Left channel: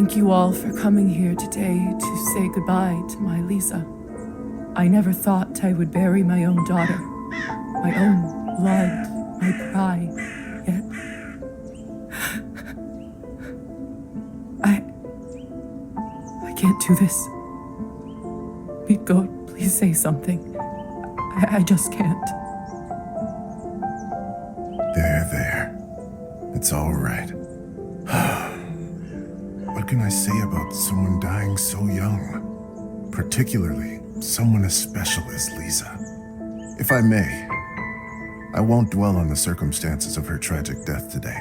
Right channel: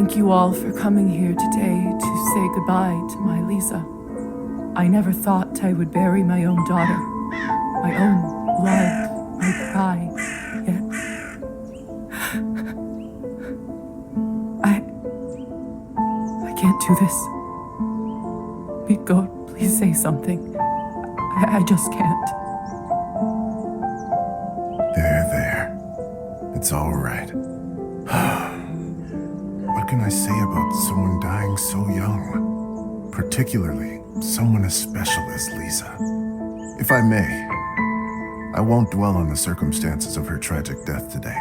Thank you all for coming here today to say goodbye to my Lisa. I never thought I would bury my own daughter, my own blood, my pride, yet I can't do this. God, please say something. I just can't. There. It's all right. What can I say about someone dying so young? Particularly someone as special as Lisa. If I may, I won't dwell on the circumstances of her tragic death today.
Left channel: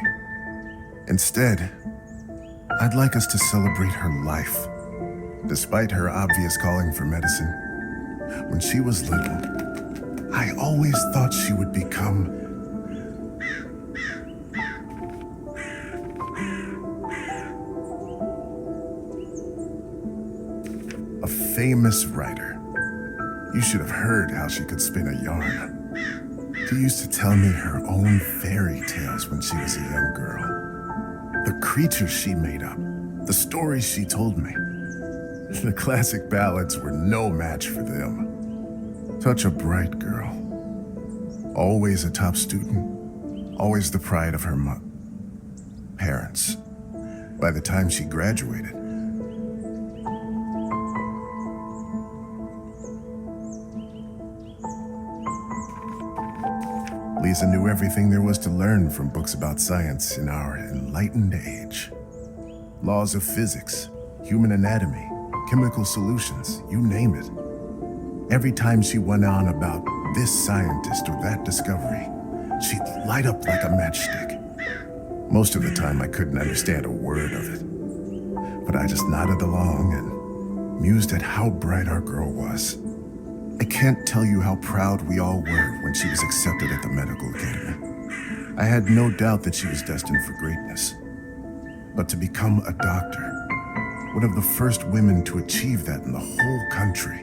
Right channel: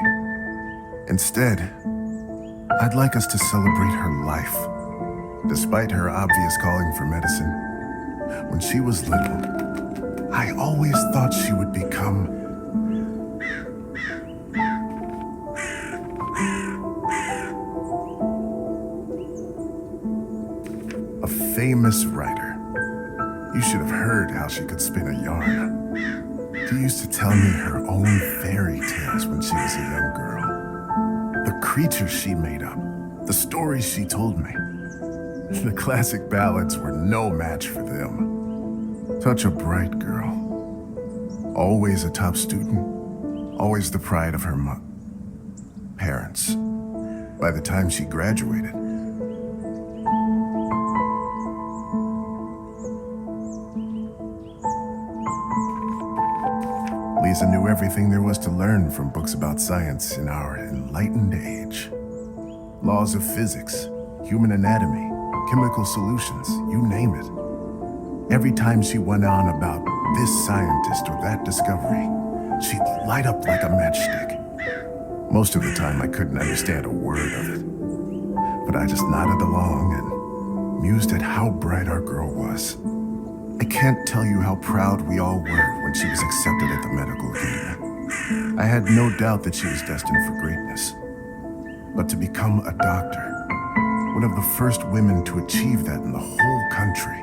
Instead, I'd like us to celebrate her life. Despite her obvious calling for medicine, when she was little, I always thought she would become a famous writer. You should have heard how she could spin a yarn. She used to tell me her own fairy tales when she was a young girl. The creatures she made up, the stories she told me. The classic ballads were no match for them. Such a bright girl. Always a top student. Always the pride of her parents. By the time she graduated, Lisa knew everything there was to learn from books about science in our enlightened age. Laws of physics, human anatomy, chemical solutions, you name it. Every time she went on about this scientist or that discovery, she'd light up like a matchstick. Most of the time I couldn't understand a word of it, but I just nodded along and mused at how bright our girl was. I can't tell you how proud we all were when she was accepted at the medical academy. I had no doubt that she was destined for greatness. But to become a doctor, one of the first women to achieve that in the whole country.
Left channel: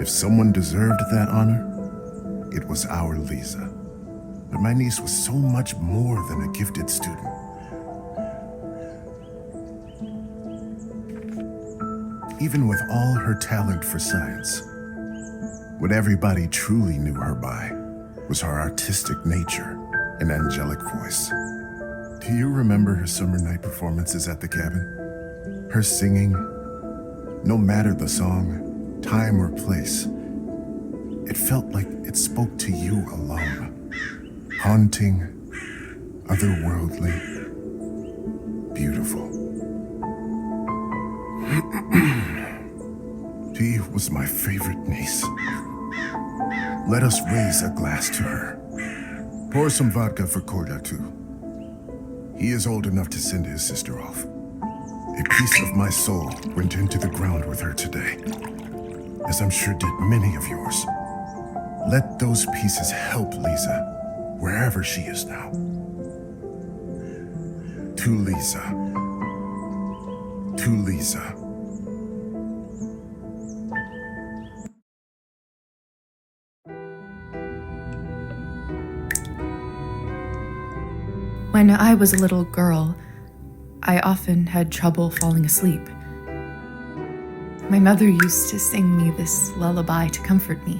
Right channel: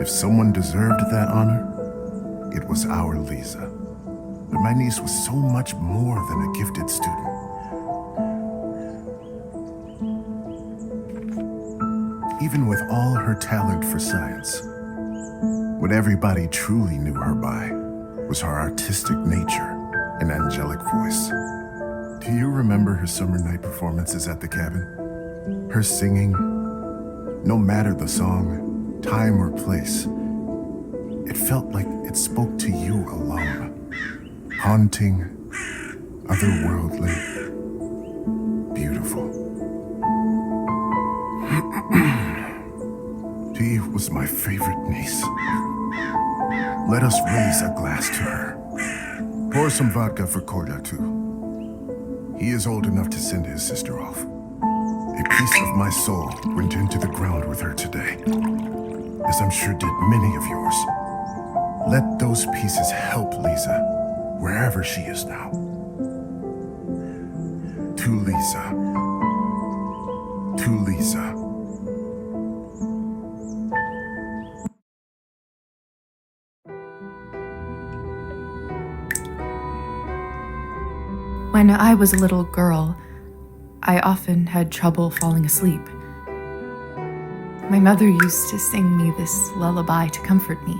If someone deserved that honor, it was our Lisa. But my niece was so much more than a gifted student. Even with all her talent for science, what everybody truly knew her by was her artistic nature and angelic voice. Do you remember her summer night performances at the cabin? Her singing, no matter the song, time or place, it felt like it spoke to you alone. Haunting, otherworldly, beautiful. She was my favorite niece. Let us raise a glass to her. Pour some vodka for Kolya, too. He is old enough to send his sister off. A piece of my soul went into the ground with her today, as I'm sure did many of yours. Let those pieces help Lisa, wherever she is now. To Lisa. To Lisa. When I was a little girl, I often had trouble falling asleep. My mother used to sing me this lullaby to comfort me.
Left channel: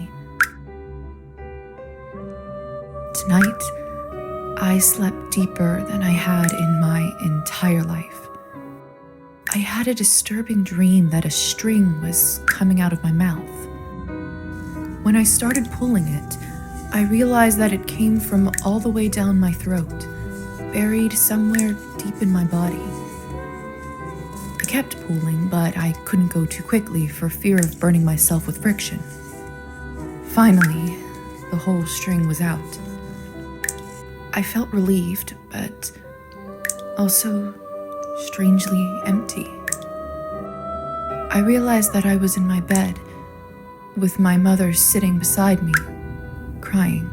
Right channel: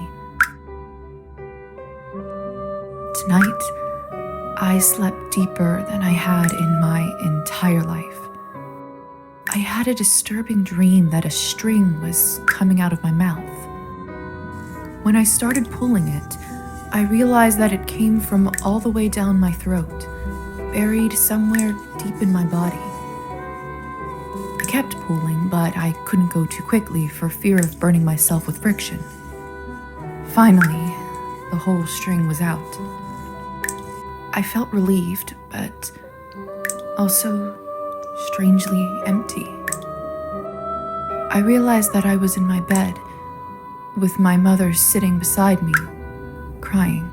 Tonight, I slept deeper than I had in my entire life. I had a disturbing dream that a string was coming out of my mouth. When I started pulling it, I realized that it came from all the way down my throat, buried somewhere deep in my body. I kept pulling, but I couldn't go too quickly for fear of burning myself with friction. Finally, the whole string was out. I felt relieved, but also strangely empty. I realized that I was in my bed, with my mother sitting beside me, crying.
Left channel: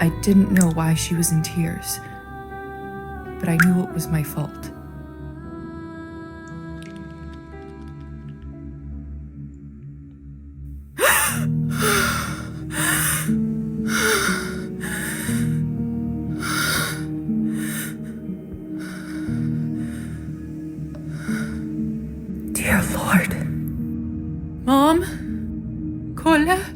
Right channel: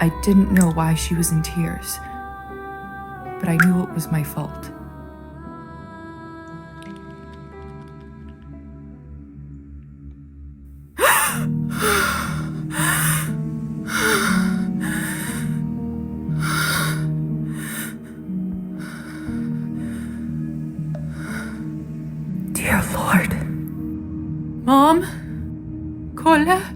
I didn't know why she was in tears, but I knew it was my fault. Anna?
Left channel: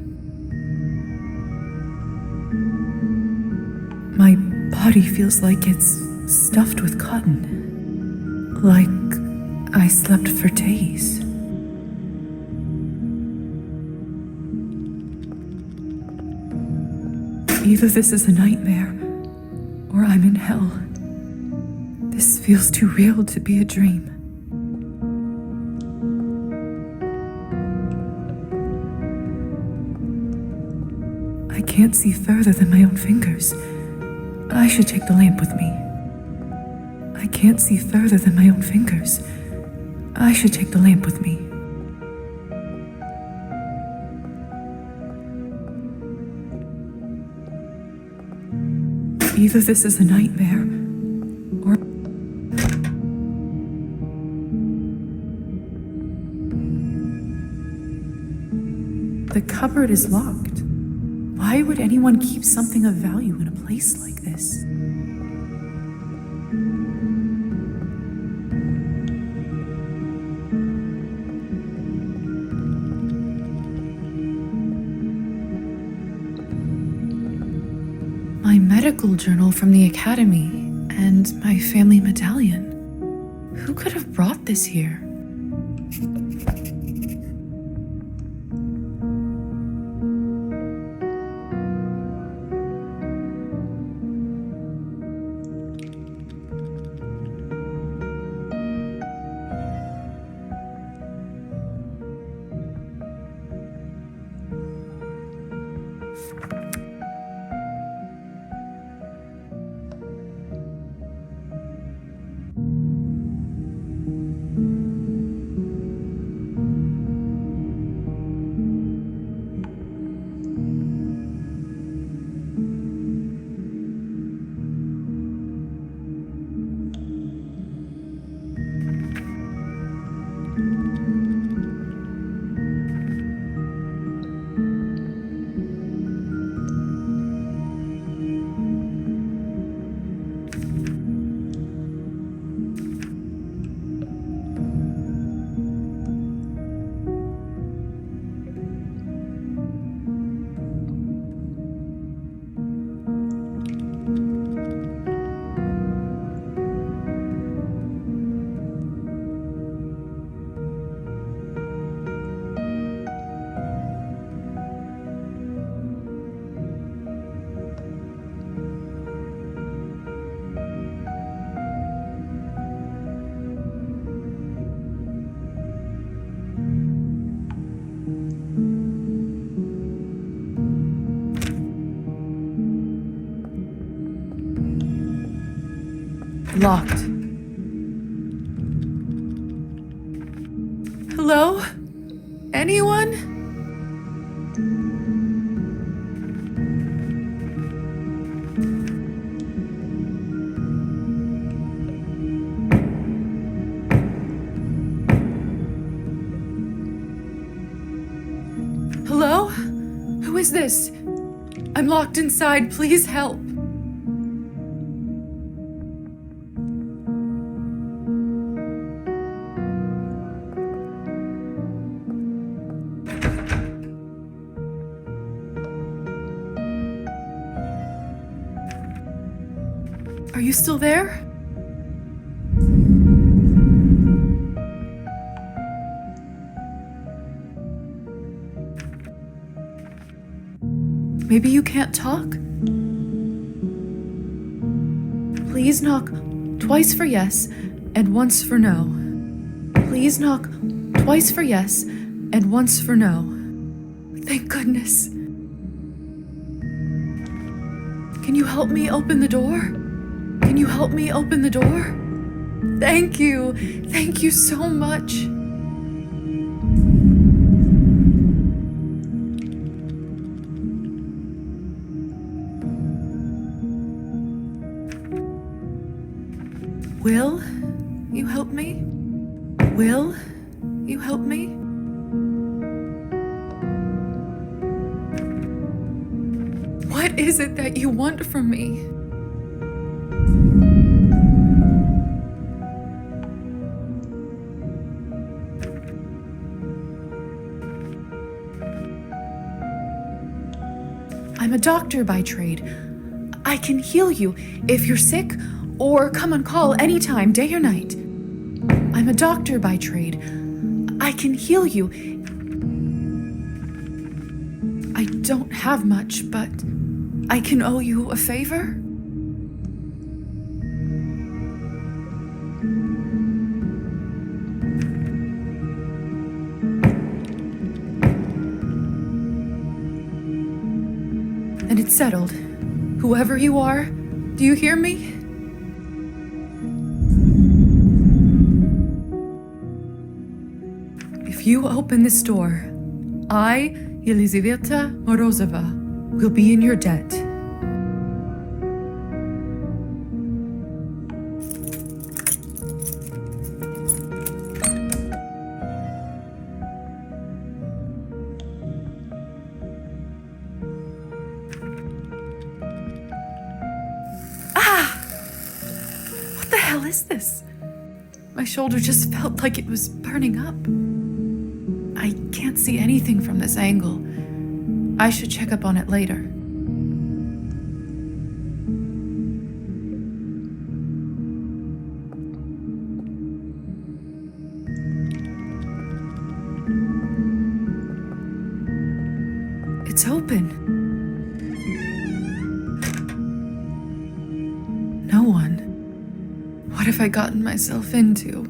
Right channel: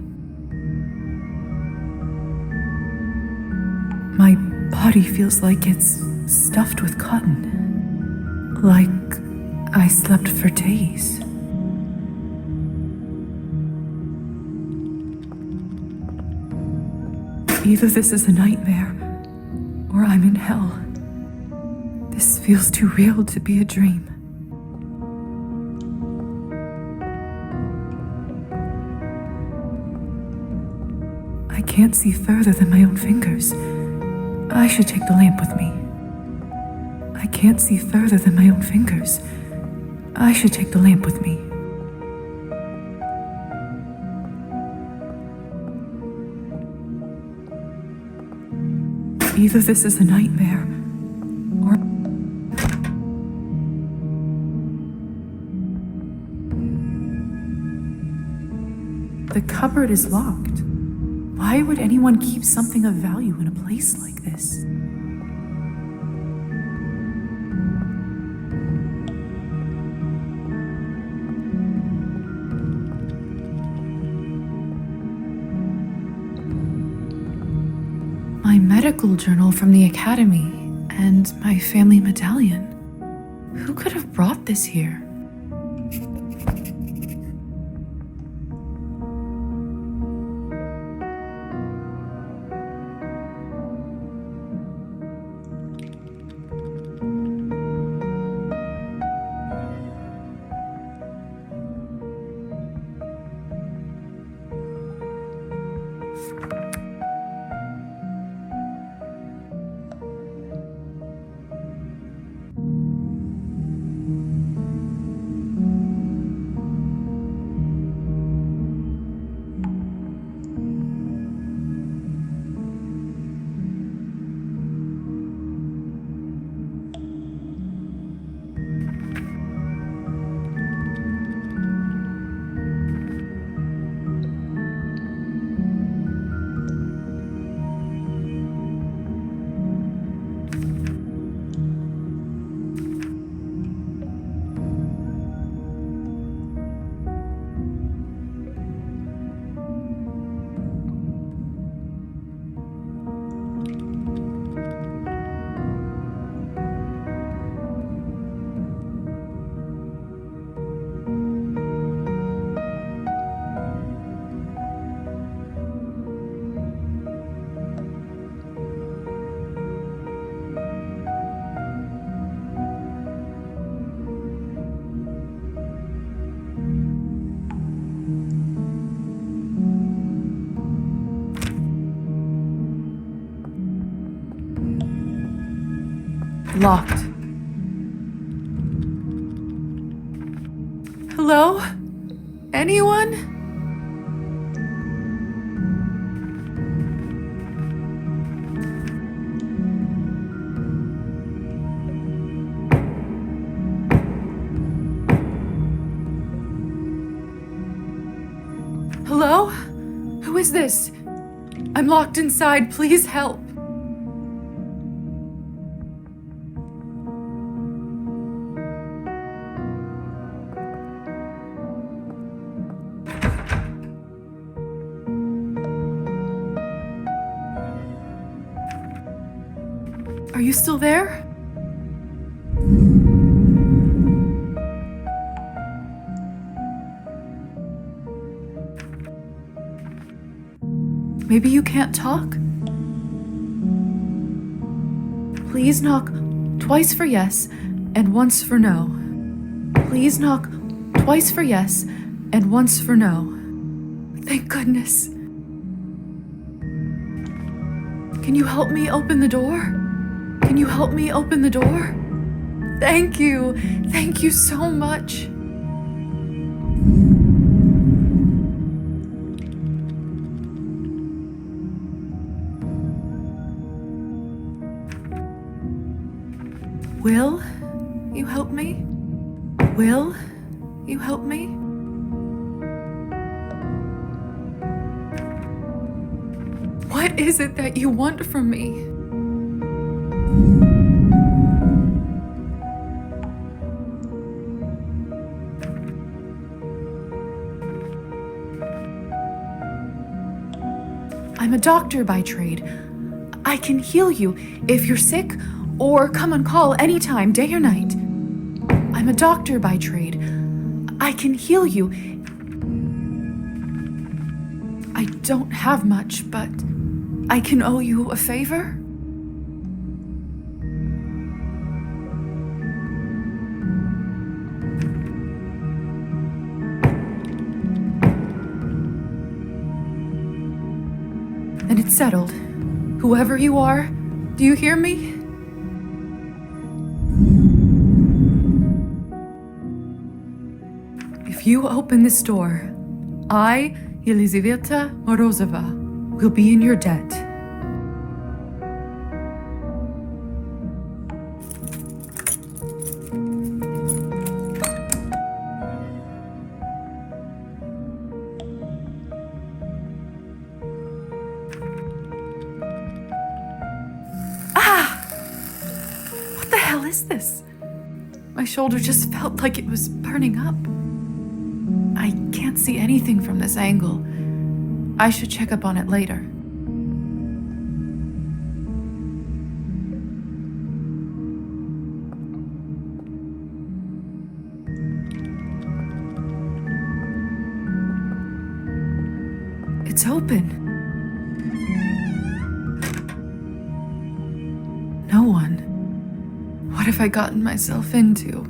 My body feels like it's stuffed with cotton. Like I slept for days. Either this is a nightmare, or I'm in hell. This feels too real to be a dream. I can't see further than my own fingers. I should take the lamp with me. I can't see further than my own fingers. I should take the lamp with me. Either this is a nightmare, or... The cupboard is locked. Why would anyone keep something of value in a place like this? My medical journal from the academy and my family medallion. Who could have brought this here? Locked. Hello? Anyone? Hello? Who is this? I'm locked inside. Please help. Are you still there? Maybe you can't talk? Please knock twice for yes and once for no. Please knock twice for yes and once for no. Thank goodness. Can you help me open the door? Can you help me open the door? Thank you. Thank you so much. Will you help me? Will you help me? What is it that you want from me? I'm a doctor by trade. I can heal you if you're sick, or come on call anytime, day or night. I'm a doctor by trade. I can heal you. I don't have much, but I can owe you a favor? And it's settled. Whoever you are, do you hear me? If you open this door, I, Elizaveta Morozova, will be in your debt. What the hell is this? My shoulder just felt like it was burning up. I can't see anything from this angle. I should check up on it later. It's open. No one. What have I gotten myself into?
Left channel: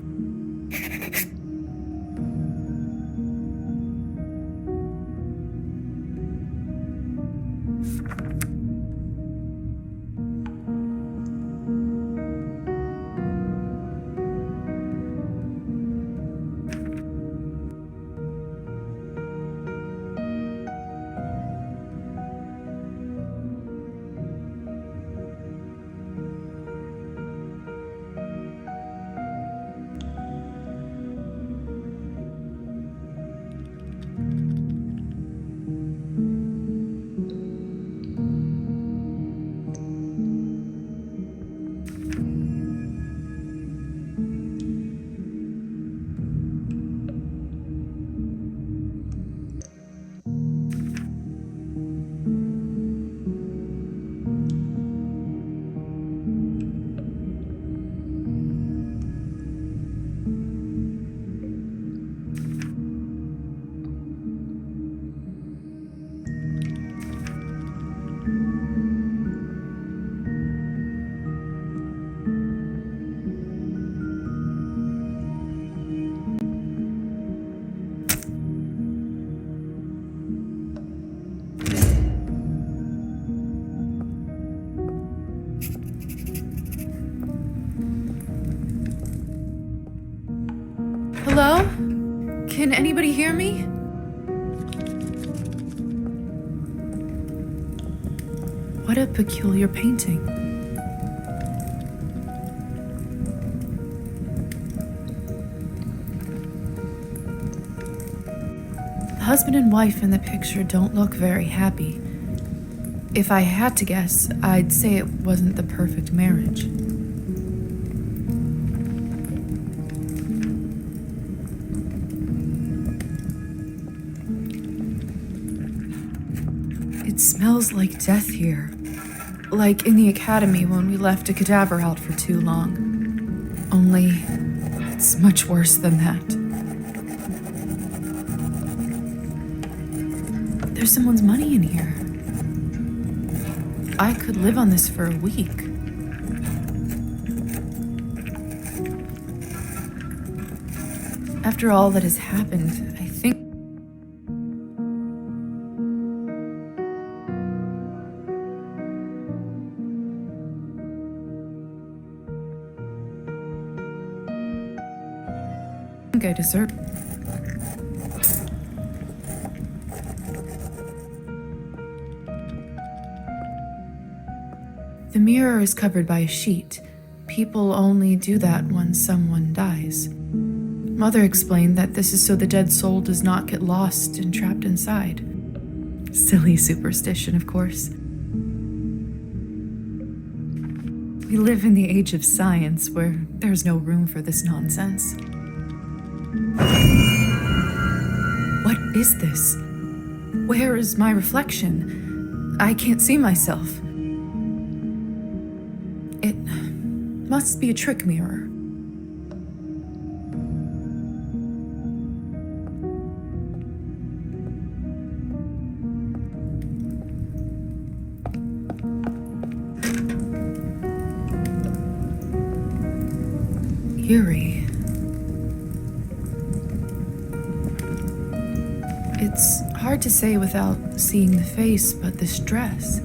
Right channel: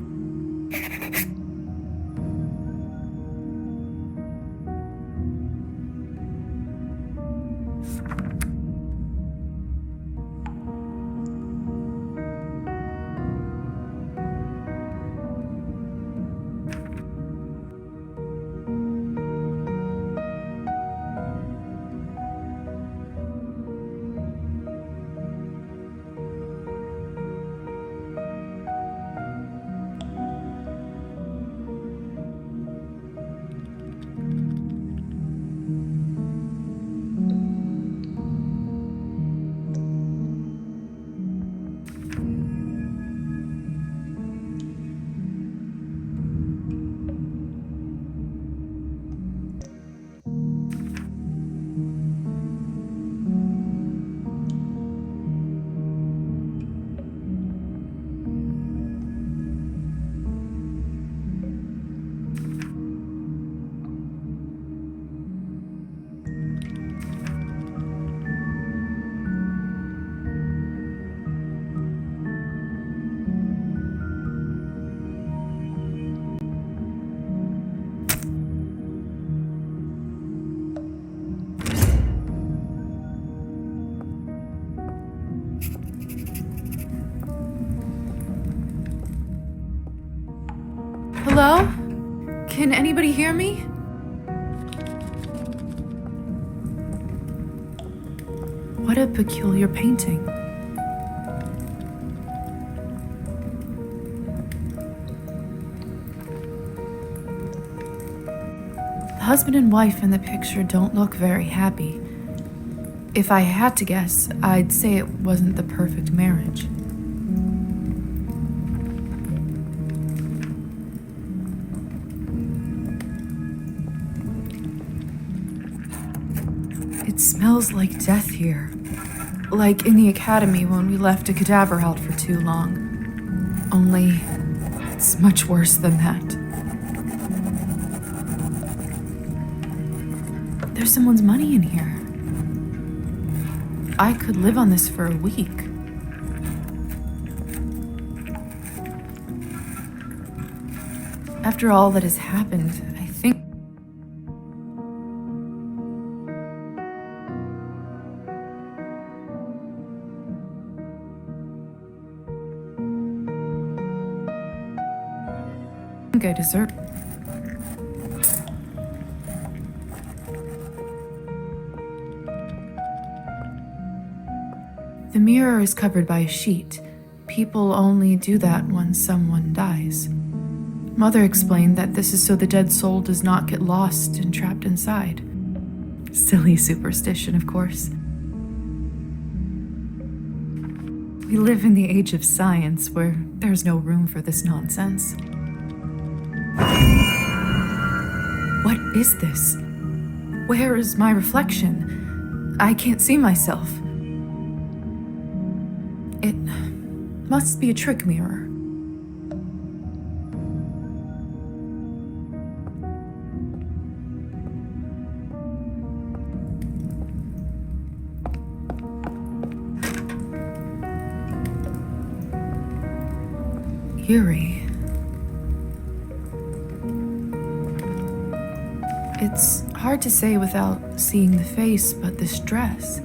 Hello? Can anybody hear me? What a peculiar painting. The husband and wife in the picture don't look very happy. If I had to guess, I'd say it wasn't the perfect marriage. It smells like death here. Like in the academy when we left a cadaver out for too long. Only, it's much worse than that. There's someone's money in here. I could live on this for a week. After all that has happened, I think I deserve. The mirror is covered by a sheet. People only do that when someone dies. Mother explained that this is so the dead soul does not get lost and trapped inside. Silly superstition, of course. We live in the age of science where there's no room for this nonsense. What is this? Where is my reflection? I can't see myself. It must be a trick mirror. Eerie. It's hard to say without seeing the face, but this dress.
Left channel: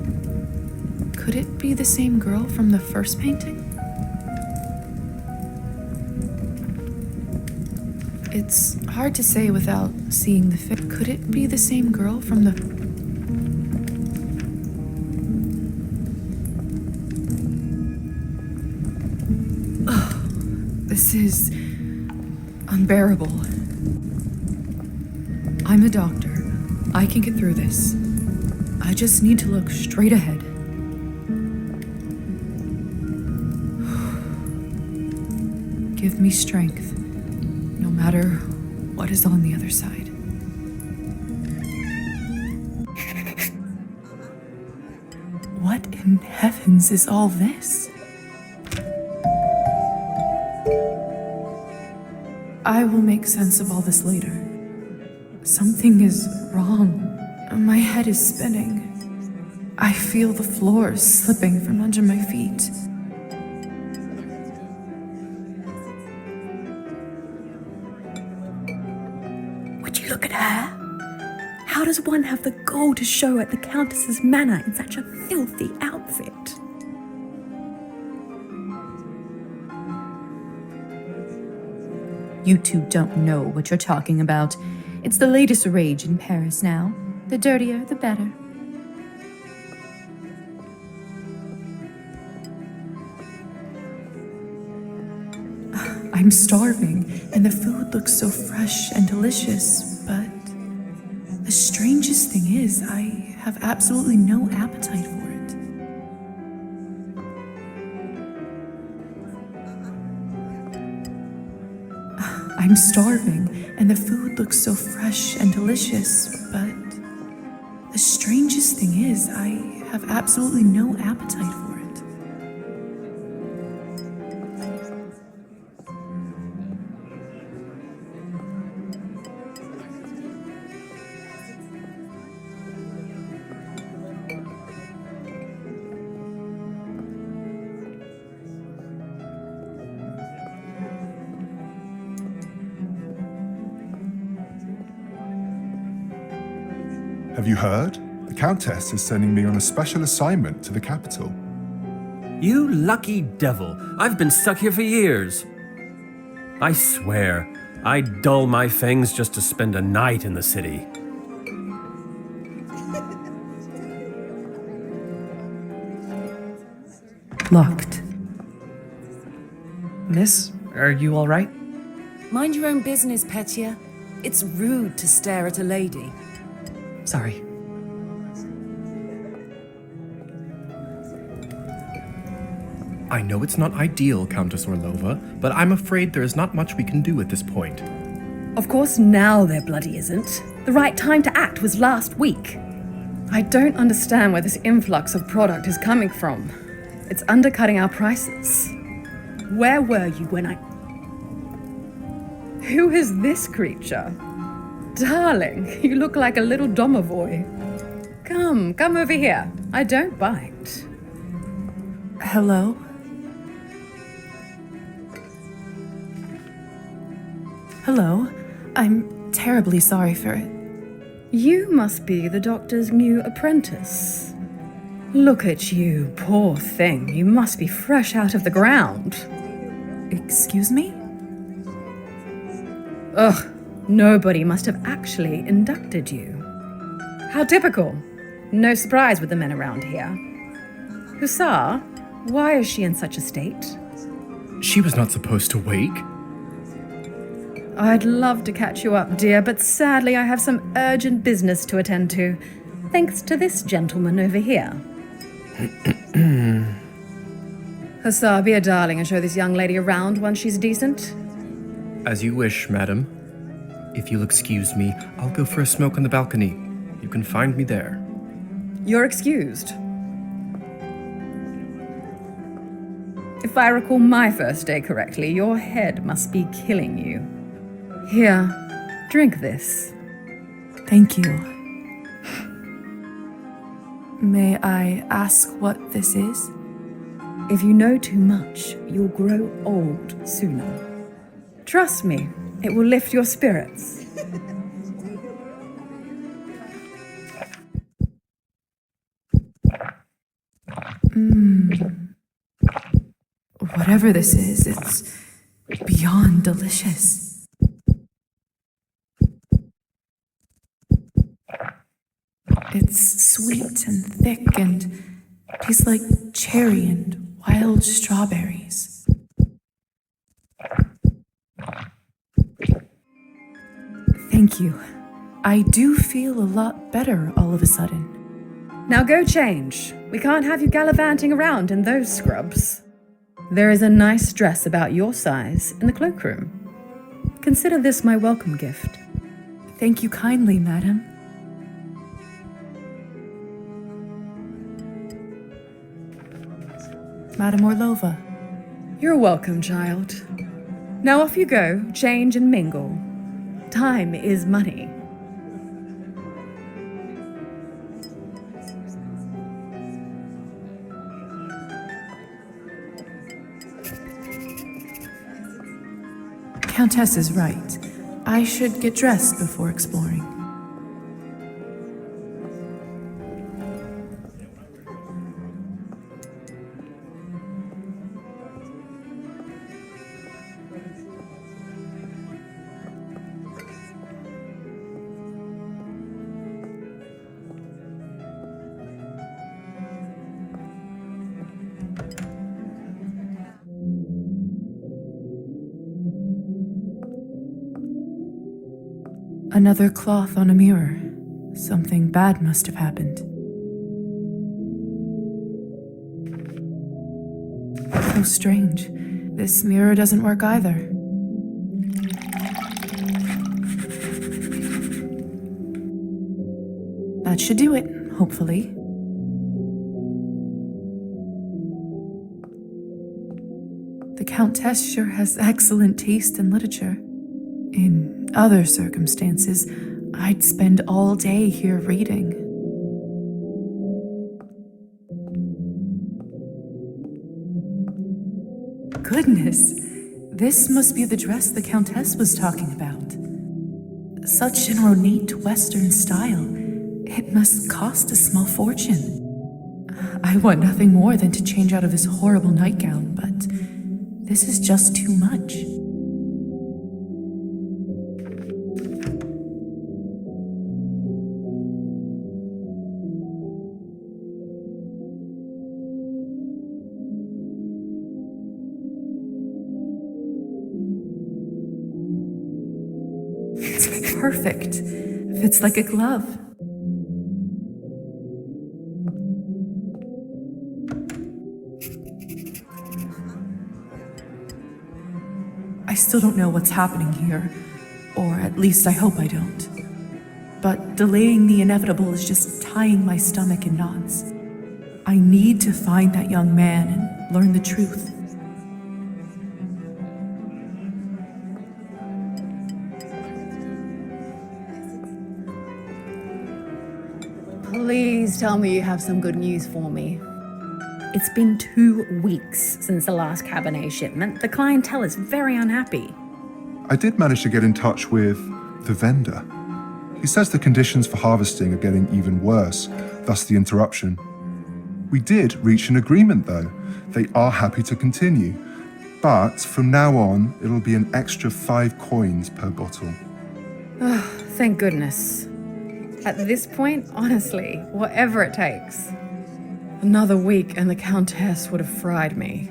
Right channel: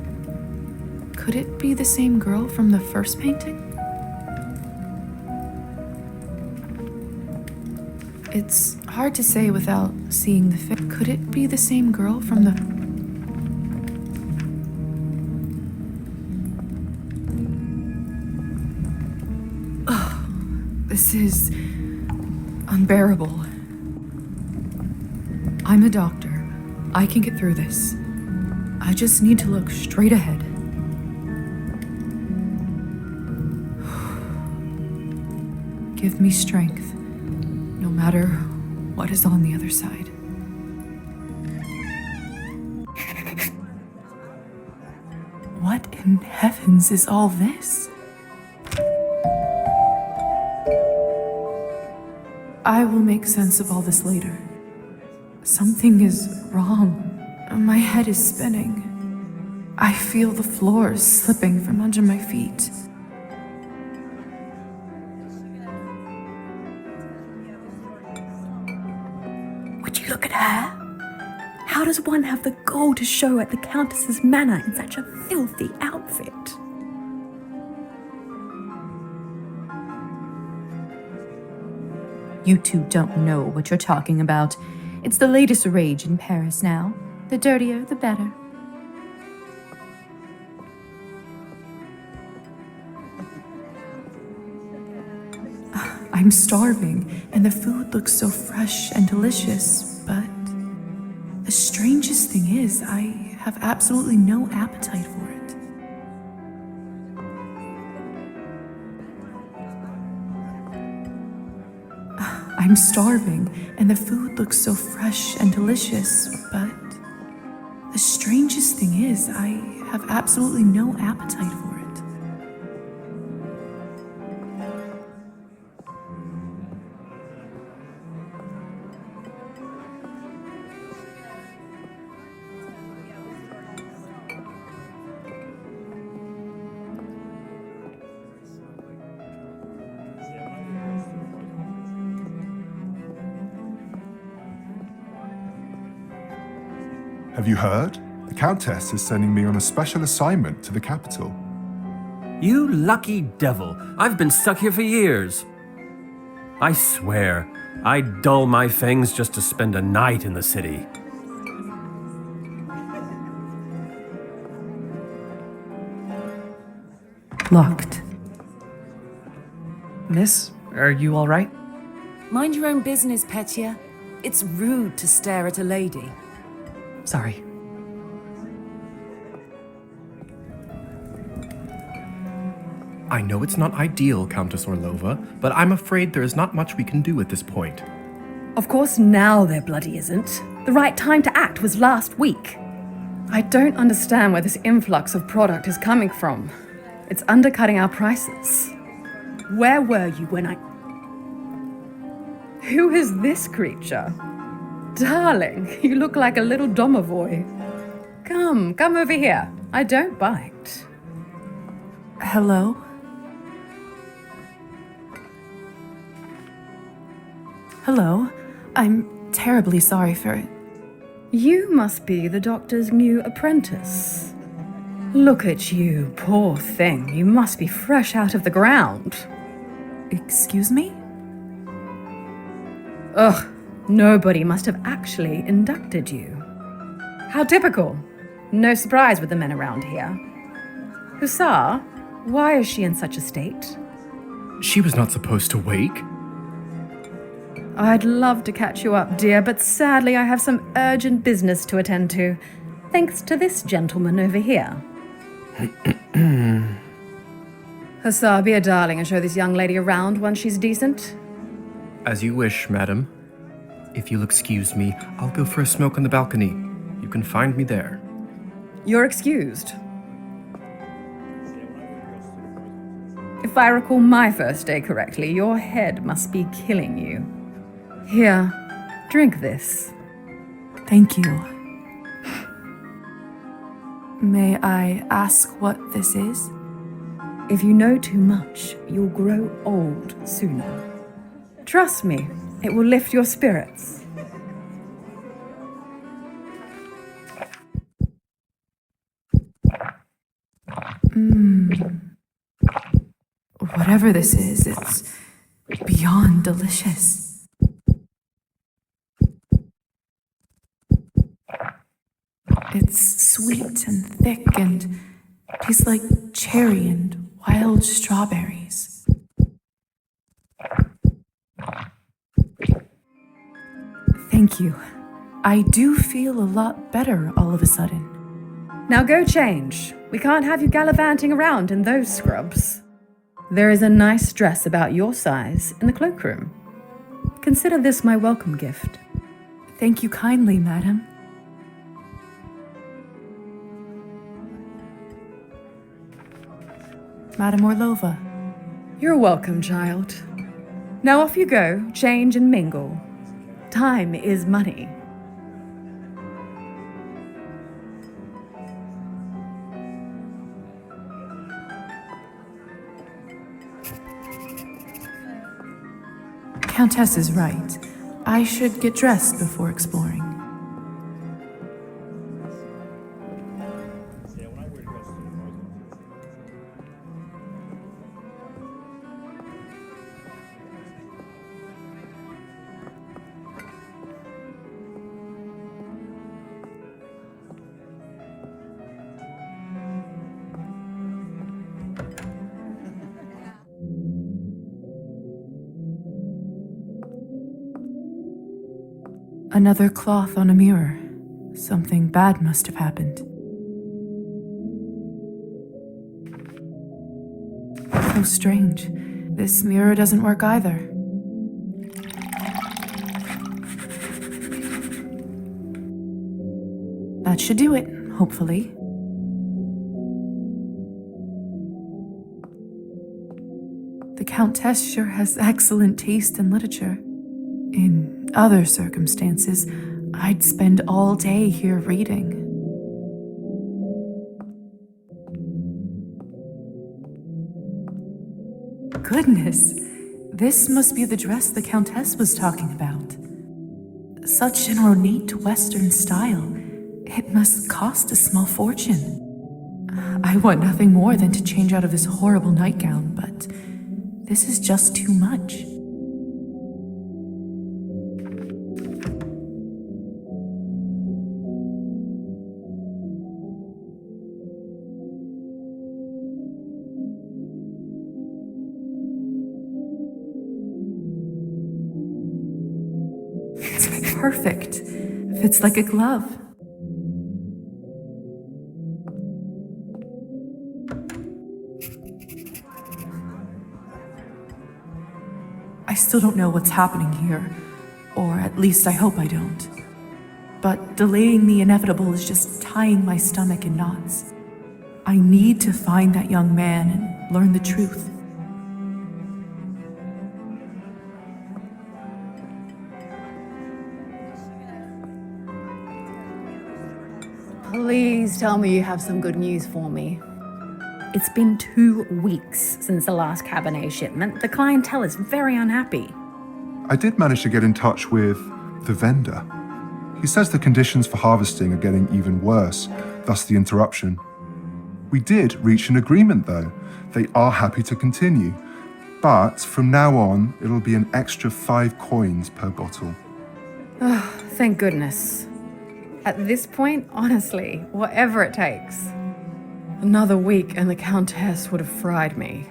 Could it be the same girl from the first painting? It's hard to say without seeing the face. Could it be the same girl from the... This is unbearable. I'm a doctor. I can get through this. I just need to look straight ahead. Give me strength, no matter what is on the other side. What in heavens is all this? I will make sense of all this later. Something is wrong. My head is spinning. I feel the floor slipping from under my feet. Would you look at her? How does one have the gall to show at the Countess's manor in such a filthy outfit? You two don't know what you're talking about. It's the latest rage in Paris now. The dirtier, the better. I'm starving, and the food looks so fresh and delicious, but the strangest thing is, I have absolutely no appetite for it. I'm starving, and the food looks so fresh and delicious, but the strangest thing is, I have absolutely no appetite for it. Have you heard? The Countess is sending me on a special assignment to the capital. You lucky devil. I've been stuck here for years. I swear, I'd dull my fangs just to spend a night in the city. Locked. Miss, are you all right? Mind your own business, Petya. It's rude to stare at a lady. Sorry. I know it's not ideal, Countess Orlova, but I'm afraid there is not much we can do at this point. Of course now there bloody isn't. The right time to act was last week. I don't understand where this influx of product is coming from. It's undercutting our prices. Where were you when I... Who is this creature? Darling, you look like a little domovoi. Come over here. I don't bite. Hello? Hello? I'm terribly sorry for it. You must be the doctor's new apprentice. Look at you, poor thing. You must be fresh out of the ground. Excuse me? Ugh, nobody must have actually inducted you. How typical. No surprise with the men around here. Hussar, why is she in such a state? She was not supposed to wake. I'd love to catch you up, dear, but sadly I have some urgent business to attend to, thanks to this gentleman over here. Hussar, be a darling and show this young lady around once she's decent. As you wish, madam. If you'll excuse me, I'll go for a smoke on the balcony. You can find me there. You're excused. If I recall my first day correctly, your head must be killing you. Here, drink this. Thank you. May I ask what this is? If you know too much, you'll grow old sooner. Trust me, it will lift your spirits. Whatever this is, it's beyond delicious. It's sweet and thick and tastes like cherry and wild strawberries. Thank you. I do feel a lot better all of a sudden. Now go change. We can't have you gallivanting around in those scrubs. There is a nice dress about your size in the cloakroom. Consider this my welcome gift. Thank you kindly, madam. Madam Orlova. You're welcome, child. Now off you go, change and mingle. Time is money. Countess is right. I should get dressed before exploring. Another cloth on a mirror. Something bad must have happened. How strange. This mirror doesn't work either. That should do it, hopefully. The Countess sure has excellent taste in literature. In other circumstances, I'd spend all day here reading. Goodness, this must be the dress the Countess was talking about. Such an ornate Western style. It must cost a small fortune. I want nothing more than to change out of this horrible nightgown, but this is just too much. It's perfect. Fits like a glove. I still don't know what's happening here, or at least I hope I don't. But delaying the inevitable is just tying my stomach in knots. I need to find that young man and learn the truth. Please tell me you have some good news for me. It's been 2 weeks since the last Cabernet shipment. The clientele is very unhappy. I did manage to get in touch with the vendor. He says the conditions for harvesting are getting even worse, thus the interruption. We did reach an agreement though. They are happy to continue. But from now on, it'll be an extra 5 coins per bottle. Thank goodness. At this point, honestly, whatever it takes. Another week and the Countess would have fried me.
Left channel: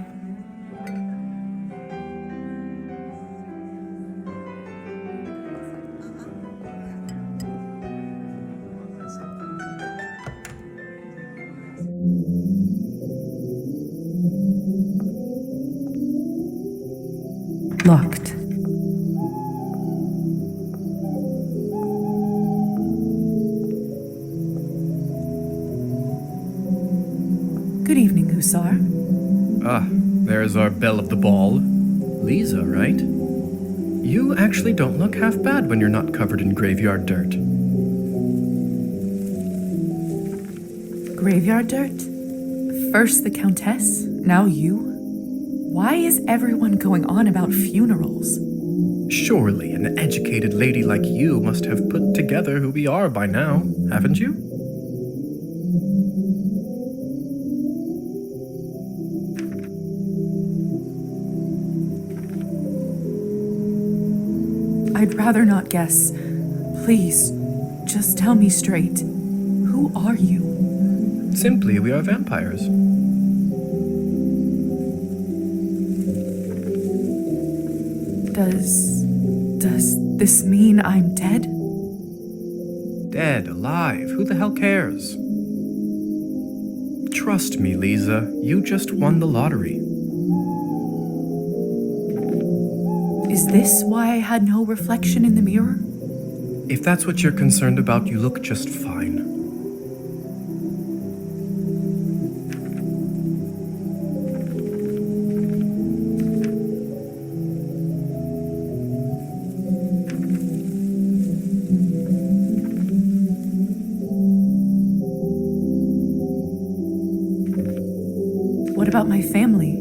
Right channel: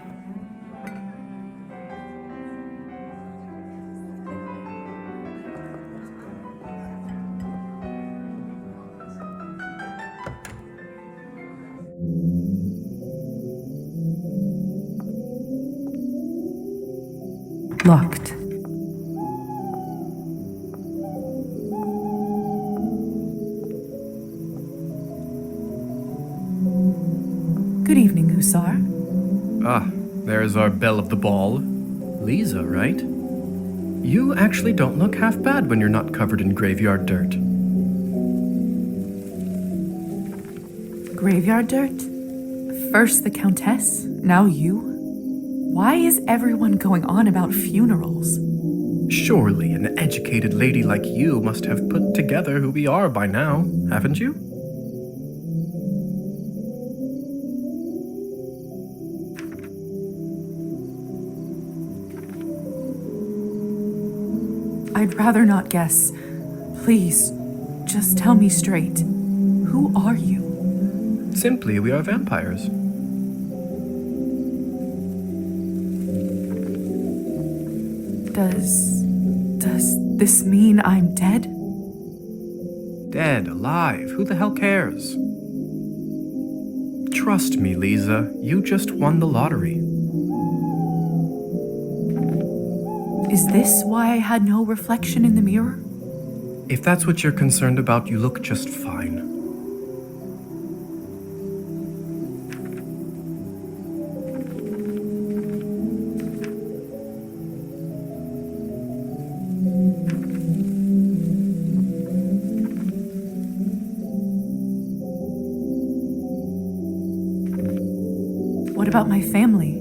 Locked. Good evening, Hussar. Ah, there's our belle of the ball. Lisa, right? You actually don't look half bad when you're not covered in graveyard dirt. Graveyard dirt? First the Countess, now you? Why is everyone going on about funerals? Surely an educated lady like you must have put together who we are by now, haven't you? I'd rather not guess. Please, just tell me straight. Who are you? Simply, we are vampires. Does this mean I'm dead? Dead, alive, who the hell cares? Trust me, Lisa, you just won the lottery. Is this why I had no reflection in the mirror? If that's what you're concerned about, you look just fine. What about my family?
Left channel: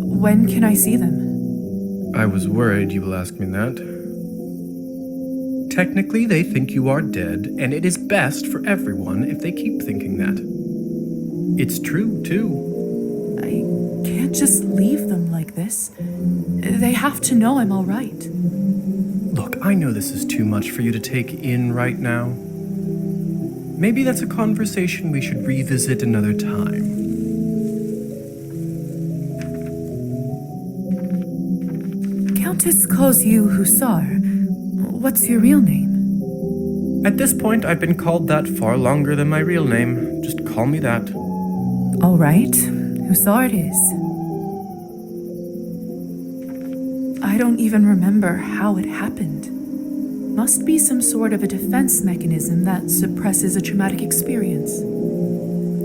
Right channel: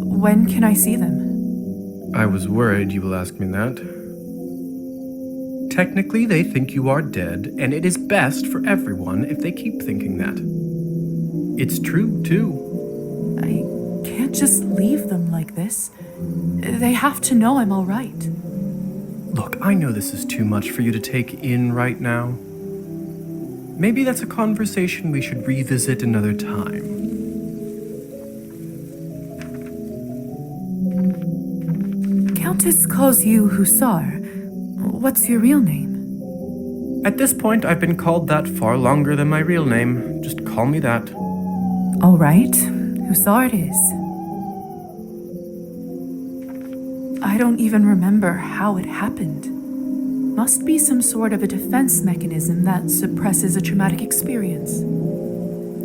When can I see them? I was worried you will ask me that. Technically, they think you are dead, and it is best for everyone if they keep thinking that. It's true, too. I can't just leave them like this. They have to know I'm all right. Look, I know this is too much for you to take in right now. Maybe that's a conversation we should revisit another time. Countess calls you Hussar. What's your real name? At this point, I've been called that far longer than my real name. Just call me that. All right, Hussar it is. I don't even remember how it happened. Must be some sort of a defense mechanism that suppresses a traumatic experience.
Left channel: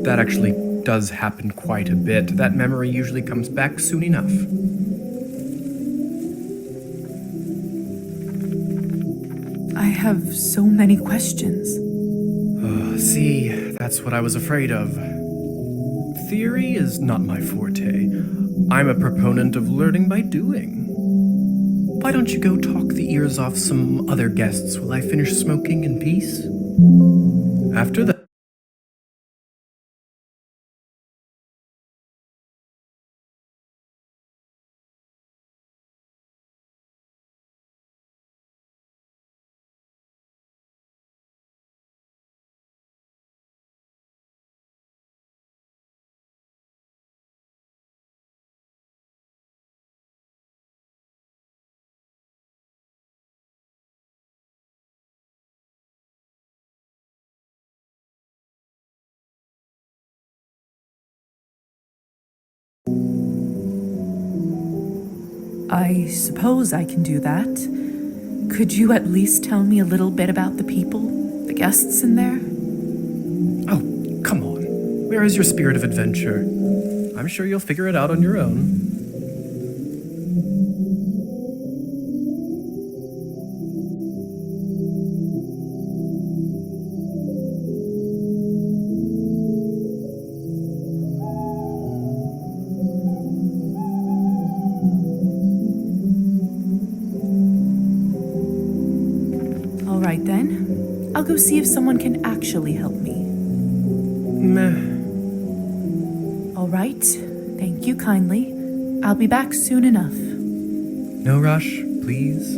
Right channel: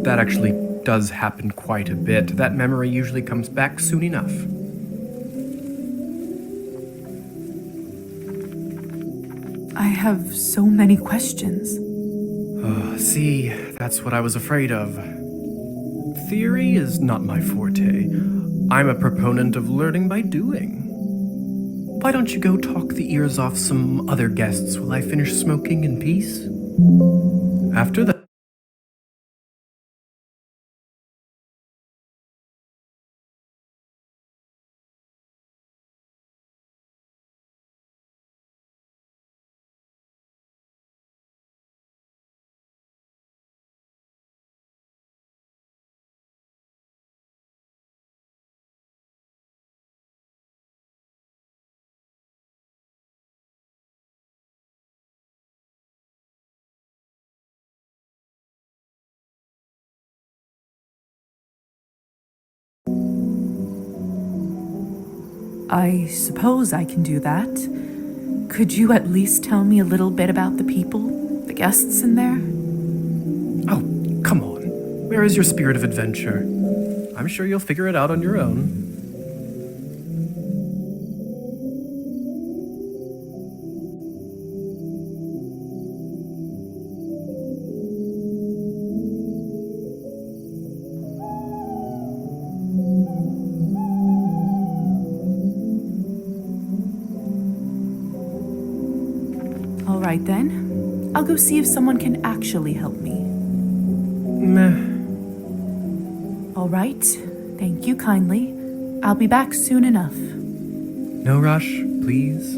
That actually does happen quite a bit. That memory usually comes back soon enough. I have so many questions. See, that's what I was afraid of. Theory is not my forte. I'm a proponent of learning by doing. Why don't you go talk the ears off some other guests while I finish smoking in peace? After that. I suppose I can do that. Could you at least tell me a little bit about the people, the guests in there? Oh, come on. Where is your spirit of adventure? I'm sure you'll figure it out on your own. All right then. I'll go see if someone can actually help me. Meh. All right. Thank you kindly. I'll be back soon enough. No rush, please.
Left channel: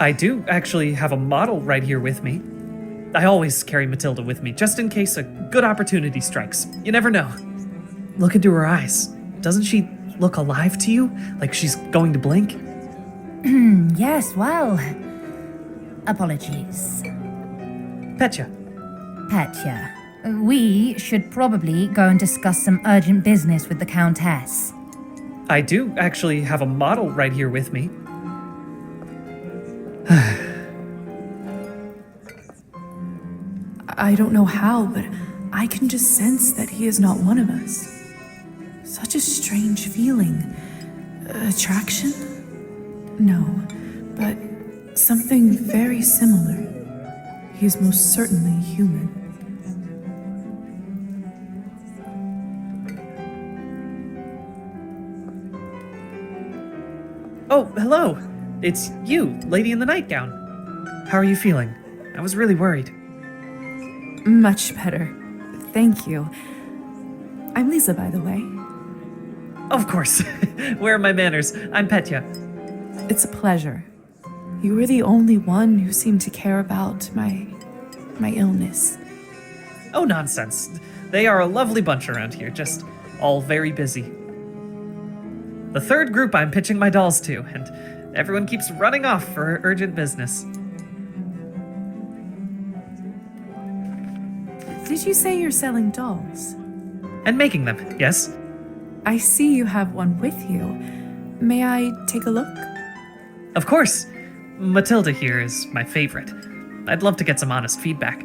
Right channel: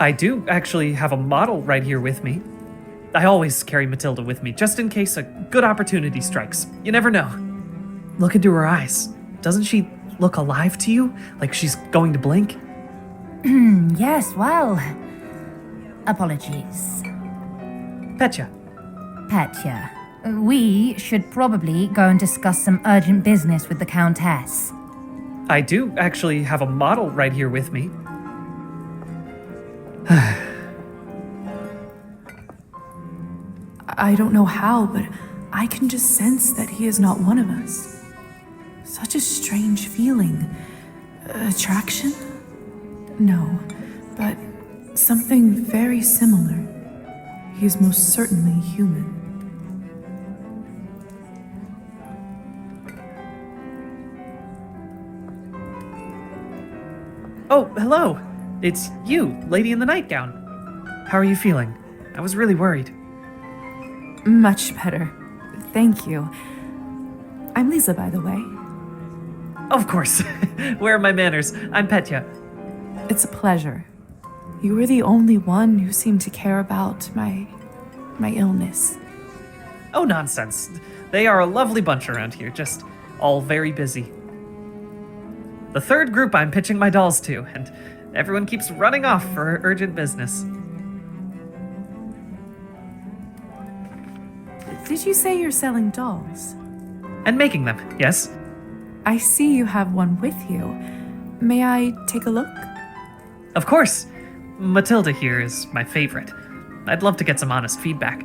I do actually have a model right here with me. I always carry Matilda with me, just in case a good opportunity strikes. You never know. Look into her eyes. Doesn't she look alive to you? Like she's going to blink? Yes, well. Apologies. Petya. Petya, we should probably go and discuss some urgent business with the Countess. I do actually have a model right here with me. I don't know how, but I can just sense that he is not one of us. Such a strange feeling. Attraction? No, but something very similar. He is most certainly human. Oh, hello. It's you, lady in the nightgown. How are you feeling? I was really worried. Much better. Thank you. I'm Lisa, by the way. Of course. Where are my manners? I'm Petya. It's a pleasure. You were the only one who seemed to care about my illness. Oh, nonsense. They are a lovely bunch around here, just all very busy. The third group I'm pitching my dolls to, and everyone keeps running off for urgent business. Did you say you're selling dolls? And making them, yes? I see you have one with you. May I take a look? Of course. Matilda here is my favorite. I'd love to get some honest feedback.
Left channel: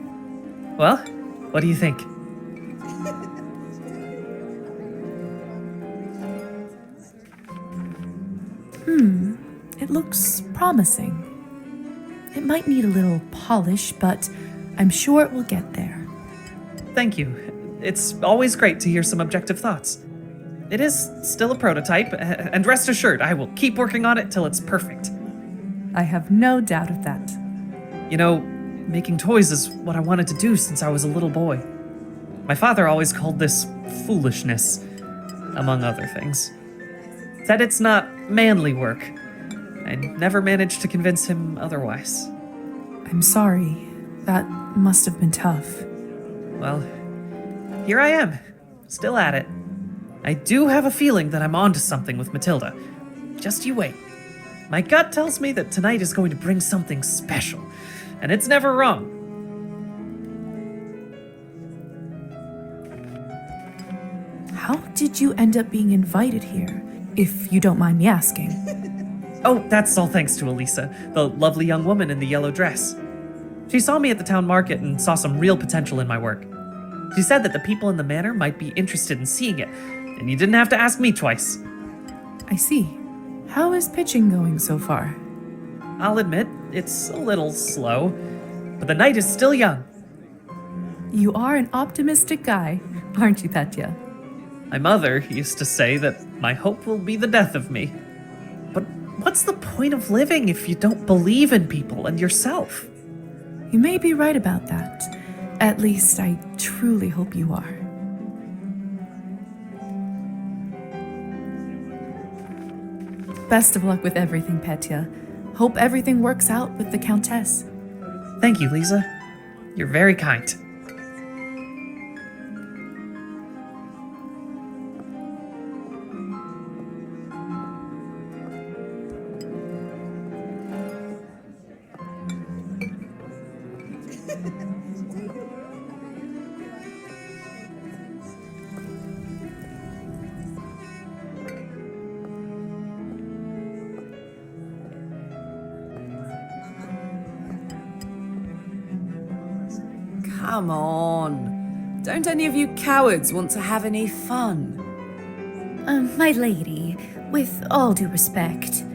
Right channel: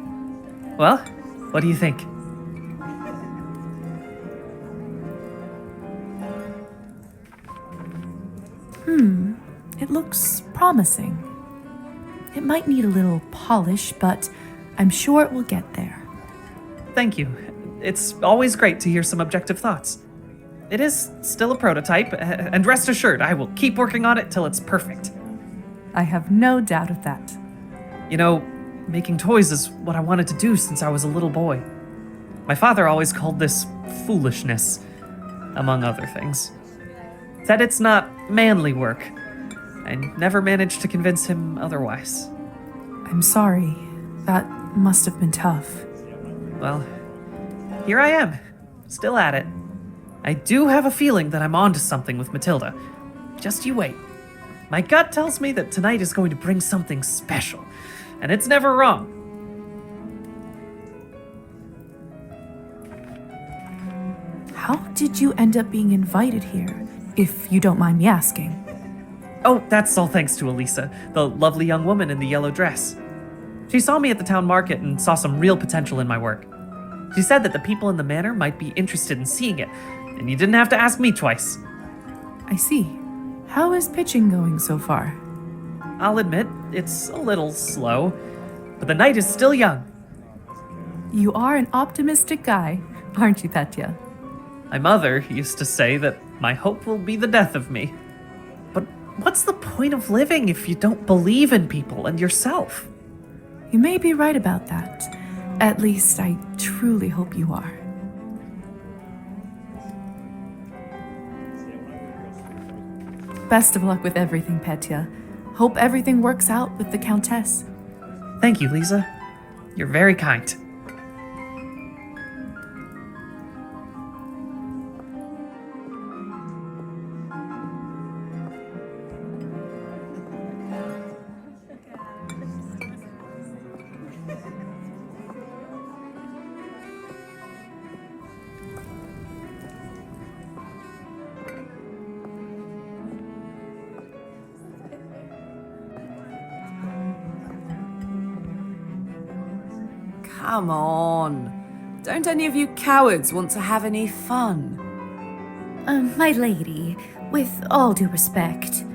Well, what do you think? It looks promising. It might need a little polish, but I'm sure it will get there. Thank you. It's always great to hear some objective thoughts. It is still a prototype, and rest assured, I will keep working on it till it's perfect. I have no doubt of that. You know, making toys is what I wanted to do since I was a little boy. My father always called this foolishness, among other things. Said it's not manly work. I never managed to convince him otherwise. I'm sorry. That must have been tough. Well, here I am, still at it. I do have a feeling that I'm onto something with Matilda. Just you wait. My gut tells me that tonight is going to bring something special, and it's never wrong. How did you end up being invited here, if you don't mind me asking? Oh, that's all thanks to Elisa, the lovely young woman in the yellow dress. She saw me at the town market and saw some real potential in my work. She said that the people in the manor might be interested in seeing it, and you didn't have to ask me twice. I see. How is pitching going so far? I'll admit, it's a little slow, but the night is still young. You are an optimistic guy, aren't you, Petya? My mother used to say that my hope will be the death of me. But what's the point of living if you don't believe in people and yourself? You may be right about that. At least I truly hope you are. Best of luck with everything, Petya. Hope everything works out with the Countess. Thank you, Lisa. You're very kind. Come on. Don't any of you cowards want to have any fun? My lady, with all due respect,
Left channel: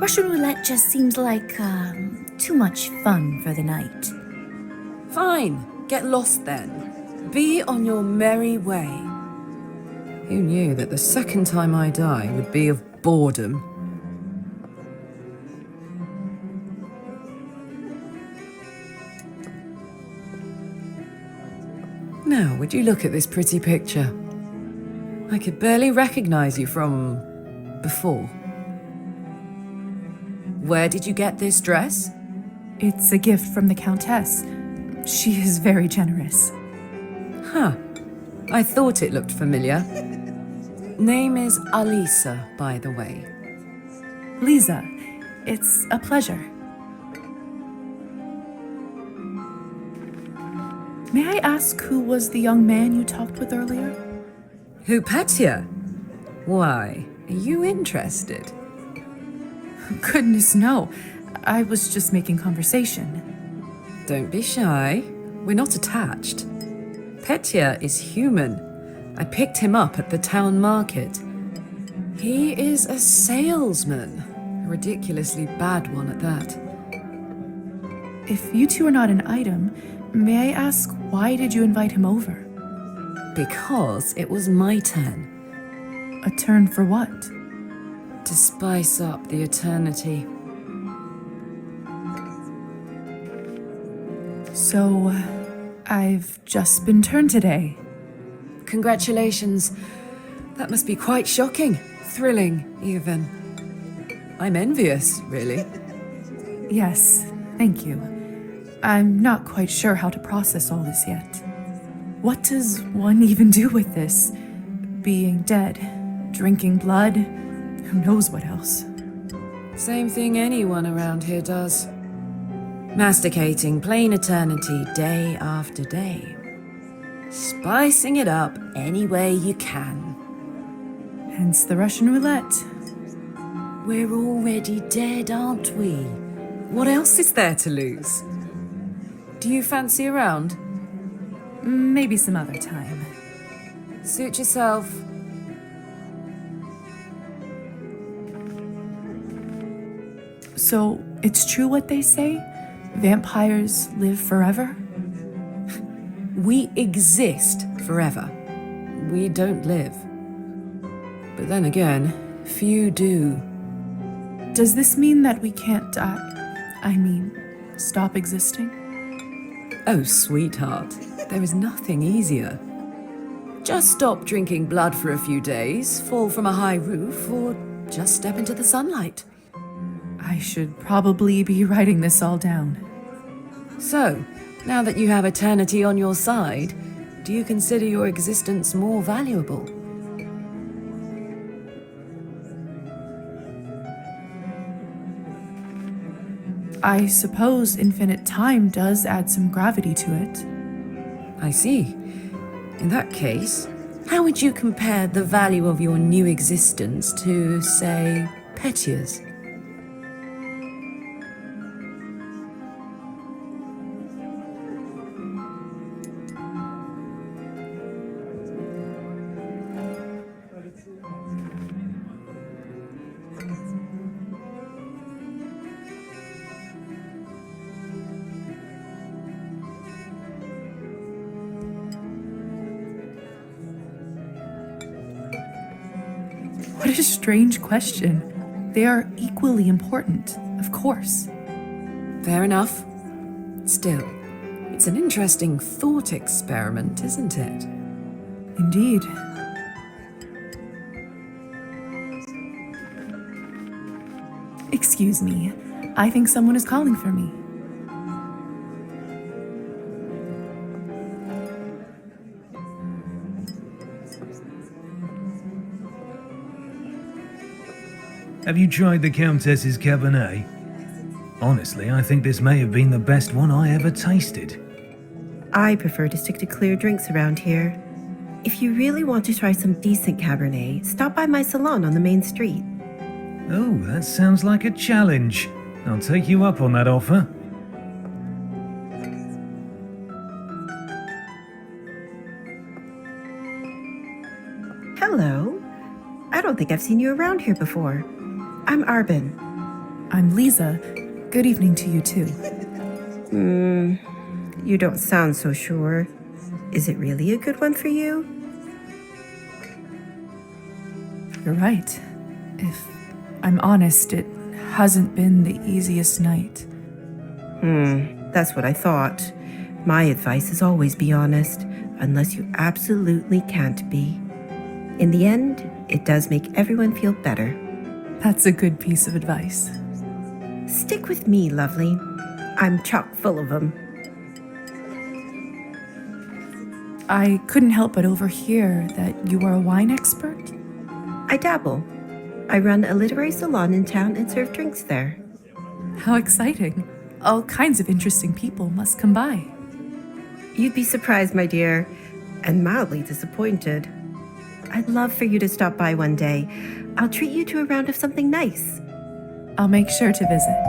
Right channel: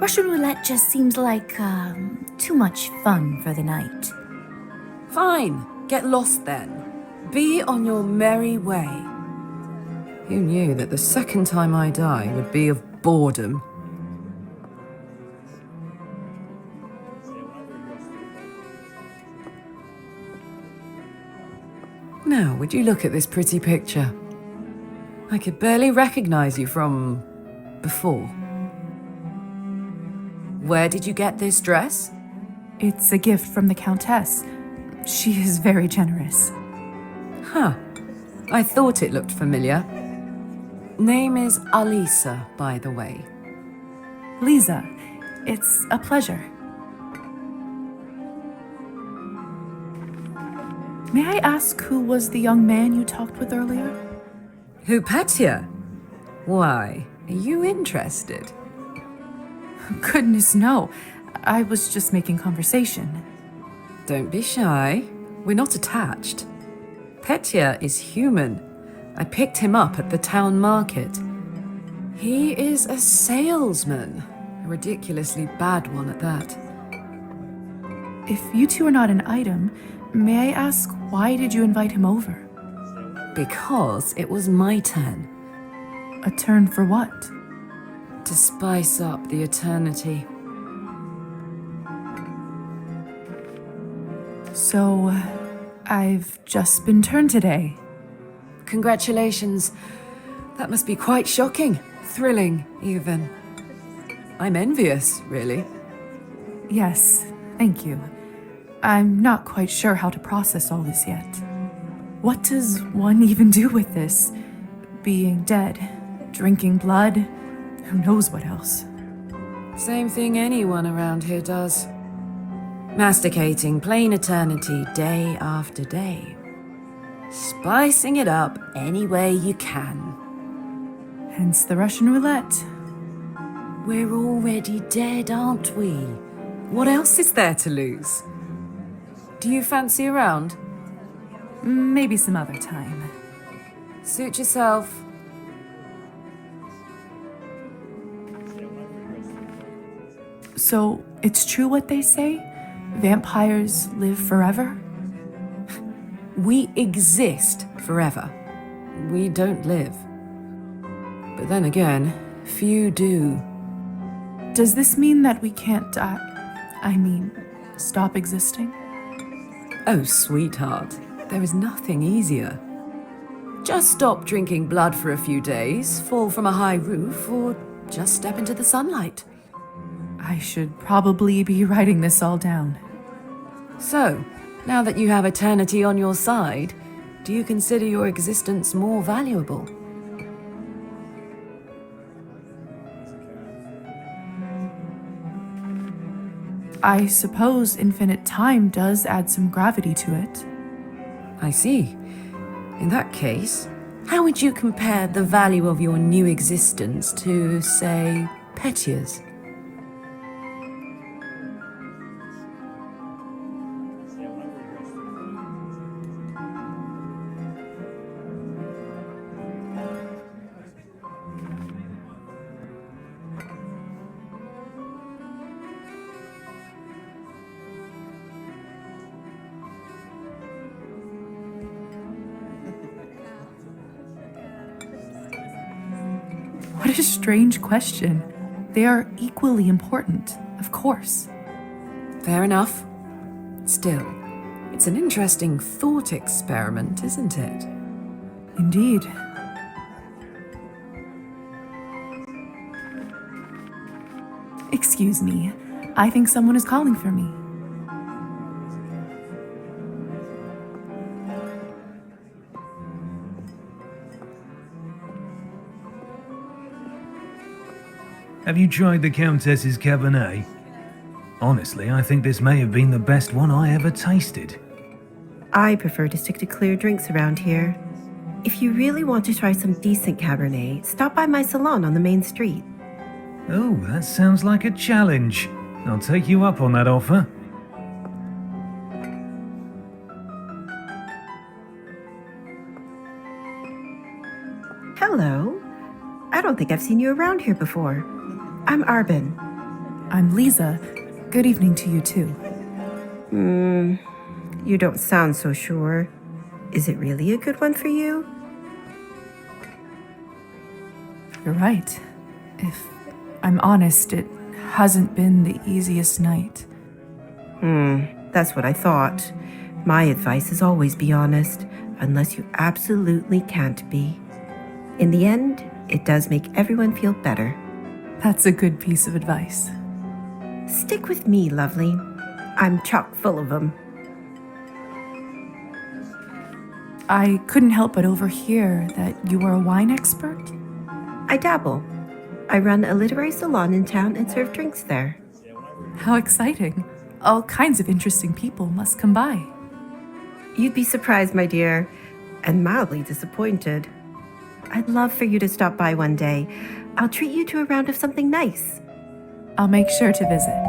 Russian roulette just seems like, too much fun for the night. Fine, get lost then. Be on your merry way. Who knew that the second time I die would be of boredom? Now, would you look at this pretty picture? I could barely recognize you from before. Where did you get this dress? It's a gift from the Countess. She is very generous. Huh. I thought it looked familiar. Name is Alisa, by the way. Lisa, it's a pleasure. May I ask who was the young man you talked with earlier? Who, Petya? Why, are you interested? Goodness, no. I was just making conversation. Don't be shy. We're not attached. Petya is human. I picked him up at the town market. He is a salesman. A ridiculously bad one at that. If you two are not an item, may I ask why did you invite him over? Because it was my turn. A turn for what? To spice up the eternity. So, I've just been turned today. Congratulations. That must be quite shocking. Thrilling, even. I'm envious, really. Yes, thank you. I'm not quite sure how to process all this yet. What does one even do with this? Being dead, drinking blood, who knows what else? Same thing anyone around here does. Masticating plain eternity day after day. Spicing it up any way you can. Hence the Russian roulette. We're already dead, aren't we? What else is there to lose? Do you fancy a round? Maybe some other time. Suit yourself. So, it's true what they say? Vampires live forever? We exist forever. We don't live. But then again, few do. Does this mean that we can't die? I mean, stop existing? Oh, sweetheart, there is nothing easier. Just stop drinking blood for a few days, fall from a high roof, or just step into the sunlight. I should probably be writing this all down. So, now that you have eternity on your side, do you consider your existence more valuable? I suppose infinite time does add some gravity to it. I see. In that case, how would you compare the value of your new existence to, say, Petya's? What a strange question. They are equally important, of course. Fair enough. Still, it's an interesting thought experiment, isn't it? Indeed. Excuse me. I think someone is calling for me. Have you tried the Countess's Cabernet? Honestly, I think this may have been the best one I ever tasted. I prefer to stick to clear drinks around here. If you really want to try some decent Cabernet, stop by my salon on the main street. Oh, that sounds like a challenge. I'll take you up on that offer. Hello. I don't think I've seen you around here before. I'm Arbin. I'm Lisa. Good evening to you too. You don't sound so sure. Is it really a good one for you? You're right. If I'm honest, it hasn't been the easiest night. That's what I thought. My advice is always be honest, unless you absolutely can't be. In the end, it does make everyone feel better. That's a good piece of advice. Stick with me, lovely. I'm chock full of them. I couldn't help but overhear that you are a wine expert. I dabble. I run a literary salon in town and serve drinks there. How exciting. All kinds of interesting people must come by. You'd be surprised, my dear, and mildly disappointed. I'd love for you to stop by one day. I'll treat you to a round of something nice. I'll make sure to visit.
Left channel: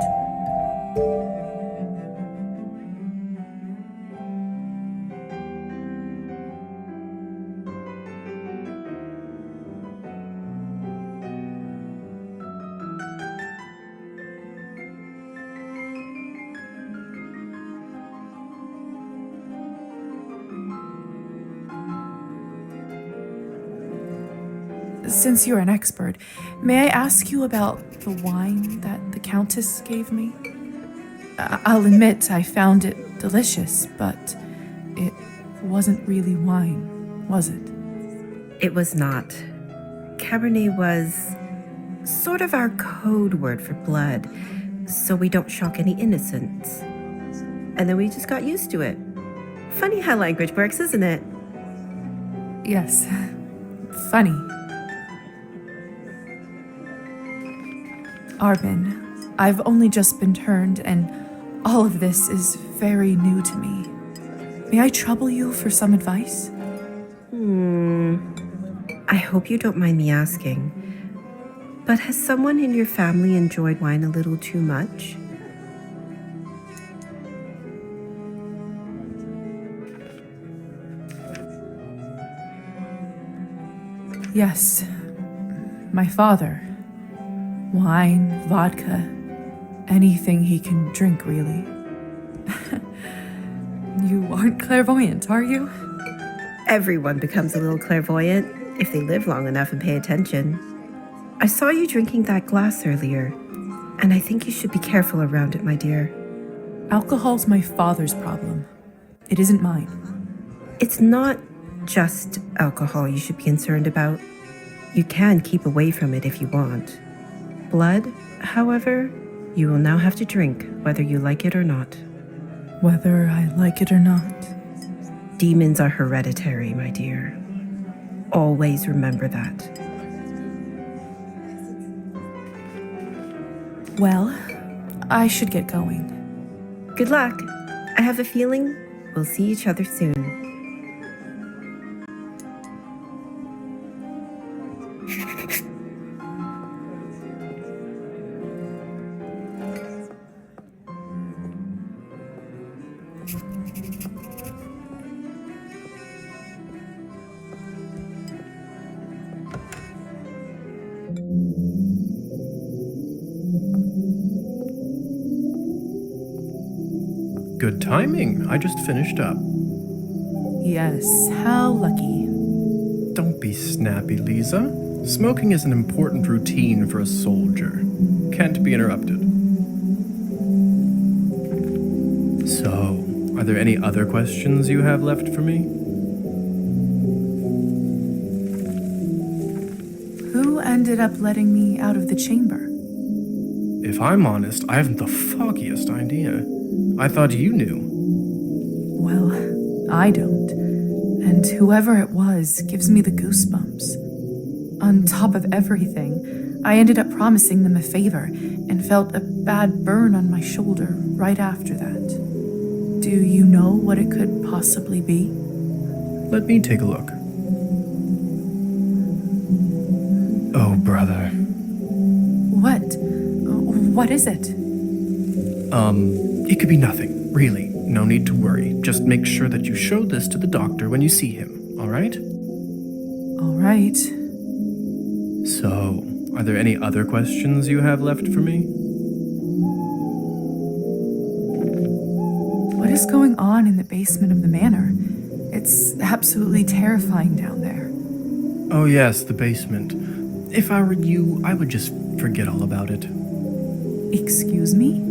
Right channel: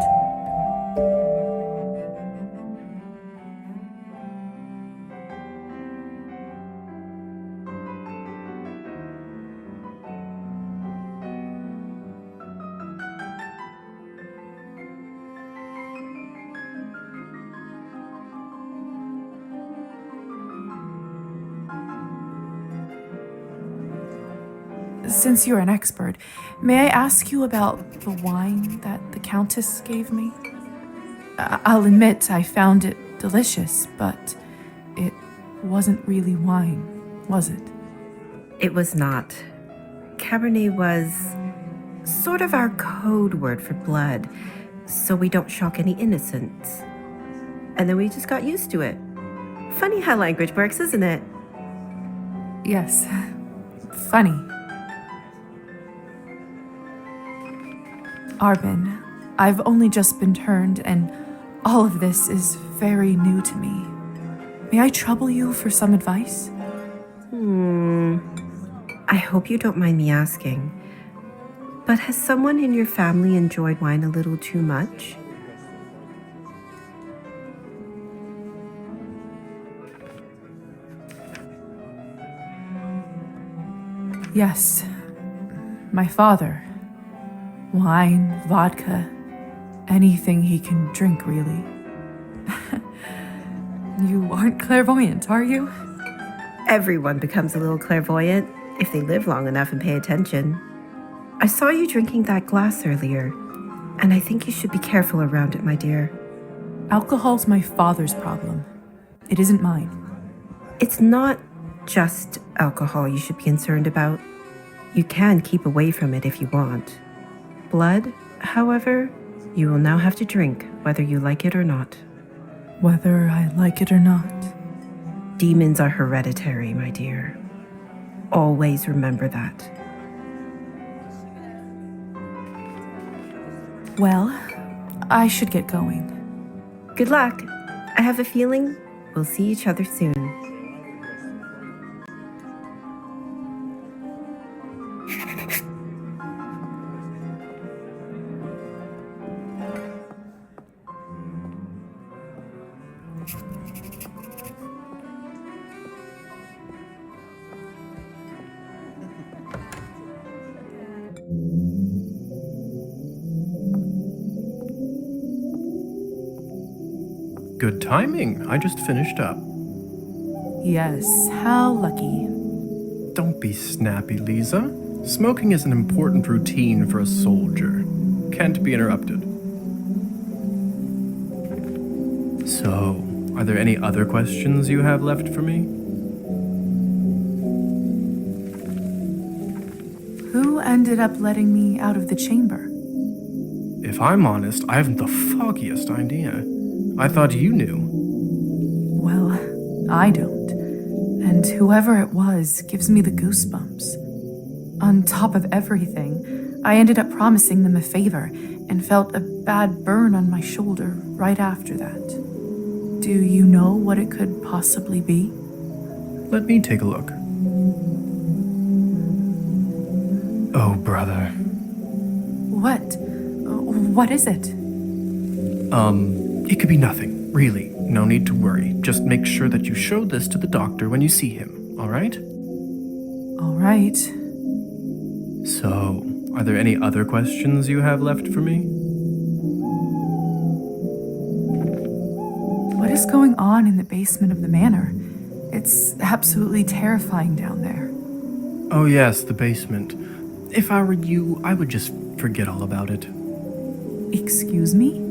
Since you're an expert, may I ask you about the wine that the Countess gave me? I'll admit I found it delicious, but it wasn't really wine, was it? It was not. Cabernet was sort of our code word for blood, so we don't shock any innocents. And then we just got used to it. Funny how language works, isn't it? Yes. Funny. Arbin, I've only just been turned, and all of this is very new to me. May I trouble you for some advice? I hope you don't mind me asking, but has someone in your family enjoyed wine a little too much? Yes. My father. Wine, vodka, anything he can drink, really. You aren't clairvoyant, are you? Everyone becomes a little clairvoyant if they live long enough and pay attention. I saw you drinking that glass earlier, and I think you should be careful around it, my dear. Alcohol's my father's problem. It isn't mine. It's not just alcohol you should be concerned about. You can keep away from it if you want. Blood, however, you will now have to drink, whether you like it or not. Whether I like it or not. Demons are hereditary, my dear. Always remember that. Well, I should get going. Good luck. I have a feeling we'll see each other soon. Good timing. I just finished up. Yes, how lucky. Don't be snappy, Lisa. Smoking is an important routine for a soldier. Can't be interrupted. So, are there any other questions you have left for me? Who ended up letting me out of the chamber? If I'm honest, I haven't the foggiest idea. I thought you knew. Well, I don't. And whoever it was gives me the goosebumps. On top of everything, I ended up promising them a favor and felt a bad burn on my shoulder right after that. Do you know what it could possibly be? Let me take a look. Oh, brother. What? What is it? It could be nothing, really. No need to worry. Just make sure that you show this to the doctor when you see him, all right? All right. So, are there any other questions you have left for me? What is going on in the basement of the manor? It's absolutely terrifying down there. Oh yes, the basement. If I were you, I would just forget all about it. Excuse me?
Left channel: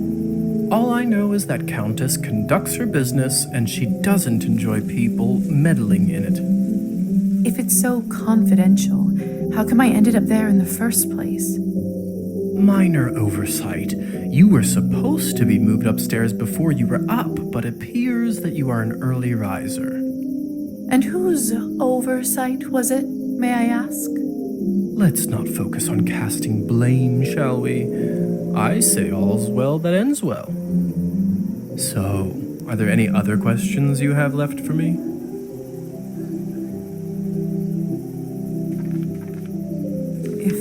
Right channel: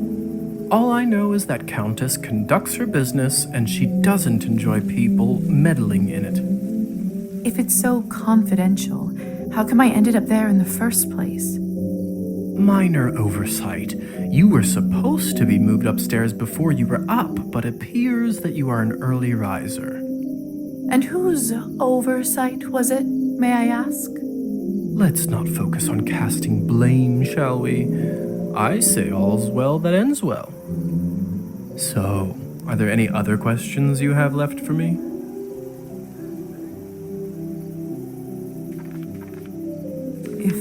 All I know is that Countess conducts her business and she doesn't enjoy people meddling in it. If it's so confidential, how come I ended up there in the first place? minor oversight. You were supposed to be moved upstairs before you were up, but appears that you are an early riser. And whose oversight was it, may I ask? Let's not focus on casting blame, shall we? I say all's well that ends well. So, are there any other questions you have left for me? If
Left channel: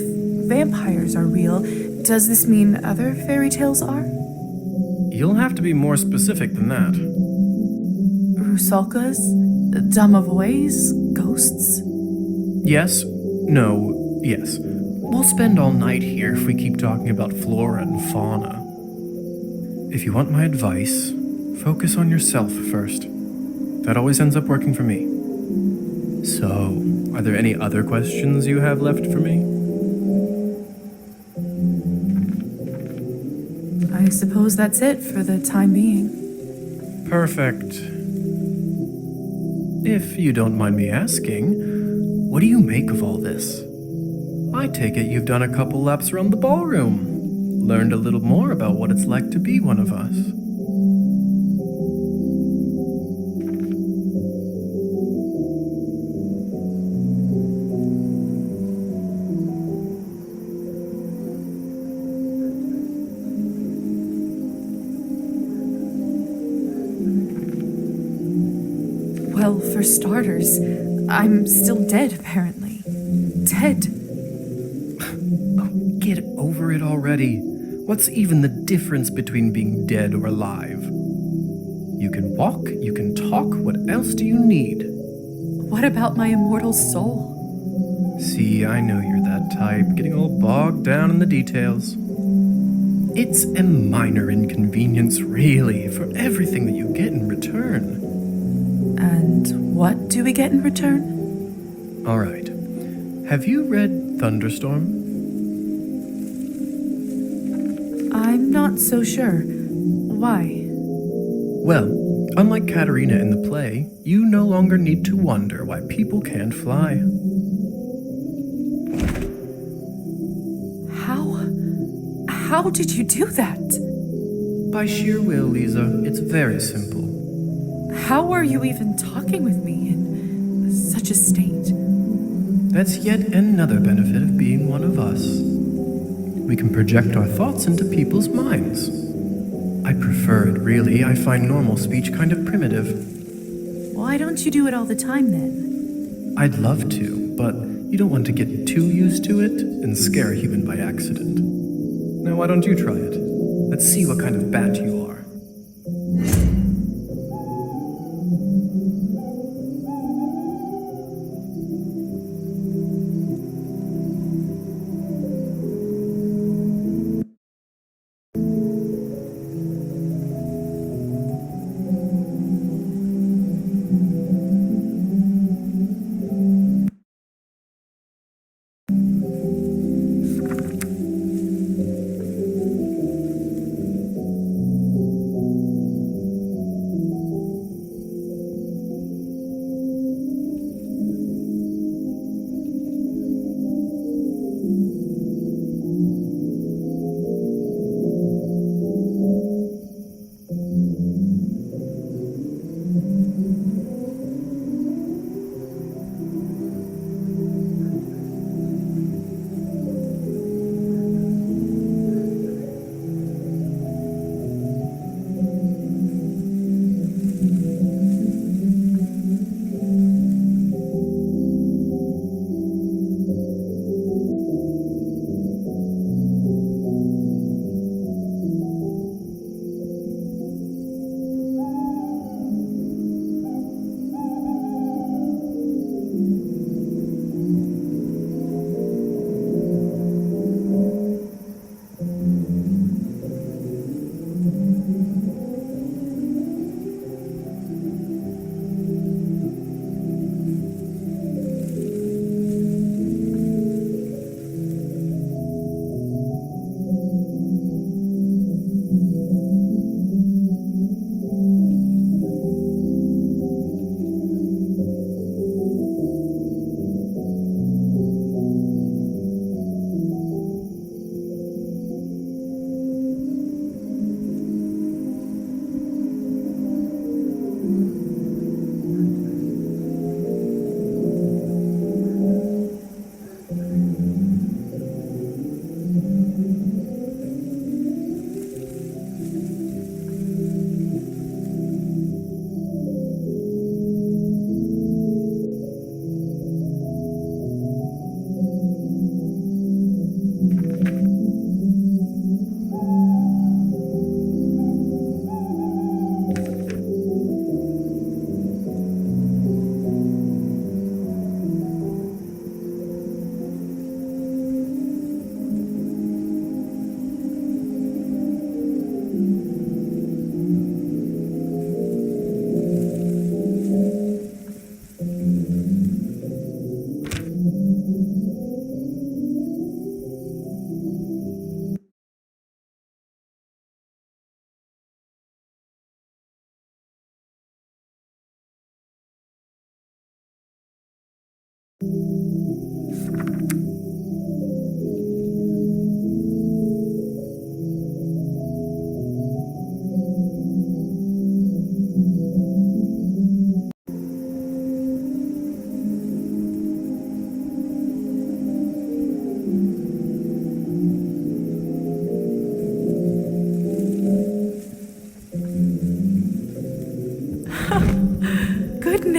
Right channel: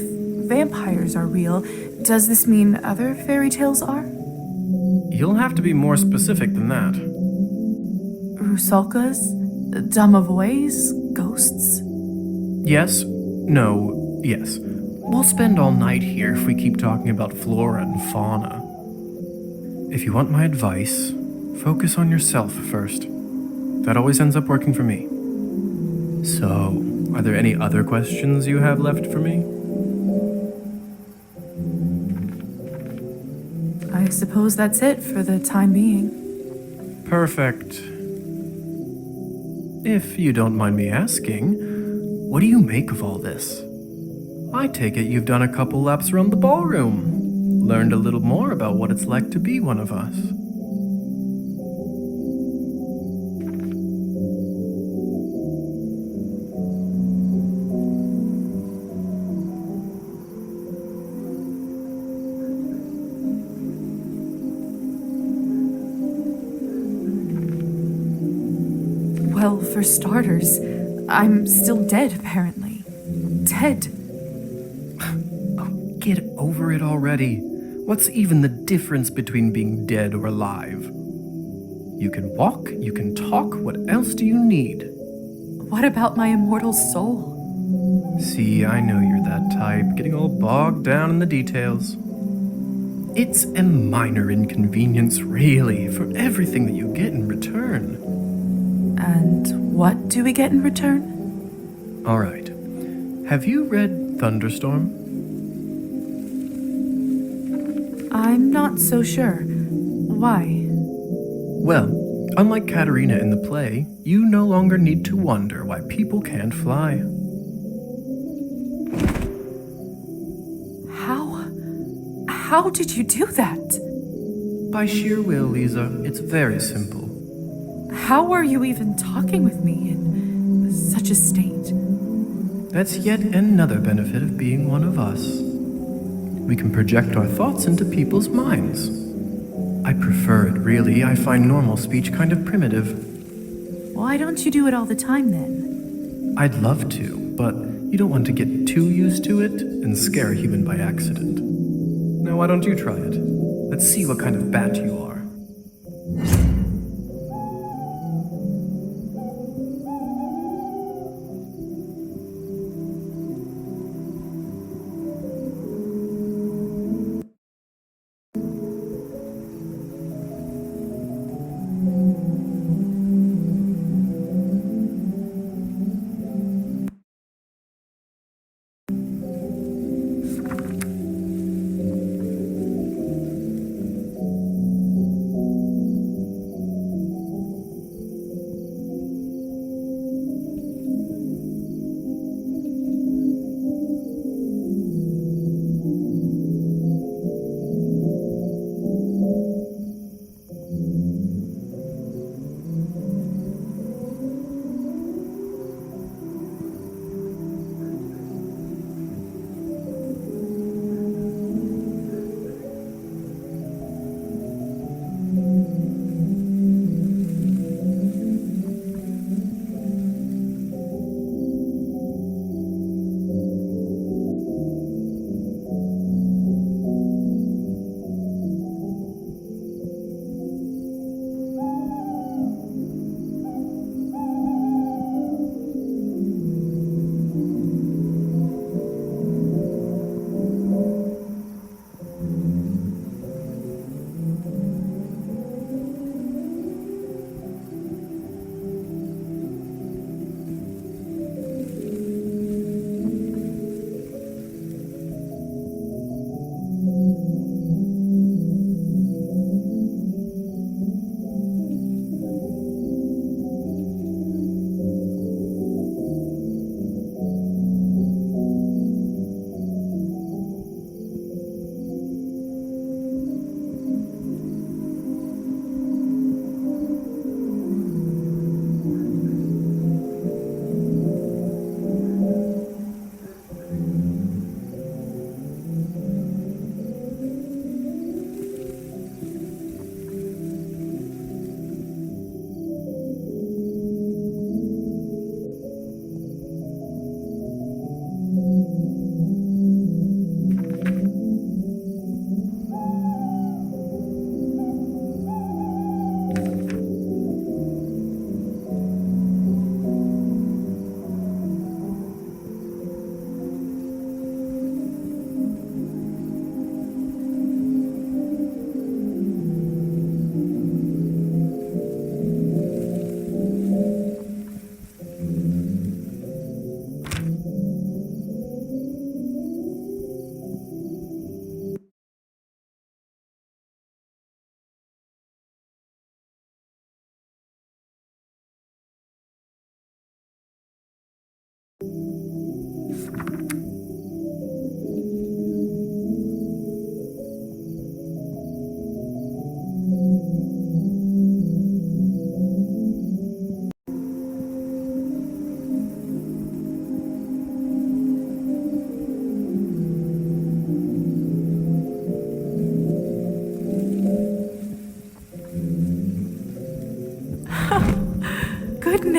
vampires are real, does this mean other fairy tales are? You'll have to be more specific than that. Rusalkas? Domovoys? Ghosts? Yes, no, yes. We'll spend all night here if we keep talking about flora and fauna. If you want my advice, focus on yourself first. That always ends up working for me. So, are there any other questions you have left for me? I suppose that's it for the time being. Perfect. If you don't mind me asking, what do you make of all this? I take it you've done a couple laps around the ballroom, learned a little more about what it's like to be one of us. Well, for starters, I'm still dead, apparently. Dead. Oh, get over it already. What's even the difference between being dead or alive? You can walk, you can talk, what else do you need? What about my immortal soul? See, I know you're that type, getting all bogged down in the details. It's a minor inconvenience, really, for everything that you get in return. And what do we get in return? All right. Have you read Thunderstorm? I'm not so sure. Why? Well, unlike Katerina in the play, you no longer need to wonder why people can't fly. How did you do that? By sheer will, Lisa. It's very simple. How are you even talking with me in such a state? That's yet another benefit of being one of us. We can project our thoughts into people's minds. I prefer it, really. I find normal speech kind of primitive. Why don't you do it all the time, then? I'd love to, but you don't want to get too used to it and scare a human by accident. Now, why don't you try it? Let's see what kind of bat you are.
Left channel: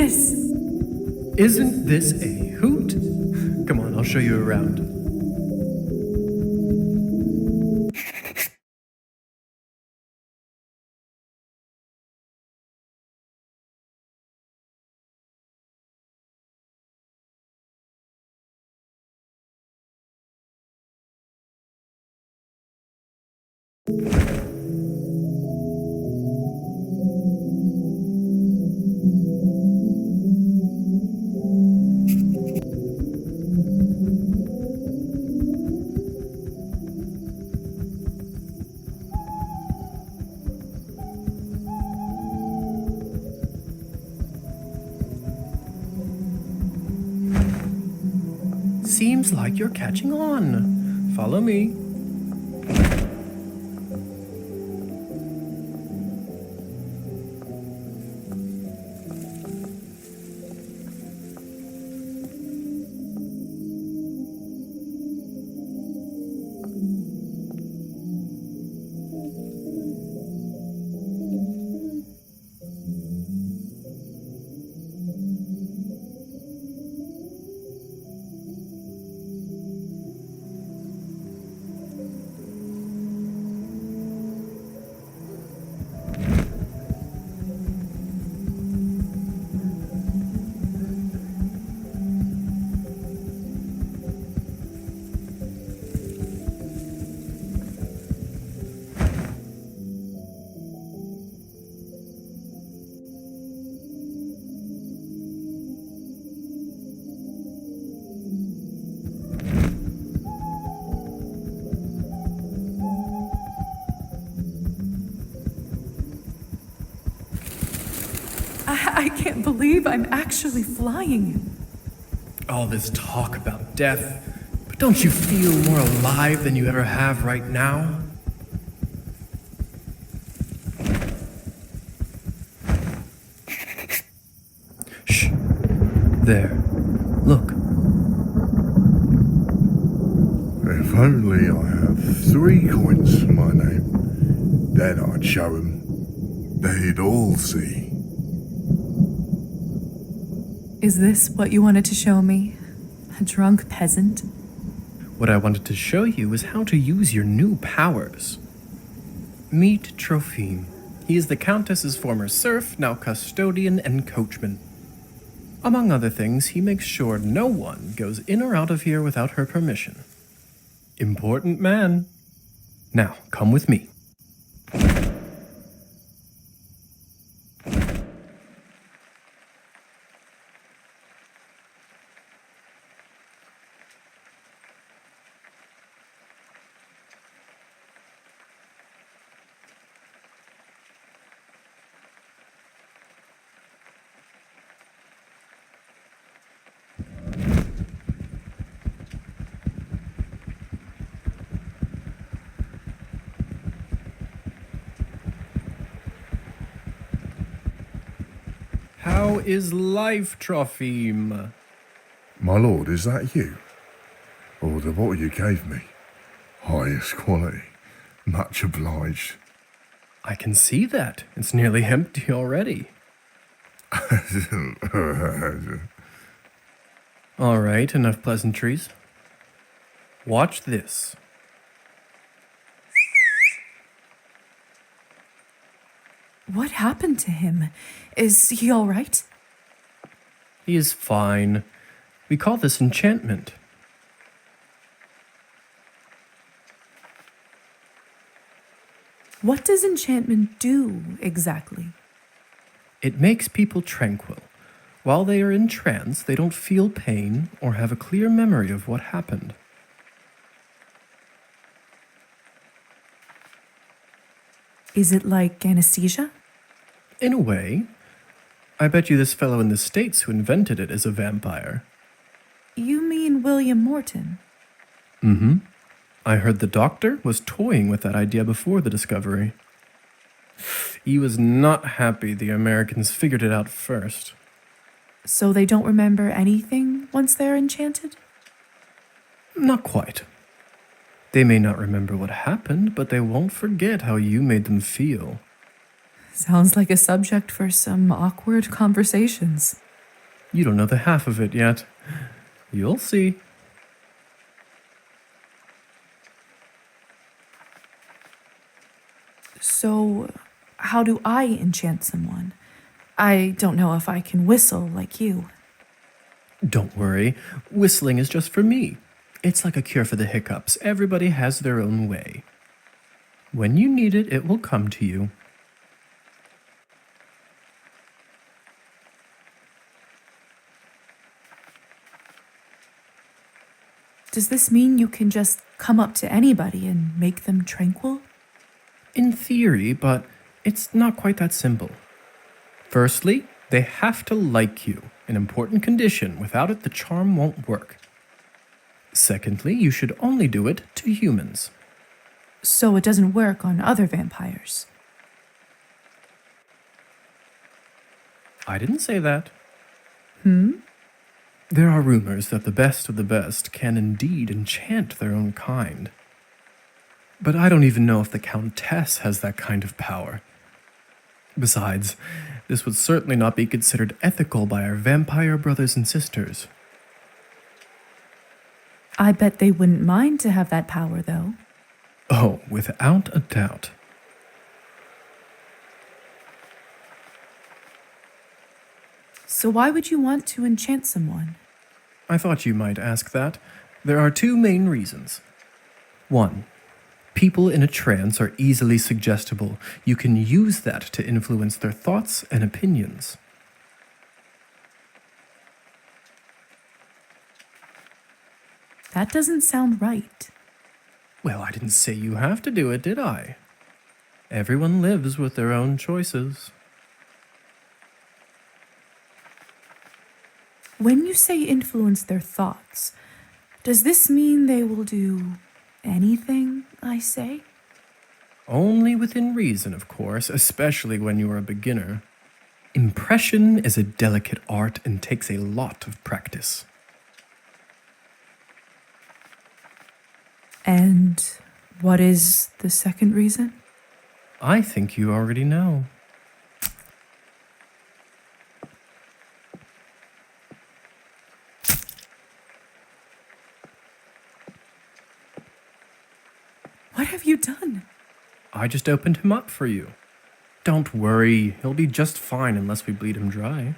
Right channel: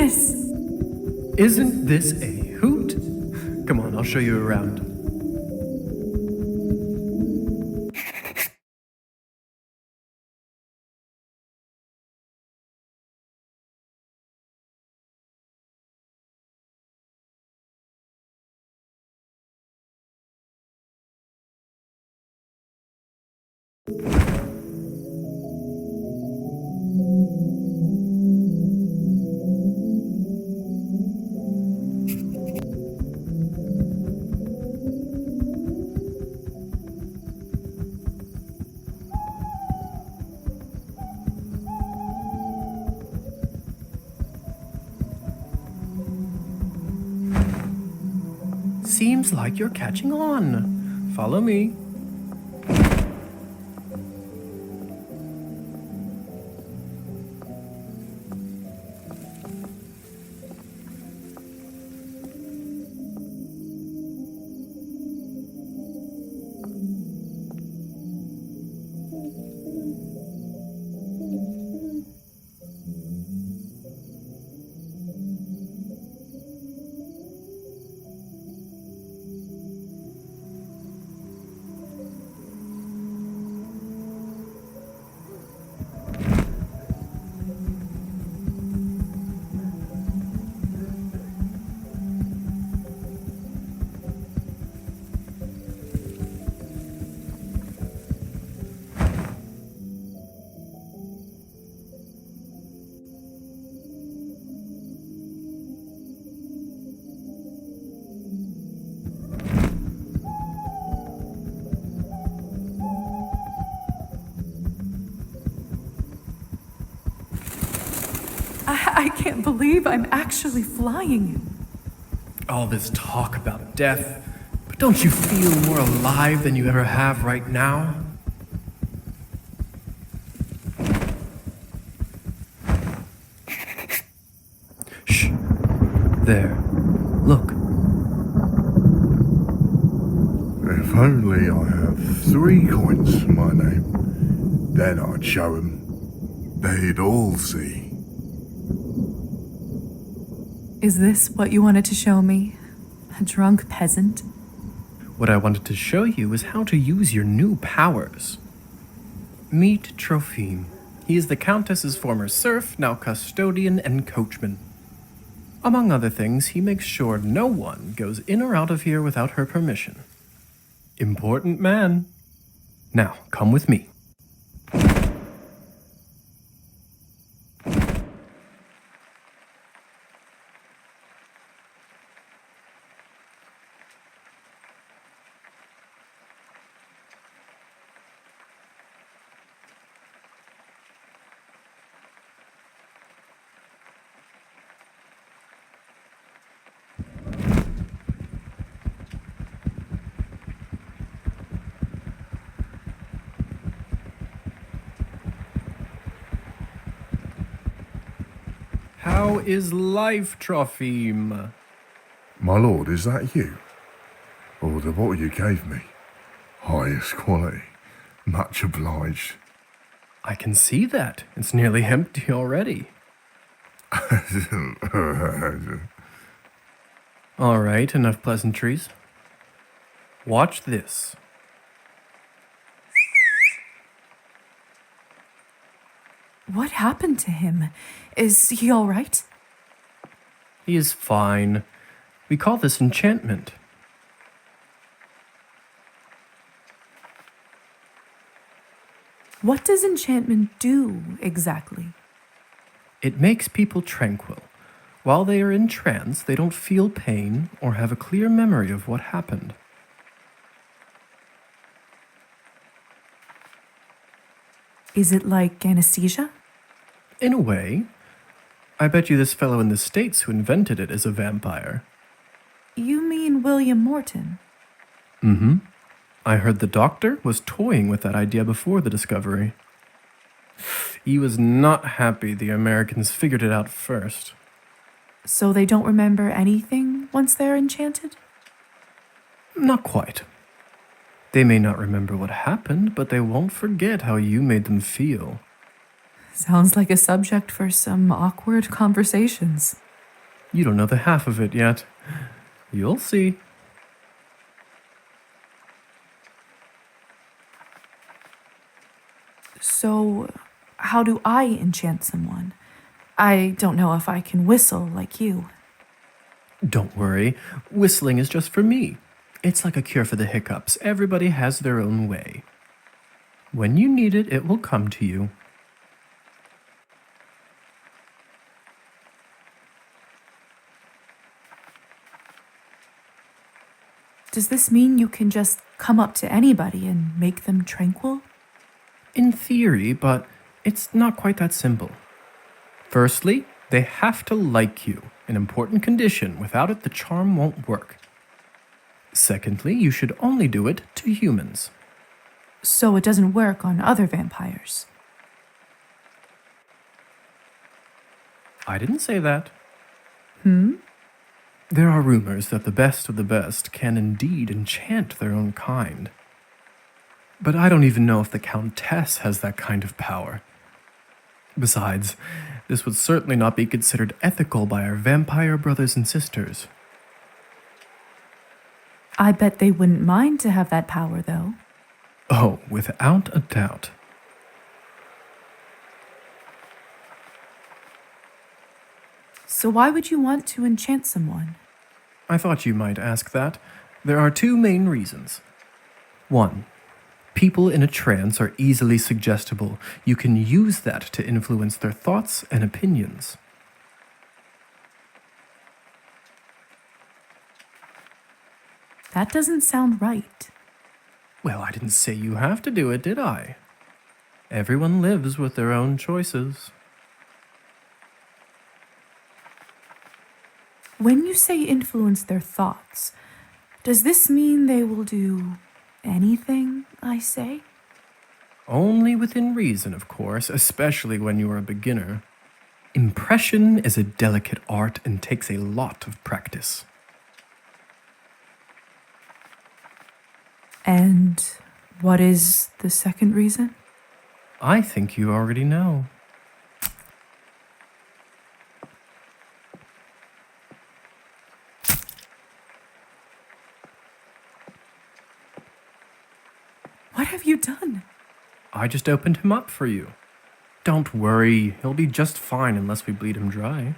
goodness! Isn't this a hoot? Come on, I'll show you around. Seems like you're catching on. Follow me. I can't believe I'm actually flying. All this talk about death, but don't you feel more alive than you ever have right now? Shh. There. Look. If only I have 3 coins to my name, then I'd show 'em. They'd all see. Is this what you wanted to show me? A drunk peasant? What I wanted to show you is how to use your new powers. Meet Trophime. He is the Countess's former serf, now custodian and coachman. Among other things, he makes sure no one goes in or out of here without her permission. Important man. Now, come with me. How is life, Trophime? My lord, is that you? Oh, the bottle you gave me. Highest quality. Much obliged. I can see that. It's nearly empty already. All right, enough pleasantries. Watch this. What happened to him? Is he all right? He is fine. We call this enchantment. What does enchantment do exactly? It makes people tranquil. While they are in trance, they don't feel pain or have a clear memory of what happened. Is it like anesthesia? In a way. I bet you this fellow in the States who invented it is a vampire. You mean William Morton? Mm-hmm. I heard the doctor was toying with that idea before the discovery. He was not happy the Americans figured it out first. So they don't remember anything once they're enchanted? Not quite. They may not remember what happened, but they won't forget how you made them feel. Sounds like a subject for some awkward conversations. You don't know the half of it yet. You'll see. So, how do I enchant someone? I don't know if I can whistle like you. Don't worry, whistling is just for me. It's like a cure for the hiccups. Everybody has their own way. When you need it, it will come to you. Does this mean you can just come up to anybody and make them tranquil? In theory, but it's not quite that simple. Firstly, they have to like you, an important condition. Without it, the charm won't work. Secondly, you should only do it to humans. So it doesn't work on other vampires. I didn't say that. There are rumors that the best of the best can indeed enchant their own kind. But I don't even know if the Countess has that kind of power. Besides, this would certainly not be considered ethical by our vampire brothers and sisters. I bet they wouldn't mind to have that power, though. Oh, without a doubt. So why would you want to enchant someone? I thought you might ask that. There are two main reasons. One, people in a trance are easily suggestible. You can use that to influence their thoughts and opinions. That doesn't sound right. Well, I didn't say you have to do it, did I? Everyone lives with their own choices. When you say influence their thoughts, does this mean they will do anything I say? Only within reason, of course, especially when you are a beginner. Impression is a delicate art and takes a lot of practice. And what is the second reason? I think you already know. What have you done? I just opened him up for you. Don't worry, he'll be just fine unless we bleed him dry.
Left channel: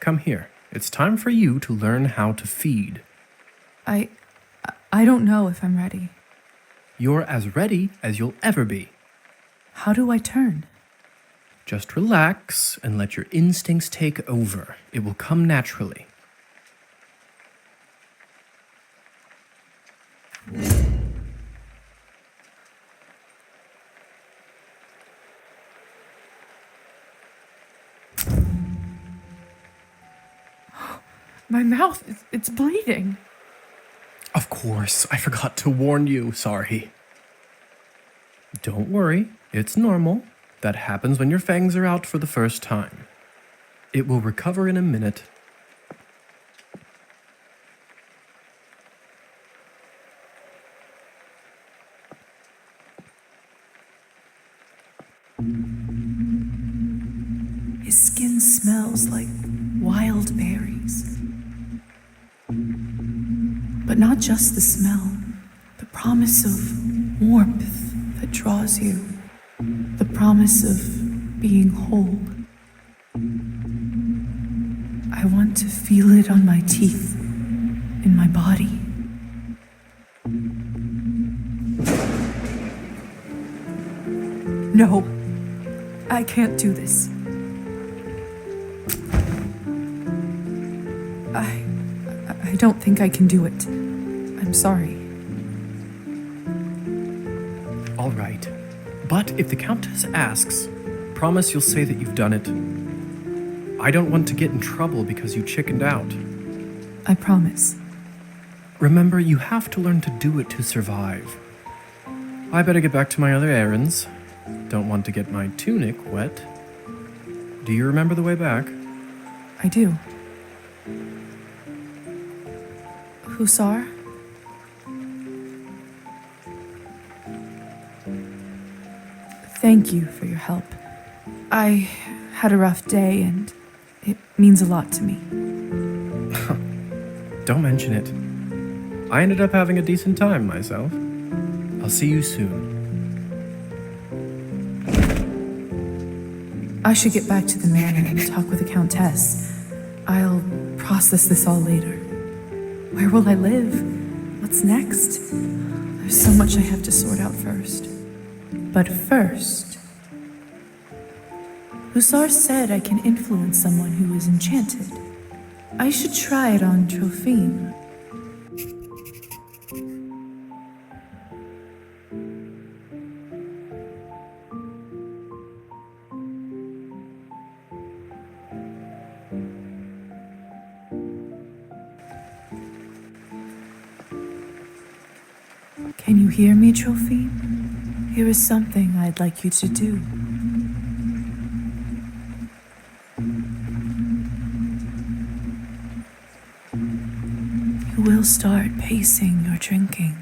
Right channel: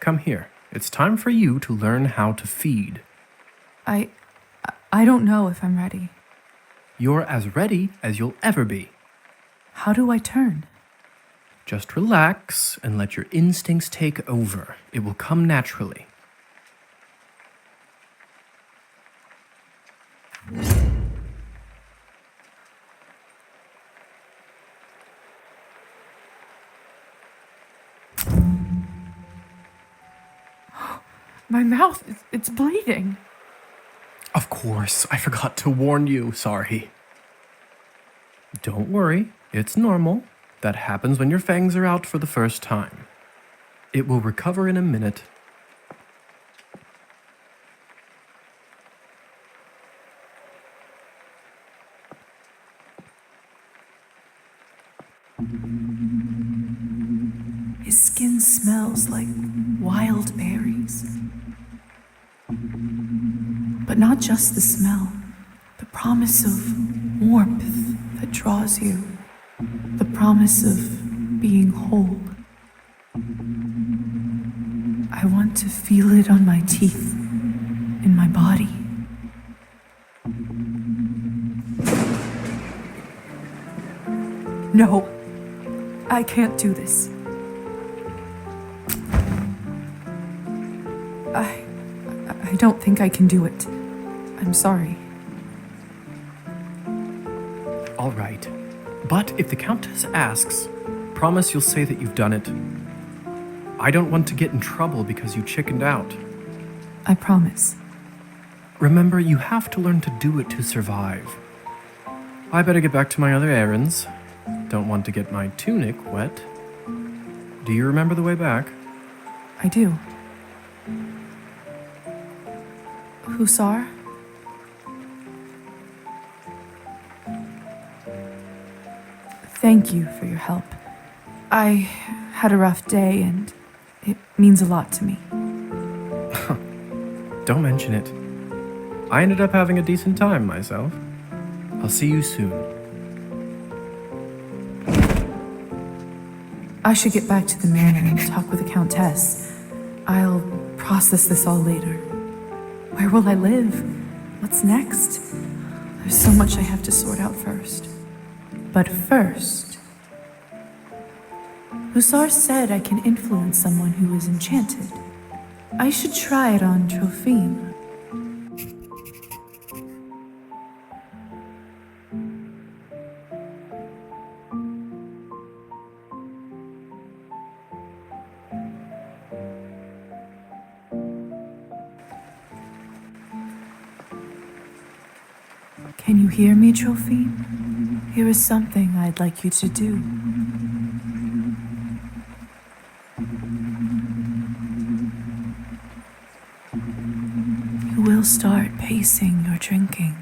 Come here. It's time for you to learn how to feed. I don't know if I'm ready. You're as ready as you'll ever be. How do I turn? Just relax and let your instincts take over. It will come naturally. My mouth, it's bleeding. Of course, I forgot to warn you. Sorry. Don't worry, it's normal. That happens when your fangs are out for the first time. It will recover in a minute. His skin smells like wild berries. But not just the smell, the promise of warmth that draws you, the promise of being whole. I want to feel it on my teeth, in my body. No, I can't do this. I don't think I can do it. I'm sorry. All right. But if the Countess asks, promise you'll say that you've done it. I don't want to get in trouble because you chickened out. I promise. Remember, you have to learn to do it to survive. I better get back to my other errands. Don't want to get my tunic wet. Do you remember the way back? I do. Hussar? Thank you for your help. I had a rough day and it means a lot to me. Don't mention it. I ended up having a decent time myself. I'll see you soon. I should get back to the manor and talk with the Countess. I'll process this all later. Where will I live? What's next? There's so much I have to sort out first. But first, Hussar said I can influence someone who is enchanted. I should try it on Trophime. Can you hear me, Trophime? Here is something I'd like you to do. You will start pacing your drinking.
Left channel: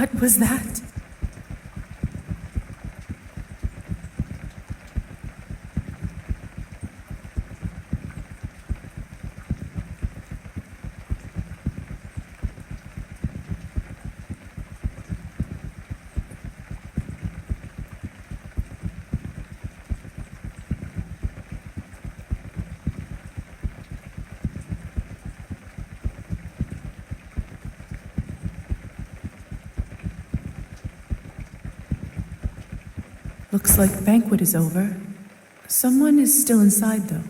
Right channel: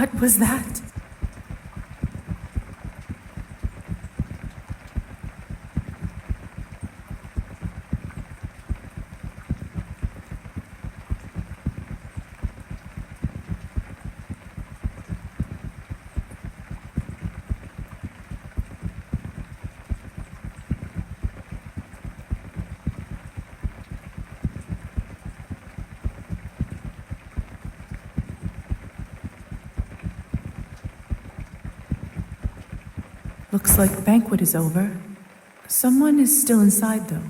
What was that? Looks like the banquet is over. Someone is still inside, though.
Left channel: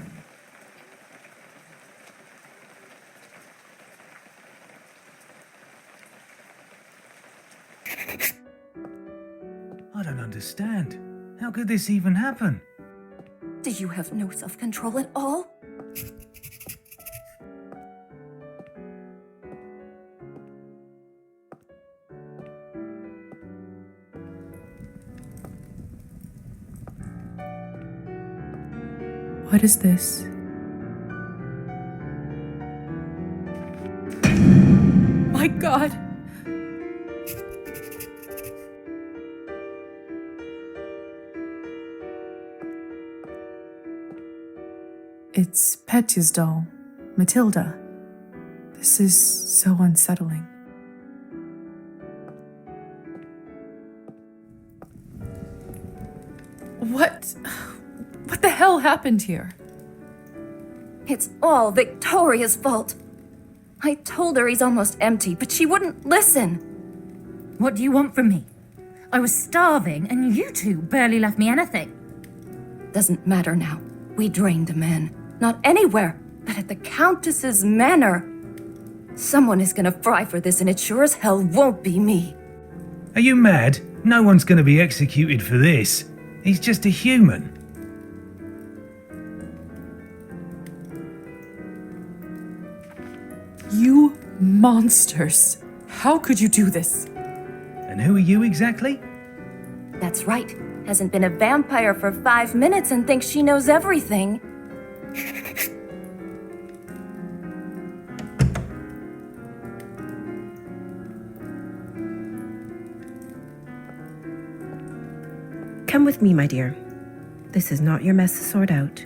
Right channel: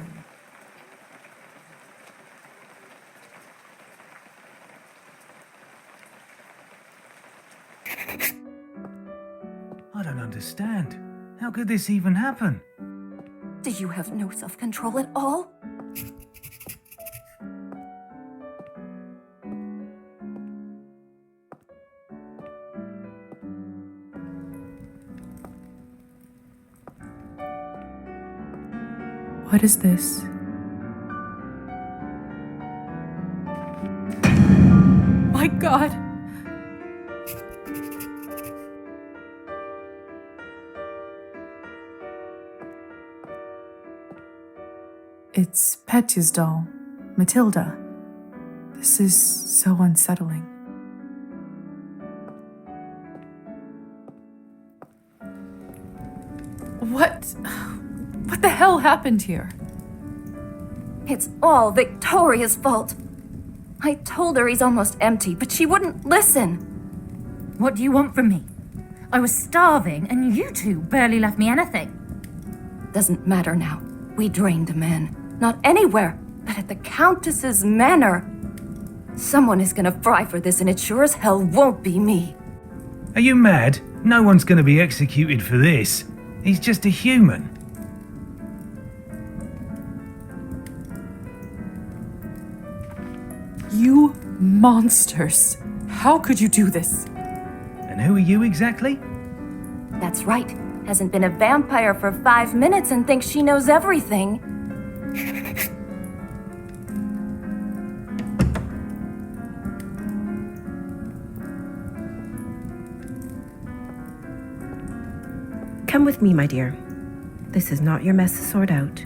I don't understand. How could this even happen? Do you have no self-control at all? What is this? My God! It's Petya's doll, Matilda. This is so unsettling. What the hell happened here? It's all Victoria's fault. I told her he's almost empty, but she wouldn't listen. What do you want from me? I was starving, and you two barely left me anything. Doesn't matter now. We drained a man. Not anywhere, but at the Countess's manor. Someone is gonna fry for this, and it sure as hell won't be me. Are you mad? No one's going to be executed for this. He's just a human. You monsters! How could you do this? And who are you exactly? That's right. Hasn't been a vampire for 5 minutes and thinks she knows everything. Come with me, my dear. This is not your mess to sort out.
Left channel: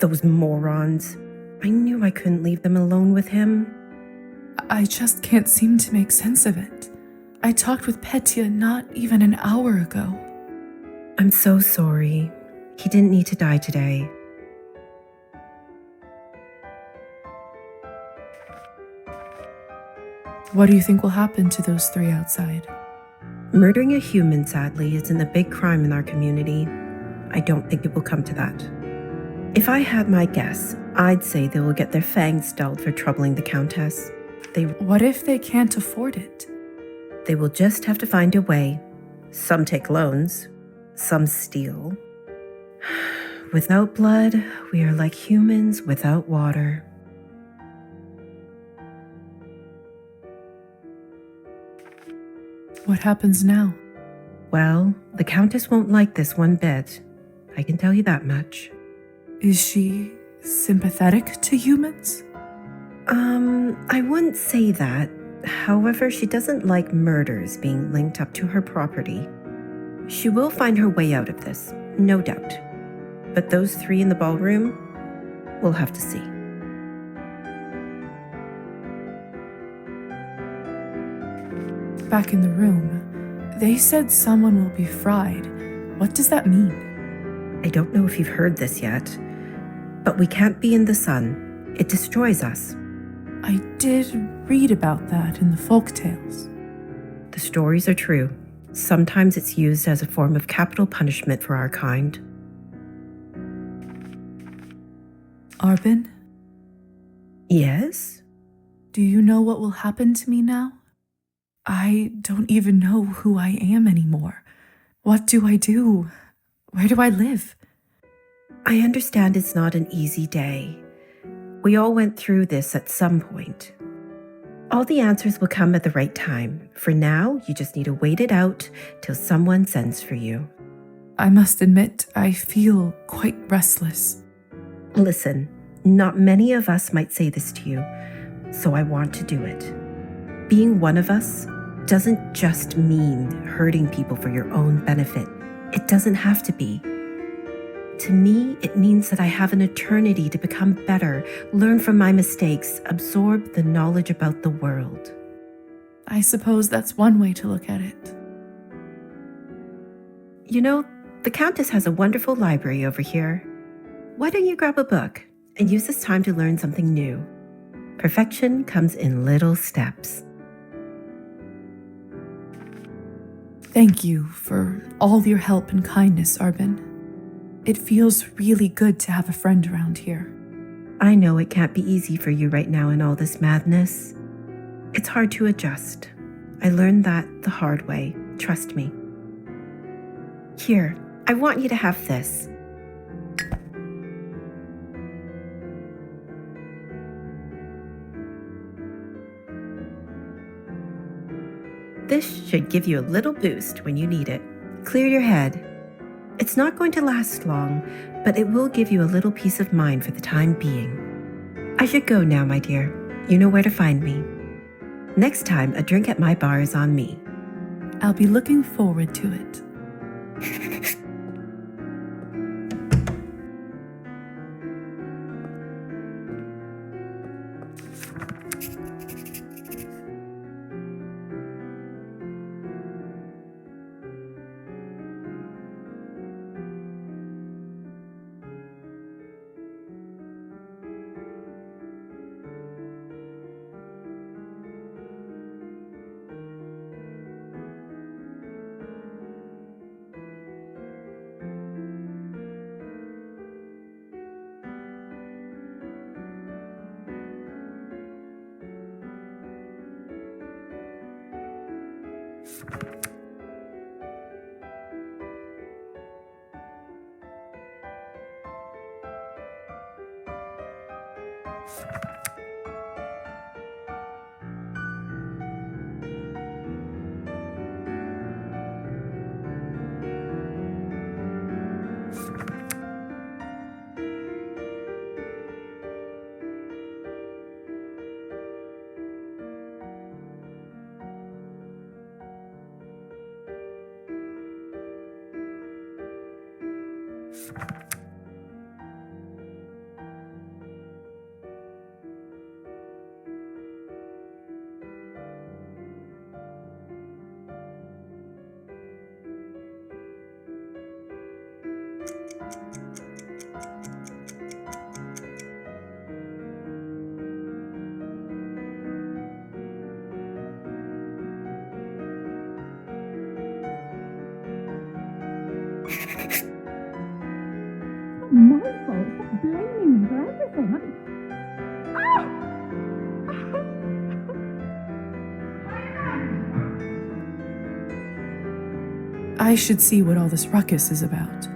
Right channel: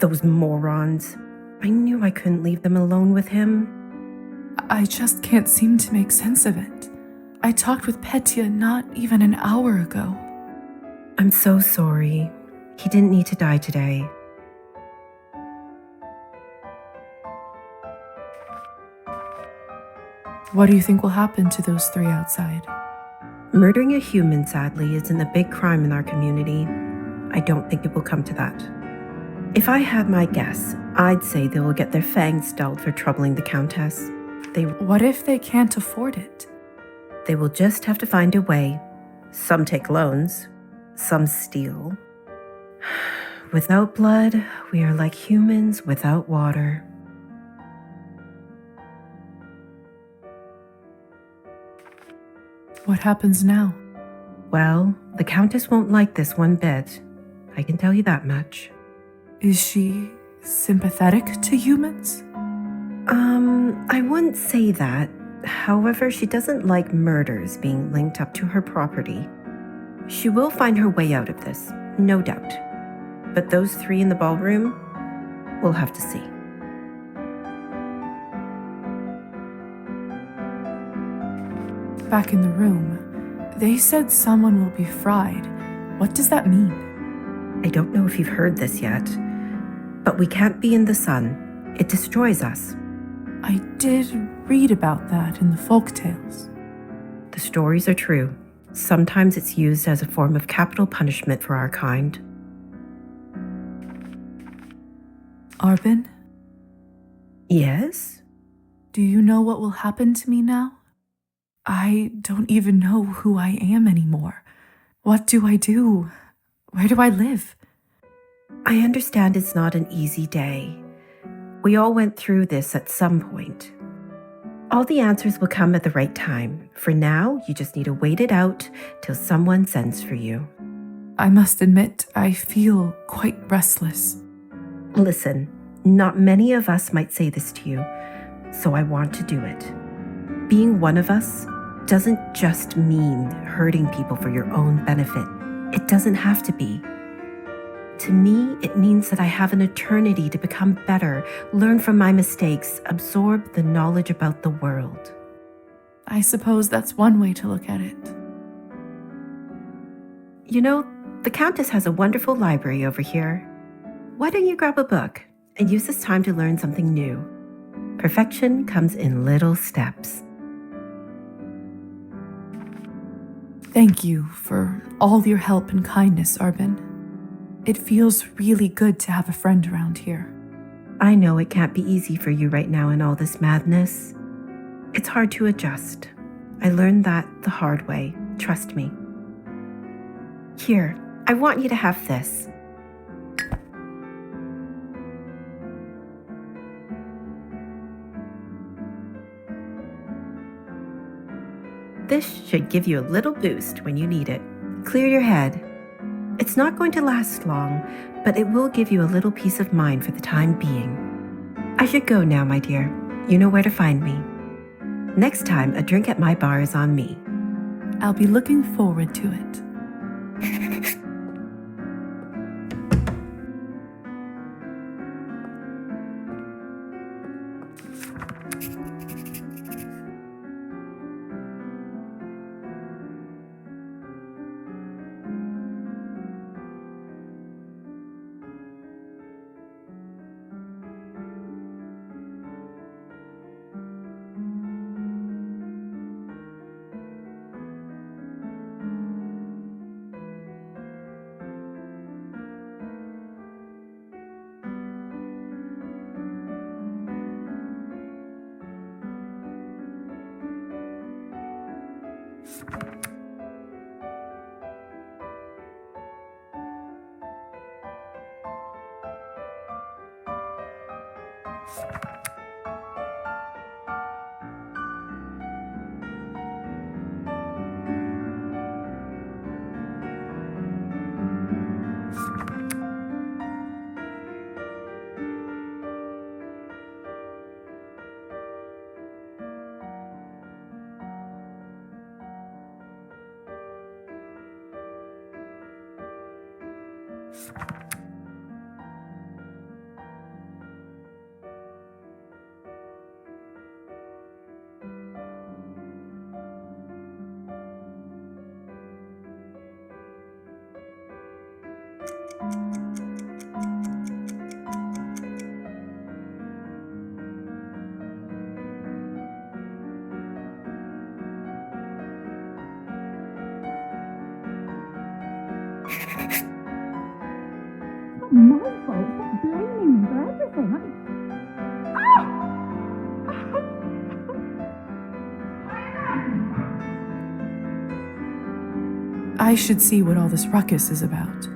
Those morons. I knew I couldn't leave them alone with him. I just can't seem to make sense of it. I talked with Petya not even an hour ago. I'm so sorry. He didn't need to die today. What do you think will happen to those three outside? Murdering a human, sadly, isn't a big crime in our community. I don't think it will come to that. If I had my guess, I'd say they will get their fangs dulled for troubling the Countess. What if they can't afford it? They will just have to find a way. Some take loans, some steal. Without blood, we are like humans without water. What happens now? Well, the Countess won't like this one bit. I can tell you that much. Is she sympathetic to humans? I wouldn't say that. However, she doesn't like murders being linked up to her property. She will find her way out of this, no doubt. But those three in the ballroom, we'll have to see. Back in the room, they said someone will be fried. What does that mean? I don't know if you've heard this yet, but we can't be in the sun. It destroys us. I did read about that in the folk tales. The stories are true. Sometimes it's used as a form of capital punishment for our kind. Arbin? Yes? Do you know what will happen to me now? I don't even know who I am anymore. What do I do? Where do I live? I understand it's not an easy day. We all went through this at some point. All the answers will come at the right time. For now, you just need to wait it out till someone sends for you. I must admit, I feel quite restless. Listen, not many of us might say this to you, so I want to do it. Being one of us doesn't just mean hurting people for your own benefit. It doesn't have to be. To me, it means that I have an eternity to become better, learn from my mistakes, absorb the knowledge about the world. I suppose that's one way to look at it. You know, the Countess has a wonderful library over here. Why don't you grab a book and use this time to learn something new? Perfection comes in little steps. Thank you for all your help and kindness, Arbin. It feels really good to have a friend around here. I know it can't be easy for you right now in all this madness. It's hard to adjust. I learned that the hard way, trust me. Here, I want you to have this. This should give you a little boost when you need it. Clear your head. It's not going to last long, but it will give you a little peace of mind for the time being. I should go now, my dear. You know where to find me. Next time, a drink at my bar is on me. I'll be looking forward to it. My fault. Stop blaming me for everything. I should see what all this ruckus is about.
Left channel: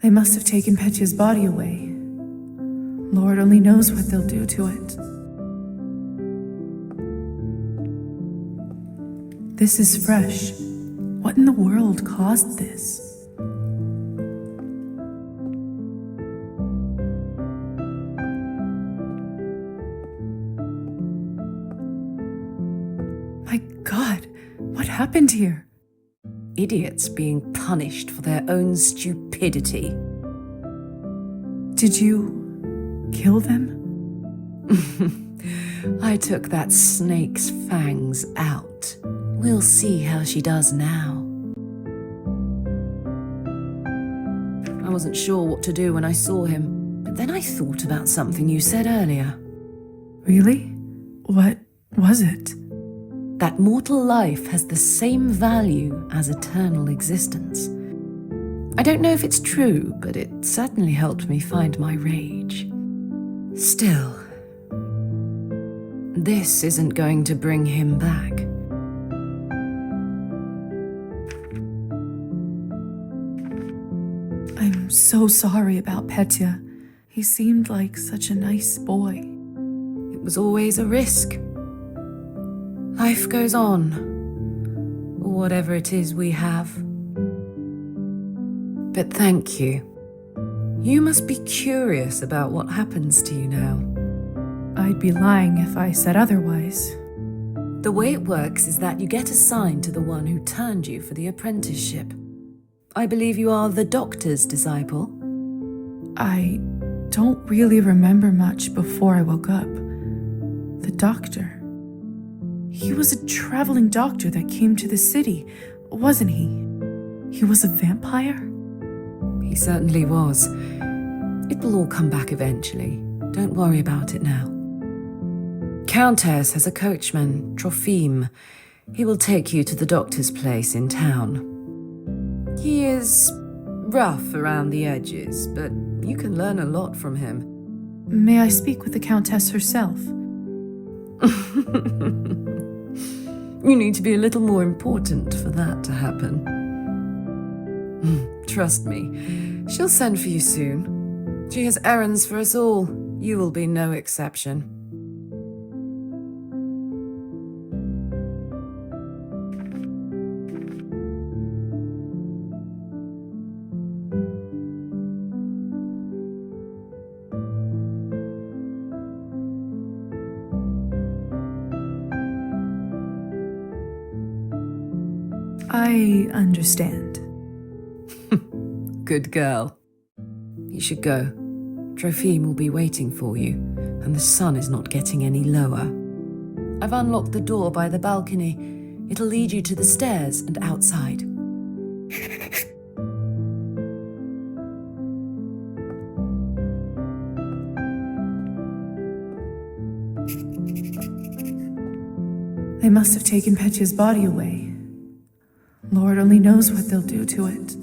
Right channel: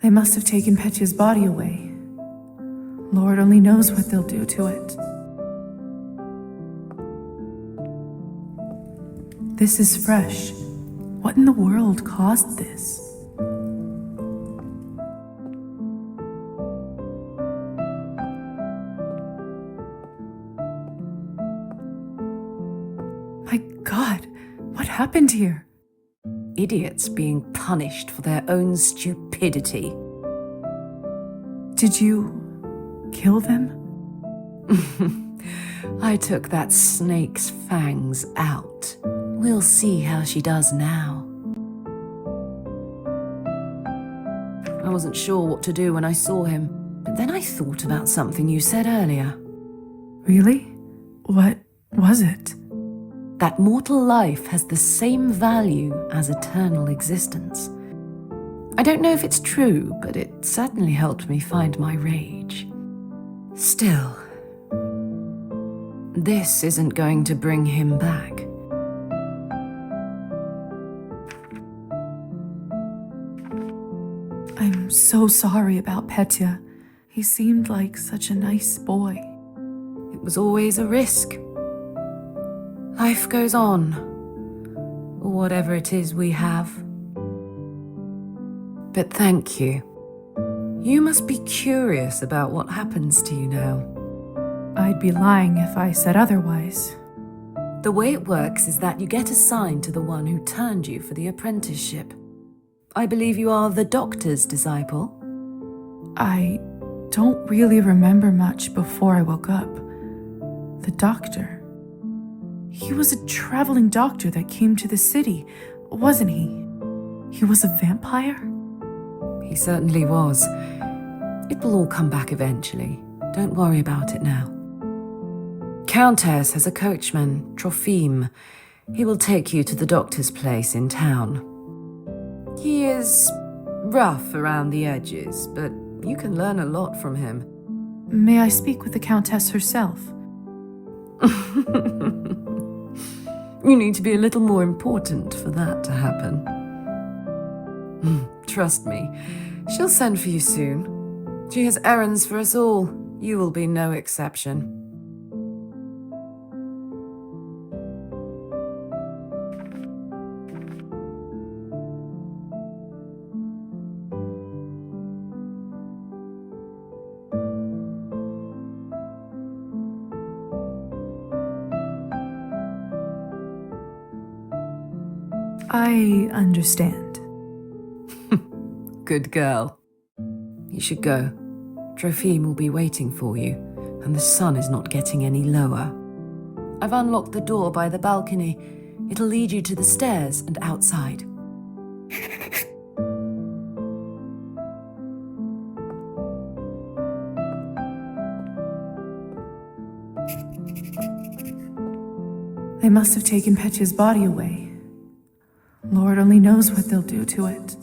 They must have taken Petya's body away. Lord only knows what they'll do to it. This is fresh. What in the world caused this? My God, what happened here? Idiots being punished for their own stupidity. Did you kill them? I took that snake's fangs out. We'll see how she does now. I wasn't sure what to do when I saw him. But then I thought about something you said earlier. Really? What was it? That mortal life has the same value as eternal existence. I don't know if it's true, but it certainly helped me find my rage. Still, this isn't going to bring him back. I'm so sorry about Petya. He seemed like such a nice boy. It was always a risk. Life goes on, or whatever it is we have. But thank you. You must be curious about what happens to you now. I'd be lying if I said otherwise. The way it works is that you get assigned to the one who turned you for the apprenticeship. I believe you are the doctor's disciple. I don't really remember much before I woke up. The doctor. He was a traveling doctor that came to the city, wasn't he? He was a vampire? He certainly was. It will all come back eventually. Don't worry about it now. Countess has a coachman, Trofim. He will take you to the doctor's place in town. He is rough around the edges, but you can learn a lot from him. May I speak with the Countess herself? You need to be a little more important for that to happen. Trust me, she'll send for you soon. She has errands for us all. You will be no exception. I understand. Good girl. You should go. Trofim will be waiting for you, and the sun is not getting any lower. I've unlocked the door by the balcony. It'll lead you to the stairs and outside. They must have taken Petya's body away. Lord only knows what they'll do to it.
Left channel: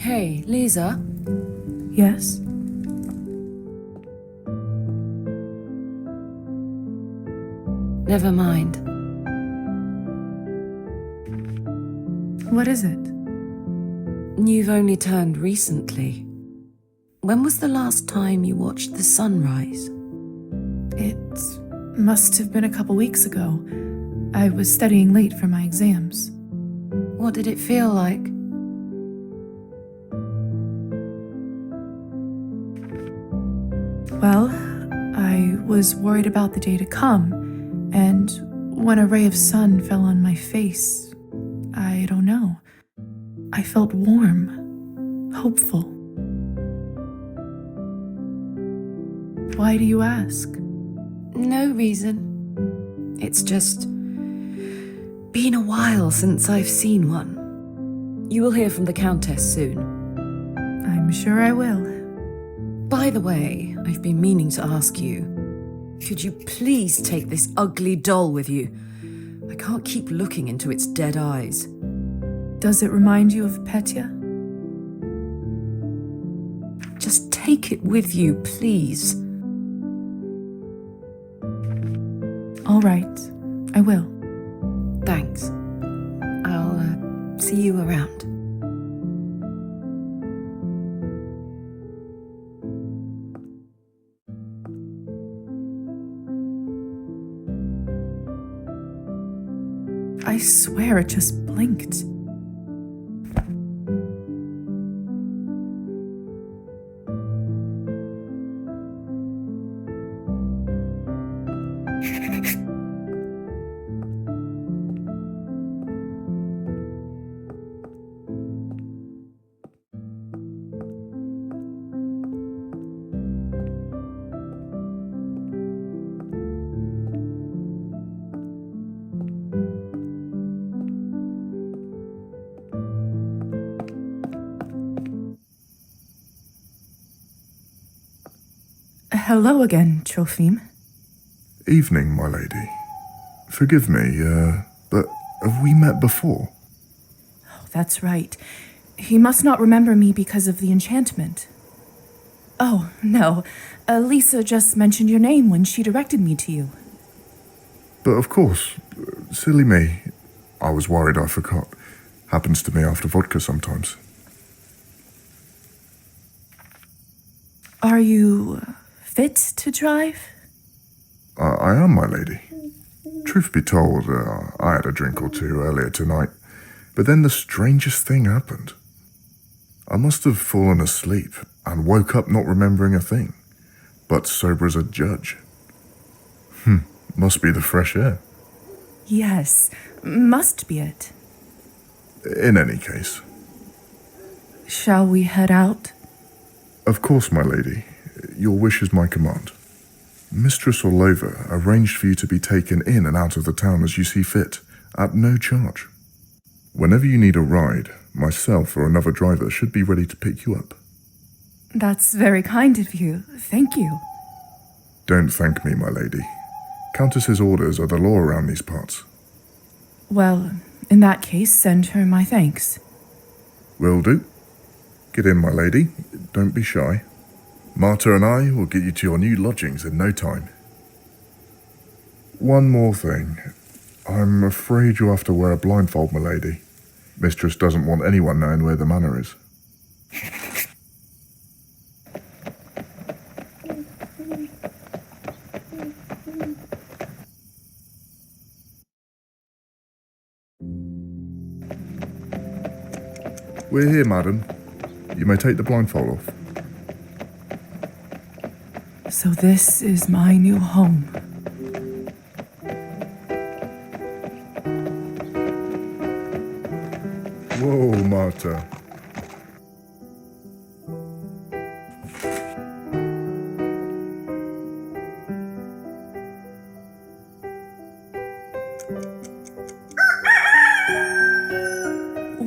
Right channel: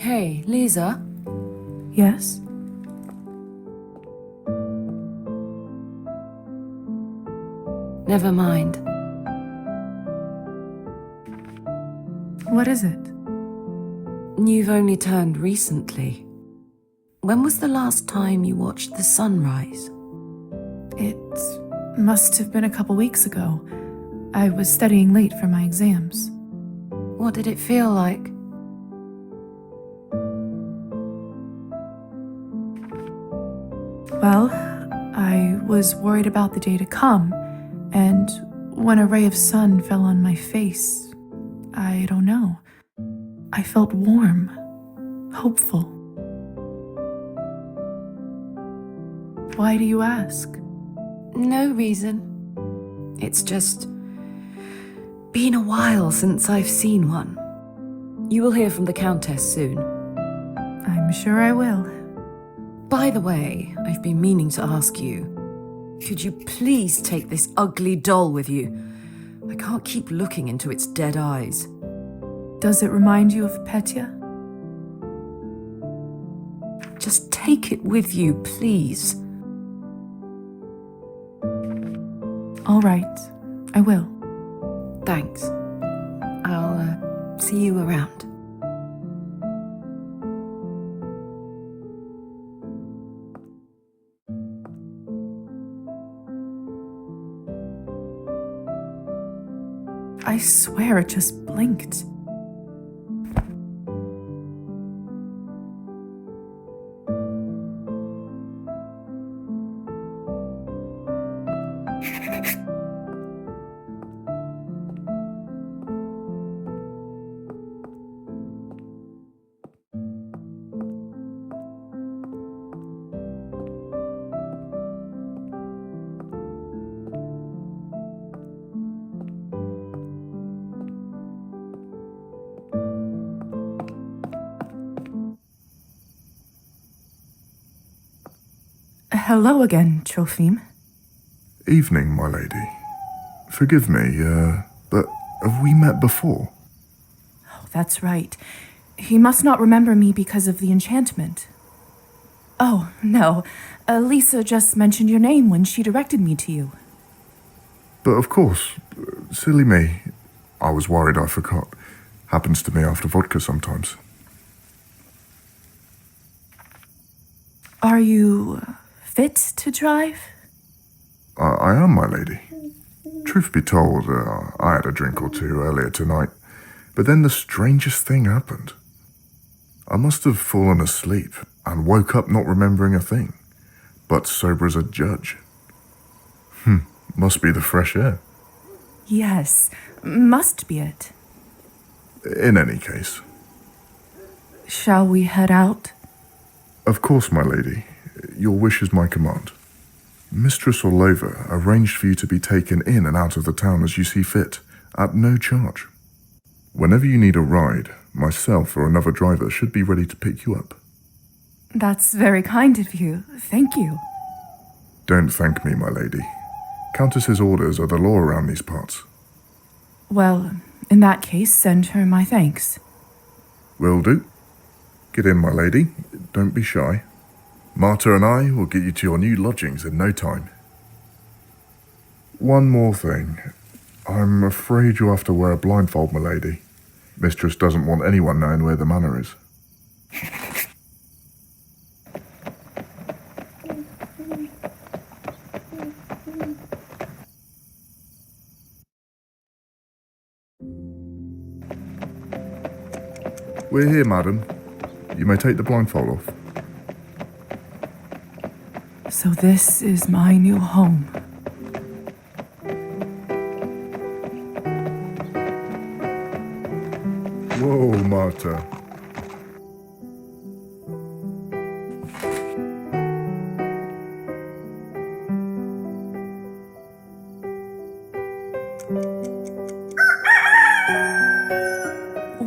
Hey, Lisa? Yes? Never mind. What is it? You've only turned recently. When was the last time you watched the sunrise? It must have been a couple weeks ago. I was studying late for my exams. What did it feel like? Well, I was worried about the day to come, and when a ray of sun fell on my face, I don't know. I felt warm, hopeful. Why do you ask? No reason. It's just... been a while since I've seen one. You will hear from the Countess soon. I'm sure I will. By the way, I've been meaning to ask you, could you please take this ugly doll with you? I can't keep looking into its dead eyes. Does it remind you of Petya? Just take it with you, please. All right, I will. Thanks. I'll see you around. I swear it just blinked. Hello again, Trophim. Evening, my lady. Forgive me, but have we met before? Oh, that's right. He must not remember me because of the enchantment. Oh, no. Lisa just mentioned your name when she directed me to you. But of course, silly me. I was worried I forgot. Happens to me after vodka sometimes. Are you fit to drive? I am, my lady. Truth be told, I had a drink or two earlier tonight, but then the strangest thing happened. I must have fallen asleep and woke up not remembering a thing, but sober as a judge. Must be the fresh air. Yes, must be it. In any case. Shall we head out? Of course, my lady. Your wish is my command. Mistress Orlova arranged for you to be taken in and out of the town as you see fit, at no charge. Whenever you need a ride, myself or another driver should be ready to pick you up. That's very kind of you. Thank you. Don't thank me, my lady. Countess's orders are the law around these parts. Well, in that case, send her my thanks. Will do. Get in, my lady. Don't be shy. Marta and I will get you to your new lodgings in no time. One more thing. I'm afraid you'll have to wear a blindfold, my lady. Mistress doesn't want anyone knowing where the manor is. We're here, madam. You may take the blindfold off. So this is my new home. Whoa, Marta.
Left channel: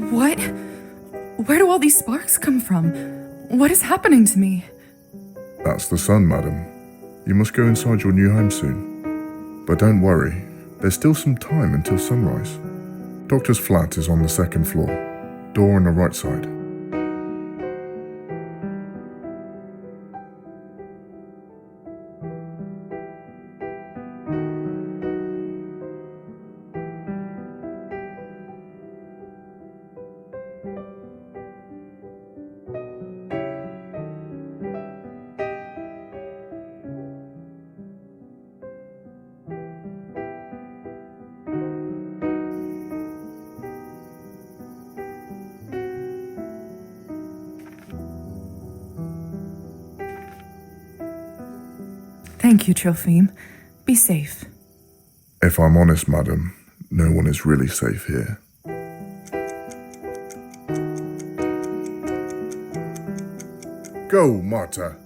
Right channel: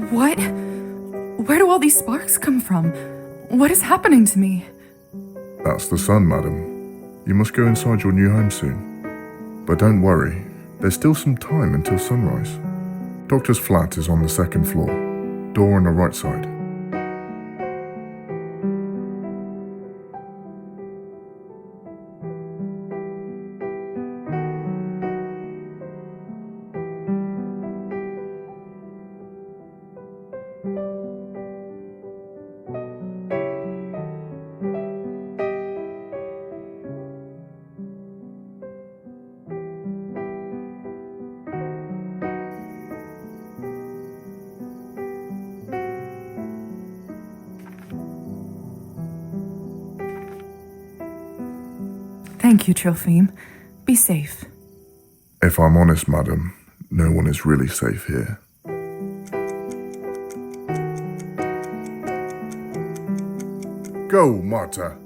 What? Where do all these sparks come from? What is happening to me? That's the sun, madam. You must go inside your new home soon. But don't worry, there's still some time until sunrise. Doctor's flat is on the second floor. Door on the right side. Thank you, Trophim. Be safe. If I'm honest, madam, no one is really safe here. Go, Marta.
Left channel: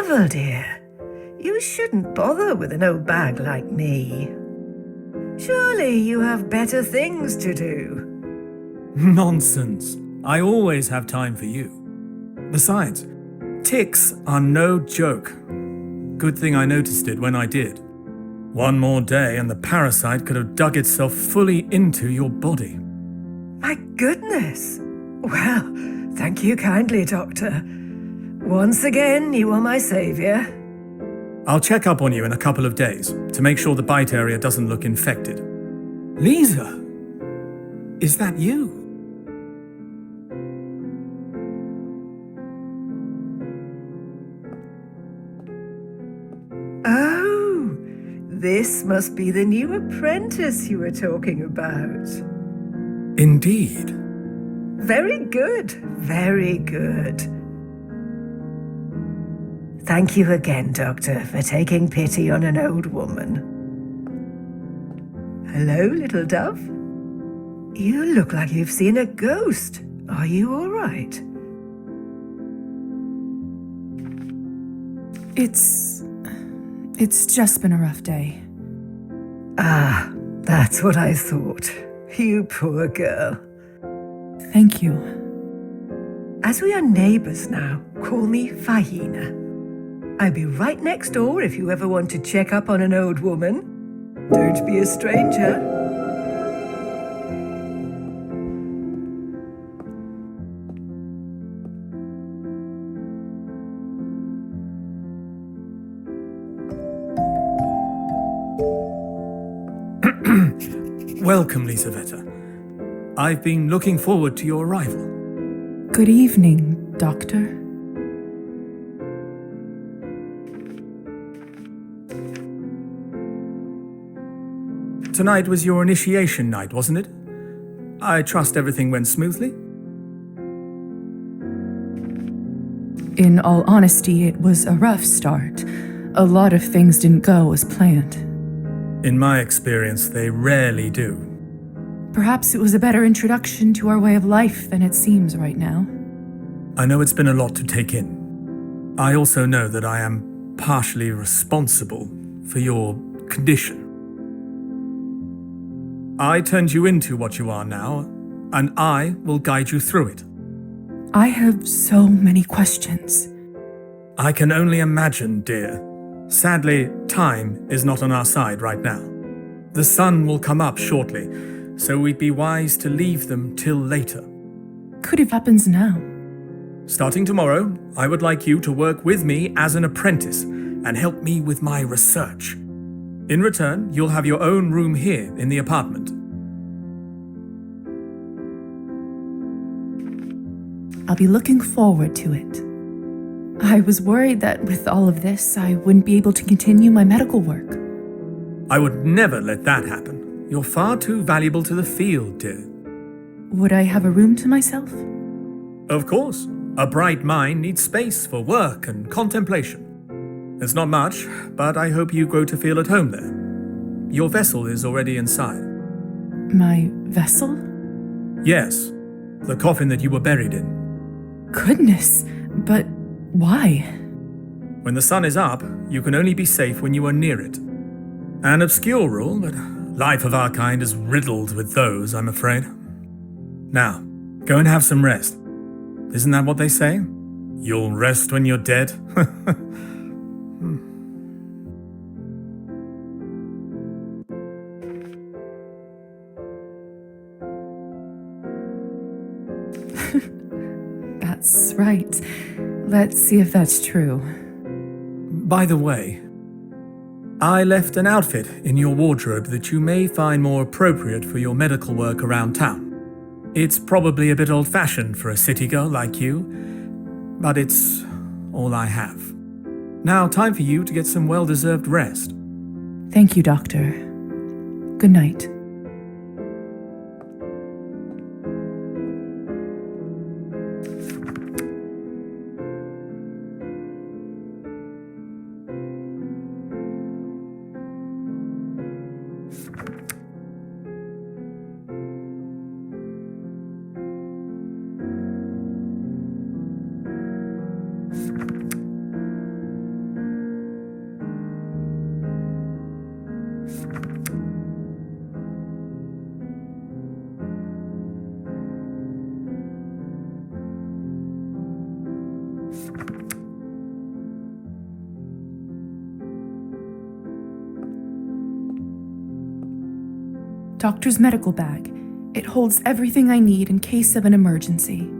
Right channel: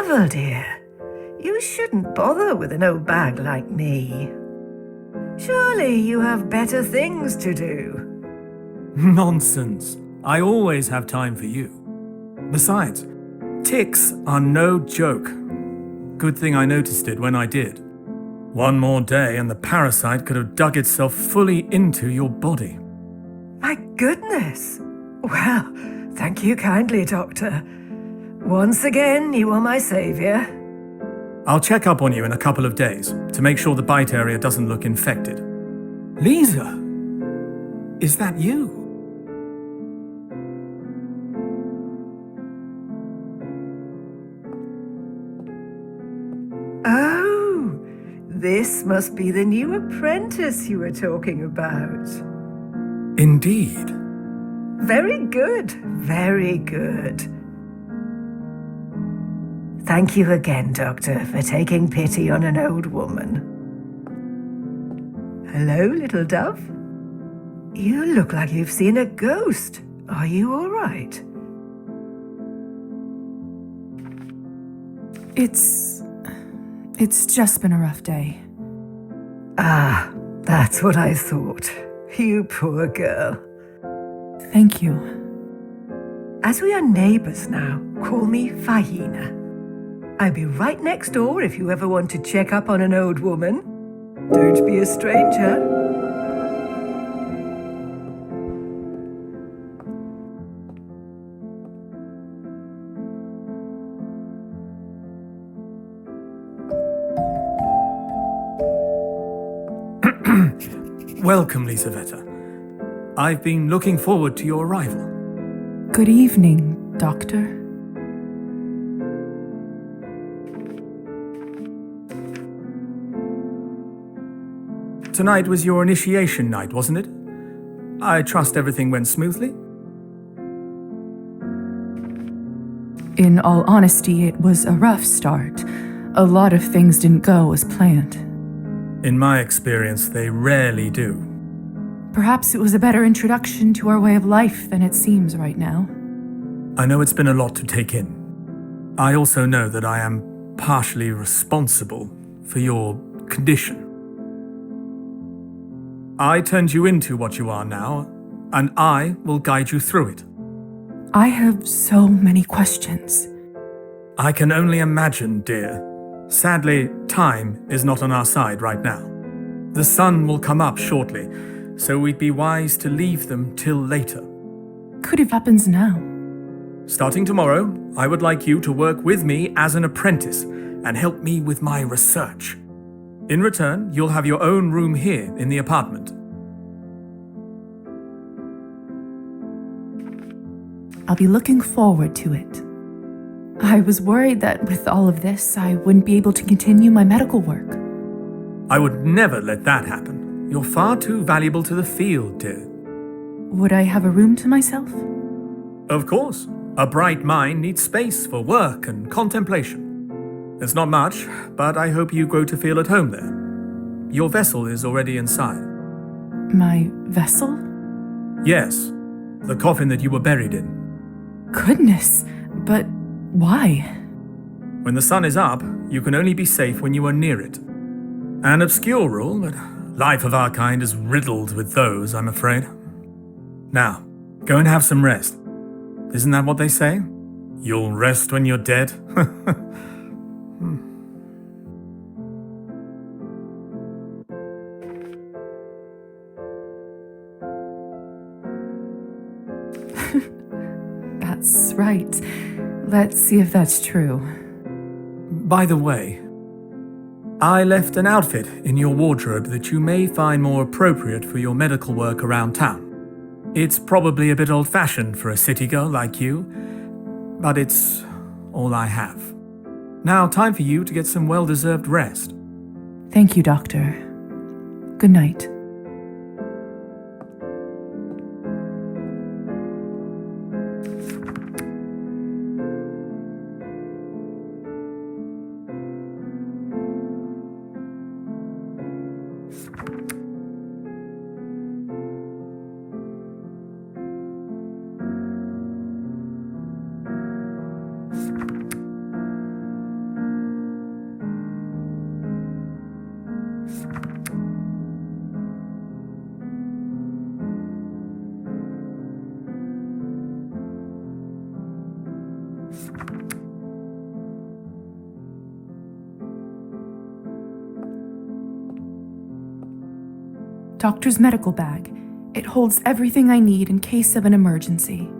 travel, dear. You shouldn't bother with an old bag like me. Surely you have better things to do. Nonsense. I always have time for you. Besides, ticks are no joke. Good thing I noticed it when I did. One more day and the parasite could have dug itself fully into your body. My goodness. Well, thank you kindly, Doctor. Once again, you are my savior. I'll check up on you in a couple of days to make sure the bite area doesn't look infected. Lisa, is that you? Oh, this must be the new apprentice you were talking about. Indeed. Very good, very good. Thank you again, Doctor, for taking pity on an old woman. Hello, little dove. You look like you've seen a ghost. Are you all right? It's just been a rough day. Ah, that's what I thought. You poor girl. Thank you. As we are neighbors now, call me Fahina. I'll be right next door if you ever want to check up on an old woman. Don't be a stranger. Welcome, Lisaveta. I've been looking forward to your arrival. Good evening, Doctor. Tonight was your initiation night, wasn't it? I trust everything went smoothly? In all honesty, it was a rough start. A lot of things didn't go as planned. In my experience, they rarely do. Perhaps it was a better introduction to our way of life than it seems right now. I know it's been a lot to take in. I also know that I am partially responsible for your condition. I turned you into what you are now, and I will guide you through it. I have so many questions. I can only imagine, dear. Sadly, time is not on our side right now. The sun will come up shortly, so we'd be wise to leave them till later. Could have happens now. Starting tomorrow, I would like you to work with me as an apprentice and help me with my research. In return, you'll have your own room here in the apartment. I'll be looking forward to it. I was worried that with all of this, I wouldn't be able to continue my medical work. I would never let that happen. You're far too valuable to the field, dear. Would I have a room to myself? Of course. A bright mind needs space for work and contemplation. It's not much, but I hope you grow to feel at home there. Your vessel is already inside. My vessel? Yes, the coffin that you were buried in. Goodness, but why? When the sun is up, you can only be safe when you are near it. An obscure rule, but life of our kind is riddled with those, I'm afraid. Now, go and have some rest. Isn't that what they say? You'll rest when you're dead? That's right. Let's see if that's true. By the way, I left an outfit in your wardrobe that you may find more appropriate for your medical work around town. It's probably a bit old-fashioned for a city girl like you, but it's all I have. Now, time for you to get some well-deserved rest. Thank you, Doctor. Good night. Doctor's medical bag. It holds everything I need in case of an emergency.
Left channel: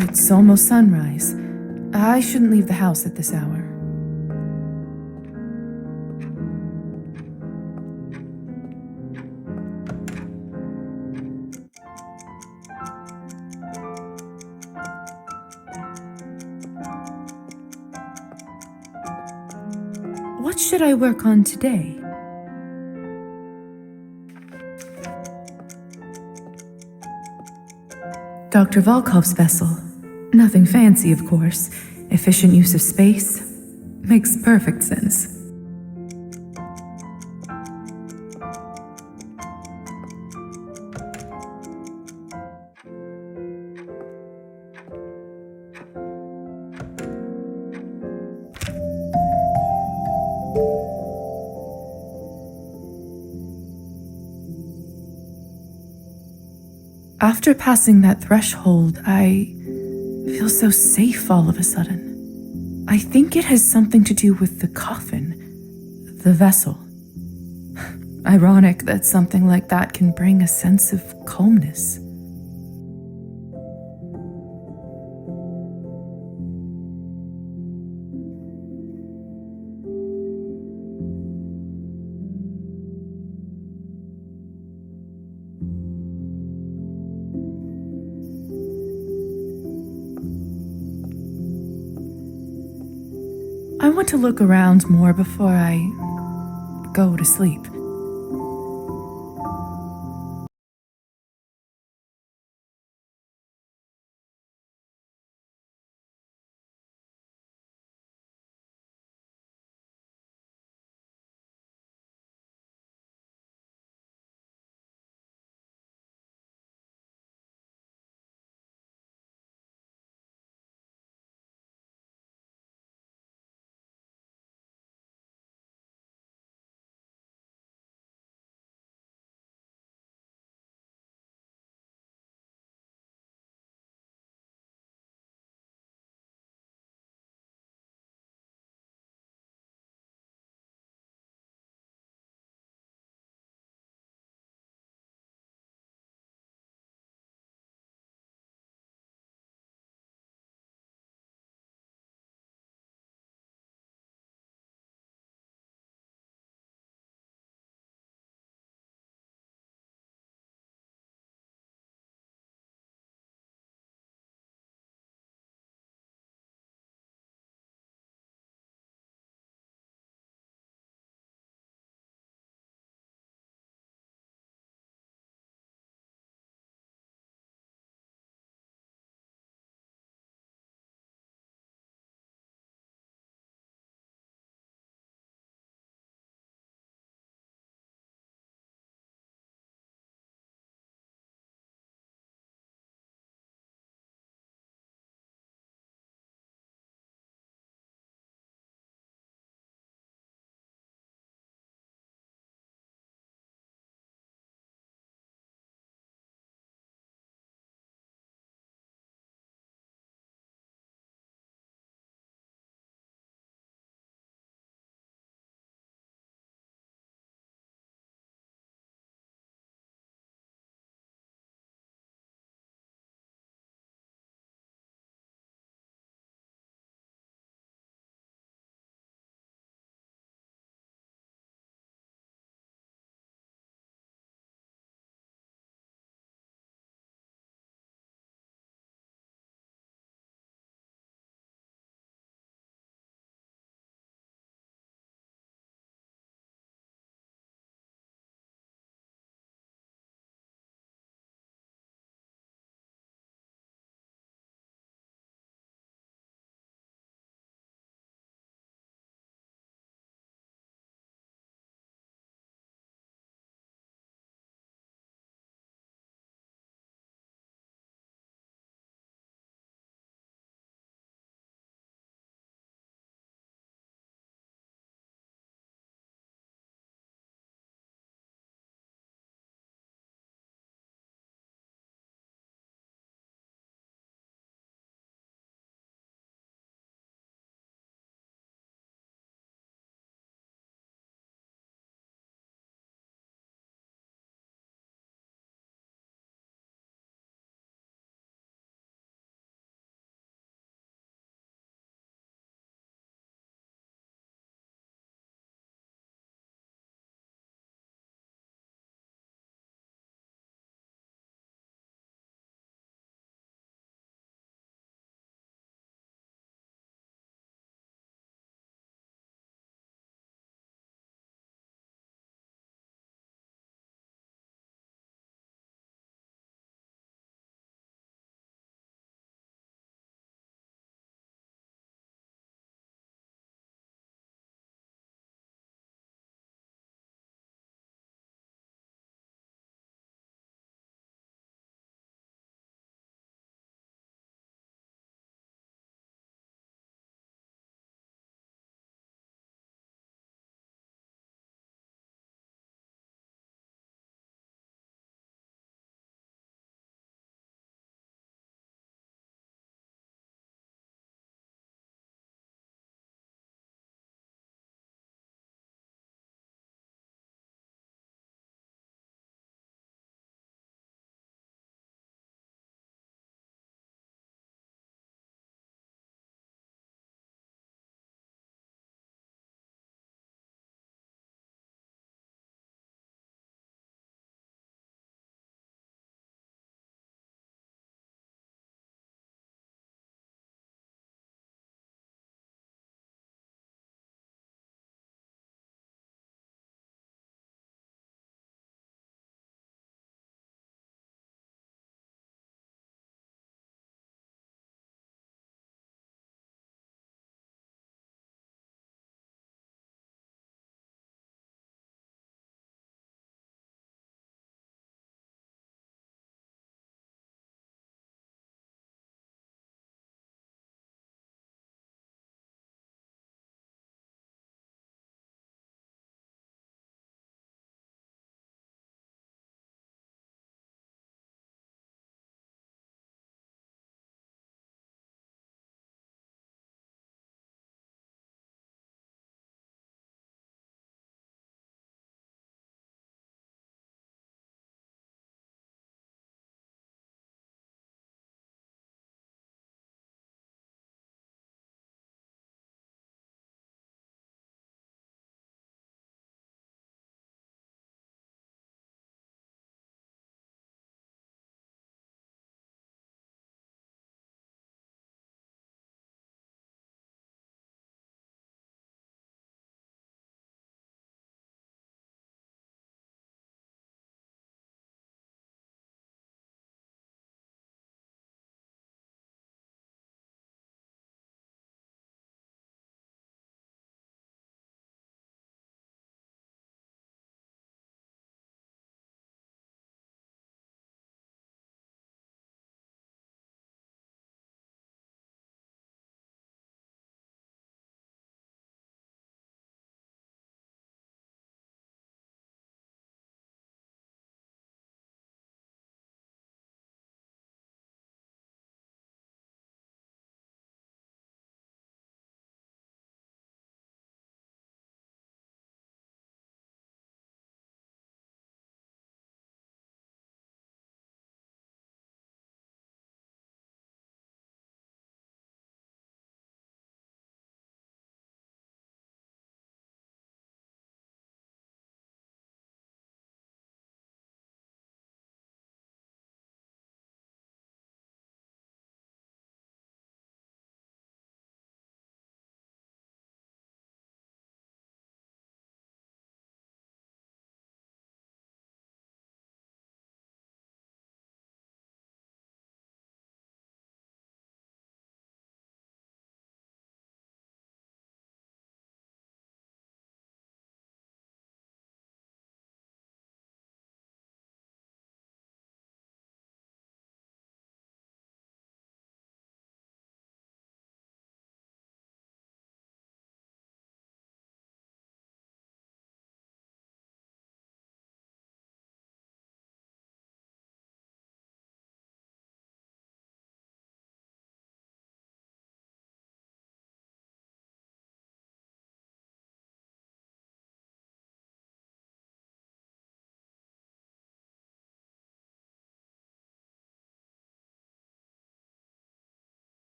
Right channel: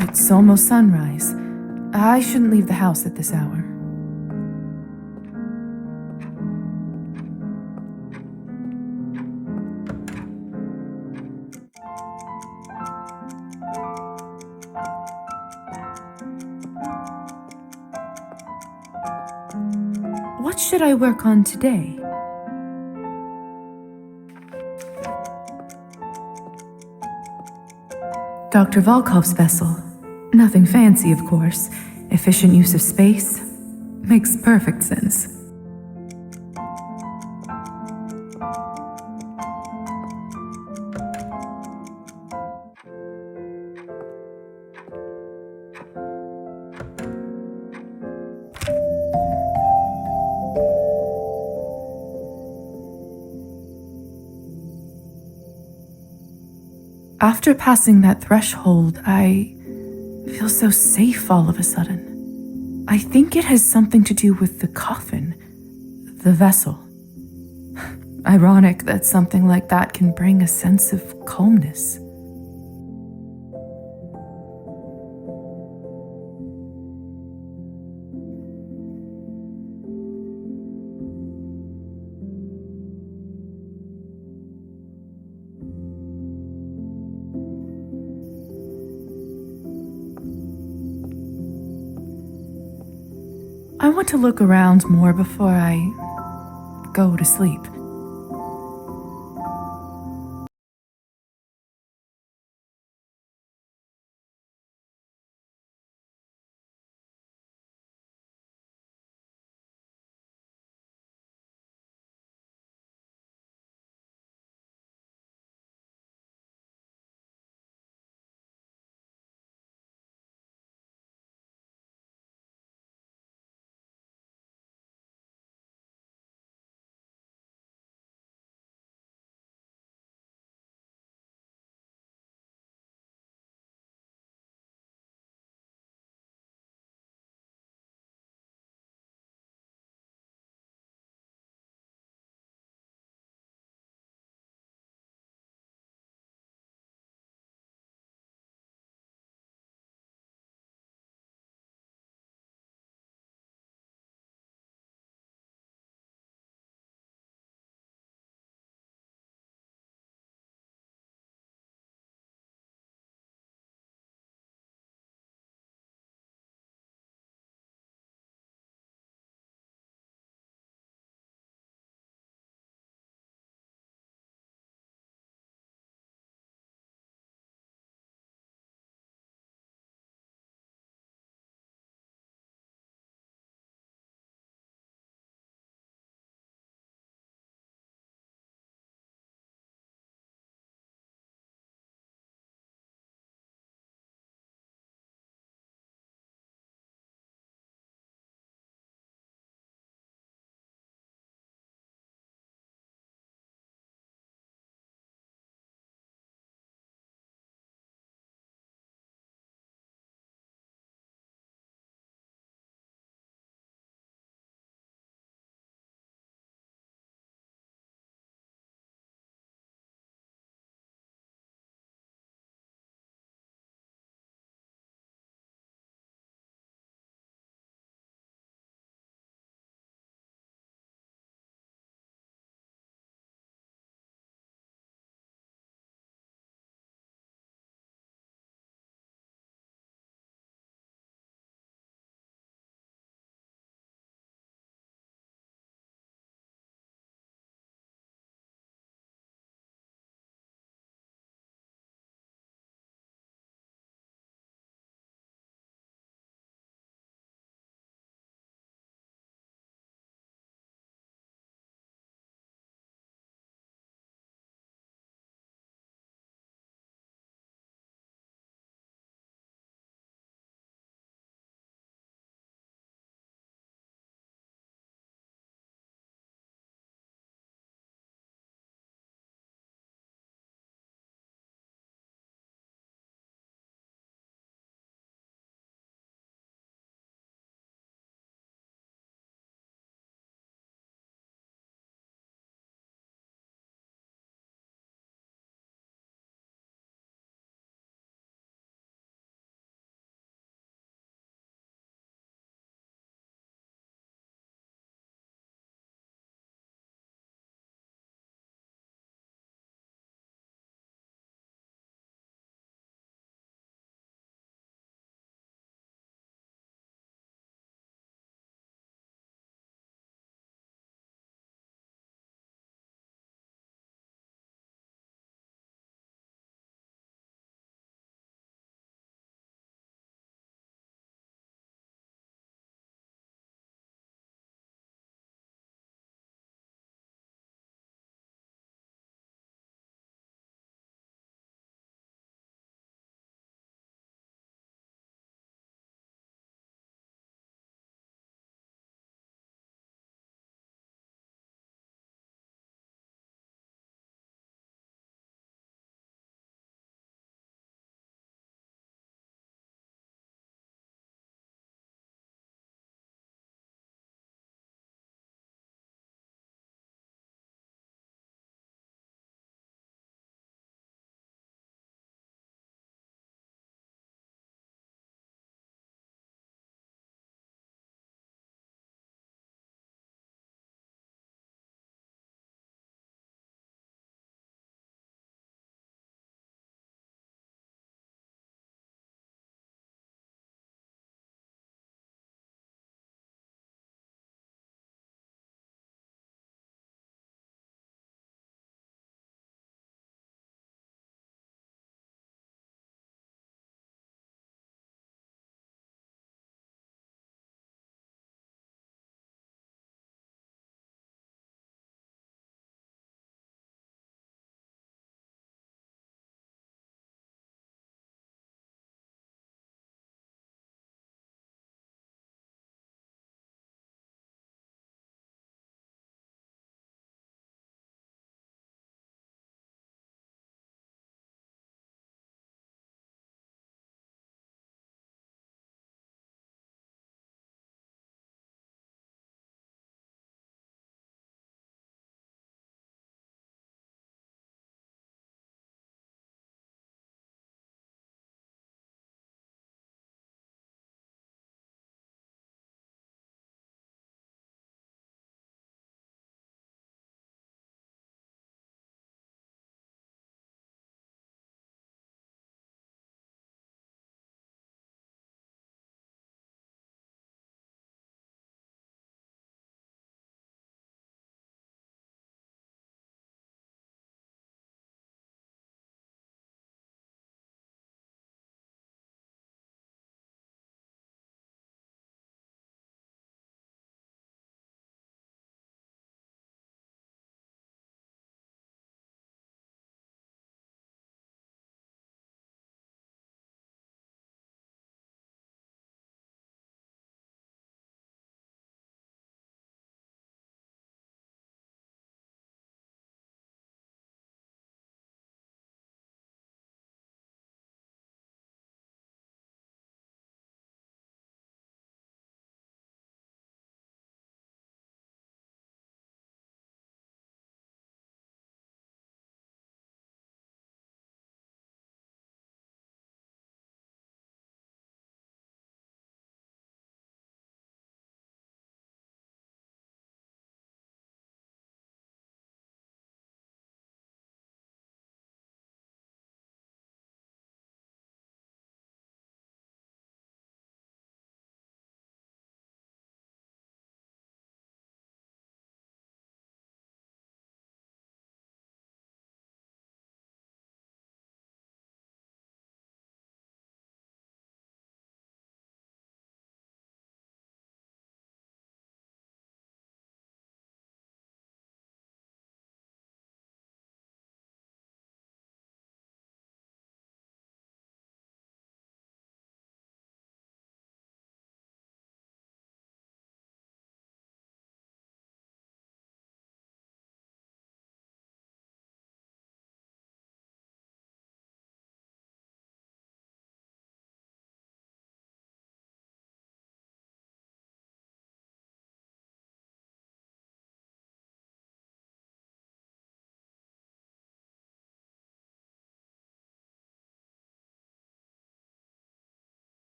It's almost sunrise. I shouldn't leave the house at this hour. What should I work on today? Dr. Volkov's vessel. Nothing fancy, of course. Efficient use of space. Makes perfect sense. After passing that threshold, I feel so safe all of a sudden. I think it has something to do with the coffin, the vessel. Ironic that something like that can bring a sense of calmness. I want to look around more before I go to sleep.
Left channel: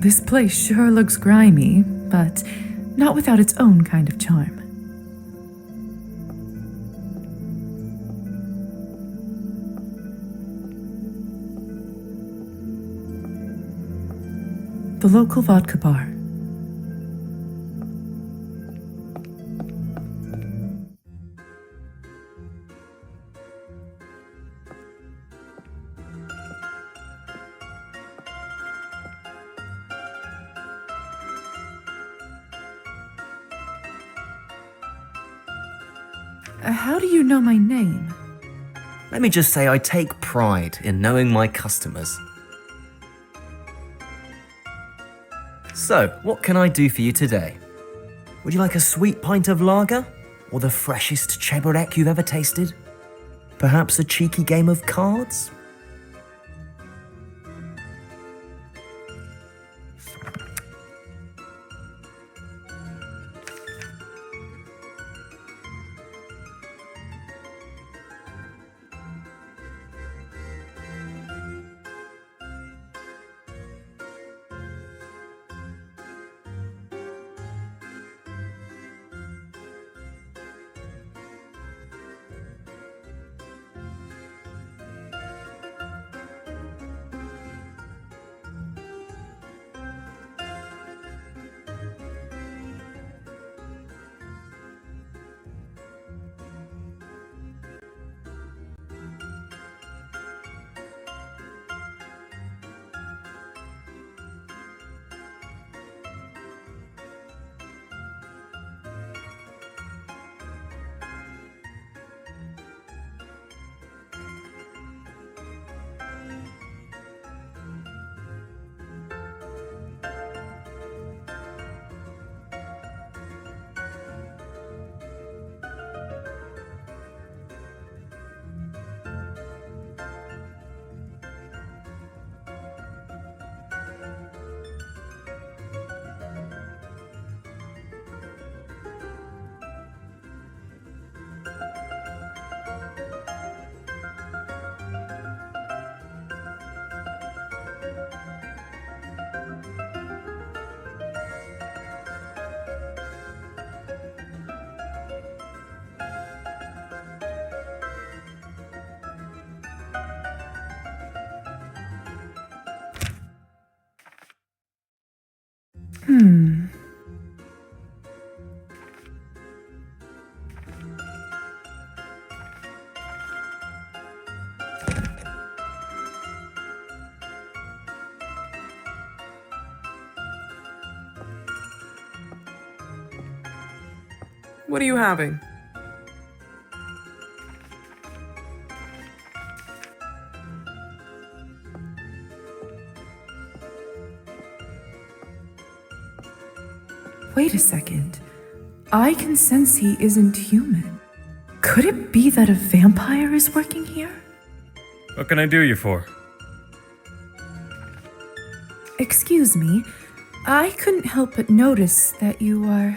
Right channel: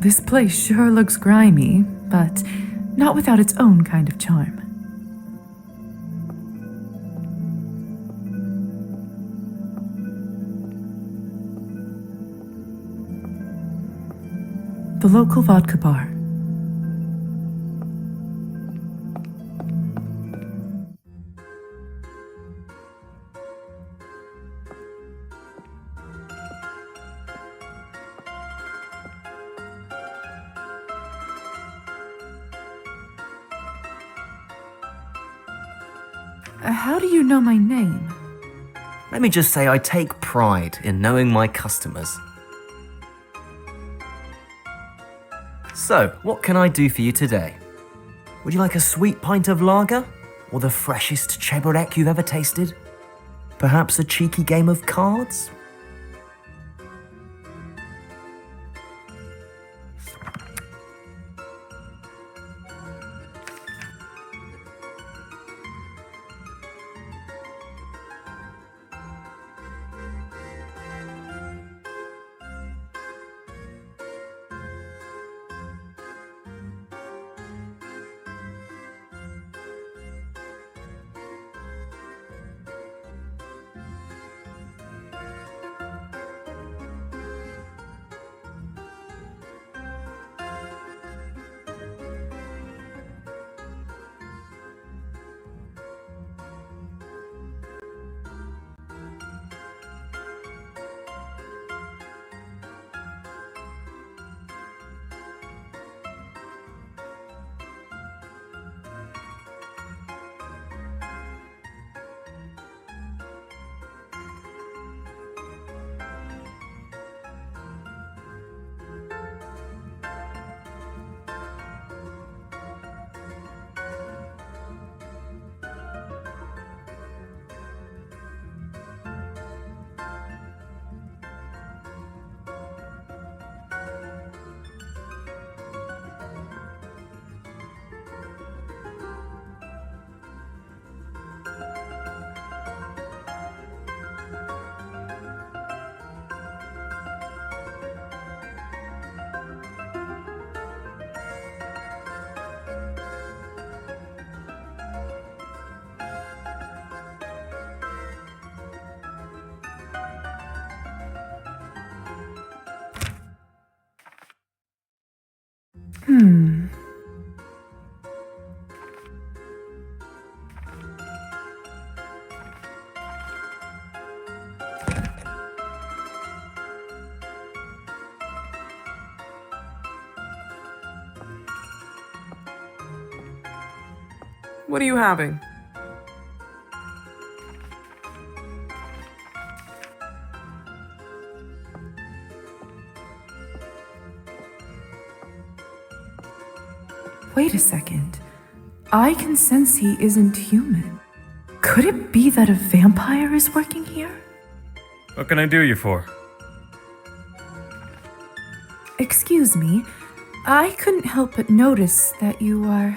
This place sure looks grimy, but not without its own kind of charm. The local vodka bar. How do you know my name? Let me just say I take pride in knowing my customers. So, what can I do for you today? Would you like a sweet pint of lager? Or the freshest Cabernet you've ever tasted? Perhaps a cheeky game of cards? What are you having? Wait a second. I can sense he isn't human. Could it be that a vampire is working here? What can I do you for? Excuse me, I couldn't help but notice that you are...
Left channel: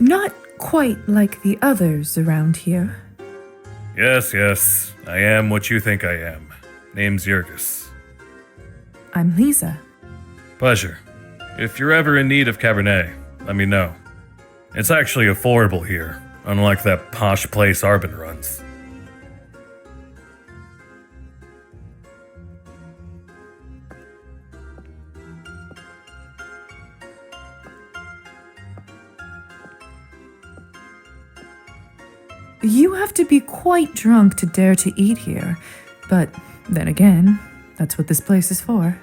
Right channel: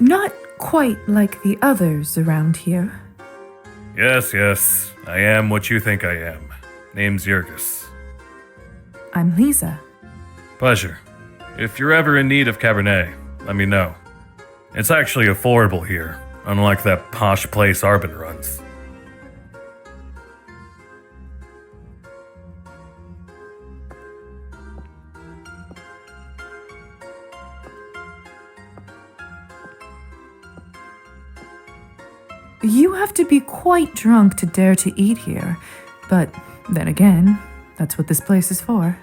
not quite like the others around here. Yes, I am what you think I am. Name's Yurgis. I'm Lisa. Pleasure. If you're ever in need of Cabernet, let me know. It's actually affordable here, unlike that posh place Arbin runs. You have to be quite drunk to dare to eat here, but then again, that's what this place is for.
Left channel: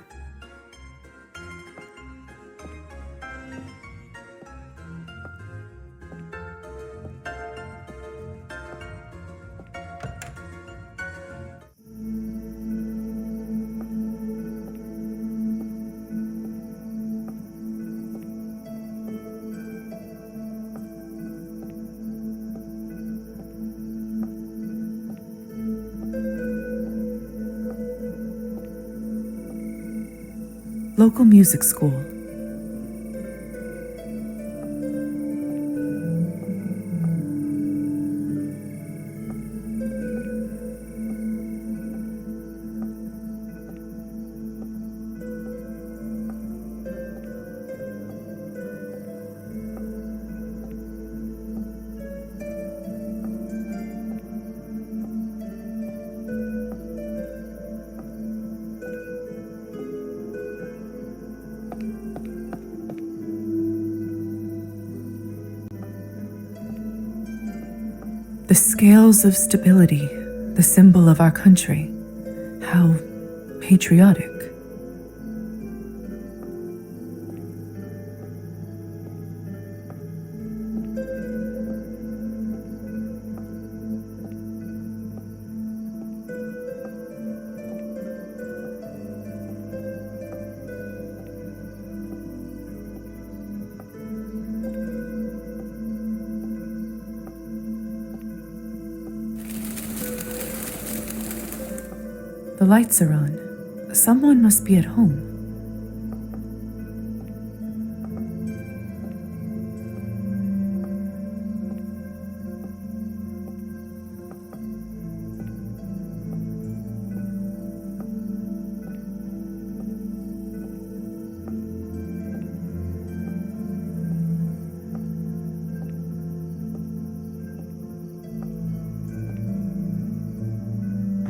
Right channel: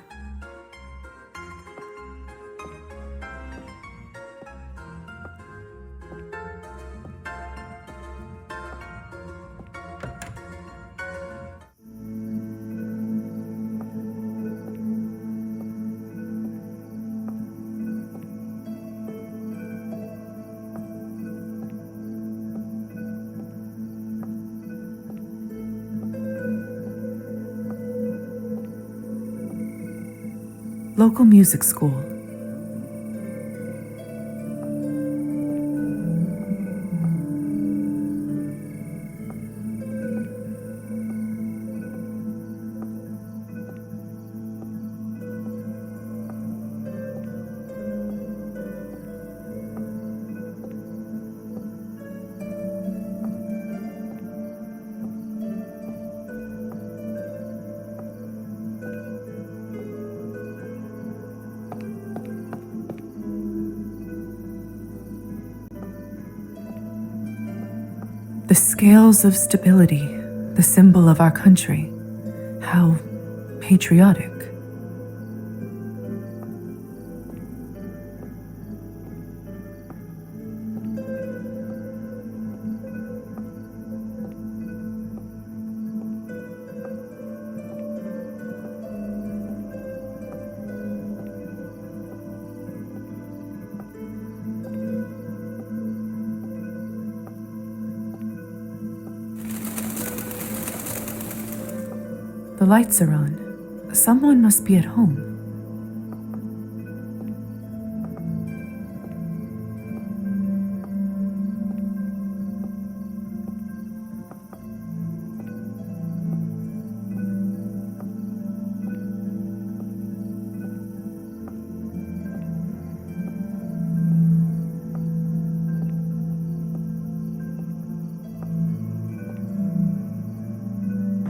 Local music school. The scales of stability, the symbol of our country. How patriotic. The lights are on. Someone must be at home.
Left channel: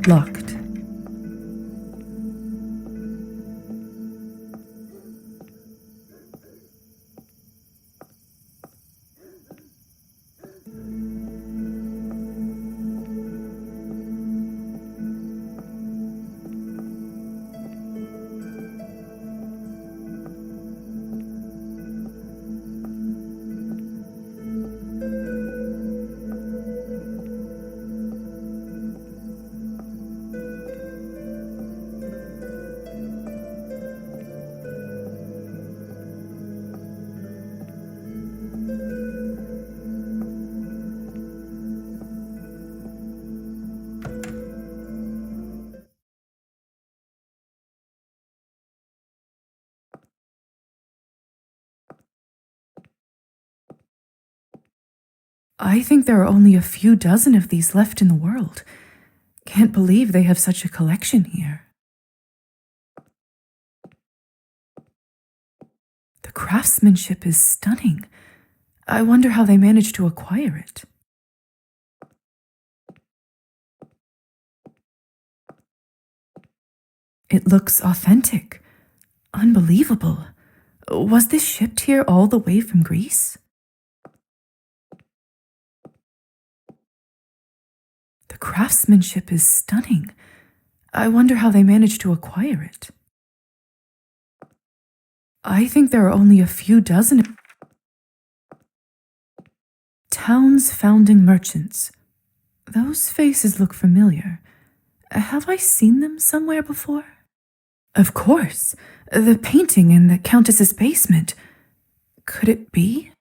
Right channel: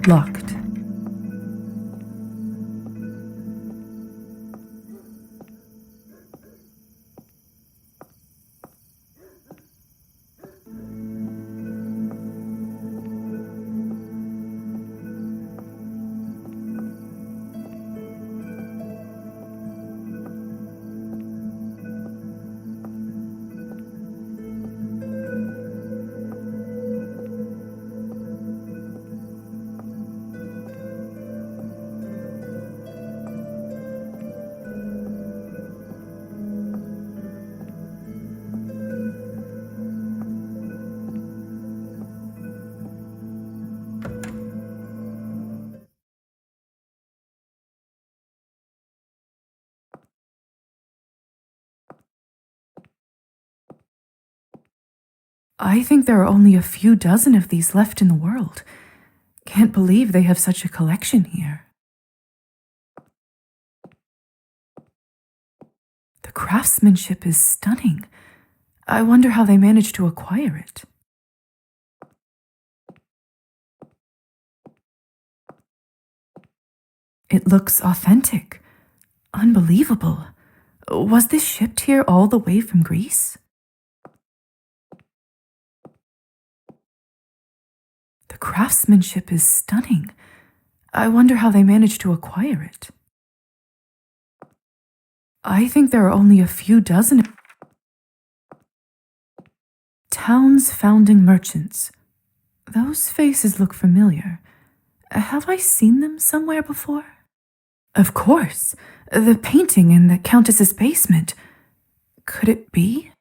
Locked. I think there are only a few dozen of these left in the world. Can't believe they have such a collection here. The craftsmanship is stunning. I wonder how they managed to acquire it. It looks authentic. Unbelievable. Was this shipped here all the way from Greece? The craftsmanship is stunning. I wonder how they managed to acquire it. I think there are only a few dozen. Town's founding merchants. Those faces look familiar. Have I seen them somewhere before? Of course. The painting in the Countess's basement. Could it be?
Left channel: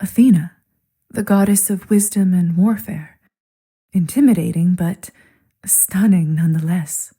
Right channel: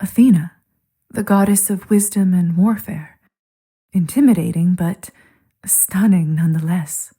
Athena, the goddess of wisdom and warfare. Intimidating, but stunning nonetheless.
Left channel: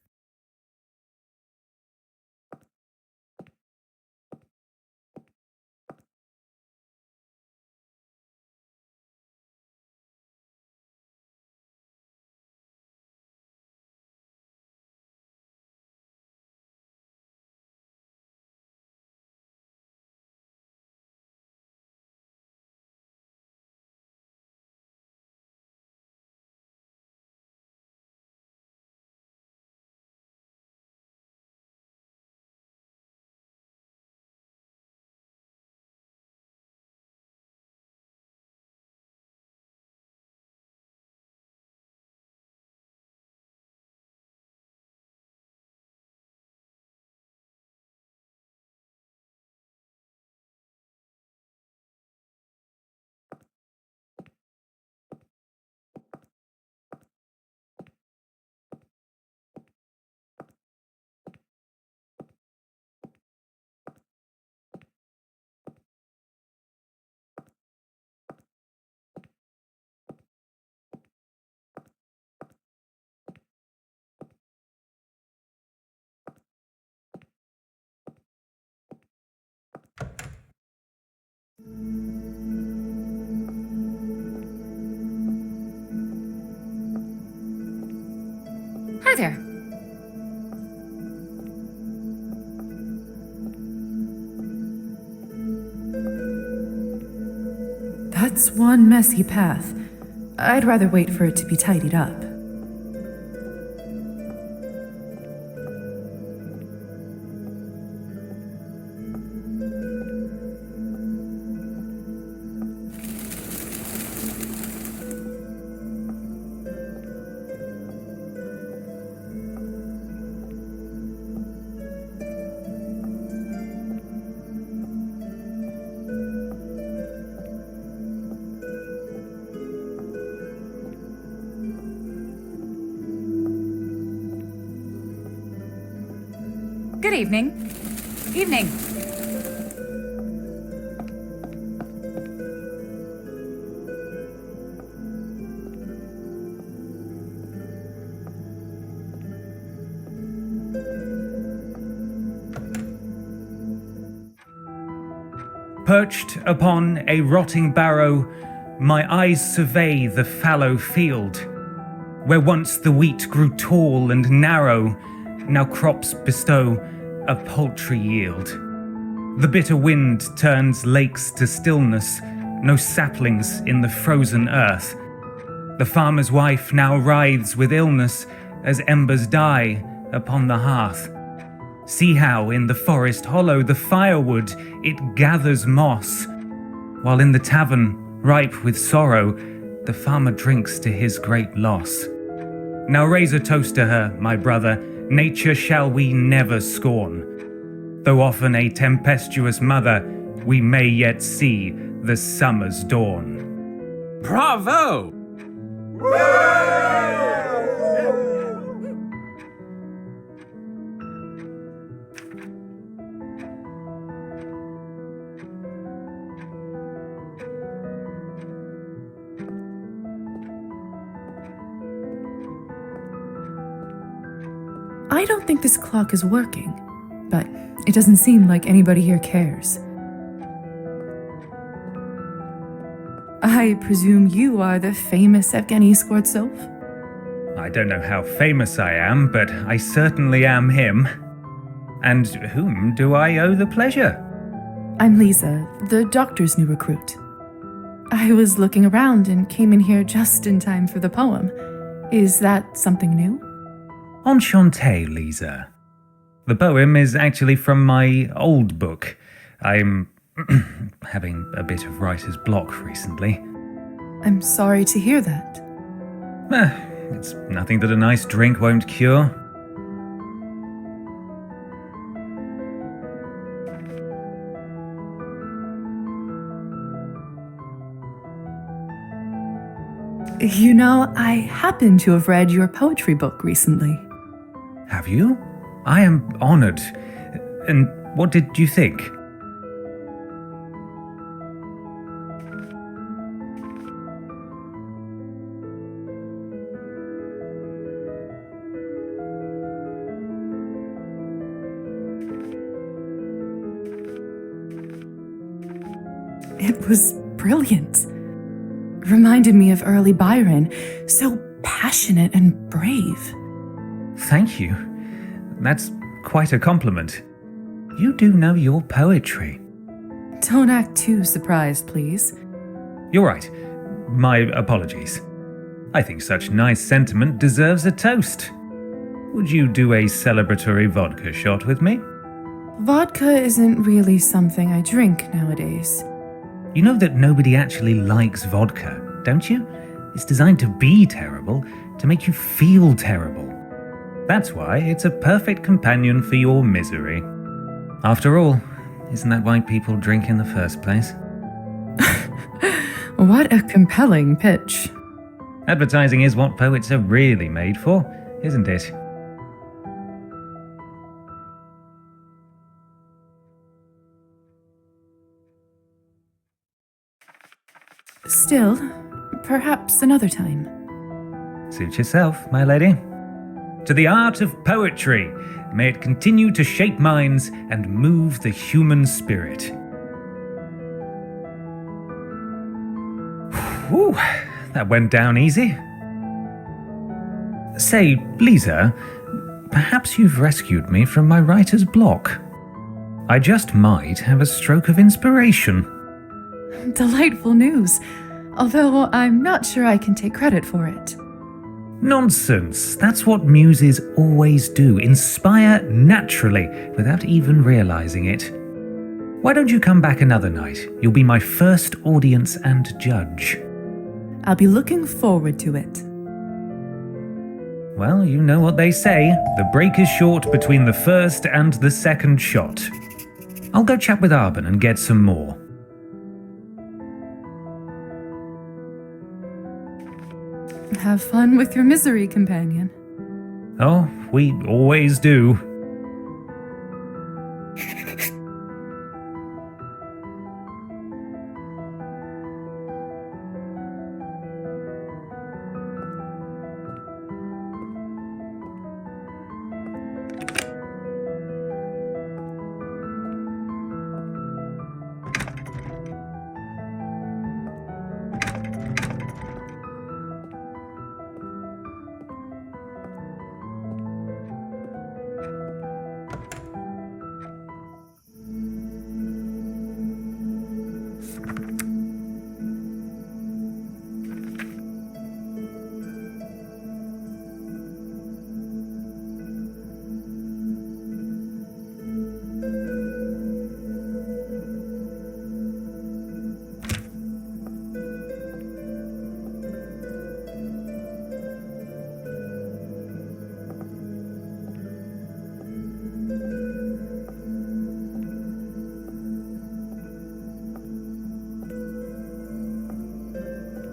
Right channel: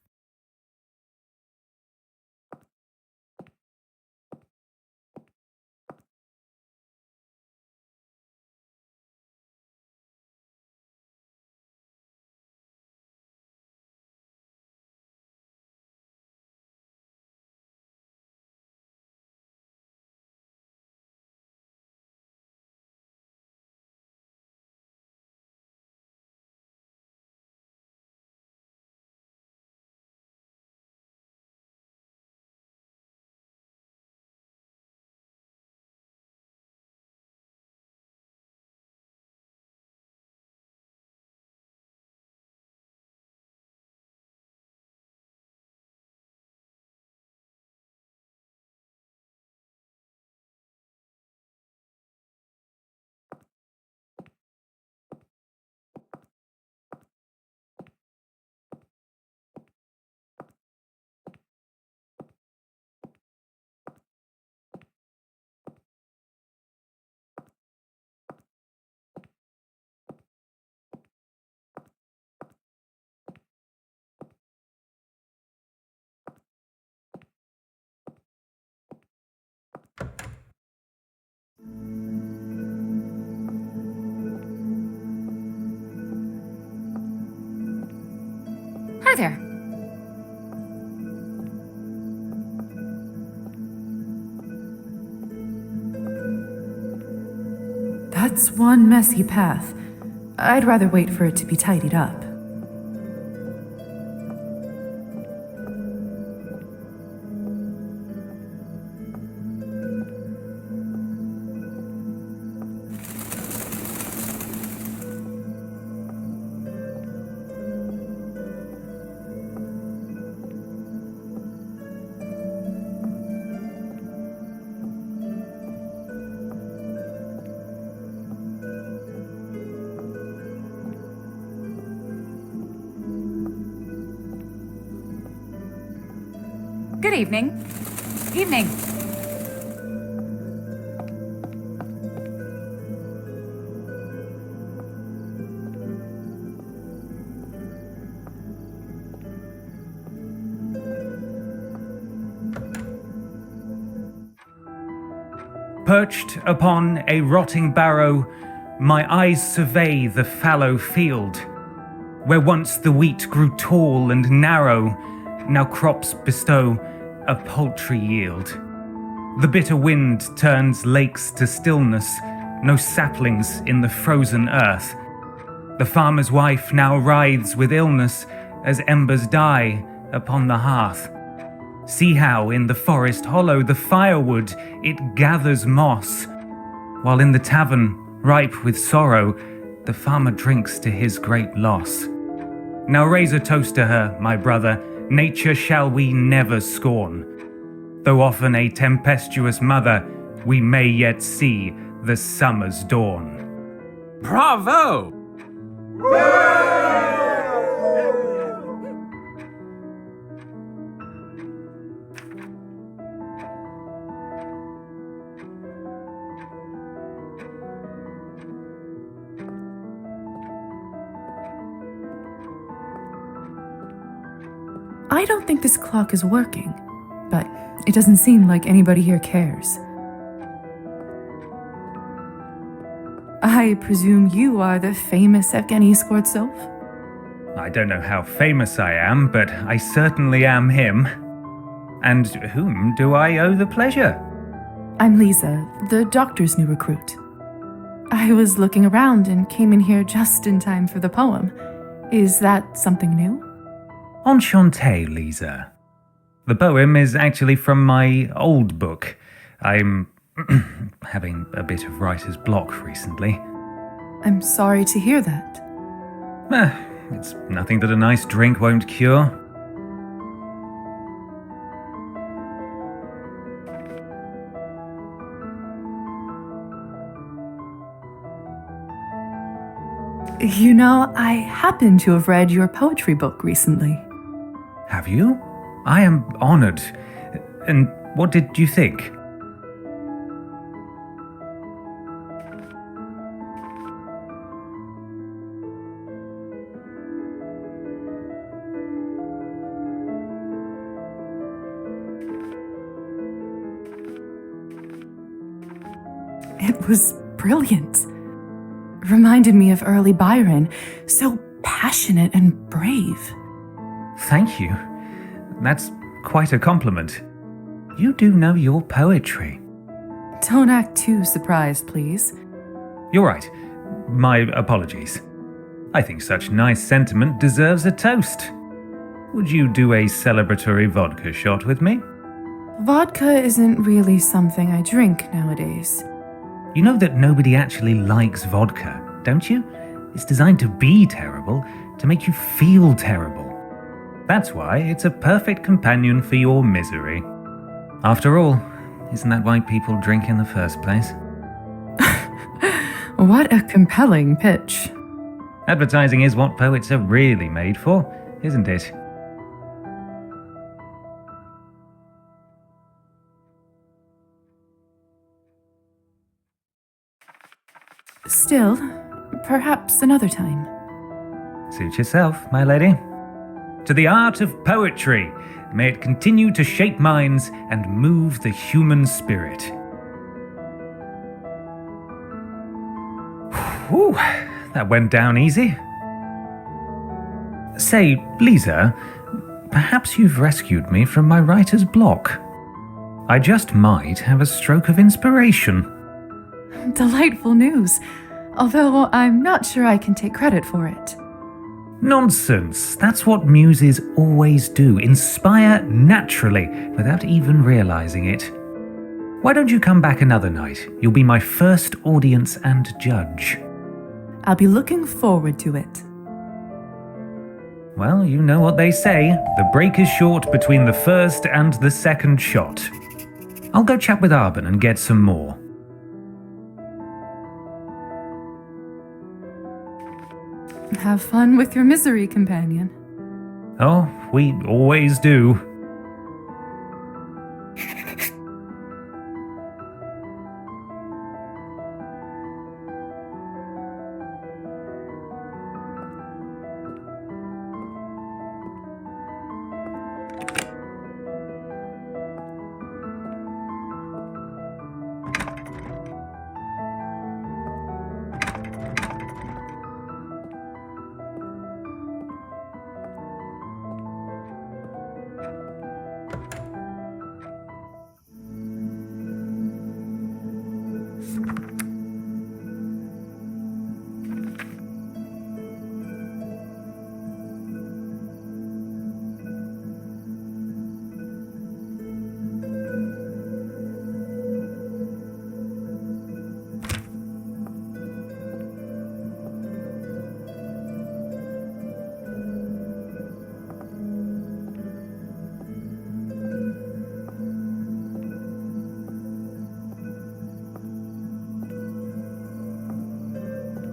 Hi there. That's one messy path. I'd rather wait for it to be tidied up. Good evening. Evening. Perched upon a rotting barrow, my eyes survey the fallow field. Where once the wheat grew tall and narrow, now crops bestow a paltry yield. The bitter wind turns lakes to stillness, no saplings in the frozen earth. The farmer's wife now writhes with illness as embers die upon the hearth. See how in the forest hollow the firewood it gathers moss, while in the tavern, ripe with sorrow, the farmer drinks to his great loss. Now raise a toast to her, my brother, nature shall we never scorn. Though often a tempestuous mother, we may yet see the summer's dawn. Bravo! I don't think this clock is working, but it doesn't seem like anybody here cares. I presume you are the famous Evgeny Skvortsov? I don't know how famous I am, but I certainly am him. And whom do I owe the pleasure? I'm Lisa, the doctor's new recruit. I was looking around and came in here just in time for the poem. Is that something new? Enchanté, Lisa. The poem is actually from my old book. I'm having a bit of writer's block recently. I'm sorry to hear that. It's nothing that a nice drink won't cure. You know, I happen to have read your poetry book recently. Have you? I am honored. And what did you think? It was brilliant. Reminded me of early Byron, so passionate and brave. Thank you. That's quite a compliment. You do know your poetry. Don't act too surprised, please. You're right. My apologies. I think such nice sentiment deserves a toast. Would you do a celebratory vodka shot with me? Vodka isn't really something I drink nowadays. You know that nobody actually likes vodka, don't you? It's designed to be terrible, to make you feel terrible. That's why it's a perfect companion for your misery. After all, isn't that why people drink in the first place? What a compelling pitch. Advertising is what poets are really made for, isn't it? Still, perhaps another time. Suit yourself, my lady. To the art of poetry, may it continue to shape minds and move the human spirit. Whew, that went down easy. Say, Lisa, perhaps you've rescued me from my writer's block. I just might have a stroke of inspiration. Delightful news, although I'm not sure I can take credit for it. Nonsense. That's what muses always do, inspire naturally, without even realizing it. Why don't you come back another night? You'll be my first audience and judge. I'll be looking forward to it. Well, you know what they say. The break is short between the first and the second shot. I'll go chat with Arben and get some more. Have fun with your misery, companion. Oh, we always do.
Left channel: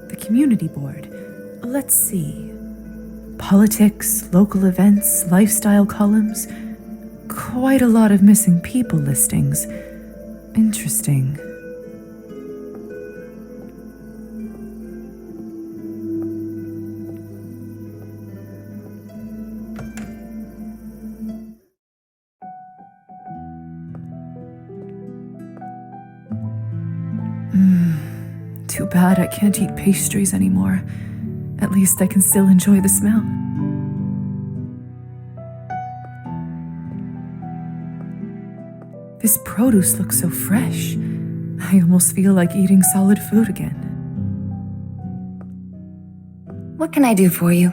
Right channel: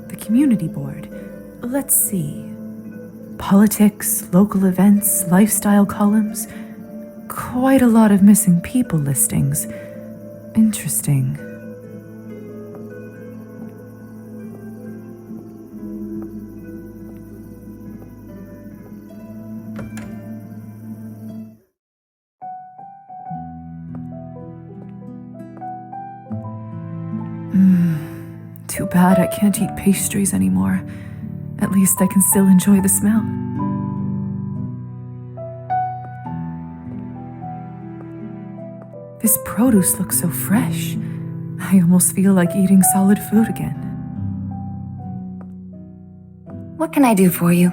The community board. Let's see. Politics, local events, lifestyle columns. Quite a lot of missing people listings. Interesting. Too bad I can't eat pastries anymore. At least I can still enjoy the smell. This produce looks so fresh. I almost feel like eating solid food again. What can I do for you?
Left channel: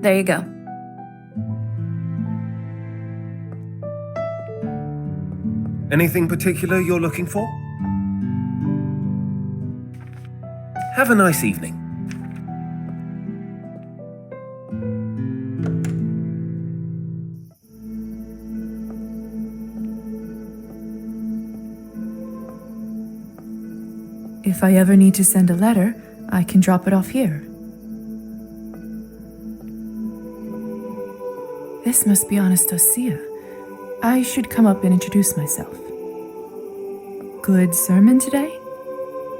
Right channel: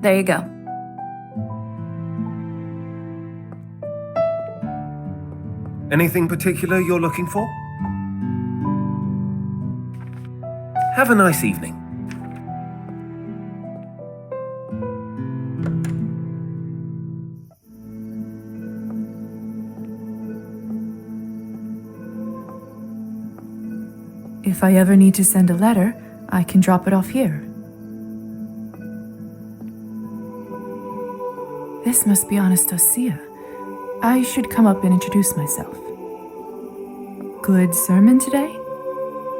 There you go. Anything particular you're looking for? Have a nice evening. If I ever need to send a letter, I can drop it off here. This must be Anastasia. I should come up and introduce myself. Good sermon today?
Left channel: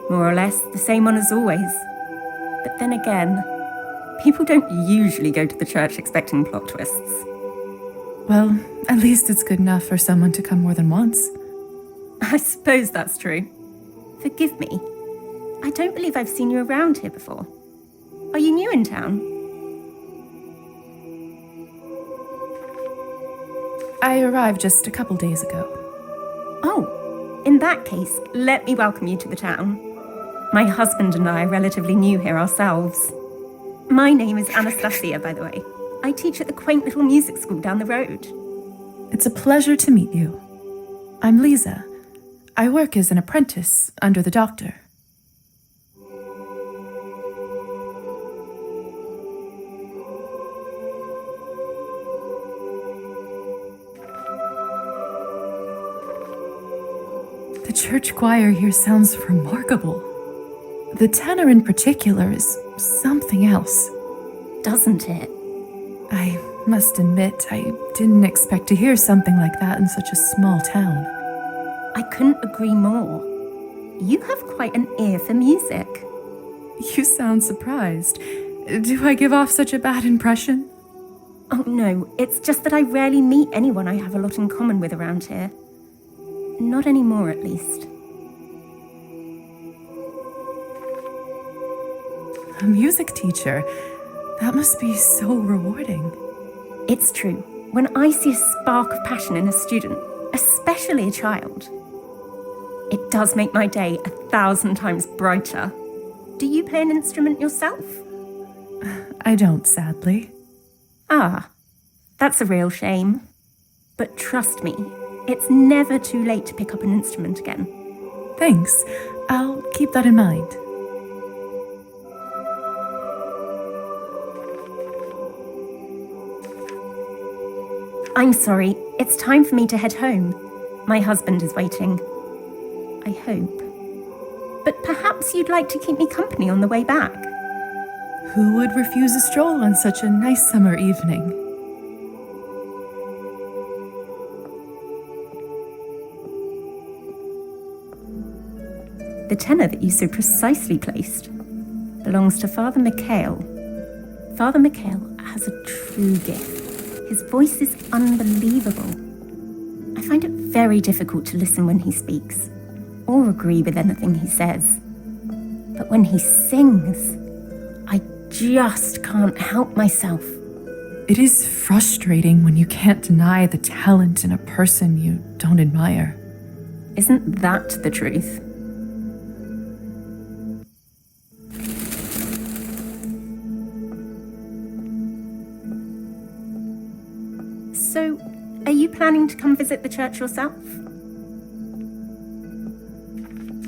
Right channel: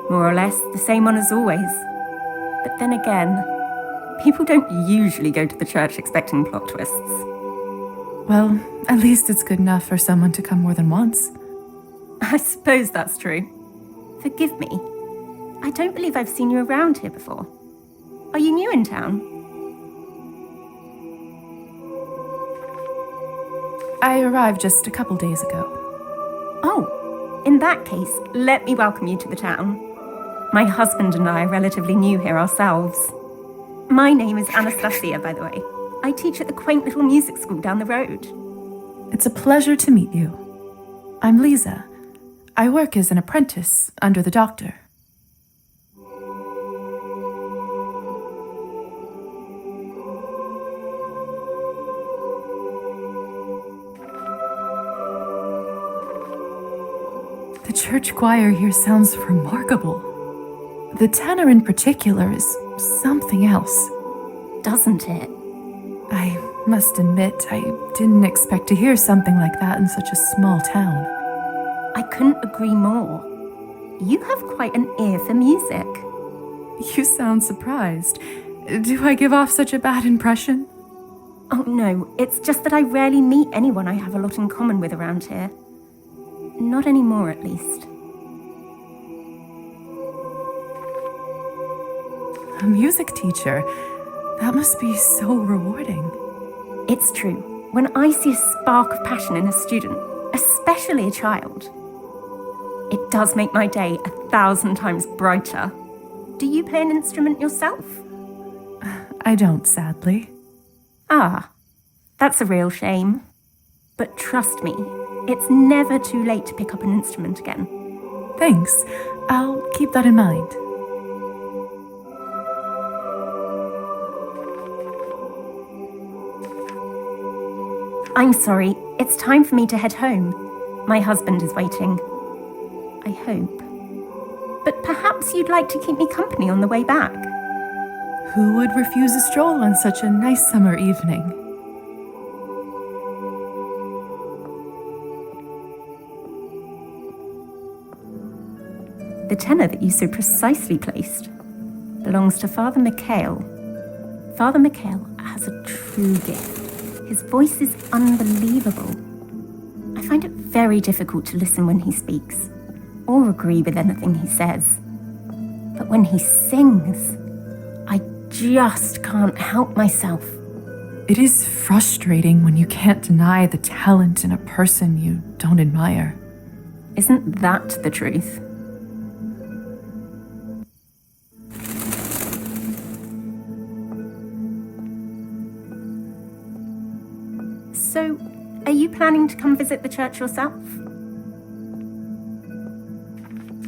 More or less the same one as always. But then again, people don't usually go to the church expecting plot twists. Well, at least it's good enough for someone to come more than once. I suppose that's true. Forgive me. I don't believe I've seen you around here before. Are you new in town? I arrived just a couple days ago. Oh, in that case, let me welcome you to the town. My husband and I are relatively new here ourselves. My name is Anastasia, by the way. I teach at the quaint little music school down the road. It's a pleasure to meet you. I'm Lisa. I work as an apprentice under the doctor. The church choir here sounds remarkable. The tenor in particular is something else. Doesn't it? I must admit, I didn't expect to hear something like that in such a small town. I couldn't agree more. You have quite an ear for music. You sound surprised. Do I give off such a bad impression? Oh no, it's just that I rarely meet anyone I have a lot in common with around here. Not anymore, at least. A music teacher? That must be so rewarding. It's true. When I see a spark of passion in a student, especially a child, it does make my day 1,000 times brighter. Do you play an instrument yourself? I don't, sadly. Ah, that's a real shame. But trust me, it's never too late to pick up an instrument again. Thanks. I'll keep that in mind. I'm sorry, it's time for me to head home. My husband is waiting. I hope. But perhaps you'd like to keep me company on the way back. Who would refuse a stroll on such a nice summer evening? The tenor that you so precisely placed belongs to Father Mikhail. Father Mikhail has a true gift. His voice is unbelievable. I find it very difficult to listen when he speaks, or agree with anything he says. But when he sings, I just can't help myself. It is frustrating when you can't deny the talent in a person you don't admire. Isn't that the truth? So, are you planning to come visit the church yourself?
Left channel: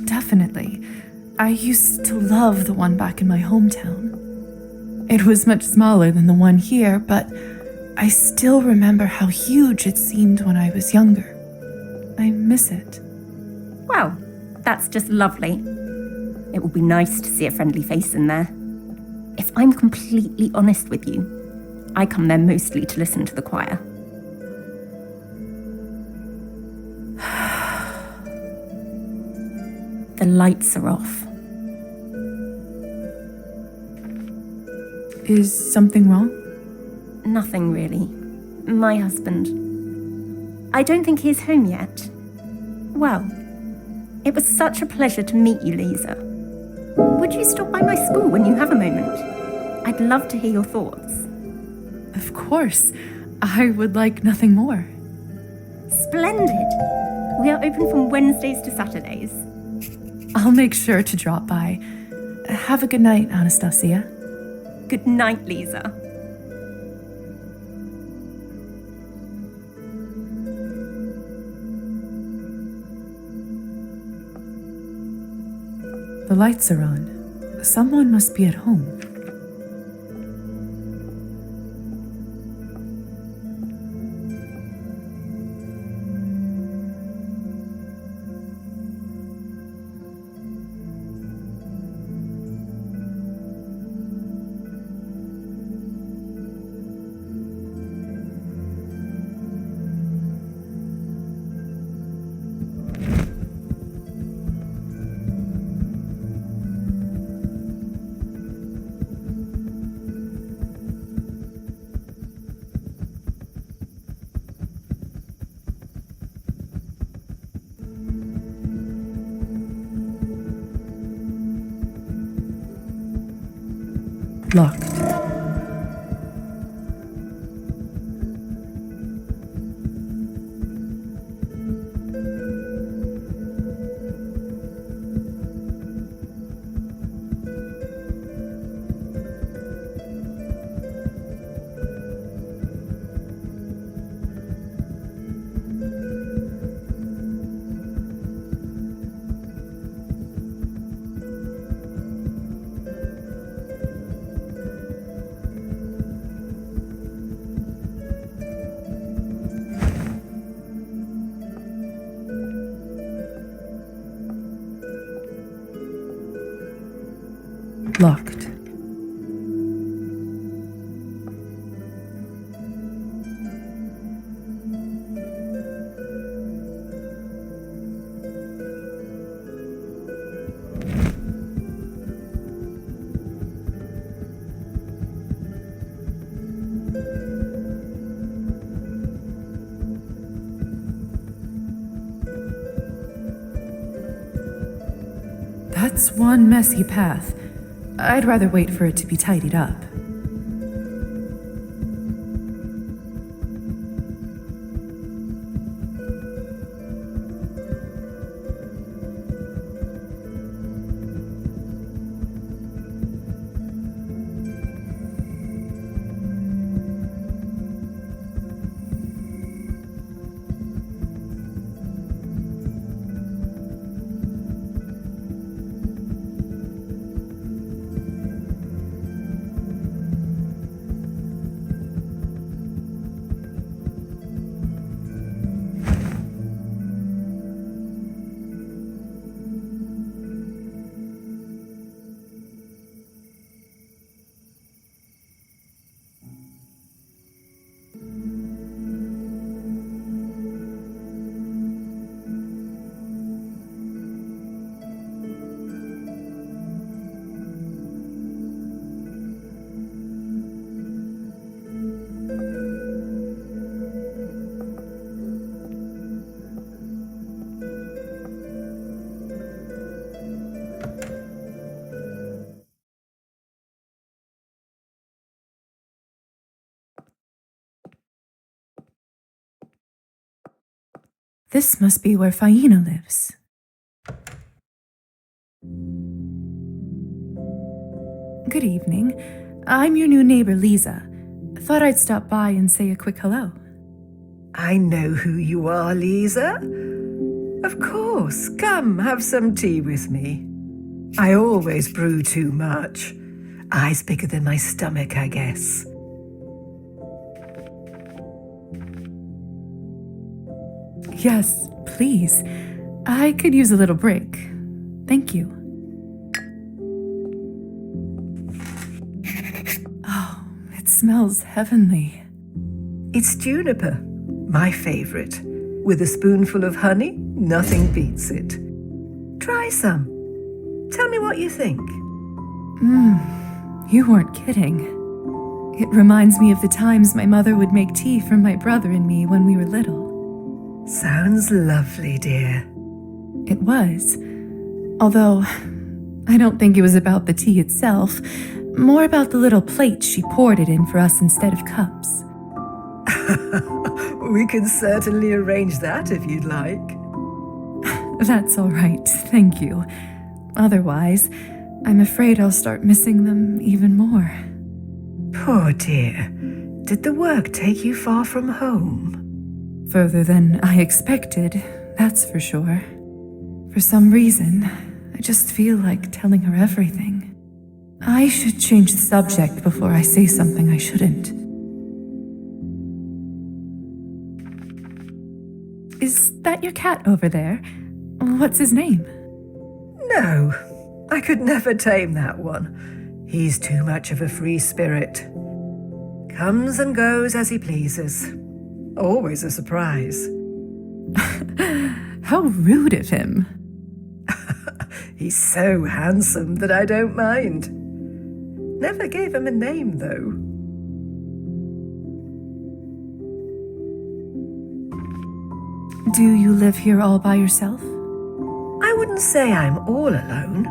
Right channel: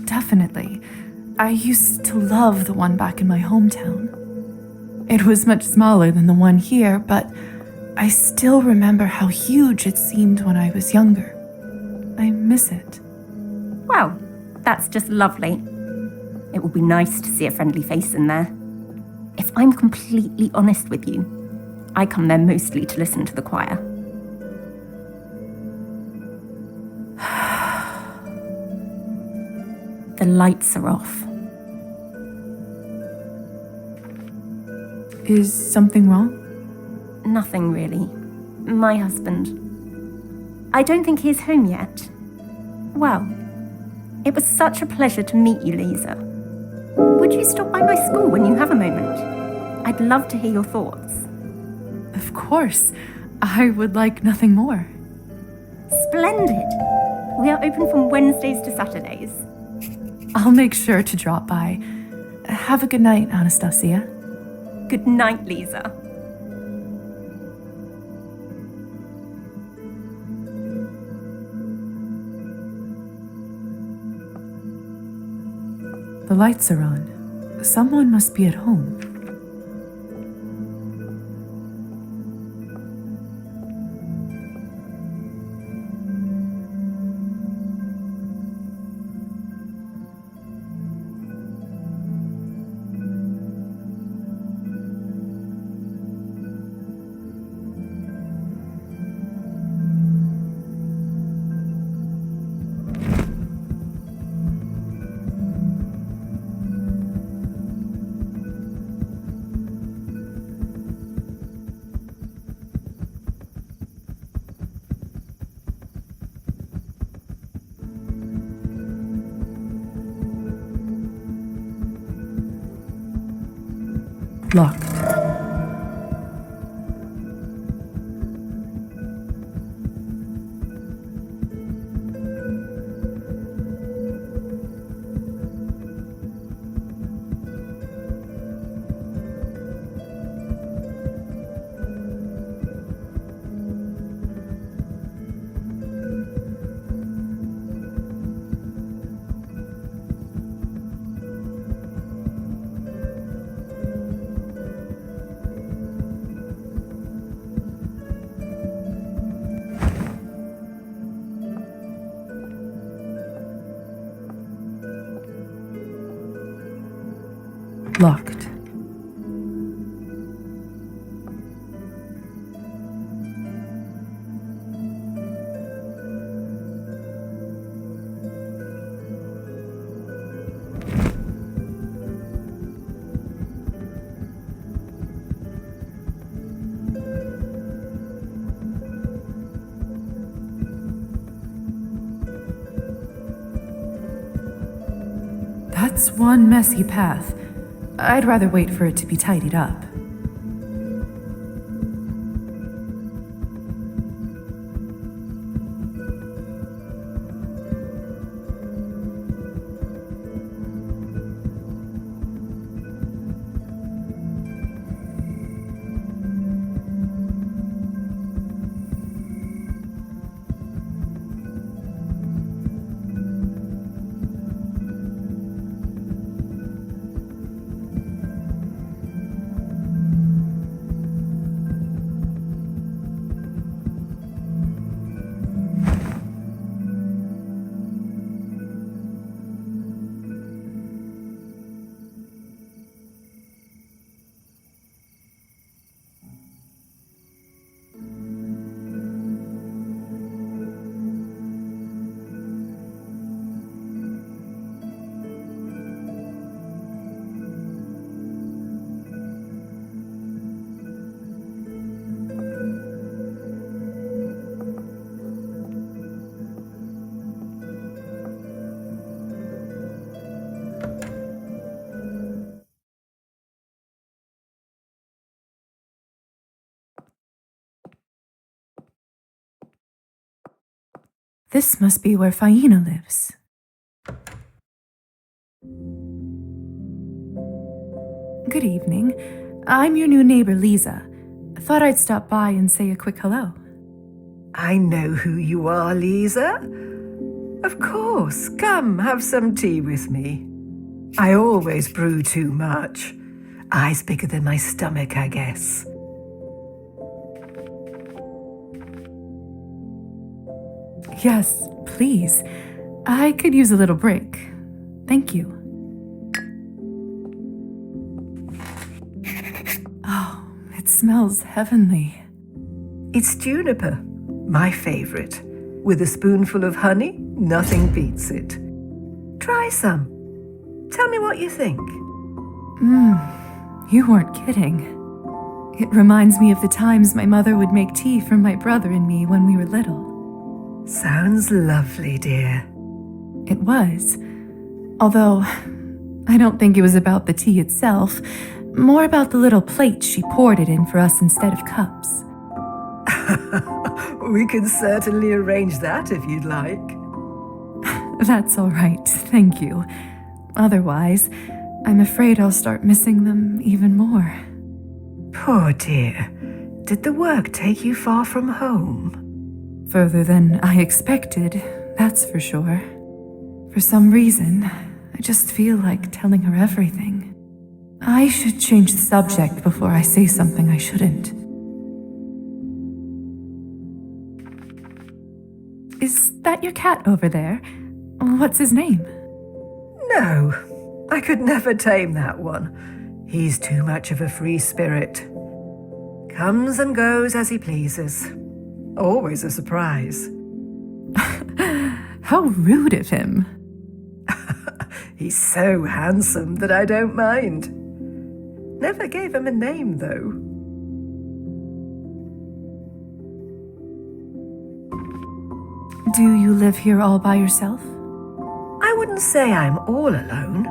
Definitely. I used to love the one back in my hometown. It was much smaller than the one here, but I still remember how huge it seemed when I was younger. I miss it. Well, that's just lovely. It will be nice to see a friendly face in there. If I'm completely honest with you, I come there mostly to listen to the choir. The lights are off. Is something wrong? Nothing really. My husband. I don't think he's home yet. Well, it was such a pleasure to meet you, Lisa. Would you stop by my school when you have a moment? I'd love to hear your thoughts. Of course. I would like nothing more. Splendid. We are open from Wednesdays to Saturdays. I'll make sure to drop by. Have a good night, Anastasia. Good night, Lisa. The lights are on. Someone must be at home. Locked. Locked. That's one messy path. I'd rather wait for it to be tidied up. This must be where Faina lives. Good evening. I'm your new neighbor, Lisa. Thought I'd stop by and say a quick hello. I know who you are, Lisa. Of course, come have some tea with me. I always brew too much. Eyes bigger than my stomach, I guess. Yes, please. I could use a little break. Thank you. Oh, it smells heavenly. It's juniper, my favorite. With a spoonful of honey, nothing beats it. Try some. Tell me what you think. You weren't kidding. It reminds me of the times my mother would make tea for my brother and me when we were little. Sounds lovely, dear. It was. Although, I don't think it was about the tea itself, more about the little plates she poured it in for us instead of cups. We can certainly arrange that if you'd like. That's all right, thank you. Otherwise, I'm afraid I'll start missing them even more. Poor dear. Did the work take you far from home? Further than I expected, that's for sure. For some reason, I just feel like telling her everything. I should change the subject before I say something I shouldn't. Is that your cat over there? What's his name? No, I could never tame that one. He's too much of a free spirit. Comes and goes as he pleases. Always a surprise. How rude of him. He's so handsome that I don't mind. Never gave him a name, though. Do you live here all by yourself? I wouldn't say I'm all alone.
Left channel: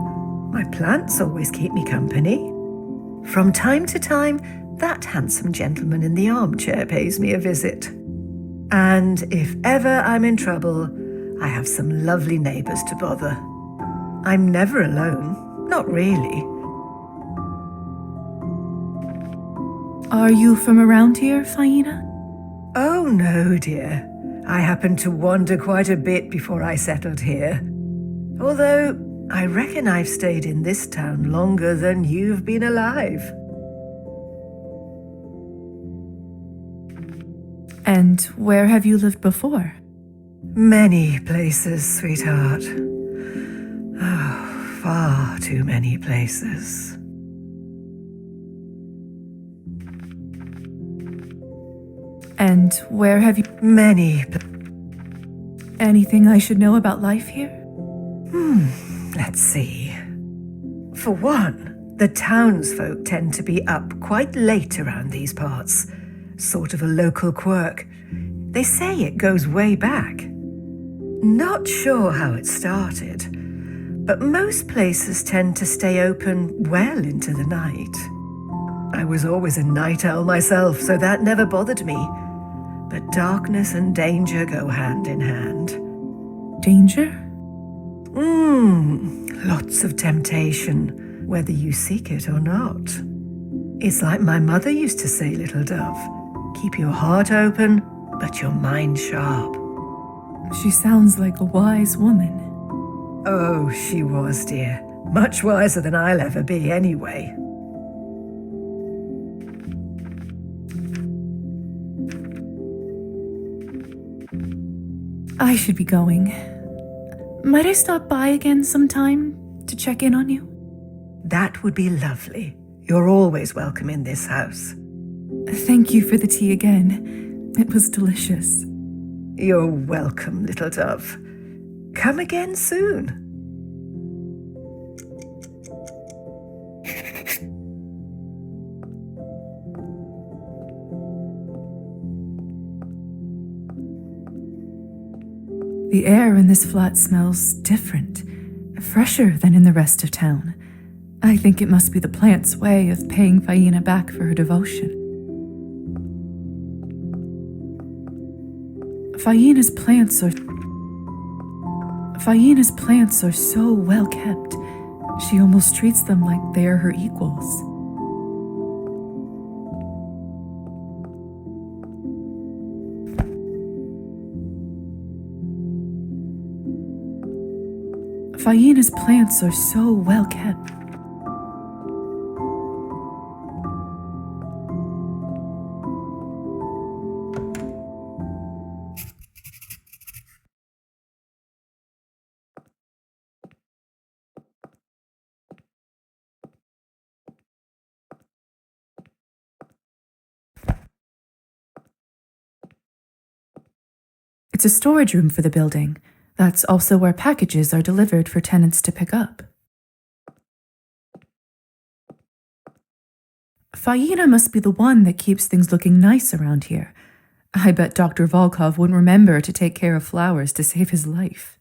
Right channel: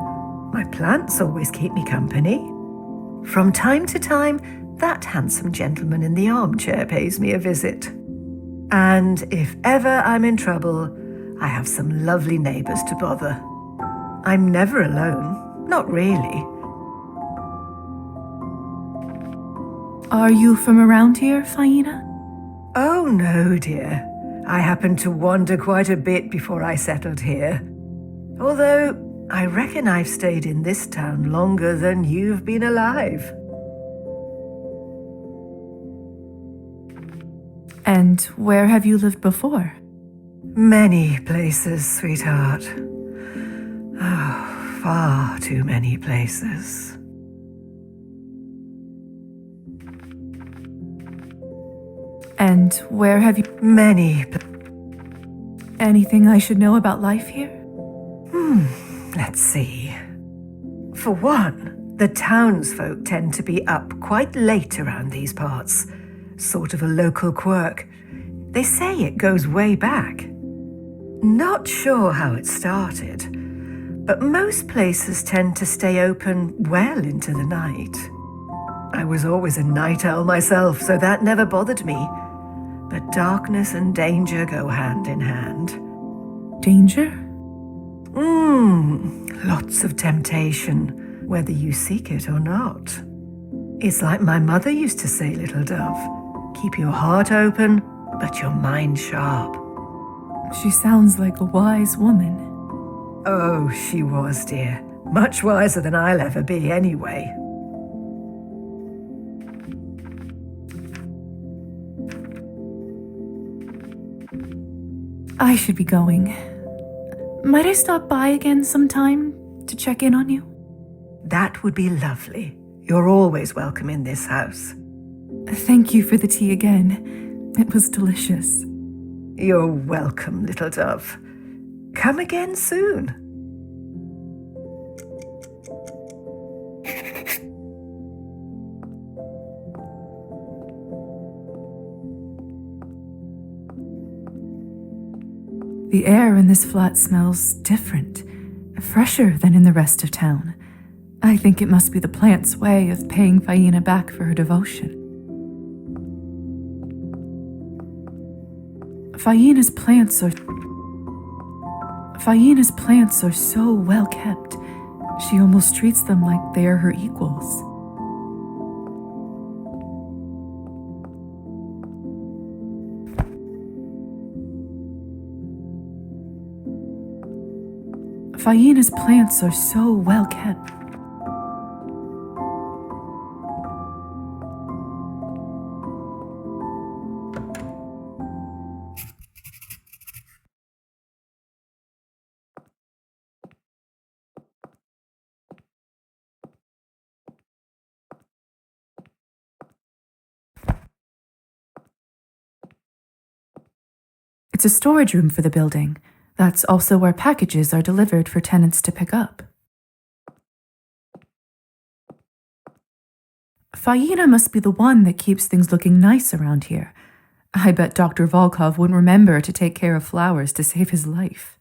My plants always keep me company. From time to time, that handsome gentleman in the armchair pays me a visit. And if ever I'm in trouble, I have some lovely neighbours to bother. I'm never alone, not really. Are you from around here, Faina? Oh no, dear. I happened to wander quite a bit before I settled here. Although, I reckon I've stayed in this town longer than you've been alive. And where have you lived before? Many places, sweetheart. Oh, far too many places. And where have you... Many. Anything I should know about life here? Let's see. For one, the townsfolk tend to be up quite late around these parts. Sort of a local quirk. They say it goes way back. Not sure how it started, but most places tend to stay open well into the night. I was always a night owl myself, so that never bothered me. But darkness and danger go hand in hand. Danger? Lots of temptation, whether you seek it or not. It's like my mother used to say, little dove. Keep your heart open, but your mind sharp. She sounds like a wise woman. Oh, she was, dear. Much wiser than I'll ever be, anyway. I should be going. Might I stop by again sometime to check in on you? That would be lovely. You're always welcome in this house. Thank you for the tea again. It was delicious. You're welcome, little dove. Come again soon. The air in this flat smells different, fresher than in the rest of town. I think it must be the plant's way of paying Faina back for her devotion. Faina's plants are so well kept. She almost treats them like they are her equals. Faina's plants are so well kept. It's a storage room for the building. That's also where packages are delivered for tenants to pick up. Faina must be the one that keeps things looking nice around here. I bet Dr. Volkov wouldn't remember to take care of flowers to save his life.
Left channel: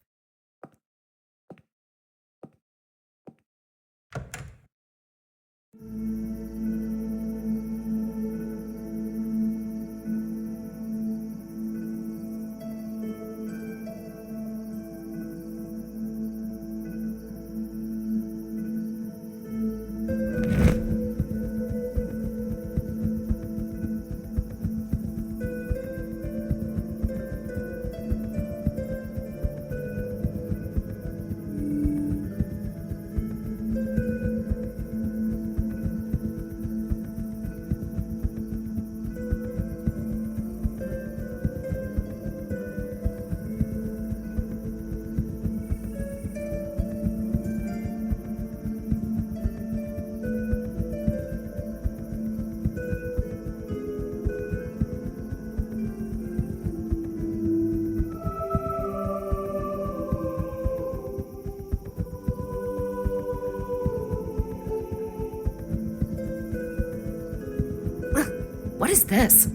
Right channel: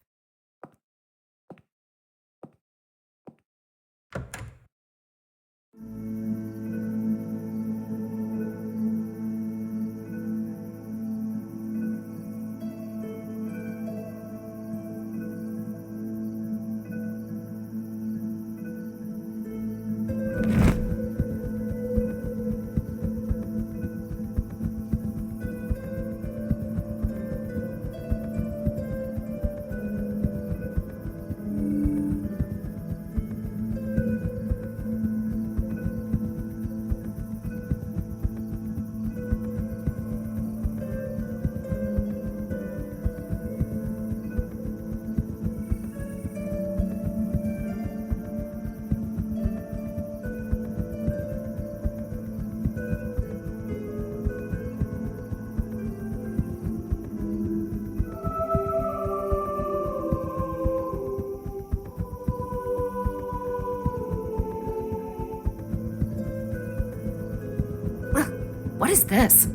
What is this?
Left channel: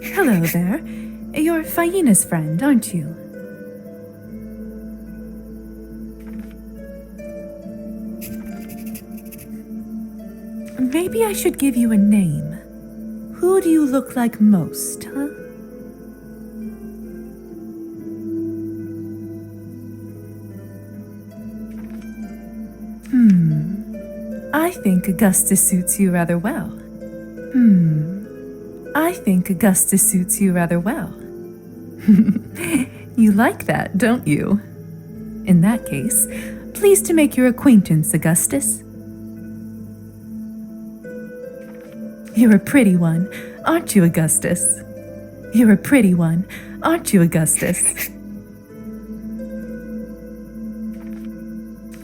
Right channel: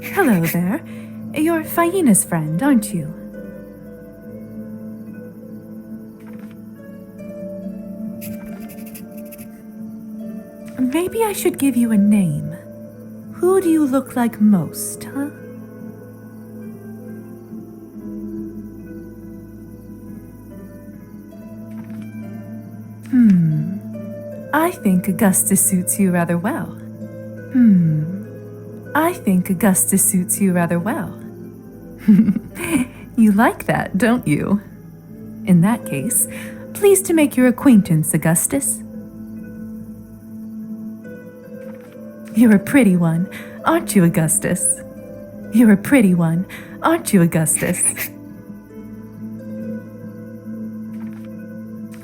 Hello there. You're Phaina's friend, aren't you? Maybe I should give you a name. Who do you look like most, huh? I think Augustus suits you rather well. I think Augustus suits you rather well. You like that, don't you? In that case, pleased to make your acquaintance, Augustus. You're a pretty one, aren't you, Augustus? You're a pretty one, aren't you, Augustus?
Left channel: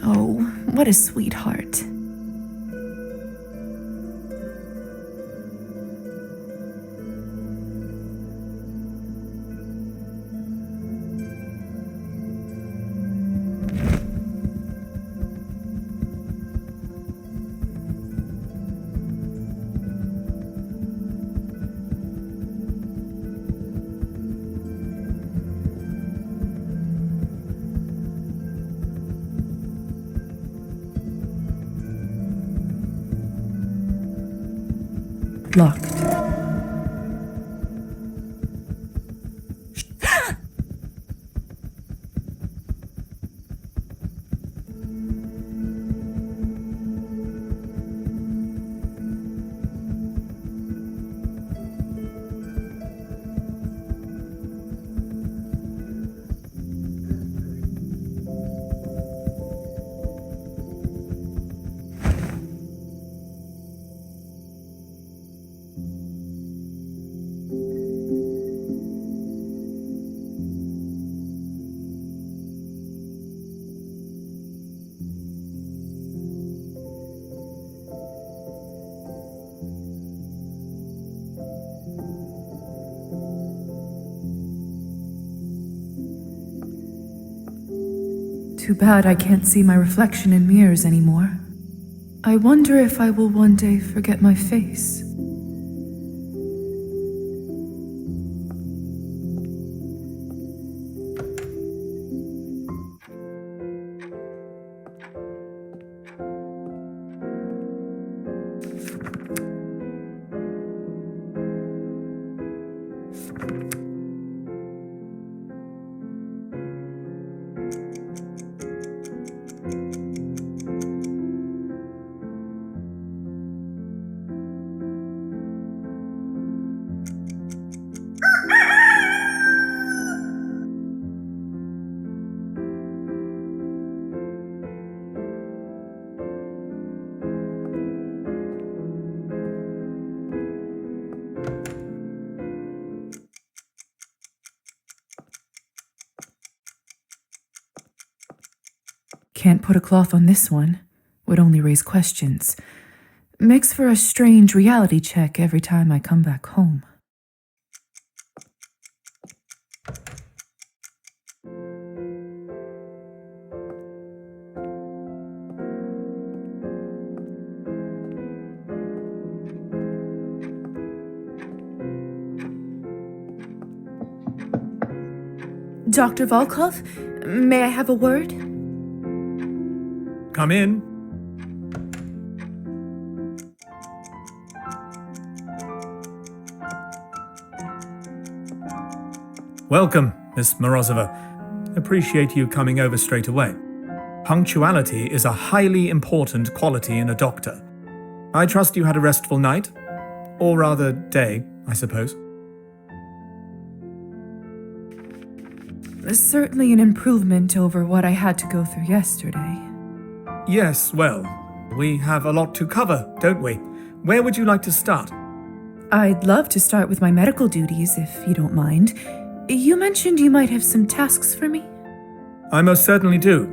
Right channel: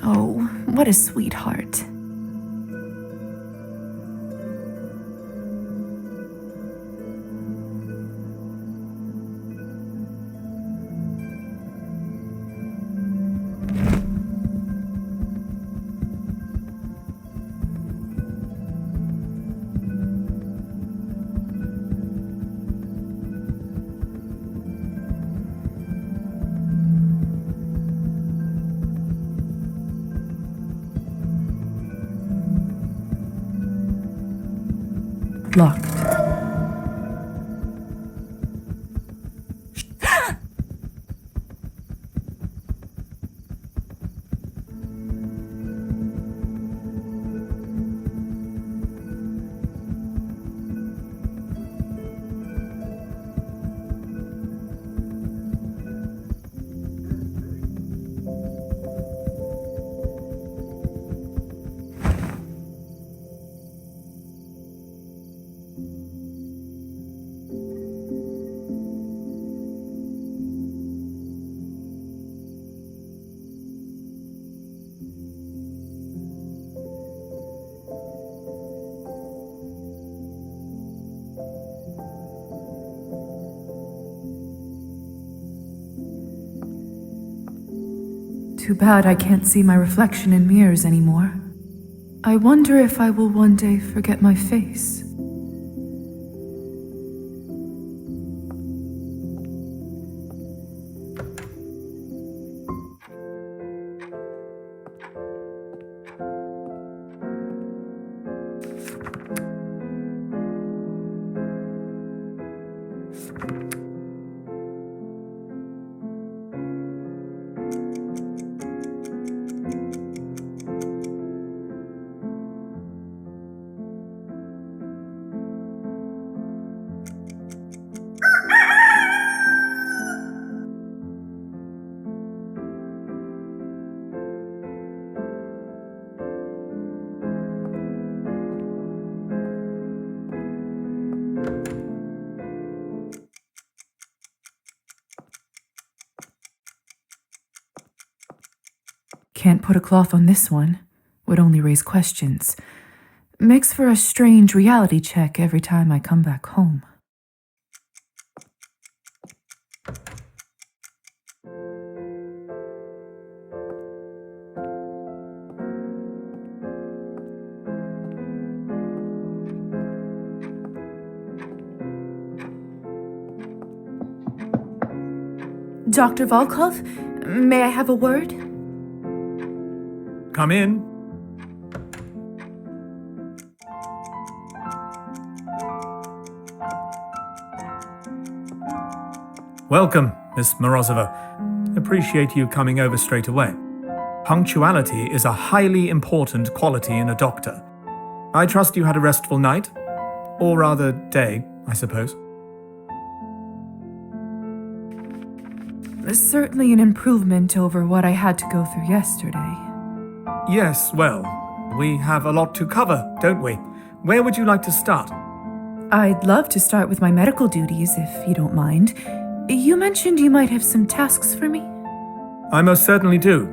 Oh, what a sweetheart. Locked. Too bad I can't see my reflection in mirrors anymore. I wonder if I will one day forget my face. Can't put a cloth on this one. Would only raise questions. Makes for a strange reality check every time I come back home. Dr. Volkov, may I have a word? Come in. Welcome, Miss Morozova. Appreciate you coming over straight away. Punctuality is a highly important quality in a doctor. I trust you had a restful night? Or rather, day, I suppose. Certainly an improvement over what I had to go through yesterday. Yes, well, we have a lot to cover, don't we? Where would you like to start? I'd love to start with my medical duties, if you don't mind. You mentioned you might have some tasks for me? I most certainly do.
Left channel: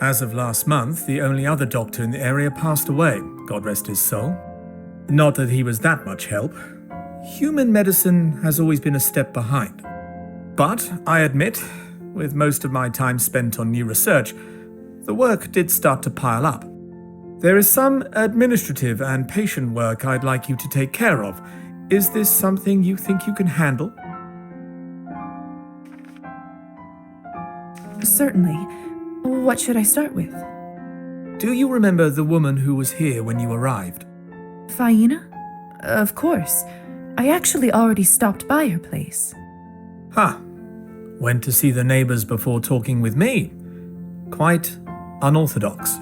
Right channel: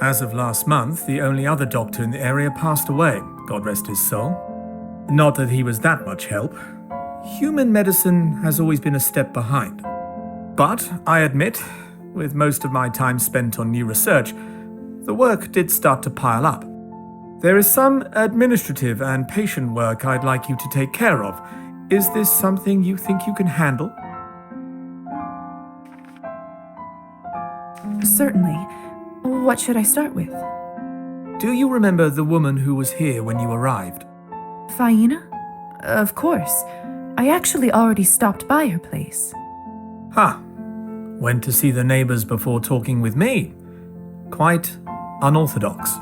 As of last month, the only other doctor in the area passed away, God rest his soul. Not that he was that much help. Human medicine has always been a step behind. But, I admit, with most of my time spent on new research, the work did start to pile up. There is some administrative and patient work I'd like you to take care of. Is this something you think you can handle? Certainly. What should I start with? Do you remember the woman who was here when you arrived? Faina? Of course. I actually already stopped by her place. Ha! Went to see the neighbors before talking with me. Quite unorthodox.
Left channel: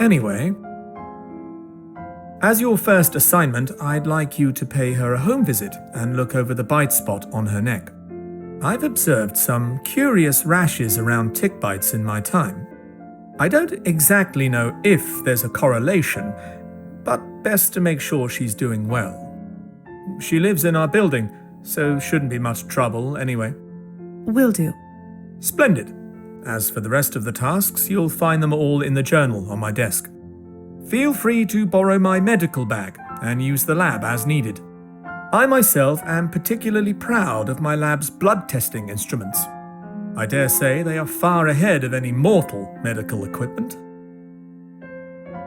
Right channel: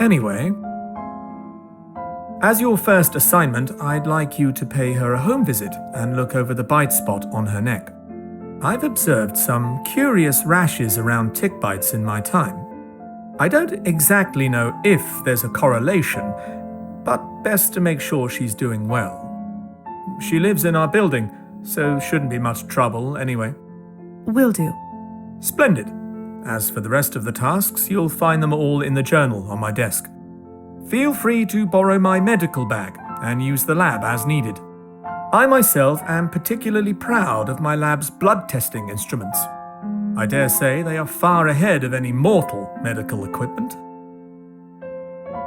Anyway, as your first assignment, I'd like you to pay her a home visit and look over the bite spot on her neck. I've observed some curious rashes around tick bites in my time. I don't exactly know if there's a correlation, but best to make sure she's doing well. She lives in our building, so shouldn't be much trouble anyway. Will do. Splendid. As for the rest of the tasks, you'll find them all in the journal on my desk. Feel free to borrow my medical bag and use the lab as needed. I myself am particularly proud of my lab's blood testing instruments. I dare say they are far ahead of any mortal medical equipment.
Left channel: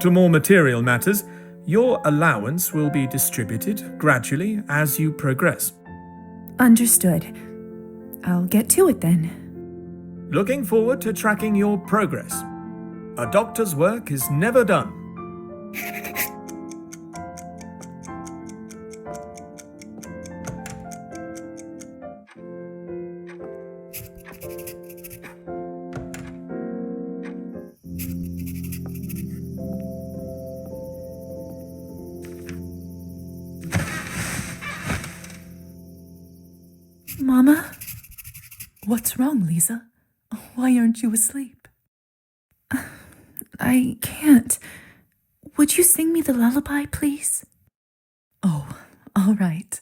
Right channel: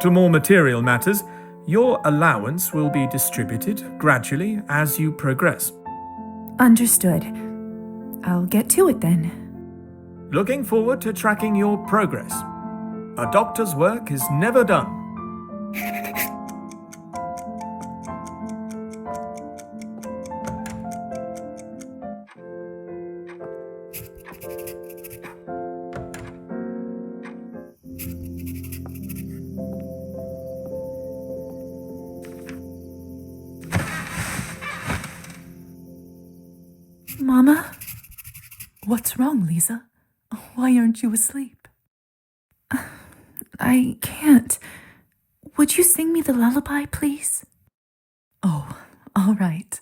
To more material matters, your allowance will be distributed gradually as you progress. Understood. I'll get to it then. Looking forward to tracking your progress. A doctor's work is never done. Mama? What's wrong, Lisa? Why aren't you asleep? I can't. Would you sing me the lullaby, please? Oh, all right.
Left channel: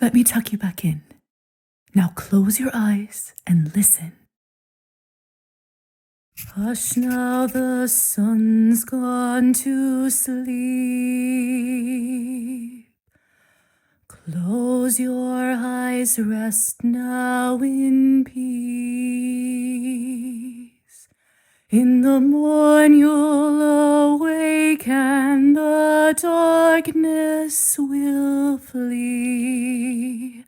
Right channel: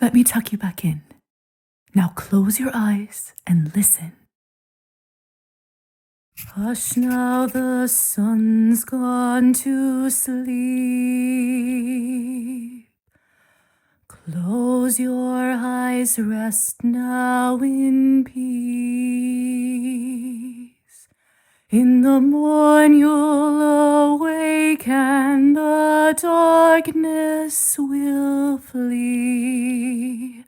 Let me tuck you back in. Now close your eyes and listen. Hush now, the sun's gone to sleep. Close your eyes, rest now in peace. In the morn you'll awake and the darkness will flee,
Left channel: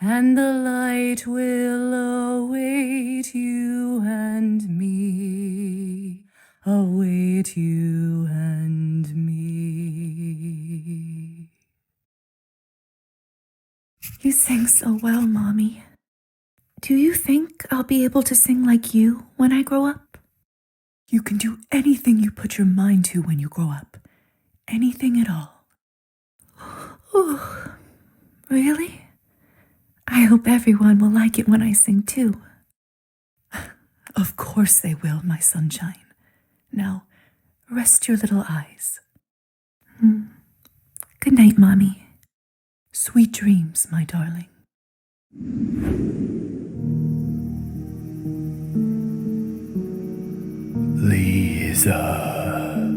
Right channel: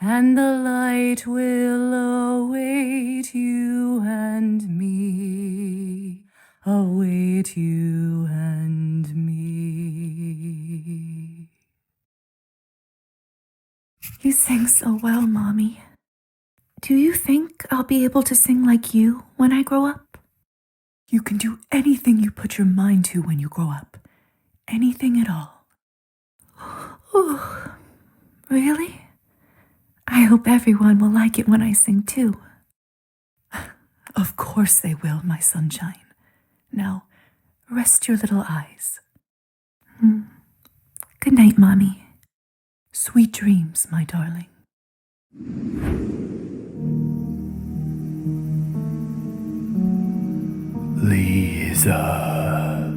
and the light will await you and me, await you and me. You sing so well, Mommy. Do you think I'll be able to sing like you when I grow up? You can do anything you put your mind to when you grow up. Anything at all. Oh, really? I hope everyone will like it when I sing too. Of course they will, my sunshine. Now, rest your little eyes. Good night, Mommy. Sweet dreams, my darling. Lisa.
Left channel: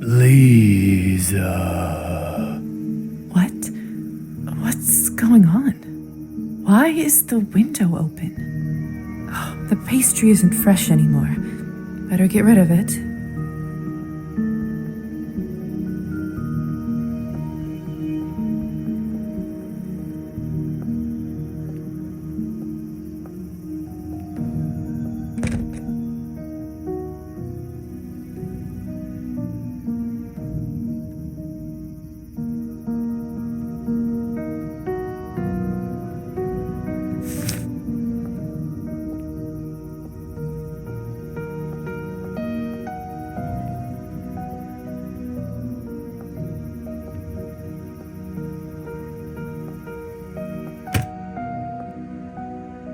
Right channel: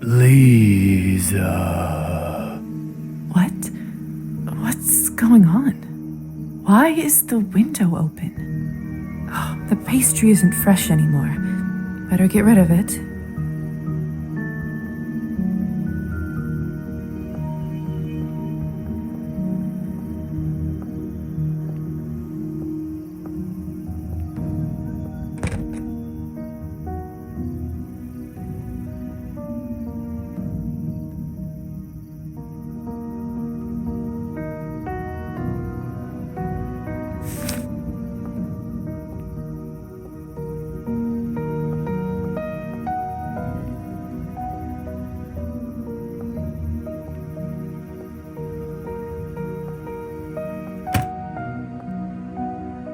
Lisa. What? What's going on? Why is the window open? Oh, the pastry isn't fresh anymore. Better get rid of it.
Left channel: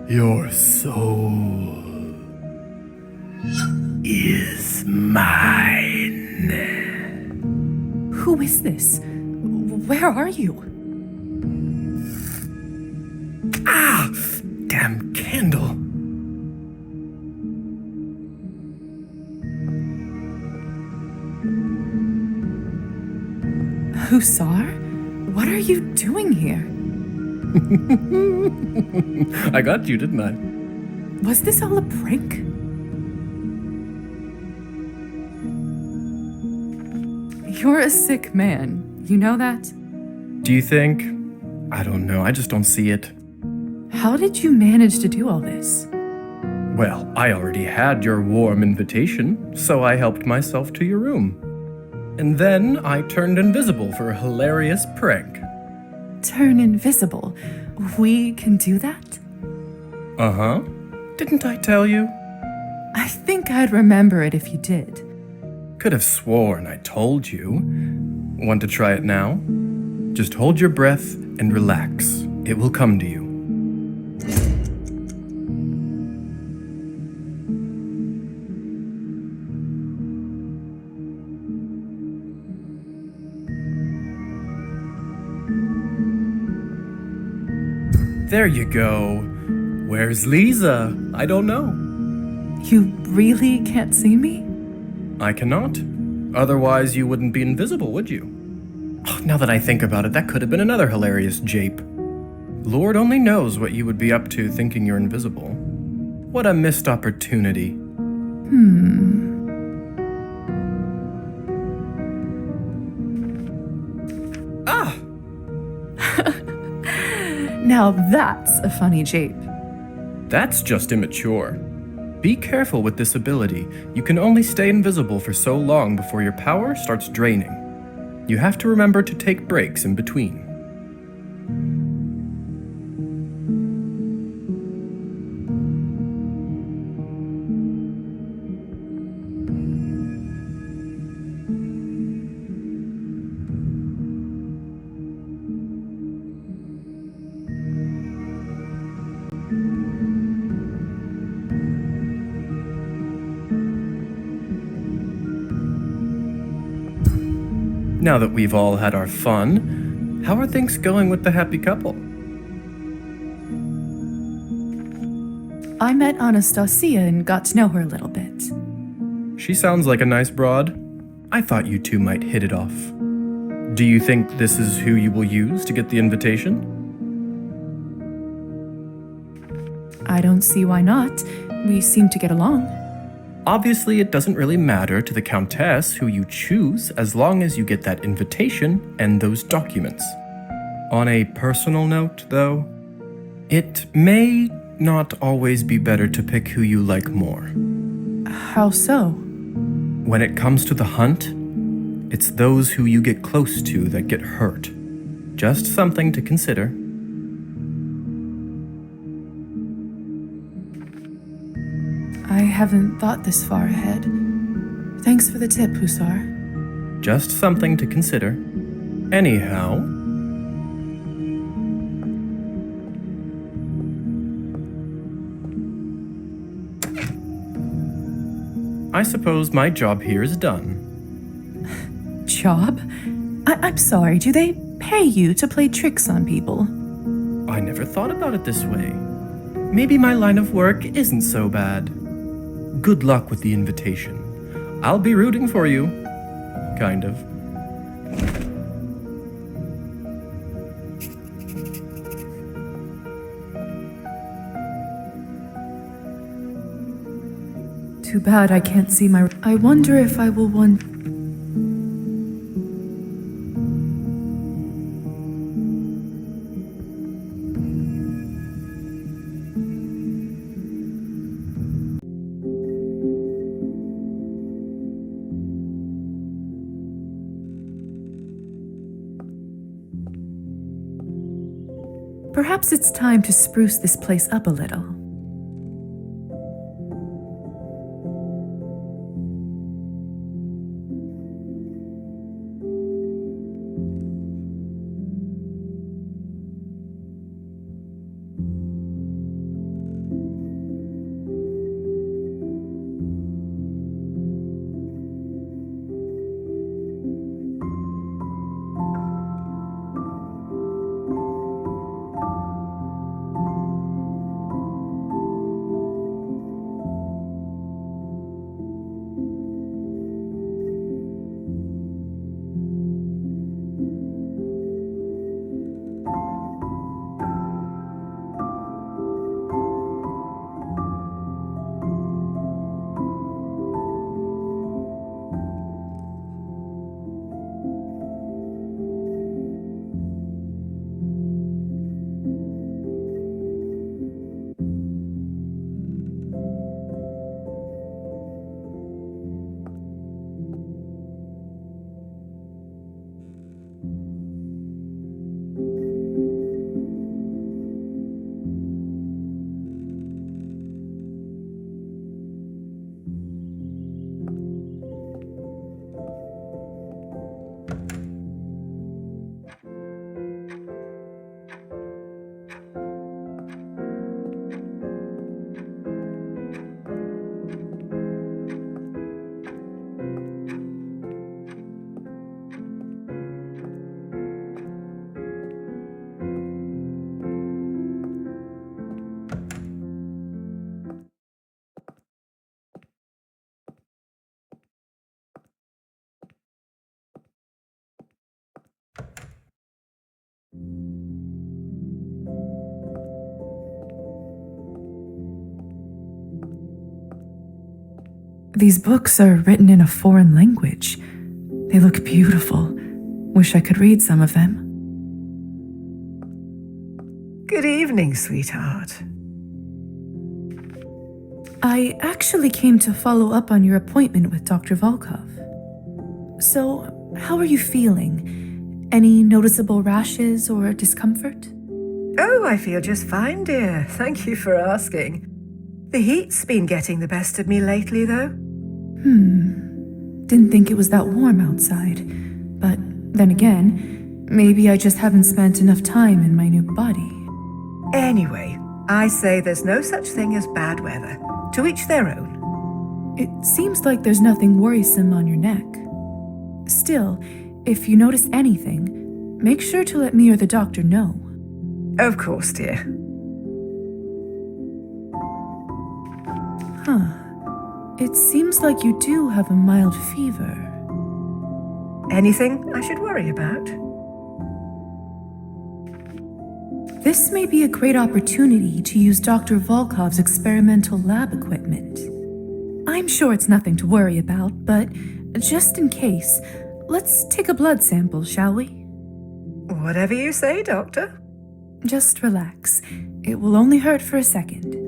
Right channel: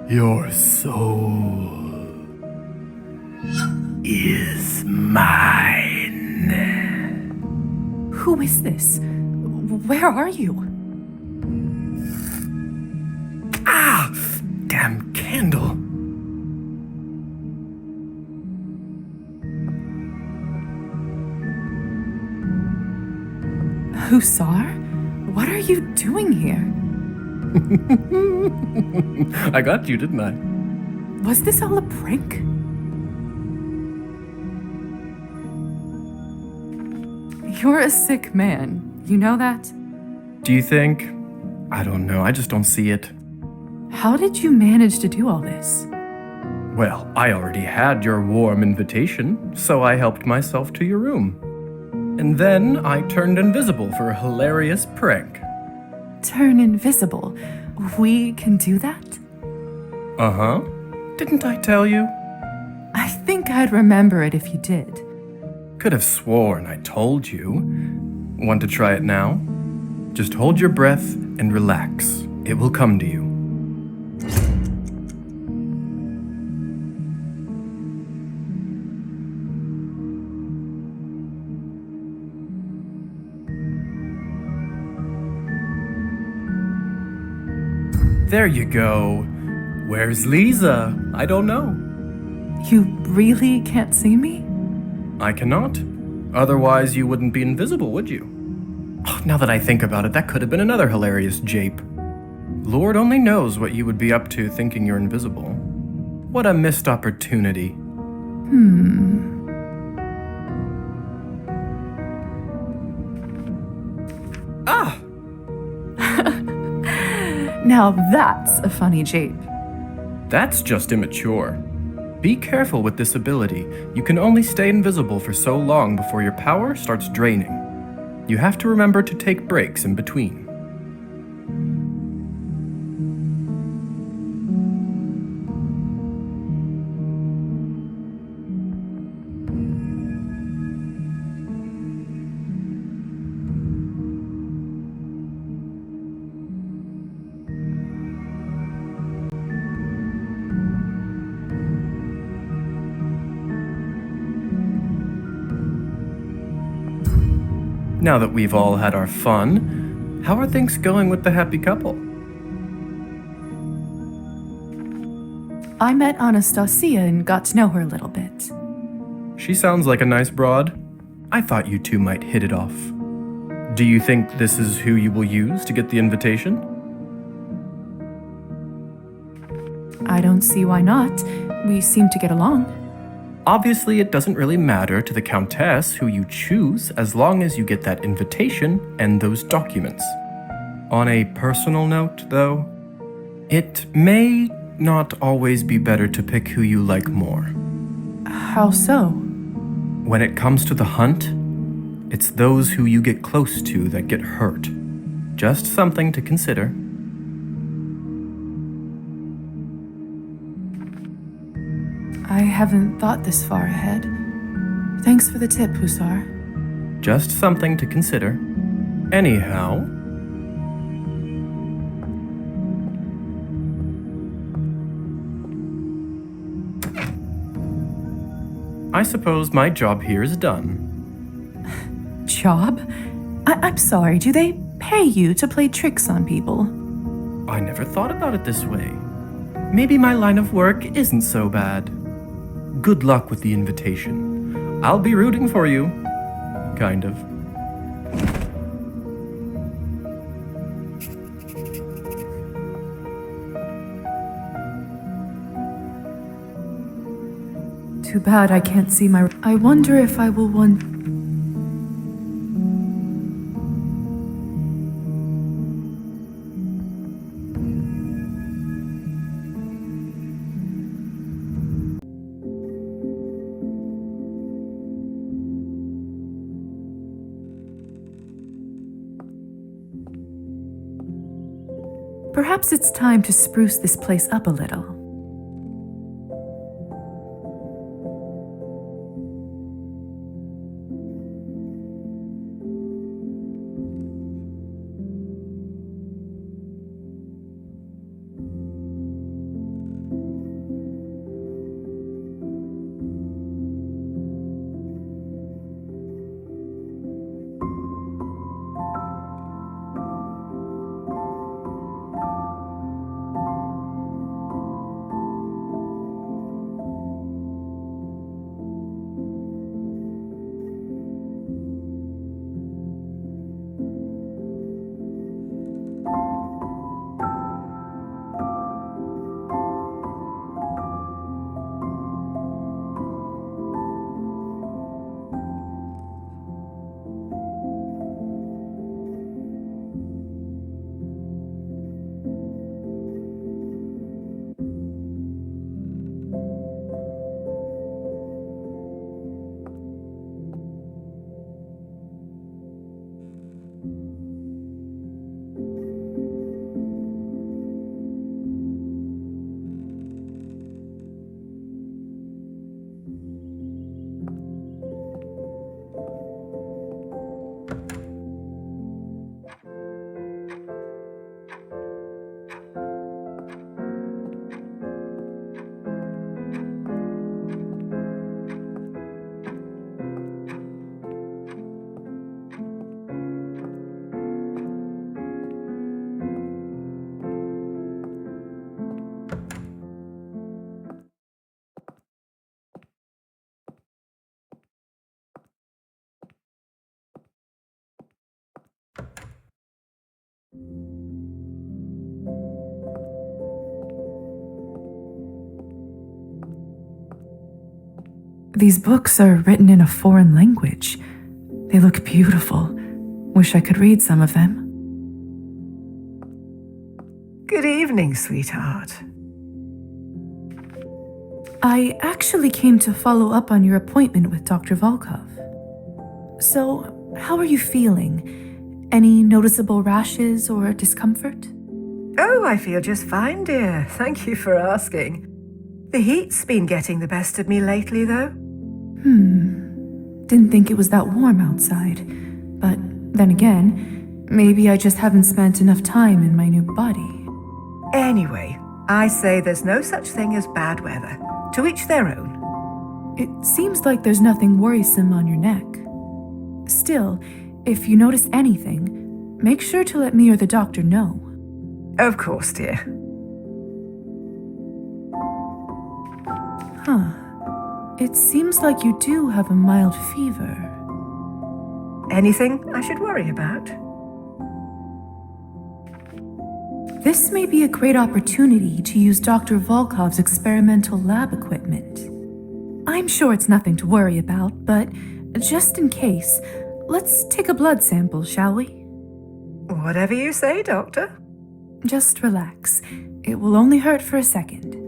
Your soul is mine. Who is this? Where are you? Ah! Damn candle. Hussar? What are you doing here? I got you, didn't I? Was this all a prank? You're a sick man. You know that? Do you think? I don't know. I just don't see it. How did you manage to do all this? Well, I already had your warm invitation, so I helped myself to your room. And then I turned invisible for a hilarious prank. Turn invisible. We can do that? Uh-huh. Didn't I tell you? I think I'd remember it if you did. Could have sworn I told you. Want to try it now? Just hold your breath and relax. It will come to you. There you go. Where's Lisa? I don't know. You really can't see me? I cannot. Otherwise, you wouldn't be invisible, would you? Oh, now that I think about it, that could have been another hilarious jape. Lord only knows what you would be up to thinking you're invisible. What a missed opportunity. Ah! Now that's a funny jape. That's just immature. Be careful with this ability. You can only stay invisible for so long before your power starts draining. You have to remember to take breaks in between. Now that we've all had our fun, how are things going with the happy couple? I met Anastasia and got to know her a little bit. She sounds like a nice broad. I thought you two might hit it off. Do you think this is who you will use to get the invitation? I don't see why not. We seem to get along. Obviously, it doesn't really matter to the Countess who you choose as long as you get that invitation and those documents. On a personal note, though, it may not always be better to pick who you like more. How so? When it comes to the hunt, it's those who you get close to that get hurt. Just something to consider. I haven't thought this far ahead. Thanks for the tip, Hussar. Just something to consider. Anyhow, I suppose my job here is done. Job? I'm sorry, do they pay you to play tricks on people? I never thought about it this way. Maybe my line of work isn't so bad. good luck with the invitation. I'll be rooting for you. Kind of. Too bad I can't see my... I wonder if I will want... Perhaps it's time to spruce this place up a little. These books are written in a foreign language. They look beautiful. Wish I could read some of them. Good evening, sweetheart. I actually came to follow up on your appointment with Dr. Volkov. So, how are you feeling? Any noticeable rashes or discomfort? Oh, I feel just fine, dear. Thank you for asking. The heat's been getting the best of me lately, though. Didn't think it was that warm outside. But then again, maybe I just haven't spent enough time in my new body. Anyway, I say there's no such thing as bad weather. To each their own. It seems like there's nothing worrisome on your neck. Still, if you notice anything, make sure to let me or the doctor know. Of course, dear. Huh. It seems like you do have a mild fever. Anything I should worry about? This may be a great opportunity to use Dr. Volkov's experimental lab equipment. I'm sure it's nothing to worry about, but just in case, let's take a blood sample, shall we? Whatever you say, Doctor. Just relax. It will only hurt for a second.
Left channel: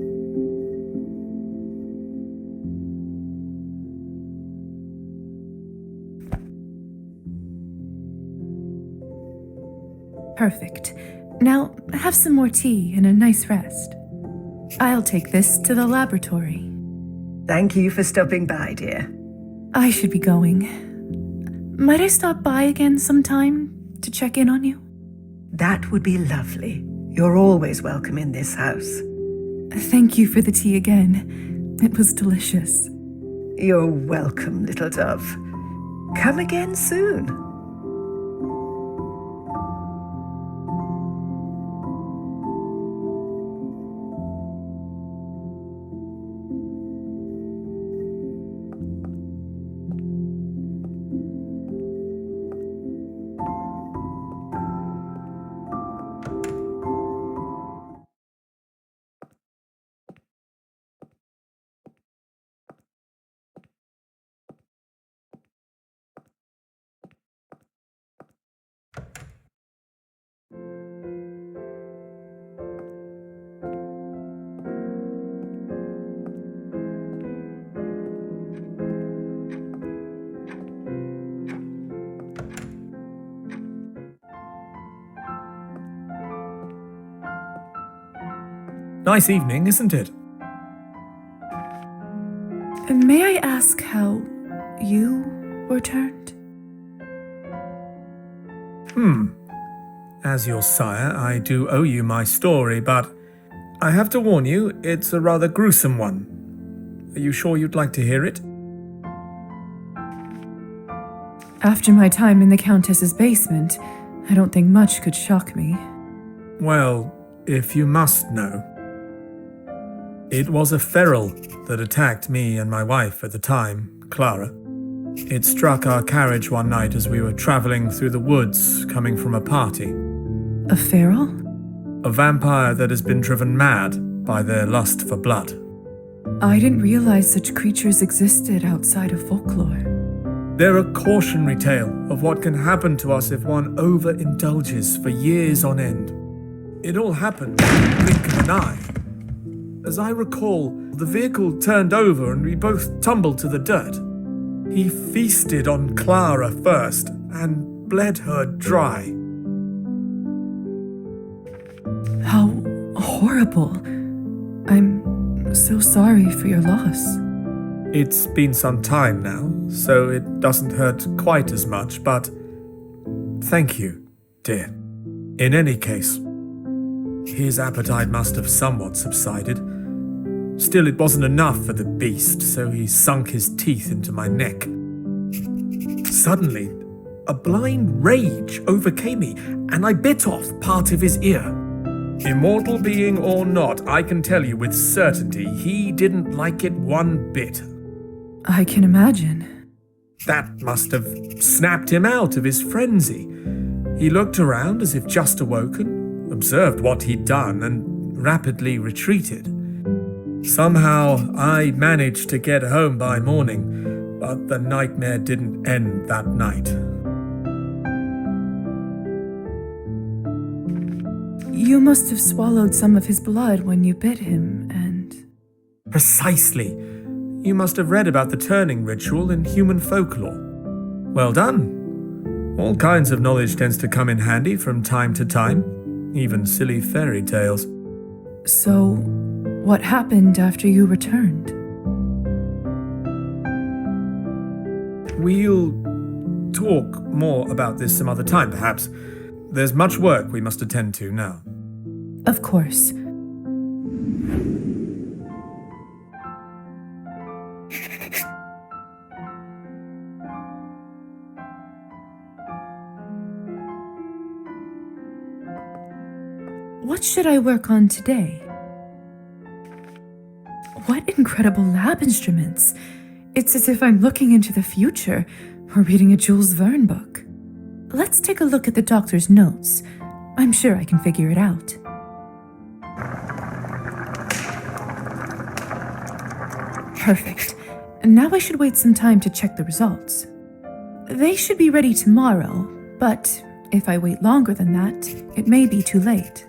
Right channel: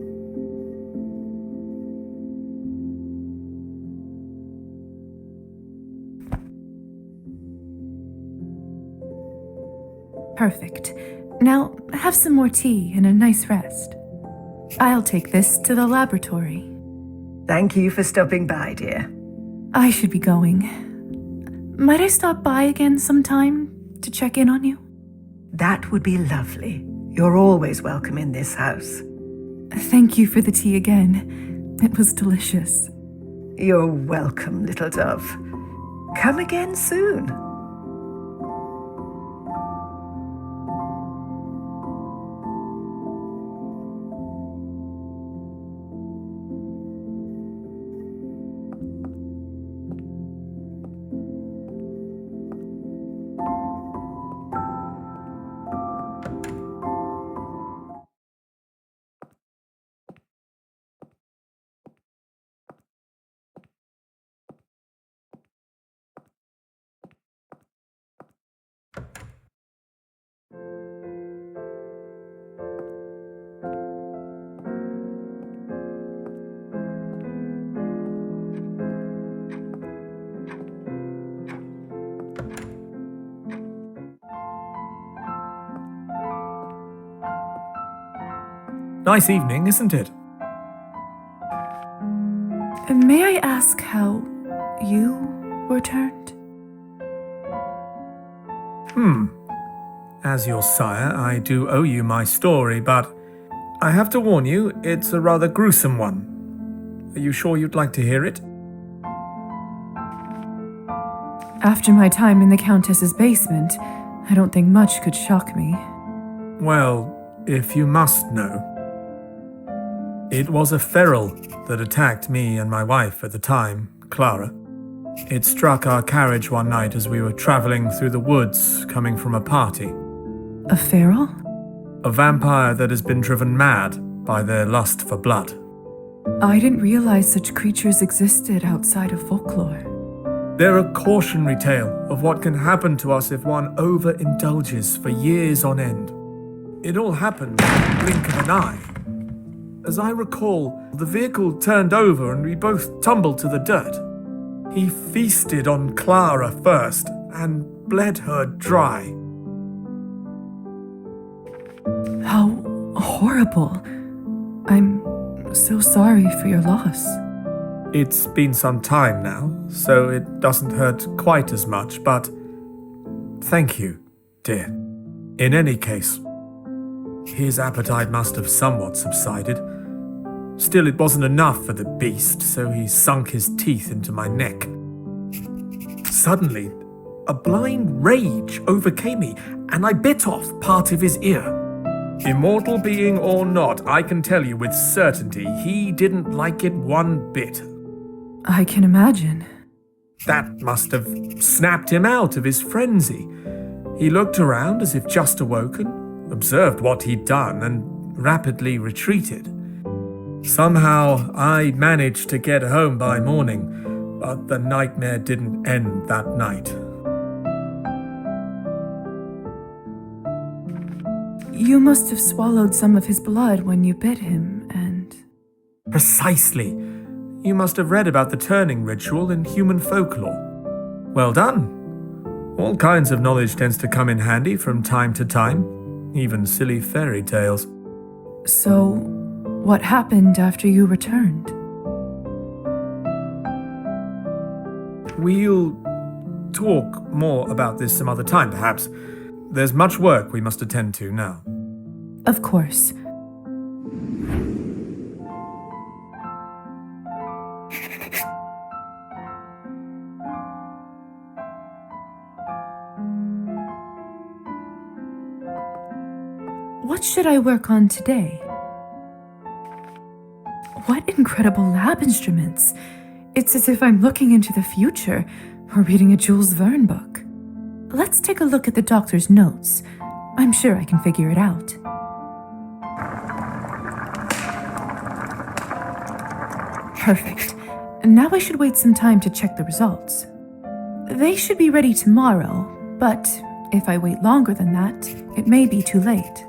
Perfect. Now, have some more tea and a nice rest. I'll take this to the laboratory. Thank you for stopping by, dear. I should be going. Might I stop by again sometime to check in on you? That would be lovely. You're always welcome in this house. Thank you for the tea again. It was delicious. You're welcome, little dove. Come again soon. Nice evening, isn't it? May I ask how you were turned? As your sire, I do owe you my story, but I have to warn you, it's a rather gruesome one. Are you sure you'd like to hear it? After my time in the Countess's basement, I don't think much could shock me. Well, if you must know. It was a feral that attacked me and my wife at the time, Clara. It struck our carriage one night as we were traveling through the woods coming from a party. A feral? A vampire that has been driven mad by their lust for blood. I didn't realize such creatures existed outside of folklore. They're a cautionary tale of what can happen to us if one overindulges for years on end. It all happened in the blink of an eye. As I recall, the vehicle turned over and we both tumbled to the dirt. He feasted on Clara first and bled her dry. How horrible. I'm so sorry for your loss. It's been some time now, so it doesn't hurt quite as much, but thank you, dear. In any case, his appetite must have somewhat subsided. Still, it wasn't enough for the beast, so he sunk his teeth into my neck. Suddenly, a blind rage overcame me, and I bit off part of his ear. Immortal being or not, I can tell you with certainty he didn't like it one bit. I can imagine. That must have snapped him out of his frenzy. He looked around as if just awoken, observed what he'd done, and rapidly retreated. Somehow, I managed to get home by morning, but the nightmare didn't end that night. You must have swallowed some of his blood when you bit him, and... Precisely. You must have read about the turning ritual in human folklore. Well done. All kinds of knowledge tends to come in handy from time to time, even silly fairy tales. So, what happened after you returned? We'll talk more about this some other time, perhaps. There's much work we must attend to now. Of course. What should I work on today? What incredible lab instruments! It's as if I'm looking into the future or reading a Jules Verne book. Let's take a look at the doctor's notes. I'm sure I can figure it out. Perfect. Now I should wait some time to check the results. They should be ready tomorrow, but if I wait longer than that, it may be too late.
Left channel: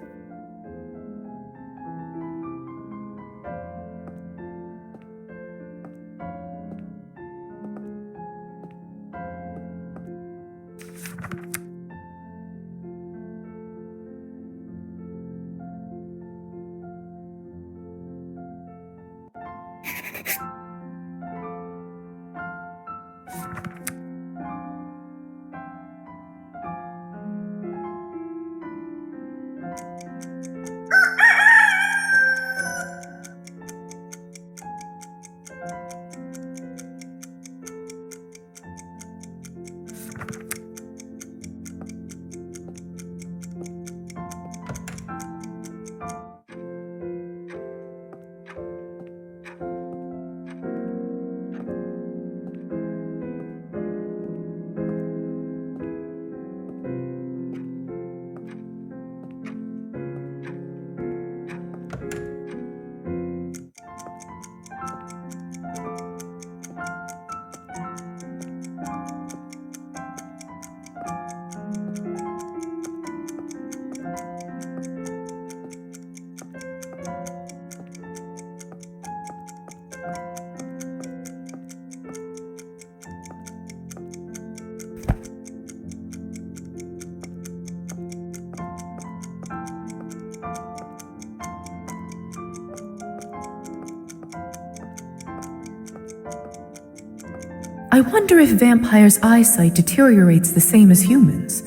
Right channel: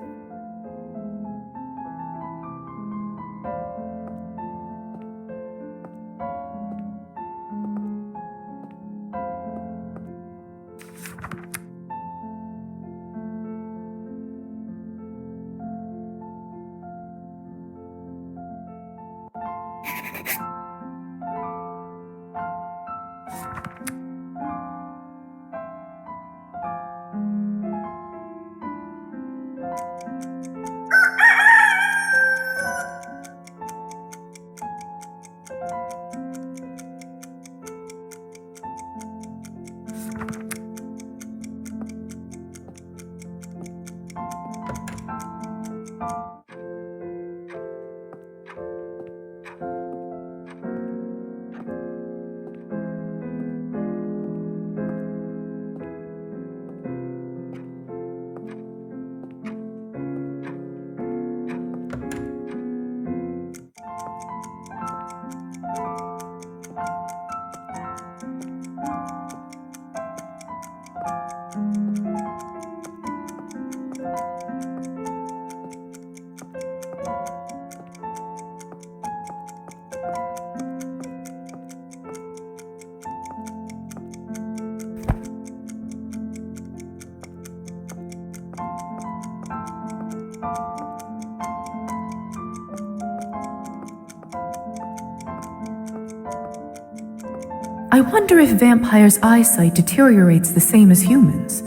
I wonder if vampires' eyesight deteriorates the same as humans.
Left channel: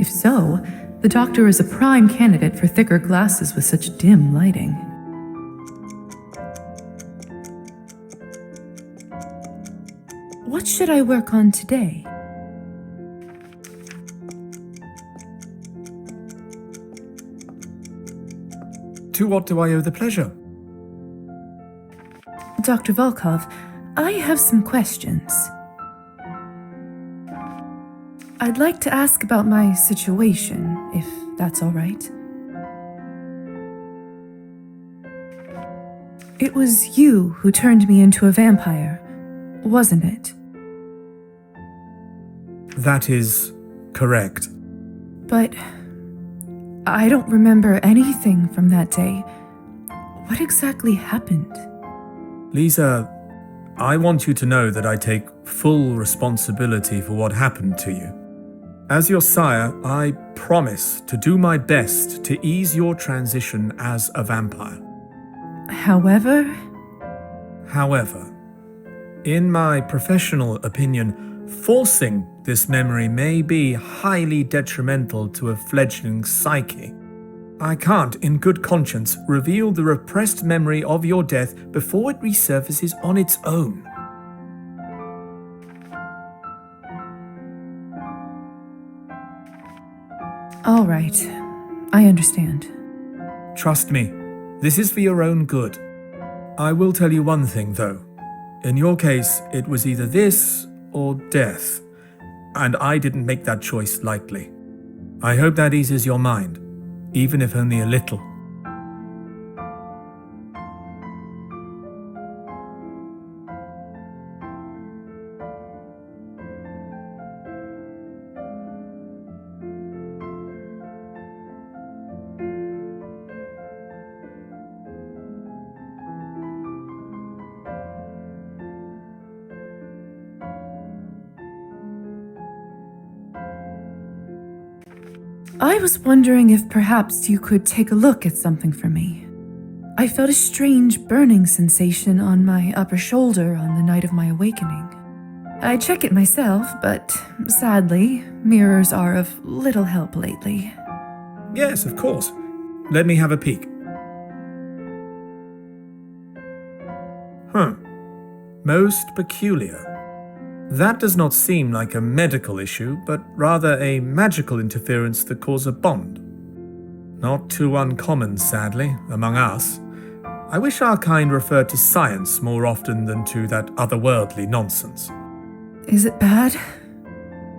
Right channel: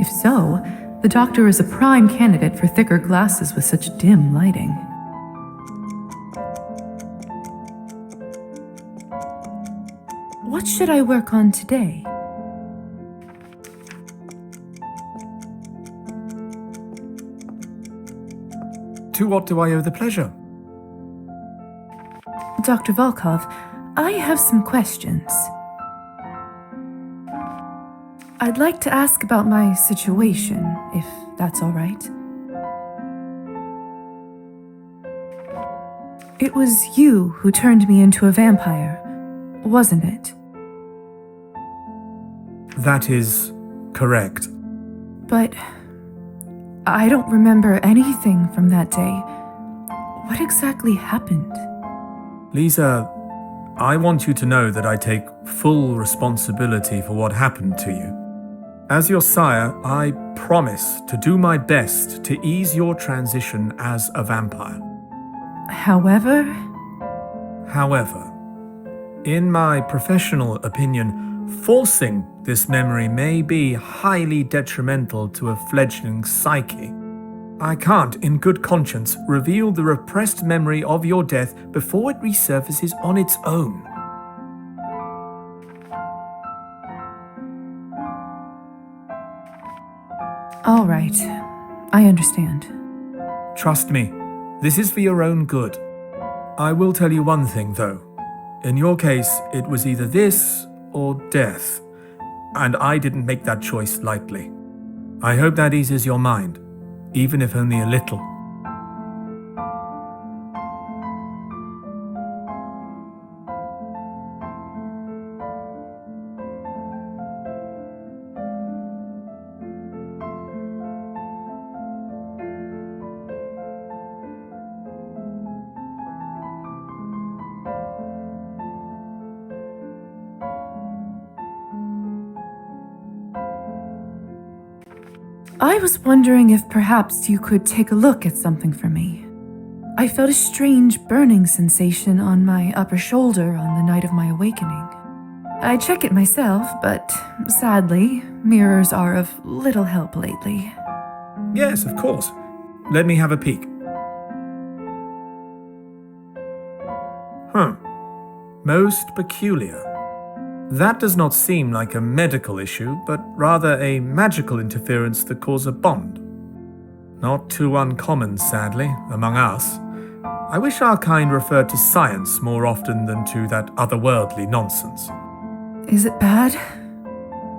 If so, the doctor is a prime candidate for thicker glasses with such dim lighting. What should I work on today? To what do I owe the pleasure? Dr. Volkov, I have some questions. I'd like to ask about my situation, if that's all right. It was you who turned me into a vampire, wasn't it? That is correct. But I don't remember anything from that day. What exactly happened? Lisa, I want you to know that I take full responsibility for what happened to you. As your sire, I promise to do my best to ease your transition as a vampire. However, in my professional opinion, forcing this memory may be highly detrimental to a fledgling psyche. I can't, in good conscience, reveal the repressed memory of your death before it resurfaces on its own. all right. I understand. Trust me, this is for your own good. I will tell you one thing, though. In your case, it was either this or death, and I didn't make that choice lightly. I hope that eases your mind, even if only a little. I was wondering if perhaps you could take a look at something for me. I felt a strange burning sensation on my upper shoulder on the night of my awakening. I check it myself, but sadly, mirrors are of little help lately. Yes, of course. Let me have a peek. Most peculiar. That does not seem like a medical issue, but rather a magical interference that caused a bond. Not too uncommon, sadly, among us. I wish our kind referred to science more often than to that otherworldly nonsense. Is it bad?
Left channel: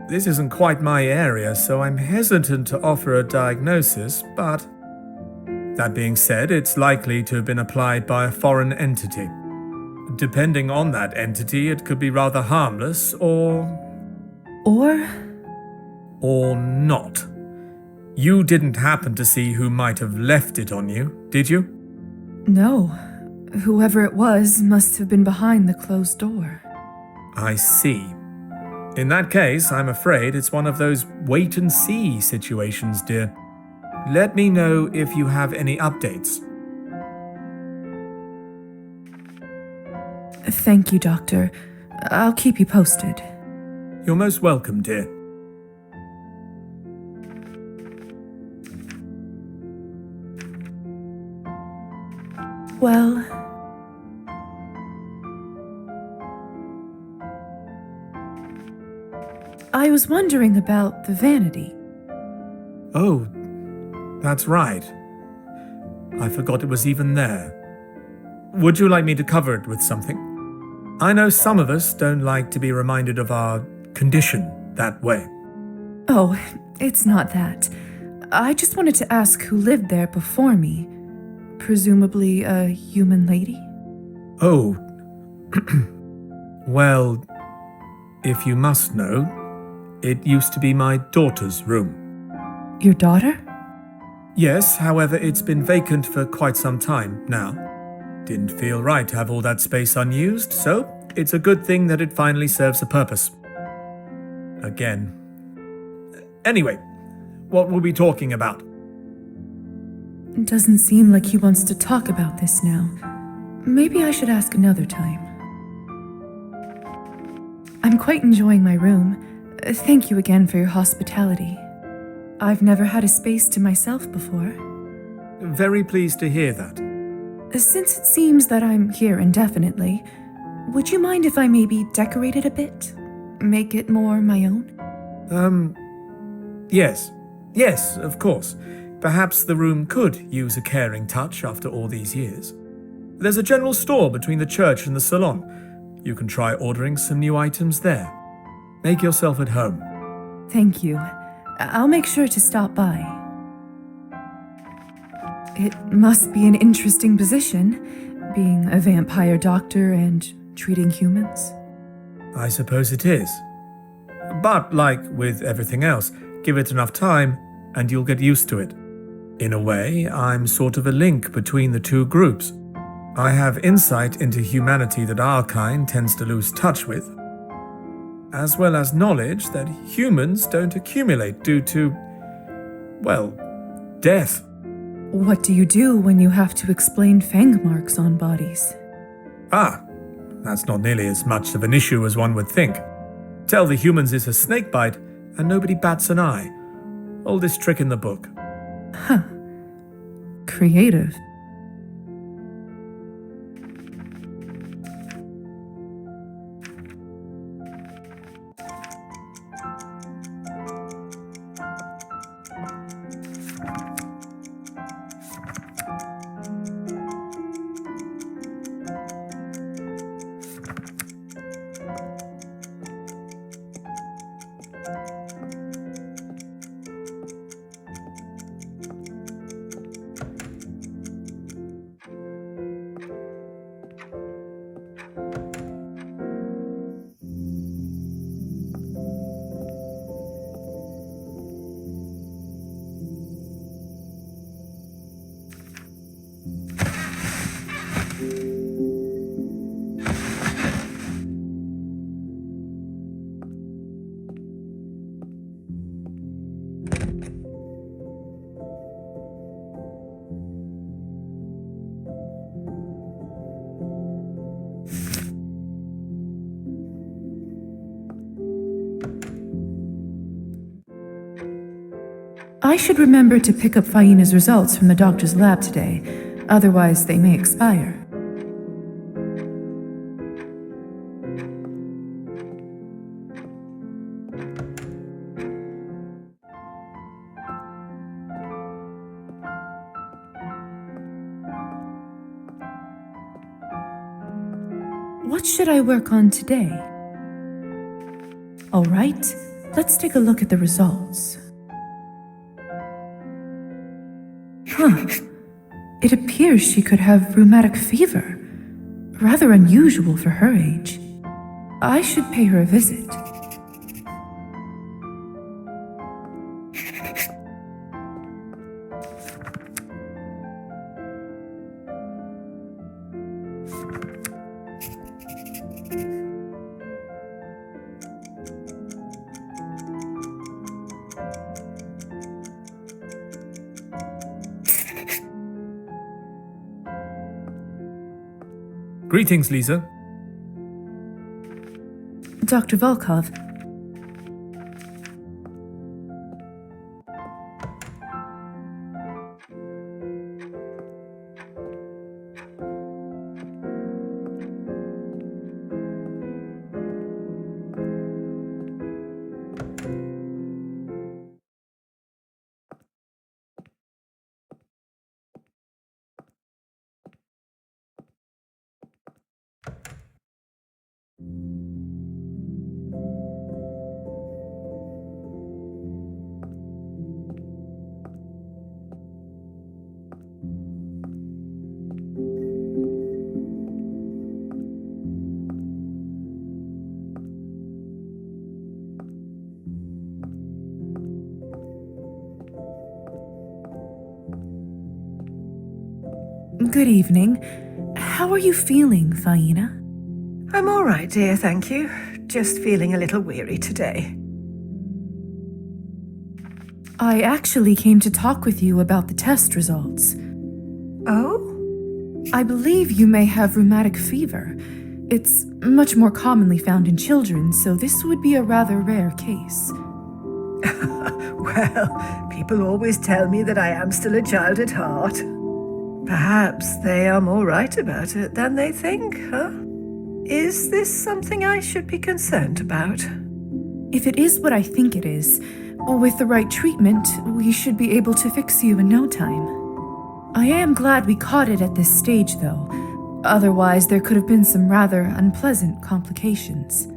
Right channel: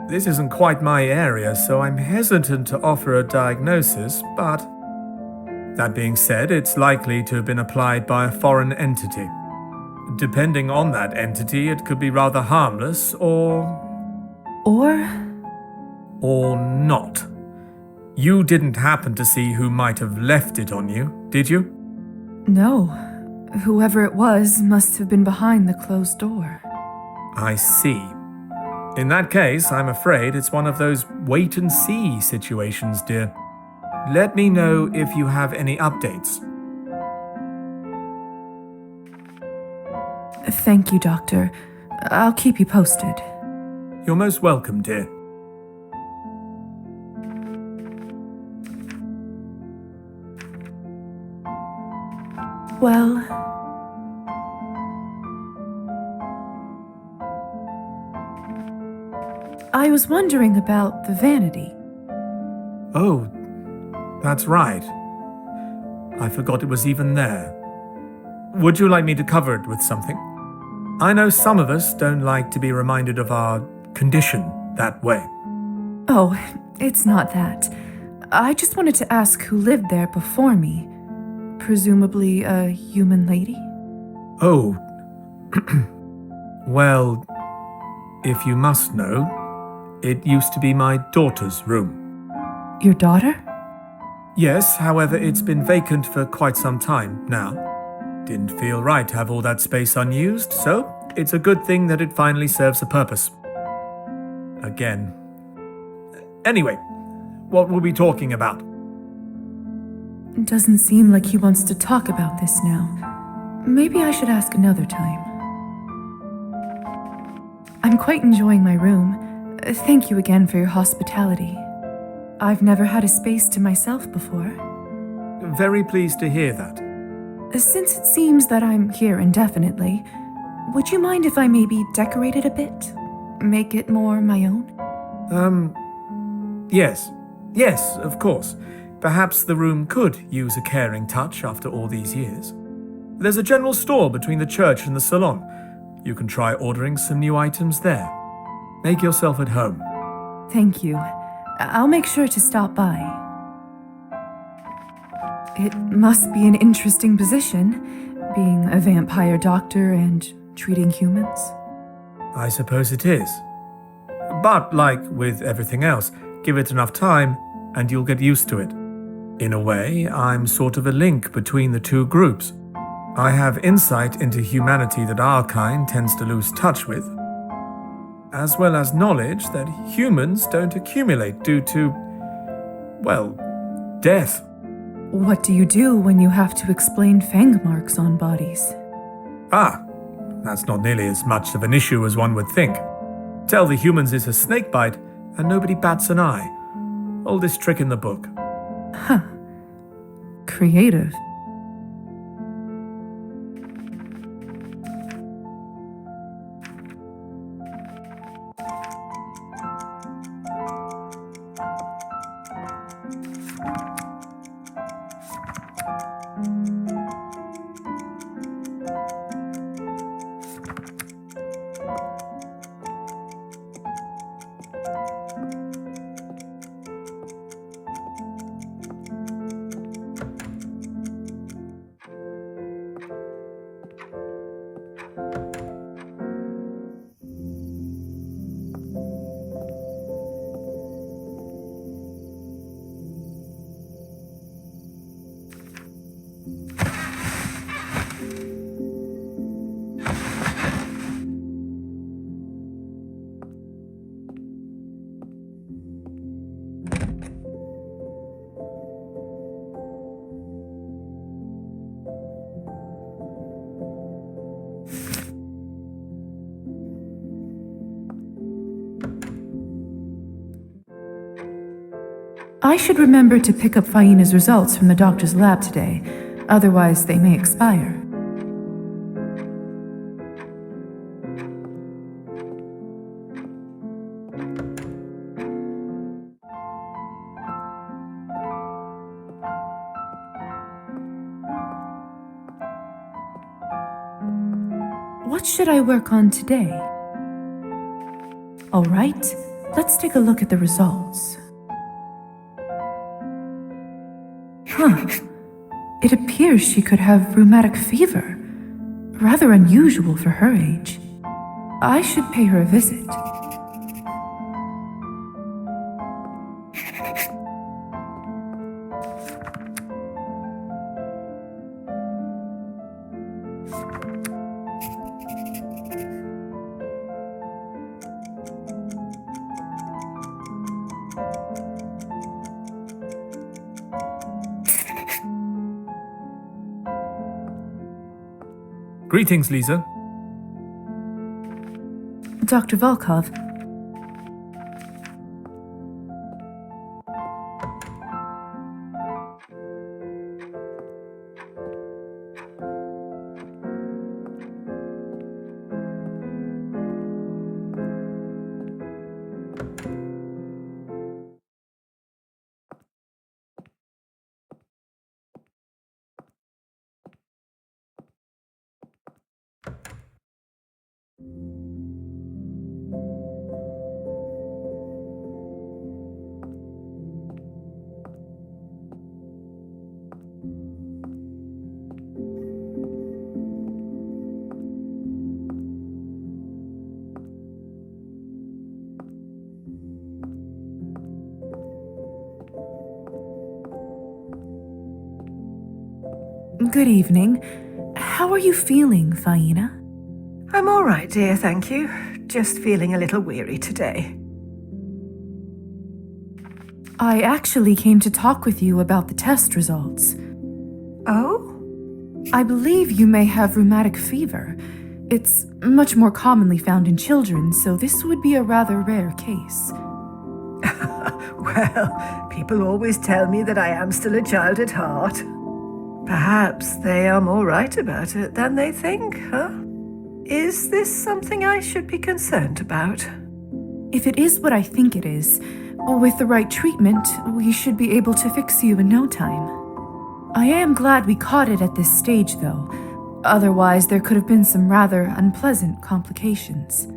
This isn't quite my area, so I'm hesitant to offer a diagnosis, but that being said, it's likely to have been applied by a foreign entity. Depending on that entity, it could be rather harmless or not. You didn't happen to see who might have left it on you, did you? No. Whoever it was must have been behind the closed door. I see. In that case, I'm afraid it's one of those wait-and-see situations, dear. Let me know if you have any updates. Thank you, Doctor. I'll keep you posted. You're most welcome, dear. Well, I was wondering about the vanity. Oh, that's right. I forgot it was even there. Would you like me to cover it with something? I know some of us don't like to be reminded of our condition that way. Oh, it's not that. I just wanted to ask who lived there before me. Presumably a human lady? Oh. Well, if you must know, it used to be my daughter's room. Your daughter? Yes, however, it's been vacant for quite some time now. Didn't feel right to have all that space unused, so it's a good thing that it finally serves a purpose. Again. Anyway, what were we talking about? It doesn't seem like he wants to talk about this now. Maybe I should ask another time. I'm quite enjoying my room. Thank you again for your hospitality. I've never had a space to myself before. Very pleased to hear that. Since it seems that I'm here indefinitely, would you mind if I maybe decorate it a bit? Make it more my own? Yes. Yes, of course. Perhaps the room could use a caring touch after all these years. There's a general store between the church and the salon. You can try ordering some new items there. Make yourself at home. Thank you. I'll make sure to stop by. It must be an interesting position, being a vampire doctor and treating humans. I suppose it is. But like with everything else, give it enough time and you'll get used to it. In a way, I'm sort of a link between the two groups. I have insight into humanity that our kind tends to lose touch with, as well as knowledge that humans don't accumulate due to, well, death. What do you do when you have to explain fang marks on bodies? Ah, that's not nearly as much of an issue as one would think. Tell the humans it's a snake bite and nobody bats an eye. Oldest trick in the book. Huh. Creative. I should remember to pick up Faina's results from the doctor's lab today, otherwise they may expire. What should I work on today? All right, let's take a look at the results. Huh. It appears she could have rheumatic fever. Rather unusual for her age. I should pay her a visit. Greetings, Lisa. Dr. Volkov. Good evening. How are you feeling, Faina? I'm all right, dear, thank you. Just feeling a little weary today. I actually came to talk with you about the test results. Oh? I believe you may have rheumatic fever. It's much more commonly found in children, so this would be a rather rare case. Well, people always tell me that I am still a child at heart. Perhaps they are more right about it than they think, huh? Is this something I should be concerned about? If it is what I think it is, with the right treatment, we should be able to fix you in no time. I am glad we caught it at this stage, though. Otherwise, there could have been some rather unpleasant complications.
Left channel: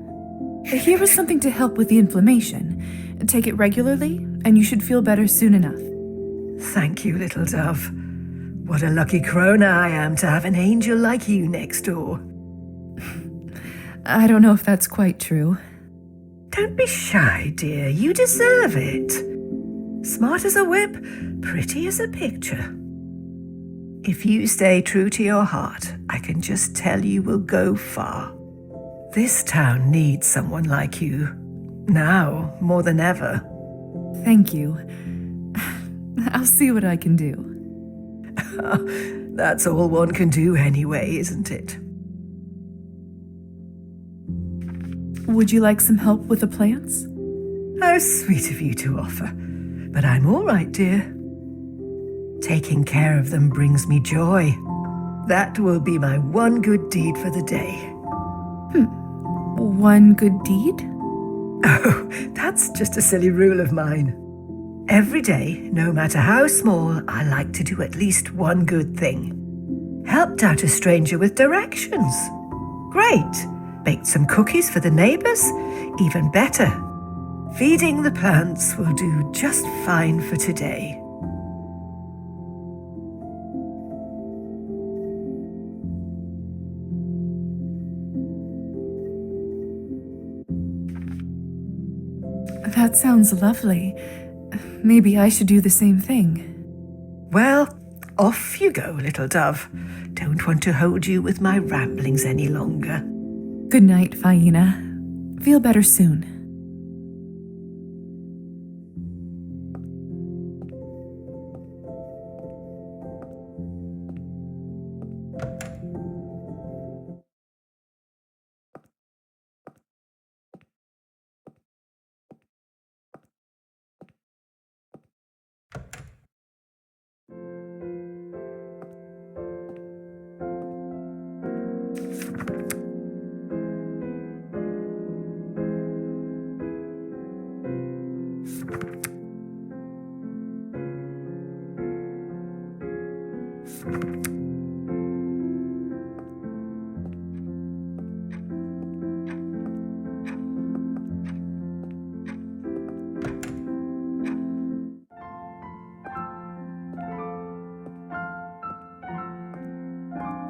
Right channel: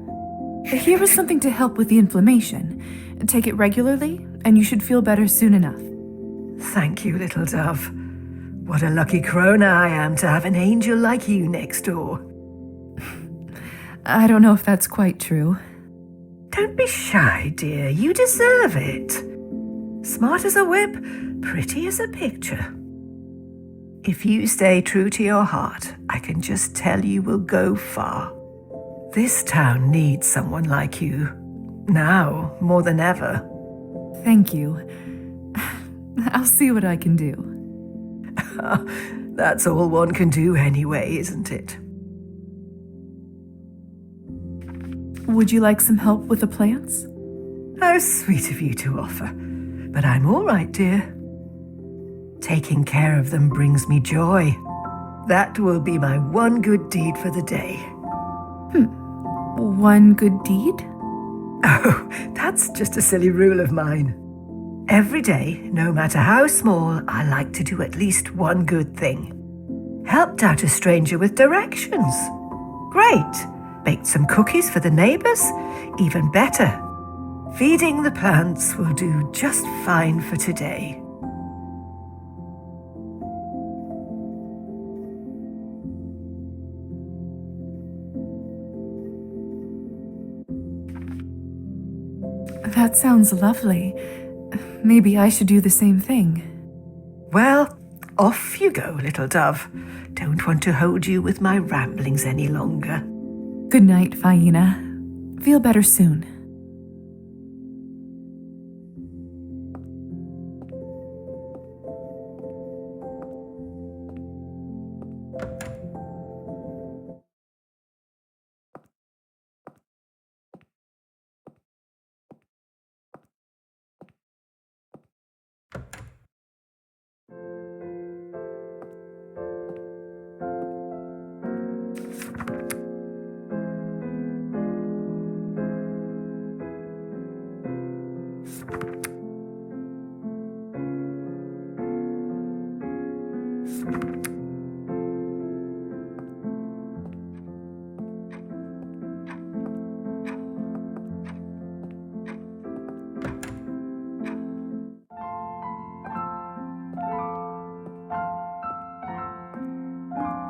Here is something to help with the inflammation. Take it regularly, and you should feel better soon enough. Thank you, little dove. What a lucky crone I am to have an angel like you next door. I don't know if that's quite true. Don't be shy, dear. You deserve it. Smart as a whip, pretty as a picture. If you stay true to your heart, I can just tell you will go far. This town needs someone like you. Now, more than ever. Thank you. I'll see what I can do. That's all one can do anyway, isn't it? Would you like some help with the plants? How sweet of you to offer. But I'm all right, dear. Taking care of them brings me joy. That will be my one good deed for the day. One good deed? Oh, that's just a silly rule of mine. Every day, no matter how small, I like to do at least one good thing. Helped out a stranger with directions. Great. Baked some cookies for the neighbors? Even better. Feeding the plants will do just fine for today. That sounds lovely. Maybe I should do the same thing. Well, off you go, little dove. Don't want to hold you with my ramblings any longer. Good night, Faina. Feel better soon.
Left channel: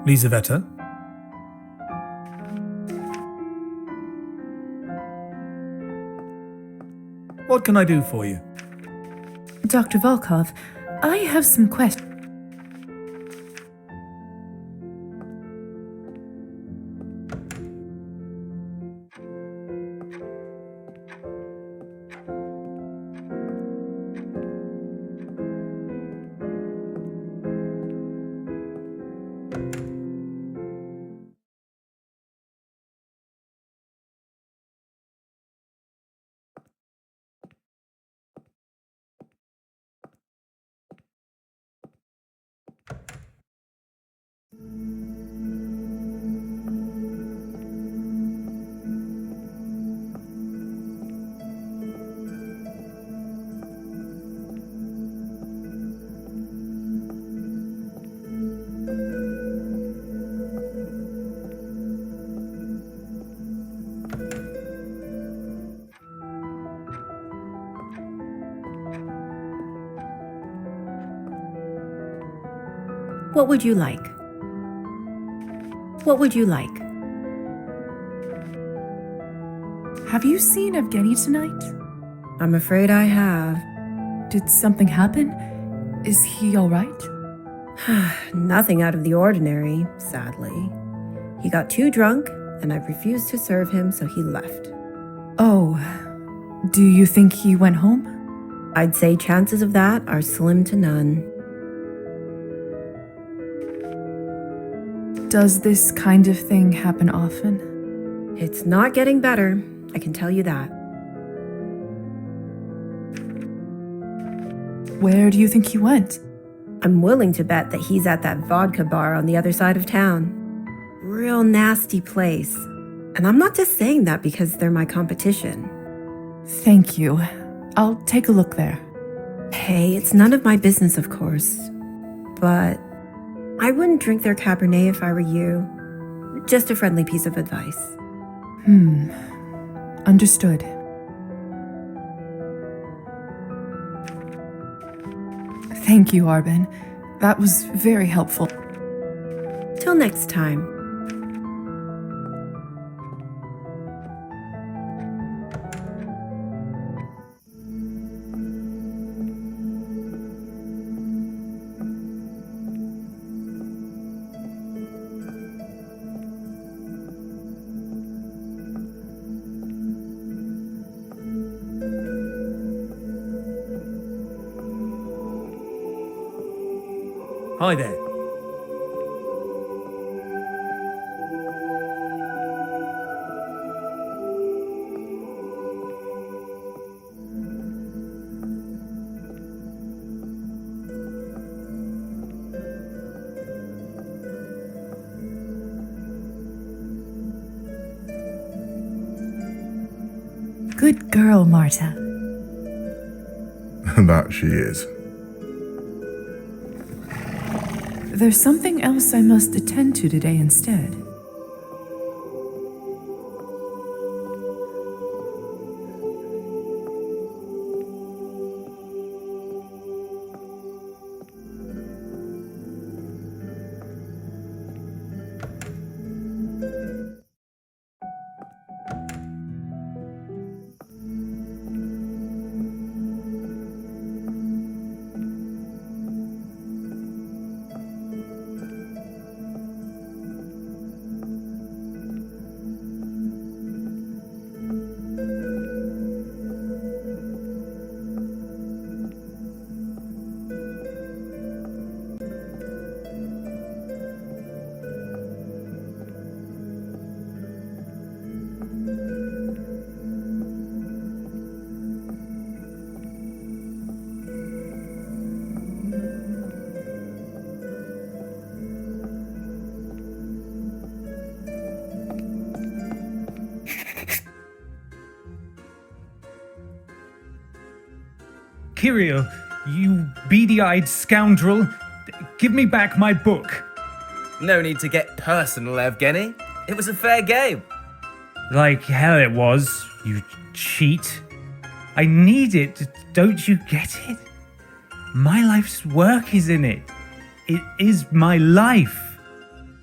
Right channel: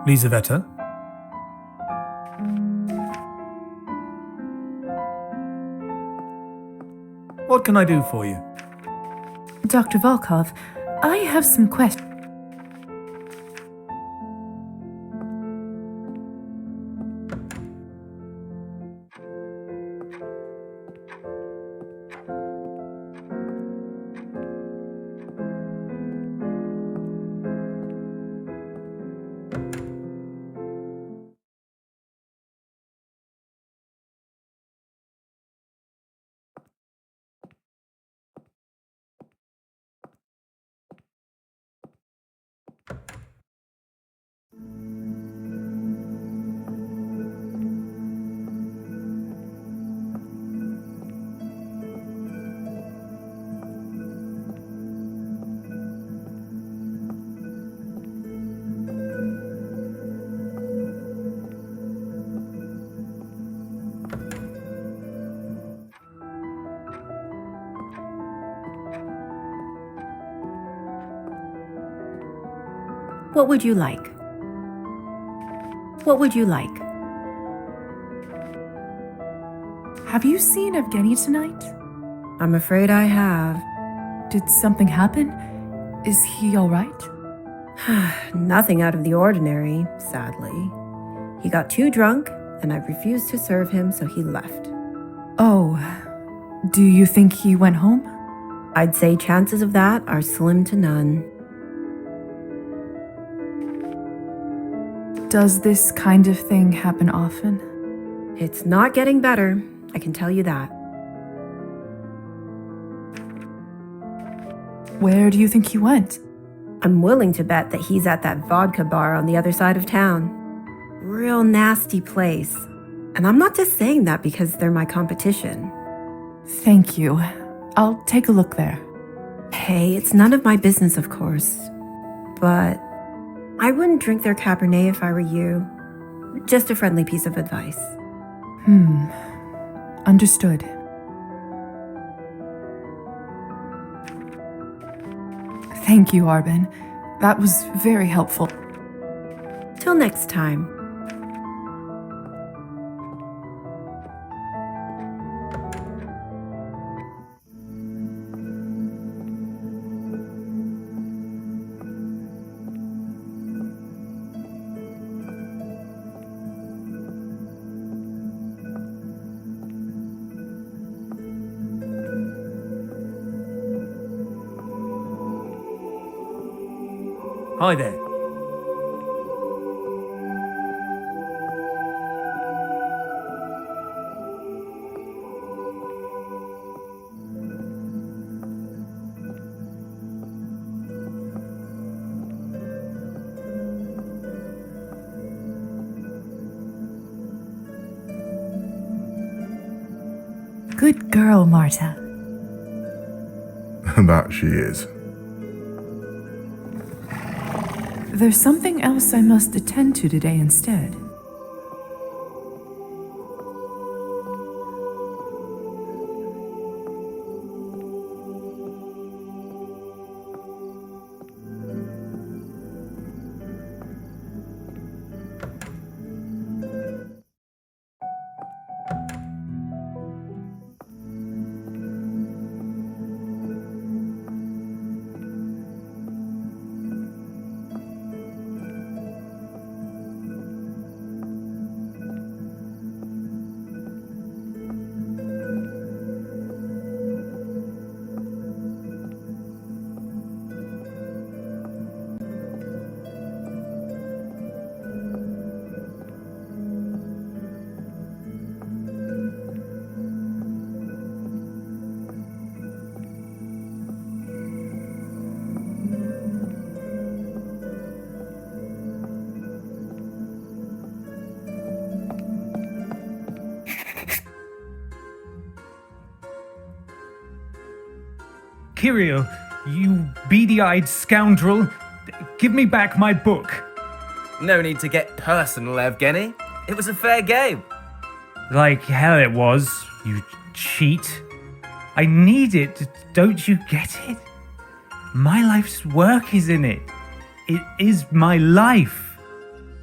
Lisaveta? What can I do for you? Dr. Volkov, I have some questions. What would you like? What would you like? Have you seen Evgeny tonight? I'm afraid I have. Did something happen? Is he all right? Nothing out of the ordinary, sadly. He got too drunk, and I refused to serve him, so he left. Oh, do you think he went home? I'd say chances of that are slim to none. Does this kind of thing happen often? It's not getting better, I can tell you that. Where do you think he went? I'm willing to bet that he's at that vodka bar on the other side of town. Real nasty place. And I'm not just saying that because they're my competition. Thank you. I'll take a look there. Hey, it's none of my business, of course. But I wouldn't drink their Cabernet if I were you. Just a friendly piece of advice. Understood. Thank you, Arben. That was very helpful. Till next time. Hi there. Good girl, Marta. That she is. There's something else I must attend to today instead. Kirill, you beady-eyed scoundrel, give me back my book. No need to get personal, Evgeny. It was a fair game. Like hell it was, you cheat. I need it, don't you get it? My life's work is in it. It is my life.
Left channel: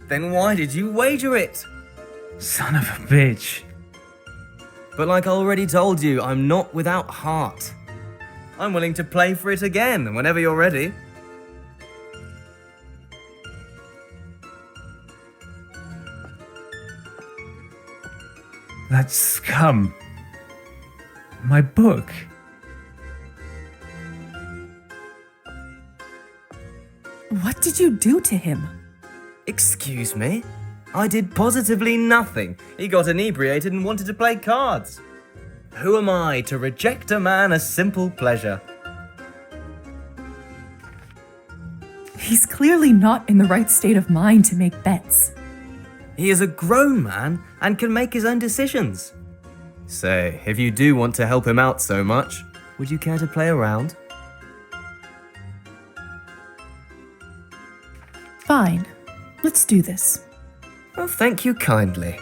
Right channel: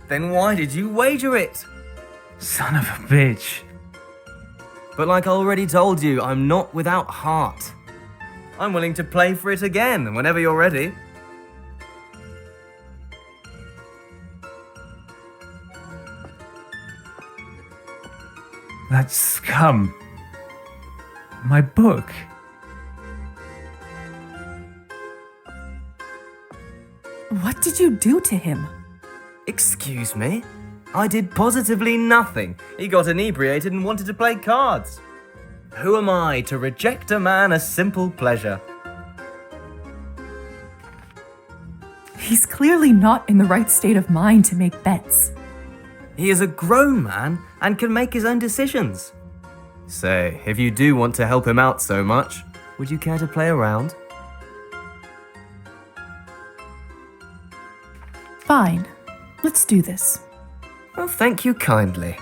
Then why did you wager it? Son of a bitch. But like I already told you, I'm not without heart. I'm willing to play for it again whenever you're ready. That scum. My book. What did you do to him? Excuse me? I did positively nothing. He got inebriated and wanted to play cards. Who am I to reject a man a simple pleasure? He's clearly not in the right state of mind to make bets. He is a grown man and can make his own decisions. Say, if you do want to help him out so much, would you care to play around? Fine. Let's do this. Well, thank you kindly.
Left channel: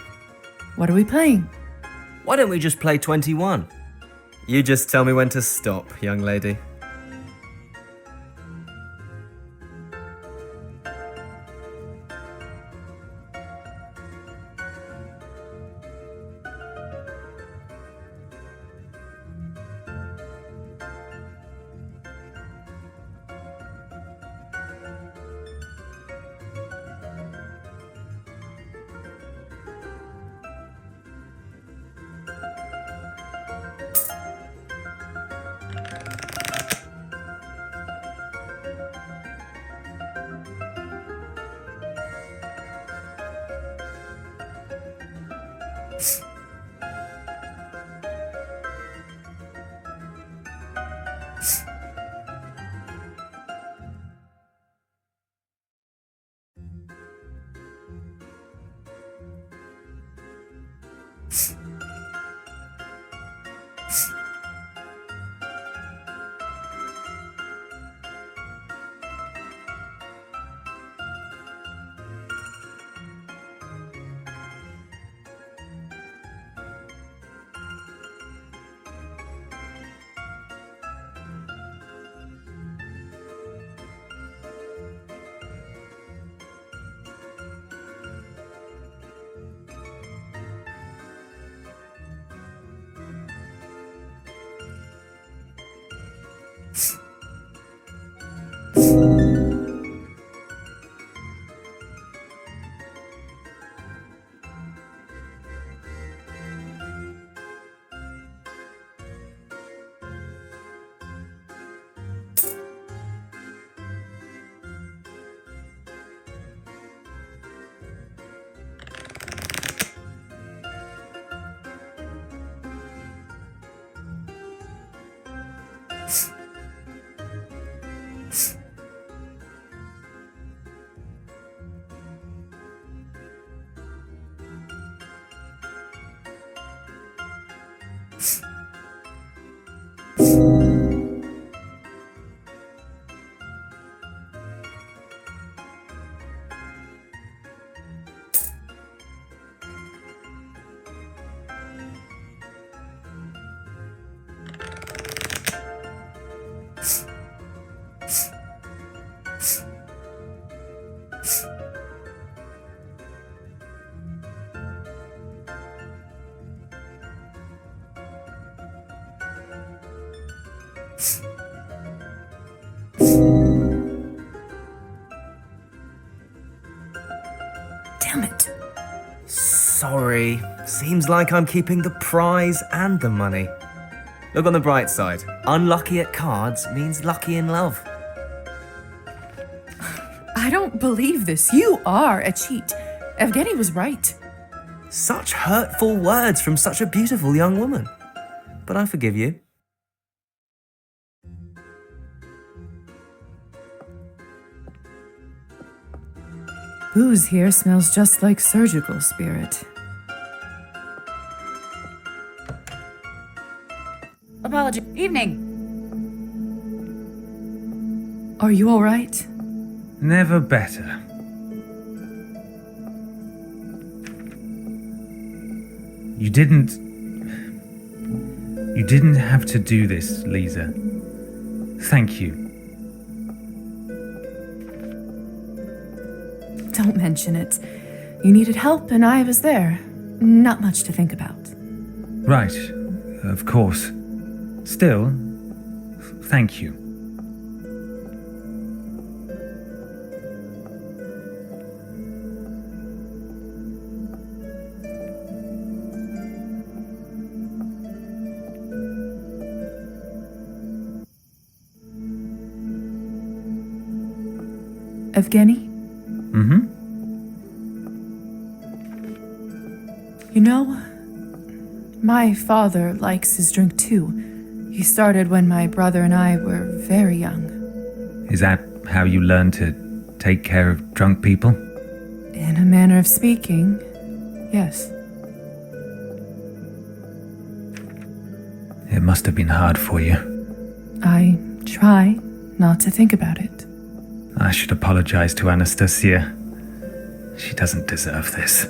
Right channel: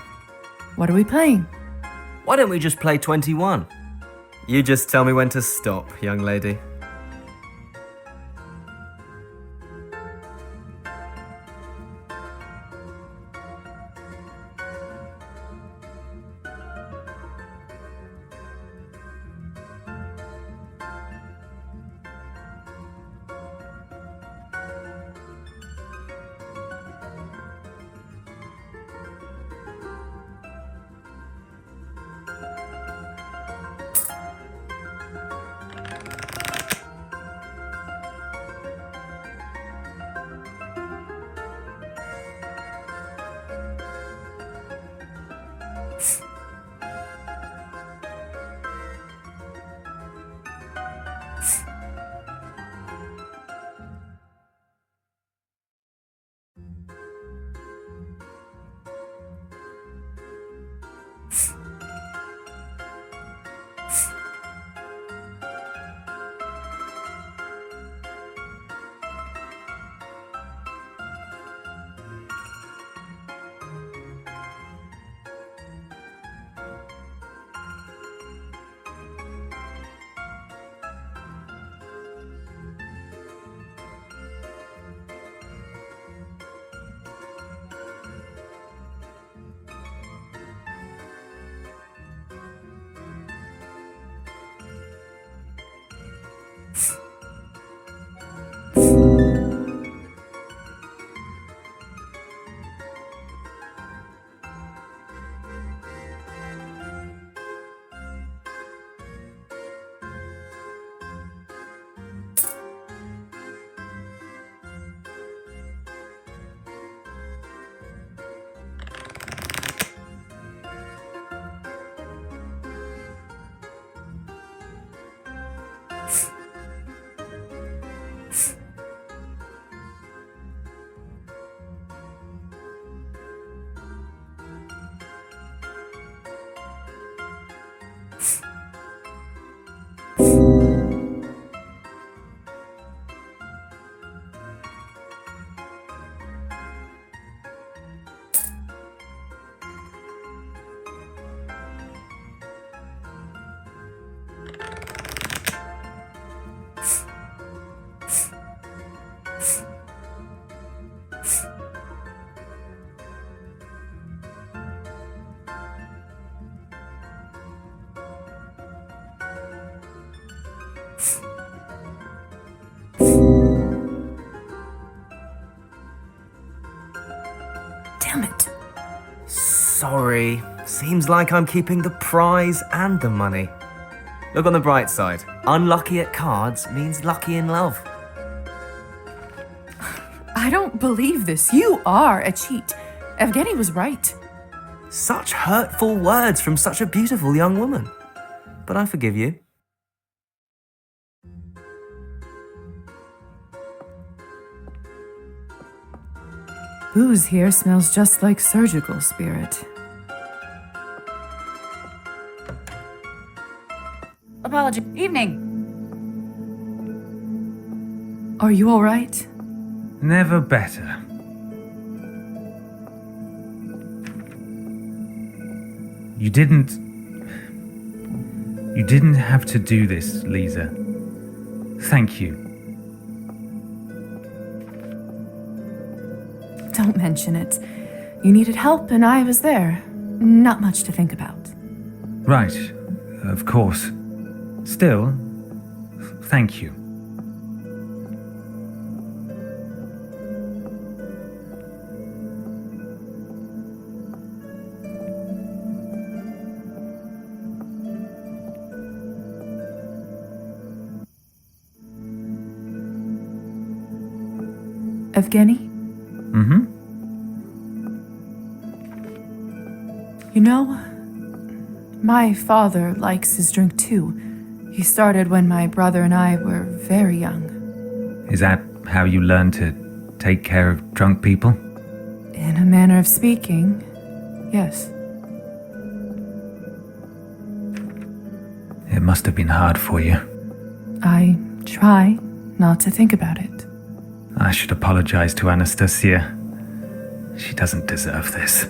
What are we playing? Why don't we just play 21? You just tell me when to stop, young lady. Damn it. Sorry. Seems like I'm keeping the prize and the money. Look on the bright side. Unlucky at cards means lucky in love. I don't believe this. You are a cheat. Evgeny was right. Such hurtful words from such a beautiful young woman. But I forgive you. Booze here smells just like surgical spirit. Apology. Evening. Are you all right? Never better. You didn't have to do this, Lisa. Thank you. Don't mention it. You needed help and I was there. Not much to think about. Right, of course. Still, thank you. Evgeny? Mm-hmm. You know, my father likes his drink too. He started when my brother and I were very young. Is that how you learned to take care of drunk people? In a manner of speaking, yes. It must have been hard for you. I try not to think about it. I should apologize to Anastasia. She doesn't deserve this.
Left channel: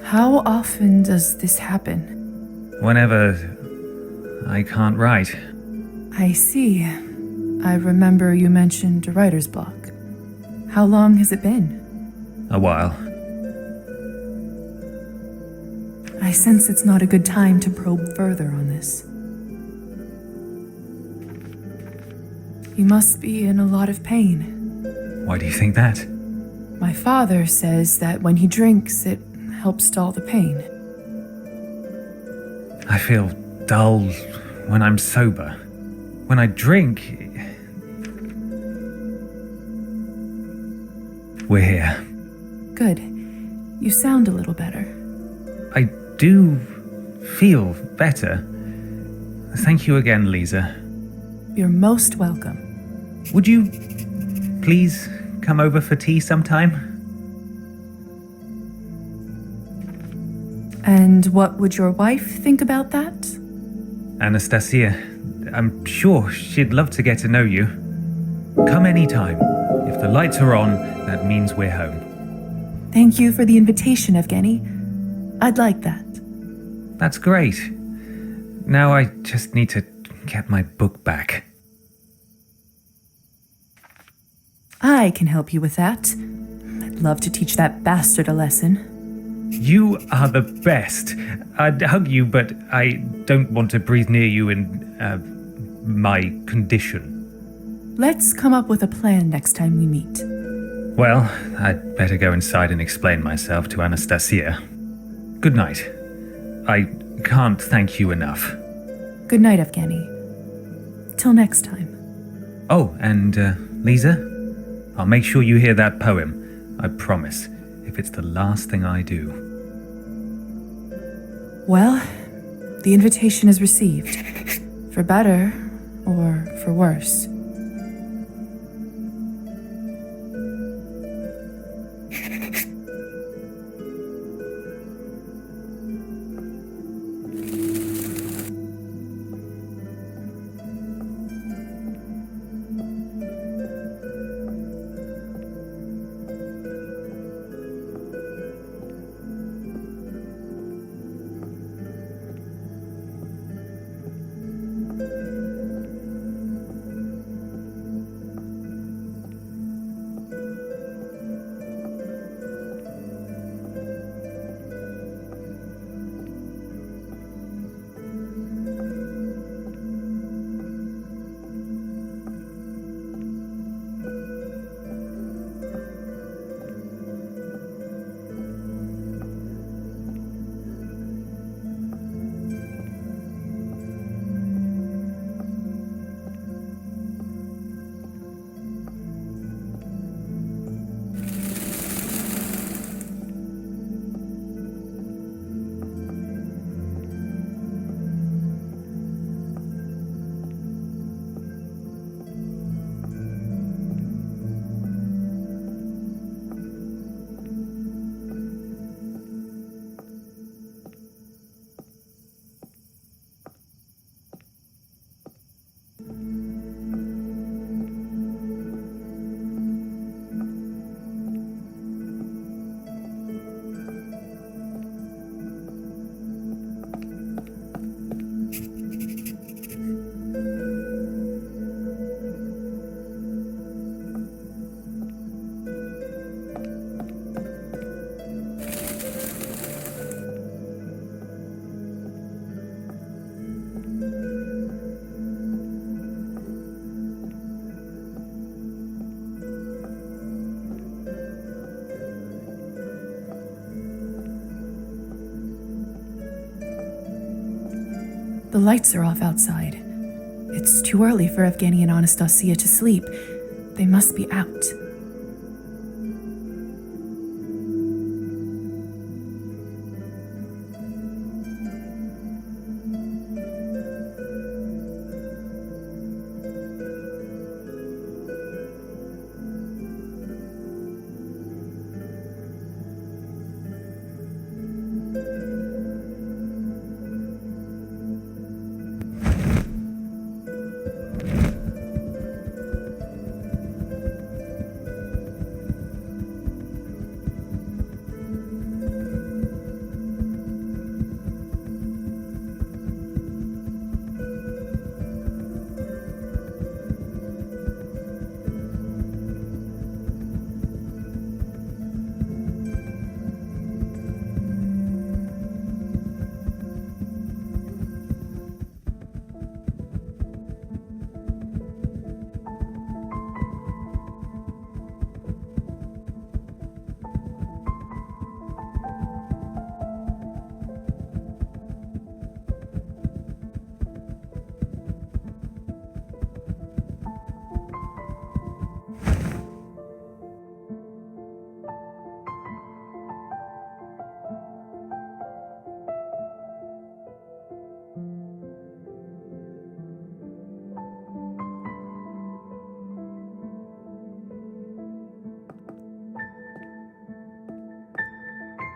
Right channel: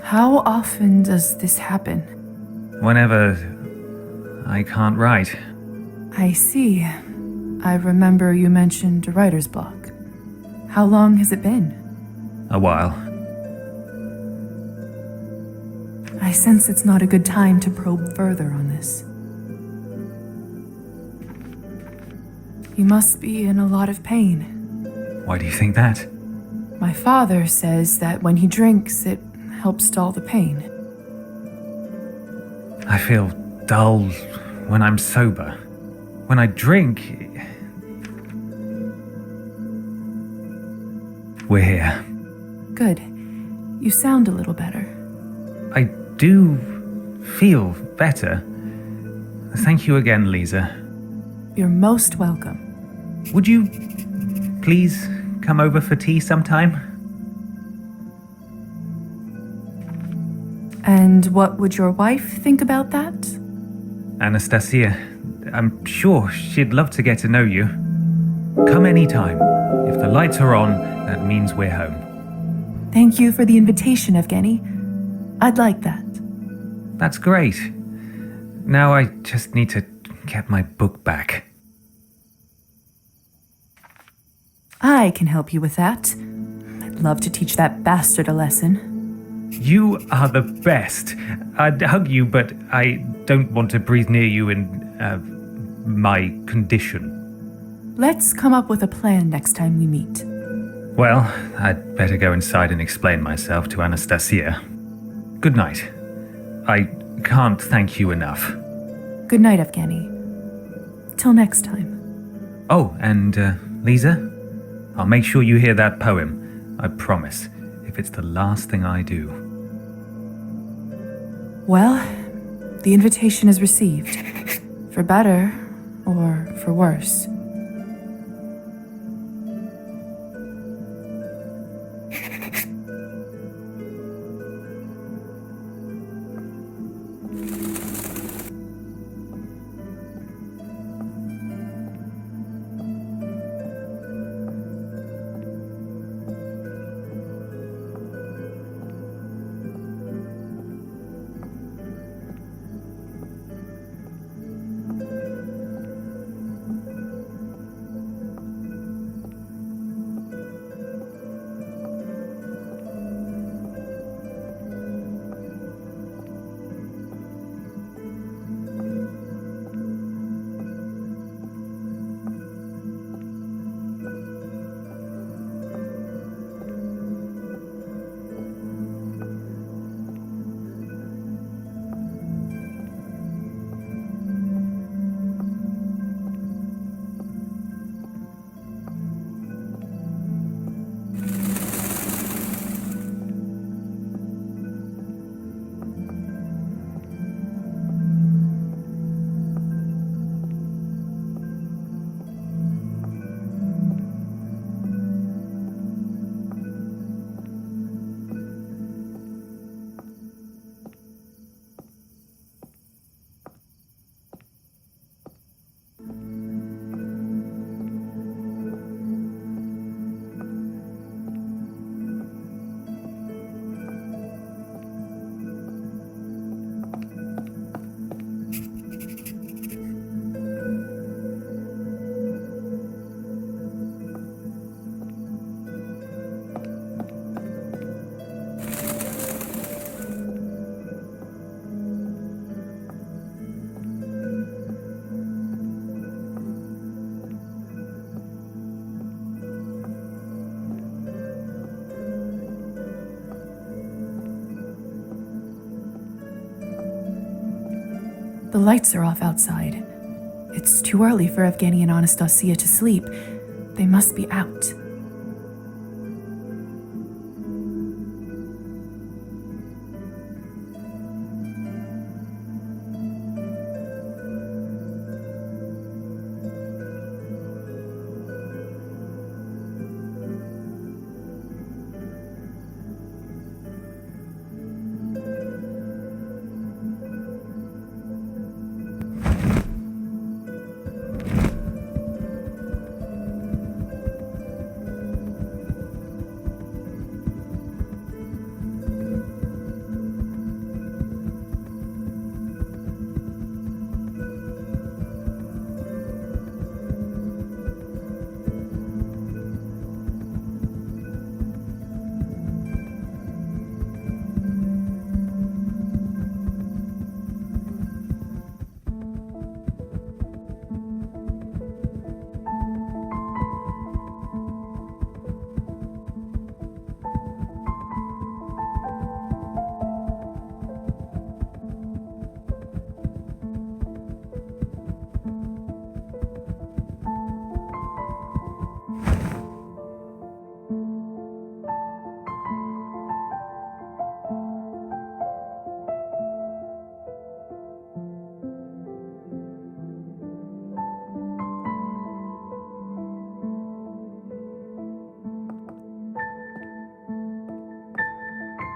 How often does this happen? Whenever I can't write. I see. I remember you mentioned a writer's block. How long has it been? A while. I sense it's not a good time to probe further on this. You must be in a lot of pain. Why do you think that? My father says that when he drinks, it helps dull the pain. I feel dull when I'm sober. When I drink... We're here. Good. You sound a little better. I do feel better. Thank you again, Lisa. You're most welcome. Would you please come over for tea sometime? And what would your wife think about that? Anastasia, I'm sure she'd love to get to know you. Come anytime. If the lights are on, that means we're home. Thank you for the invitation, Evgeny. I'd like that. That's great. Now I just need to get my book back. I can help you with that. I'd love to teach that bastard a lesson. You are the best. I'd hug you, but I don't want to breathe near you in, my condition. Let's come up with a plan next time we meet. Well, I'd better go inside and explain myself to Anastasia. Good night. I can't thank you enough. Good night, Evgeny. Till next time. Oh, and, Lisa? I'll make sure you hear that poem. I promise, if it's the last thing I do. Well, the invitation is received. For better or for worse. The lights are off outside. It's too early for Evgeny and Anastasia to sleep. They must be out.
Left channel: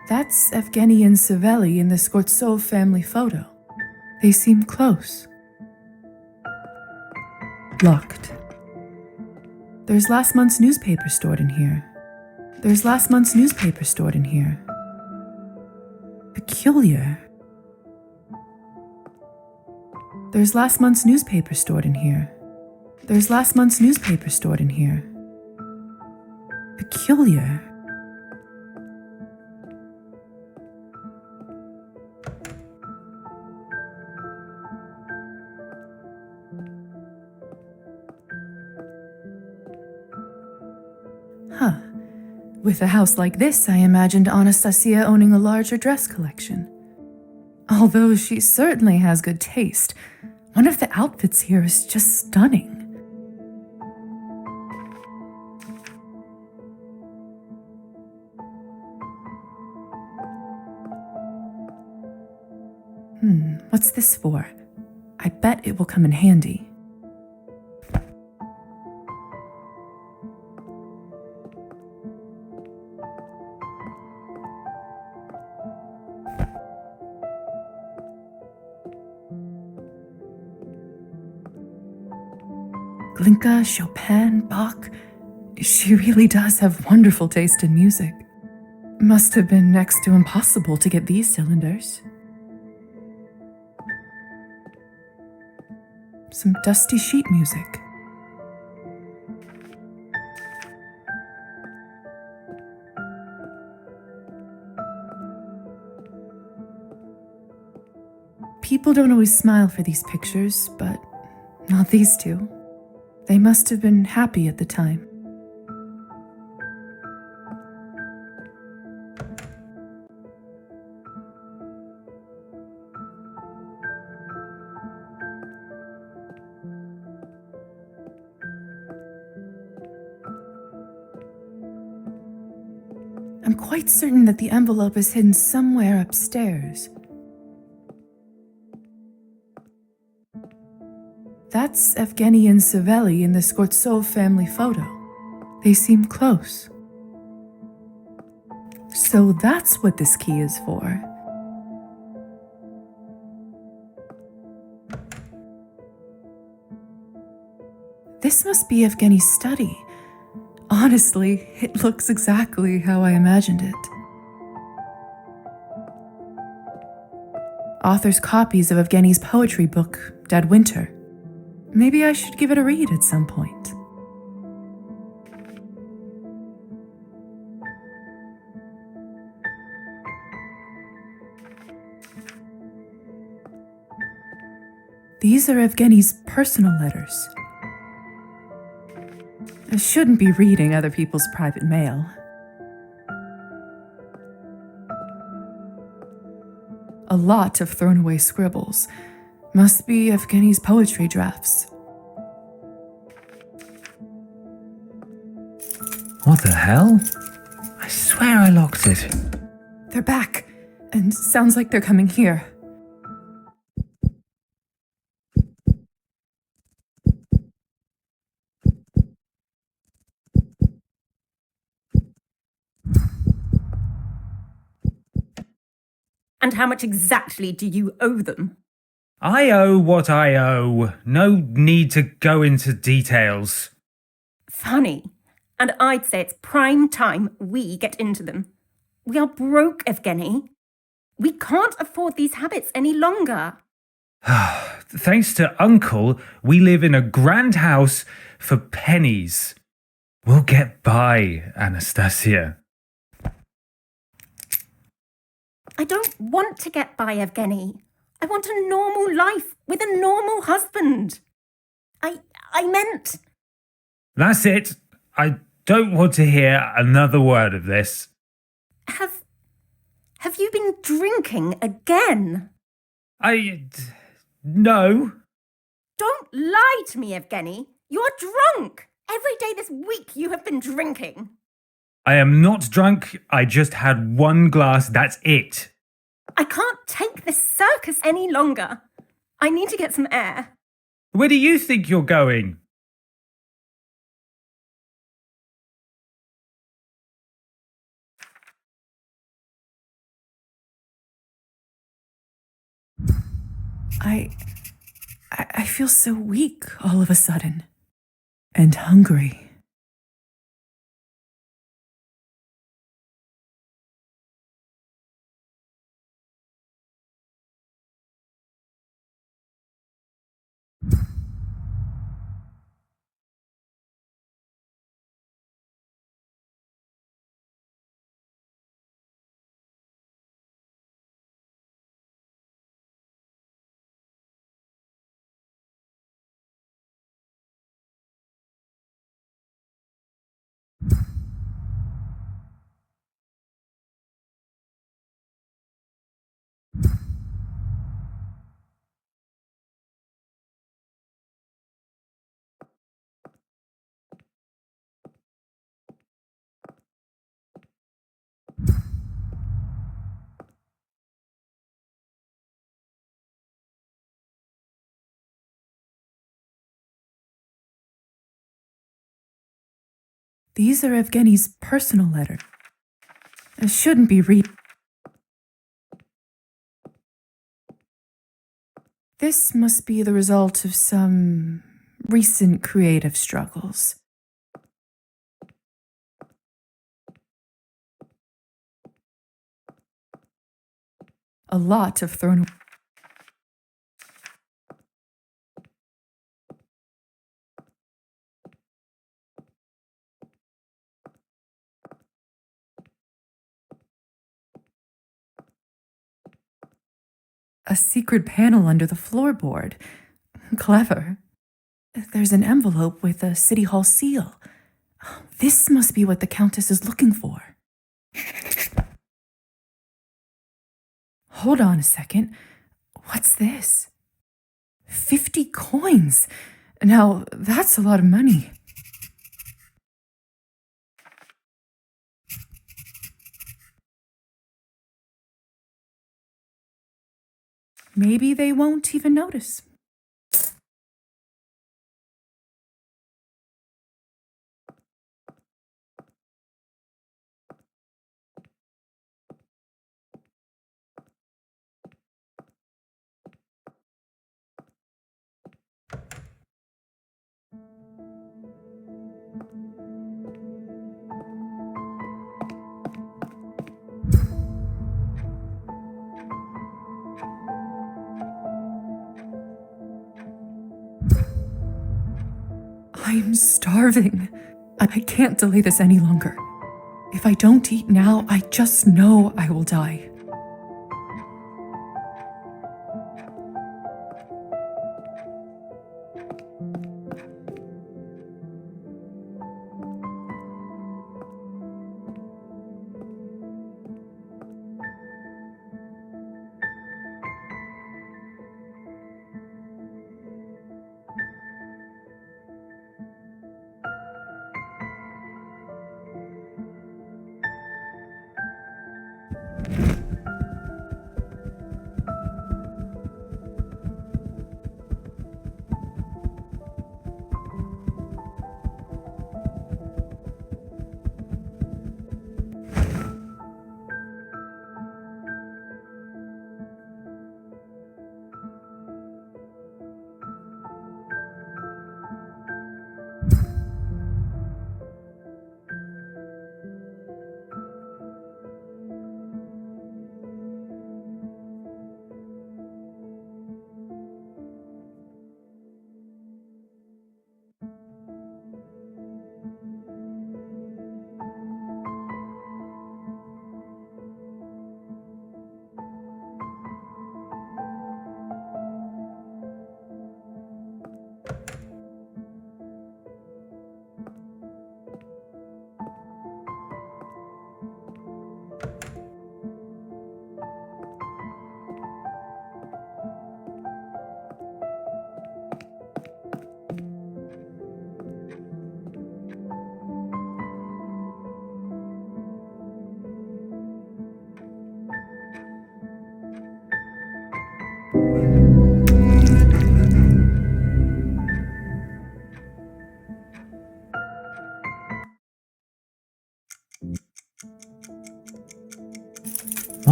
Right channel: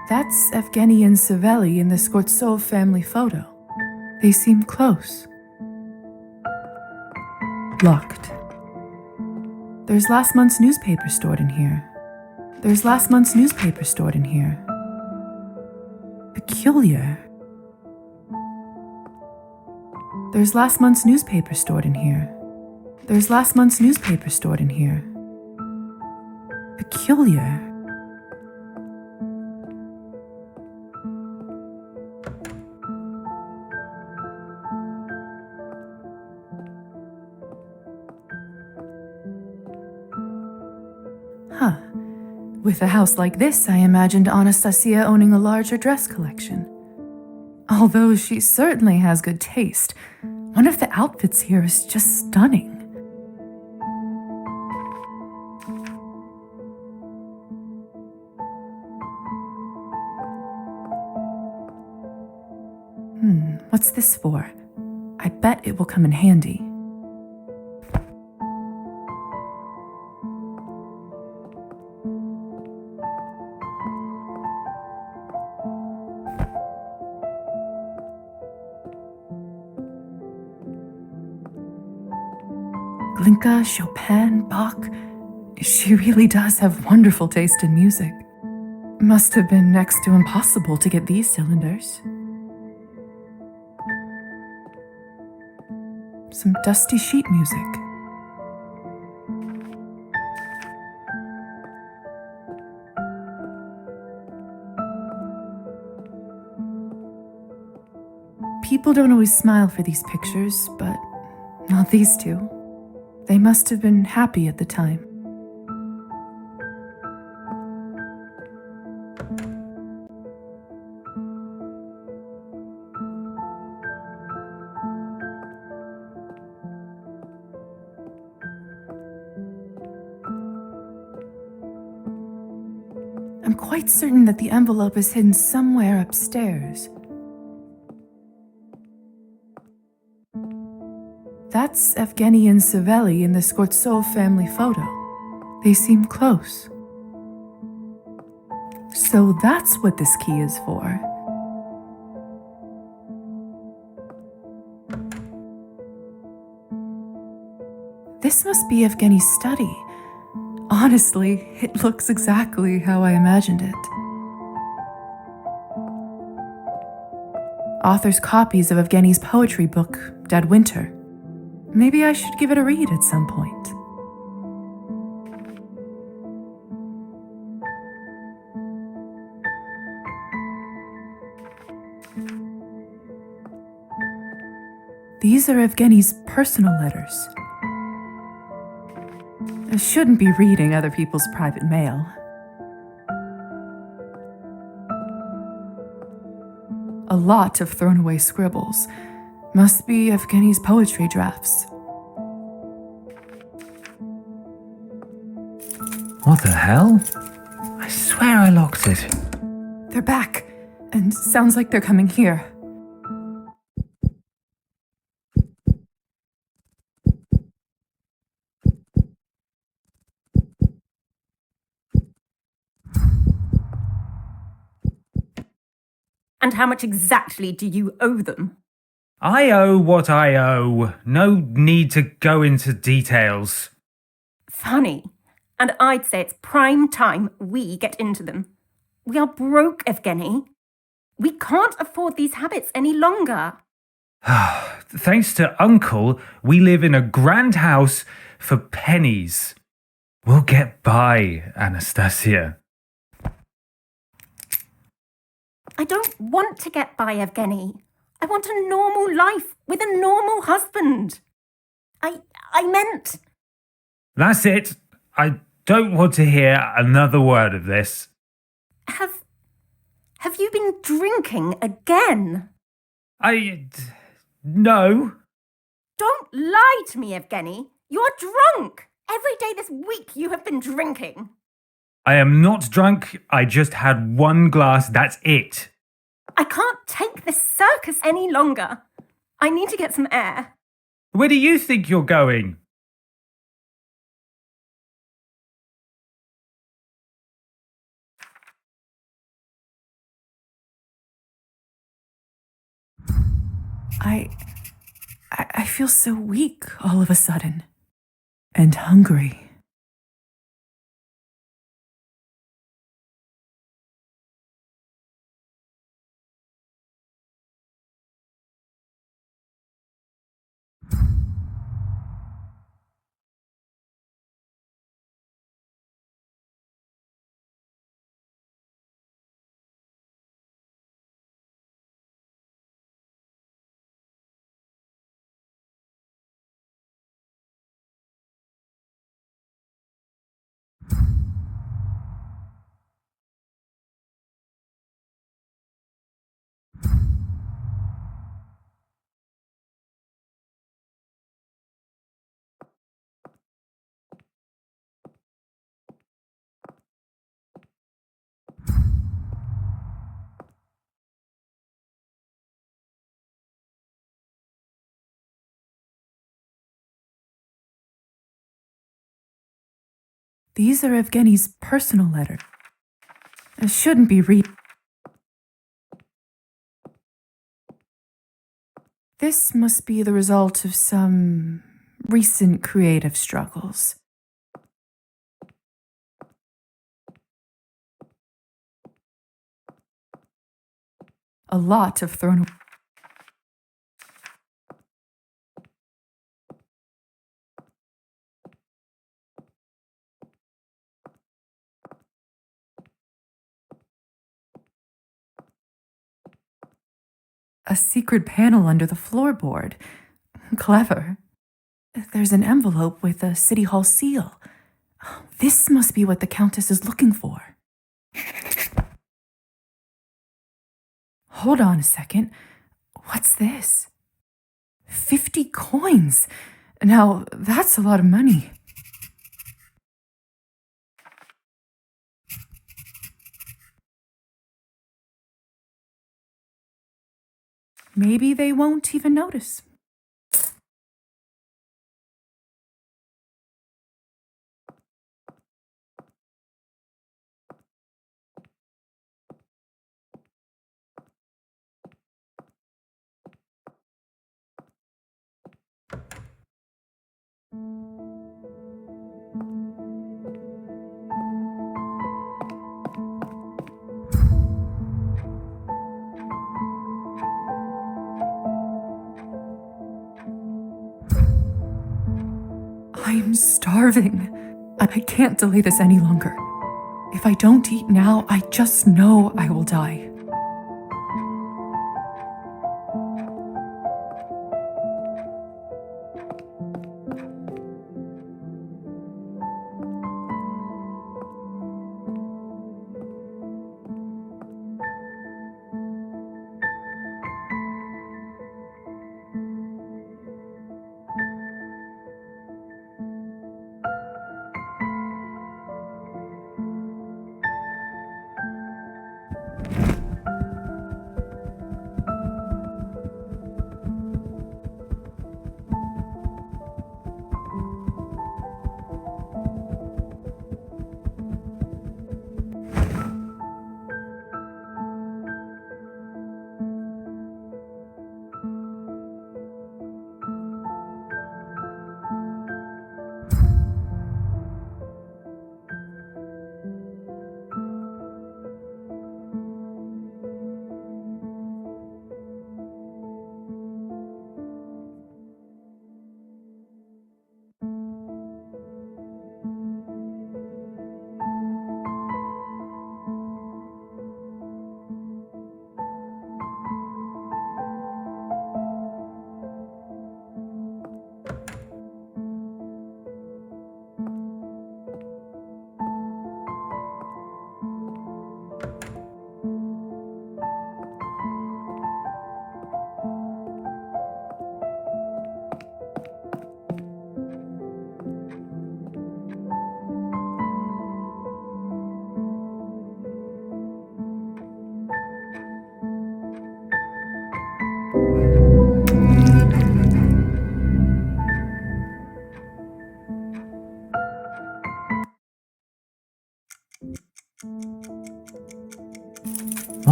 That's Evgeny and Savelli in the Skvortsov family photo. They seem close. Locked. There's last month's newspaper stored in here. There's last month's newspaper stored in here. Peculiar. There's last month's newspaper stored in here. There's last month's newspaper stored in here. Peculiar. Huh. With a house like this, I imagined Anastasia owning a larger dress collection. Although she certainly has good taste, one of the outfits here is just stunning. What's this for? I bet it will come in handy. Glinka, Chopin, Bach. She really does have wonderful taste in music. Must have been next to impossible to get these cylinders. Some dusty sheet music. People don't always smile for these pictures, but not these two. They must have been happy at the time. I'm quite certain that the envelope is hidden somewhere upstairs. That's Evgeny and Savelli in the Skvortsov family photo. They seem close. So that's what this key is for. This must be Evgeny's study. Honestly, it looks exactly how I imagined it. Author's copies of Evgeny's poetry book, Dead Winter. Maybe I should give it a read at some point. These are Evgeny's personal letters. I shouldn't be reading other people's private mail. A lot of thrown away scribbles. Must be Evgeny's poetry drafts. What the hell? I swear I locked it. They're back, and sounds like they're coming here. And how much exactly do you owe them? I owe what I owe. No need to go into details. Funny. And I'd say it's prime time we get into them. We are broke, Evgeny. We can't afford these habits any longer. Thanks to Uncle, we live in a grand house for pennies. We'll get by, Anastasia. I don't want to get by, Evgeny. I want a normal life with a normal husband. I meant... That's it. I don't want to hear another word of this. Have you been drinking again? No. Don't lie to me, Evgeny. You're drunk. Every day this week you have been drinking. I am not drunk. I just had one glass. That's it. I can't take this circus any longer. I need to get some air. Where do you think you're going? I feel so weak all of a sudden. And hungry. These are Evgeny's personal letters. I shouldn't be This must be the result of some recent creative struggles. A lot of thrown away. A secret panel under the floorboard. Clever. There's an envelope with a City Hall seal. This must be what the Countess is looking for. Hold on a second. What's this? 50 coins. Now, that's a lot of money. Maybe they won't even notice. I'm starving. I can't delay this any longer. If I don't eat now, I just know I will die.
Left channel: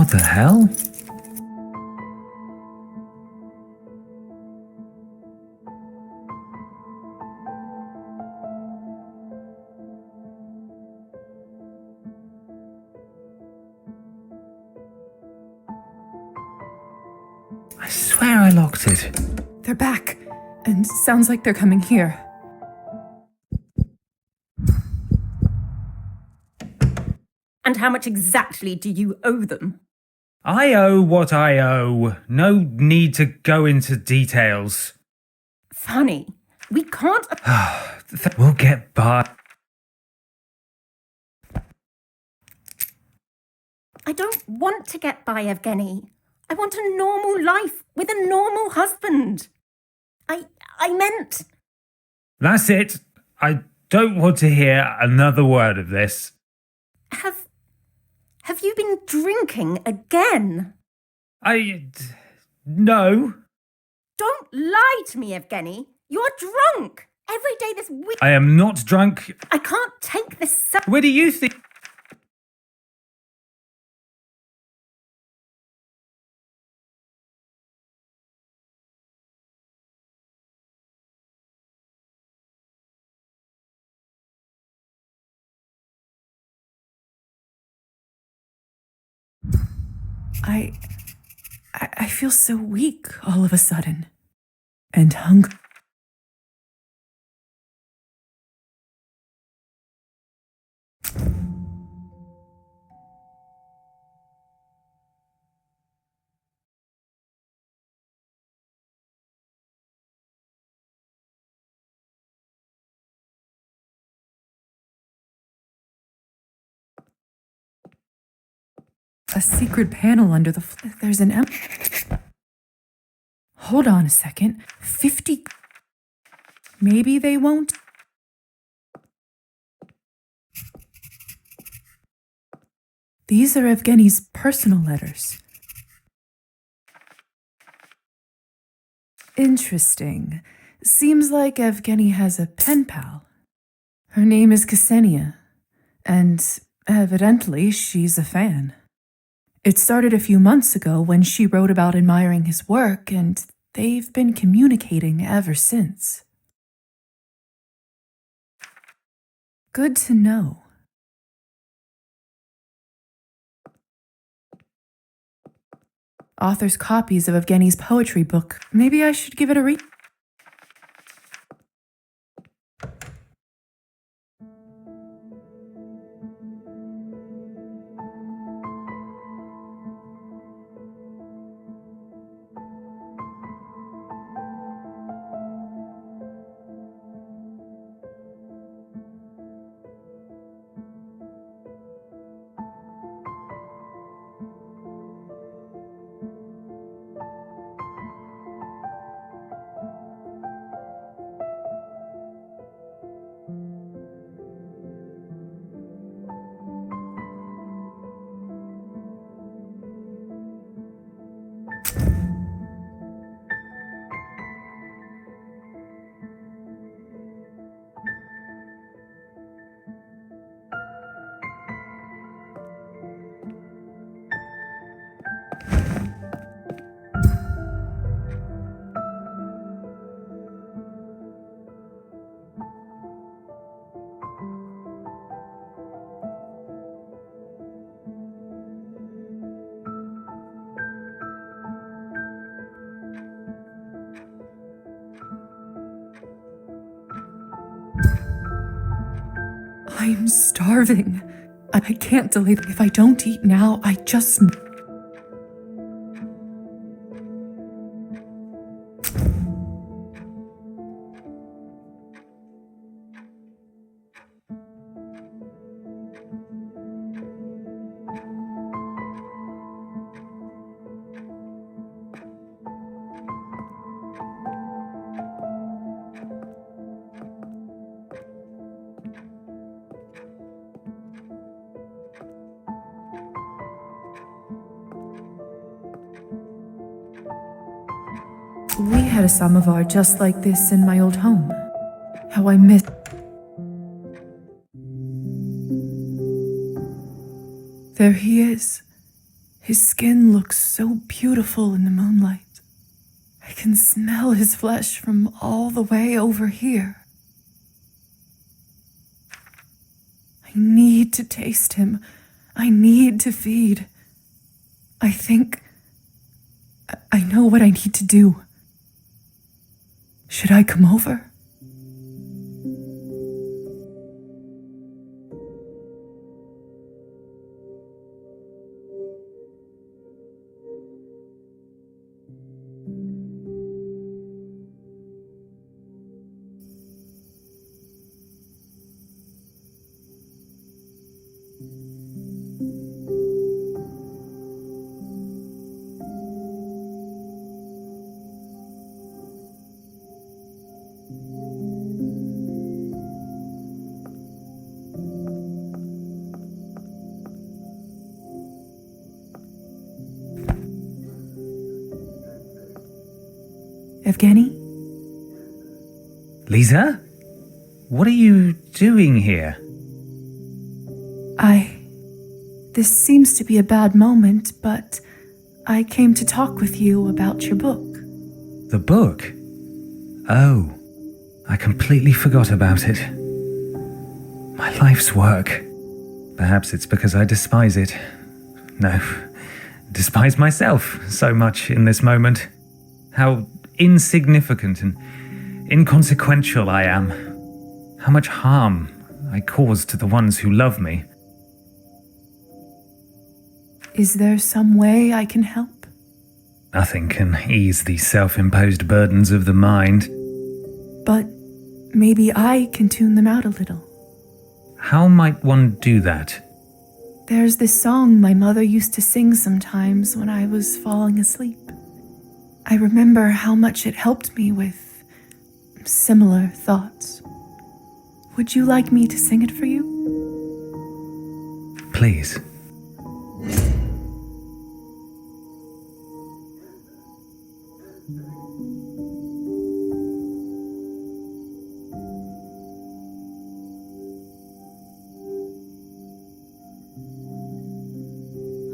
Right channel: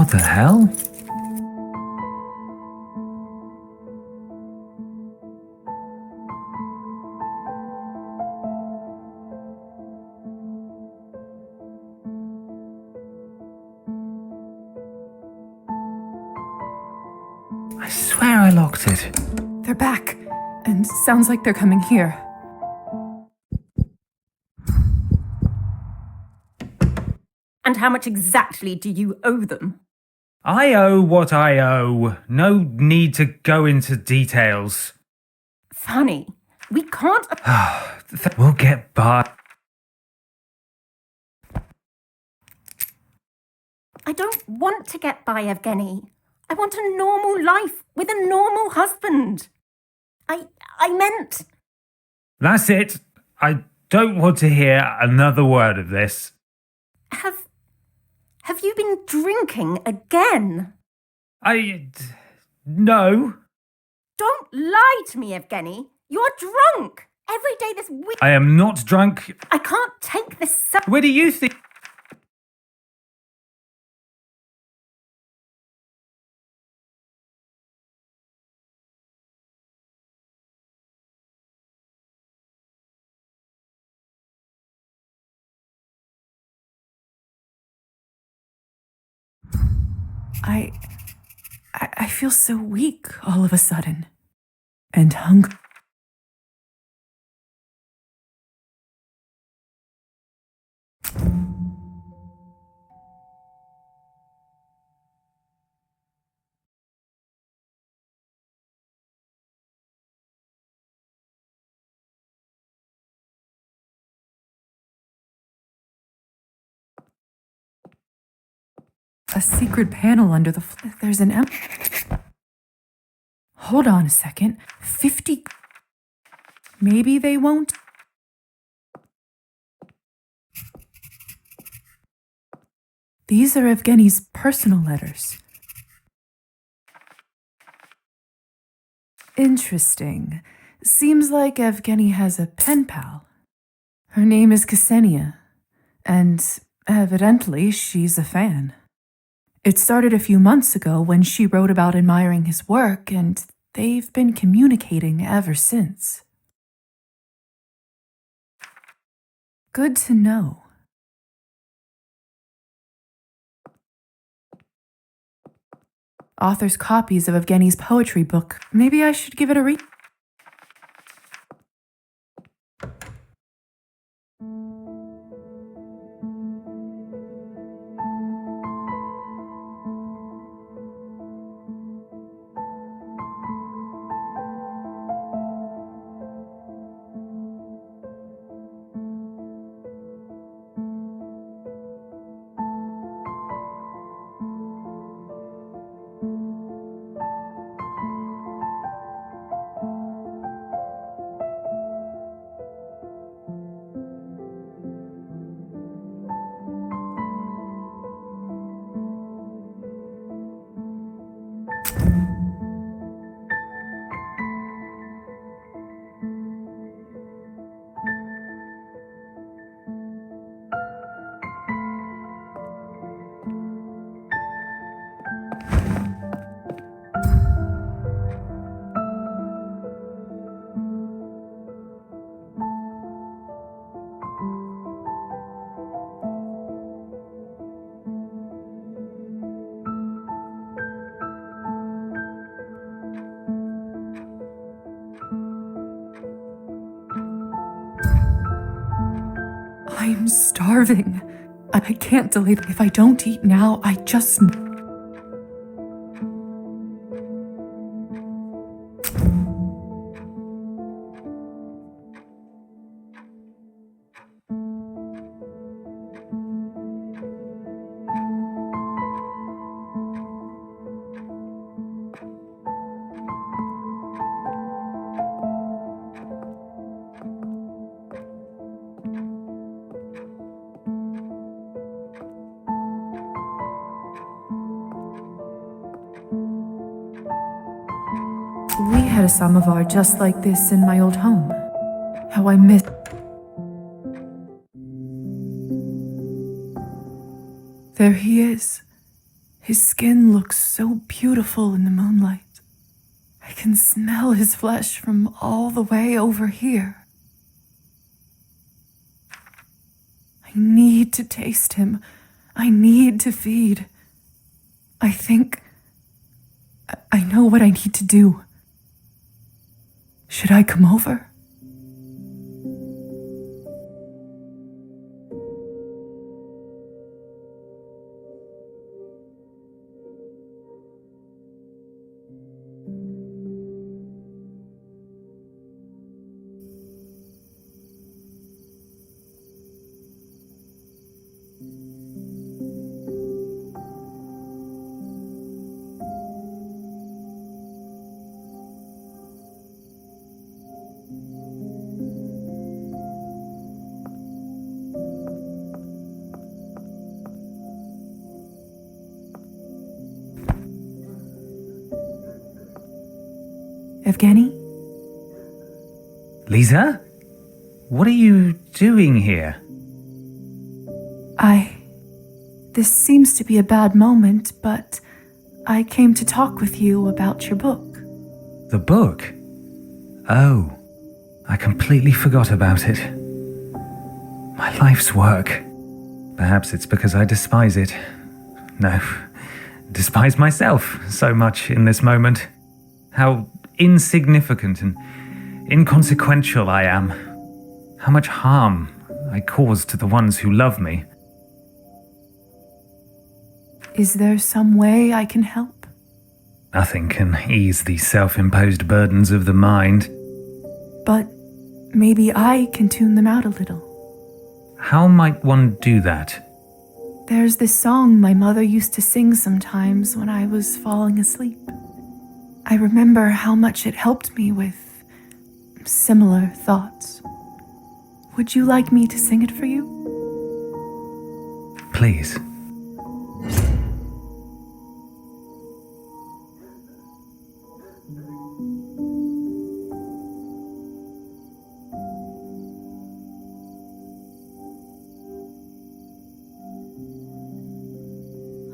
What the hell? I swear I locked it. They're back, and sounds like they're coming here. And how much exactly do you owe them? I owe what I owe. No need to go into details. Funny, we can't. We'll get by. I don't want to get by, Evgeny. I want a normal life with a normal husband. I meant. That's it. I don't want to hear another word of this. Have you been drinking again? No. Don't lie to me, Evgeny. You're drunk. Every day this week. I am not drunk. I can't take this. Where do you think? I feel so weak all of a sudden. And hungry. A secret panel under the there's an Hold on a second. 50. Maybe they won't. These are Evgeny's personal letters. Interesting. Seems like Evgeny has a pen pal. Her name is Ksenia, and evidently she's a fan. It started a few months ago when she wrote about admiring his work, and they've been communicating ever since. Good to know. Author's copies of Evgeny's poetry book. Maybe I should give it a read. I'm starving. I can't delay. If I don't eat now, I just... We had a samovar just like this in my old home. How I miss... There he is. His skin looks so beautiful in the moonlight. I can smell his flesh from all the way over here. I need to taste him. I need to feed. I think I know what I need to do. Should I come over? Evgeny? Lisa? What are you doing here? This seems to be a bad moment, but I came to talk with you about your book. The book? Oh, I completely forgot about it. My life's work. Perhaps it's because I despise it. No, despise myself so much in this moment. How insignificant and inconsequential I am. How much harm I cause to the ones who love me. Is there some way I can help? Nothing can ease the self-imposed burdens of the mind. But maybe I can tune them out a little. How might one do that? There's this song my mother used to sing sometimes when I was falling asleep. I remember how much it helped me with similar thoughts. Would you like me to sing it for you? Please.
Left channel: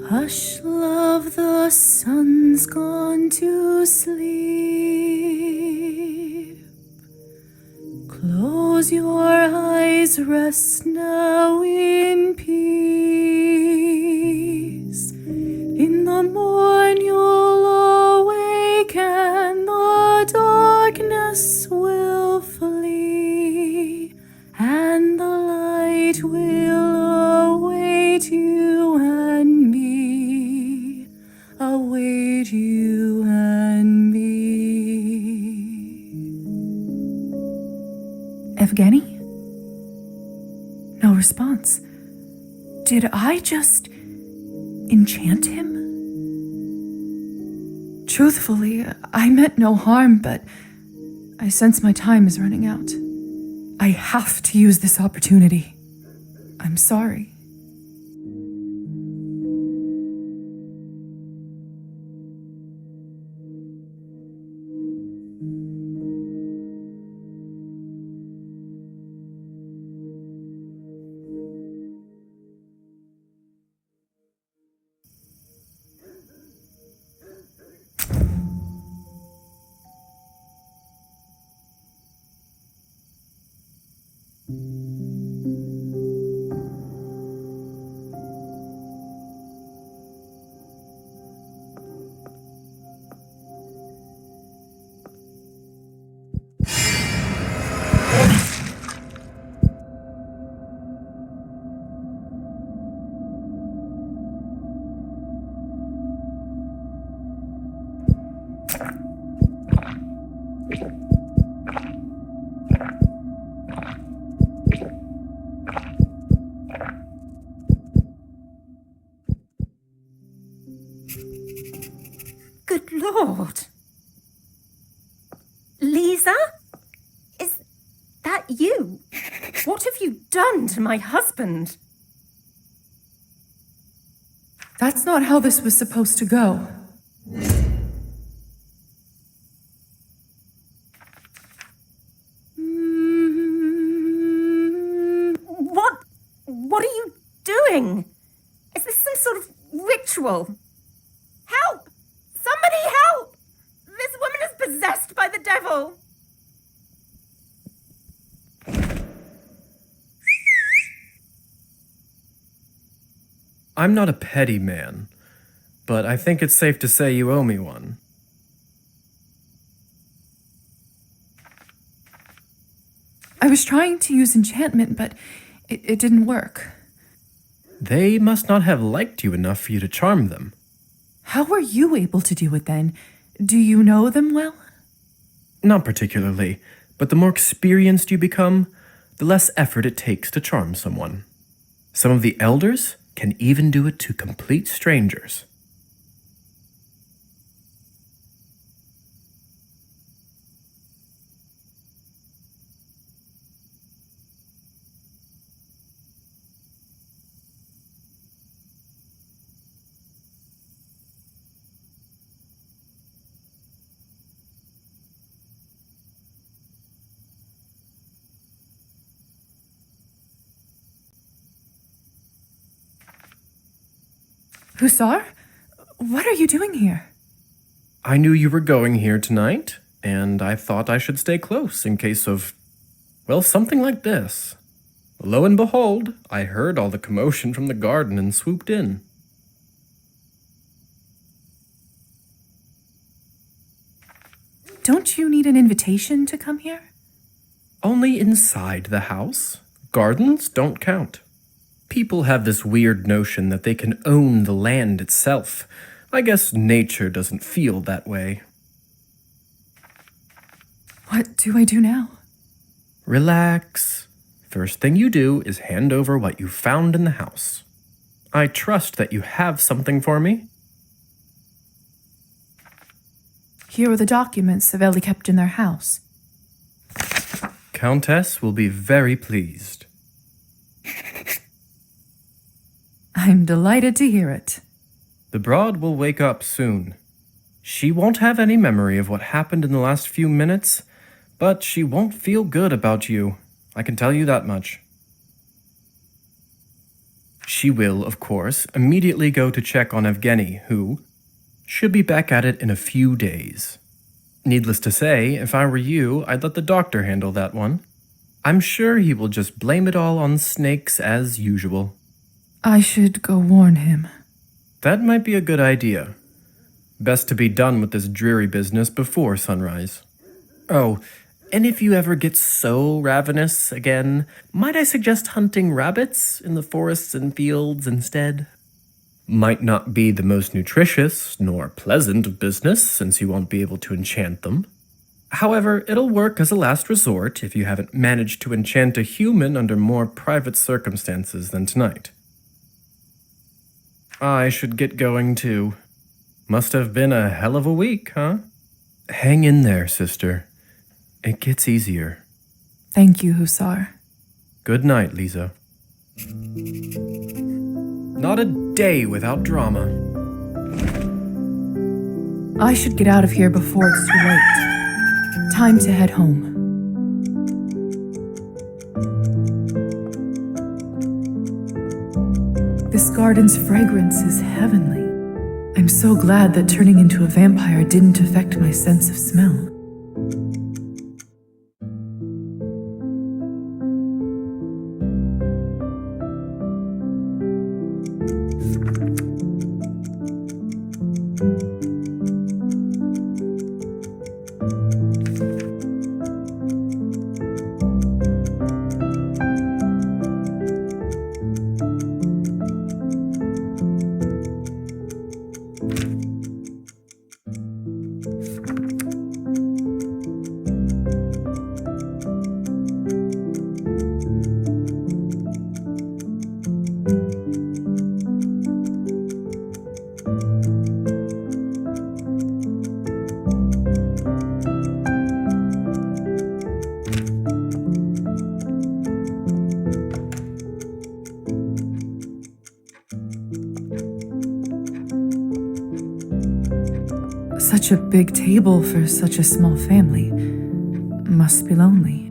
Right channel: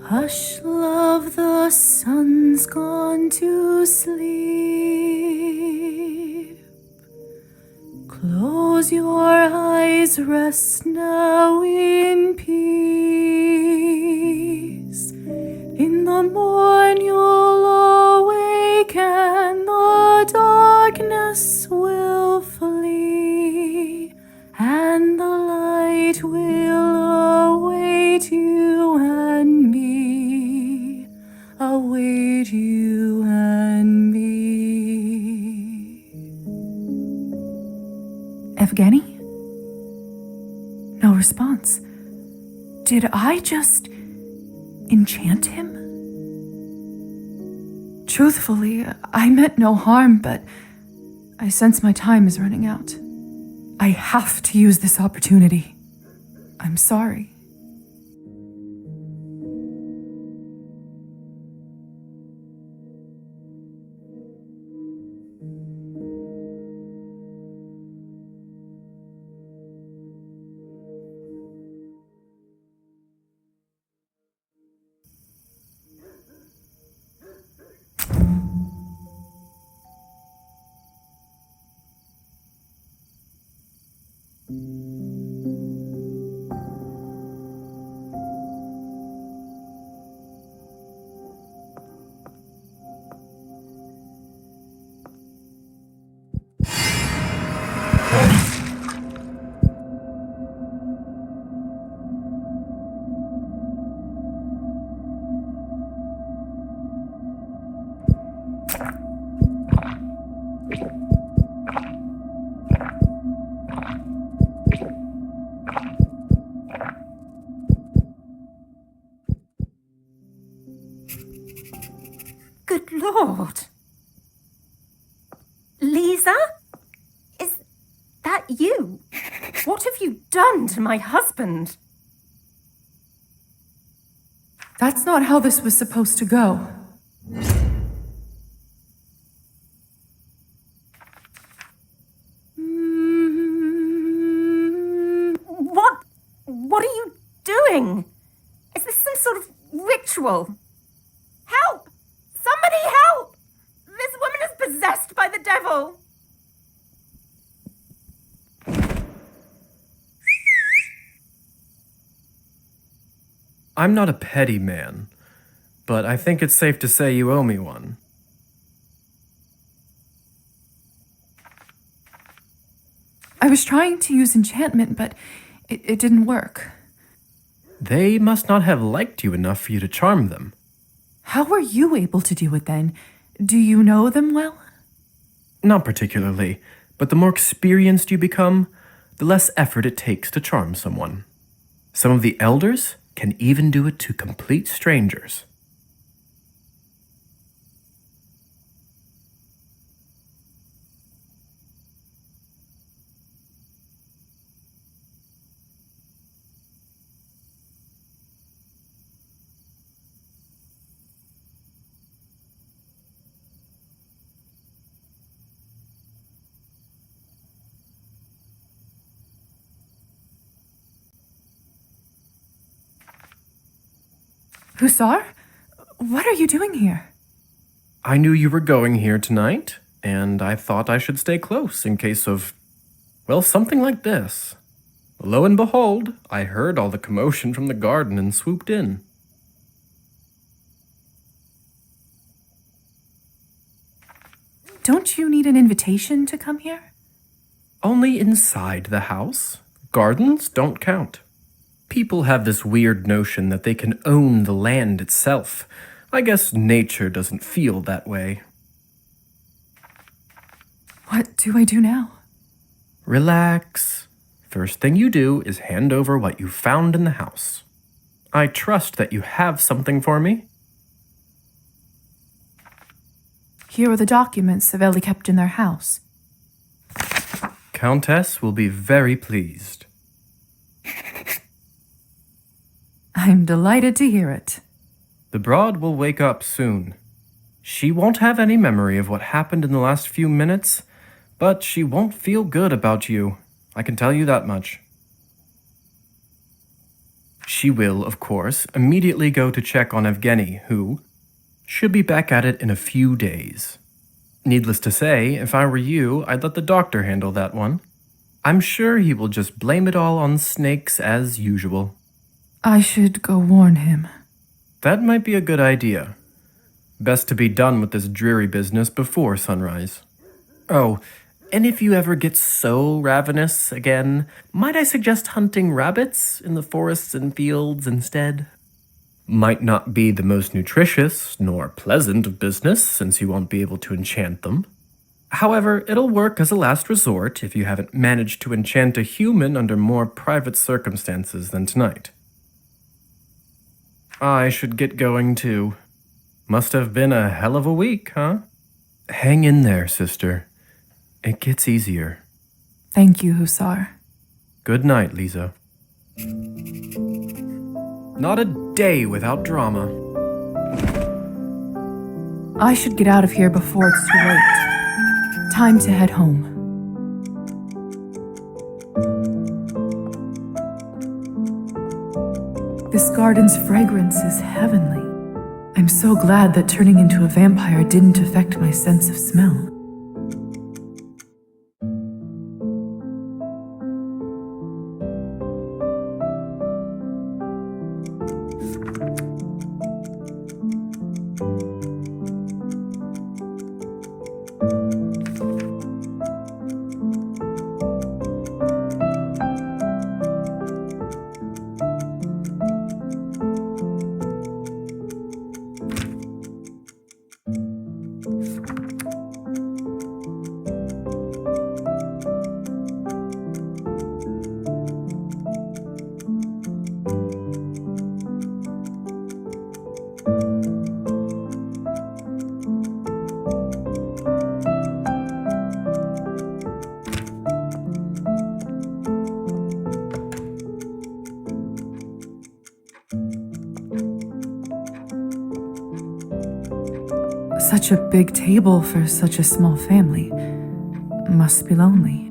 Hush, love, the sun's gone to sleep. Close your eyes, rest now in peace. In the morn you'll awake and the darkness will flee, and the light will await you and me, await you and me. Evgeny? No response. Did I just enchant him? Truthfully, I meant no harm, but I sense my time is running out. I have to use this opportunity. I'm sorry. Good Lord. Lisa? Is that you? What have you done to my husband? That's not how this was supposed to go. What are you doing? Is this some sort of ritual? possessed by the devil. I'm not a petty man, but I think it's safe to say you owe me one. I was trying to use enchantment, but it didn't work. They must not have liked you enough for you to charm them. How were you able to do it then? Do you know them well? Not particularly, but the more experienced you become, the less effort it takes to charm someone. Some of the elders can even do it to complete strangers. Hussar? What are you doing here? I knew you were going here tonight, and I thought I should stay close in case of, well, something like this. Lo and behold, I heard all the commotion from the garden and swooped in. Don't you need an invitation to come here? Only inside the house. Gardens don't count. People have this weird notion that they can own the land itself. I guess nature doesn't feel that way. What do I do now? Relax. First thing you do is hand over what you found in the house. I trust that you have something for me. Here are the documents Savelli kept in their house. Countess will be very pleased. I'm delighted to hear it. The broad will wake up soon. She won't have any memory of what happened in the last few minutes, but she won't feel good about you. I can tell you that much. She will, of course, immediately go to check on Evgeny, who should be back at it in a few days. Needless to say, if I were you, I'd let the doctor handle that one. I'm sure he will just blame it all on snakes as usual. I should go warn him. That might be a good idea. Best to be done with this dreary business before sunrise. Oh, and if you ever get so ravenous again, might I suggest hunting rabbits in the forests and fields instead? Might not be the most nutritious nor pleasant of business, since you won't be able to enchant them. However, it'll work as a last resort if you haven't managed to enchant a human under more private circumstances than tonight. I should get going too. Must have been a hell of a week, huh? Hang in there, sister. It gets easier. Thank you, Hussar. Good night, Lisa. Not a day without drama. I should get out of here before it's too late. Time to head home. This garden's fragrance is heavenly. I'm so glad that turning into a vampire didn't affect my sense of smell. Such a big table for such a small family. Must be lonely.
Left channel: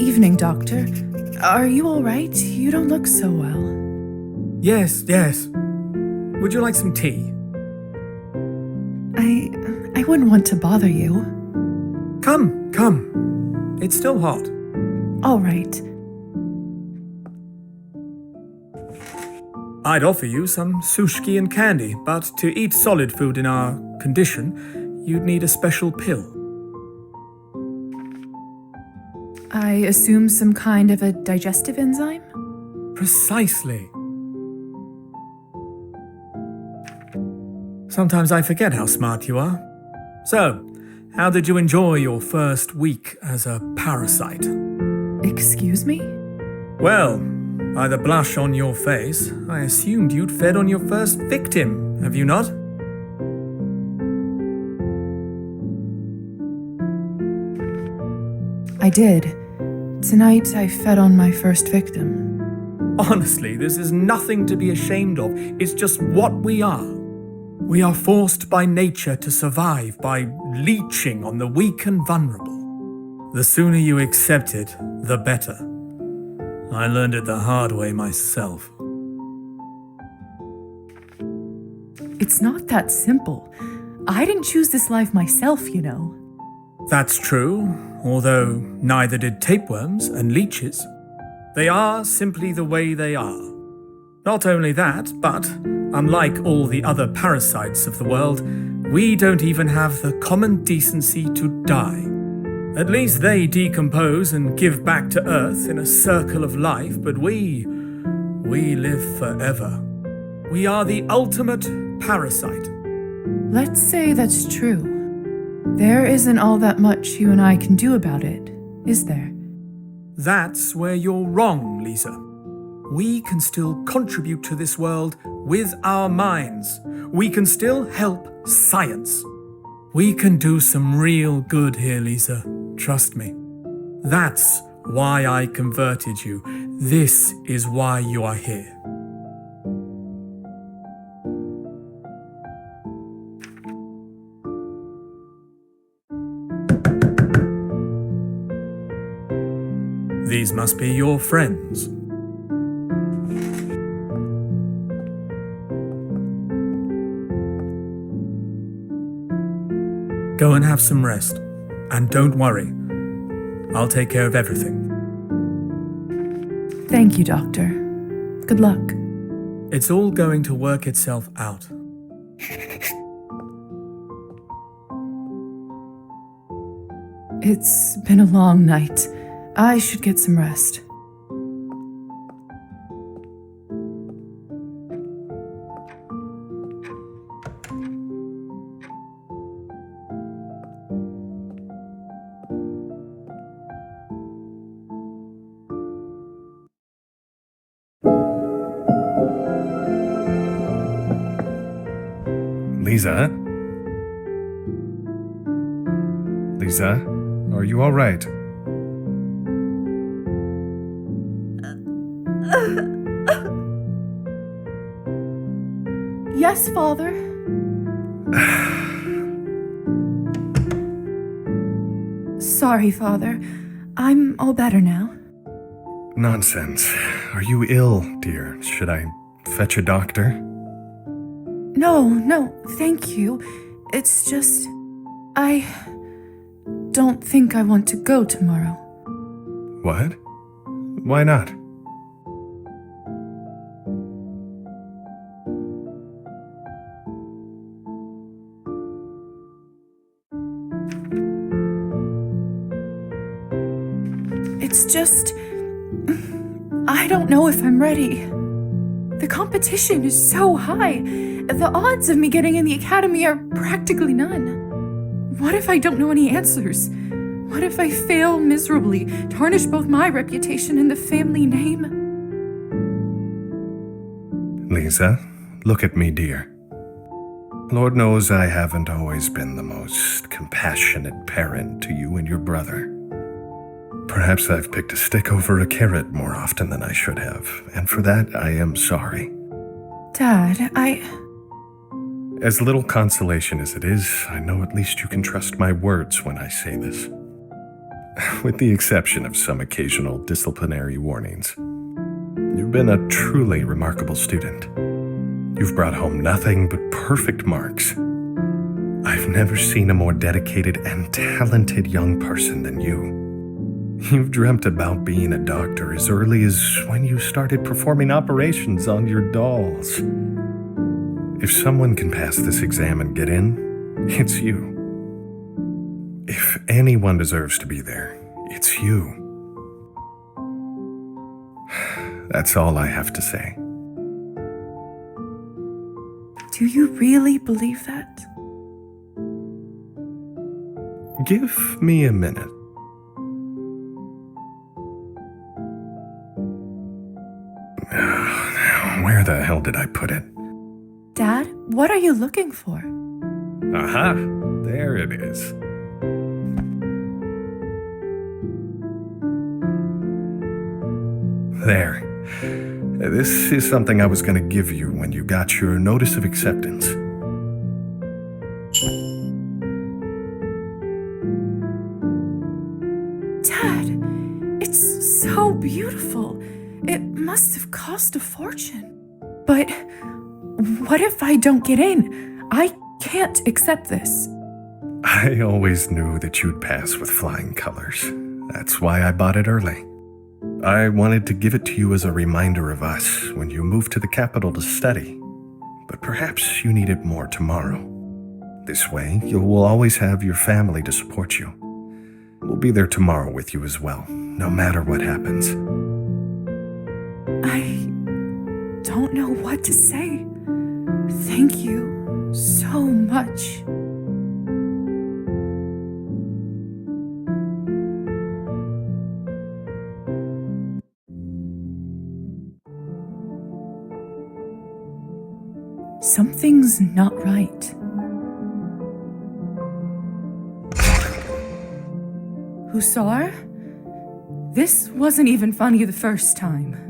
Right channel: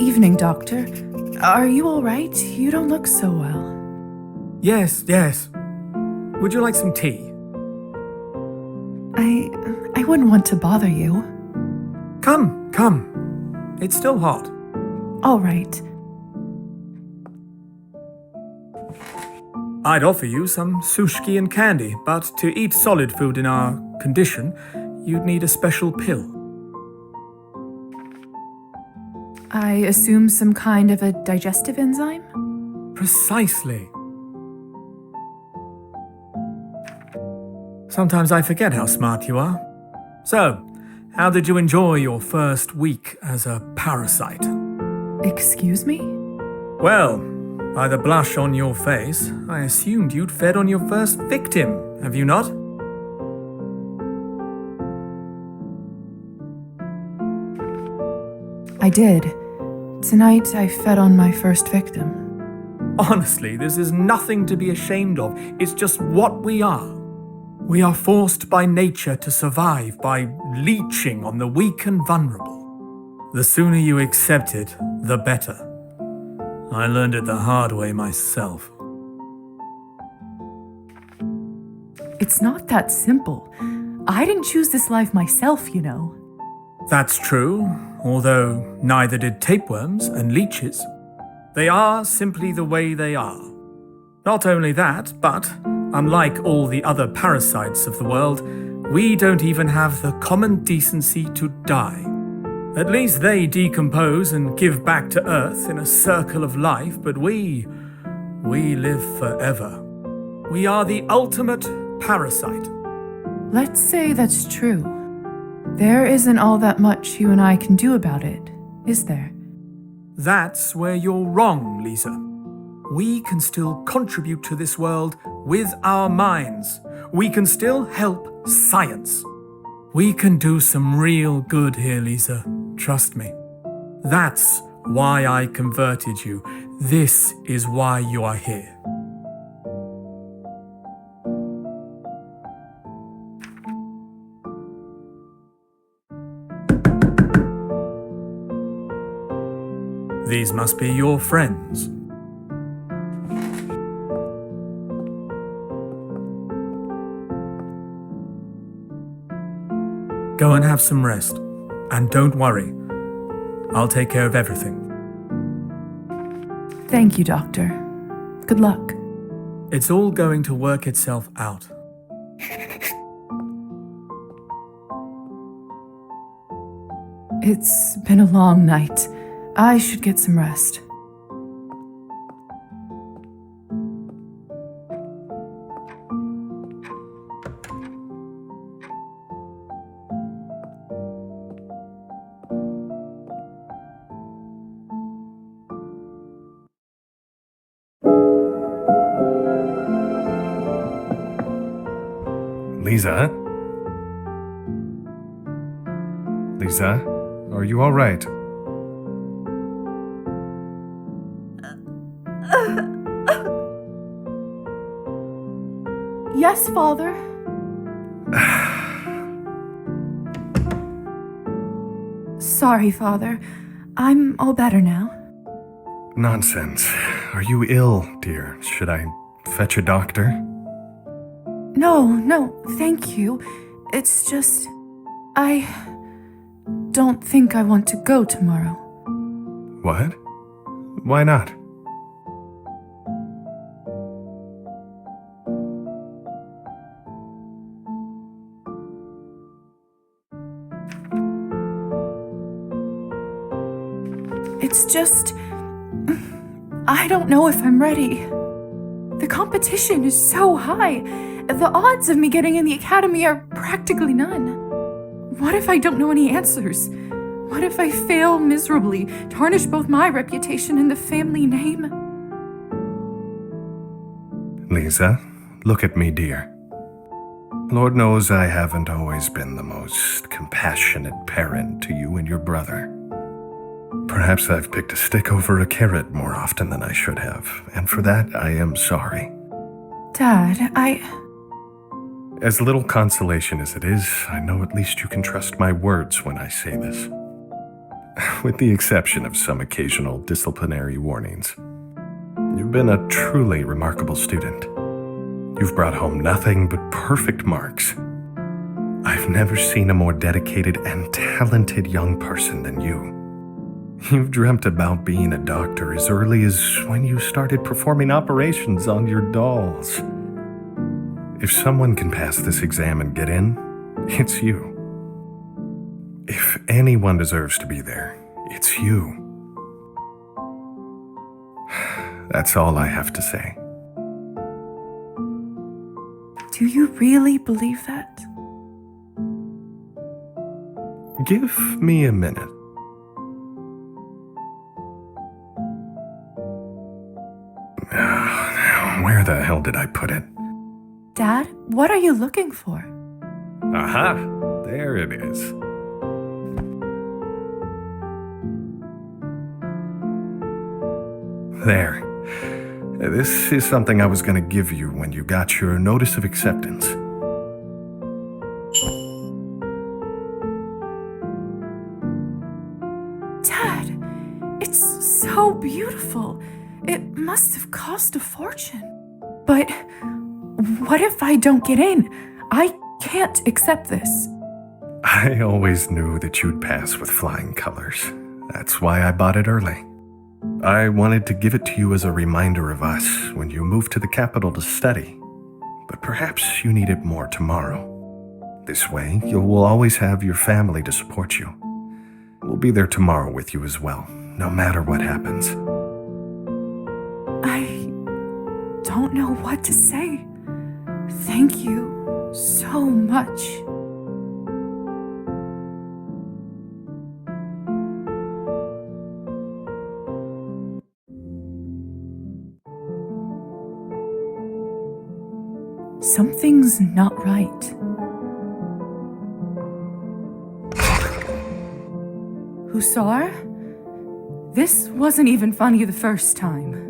evening, Doctor. Are you all right? You don't look so well. Yes, yes. Would you like some tea? I wouldn't want to bother you. Come. It's still hot. All right. I'd offer you some sushi and candy, but to eat solid food in our condition, you'd need a special pill. I assume some kind of a digestive enzyme? Precisely. Sometimes I forget how smart you are. So, how did you enjoy your first week as a parasite? Excuse me? Well, by the blush on your face, I assumed you'd fed on your first victim, have you not? I did. Tonight I fed on my first victim. Honestly, this is nothing to be ashamed of. It's just what we are. We are forced by nature to survive by leeching on the weak and vulnerable. The sooner you accept it, the better. I learned it the hard way myself. It's not that simple. I didn't choose this life myself, you know. That's true, although neither did tapeworms and leeches. They are simply the way they are. Not only that, but unlike all the other parasites of the world, we don't even have the common decency to die. At least they decompose and give back to Earth in a circle of life, but we live forever. We are the ultimate parasite. Let's say that's true. There isn't all that much you and I can do about it, is there? That's where you're wrong, Lisa. We can still contribute to this world with our minds. We can still help science. We can do some real good here, Lisa. Trust me. That's why I converted you. This is why you are here. These must be your friends. Go and have some rest. And don't worry. I'll take care of everything. Thank you, Doctor. Good luck. It's all going to work itself out. It's been a long night. I should get some rest. Lisa? Lisa, are you all right? Yes, Father. Sorry, Father. I'm all better now. Nonsense. Are you ill, dear? Should I fetch a doctor? No, thank you. It's just, I don't think I want to go tomorrow. What? Why not? It's just, I don't know if I'm ready. The competition is so high. The odds of me getting in the academy are practically none. What if I don't know any answers? What if I fail miserably, tarnish both my reputation and the family name? Lisa, look at me, dear. Lord knows I haven't always been the most compassionate parent to you and your brother. Perhaps I've picked a stick over a carrot more often than I should have, and for that I am sorry. Dad, As little consolation as it is, I know at least you can trust my words when I say this. with the exception of some occasional disciplinary warnings. You've been a truly remarkable student. You've brought home nothing but perfect marks. I've never seen a more dedicated and talented young person than you. You've dreamt about being a doctor as early as when you started performing operations on your dolls. If someone can pass this exam and get in, it's you. If anyone deserves to be there, it's you. That's all I have to say. Do you really believe that? Give me a minute. Where the hell did I put it? Dad, what are you looking for? Aha! There it is. There. This is something I was going to give you when you got your notice of acceptance. Dad, it's so beautiful. It must have cost a fortune. But what if I don't get in? I can't accept this. I always knew that you'd pass with flying colors. That's why I bought it early. I wanted to give it to you as a reminder of us when you move to the capital to study. But perhaps you need it more tomorrow. This way, you will always have your family to support you. We'll be there tomorrow with you as well, no matter what happens. I don't know what to say. Thank you so much. Something's not right. Hussar? This wasn't even funny the first time.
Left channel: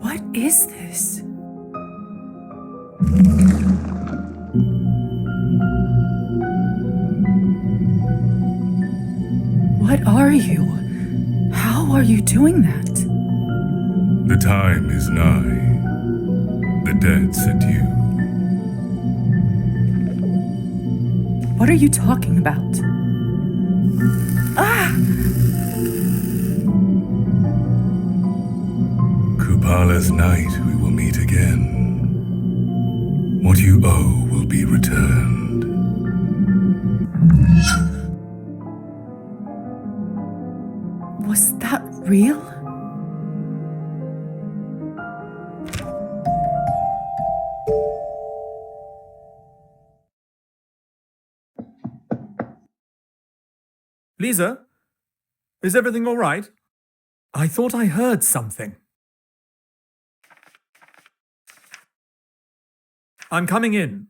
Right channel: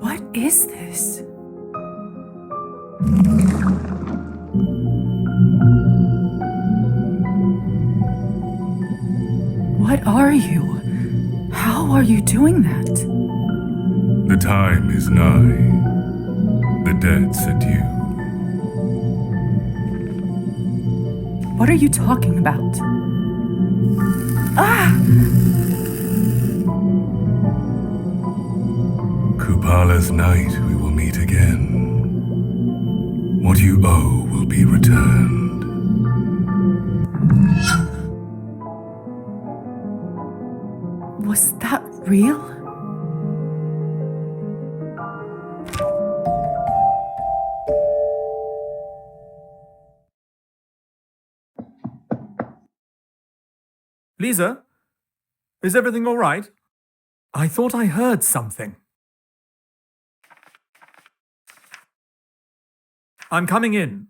What is this? What are you? How are you doing that? The time is nigh. The debt's at you. What are you talking about? Ah! Kupala's night we will meet again. What you owe will be returned. Was that real? Lisa? Is everything all right? I thought I heard something. I'm coming in.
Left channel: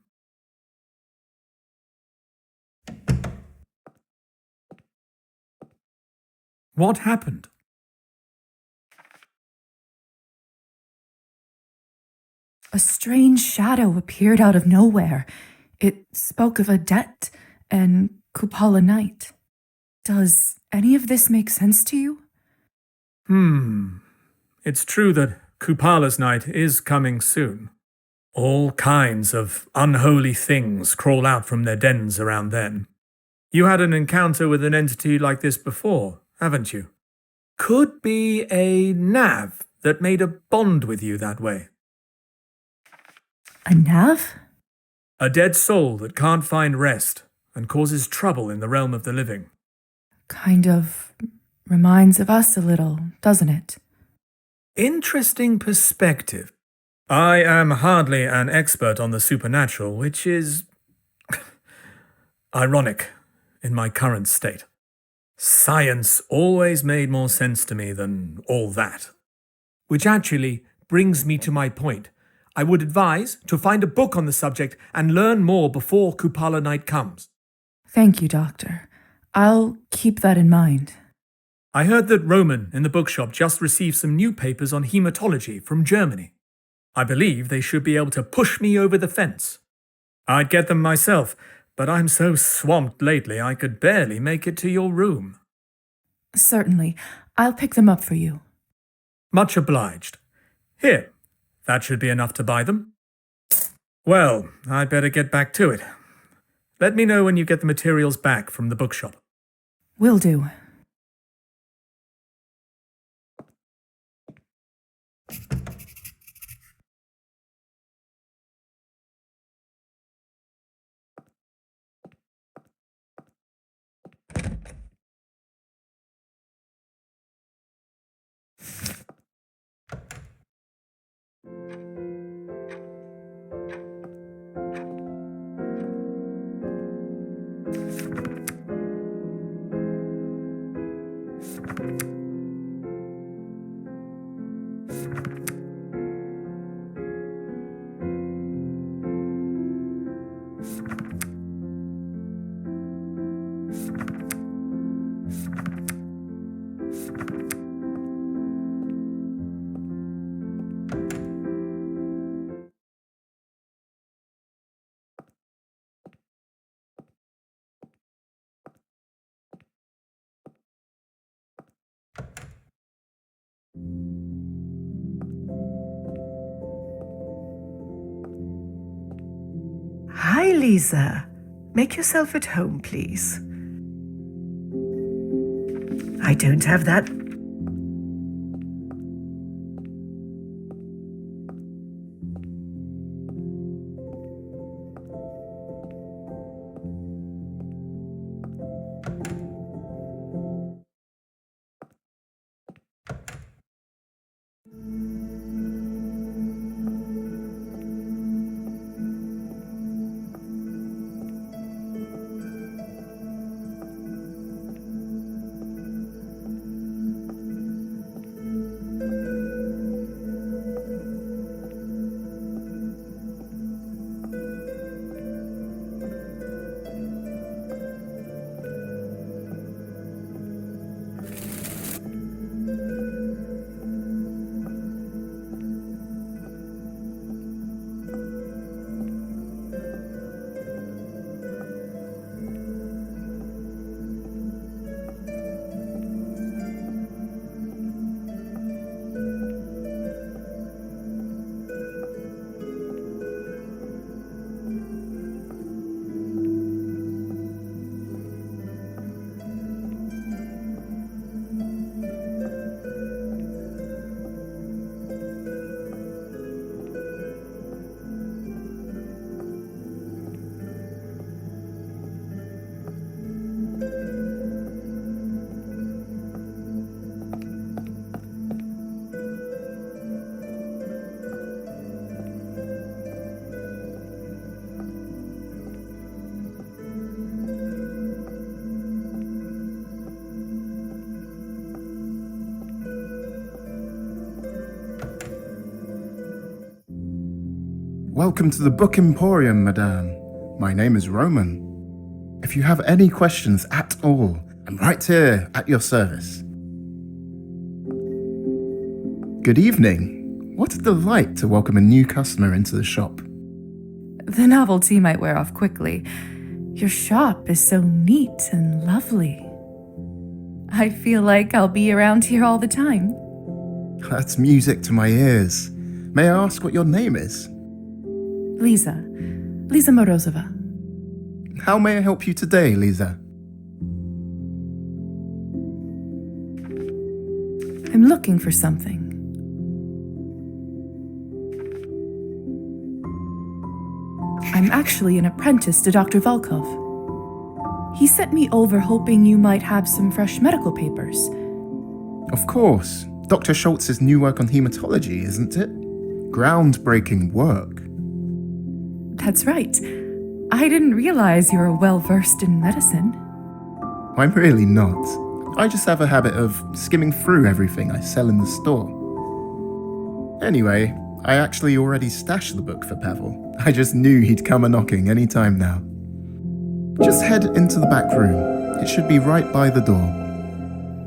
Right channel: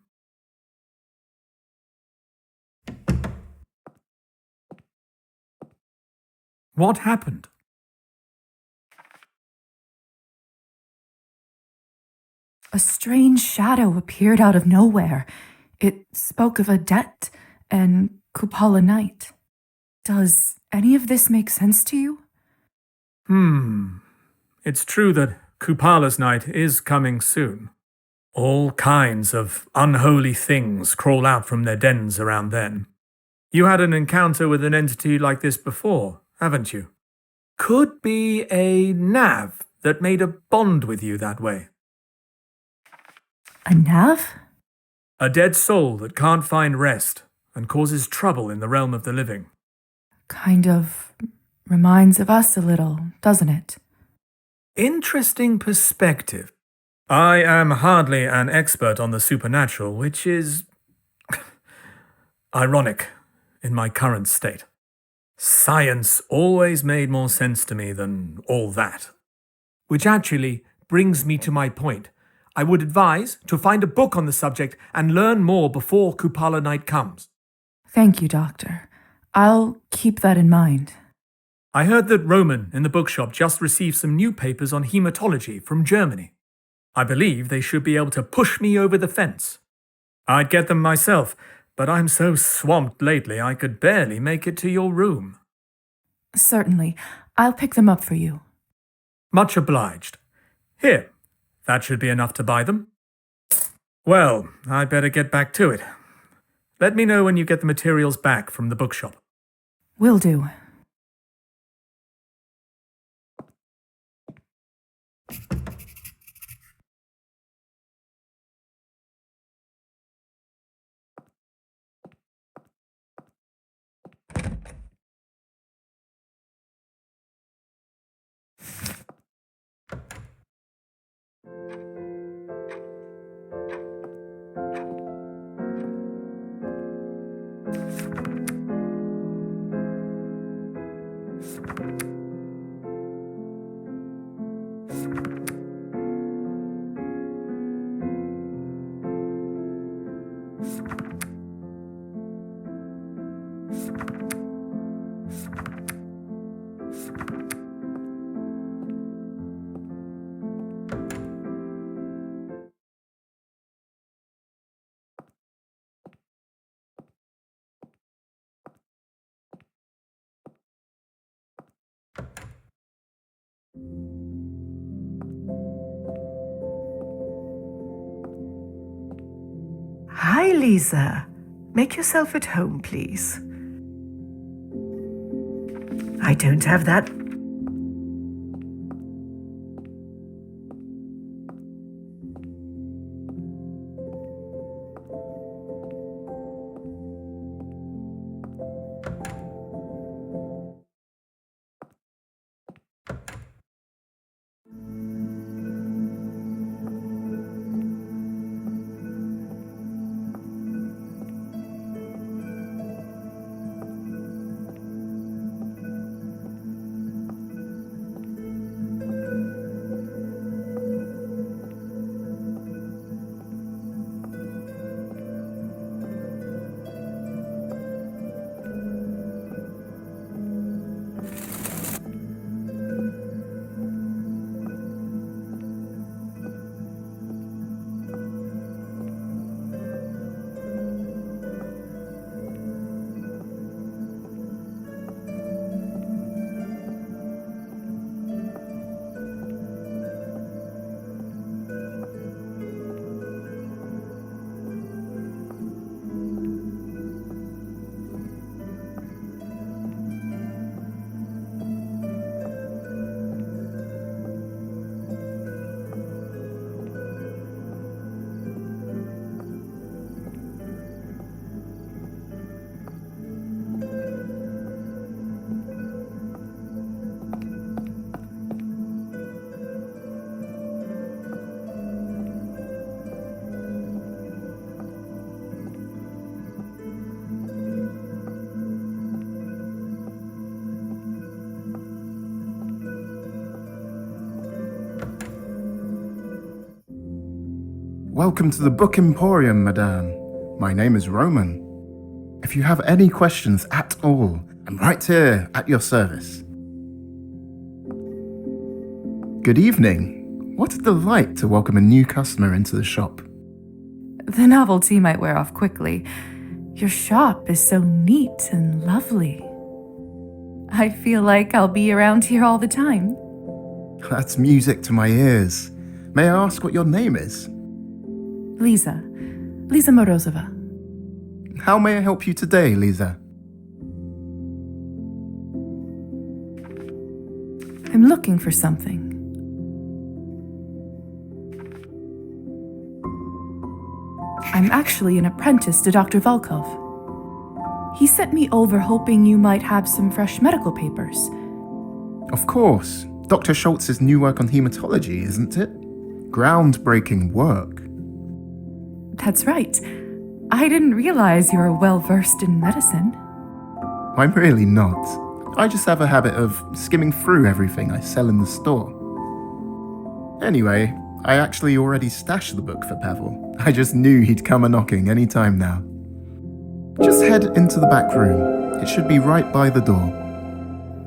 What happened? A strange shadow appeared out of nowhere. It spoke of a debt and Kupala night. Does any of this make sense to you? It's true that Kupala's night is coming soon. All kinds of unholy things crawl out from their dens around then. You had an encounter with an entity like this before, haven't you? Could be a nav that made a bond with you that way. A nav? A dead soul that can't find rest and causes trouble in the realm of the living. Kind of reminds of us a little, doesn't it? Interesting perspective. I am hardly an expert on the supernatural, which is ironic in my current state. Science always made more sense to me than all that. Which actually brings me to my point. I would advise to find a book on the subject and learn more before Kupala night comes. Thank you, Doctor. I'll keep that in mind. I heard that Roman in the bookshop just received some new papers on hematology from Germany. I believe they should be able to push me over the fence. I'd get them myself, but I'm so swamped lately I could barely make it to your room. Certainly. I'll pick them up for you. Much obliged. Here, that should be enough to buy them. Well, I'd better get back to it. Let me know when you get the materials back from the bookshop. Will do. Hi, Lisa. Make yourself at home, please. I don't have that. Welcome to the Book Emporium, Madame. My name is Roman. If you have any questions at all, I'm right here at your service. Good evening. What a delight to welcome a new customer into the shop. The novelty might wear off quickly. Your shop is so neat and lovely. I feel like I'll be around here all the time. That's music to my ears. May I ask what your name is? Lisa Morozova. How may I help you today, Lisa? I'm looking for something. I'm actually an apprentice to Dr. Volkov. He sent me over hoping you might have some fresh medical papers. Of course. Dr. Schultz's new work on hematology, isn't it? Groundbreaking work. That's right. I didn't realize you were well-versed in medicine. I'm really not. I just have a habit of skimming through everything I sell in the store. Anyway, I actually already stashed the book for Pavel. I just knew he'd come a-knocking any time now. Just head into the back room. It should be right by the door.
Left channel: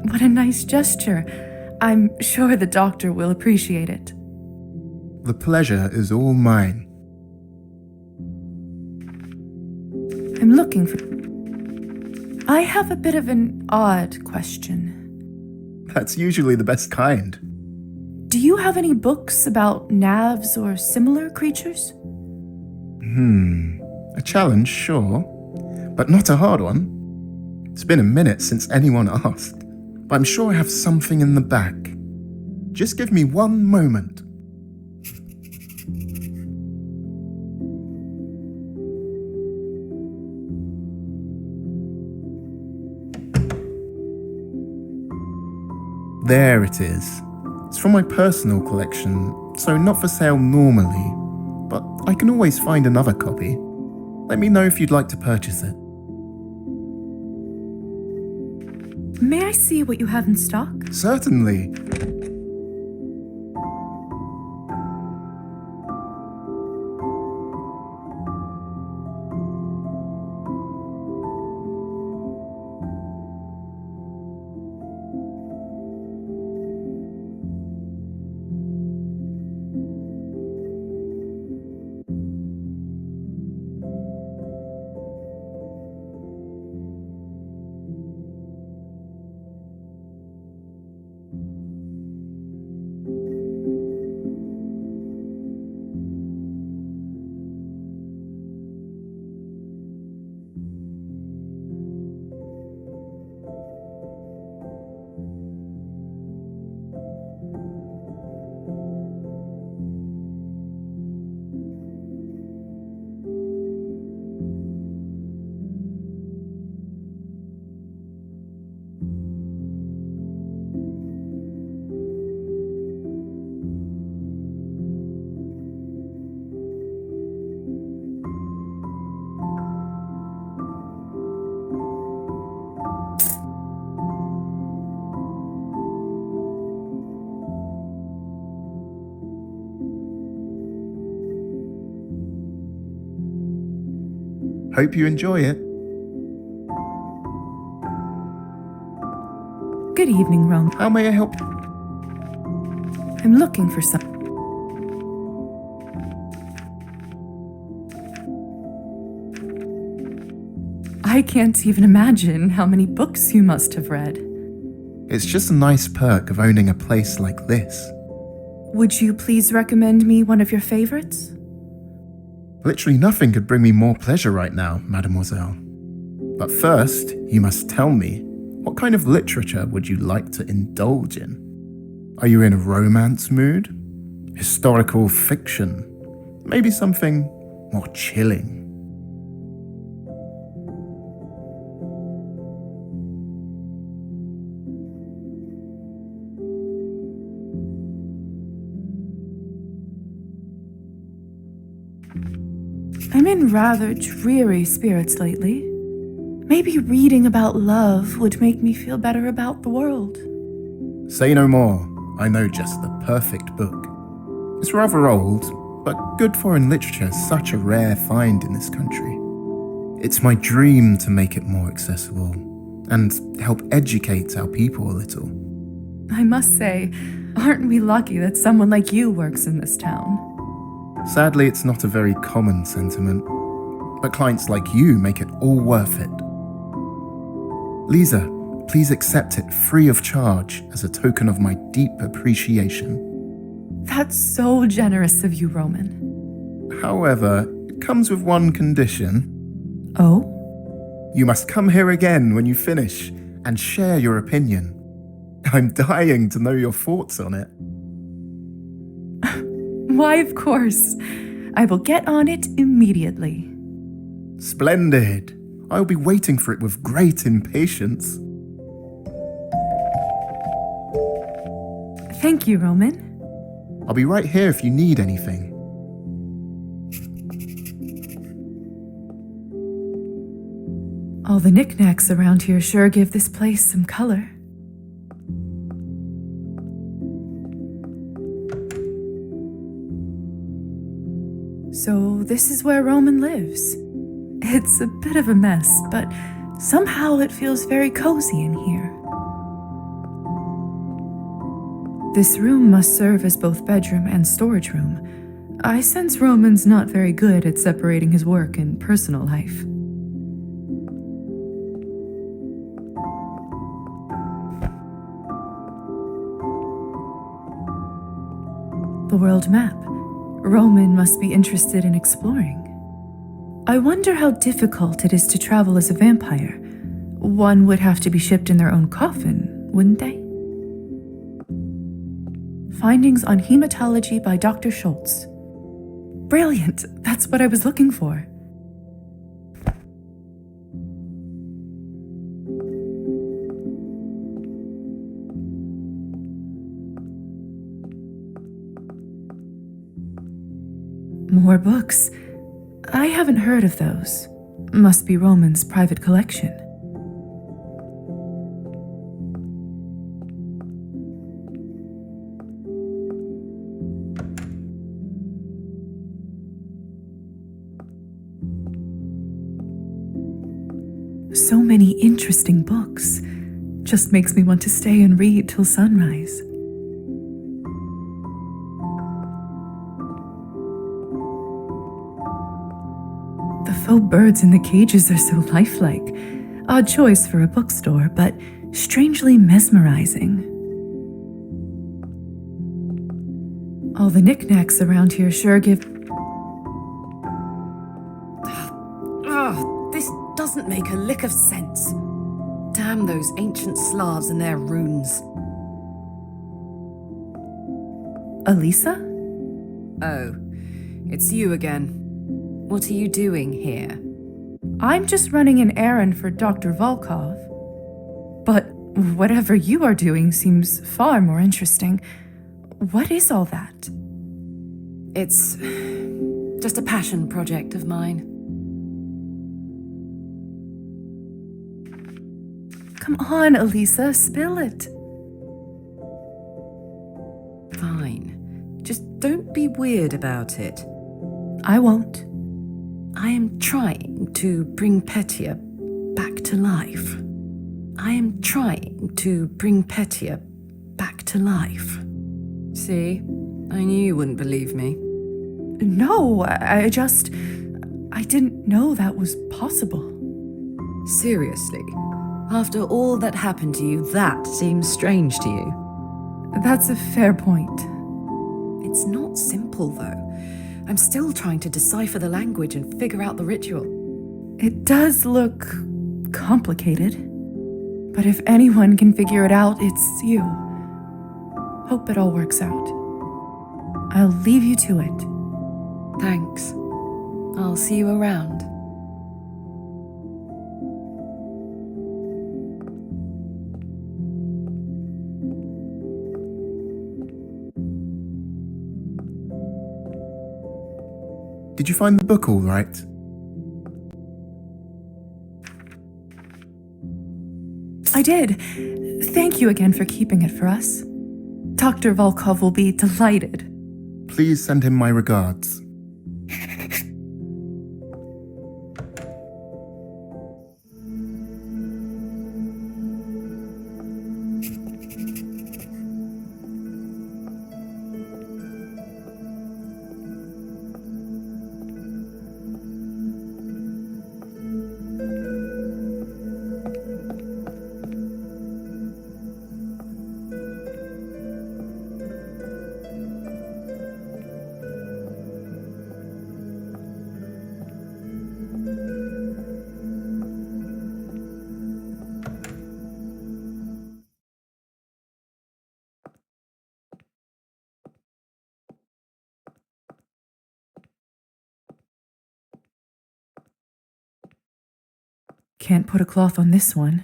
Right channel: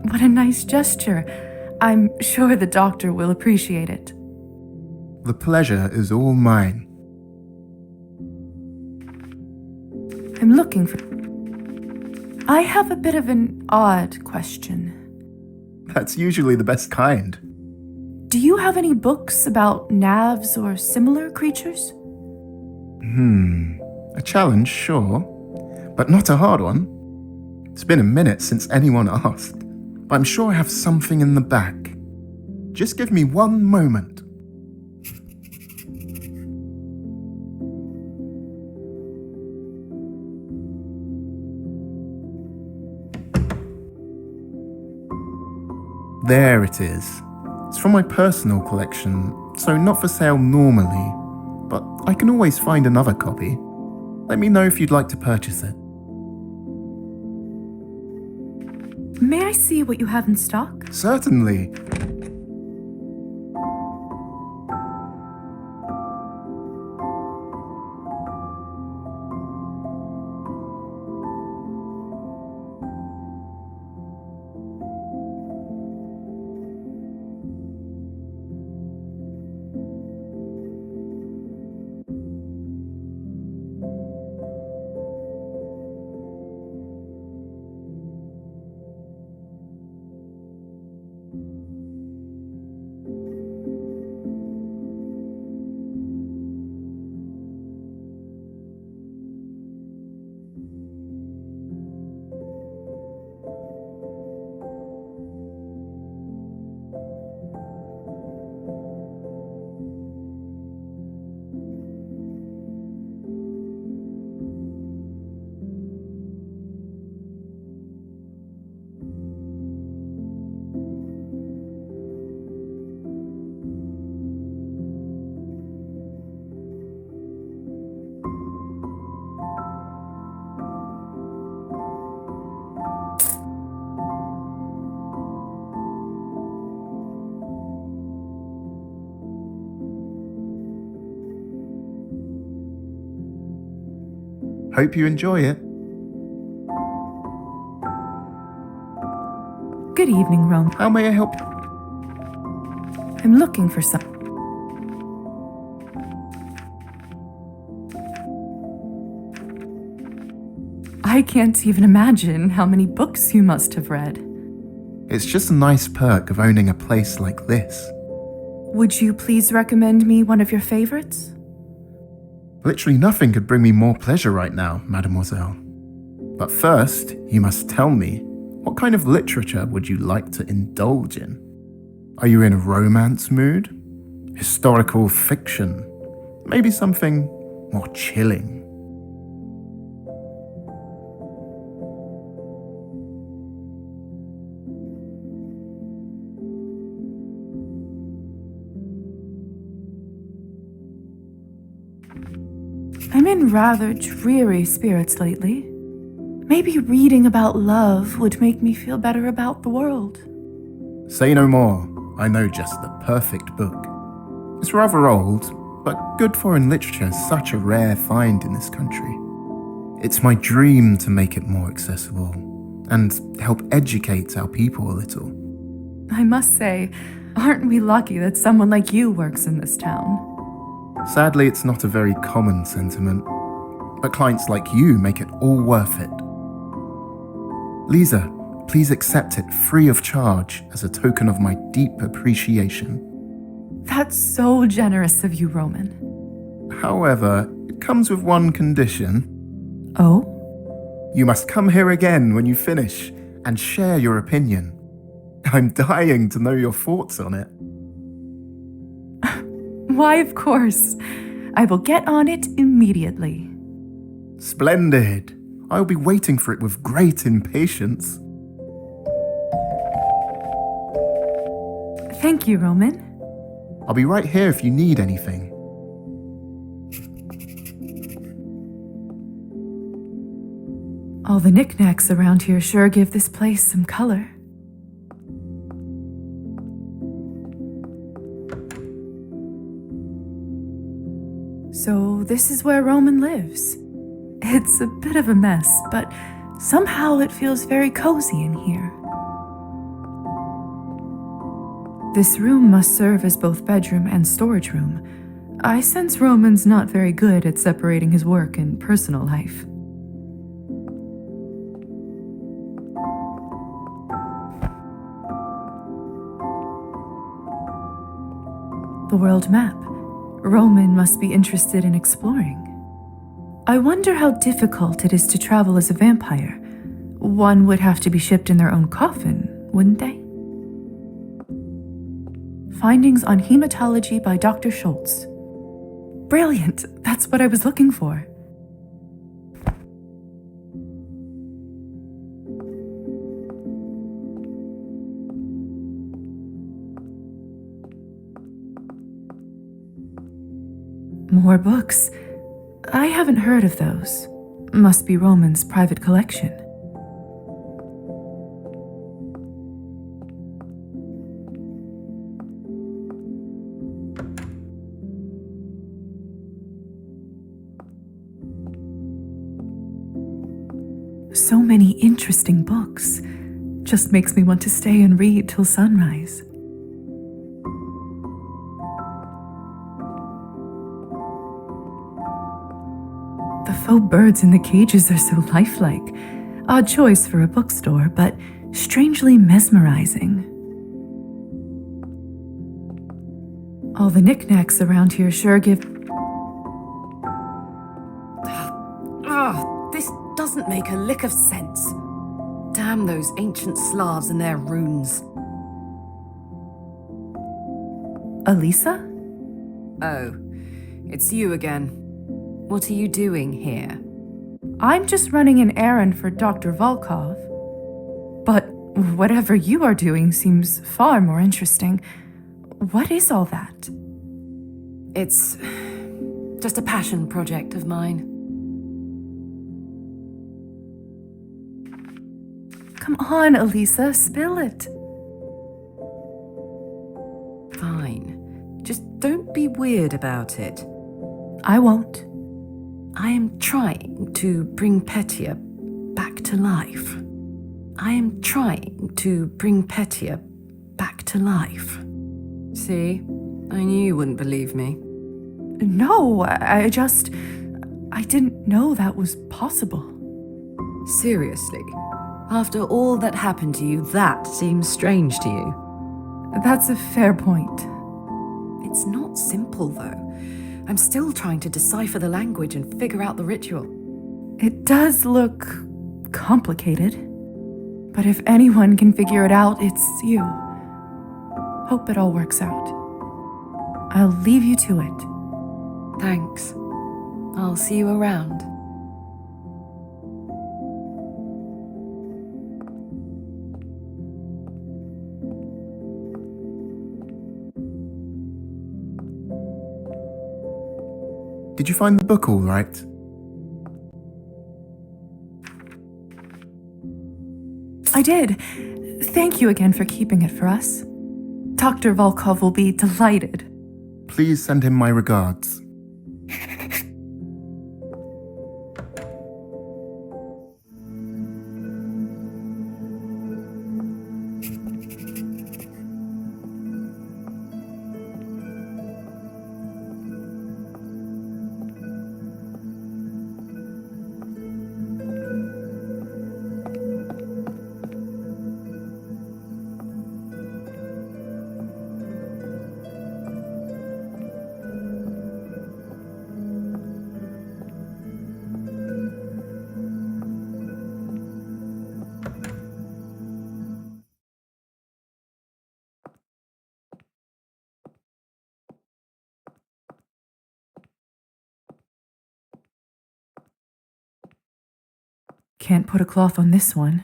What a nice gesture. I'm sure the doctor will appreciate it. The pleasure is all mine. I'm looking for... I have a bit of an odd question. That's usually the best kind. Do you have any books about navs or similar creatures? A challenge, sure. But not a hard one. It's been a minute since anyone asked. But I'm sure I have something in the back. Just give me one moment. There it is. It's from my personal collection, so not for sale normally, but I can always find another copy. Let me know if you'd like to purchase it. May I see what you have in stock? Certainly. Hope you enjoy it. Good evening, Rome. How may I help you? I'm looking for some... I can't even imagine how many books you must have read. It's just a nice perk of owning a place like this. Would you please recommend me one of your favorites? Literally nothing could bring me more pleasure right now, mademoiselle. But first, you must tell me, what kind of literature would you like to indulge in? Are you in a romance mood? Historical fiction? Maybe something more chilling? I'm in rather dreary spirits lately. Maybe reading about love would make me feel better about the world. Say no more. I know just the perfect book. It's rather old, but good foreign literature is such a rare find in this country. It's my dream to make it more accessible and help educate our people a little. I must say, aren't we lucky that someone like you works in this town? Sadly, it's not a very common sentiment, but clients like you make it all worth it. Lisa, please accept it free of charge as a token of my deep appreciation. That's so generous of you, Roman. However, it comes with one condition. Oh? You must come here again when you finish and share your opinion. I'm dying to know your thoughts on it. Why, of course. I will get on it immediately. Splendid. I'll be waiting for it with great impatience. Thank you, Roman. I'll be right here if you need anything. All the knickknacks around here sure give this place some color. So this is where Roman lives. It's a bit of a mess, but somehow it feels very cozy in here. This room must serve as both bedroom and storage room. I sense Roman's not very good at separating his work and personal life. The world map. Roman must be interested in exploring. I wonder how difficult it is to travel as a vampire. One would have to be shipped in their own coffin, wouldn't they? Findings on hematology by Dr. Schultz. Brilliant! That's what I was looking for. More books. I haven't heard of those. Must be Roman's private collection. So many interesting books. Just makes me want to stay and read till sunrise. The faux birds in the cages are so lifelike. Odd choice for a bookstore, but strangely mesmerizing. All the knickknacks around here sure give... Ugh, this doesn't make a lick of sense. Damn those ancient Slavs and their runes. Elisa? Oh, it's you again. What are you doing here? I'm just running an errand for Dr. Volkov. But whatever you are doing seems far more interesting. What is all that? It's just a passion project of mine. Come on, Elisa, spill it. Fine. Just don't be weird about it. I won't. I am trying to bring Petya back to life. I am trying to bring Petya back to life. See? I knew you wouldn't believe me. No, I didn't know that was possible. Seriously? After all that happened to you, that seems strange to you? That's a fair point. It's not simple, though. I'm still trying to decipher the language and figure out the ritual. It does look complicated. But if anyone can figure it out, it's you. Hope it all works out. I'll leave you to it. Thanks. I'll see you around. Did you find the book all right? I did. Thank you again for keeping it for us. Dr. Volkov will be delighted. Please send him my regards. Can't put a cloth on this one.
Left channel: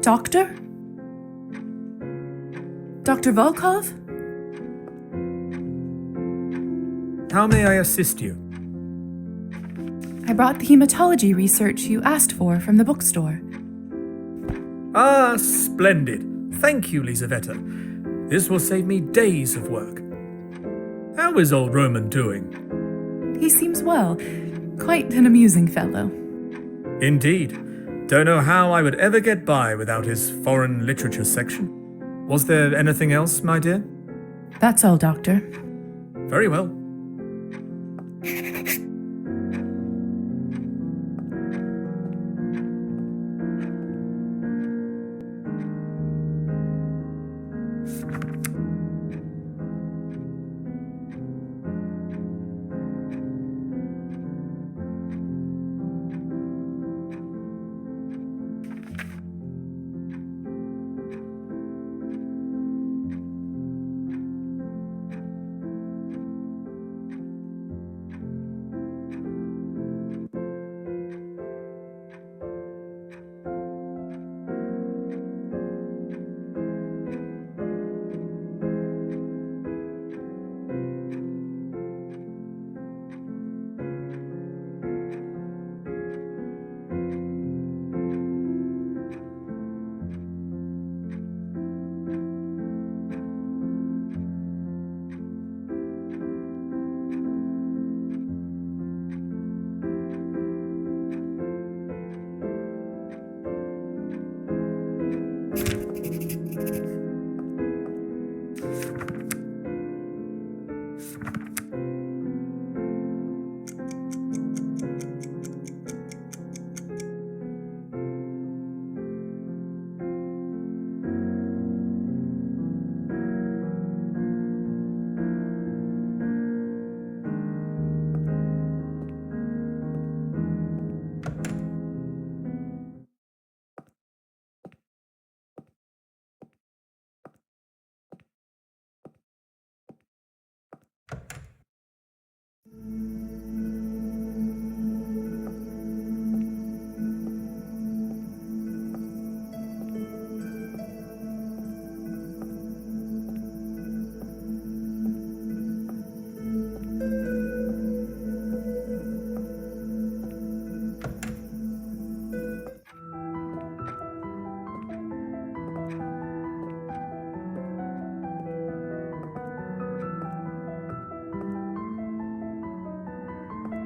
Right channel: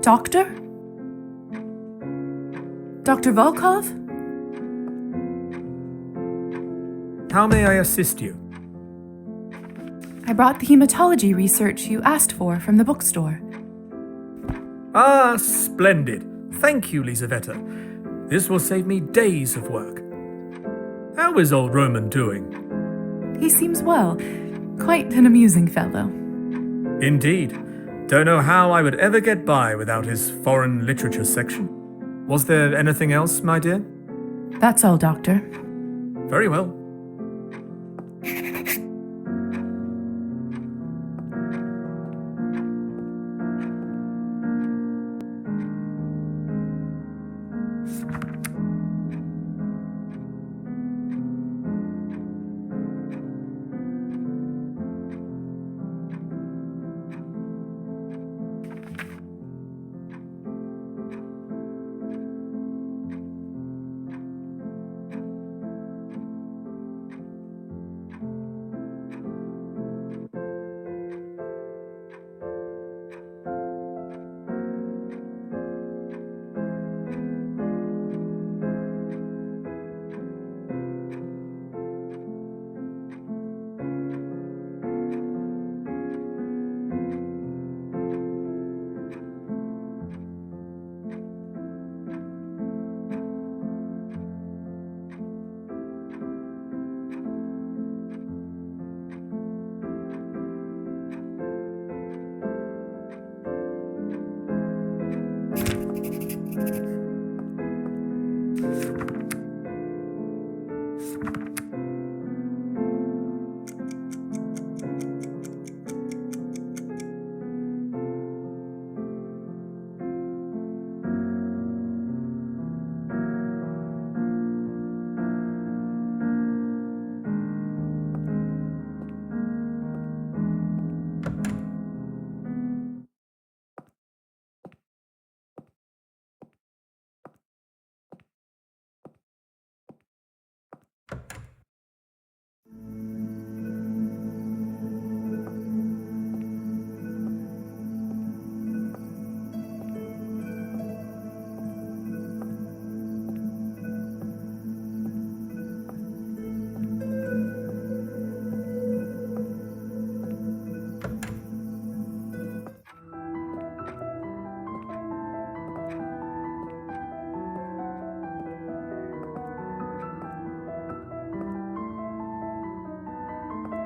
Doctor? Dr. Volkov? How may I assist you? I brought the hematology research you asked for from the bookstore. Ah, splendid. Thank you, Lisaveta. This will save me days of work. How is old Roman doing? He seems well. Quite an amusing fellow. Indeed. Don't know how I would ever get by without his foreign literature section. Was there anything else, my dear? That's all, Doctor. Very well.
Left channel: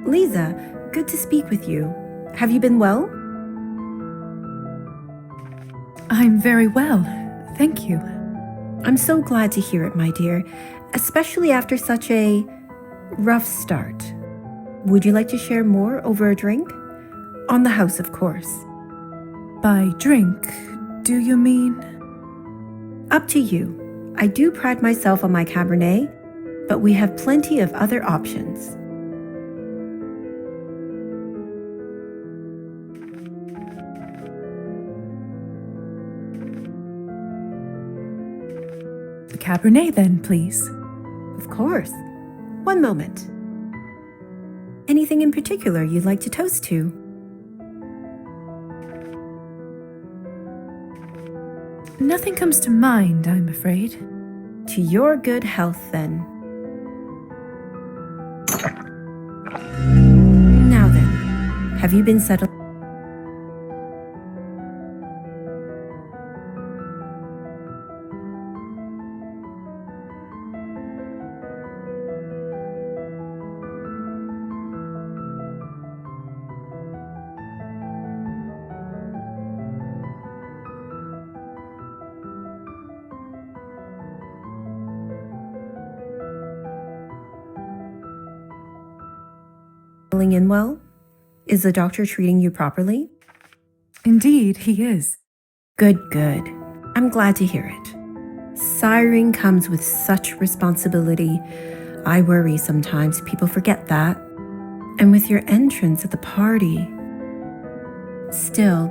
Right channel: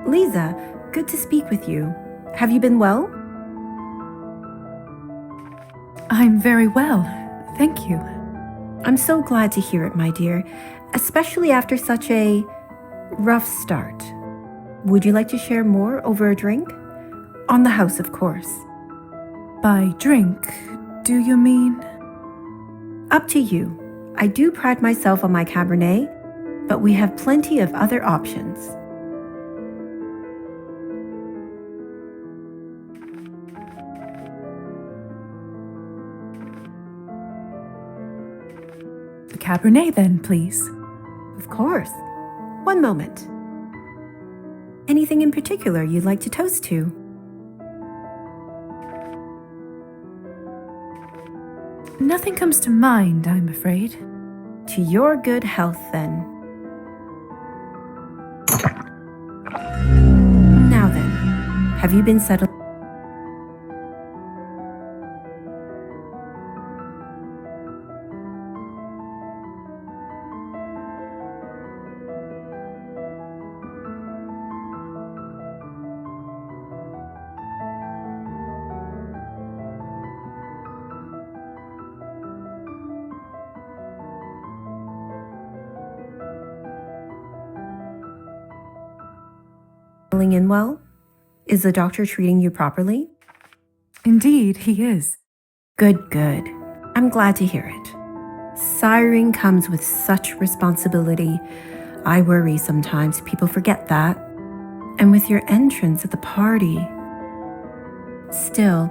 Lisa, good to speak with you. Have you been well? I'm very well, thank you. I'm so glad to hear it, my dear, especially after such a rough start. Would you like to share more over a drink? On the house, of course. By drink, do you mean? Up to you. I do pride myself on my Cabernet, but we have plenty of other options. The Cabernet, then, please. Of course. One moment. Anything in particular you'd like to toast to? Nothing comes to mind, I'm afraid. To your good health, then. Now then, have you been settled? In well? Is the doctor treating you properly? Indeed, he is. Good, good. I'm glad to hear it. Siring comes with such responsibility. I worry sometimes people forget that. And with your entrance at the party. Still,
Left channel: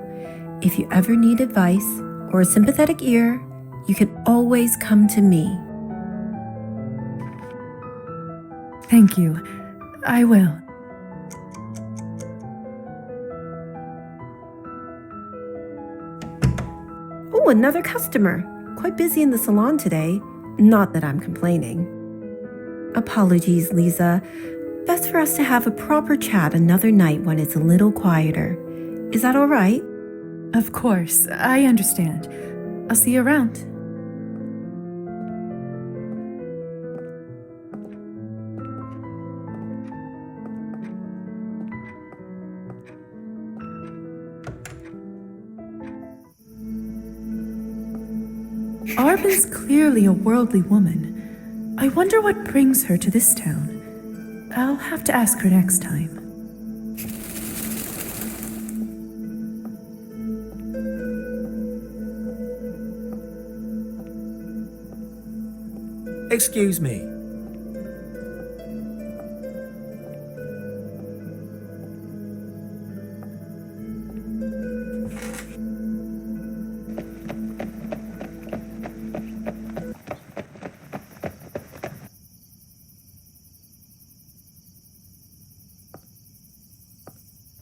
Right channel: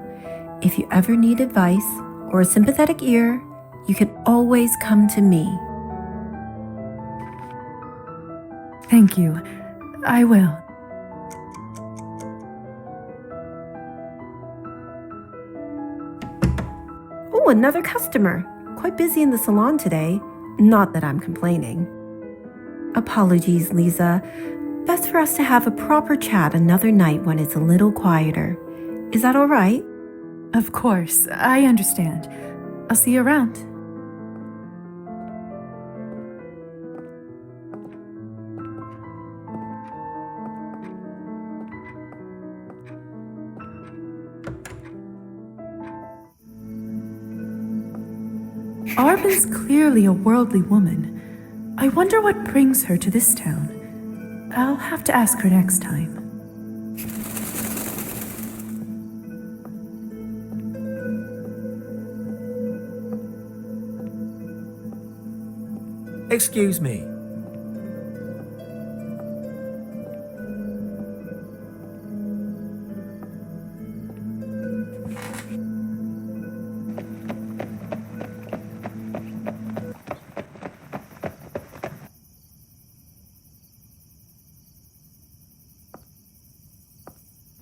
if you ever need advice or a sympathetic ear, you can always come to me. Thank you. I will. Oh, another customer. Quite busy in the salon today. Not that I'm complaining. Apologies, Lisa. Best for us to have a proper chat another night when it's a little quieter. Is that all right? Of course, I understand. I'll see you around. Arben's clearly a worldly woman. I wonder what brings her to this town. I'll have to ask her next time. Excuse me.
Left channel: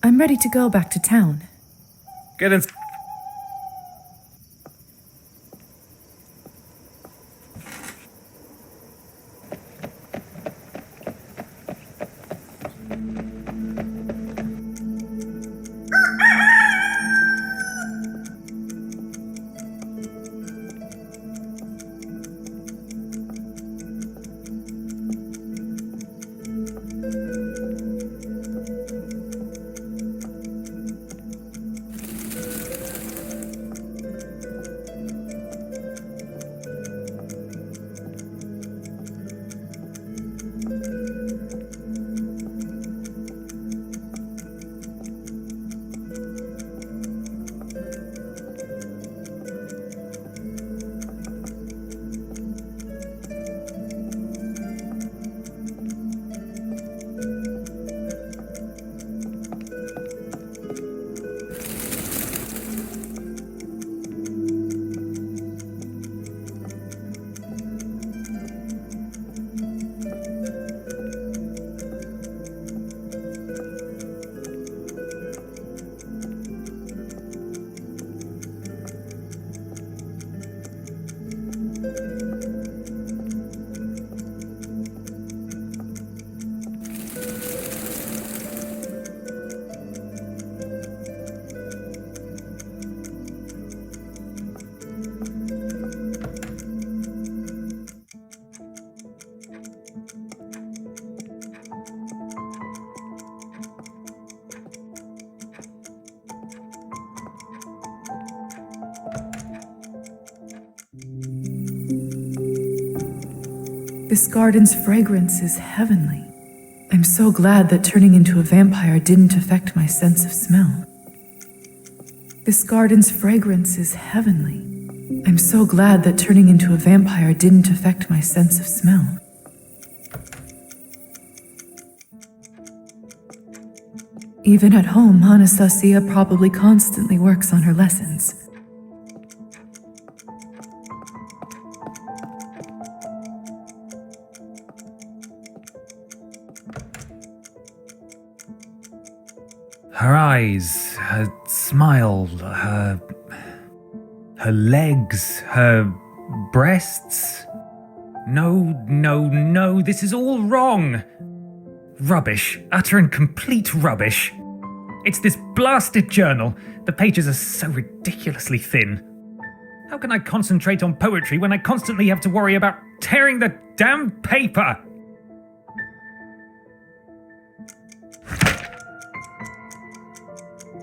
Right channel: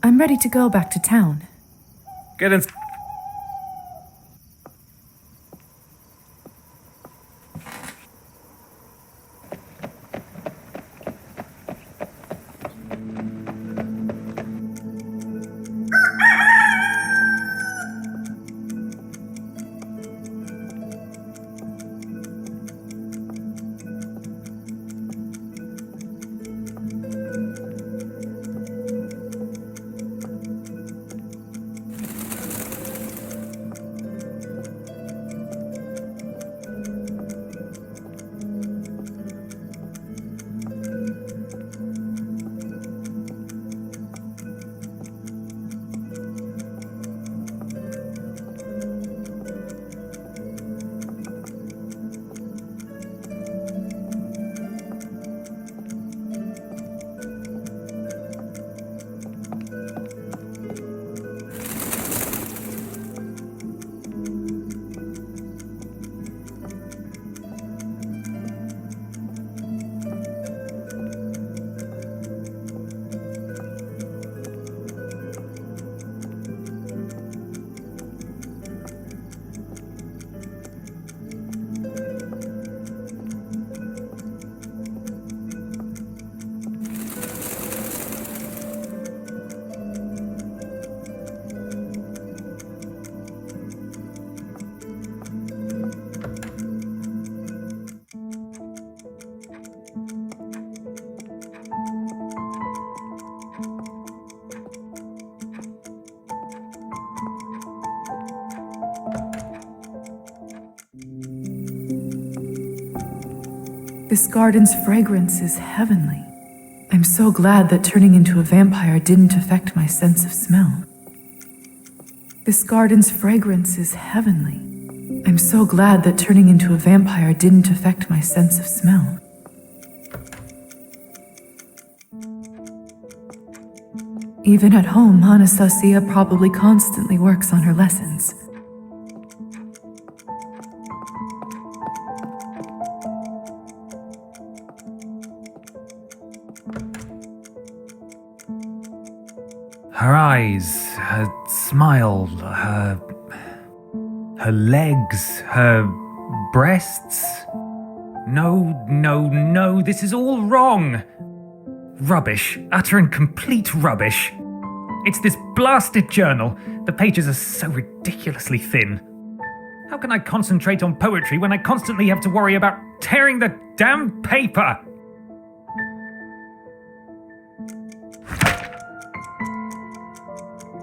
I'm ready to go back to town. Get in. This garden's fragrance is heavenly. I'm so glad that turning into a vampire didn't affect my sense of smell. This garden's fragrance is heavenly. I'm so glad that turning into a vampire didn't affect my sense of smell. Even at home, Anastasia probably constantly works on her lessons. Her eyes, her smile, her legs, her breasts. No, this is all wrong. Rubbish, utter and complete rubbish. It's this blasted journal. The pages are so ridiculously thin. How can I concentrate on poetry when I constantly have to worry about tearing the damn paper?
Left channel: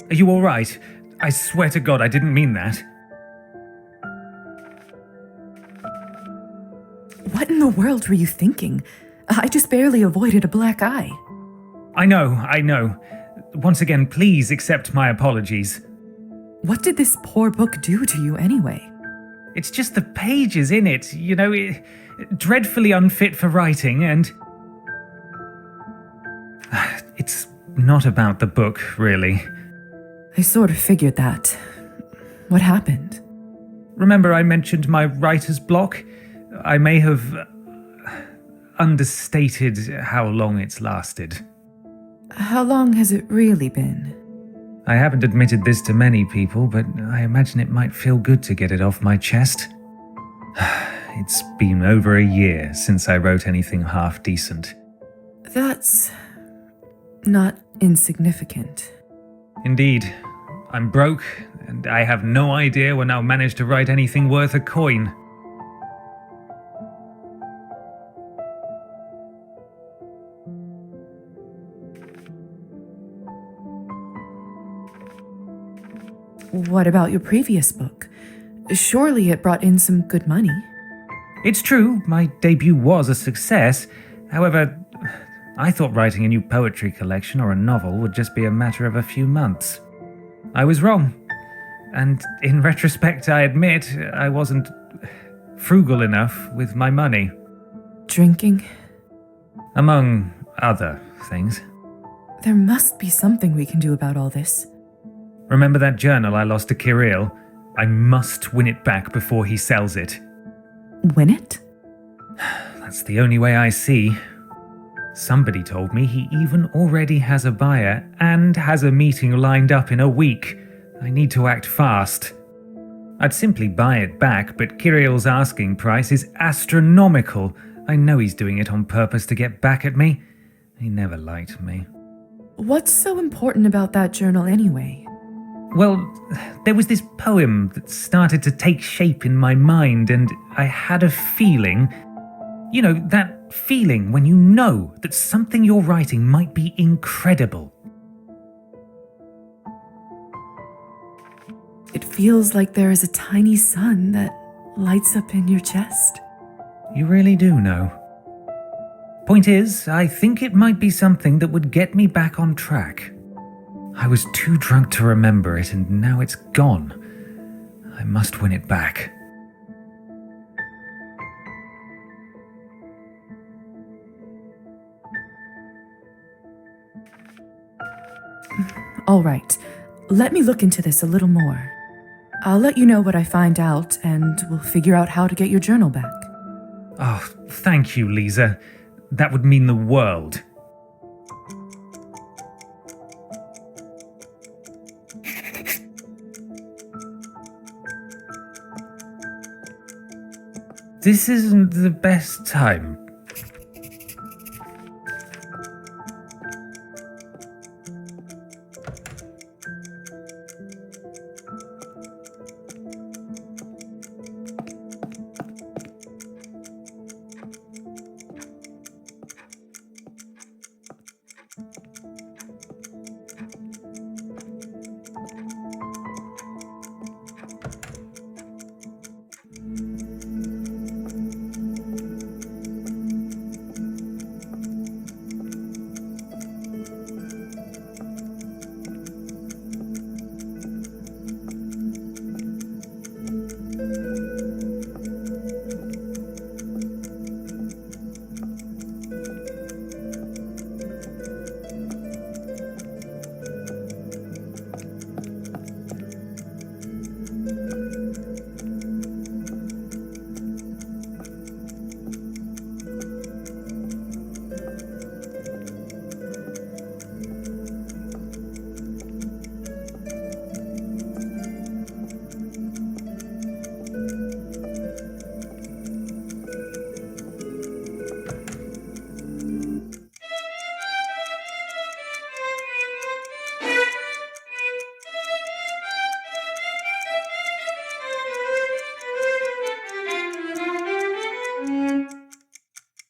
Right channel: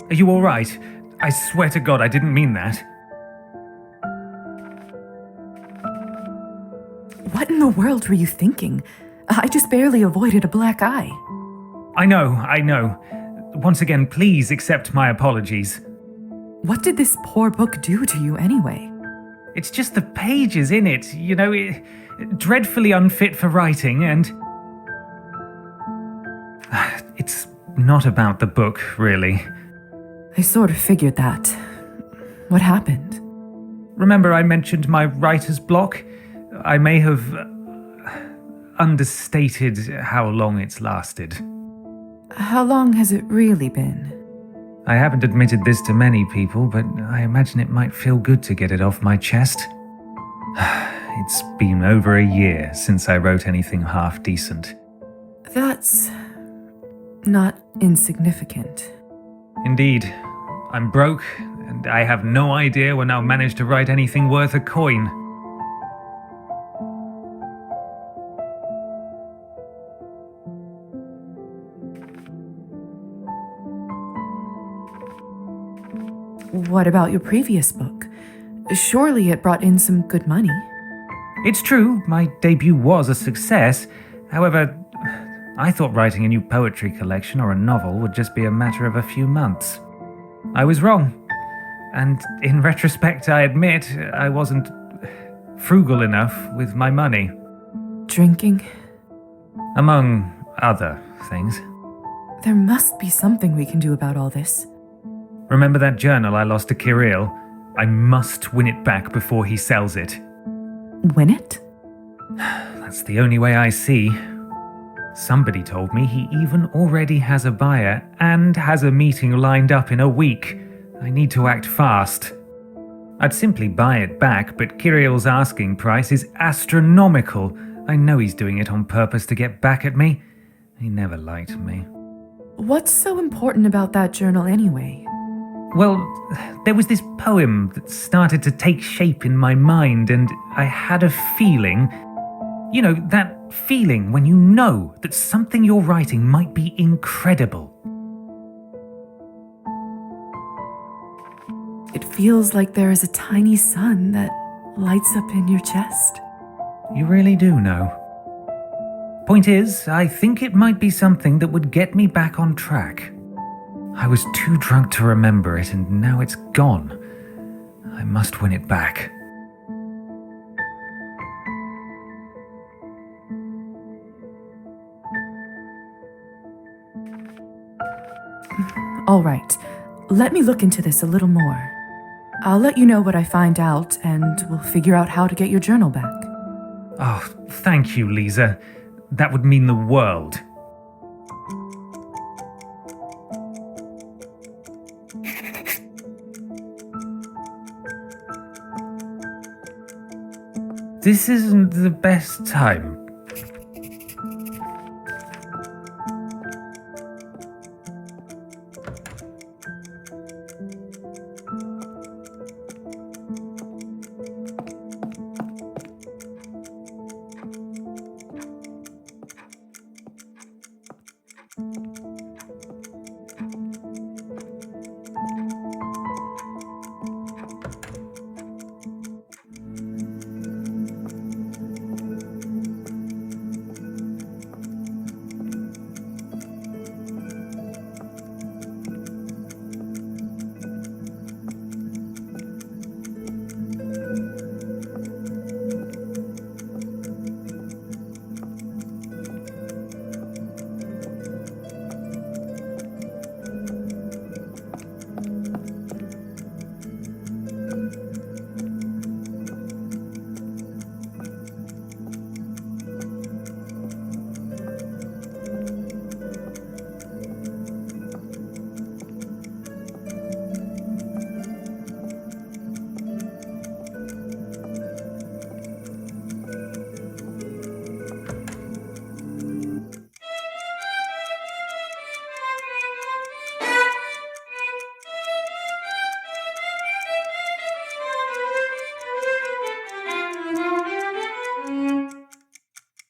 Are you all right? I swear to God I didn't mean that. What in the world were you thinking? I just barely avoided a black eye. I know. Once again, please accept my apologies. What did this poor book do to you anyway? It's just the pages in it, dreadfully unfit for writing, and... It's not about the book, really. I sort of figured that. What happened? Remember I mentioned my writer's block? I may have understated how long it's lasted. How long has it really been? I haven't admitted this to many people, but I imagine it might feel good to get it off my chest. It's been over a year since I wrote anything half decent. That's not insignificant. Indeed, I'm broke, and I have no idea when I'll manage to write anything worth a coin. What about your previous book? Surely it brought in some good money. It's true, my debut was a success. However, I thought writing a new poetry collection or a novel would just be a matter of a few months. I was wrong. And in retrospect, I admit I wasn't frugal enough with my money. Drinking? Among other things. There must be something we can do about all this. Remember that journal I lost to Kirill? I must win it back before he sells it. Win it? That's the only way I see. Somebody told me he even already has a buyer and has a meeting lined up in a week. I need to act fast. I'd simply buy it back, but Kirill's asking price is astronomical. I know he's doing it on purpose to get back at me. He never liked me. What's so important about that journal anyway? Well, there was this poem that started to take shape in my mind, and I had a feeling. You know, that feeling when you know that something you're writing might be incredible. It feels like there is a tiny sun that lights up in your chest. You really do know. Point is, I think it might be something that would get me back on track. I was too drunk to remember it, and now it's gone. I must win it back. All right, let me look into this a little more. I'll let you know what I find out, and we'll figure out how to get your journal back. Oh, thank you, Lisa. That would mean the world. This isn't the best time.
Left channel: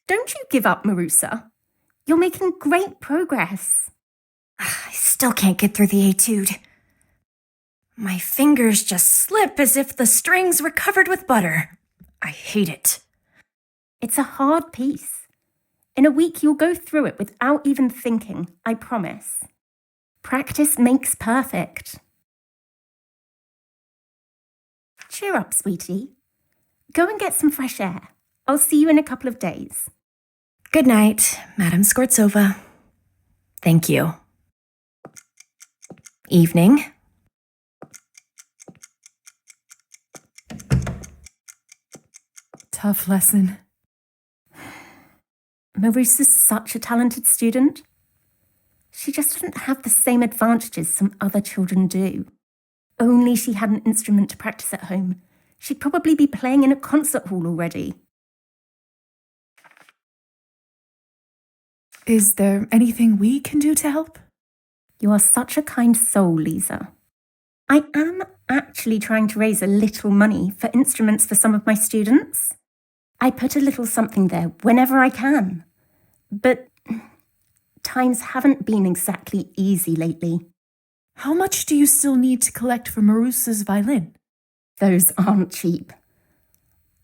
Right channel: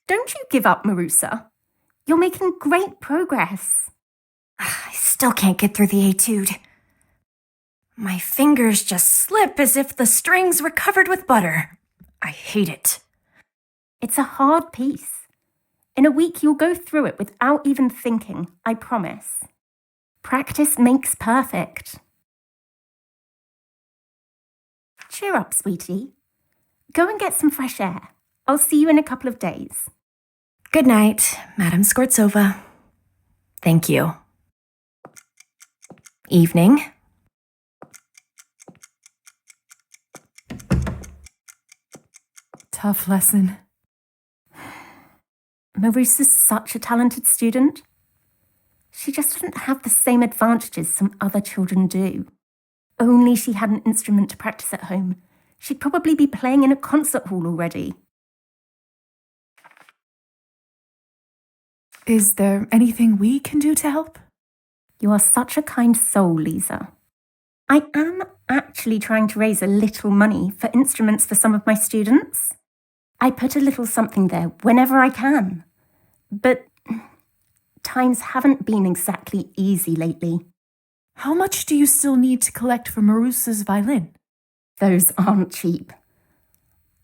Don't you give up, Marusa. You're making great progress. I still can't get through the etude. My fingers just slip as if the strings were covered with butter. I hate it. It's a hard piece. In a week, you'll go through it without even thinking, I promise. Practice makes perfect. Cheer up, sweetie. Go and get some fresh air. I'll see you in a couple of days. Good night, Madame Skvortsova. Thank you. Evening. Tough lesson. Marusa's such a talented student. She just doesn't have the same advantages some other children do. Only she had an instrument to practice at home. She'd probably be playing in a concert hall already. Is there anything we can do to help? You are such a kind soul, Lisa. I am actually trying to raise a little money for instruments for some of my students. I put a little something there whenever I can. But times haven't been exactly easy lately. How much do you still need to collect for Marusa's violin? Those aren't cheap.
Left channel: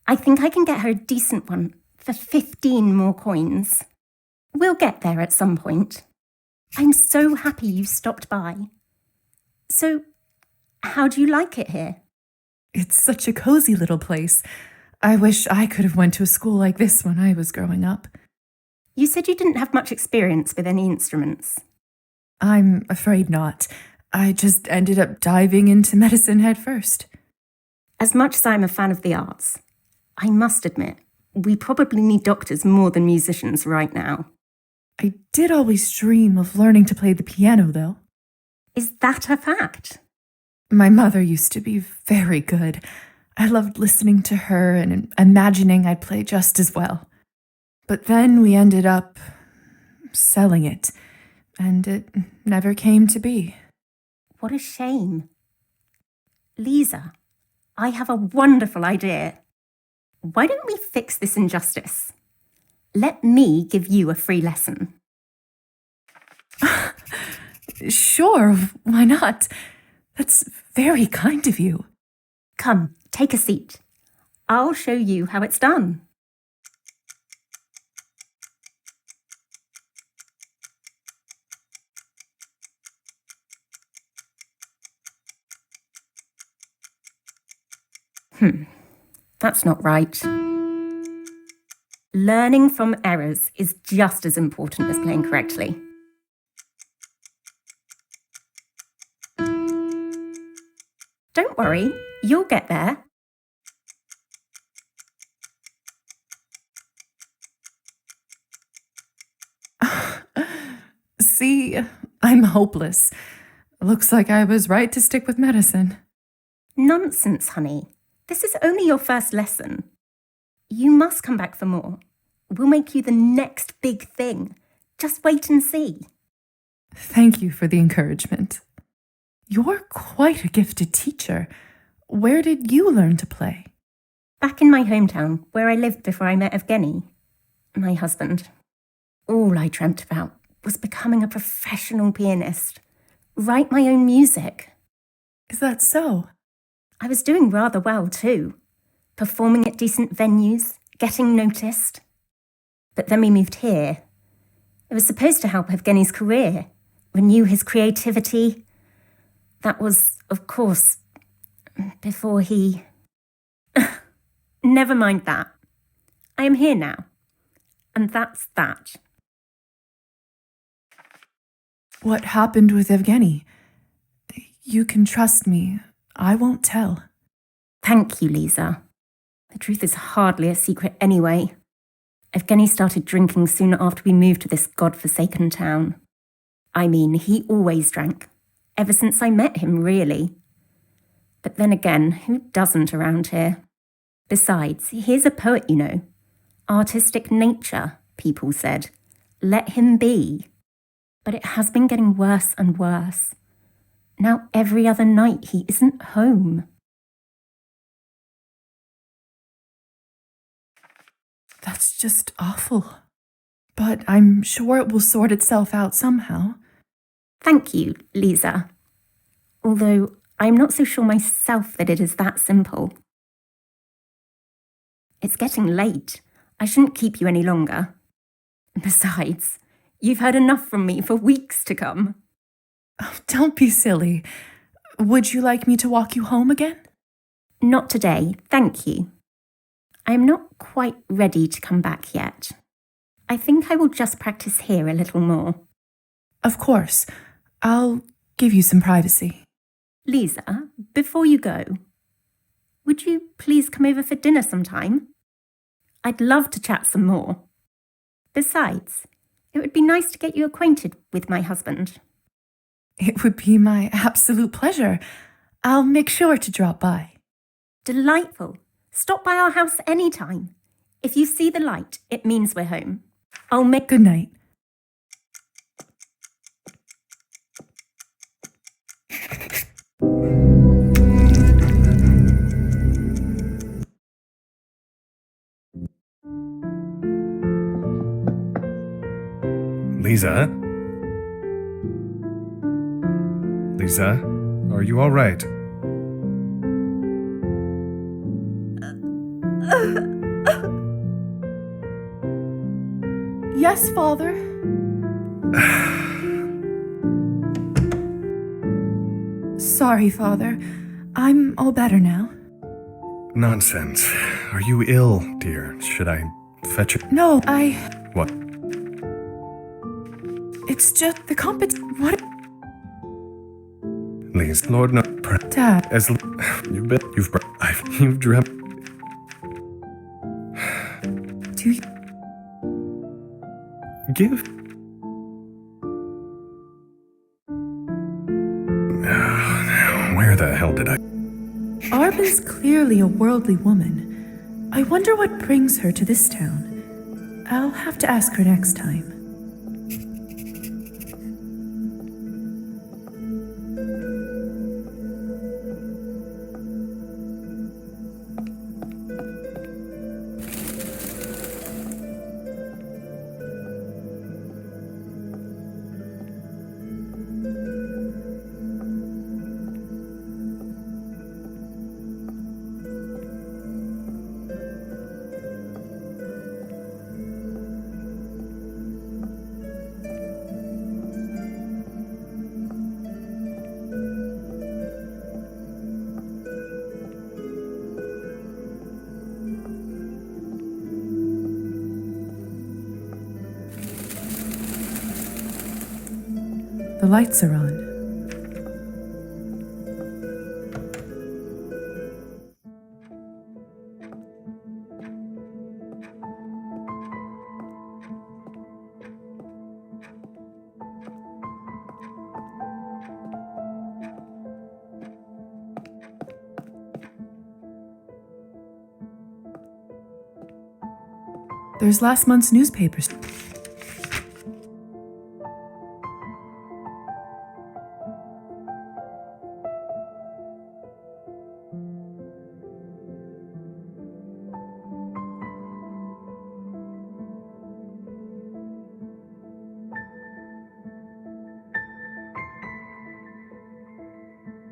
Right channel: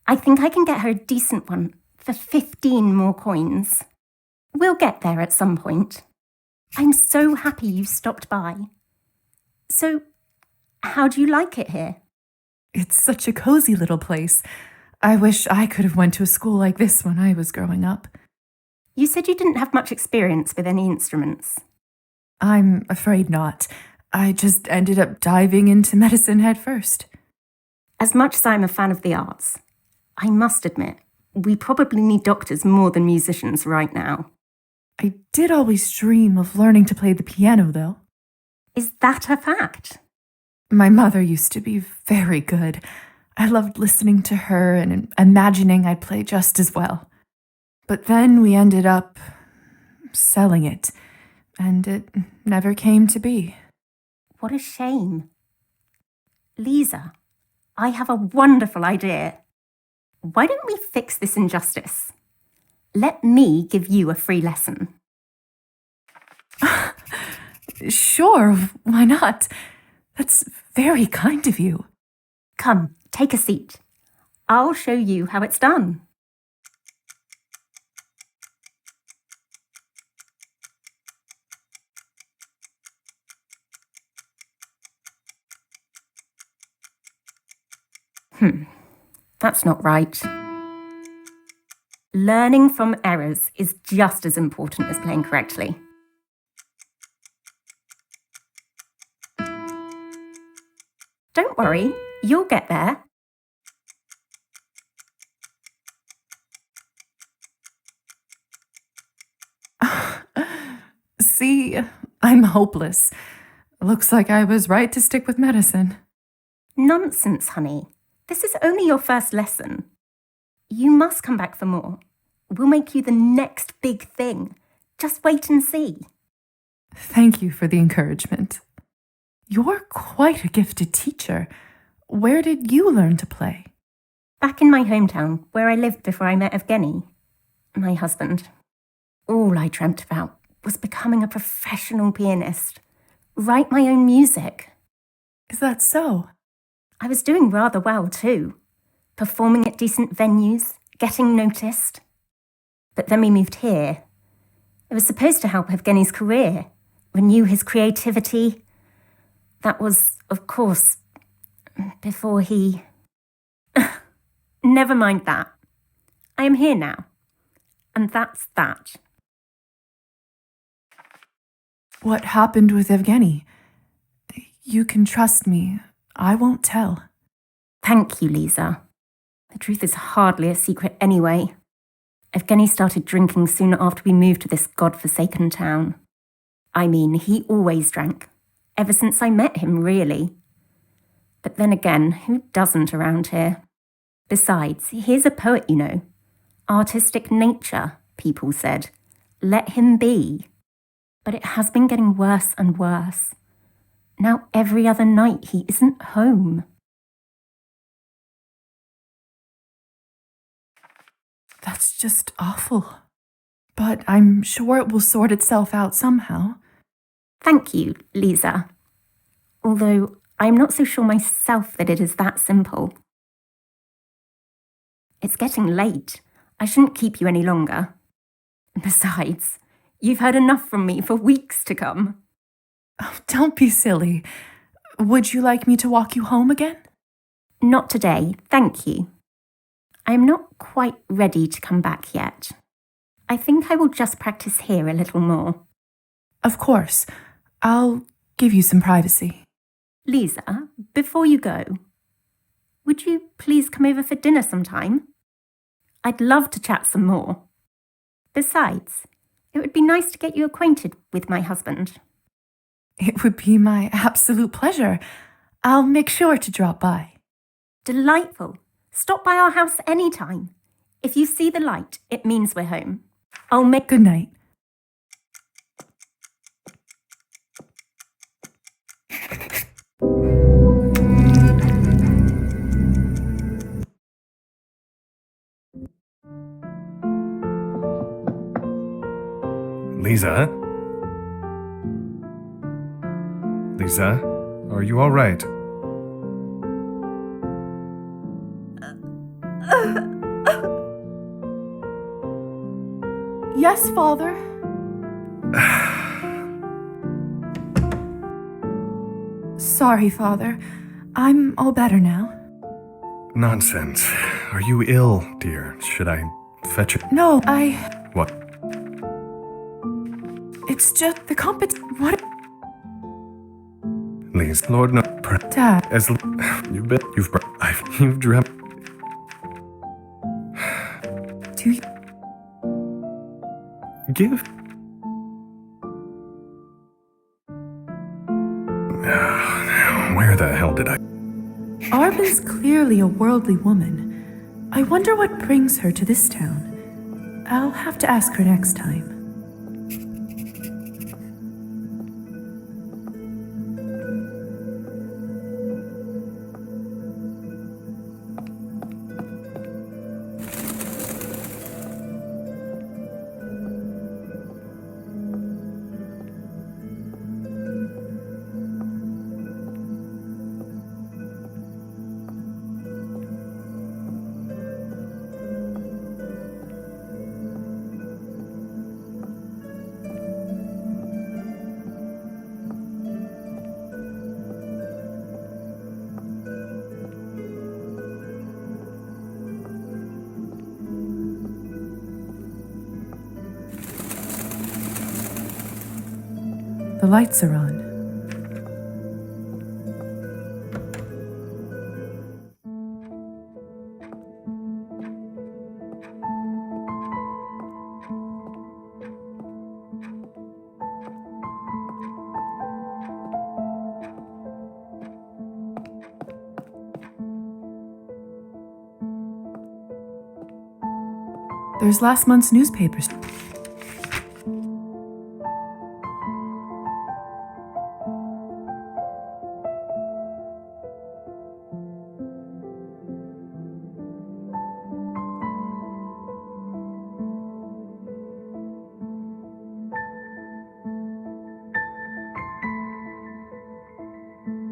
I think I can get her a decent one for 15 more coins. We'll get there at some point. I'm so happy you stopped by. So, how do you like it here? It's such a cozy little place. I wish I could have went to a school like this when I was growing up. You said you didn't have much experience with any instruments. I'm afraid not. I just ended up diving into medicine head first. As much as I'm a fan of the arts, I must admit, we probably need doctors more than musicians right now. I did always dream of learning to play the piano, though. Is that a fact? My mother used to be very good. I loved listening to her and imagining I'd play just as well. But then we ended up selling it, and it never came to be. What a shame. Lisa, I have a wonderful idea. Why don't we fix this injustice? Let me give you a free lesson. Sure, why not? That's very kind of you. Come, take a seat. I'll show you how it's done. That's not right. Learning from errors is just as important as playing correctly. Don't worry, you'll get there. See, I'm hopeless. Looks like I was right to stick with medicine. Nonsense, honey. This is only your first lesson. You must come back for more. We'll make you the next big thing. Just wait and see. Thank you for the encouragement. You're quite a gifted teacher. Where did you learn to play? Back in my hometown, where I lived before I met Evgeny, my husband. All I dreamt about was becoming a professional pianist. Write my own music. Is that so? I was doing rather well too. Performing at decent venues, getting noticed. But then we moved here. It was supposed to help Evgeny's career, renew his creativity. That was, of course, before he... Never mind that. I am here now. And that's that. What happened with Evgeny? You can trust me. I won't tell. Thank you, Lisa. The truth is hardly a secret anyway. Evgeny started drinking soon after we moved to this godforsaken town. I mean, he always drank. Ever since I met him, really. But then again, who doesn't around here? Besides, he's a poet, you know. Artistic nature, people said. Let him be. But it has been getting worse and worse. Now every other night he isn't home. That's just awful. But I'm sure it will sort itself out somehow. Thank you, Lisa. Although I'm not so sure myself that it is that simple. It's getting late. I shouldn't keep you any longer. Besides, you've heard enough from me for weeks to come. Oh, don't be silly. Would you like me to walk you home again? Not today, thank you. I am not quite ready to come back yet. I think I will just practice here a little more. Of course. I'll give you some privacy. Lisa, before you go, would you please come over for dinner sometime? I'd love to chat some more. Besides, it would be nice to get you acquainted with my husband. It would be my absolute pleasure. I'll make sure to drop by. Delightful. Stop by our house anytime. If you see the light, it means we're home. I'll make... Good night. Lisa? Lisa, are you all right? Yes, Father. Sorry, Father. I'm all better now. Nonsense. Are you ill, dear? Should I fetch it? No, What? It's just the What? Lisa, Lord, no. Dad. You've dreamt. Do you... Give. Where the hell did I? Arben's clearly a worldly woman. I wonder what brings her to this town. I'll have to ask her next time. The lights are on. There's last month's newspapers.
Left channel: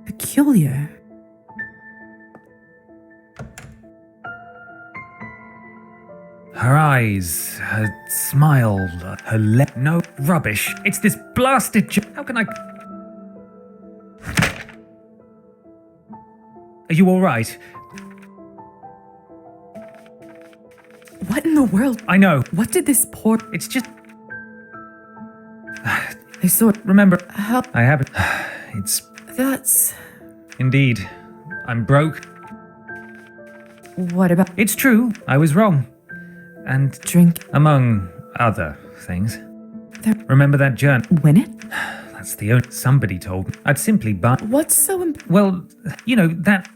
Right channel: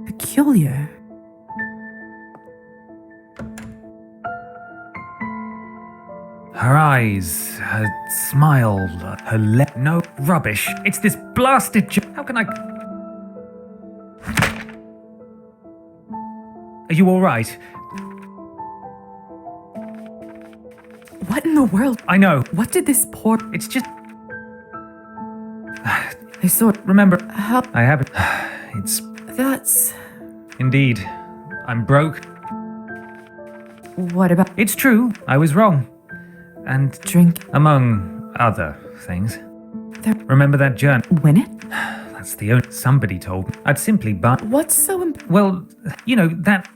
Peculiar. Her eyes, her smile, her no rubbish. It's this blasted How can I... Are you alright? What in the world? I know. What did this poor... It's just... I saw... Remember... How... I haven't... It's... That's... Indeed. I'm broke. What about... It's true. I was wrong. And... Drink. Among other things. There... Remember that journey? Win it? That's the only... Somebody told me. I'd simply buy... What's so Well, you know, that...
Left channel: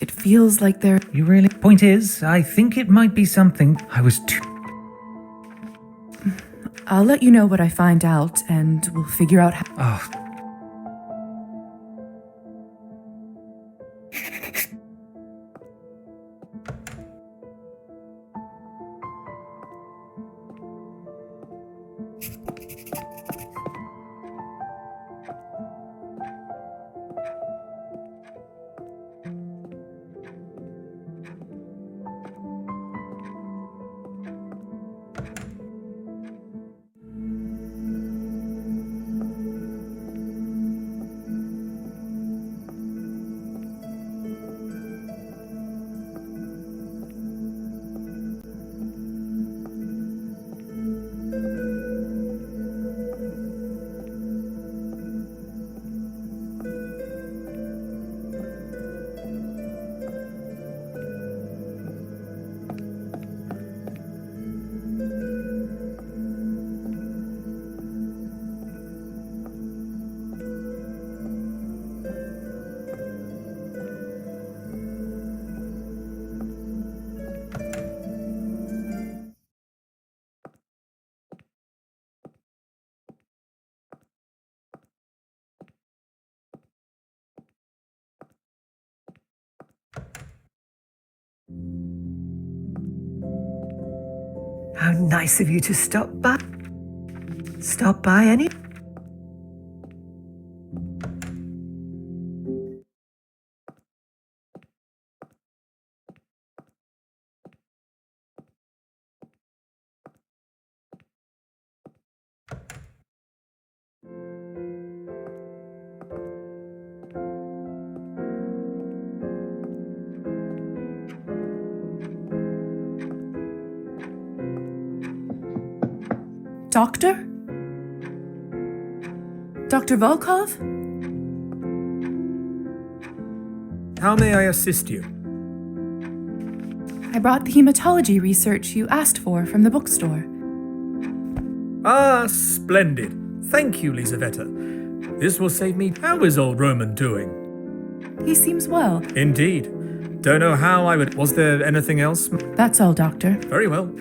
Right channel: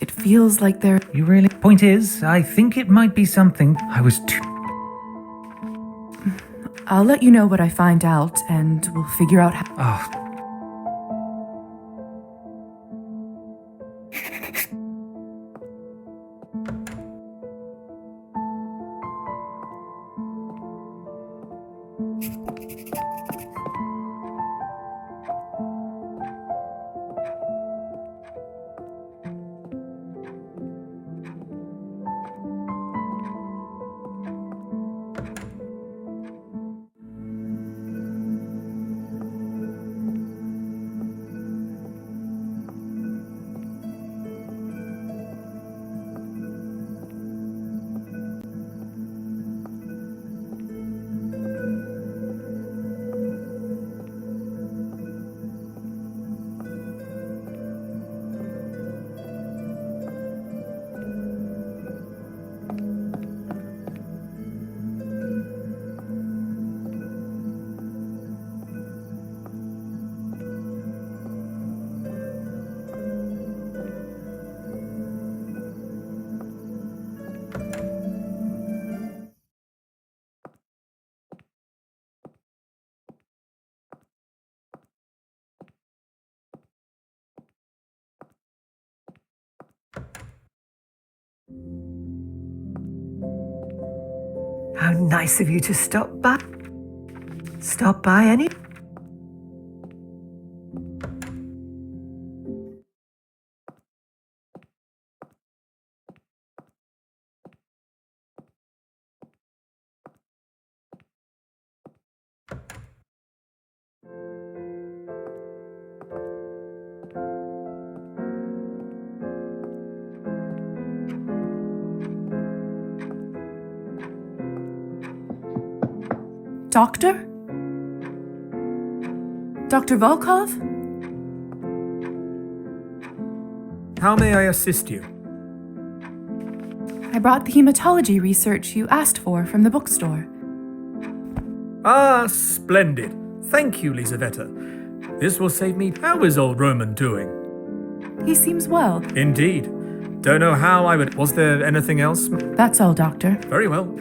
It feels like they're... You really... Point is, I think it might be something I was too... I'll let you know what I find out, and we'll figure out how... Oh... How nice of you to stop by. Stop by any... Doctor? Dr. Volkov? How may I assist you? I brought the hematology research you asked for from the bookstore. Ah, splendid. Thank you, Lisaveta. This will save me. How is old Roman doing? He seems well. Indeed. Don't know how I would. Was there anything else? That's all, Doctor. Very well.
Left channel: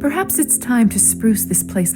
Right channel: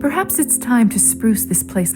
Perhaps it's time to spruce this place.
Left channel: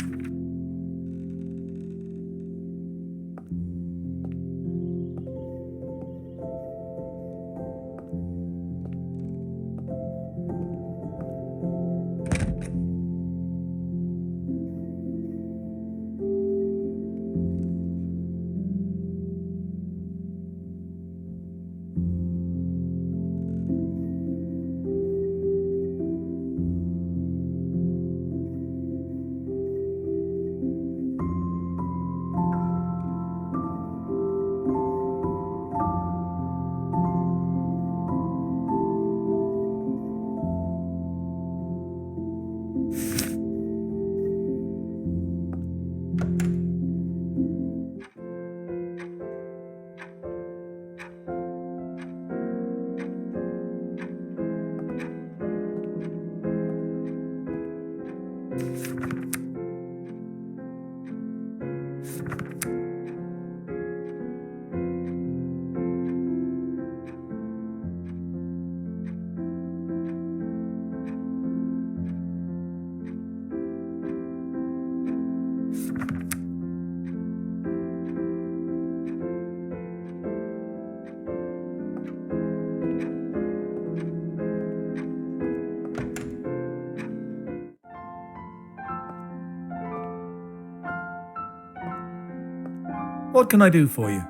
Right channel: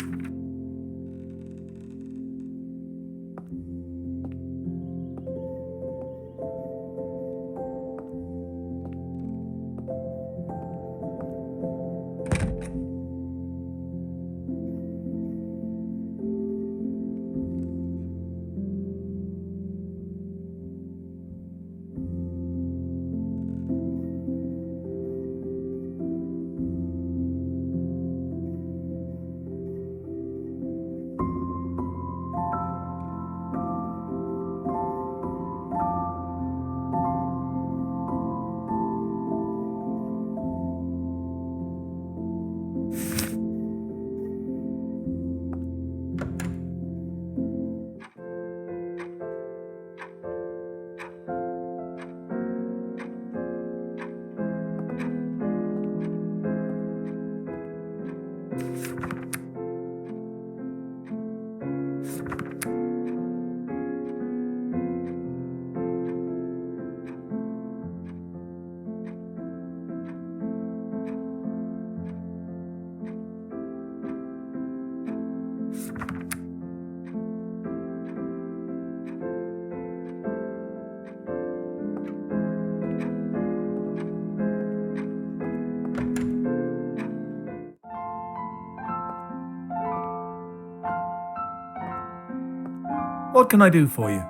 What can I do for you?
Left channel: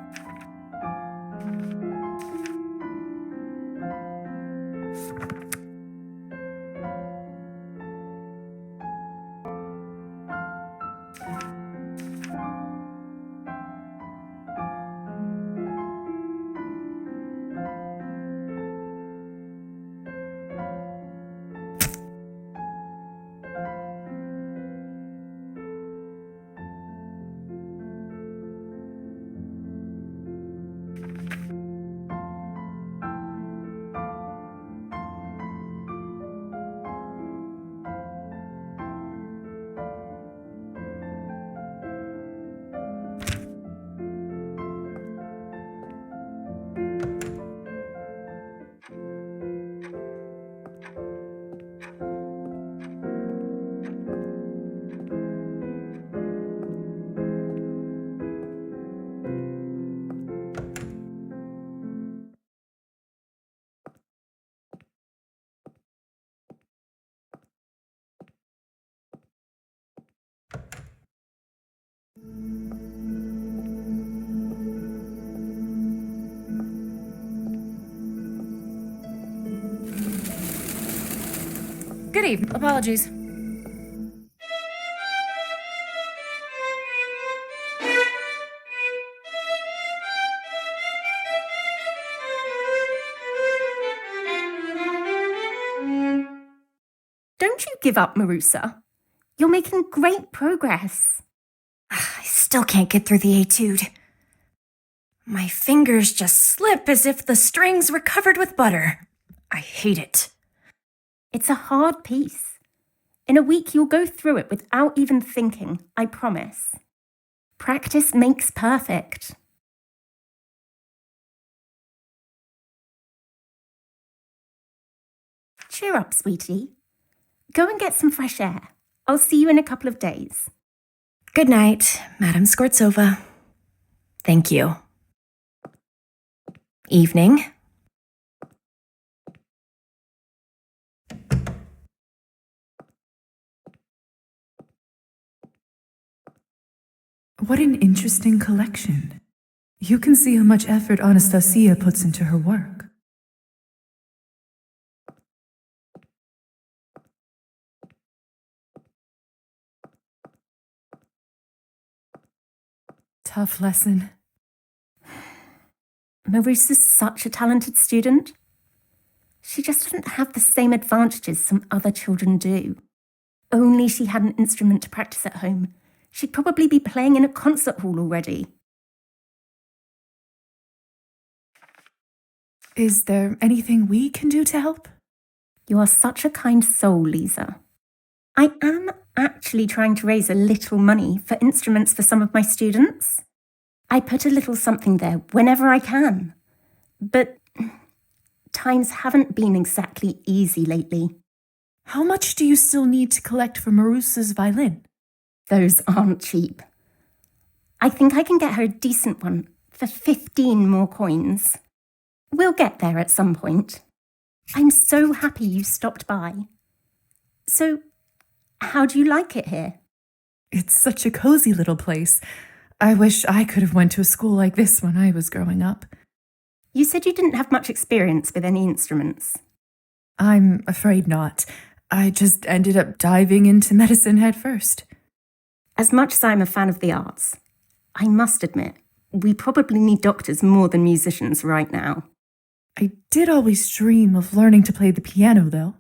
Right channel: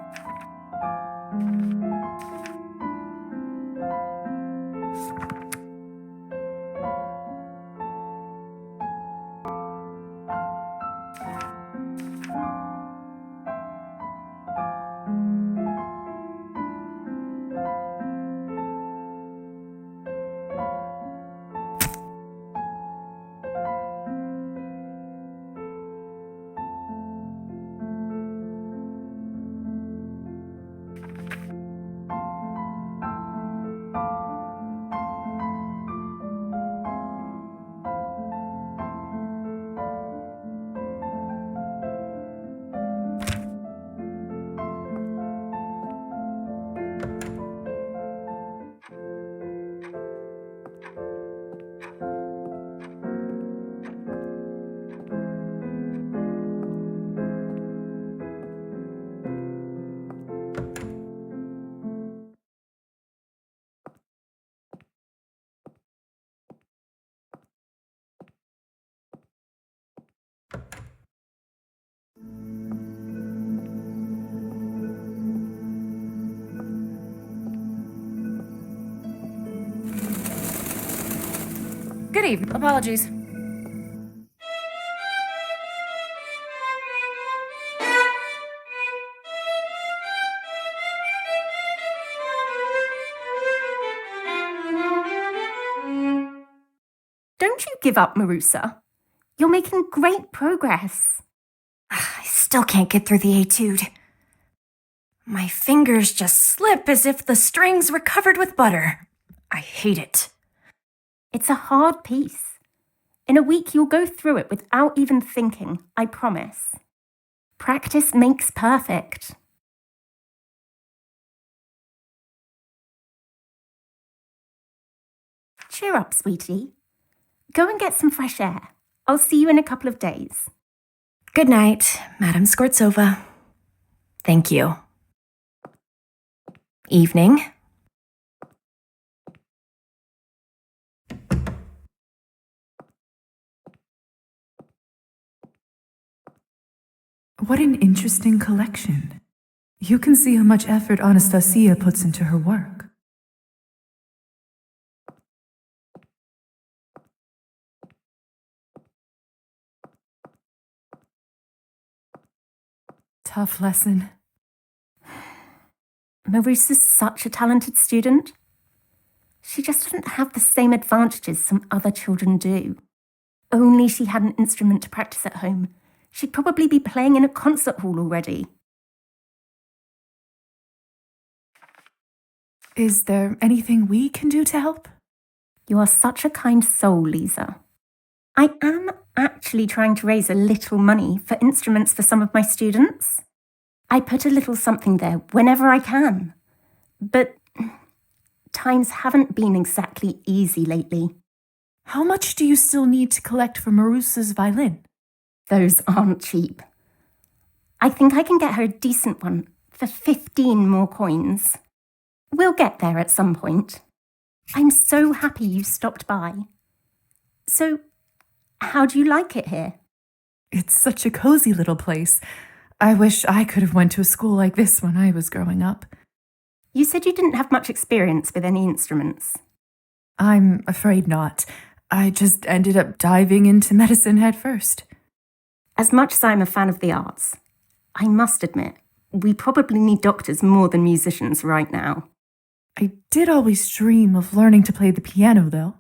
Good evening. Apologies. Don't you give up, Marusa. You're making great progress. I still can't get through the etude. My fingers just slip as if the strings were covered with butter. I hate it. It's a hard piece. In a week, you'll go through it without even thinking, I promise. Practice makes perfect. Cheer up, sweetie. Go and get some fresh air. I'll see you in a couple of days. Good night, Madame Skvortsova. Thank you. Evening. What an interesting collection. You can see how much effort Anastasia puts into her work. Tough lesson. Marusa's such a talented student. She just doesn't have the same advantages some other children do. Only she had an instrument to practice at home. She'd probably be playing in a concert hall already. Is there anything we can do to help? You are such a kind soul, Lisa. I am actually trying to raise a little money for instruments for some of my students. I put a little something there whenever I can. But times haven't been exactly easy lately. How much do you still need to collect for Marusa's violin? Those aren't cheap. I think I can get her a decent one for 15 more coins. We'll get there at some point. I'm so happy you stopped by. So, how do you like it here? It's such a cozy little place. I wish I could have went to a school like this when I was growing up. You said you didn't have much experience with any instruments. I'm afraid not. I just ended up diving into medicine head first. As much as I'm a fan of the arts, I must admit, we probably need doctors more than musicians right now. I did always dream of learning to play the piano, though.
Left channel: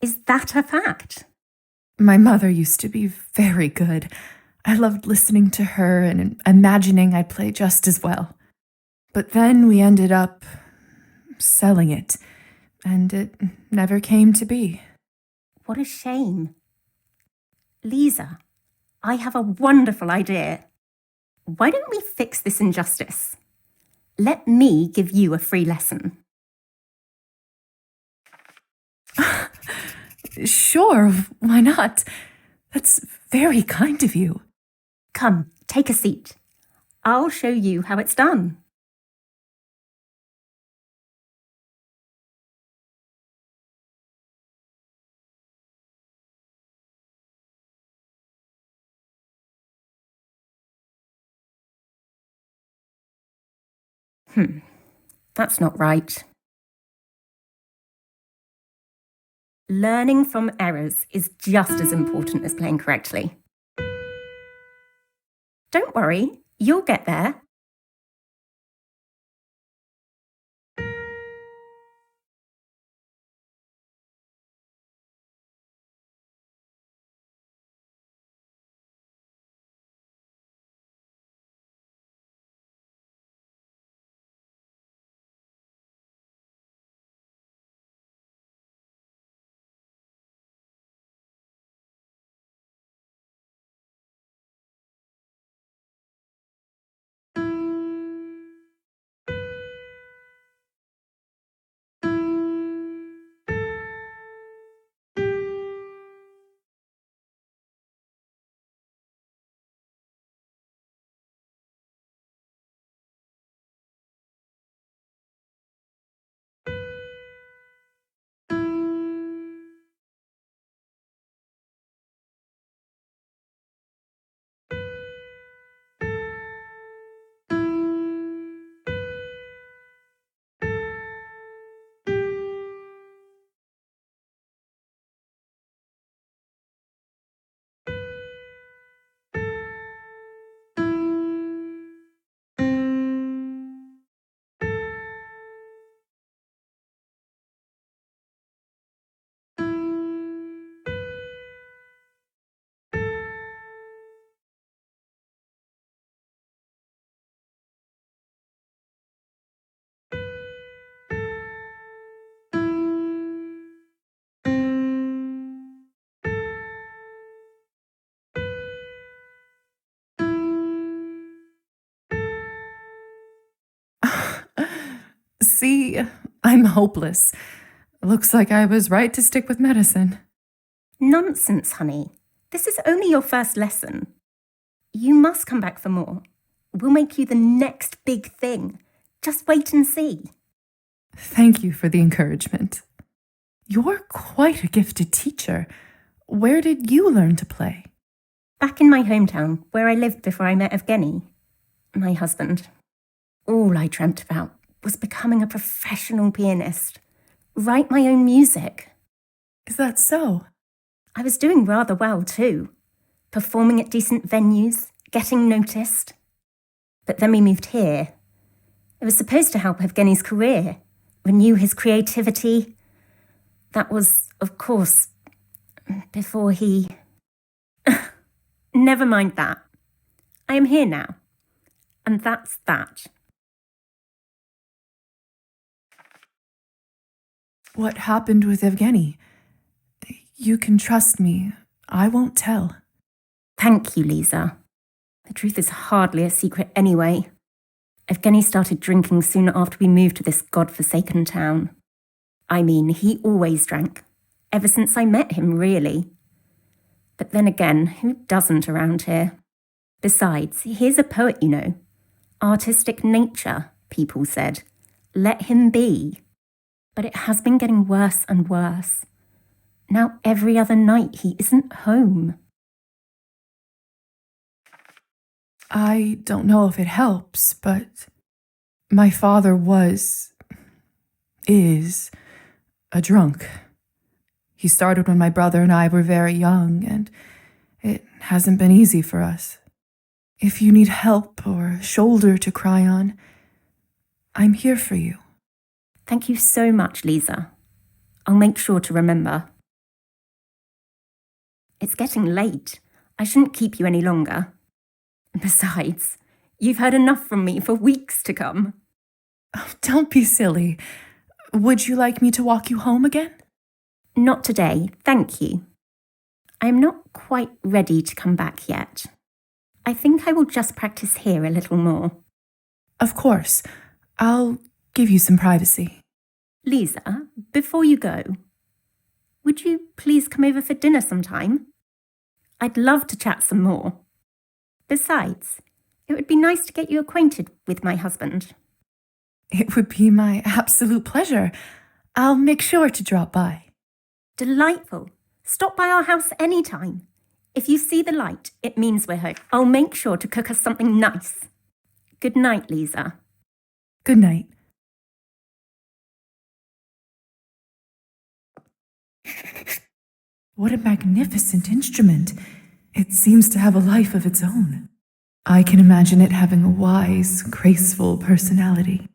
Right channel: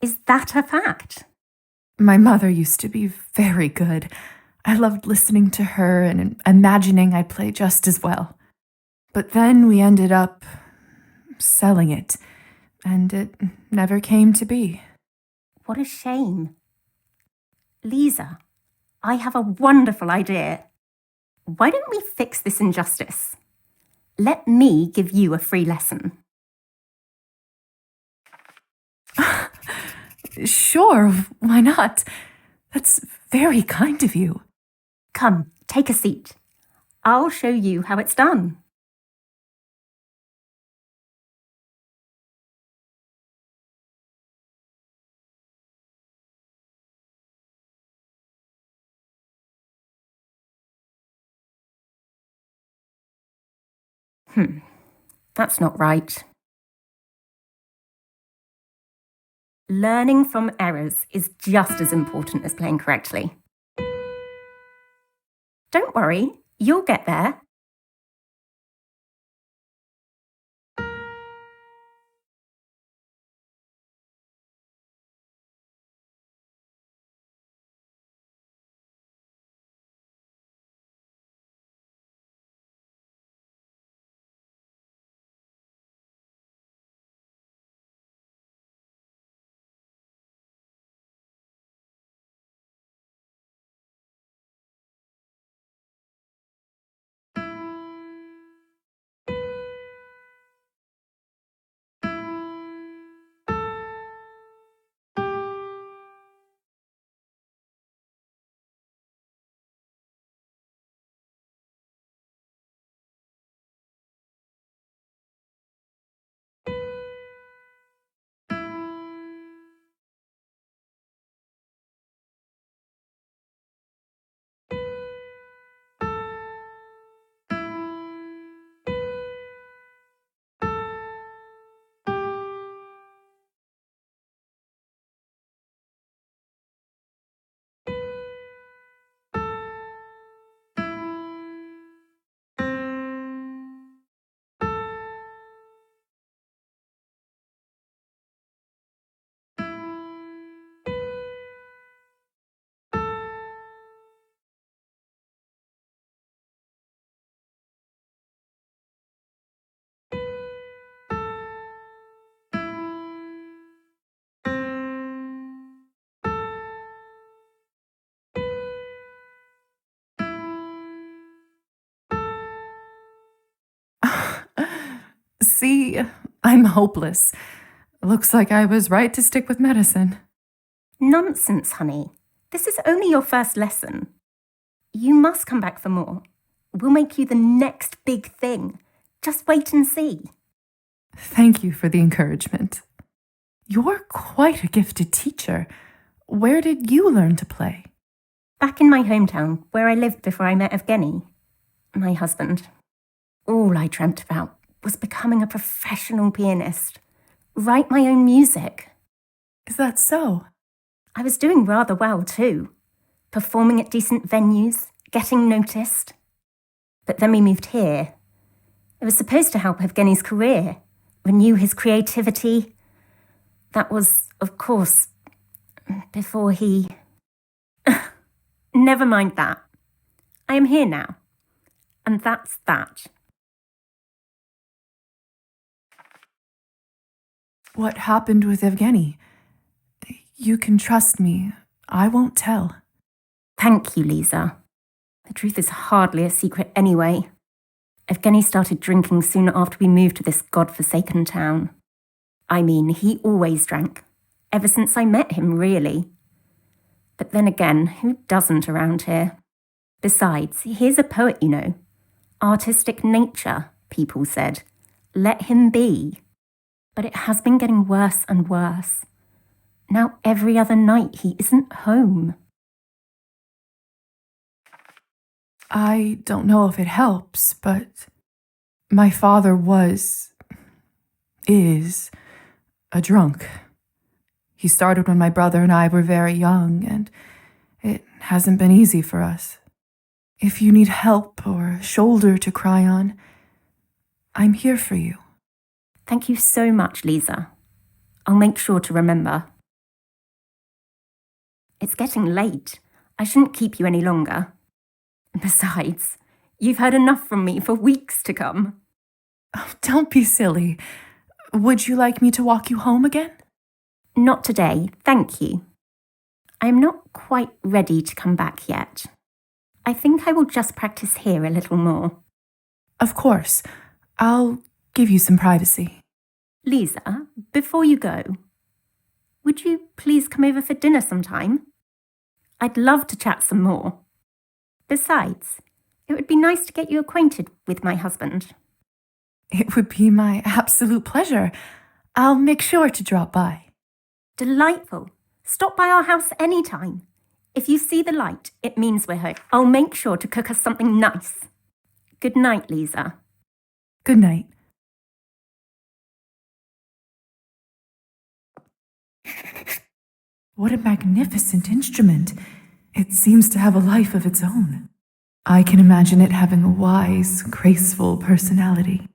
Is that a fact? My mother used to be very good. I loved listening to her and imagining I'd play just as well. But then we ended up selling it, and it never came to be. What a shame. Lisa, I have a wonderful idea. Why don't we fix this injustice? Let me give you a free lesson. Sure, why not? That's very kind of you. Come, take a seat. I'll show you how it's done. That's not right. Learning from errors is just as important as playing correctly. Don't worry, you'll get there. See, I'm hopeless. Looks like I was right to stick with medicine. Nonsense, honey. This is only your first lesson. You must come back for more. We'll make you the next big thing. Just wait and see. Thank you for the encouragement. You're quite a gifted teacher. Where did you learn to play? Back in my hometown, where I lived before I met Evgeny, my husband. All I dreamt about was becoming a professional pianist. Write my own music. Is that so? I was doing rather well too. Performing at decent venues, getting noticed. But then we moved here. It was supposed to help Evgeny's career, renew his creativity. That was, of course, before he... Never mind that. I am here now. And that's that. What happened with Evgeny? You can trust me. I won't tell. Thank you, Lisa. The truth is hardly a secret anyway. Evgeny started drinking soon after we moved to this godforsaken town. I mean, he always drank. Ever since I met him, really. But then again, who doesn't around here? Besides, he's a poet, you know. Artistic nature, people said. Let him be. But it has been getting worse and worse. Now every other night he isn't home. I don't know if it helps, but my father is a drunk. He started when my brother and I were very young, and it hasn't been easy for us. If you need help or a shoulder to cry on, I'm here for you. Thank you so much, Lisa. I'll make sure to remember. It's getting late. I shouldn't keep you any longer. Besides, you've heard enough from me for weeks to come. Oh, don't be silly. Would you like me to walk you home again? Not today, thank you. I am not quite ready to come back yet. I think I will just practice here a little more. Of course. I'll give you some privacy. Lisa, before you go, would you please come over for dinner sometime? I'd love to chat some more. Besides, it would be nice to get you acquainted with my husband. It would be my absolute pleasure. I'll make sure to drop by. Delightful. Stop by our house anytime. If you see the light, it means we're home. I'll make sure to cook us something nice. Good night, Lisa. Good night. What a magnificent instrument. It seems to have a life of its own. I can imagine it having a wise, graceful personality.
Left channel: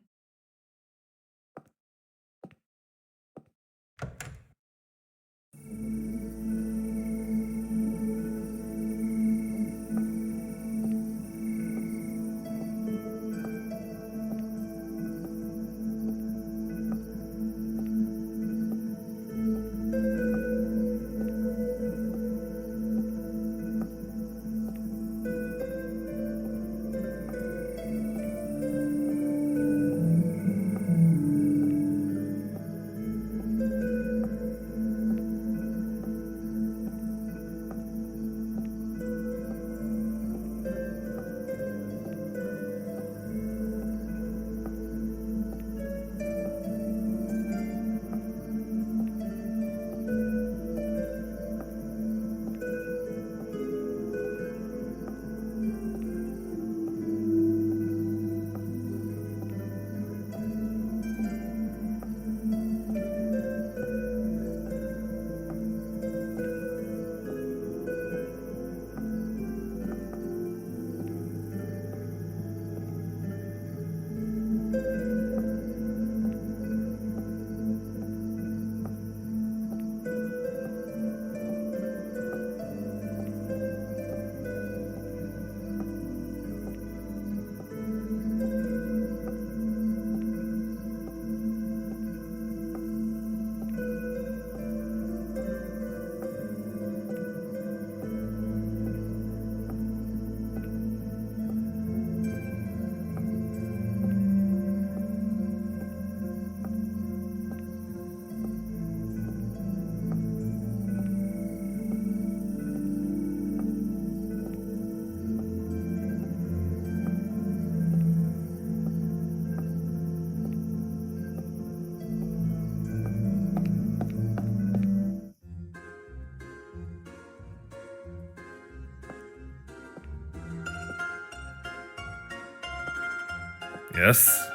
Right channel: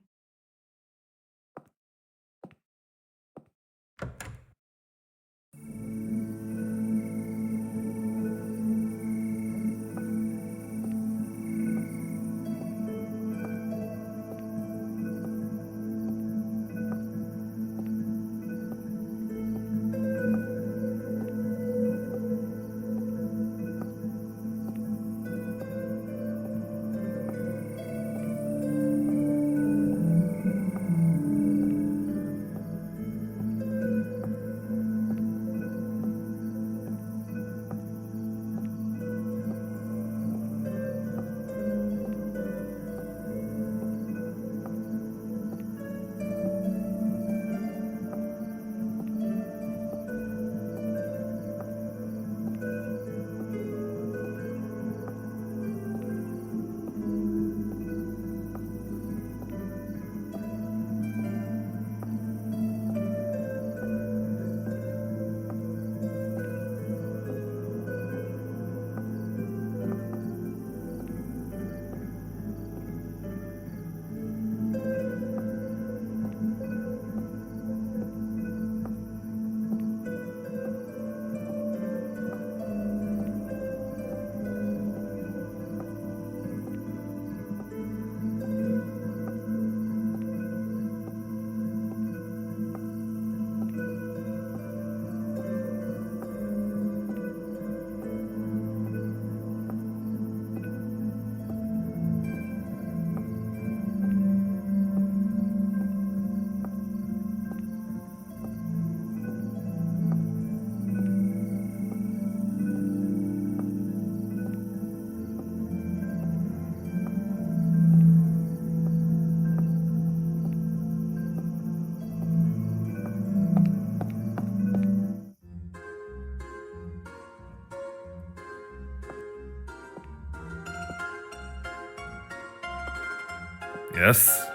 Yes?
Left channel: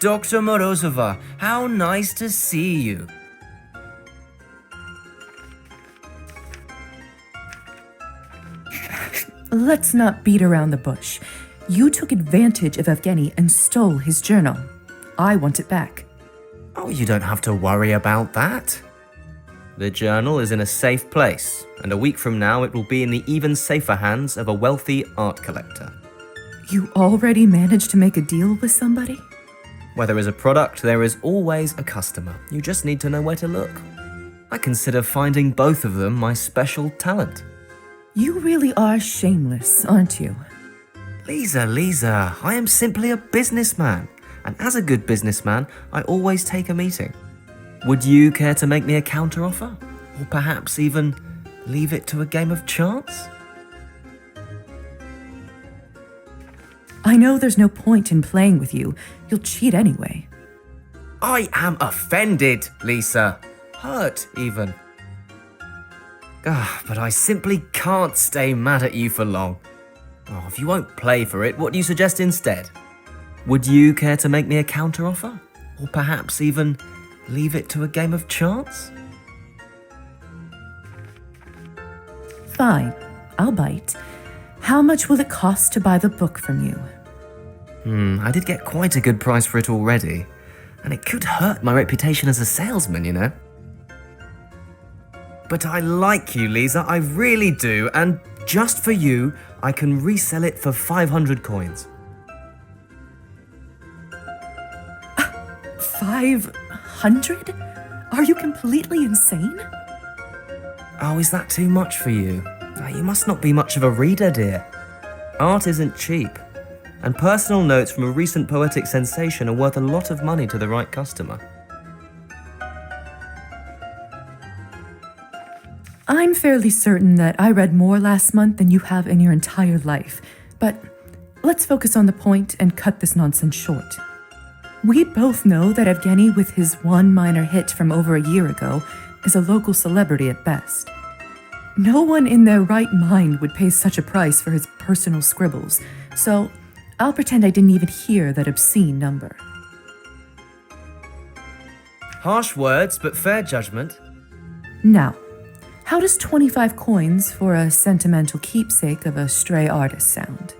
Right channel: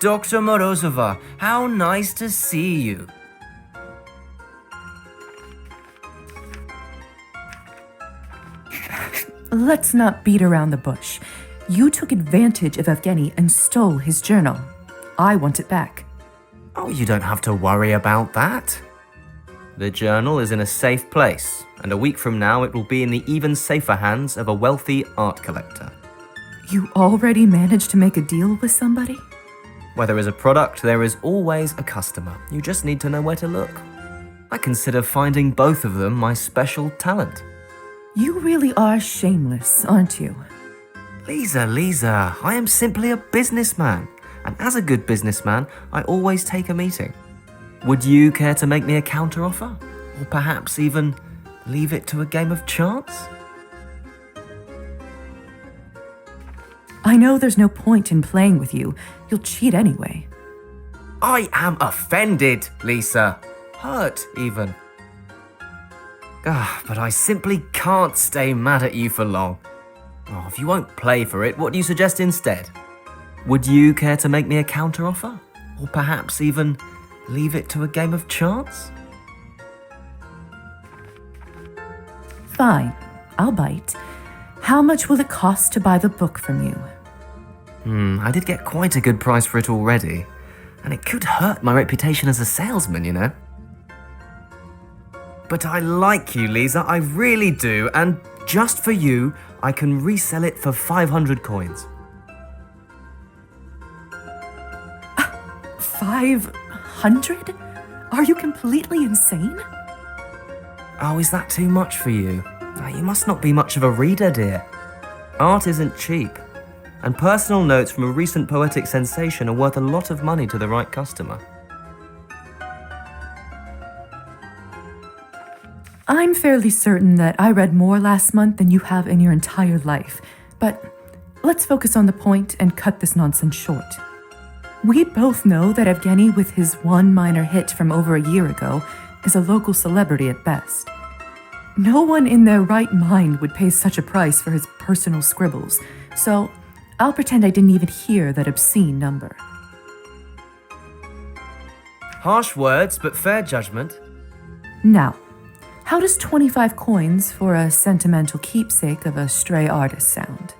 Dr. Morozova, how nice to see you. Let's not beat around the bush. You took advantage of Evgeny and stole his journal. I want it back. Oh, you don't have to worry about that. The journal is in a safe place, and a week from now it will be in the even safer hands of a wealthy art collector. You already managed to make a deal with somebody? Where there is a product, there is always a customer. You just need to know where to look. I consider finding both of them my special talent. You really are shameless, aren't you? Lisa, I am simply a businessman. And as a good businessman, I always take a meeting. Would you care to make me a counteroffer? Or perhaps even leave it to a game of chance? I know there's no point in playing with you. You'll cheat anyway. I am offended, Lisa. Hurt, even. But I simply can't stay mad at you for long. Oh, if you won't play for it, what do you suggest instead? Would you care to make me a counteroffer? Or perhaps even leave it to a game of chance? Fine, I'll bite. How much will it cost to buy the book from you? I did get quite a good price for it already. And it could hurt my reputation as a salesman, you know? But I like you, Lisa, I really do, and just for you, I can resell it for 500 coins. 500? Are you completely insane? Oh, is that too much for you? You must not be much of a reader, dear. Art isn't cheap, and personal notes from a recent poetic sensation are worth a lot of money to the right customer. I'm fairly certain that I read more last month than you have in your entire life, but let's focus on the point and cut this nonsense short. We both know that Evgeny, with his one minor hit from over a year ago, is a local celebrity at best. No one in their right mind would pay such a price for his personal scribbles, so I'll pretend I didn't even hear that obscene number. Harsh words, but fair judgment. Now, how does 25 coins for a sentimental keepsake of a stray artist sound?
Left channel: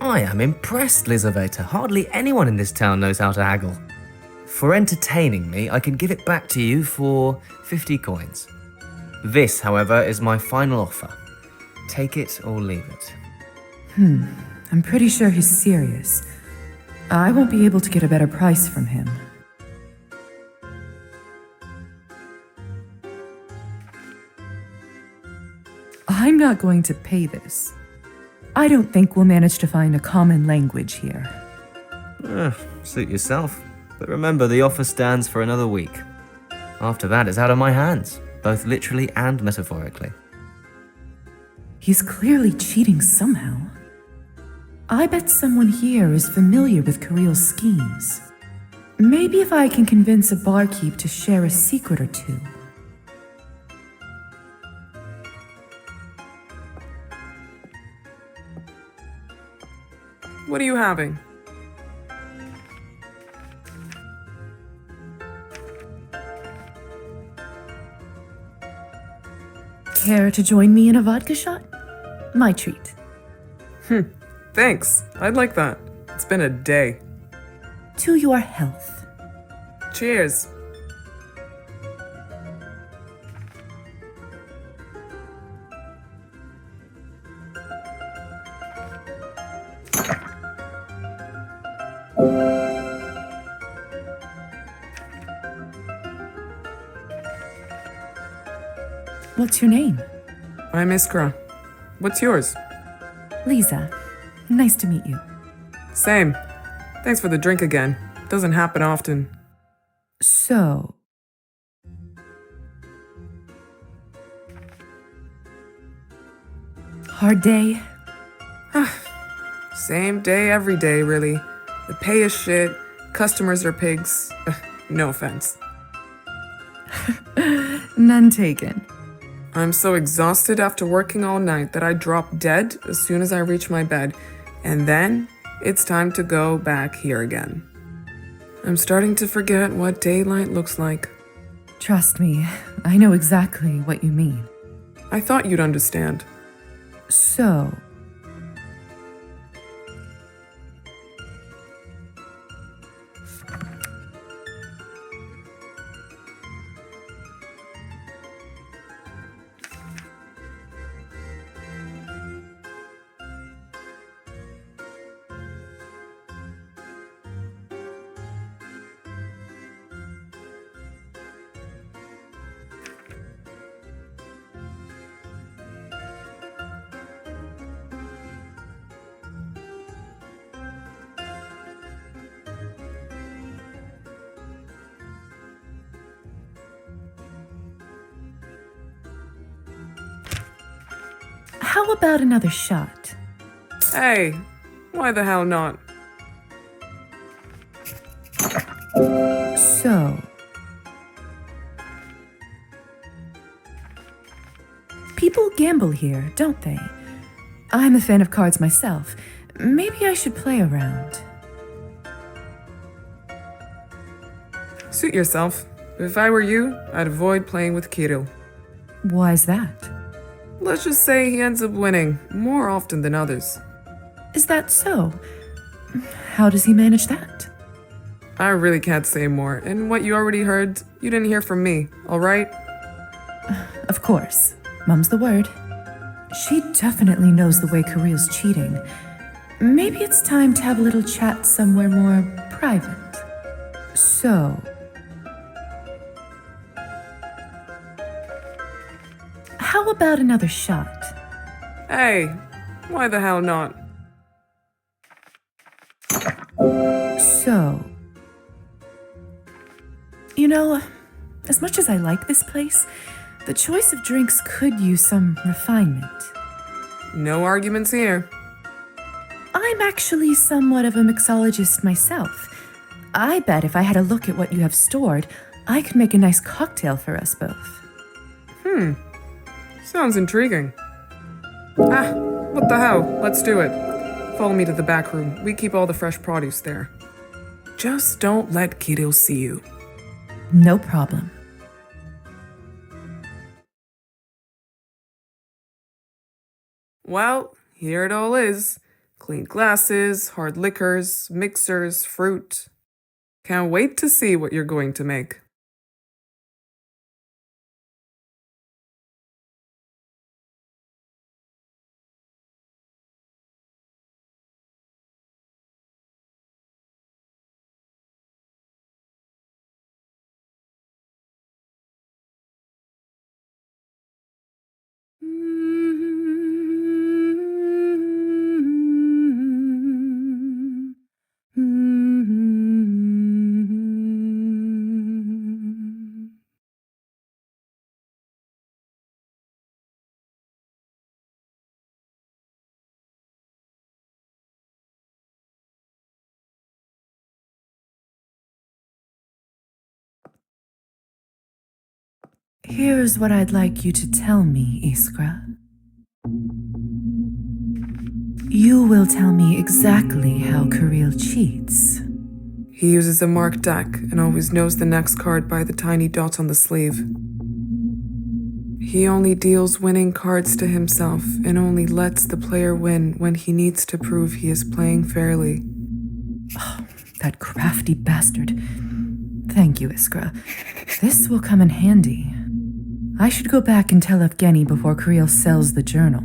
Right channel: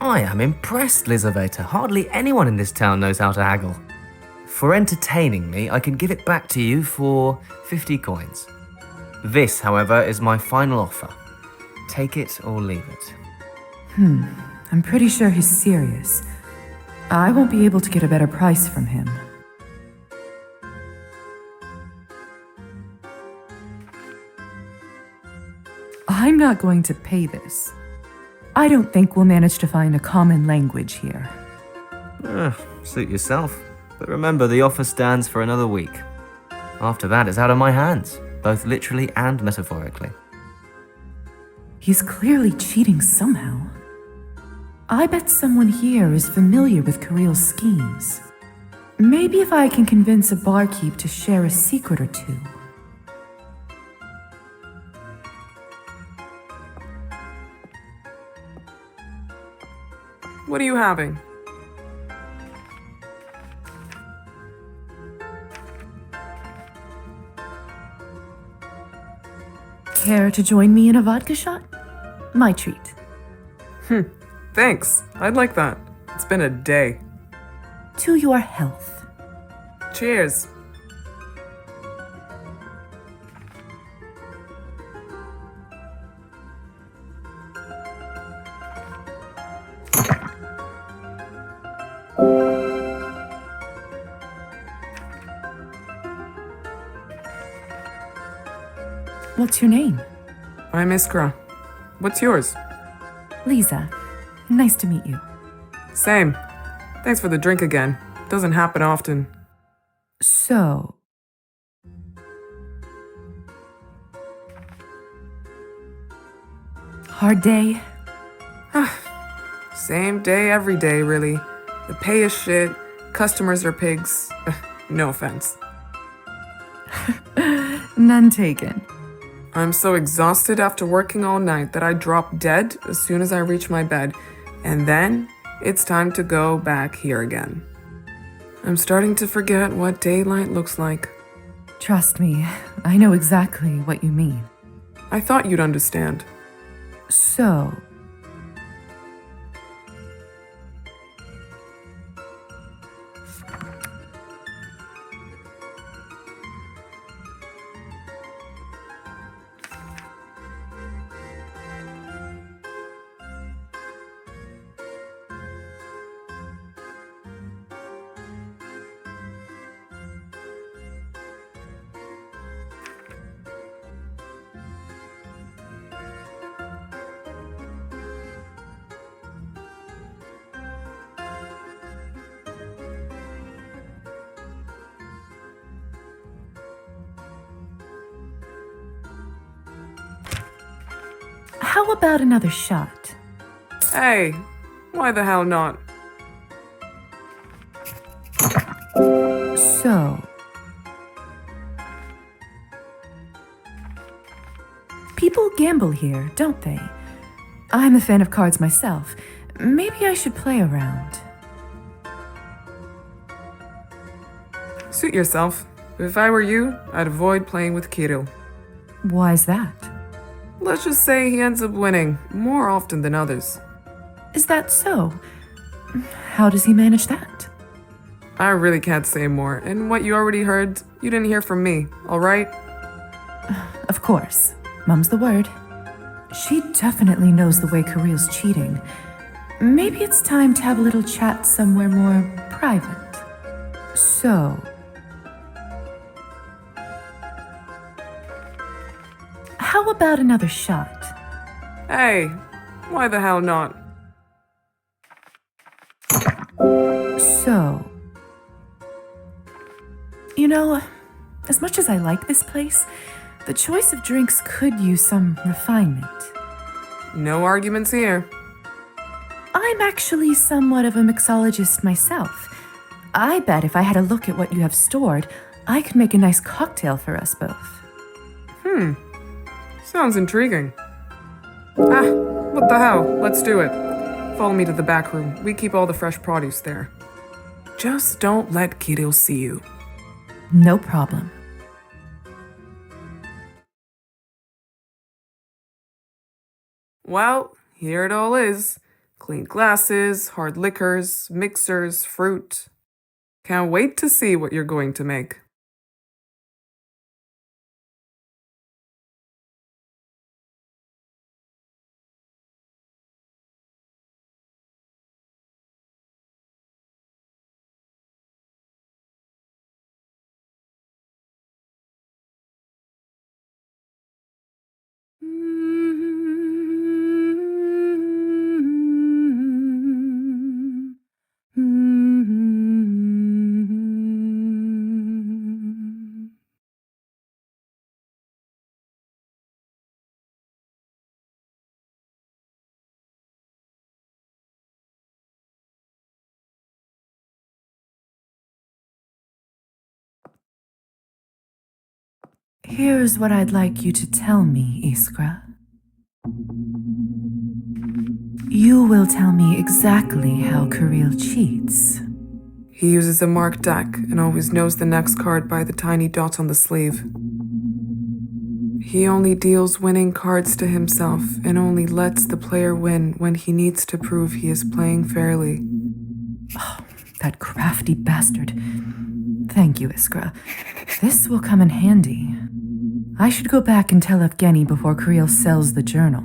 I am impressed, Lizaveta. Hardly anyone in this town knows how to haggle. For entertaining me, I can give it back to you for 50 coins. This, however, is my final offer. Take it or leave it. I'm pretty sure he's serious. I won't be able to get a better price from him. I'm not going to pay this. I don't think we'll manage to find a common language here. Suit yourself. But remember, the offer stands for another week. After that, it's out of my hands, both literally and metaphorically. He's clearly cheating somehow. I bet someone here is familiar with Kirill's schemes. Maybe if I can convince a barkeep to share a secret or two. What are you having? Care to join me in a vodka shot? My treat. Thanks. I'd like that. It's been a day. To your health. Cheers. What's your name? I'm Iskra. What's yours? Lisa. Nice to meet you. Same. Thanks for the drink again. Doesn't happen often. So... hard day? Same day every day, really. The pay is shit, customers are pigs. No offense. None taken. I'm so exhausted after working all night that I drop dead as soon as I reach my bed, and then it's time to go back here again. I'm starting to forget what daylight looks like. Trust me, I know exactly what you mean. I thought you'd understand. So, how about another shot? Hey, why the hell not? So, people gamble here, don't they? I'm a fan of cards myself. Maybe I should play around. Suit yourself. If I were you, I'd avoid playing with Kirill. Why's that? Let's just say he ends up winning more often than others. Is that so? How does he manage that? I really can't say more, and what you already heard, you didn't hear from me, alright? Of course. Mum's the word. She definitely knows the way Kirill's cheating. Maybe it's time to have a little chat somewhere more private. So, how about another shot? Hey, why the hell not? So, you know, as much as I like this place, the choice of drinks could use some refinement. No arguments here. I'm actually somewhat of a mixologist myself. I bet if I had a look at what you have stored, I could make a nice cocktail for us both. Sounds intriguing. What the hell? Let's do it. Follow me to the back room. We keep all the fresh produce there. Just don't let Kirill see you. No problem. Well, here it all is. Clean glasses, hard liquors, mixers, fruit. Can't wait to see what you're going to make. Here's what I'd like you to tell me, Iskra. You will tell me exactly how Kirill cheats. He uses a marked deck and always knows the next card by the tiny dot on the sleeve. He only deals winning cards to himself and only lets the player win when he needs to prove he is playing fairly. Oh, that crafty bastard. Thank you, Iskra. This will come in handy. I should go back and tell Evgeny before Kirill sells the journal.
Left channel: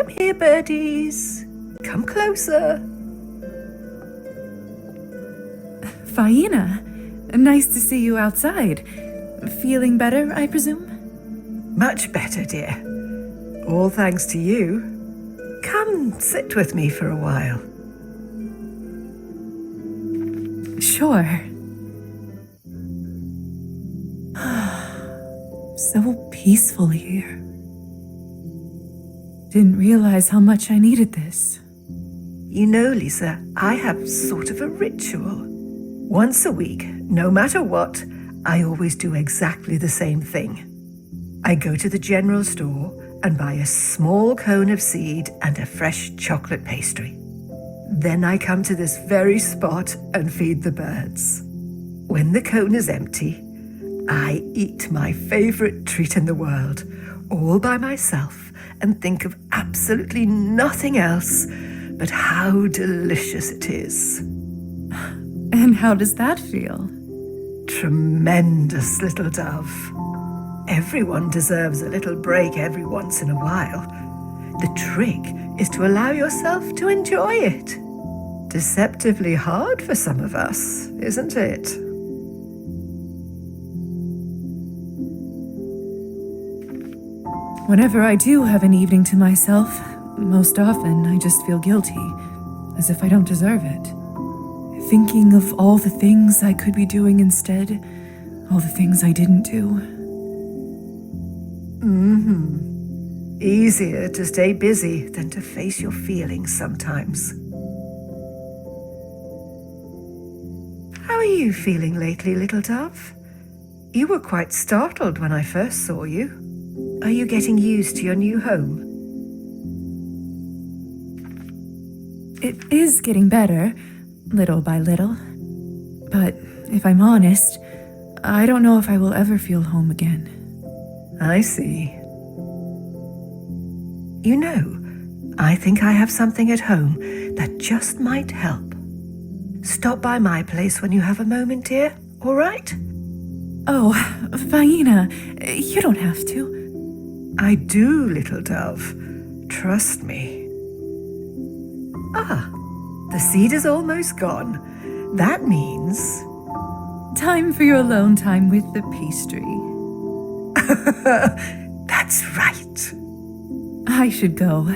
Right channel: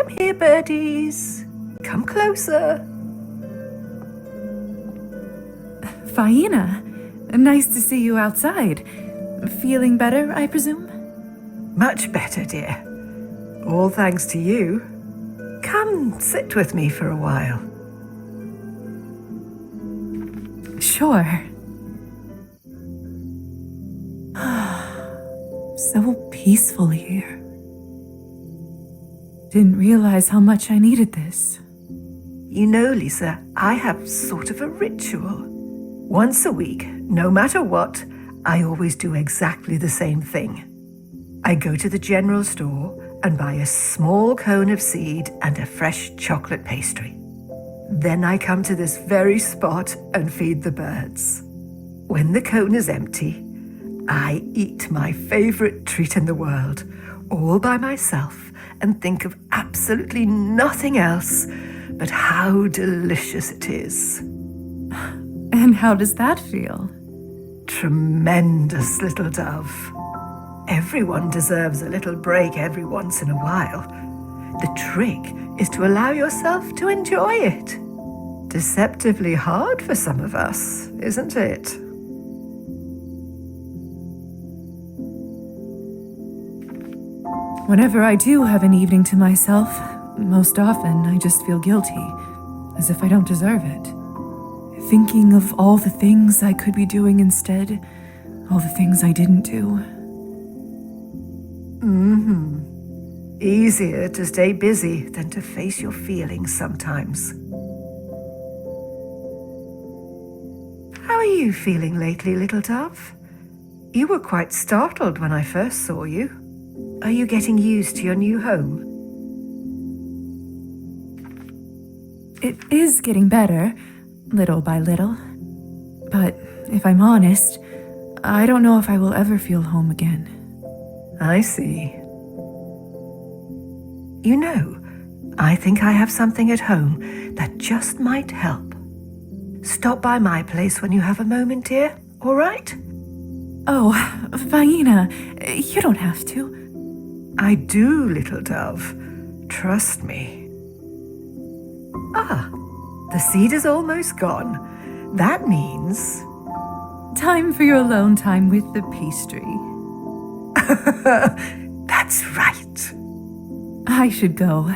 Come here, birdies. Come closer. Faina, nice to see you outside. Feeling better, I presume? Much better, dear. All thanks to you. Come sit with me for a while. Sure. So peaceful here. Didn't realize how much I needed this. You know, Lisa, I have sort of a ritual. Once a week, no matter what, I always do exactly the same thing. I go to the general store and buy a small cone of seed and a fresh chocolate pastry. Then I come to this very spot and feed the birds. When the cone is empty, I eat my favorite treat in the world, all by myself, and think of absolutely nothing else but how delicious it is. And how does that feel? Tremendous, little dove. Everyone deserves a little break every once in a while. The trick is to allow yourself to enjoy it. Deceptively hard for some of us, isn't it? Whenever I do have an evening to myself, most often I just feel guilty, as if I don't deserve it. Thinking of all the things I could be doing instead, all the things I didn't do. Easier to stay busy than to face your feelings sometimes. How are you feeling lately, little dove? You were quite startled when I first saw you. Are you getting used to your new home? It is getting better, little by little. But if I'm honest, I don't know if I will ever feel home again. I see. You know, I think I have something at home that just might help. Stop by my place when you have a moment, dear, all right? Oh, Faina, you don't have to. I do, little dove. Trust me. Ah, the seed is almost gone. That means... Time for your alone time with the pastry. That's right. I should go.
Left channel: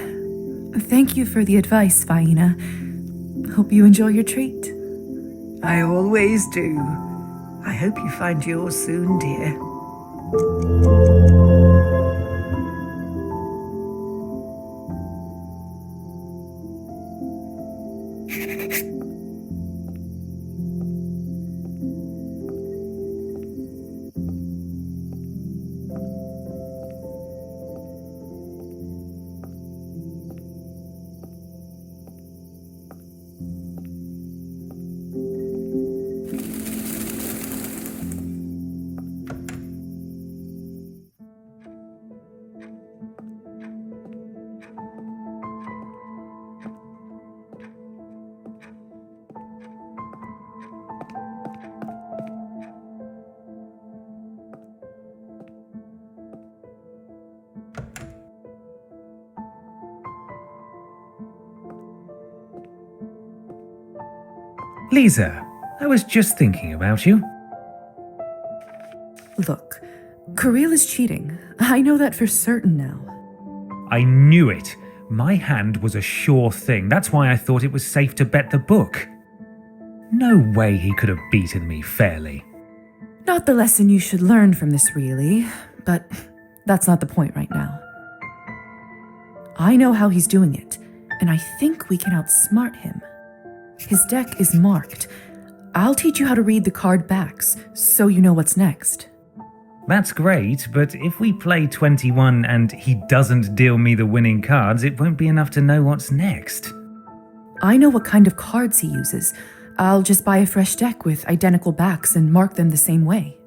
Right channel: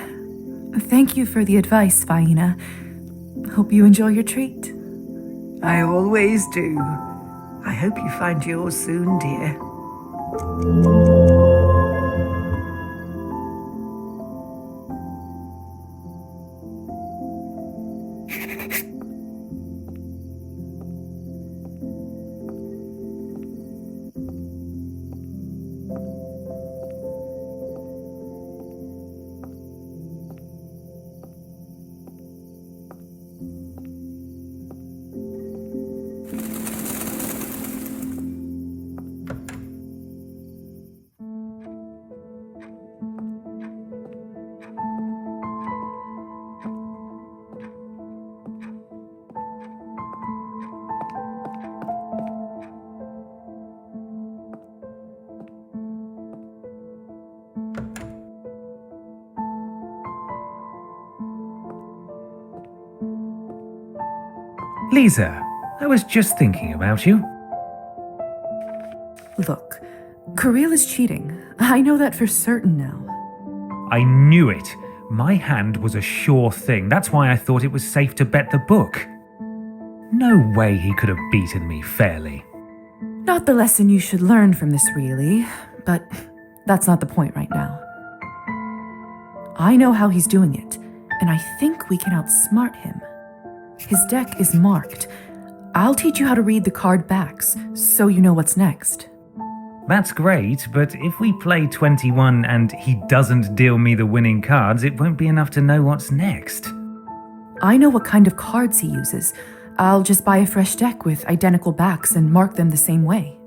Thank you for the advice, Faina. Hope you enjoy your treat. I always do. I hope you find yours soon, dear. Lisa, I was just thinking about you. Look, Kirill is cheating. I know that for certain now. I knew it. My hand was a sure thing. That's why I thought it was safe to bet the book. No way he could have beaten me fairly. Not the lesson you should learn from this, really, but that's not the point right now. I know how he's doing it, and I think we can outsmart him. His deck is marked. I'll teach you how to read the card backs, so you know what's next. That's great, but if we play 21 and he doesn't deal me the winning cards, it won't be enough to know what's next. I know what kind of cards he uses. I'll just buy a fresh deck with identical backs and mark them the same way.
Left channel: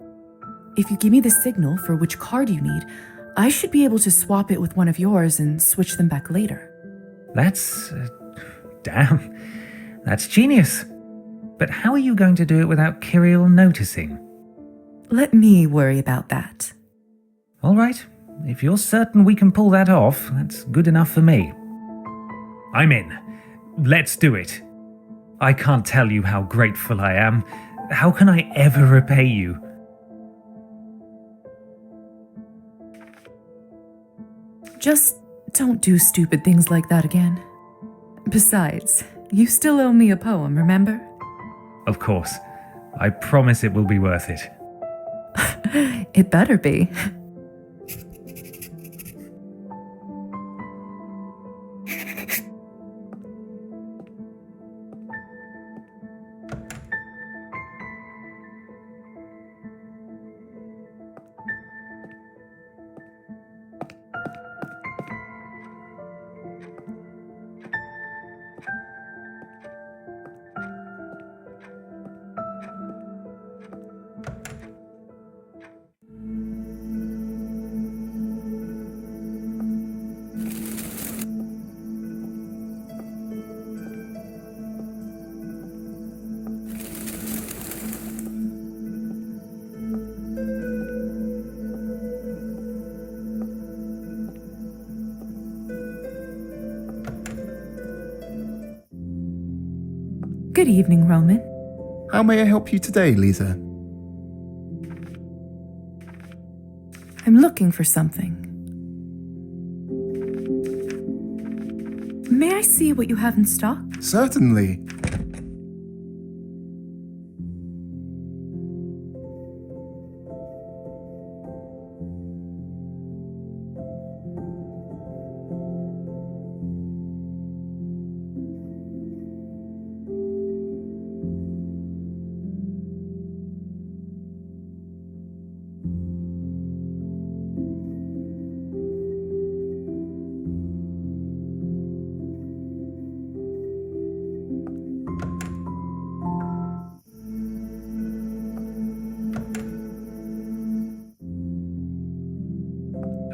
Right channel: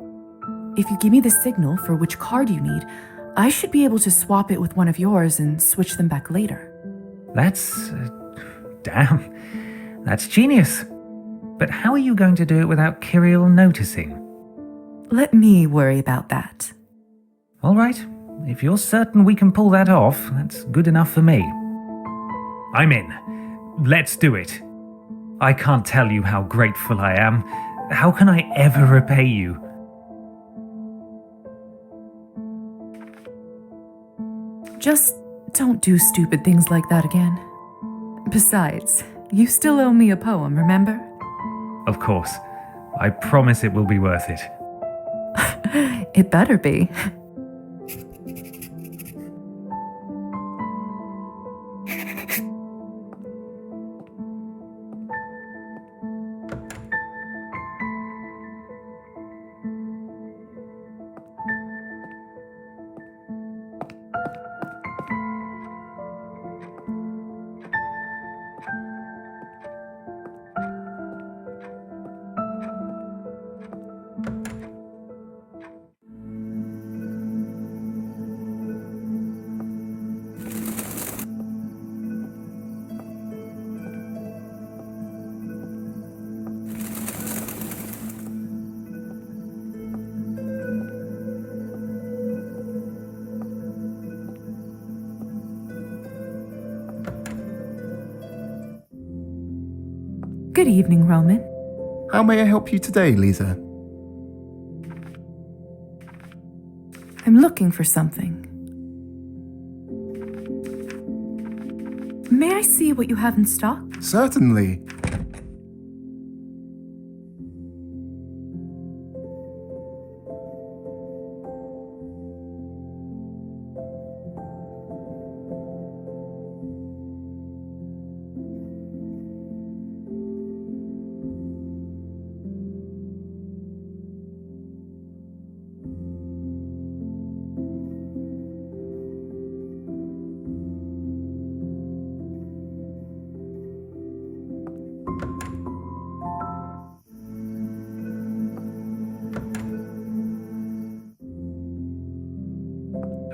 If you give me the signal for which card you need, I should be able to swap it with one of yours and switch them back later. That's... damn. That's genius. But how are you going to do it without Kirill noticing? Let me worry about that. All right. If you're certain we can pull that off, that's good enough for me. I'm in. Let's do it. I can't tell you how grateful I am. How can I ever repay you? Just don't do stupid things like that again. Besides, you still owe me a poem, remember? Of course. I promise it will be worth it. It better be. Good evening, Roman. How may I help you today, Lisa? I'm looking for something. May I see what you have in stock? Certainly.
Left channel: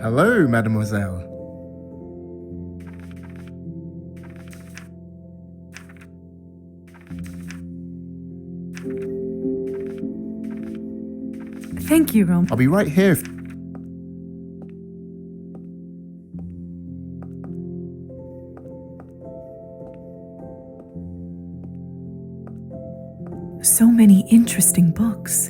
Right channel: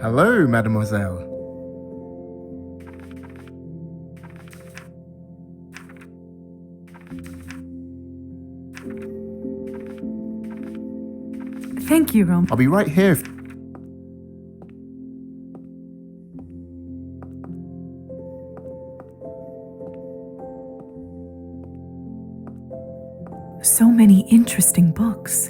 Hello, mademoiselle. Thank you, Roman. I'll be right here. So many interesting books.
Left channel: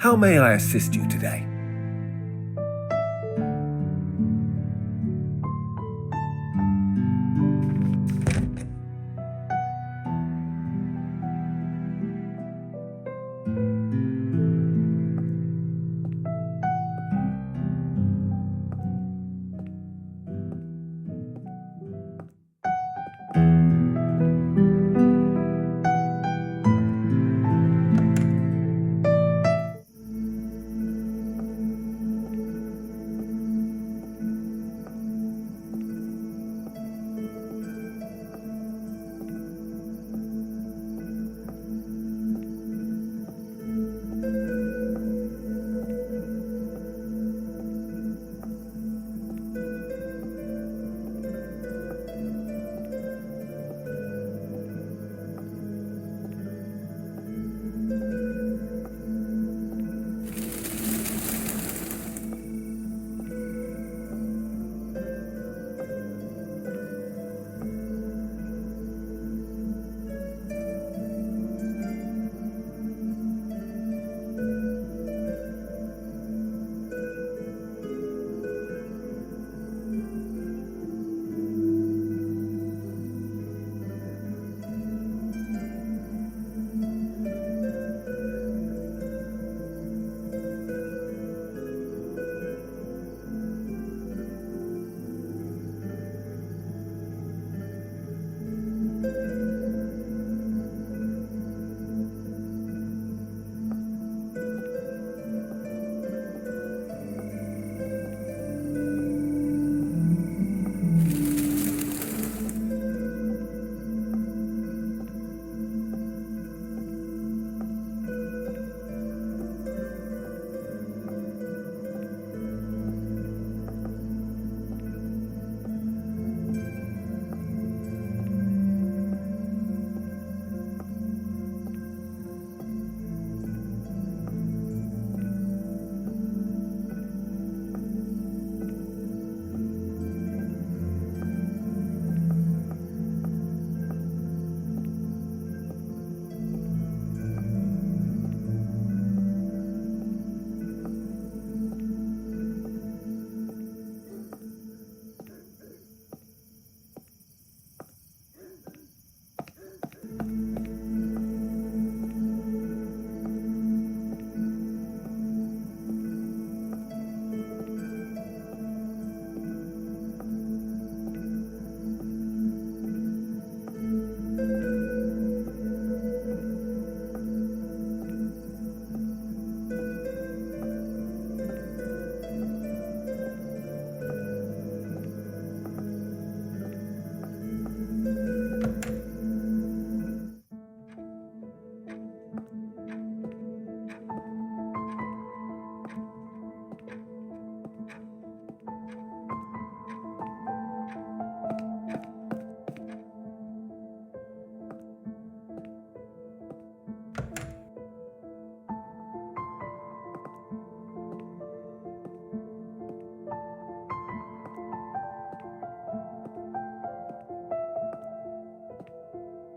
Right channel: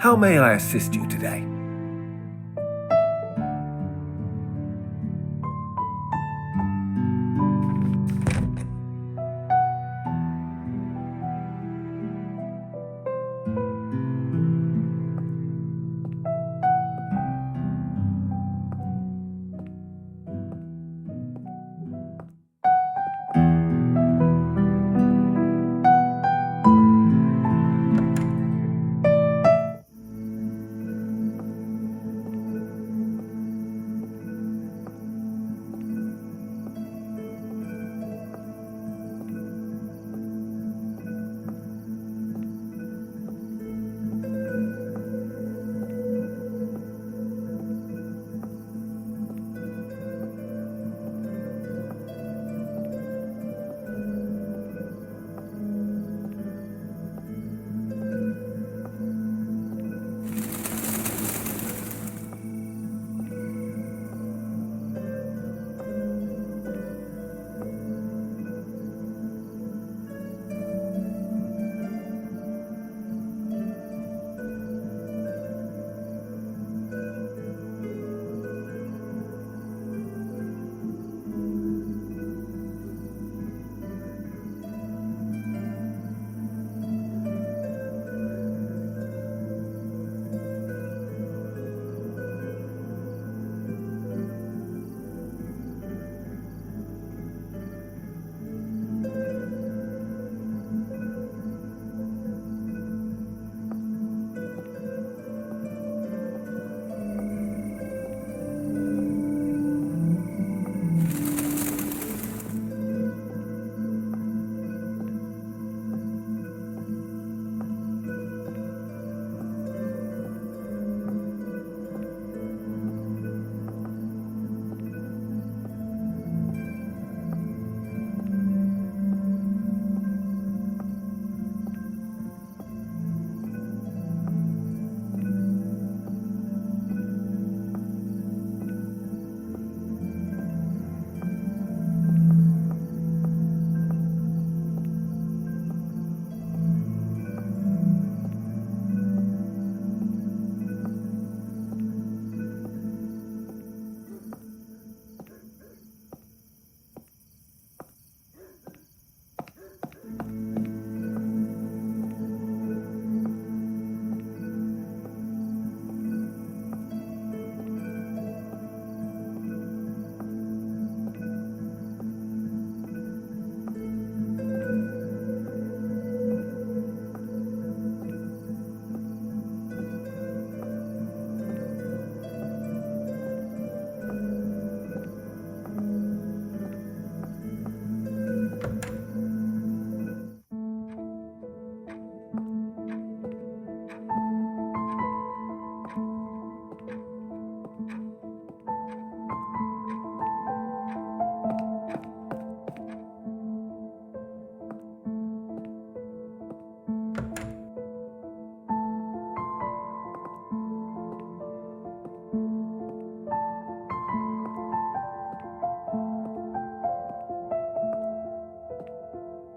How may I assist you today?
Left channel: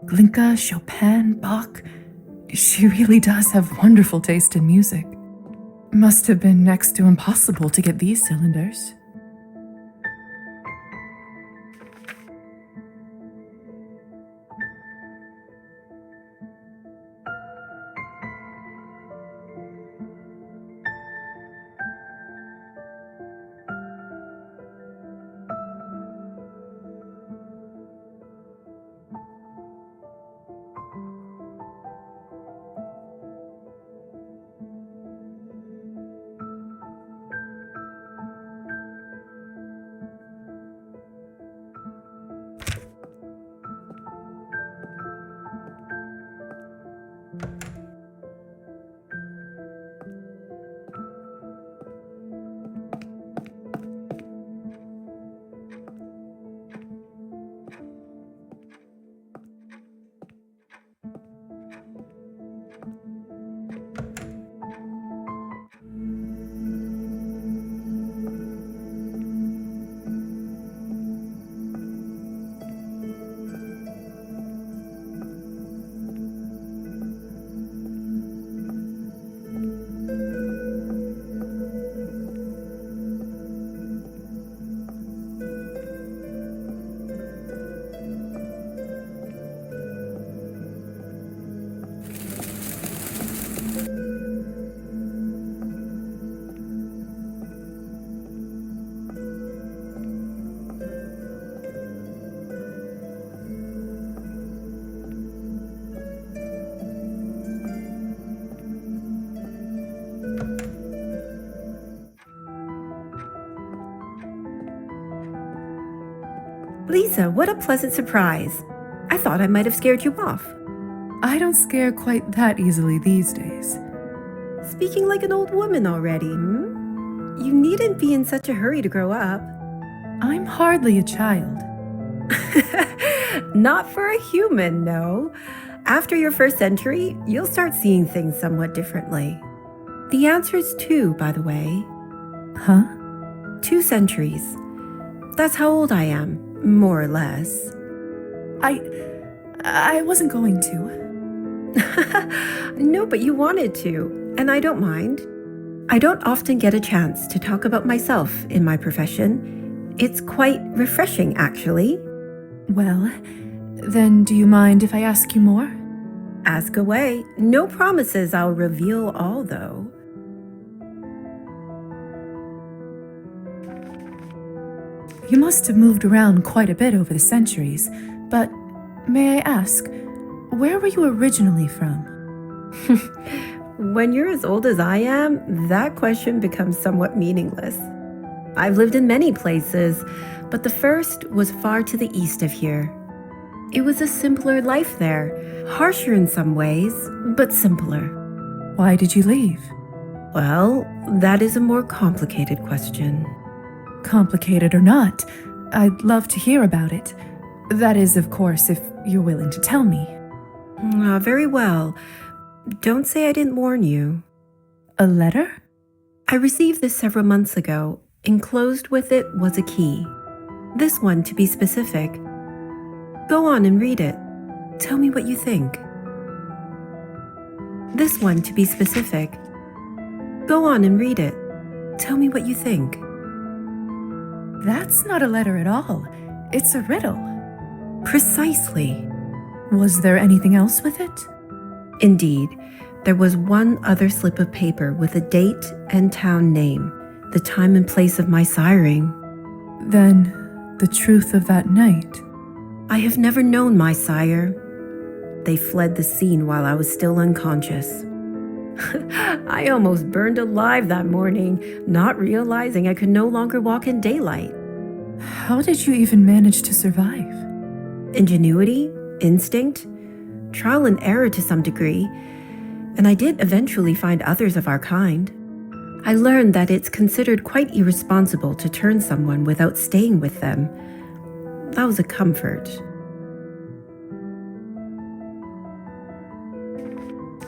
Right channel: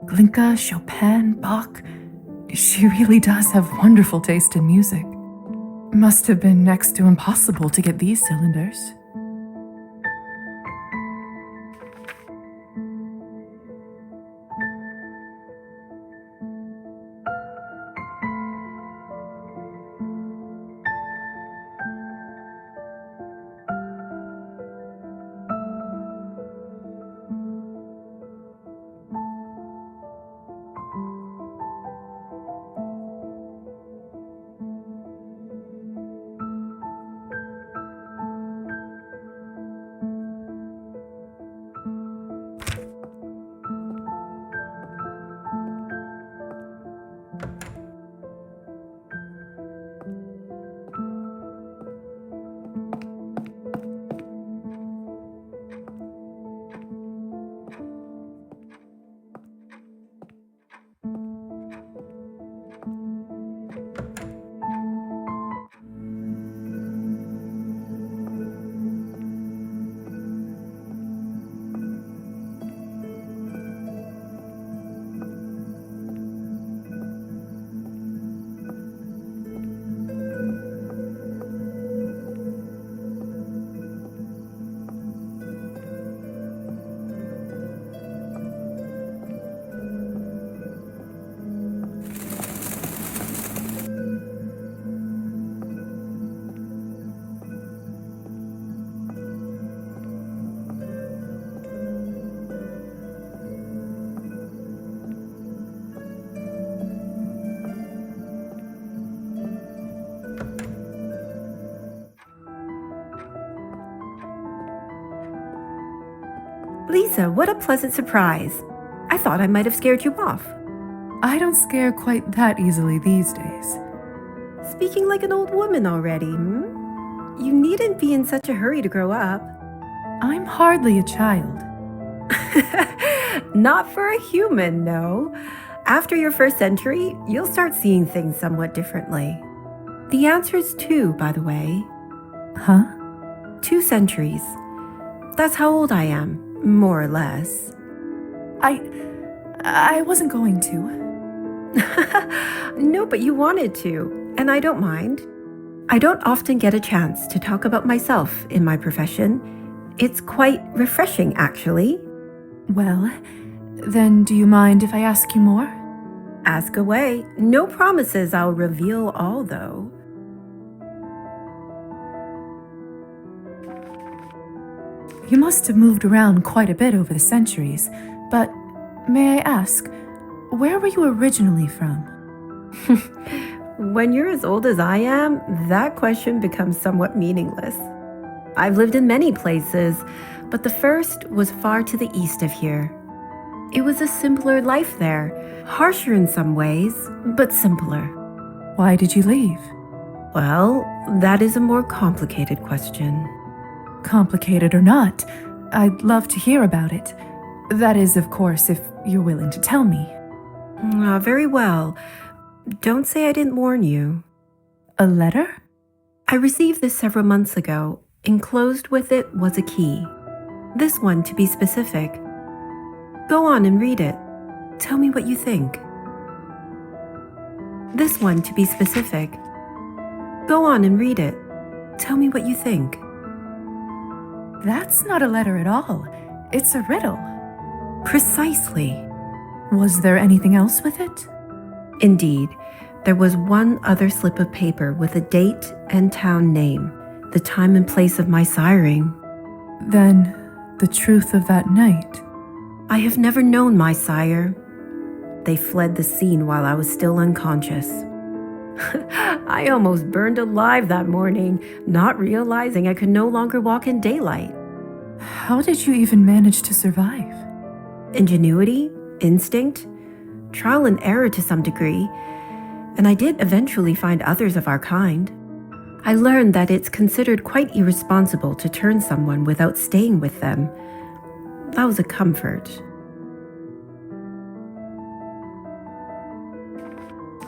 Glinka, Chopin, Bach. She really does have wonderful taste in music. Must have been next to impossible to get these cylinders. Lisa, what a pleasant surprise. I thought I might have scared you off. I don't scare quite that easily these days. Speaking like an old woman already, hmm? You needn't be in such a hurry to grow up. I'm hardly a child. Not for a human, no. After your first century, you'll start seeing things somewhat differently. The answer is 2, by the way. Huh? 2 centuries. That's how old I am, more or less. I wasn't going to. No, but you wanted to, and I don't mind. I don't often get a chance to talk about myself in my profession. It's quite refreshing, actually. Well, then do you mind if I ask you more? Ask away. No promises I'll reveal all, though. You must have moved around quite a bit over the centuries, but may I ask, where were you originally from? When you're as old as I am, that question becomes somewhat meaningless. I've lived in many places, but the first was far to the east of here. It was a simpler life there, harsher in some ways, but simpler. Why did you leave? Well, that is a more complicated question. Complicated or not, I'd love to hear about it. That is, of course, if you're willing to tell me. Very well. Don't say I didn't warn you. A letter? I received this several months ago. Enclosed with it was a key. This one, to be specific. Go on and read it. Tell me what you think. This one, to be specific. Go on and read it. Tell me what you think. That's not a letter at all. It's a riddle. Precisely. Was there anything else with it? Indeed, there was one other slip of paper with a date and town name, the time and place of my siring. Then, the truth of that night. I have never known my sire. They fled the scene while I was still unconscious. I almost burned alive that morning, not realizing I could no longer walk in daylight. How did you even manage to survive? Ingenuity, instinct, trial and error to some degree, and I did eventually find others of our kind. I learned that it's considered quite irresponsible to turn someone without staying with them. That was a comfort.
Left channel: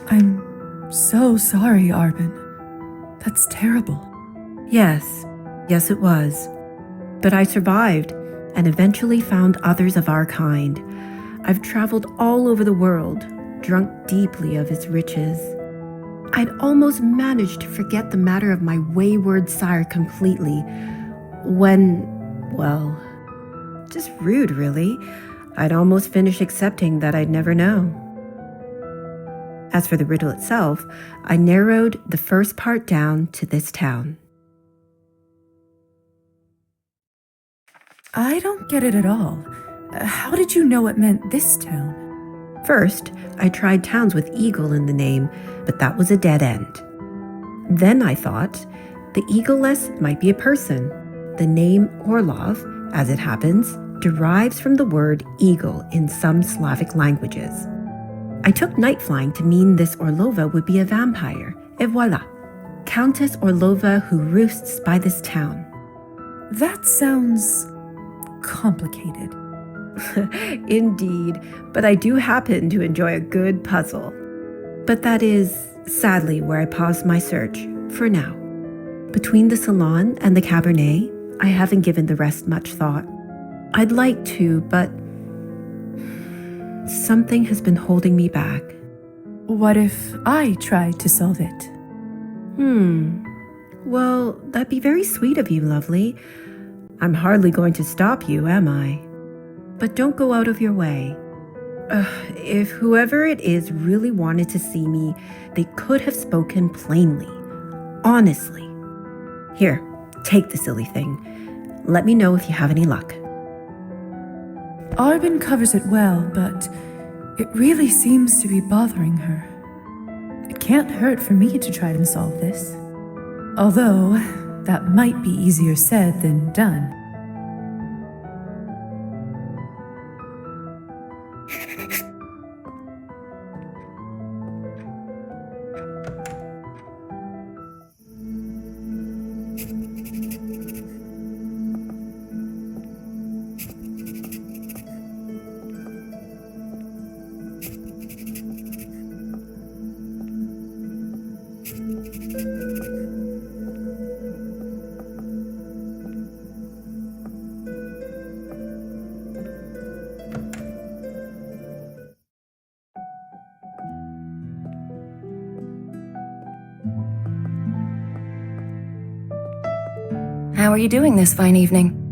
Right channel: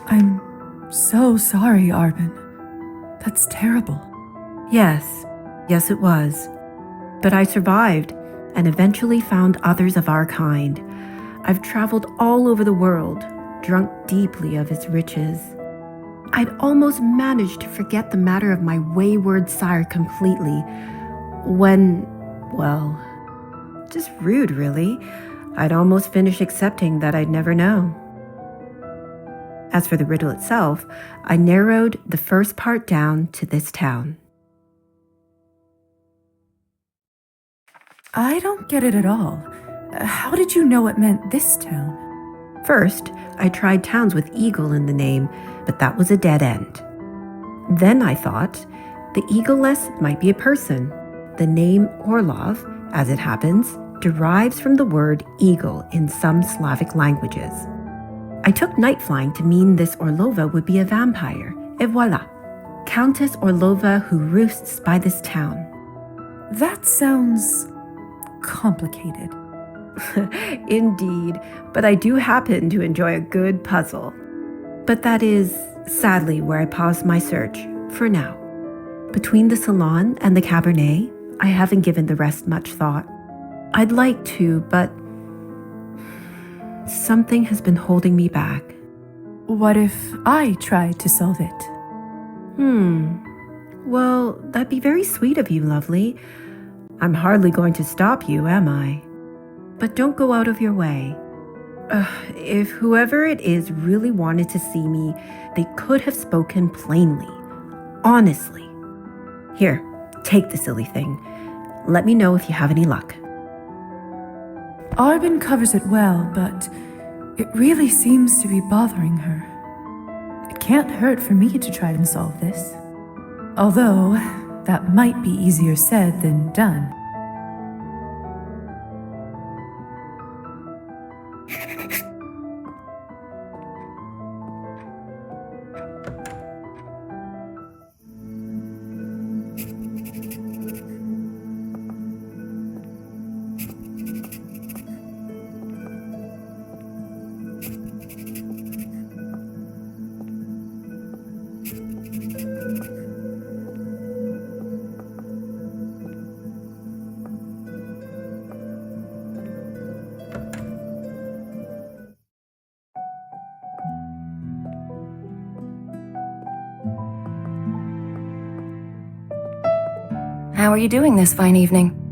I'm so sorry, Arben. That's terrible. Yes, it was. But I survived and eventually found others of our kind. I've traveled all over the world, drunk deeply of its riches. I'd almost managed to forget the matter of my wayward sire completely when, well, just rude, really. I'd almost finished accepting that I'd never know. As for the riddle itself, I narrowed the first part down to this town. I don't get it at all. How did you know it meant this town? First, I tried towns with eagle in the name, but that was a dead end. Then I thought, the eagle-less might be a person. The name Orlov, as it happens, derives from the word eagle in some Slavic languages. I took night flying to mean this Orlova would be a vampire, et voila, Countess Orlova who roosts by this town. That sounds complicated. Indeed, but I do happen to enjoy a good puzzle. But that is, sadly, where I paused my search, for now. Between the salon and the Cabernet, I haven't given the rest much thought. I'd like to, but something has been holding me back. What if I tried to solve it? Well, that'd be very sweet of you, lovely. I'm hardly going to stop you, am I? But don't go out of your way. If whoever it is really wanted to see me, they could have spoken plainly, honestly. Here, take the silly thing. Let me know if you have any luck. Arbin covers it well, but it really seems to be bothering her. It can't hurt for me to try and solve this. Although, that might be easier said than done. How are you doing this fine evening?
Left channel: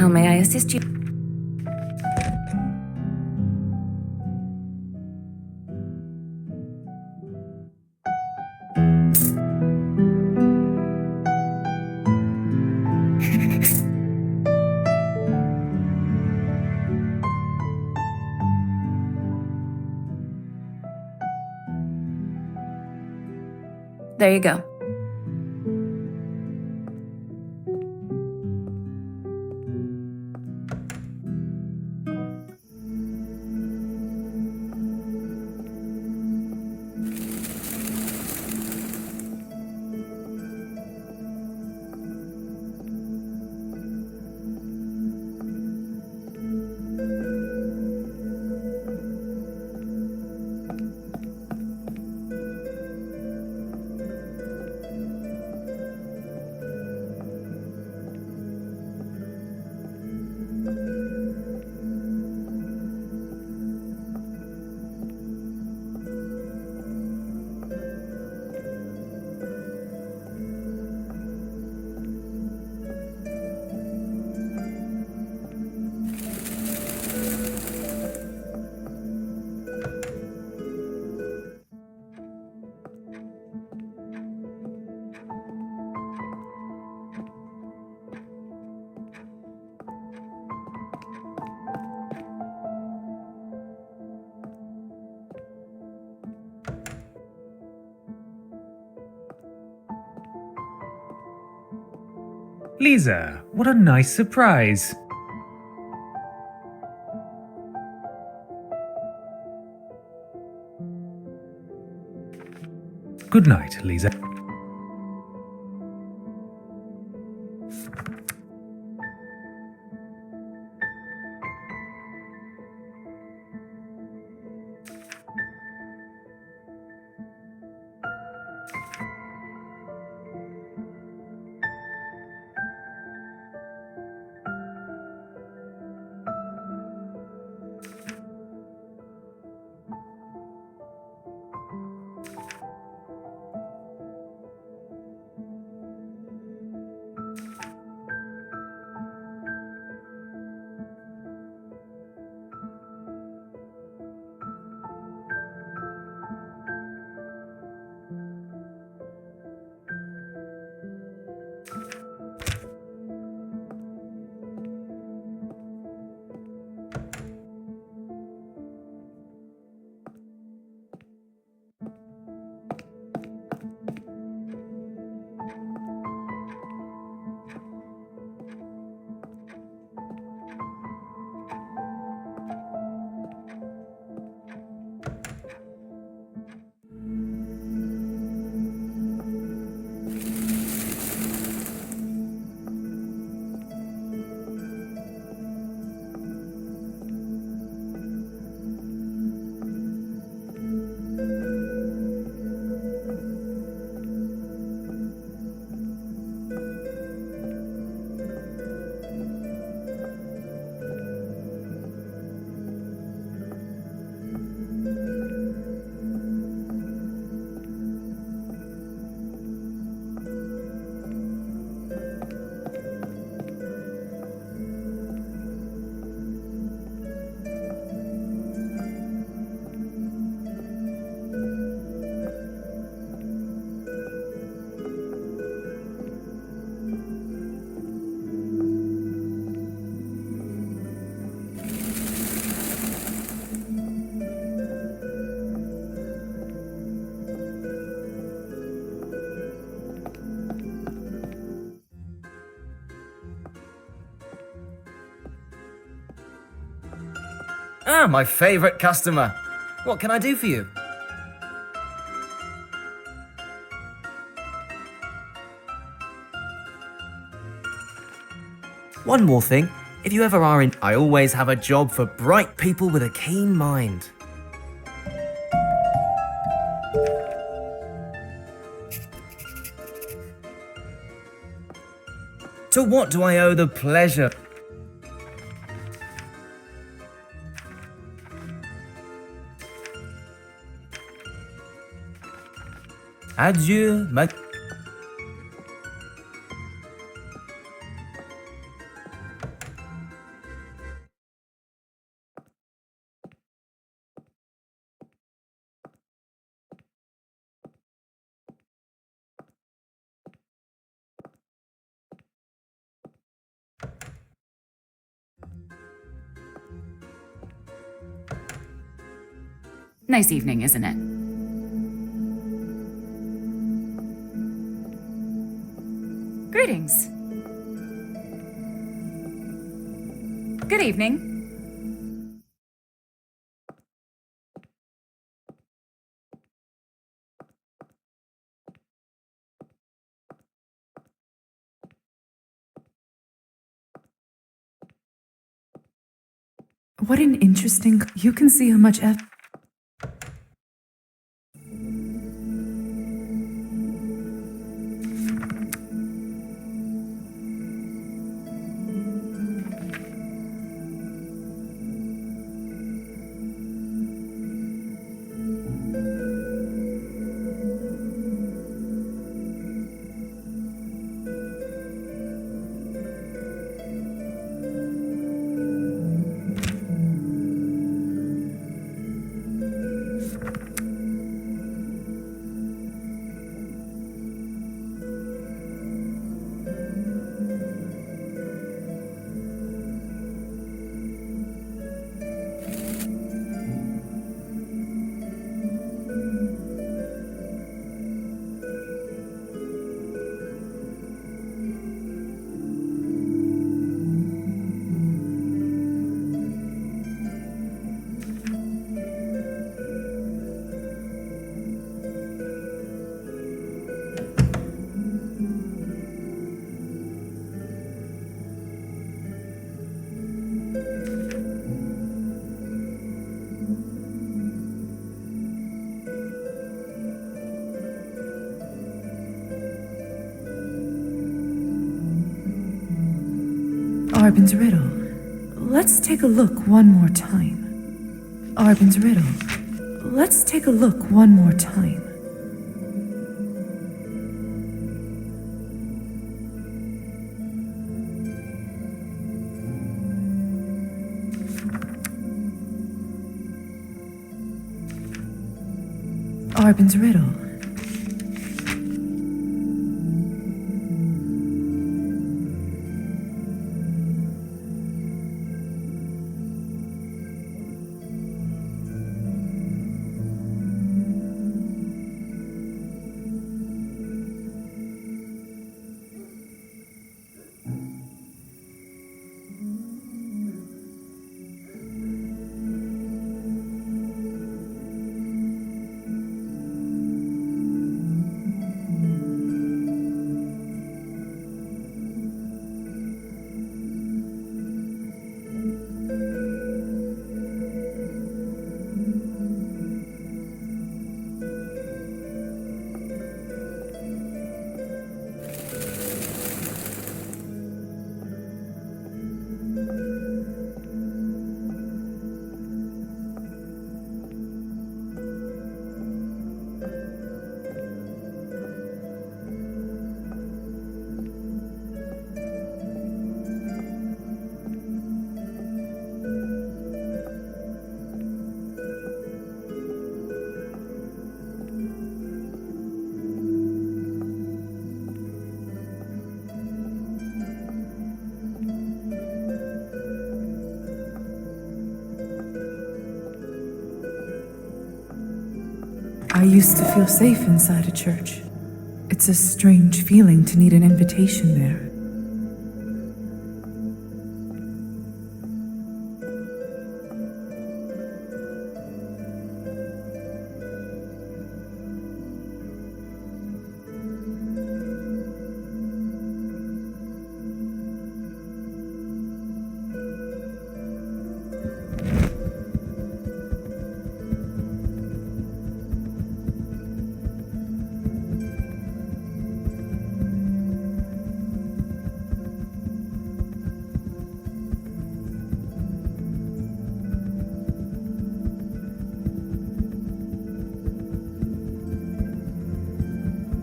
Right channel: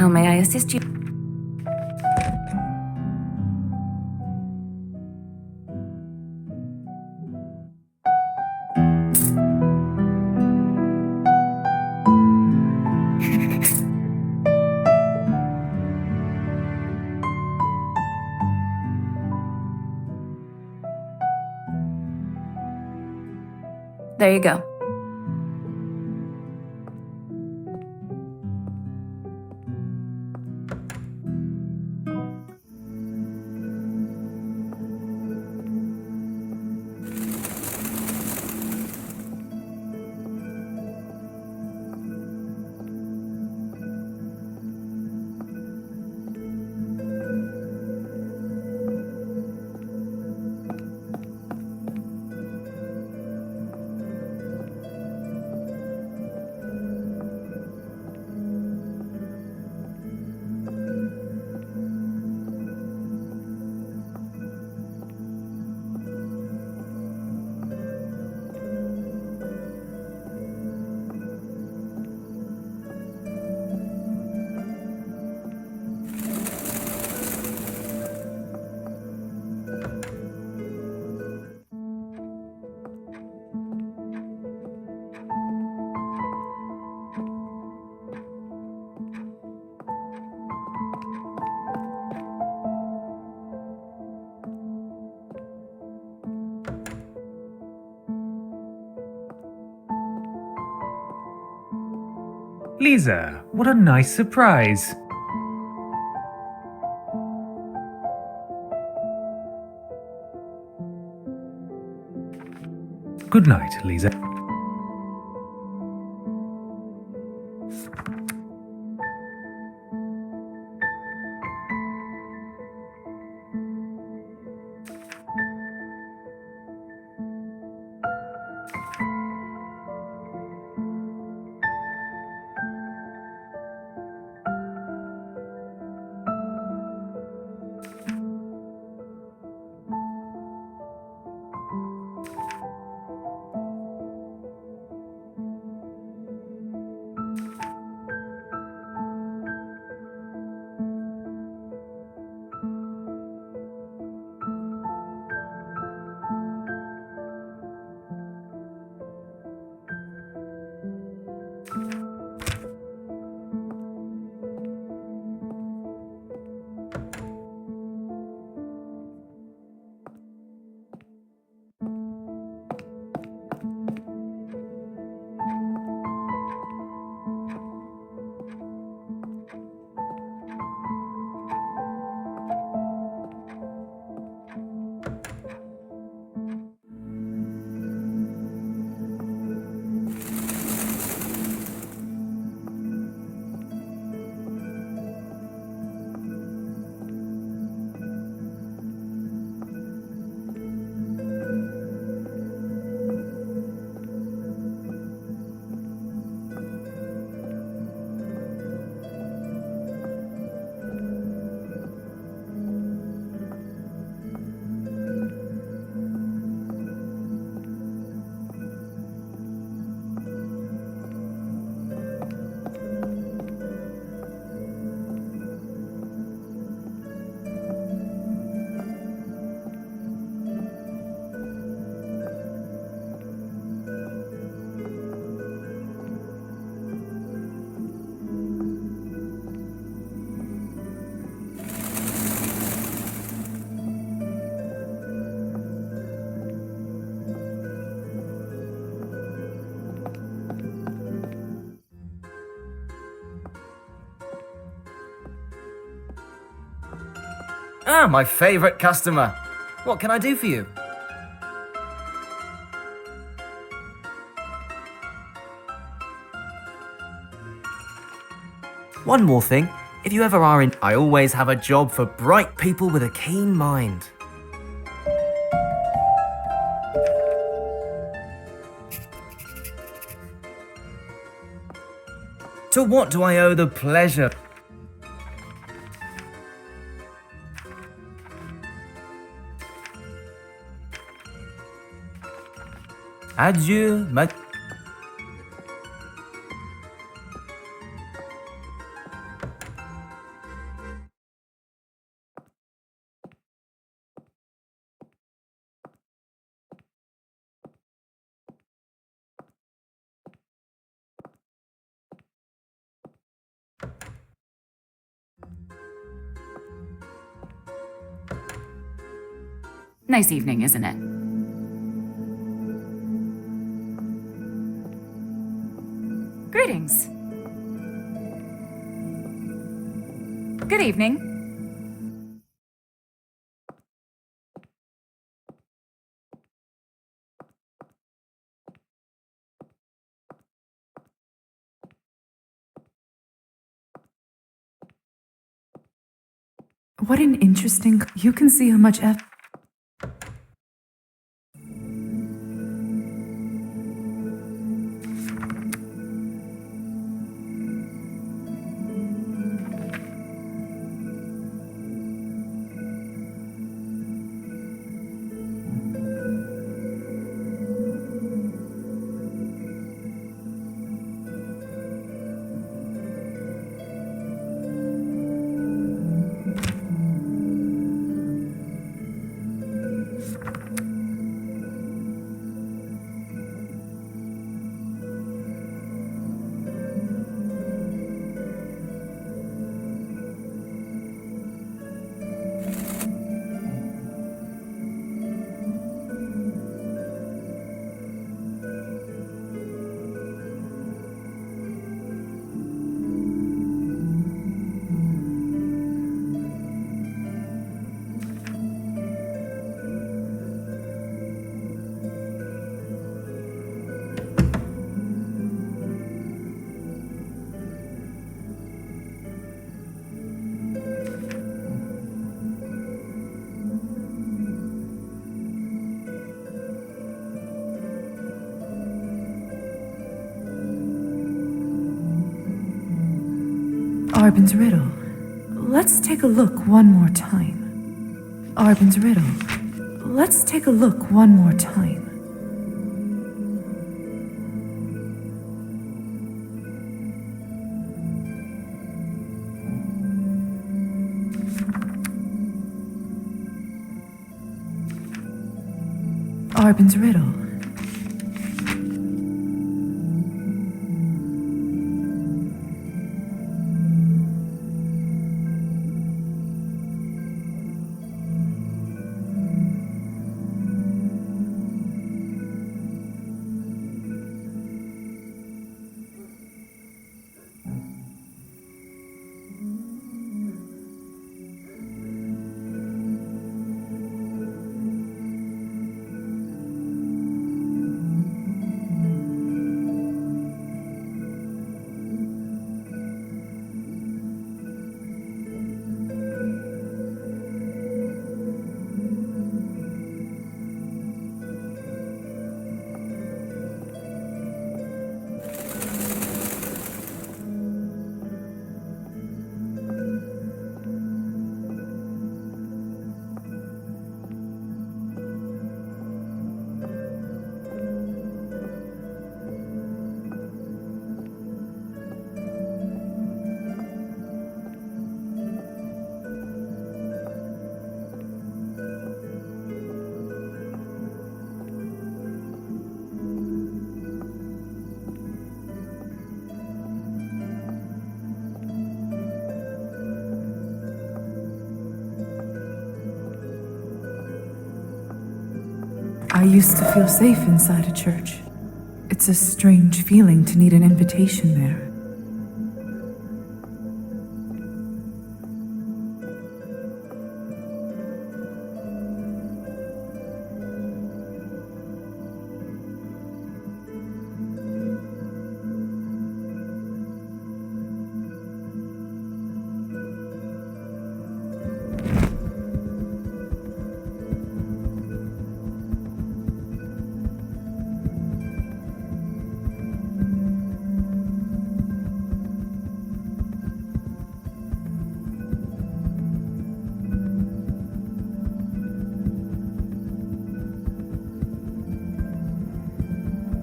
How may I assist you? There you go. Lisa, what a nice surprise. Good night, Lisa. Ah, my favorite customer. What can I do for you? One more thing. If you ever are in, I always have a job for bright people with a keen mind. To what do I owe the pleasure? Adieu, ma... Nice evening, isn't it? Greetings. Good evening. What an interesting. You can see how much Arbin's riddle. Let's take a look one more time. Arbin's riddle. Let's take a look one more time. Arbin's riddle. I used to feel safe inside a church. It's a strange feeling to need an invitation there.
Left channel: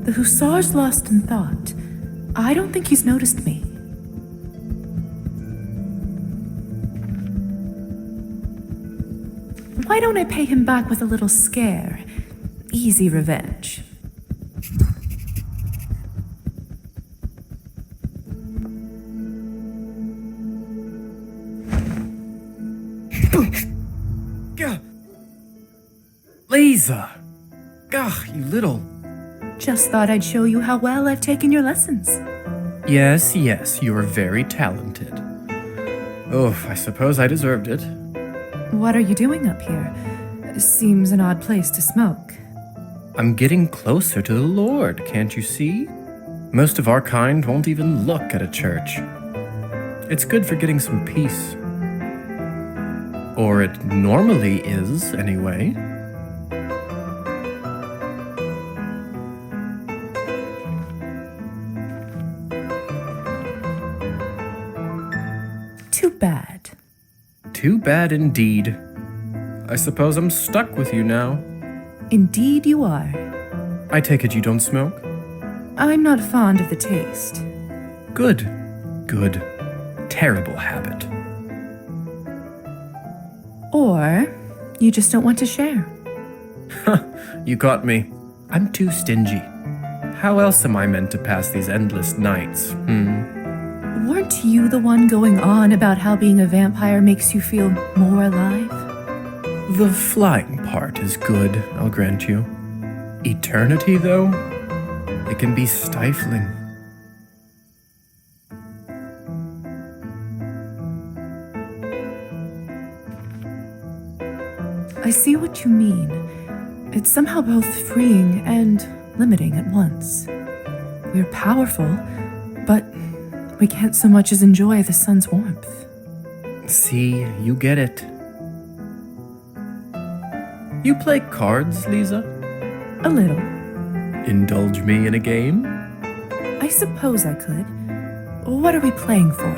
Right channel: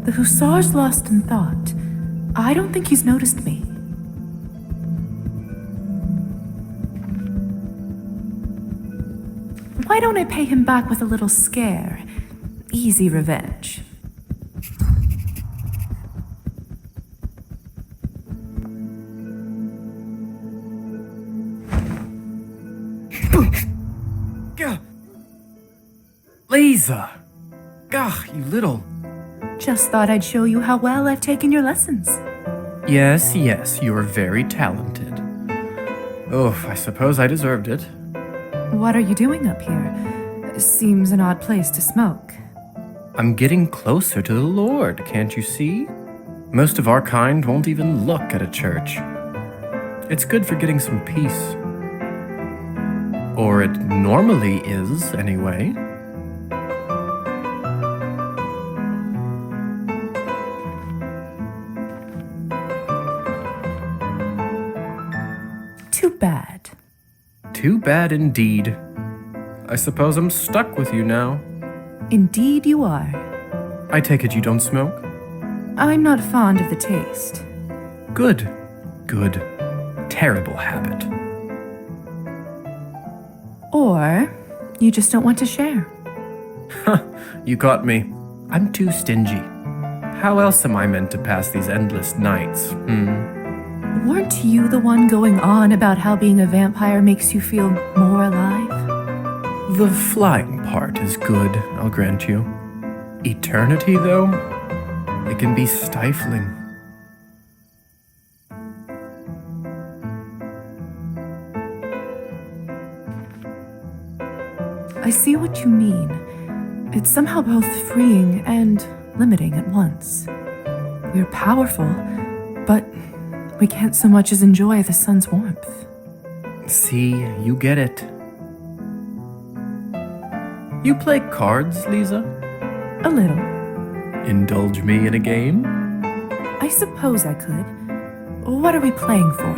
The hussar's lost in thought. I don't think he's noticed me. Why don't I pay him back with a little scare? Easy revenge. Lisa! Gah, you little. Just thought I'd show you how well I've taken your lessons. Yes, you're very talented. Oh, I suppose I deserved it. What are you doing up here? Seems an odd place to smoke. I'm getting closer to the Lord, can't you see? Most of our kind won't even look at a church. It's good for getting some peace. Or it normally is, anyway. Too bad. Too bad indeed. I suppose I'm stuck with you now. Indeed you are. I take it you don't smoke? I'm not fond of the taste. Good. Terrible habit. Or you just don't want to share. You caught me. I'm too stingy. How else am I meant to pass these endless nights, Weren't you the one going on about how being a vampire makes you feel more alive? The flying part is good, I'll grant you. Eternity, though? It can be stifling. I see what you mean. It's somehow both freeing and limiting at once. We're powerful, but we can't so much as enjoy the sun's warmth. See, you get it. You play cards, Lisa? A little. Indulge me in a game? I suppose I could. What are we playing for?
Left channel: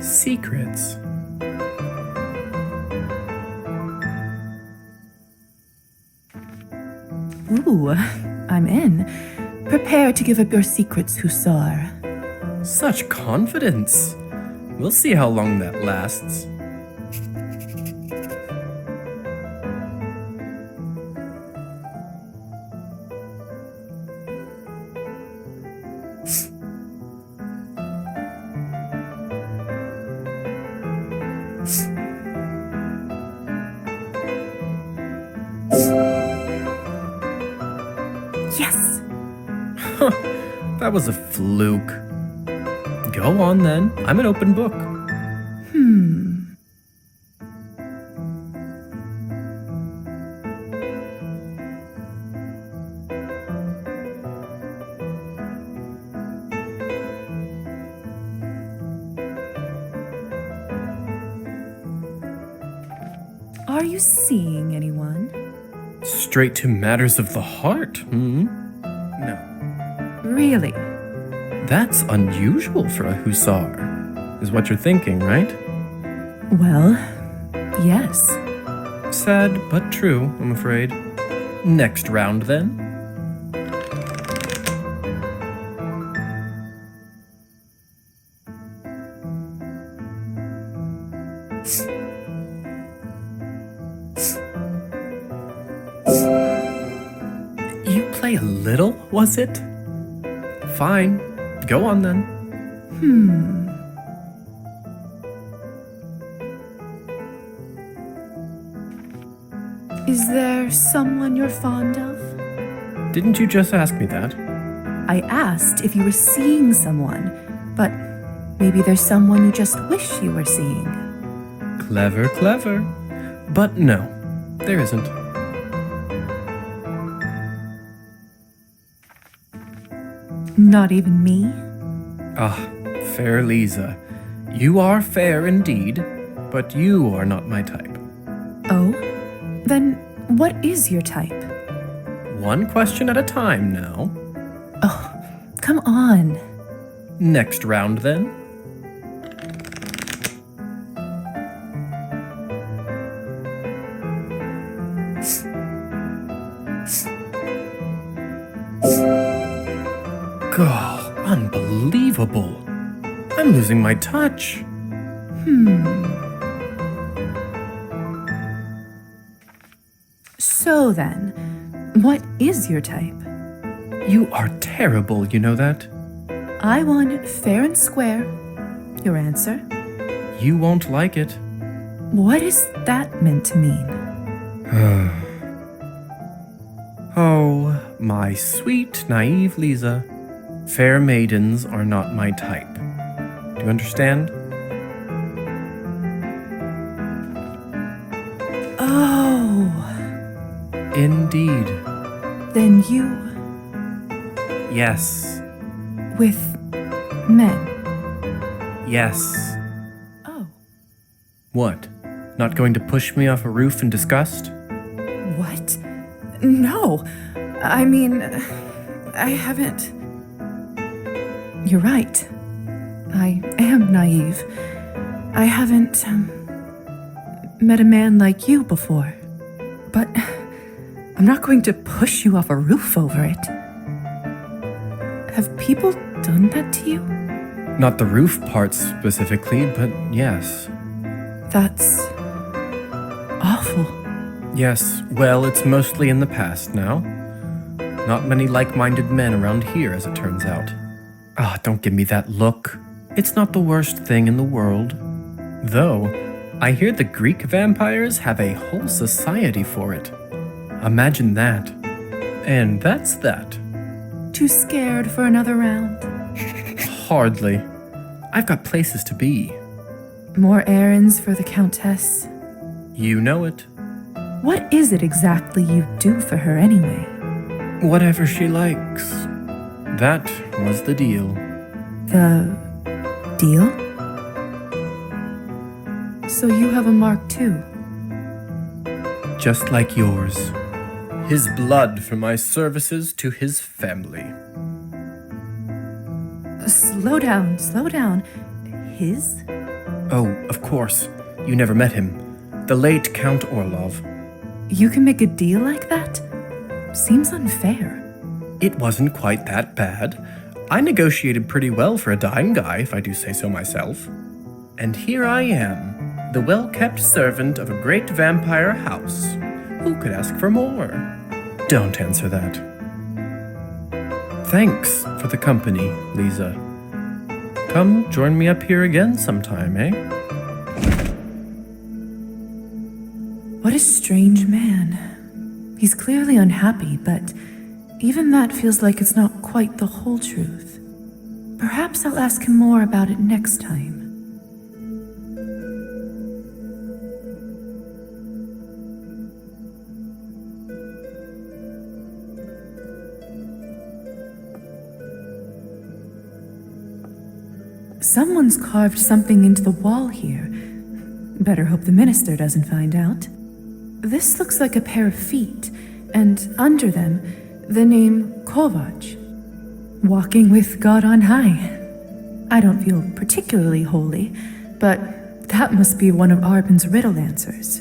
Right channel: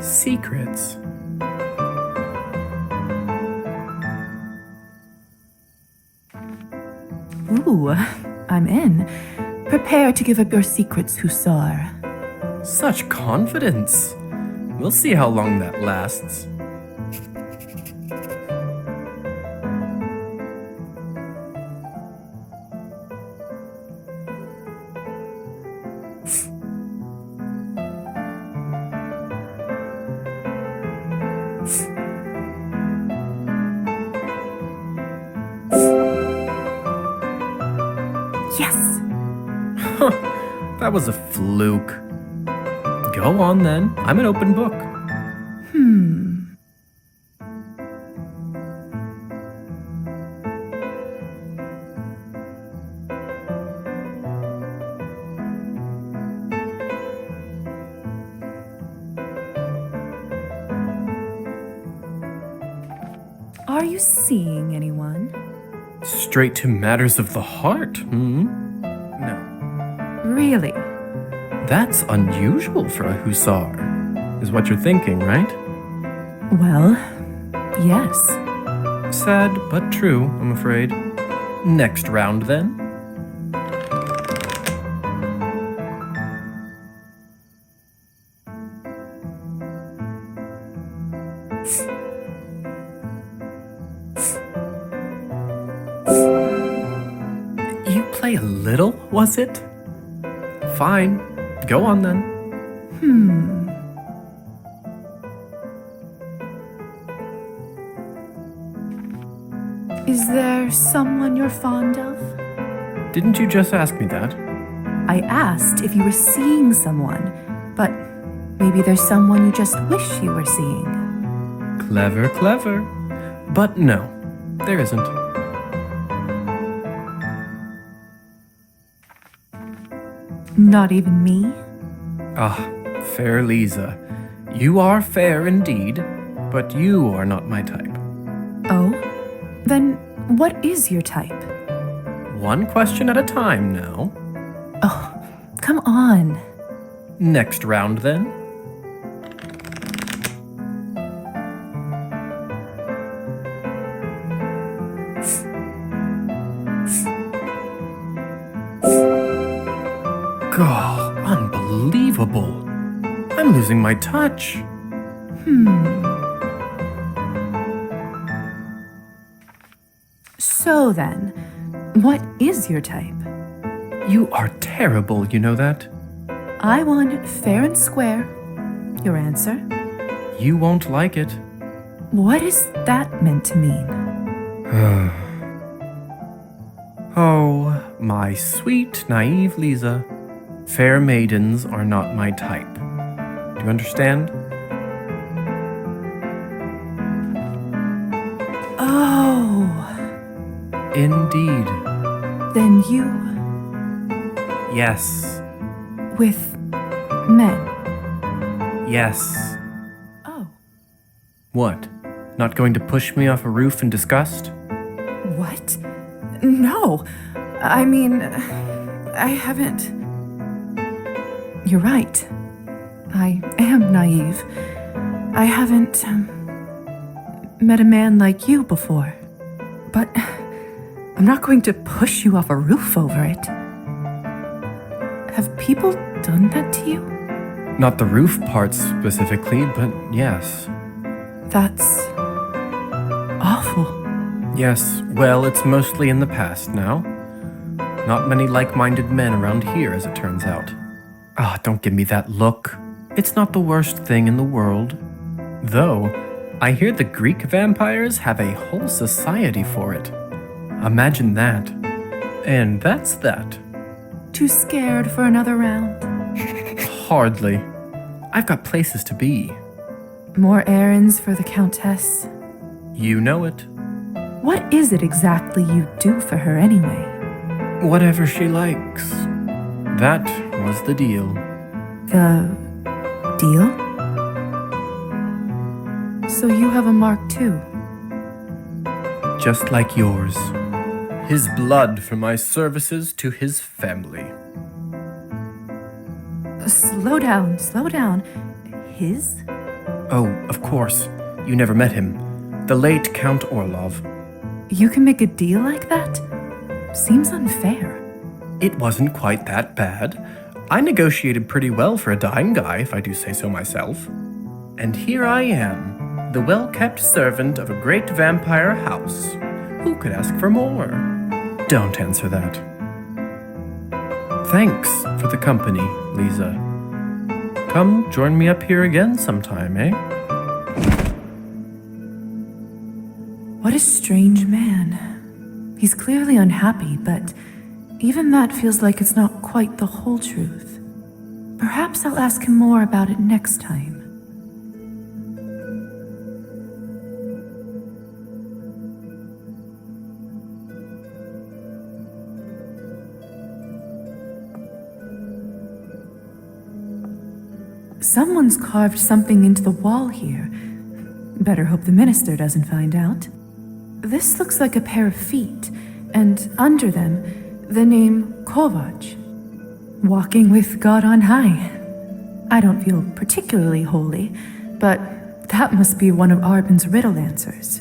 Secrets. Ooh, I'm in. Prepare to give up your secrets, Hussar. Such confidence. We'll see how long that lasts. Yes! That was a fluke. Go on then. I'm an open book. Are you seeing anyone? Straight to matters of the heart, No. Really? That's unusual for a hussar, is what you're thinking, right? Well, yes. Sad but true, I'm afraid. Next round, then. You play a little, was it? Fine. Go on then. Is there someone you're fond of? Didn't you just ask me that? I asked if you were seeing someone, but maybe there's someone you just wish you were seeing. Clever. But no, there isn't. Not even me? Ah, fair Lisa. You are fair indeed, but you are not my type. Oh? Then what is your type? One question at a time now. Oh, come on. Next round then. God, unbelievable. I'm losing my touch. So then, what is your type? You are terrible, you know that? I won fair and square. Your answer? You won't like it. What is that meant to mean? Oh, my sweet, naive Lisa. Fair maidens are not my type. Do you understand? Oh. Indeed. Then you. Yes. With men. Yes. Oh. What? Not going to push me off a roof in disgust? What? No. I mean, I haven't. You're right. I am naive. I haven't met a man like you before. But I'm not going to push you off a roof over it. Have people done that to you? Not the roof part specifically, but yes. That's awful. Yes, well, it's mostly in the past now. Not many like-minded men around here, as it turns out. Ah, don't give me that look. It's not the worst thing in the world. Though, I hear the Greek vampires have a whole society for it. Imagine that. And that's that. Too scared for another round? Hardly. I've got places to be. More errands for the Countess? You know it. What is it exactly you do for her anyway? Whatever she likes. That was the deal. The deal? So you have a mark too? Just like yours. His blood for my services to his family. Slow down, slow down. His? Oh, of course. You never met him. The late Count Orlov. You can make a deal like that? Seems unfair. It wasn't quite that bad. I negotiated pretty well for a dying guy, if I do say so myself. And here I am, the well-kept servant of a great vampire house. Who could ask for more? Don't answer that. Thanks for the company, Lisa. Come join me up here again sometime, eh? What a strange man. He's clearly unhappy, but even that feels like it's not quite the whole truth. Perhaps I'll ask him more about it next time. Someone's carved something into the wall here. Better hope the minister doesn't find out. This looks like a pair of feet, and under them, the name Kovac. Walking with God on high. I don't feel particularly holy, but that must be one of Arbin's riddle answers.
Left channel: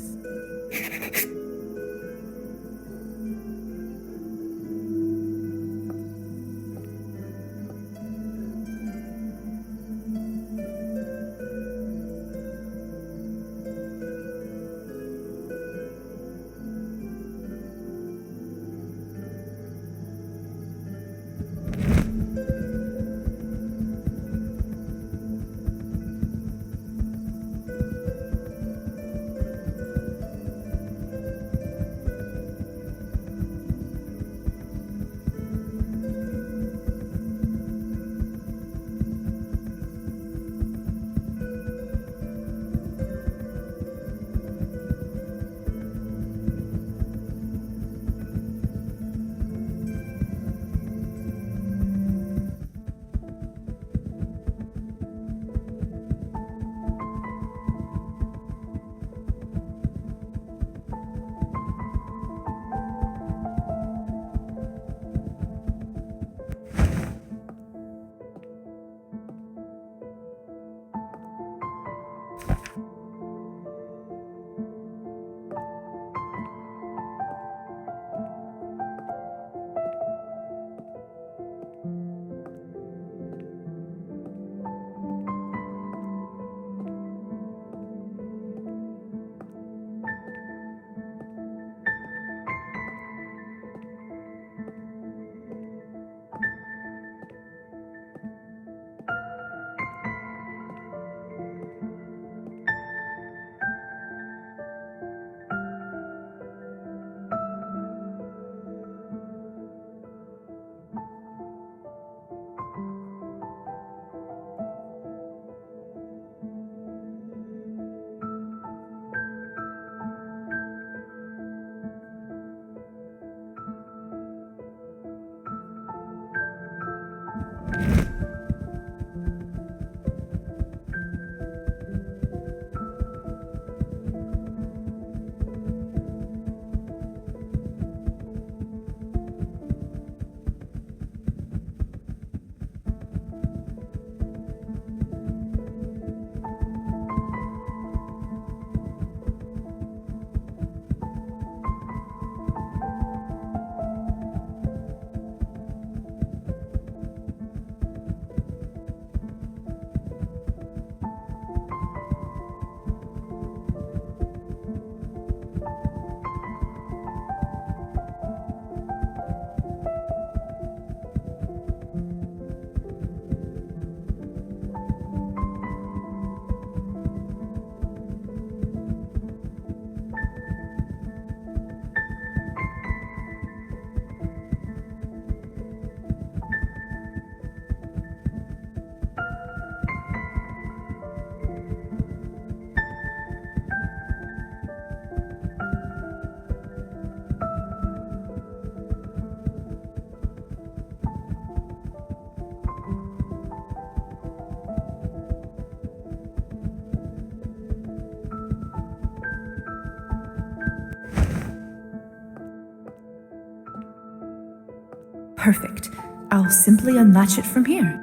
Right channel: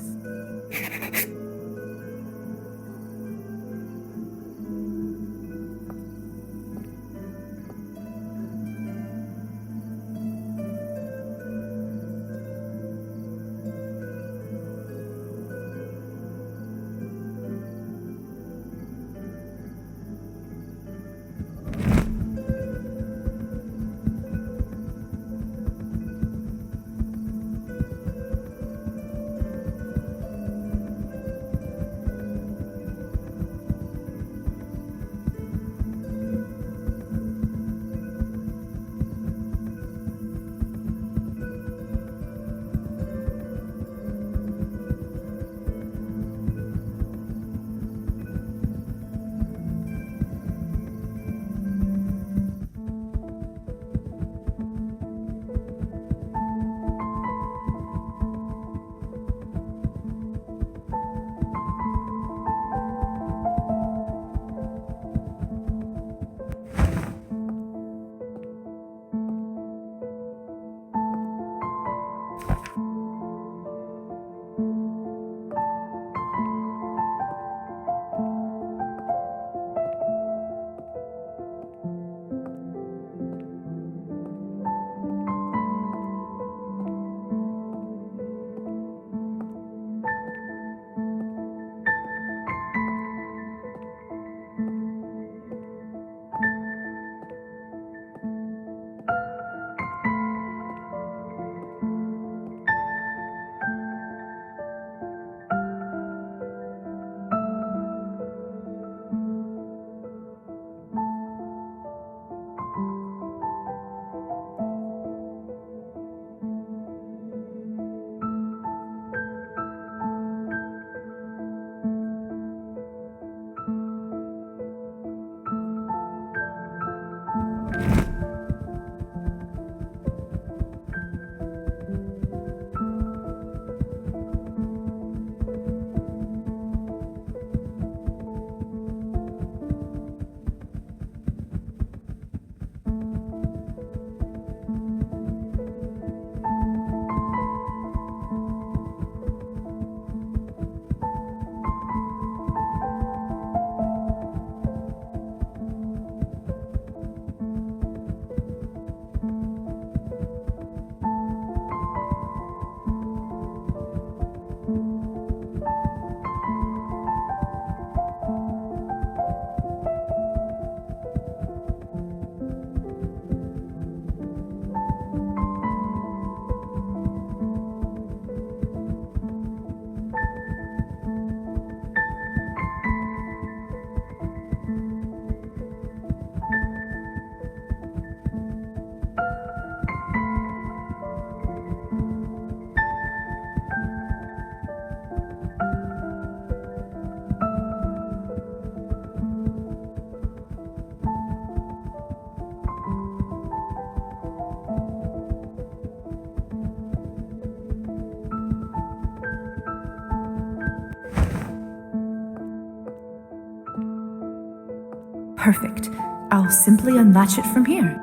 Perfect. I'll simply unlatch it from here.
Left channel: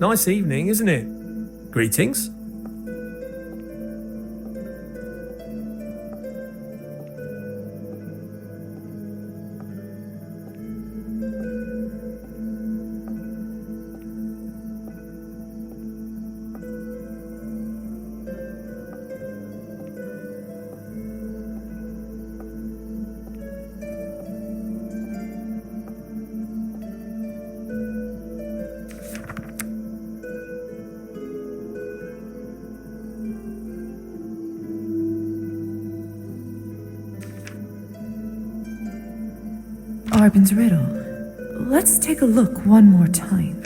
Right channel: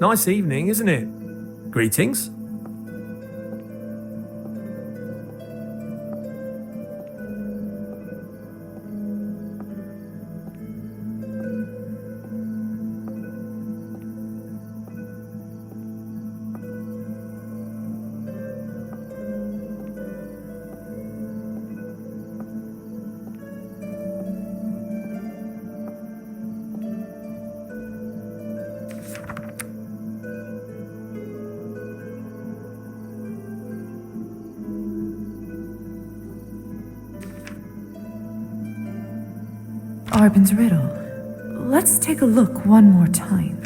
Nice evening, isn't it? Greetings. Arbin's riddle. Let's take a look one more time.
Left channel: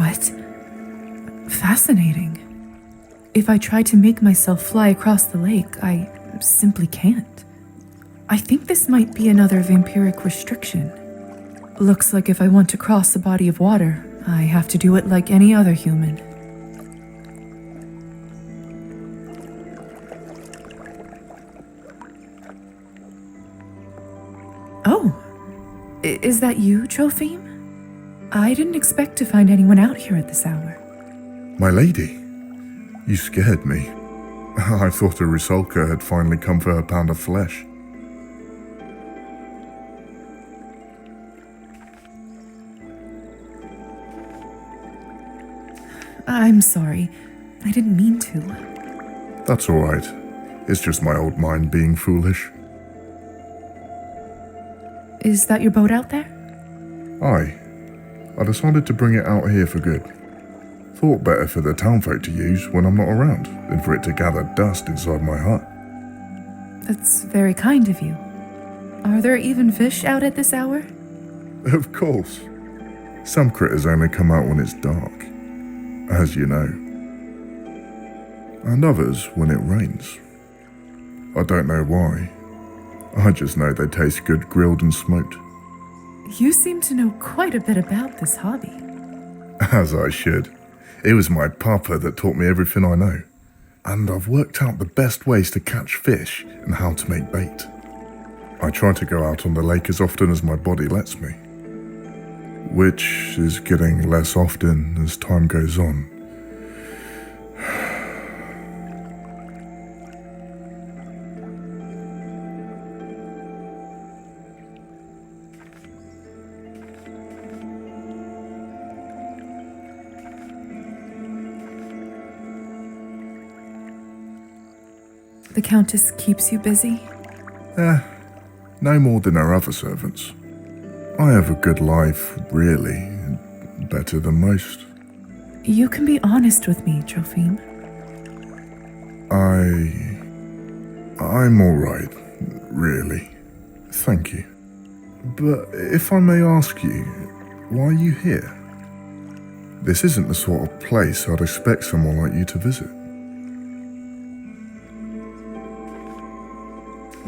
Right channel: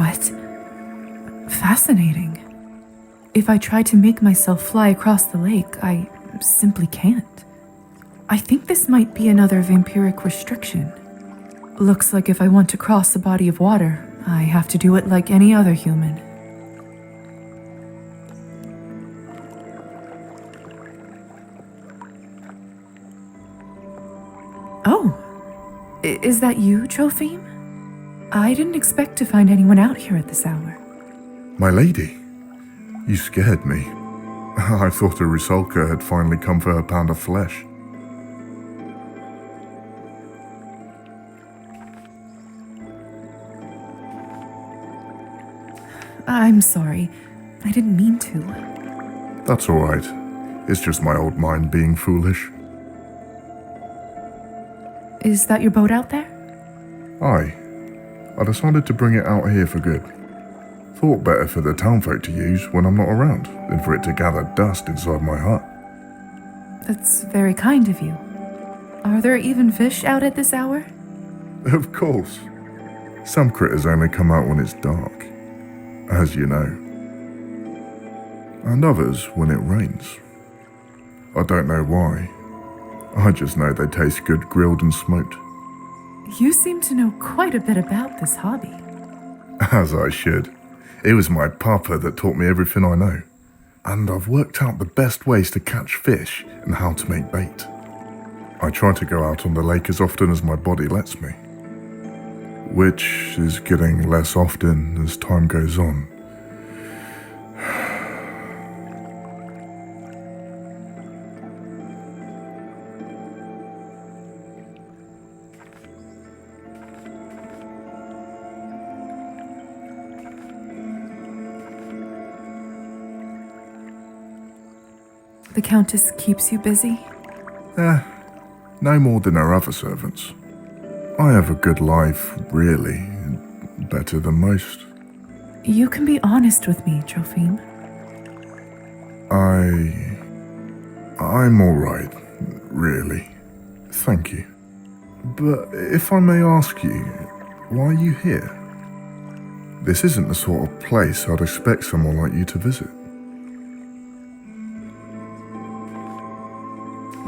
What? Fascinating. If I try to make myself fly across the lake, I simply can't. I think this might be another vampiric restriction. Looks like if I want to cross a body of water, I have to do it like any other human. Oh, is that you, Trophime? I didn't expect to find anyone out here at this hour. My lady, you scared me. I thought a Rusalka had finally come for her pound of flesh. I'm sorry. I didn't mean to. That's all right. It's just my old mind being foolish. Is that your boat out there? Aye. I decided to bring it out here for good. Thought better for the townfolk to use when I'm not around than for it to gather dust inside my hut. That's very kind of you. Are there even fish out at this hour? Of course. Some critters only come out when it's dark, as you know. And others when it rains. I don't know why. I just know they taste good grilled and smoked. You seem to know quite a bit about this hobby. As I should. It was my papa that taught me everything I know. And I've worked out the best ways to catch fish and how to make bait. I try to go out on the lake as often as my body lets me. Which is getting less often as time goes on. The Countess keeps you busy? No more than her other servants. I have a good life, really. Better than most. You can be honest with me, Trophime. I'm all right, really. Thank you. But if I may ask you, why are you here? This isn't the sort of place I'd expect someone like you to visit.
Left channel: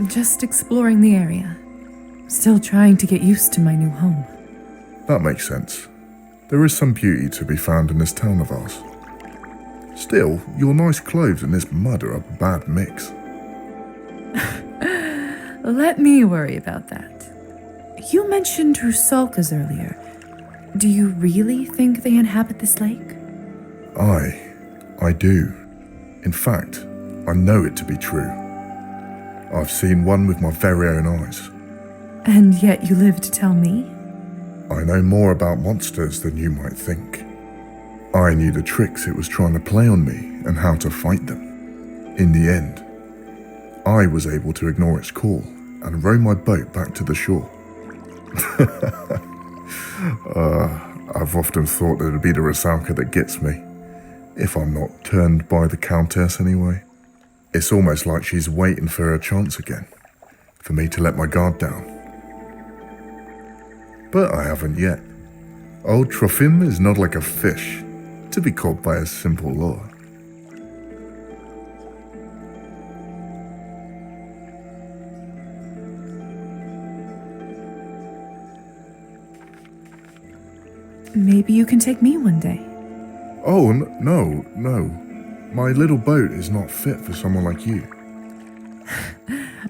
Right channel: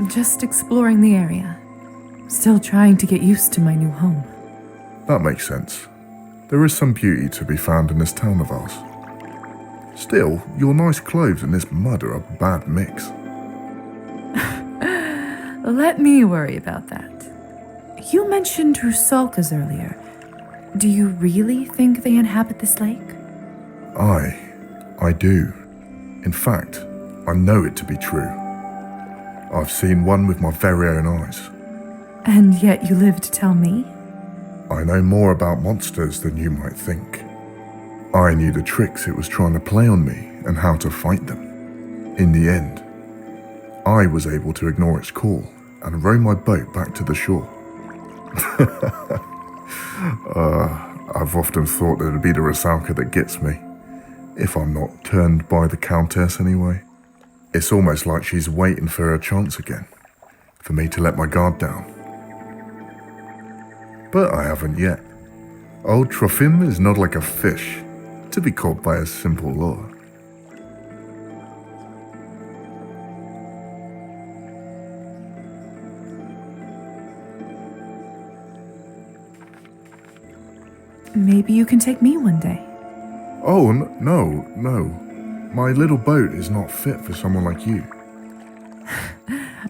Just exploring the area. Still trying to get used to my new home. That makes sense. There is some beauty to be found in this town of ours. Still, your nice clothes and this mud are a bad mix. Let me worry about that. You mentioned Rusalkas earlier. Do you really think they inhabit this lake? I do. In fact, I know it to be true. I've seen one with my very own eyes. And yet you live to tell me? I know more about monsters than you might think. I knew the tricks it was trying to play on me and how to fight them. In the end, I was able to ignore its call and row my boat back to the shore. I've often thought that it'd be the Rusalka that gets me, if I'm not turned by the Countess anyway. It's almost like she's waiting for her chance again, for me to let my guard down. But I haven't yet. Old Trophime is not like a fish, to be caught by a simple lure. Maybe you can take me one day. Oh, no. My little boat is not fit for someone like you.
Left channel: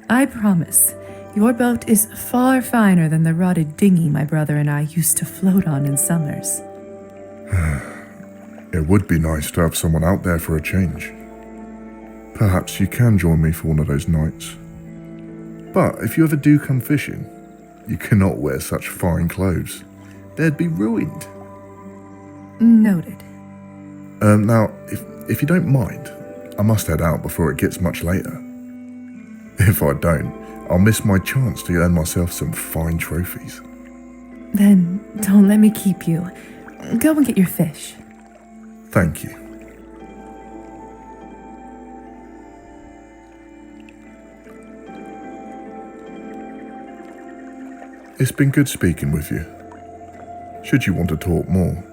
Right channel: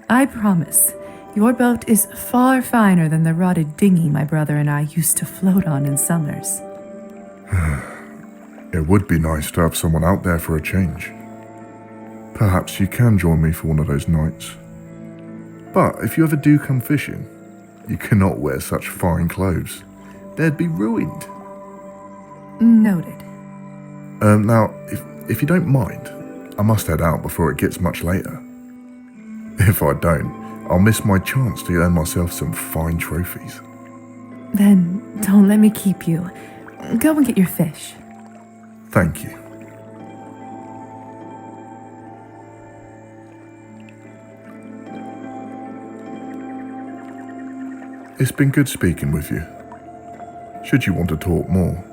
I promise. Your boat is far finer than the rotted dinghy my brother and I used to float on in summers. It would be nice to have someone out there for a change. Perhaps you can join me for one of those nights. But if you ever do come fishing, you cannot wear such fine clothes. They'd be ruined. Noted. Now, if you don't mind, I must head out before it gets much later. If I don't, I'll miss my chance to earn myself some fine trophies. Then don't let me keep you. Go and get your fish. Thank you. It's been good speaking with you. Should you want to talk more,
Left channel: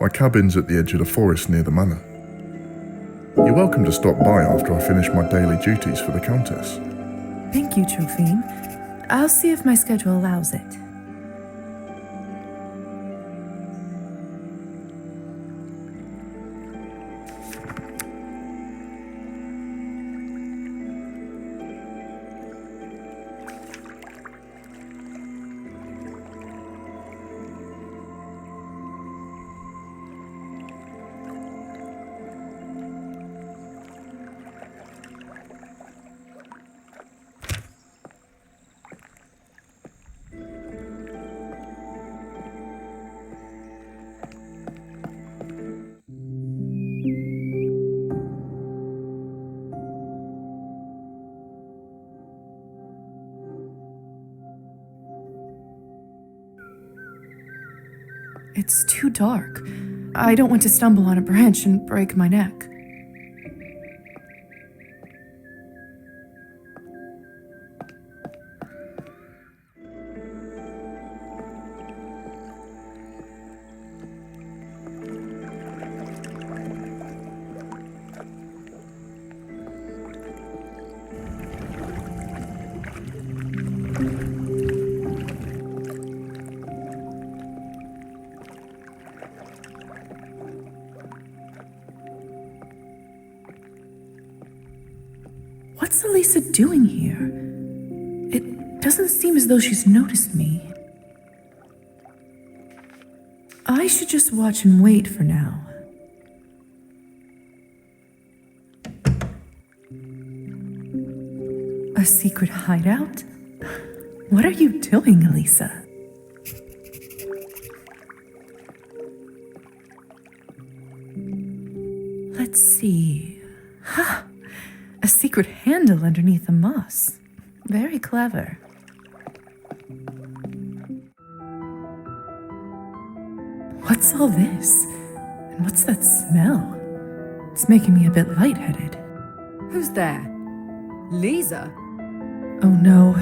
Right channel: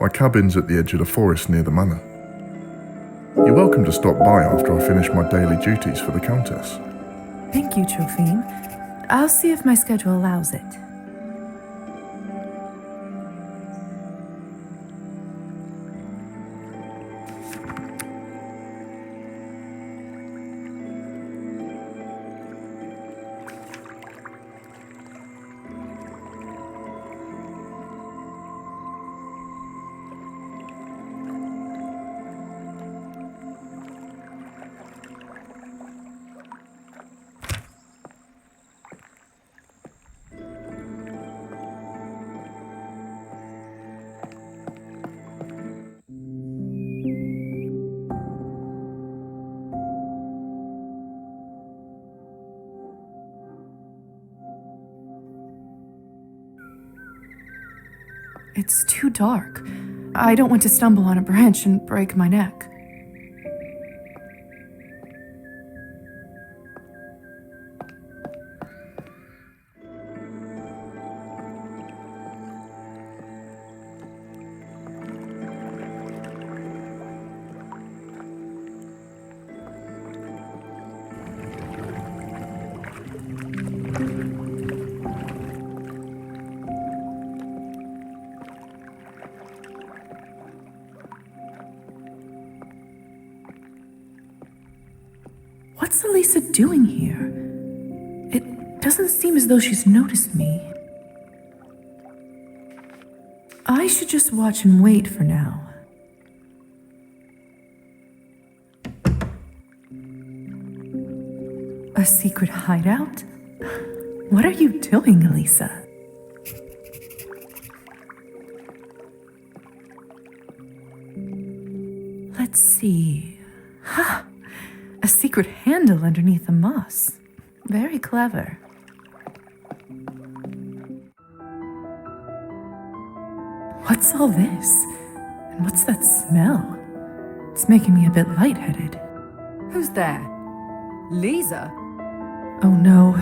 My cabin's at the edge of the forest near the manor. You're welcome to stop by after I finish my daily duties for the Countess. Thank you, Trophime. I'll see if my schedule allows it. It's too dark. I don't want to stumble on a branch and break my neck. What's Elisa doing here? It doesn't seem as though she's noticed me. I should just watch and wait for now. A secret hideout? What are you doing, Elisa? Let's see. Ha! A secret handle underneath the moss. Very clever. What's all this? And what's that smell? It's making me a bit lightheaded. Who's there? Lisa? Oh no.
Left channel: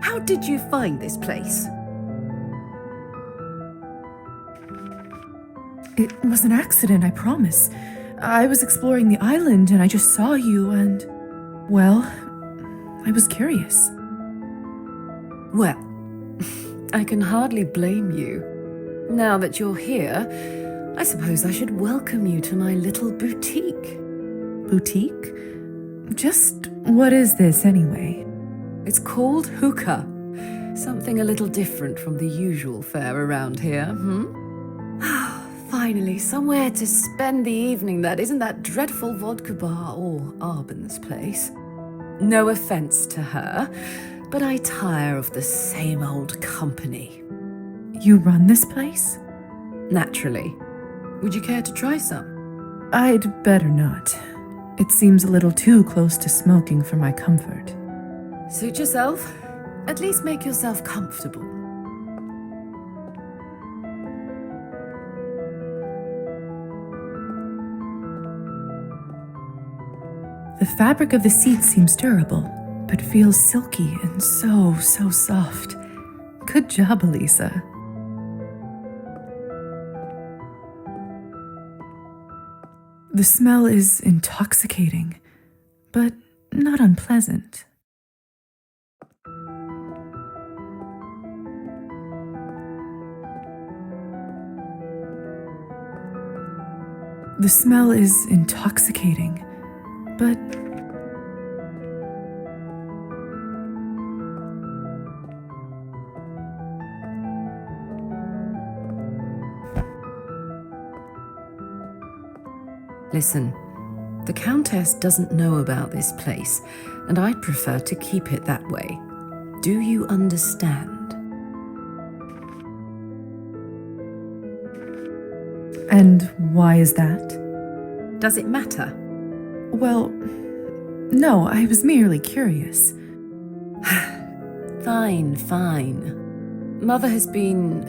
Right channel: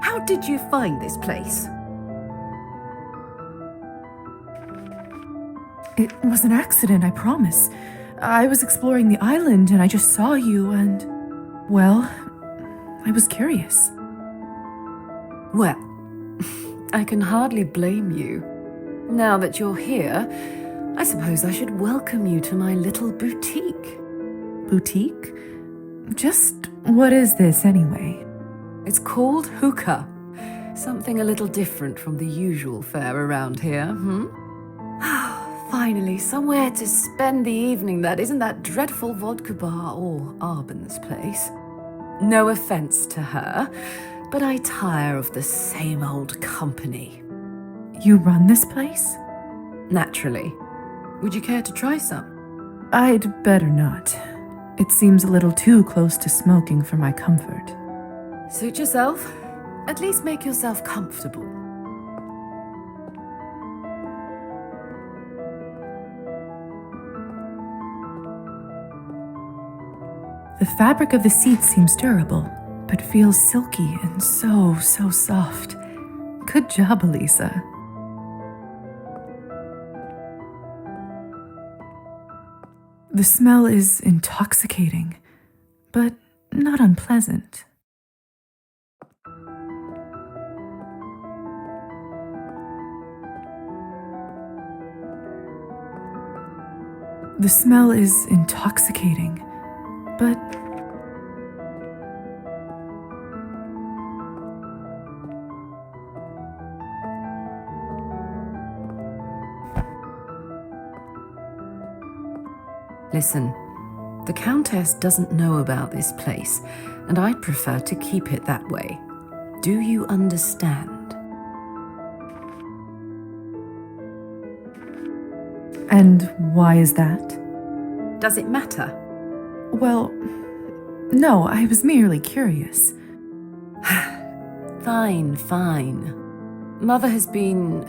How did you find this place? It was an accident, I promise. I was exploring the island and I just saw you and, well, I was curious. Well, I can hardly blame you. Now that you're here, I suppose I should welcome you to my little boutique. Boutique? Just what is this anyway? It's called hookah. Something a little different from the usual fare around here, Finally, somewhere to spend the evening that isn't that dreadful vodka bar or Arbon's place. No offense to her, but I tire of the same old company. You run this place? Naturally. Would you care to try some? I'd better not. It seems a little too close to smoking for my comfort. Suit yourself. At least make yourself comfortable. The fabric of the seats seems durable, but feels silky and so soft. Good job, Elisa. The smell is intoxicating, but not unpleasant. The smell is intoxicating, but listen, the Countess doesn't know about this place, and I'd prefer to keep it that way. Do you understand? And why is that? Does it matter? Well, no, I was merely curious. Fine. Mother has been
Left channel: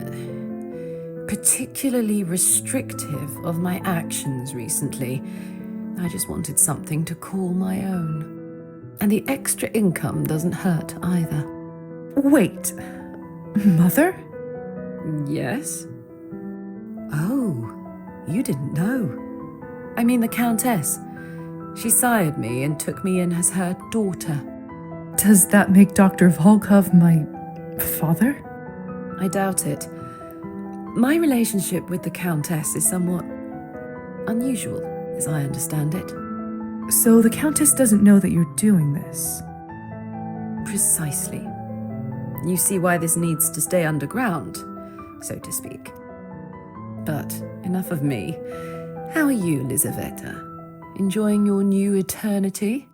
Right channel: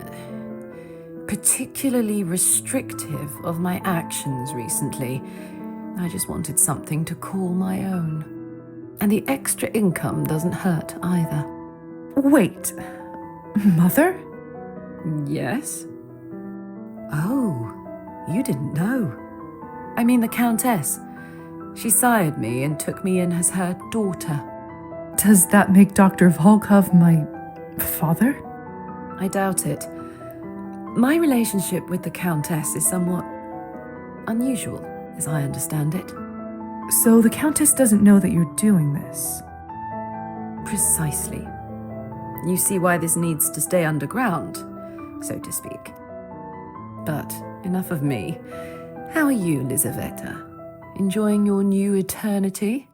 particularly restrictive of my actions recently. I just wanted something to call my own. And the extra income doesn't hurt either. Wait, Mother? Yes? Oh, you didn't know. I mean the Countess. She sired me and took me in as her daughter. Does that make Dr. Volkov my father? I doubt it. My relationship with the Countess is somewhat unusual, as I understand it. So the Countess doesn't know that you're doing this? Precisely. You see why this needs to stay underground, so to speak. But enough of me. How are you, Lizaveta? Enjoying your new eternity?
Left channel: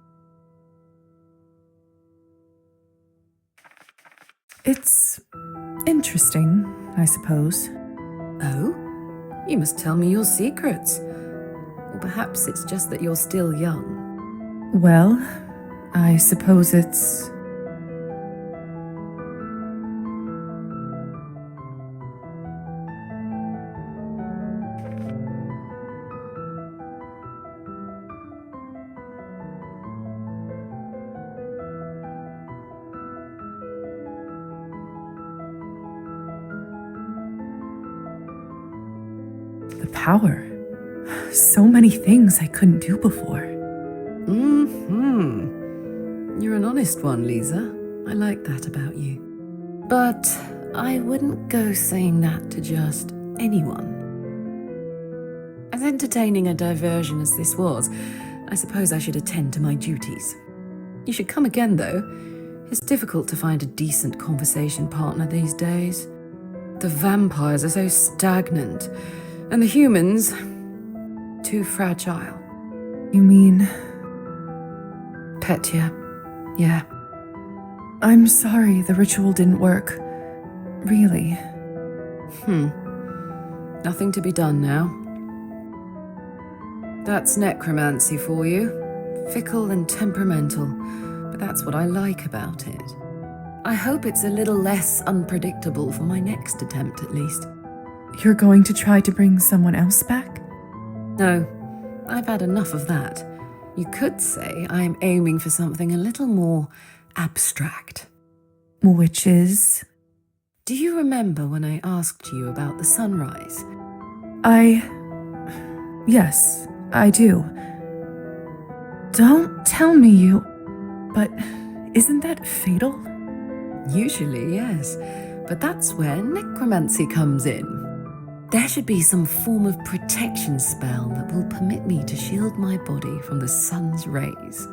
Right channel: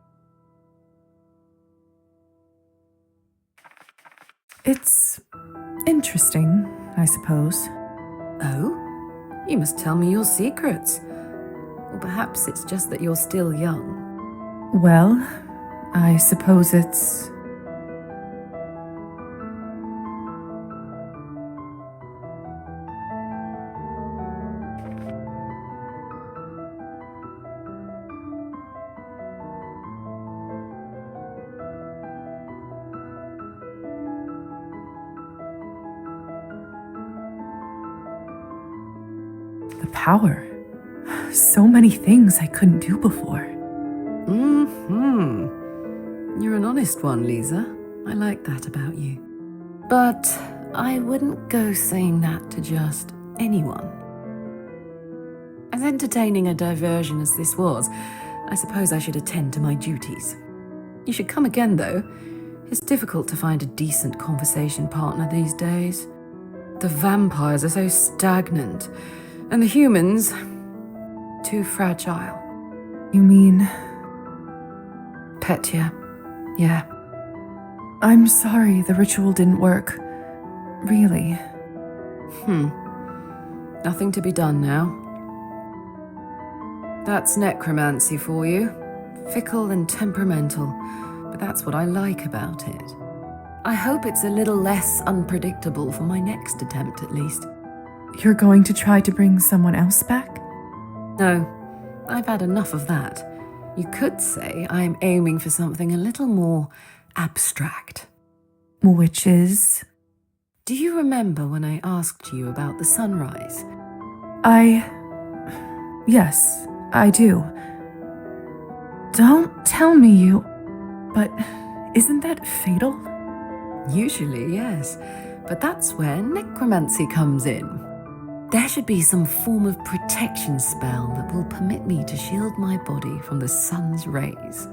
It's interesting, I suppose. Oh? You must tell me your secrets. Or perhaps it's just that you're still young. Well, I suppose it's... the power. So many things I couldn't do before. Mm-hmm. You're an honest one, Lisa. I like that about you. But I wouldn't go saying that to just anyone. As entertaining a diversion as this was, I suppose I should attend to my duties. You should come again, though. It's difficult to find a decent conversation partner these days. The vampires are so stagnant, and the humans too fragile. You mean... Petya, yeah. I'm sorry the ritual didn't work. Really. Nothing to be done now. That's necromancy for you. Fickle and temperamental, but that's what I like about it. I hope it's a little less unpredictable for my next attempt, at least. You're going to try to bring someone else back? No, I've had enough of that. You could say I'm aiming for something a little more abstract. Which is? Do you remember when I asked you about the sunrise? Yes, I do. Don't tell me you... But isn't that fatal? Usually, yes. But that's where necromancy comes in. There should be some form of protection spell that will permit me to shield my body from the sun's rays.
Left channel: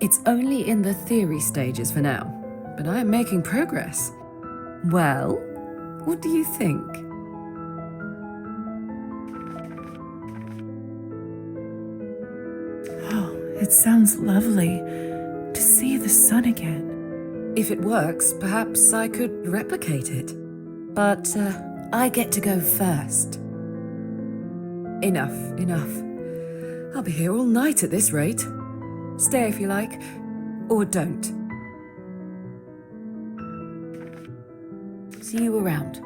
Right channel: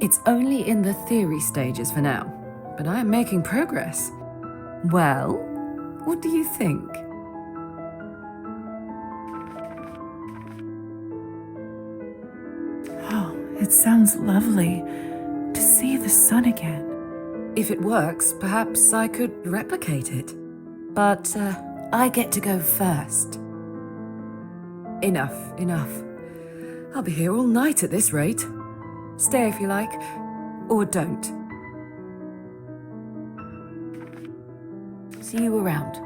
It's only in the theory stages for now, but I am making progress. Well, what do you think? Oh, it sounds lovely to see the sun again. If it works, perhaps I could replicate it. But I get to go first. Enough. I'll be here all night at this rate. Stay if you like, or don't. See you around.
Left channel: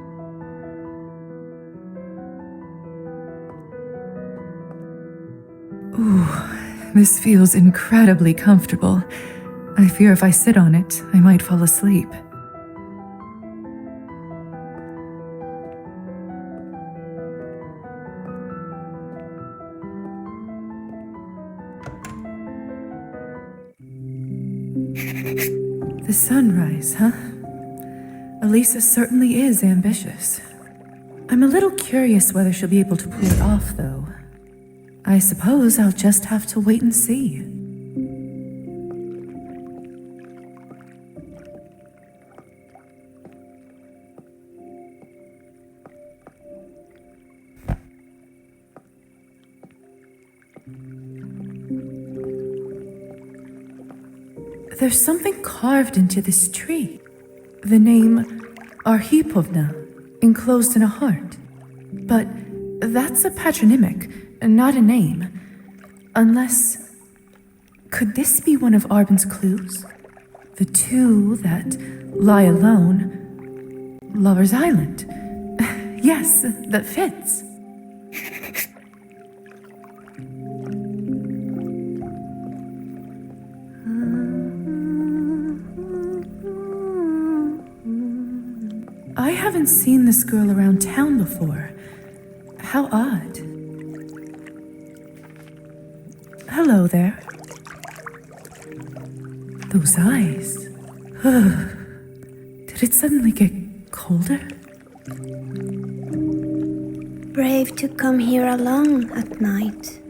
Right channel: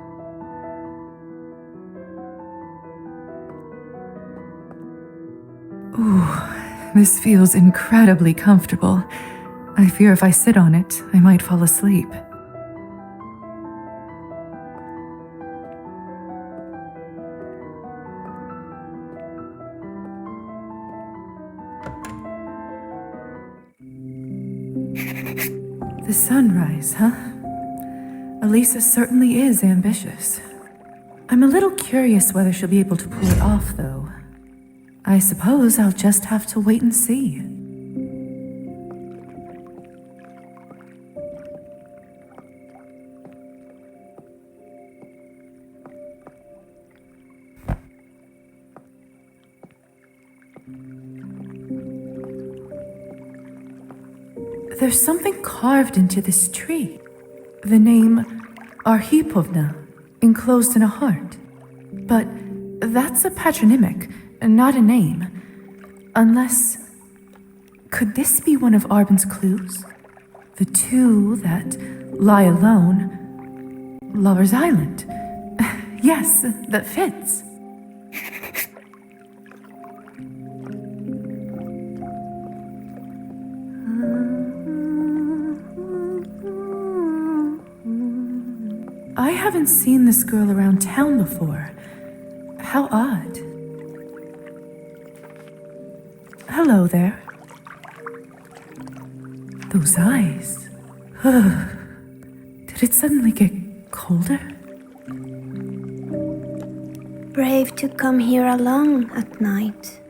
Ooh, this feels incredibly comfortable. I fear if I sit on it, I might fall asleep. The sunrise, huh? Elisa certainly is ambitious. I'm a little curious whether she'll be able to pull it off, though. I suppose I'll just have to wait and see. There's something carved into this tree. The name Arhipovna, enclosed in a heart. But that's a patronymic, not a name. Unless... Could this be one of Arbin's clues? The two that lie alone. Lover's Island. Yes, that fits. haven't seen this girl around town before. How odd. Hello there. Those eyes. Did it suddenly get colder? Brave to come here alone at night.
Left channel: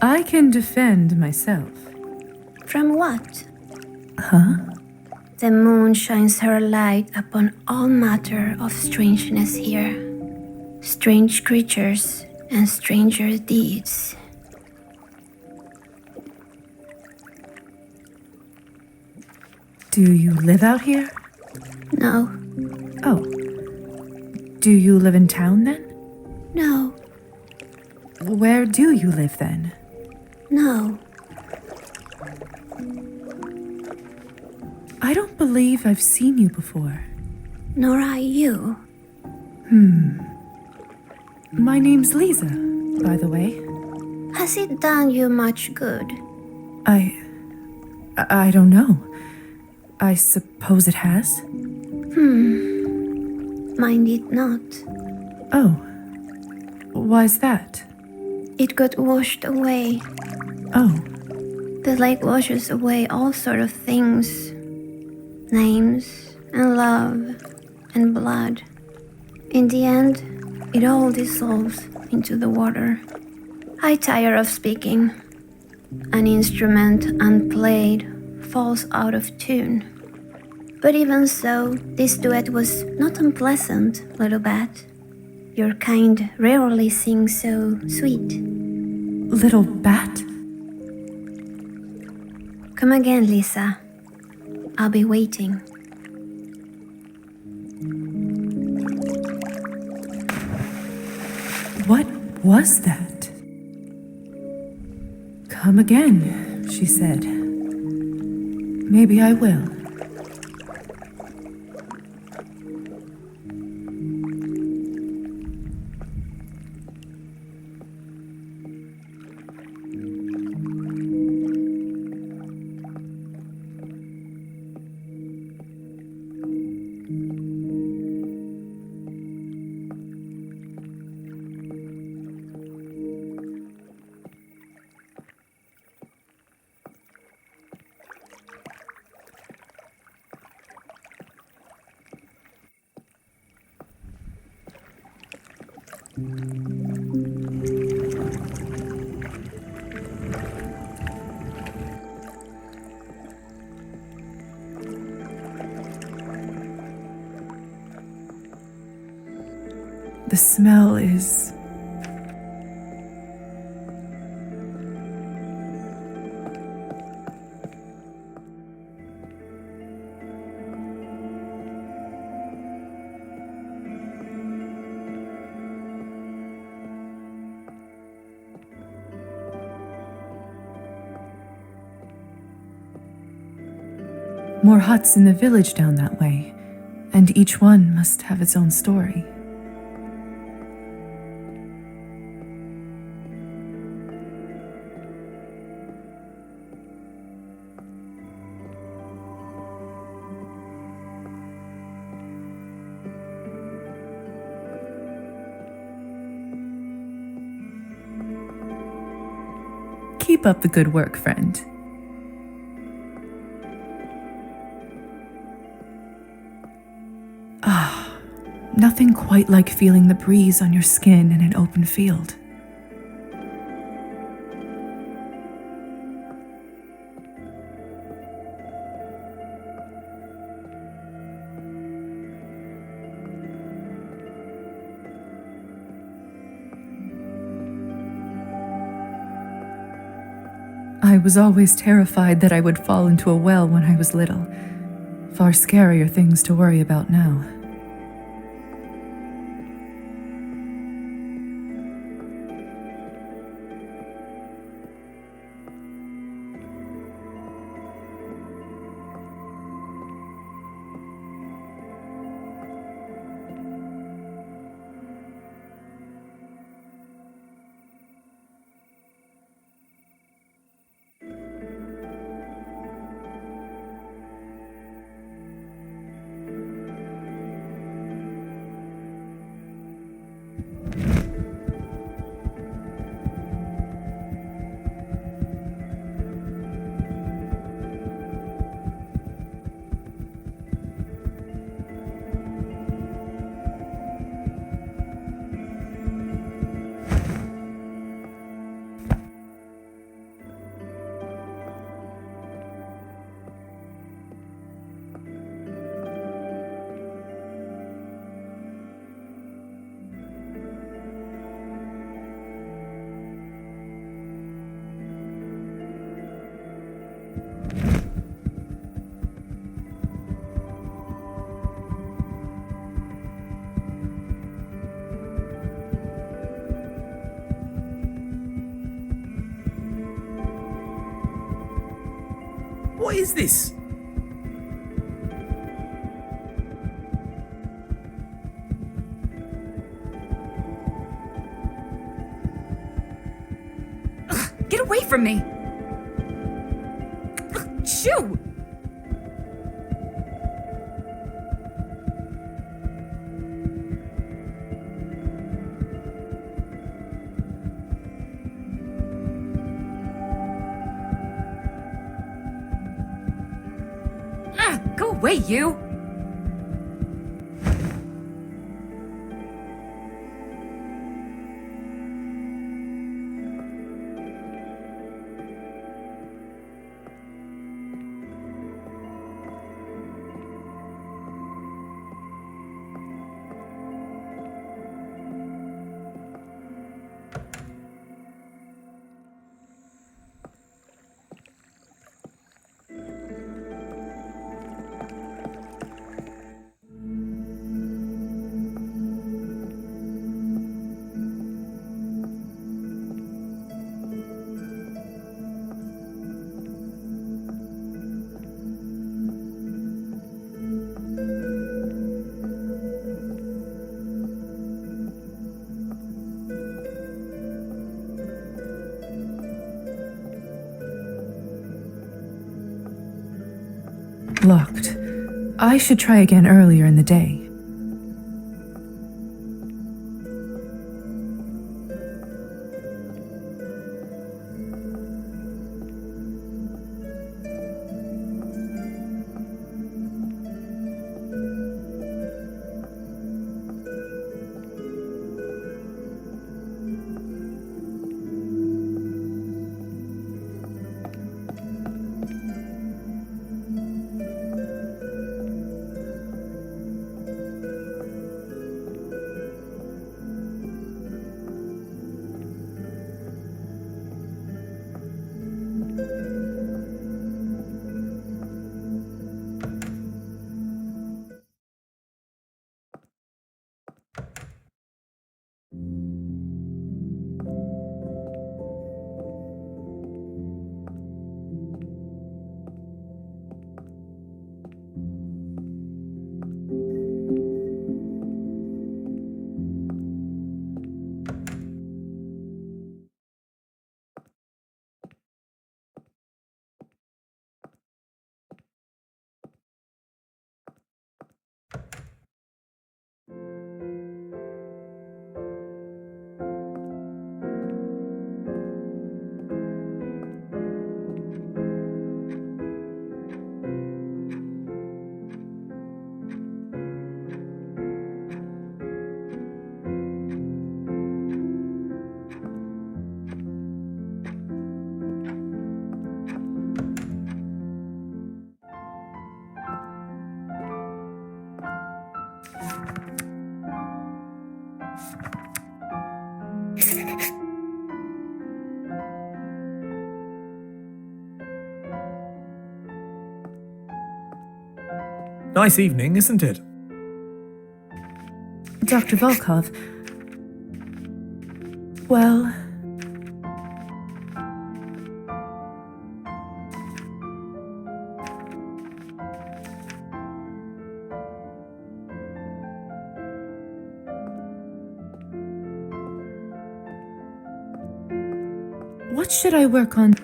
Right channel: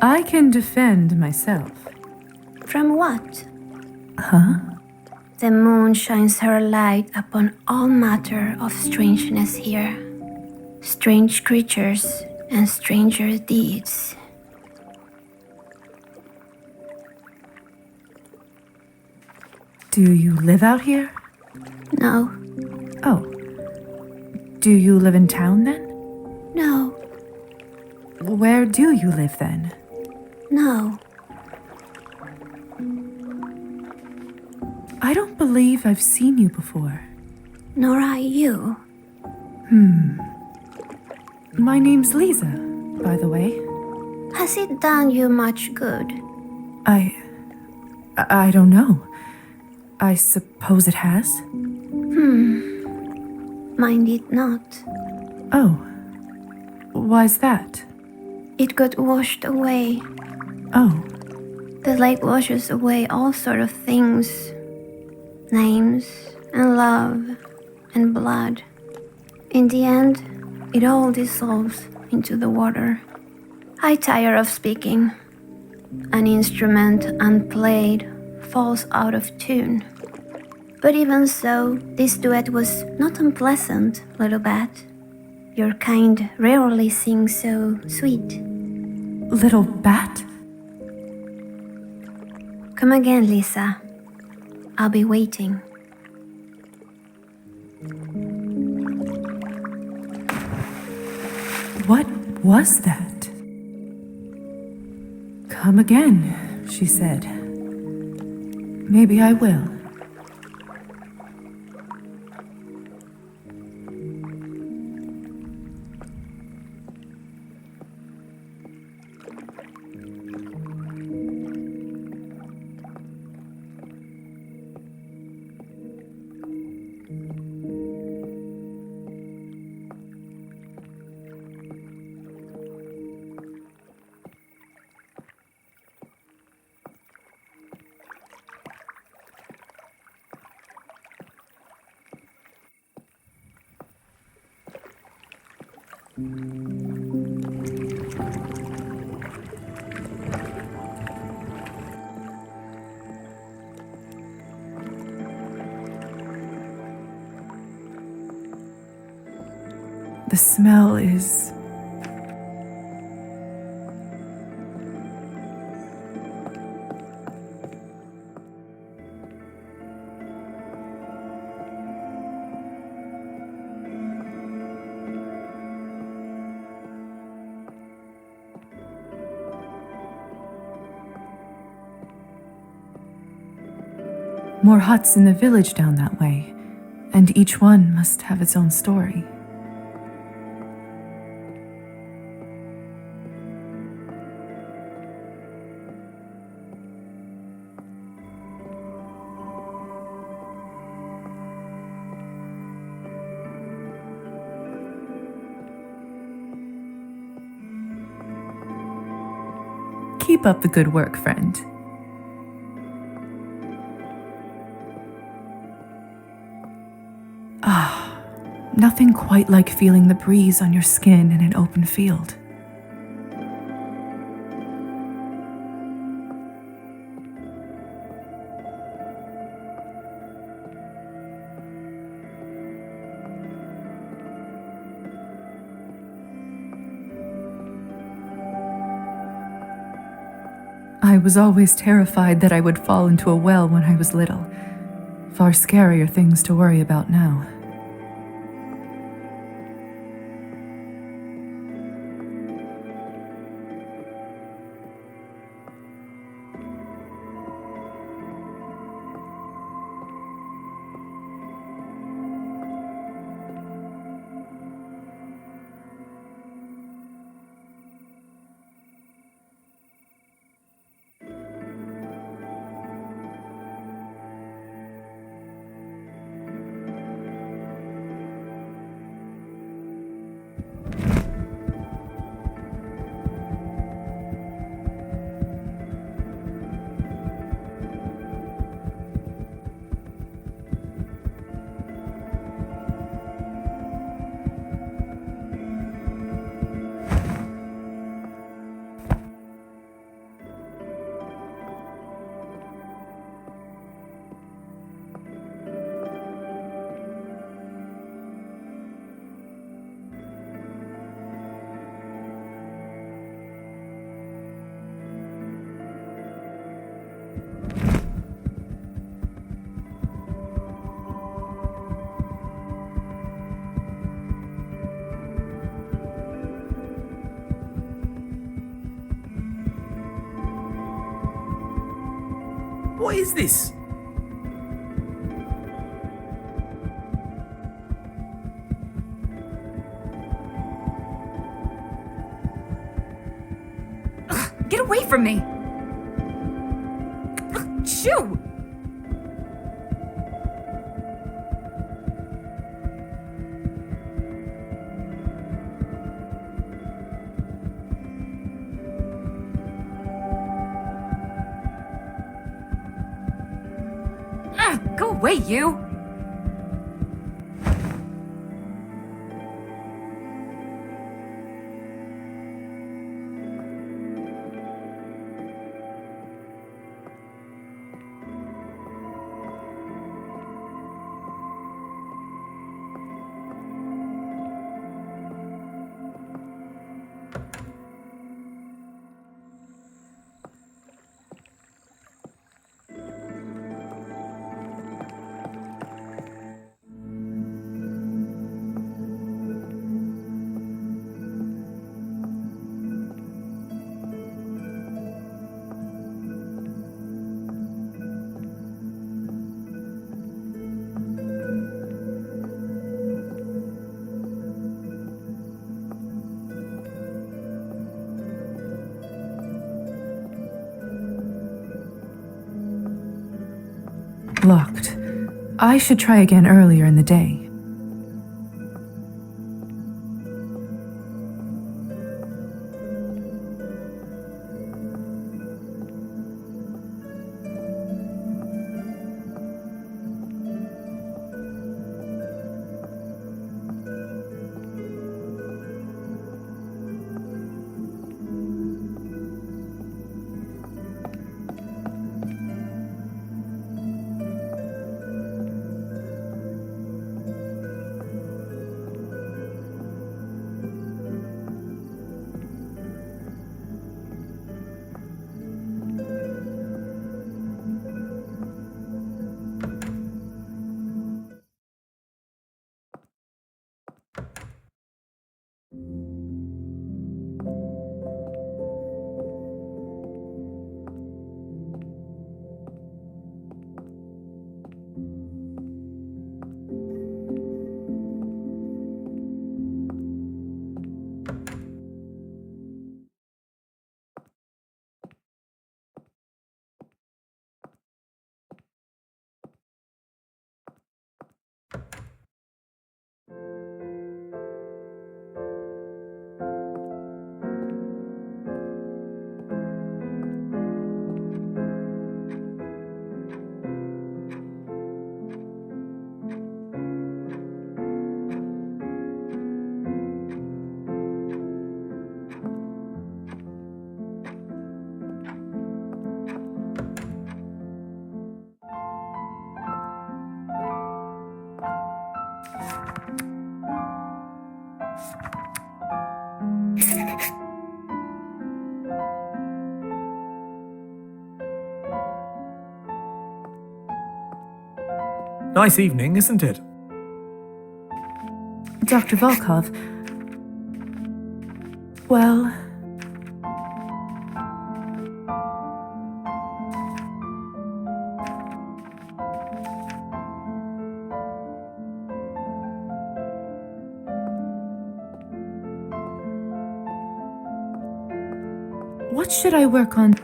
I can defend myself. From what? Huh? The moon shines her light upon all matter of strangeness here. Strange creatures and stranger deeds. Do you live out here? No. Oh. Do you live in town then? No. Where do you live then? No. I don't believe I've seen you before. Nor I you. My name's Lisa, by the way. Has it done you much good? I don't know. I suppose it has. Mine did not. Oh. Why's that? It got washed away. Oh. The lake washes away all sort of things. Names and love and blood. In the end, it all dissolves into the water. I tire of speaking. An instrument unplayed falls out of tune. But even so, this duet was not unpleasant, little bat. Your kind rarely sing so sweet. Little bat? Come again, Lisa. I'll be waiting. What was that? Come again, she said. Maybe I will. The smell is... More huts in the village down that way, and each one must have its own story. Keep up the good work, friend. Ah, nothing quite like feeling the breeze on your skin in an open field. I was always terrified that I would fall into a well when I was little. Far scarier things to worry about now. is this? Get away from me! Shoo! Go away, you! Locked. I should try again earlier in the day. Nice evening, isn't it? Dr. Volkov. Well, what should I work on?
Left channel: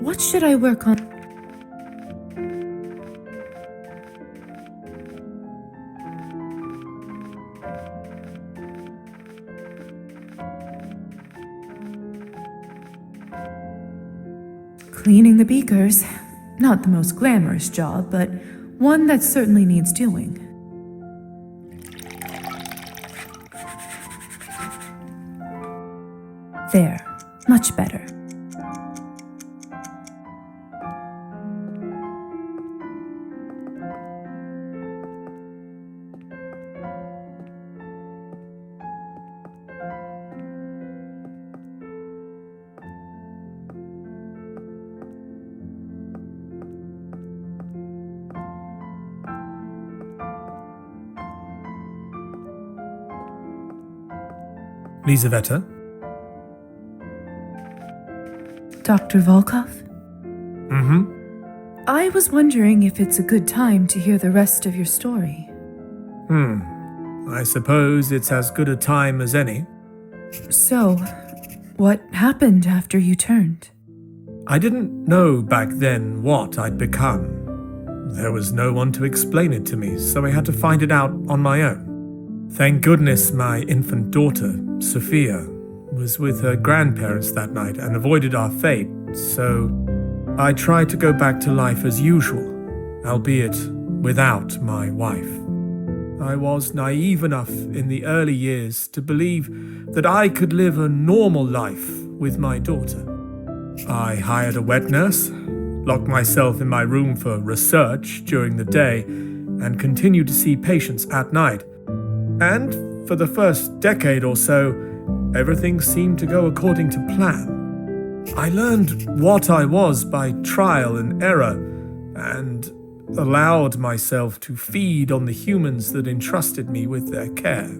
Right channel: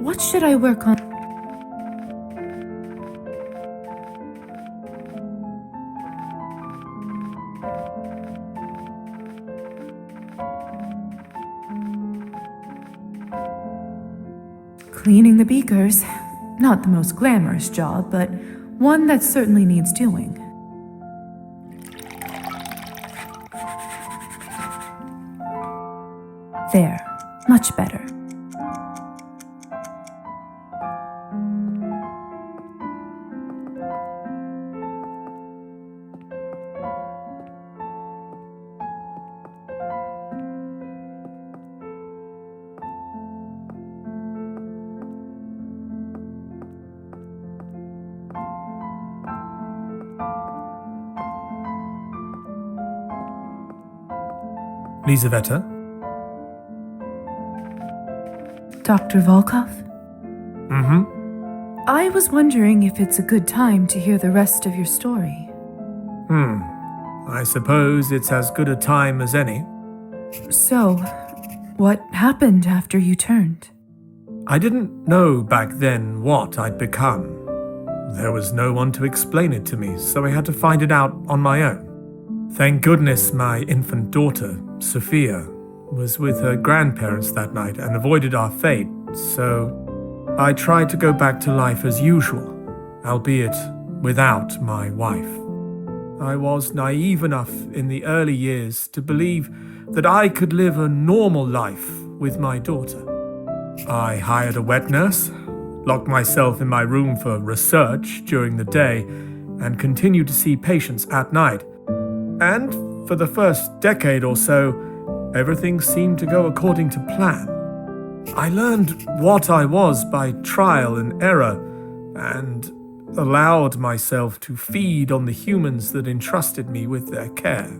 What should I work on? Cleaning the beakers. Not the most glamorous job, but one that certainly needs doing. There. Much better. Lizaveta? Dr. Volkov? Mm-hmm. I was wondering if it's a good time to hear the rest of your story. I suppose it's as good a time as any. So, what happened after you turned? I didn't know back then what I'd become. There was no one to explain it to me, so I had to find it out on my own. Thank goodness my infant daughter, Sophia, was with her grandparents that night and avoided our fate, so I tried to go back to life as usual, albeit without my wife. I was naive enough in the early years to believe that I could live a normal life with my daughter. I hired a wet nurse, locked myself in my room for research during the day, and continued to see patients at night. And for the first decade or so, everything seemed to go according to plan. I learned what I was by trial and error, and allowed myself to feed on the humans that entrusted me with their care.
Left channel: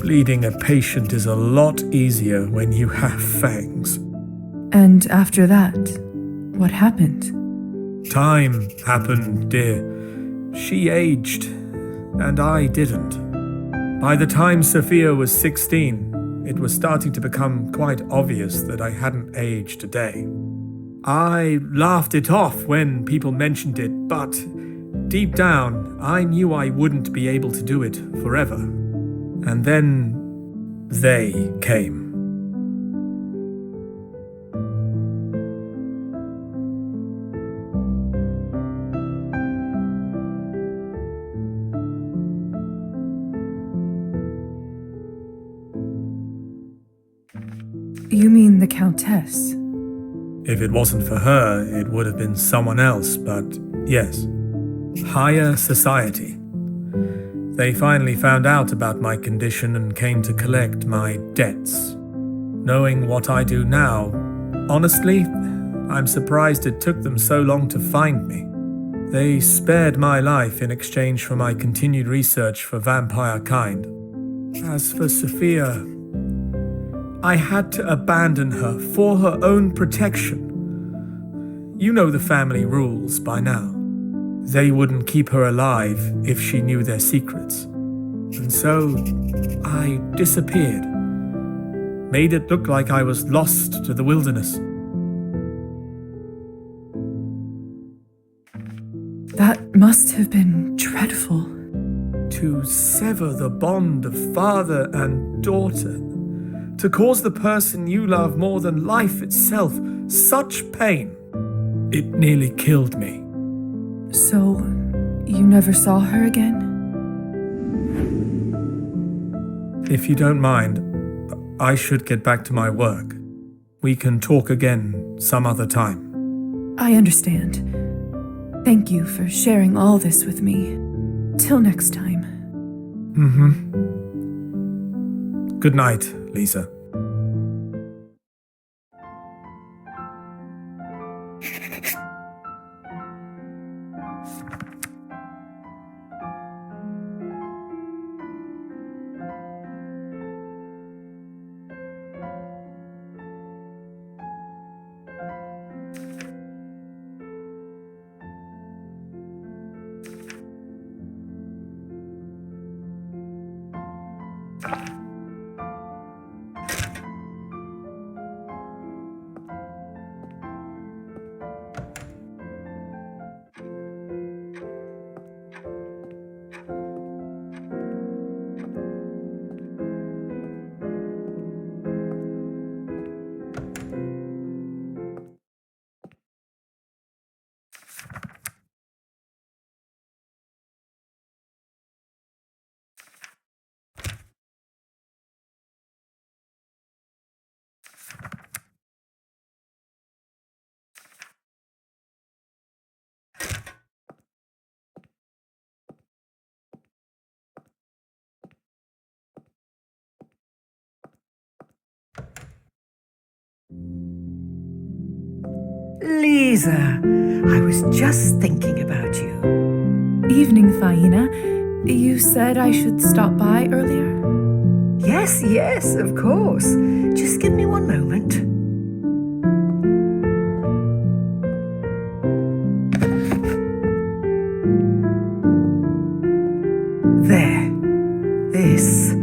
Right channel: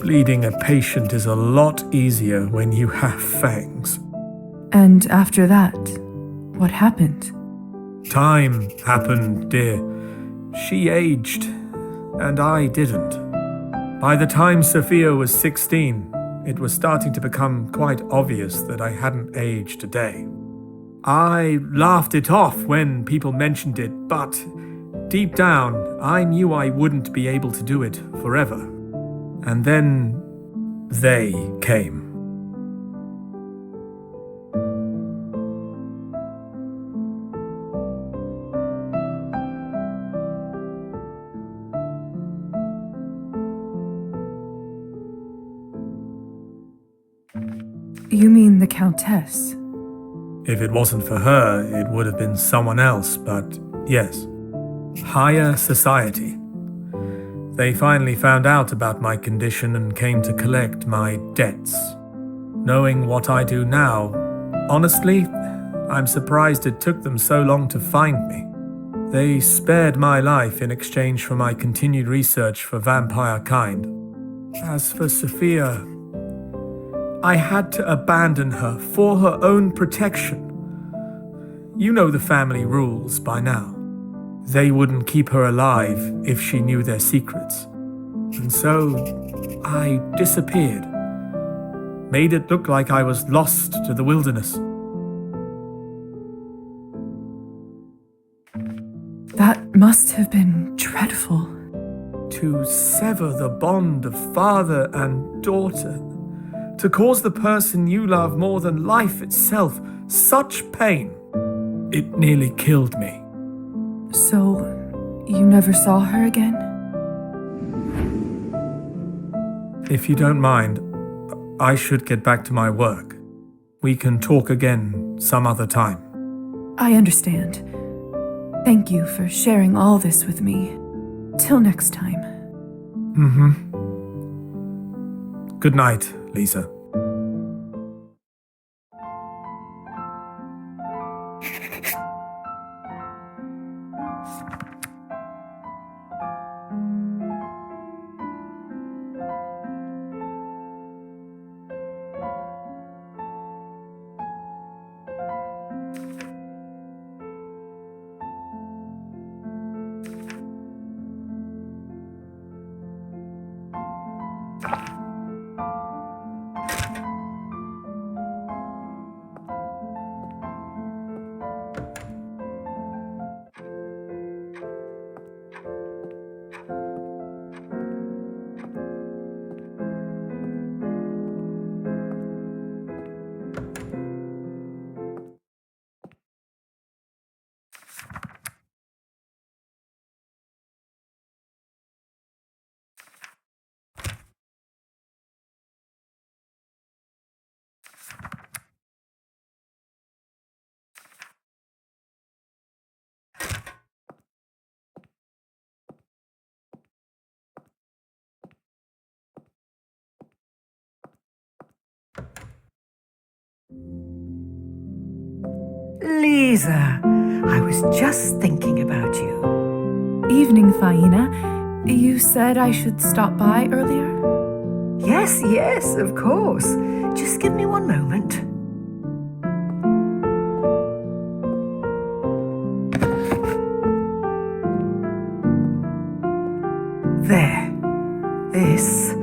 Bleeding a patient is a lot easier when you have fangs. And after that, what happened? Time happened, dear. She aged, and I didn't. By the time Sophia was 16, it was starting to become quite obvious that I hadn't aged a day. I laughed it off when people mentioned it, but deep down, I knew I wouldn't be able to do it forever. And then they came. You mean the Countess? If it wasn't for her, it would have been someone else, but yes. Higher society. They finally found out about my condition and came to collect my debts. Knowing what I do now, honestly, I'm surprised it took them so long to find me. They spared my life in exchange for my continued research for vampire kind. As for Sophia, I had to abandon her for her own protection. You know the family rules by now. They wouldn't keep her alive if she knew their secrets. And so, I disappeared. Made it look like I was lost to the wilderness. That must have been dreadful. To sever the bond of father and daughter, to cause the person you love more than life itself such pain, it nearly killed me. So, you never saw her again? If you don't mind, I should get back to my work. We can talk again some other time. I understand. Thank you for sharing all this with me. Till next time. Good night, Lisa. Lisa, I was just thinking about you. Evening, Faina. You said I should stop by earlier? Yes, yes, of course. Just give me one moment. There. This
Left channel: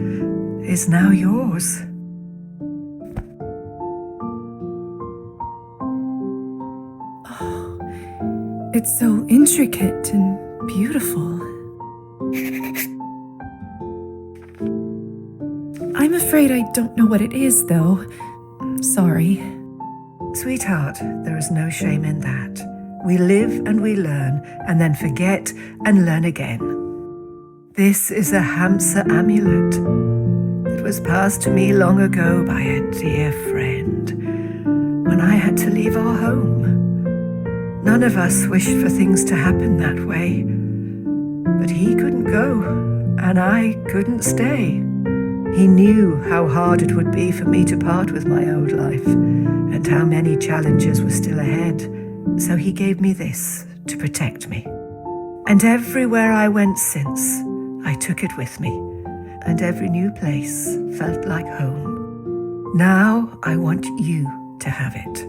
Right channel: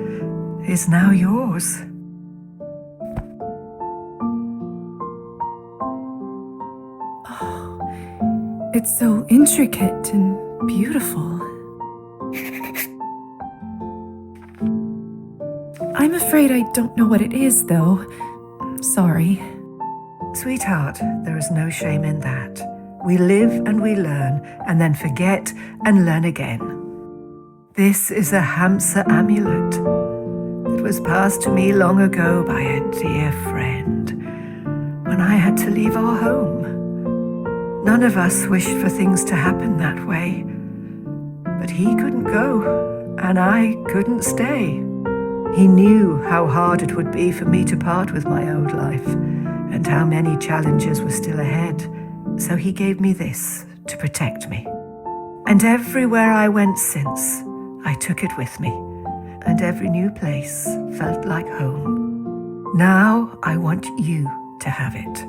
is now yours. It's so intricate and beautiful. I'm afraid I don't know what it is, though. Sorry. Sweetheart, there is no shame in that. We live and we learn, and then forget and learn again. This is a Hamsa amulet. It was passed to me long ago by a dear friend when I had to leave our home. None of us wished for things to happen that way. But he couldn't go, and I couldn't stay. He knew how hard it would be for me to part with my old life, and how many challenges were still ahead. So he gave me this to protect me. And everywhere I went since, I took it with me, and every new place felt like home. Now I want you to have it.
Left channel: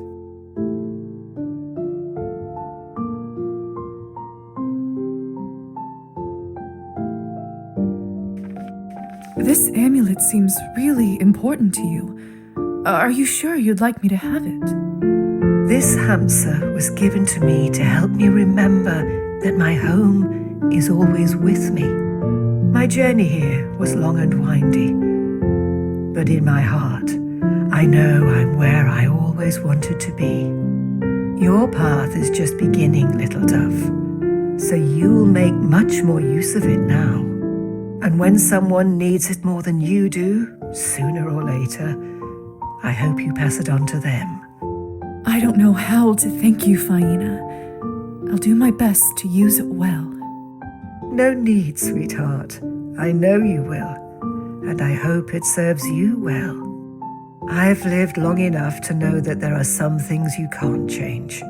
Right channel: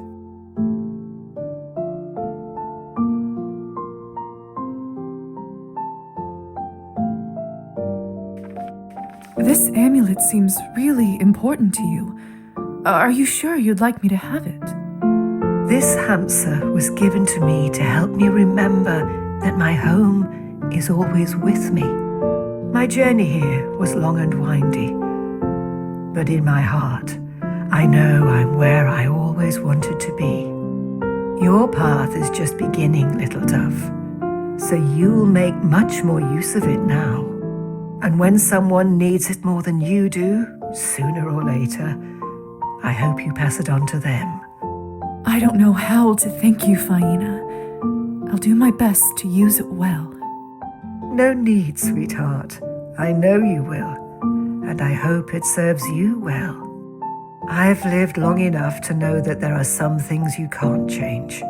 This amulet seems really important to you. Are you sure you'd like me to have it? This Hamsa was given to me to help me remember that my home is always with me. My journey here was long and windy, but in my heart, I know I'm where I always wanted to be. Your path is just beginning, little dove, so you'll make much more use of it now. And when someone needs it more than you do, sooner or later, I hope you pass it on to them. I don't know how to thank you, Faina. I'll do my best to use it well. No need, sweetheart. I know you will, and I hope it serves you well. I've lived long enough to know that there are some things you can't change,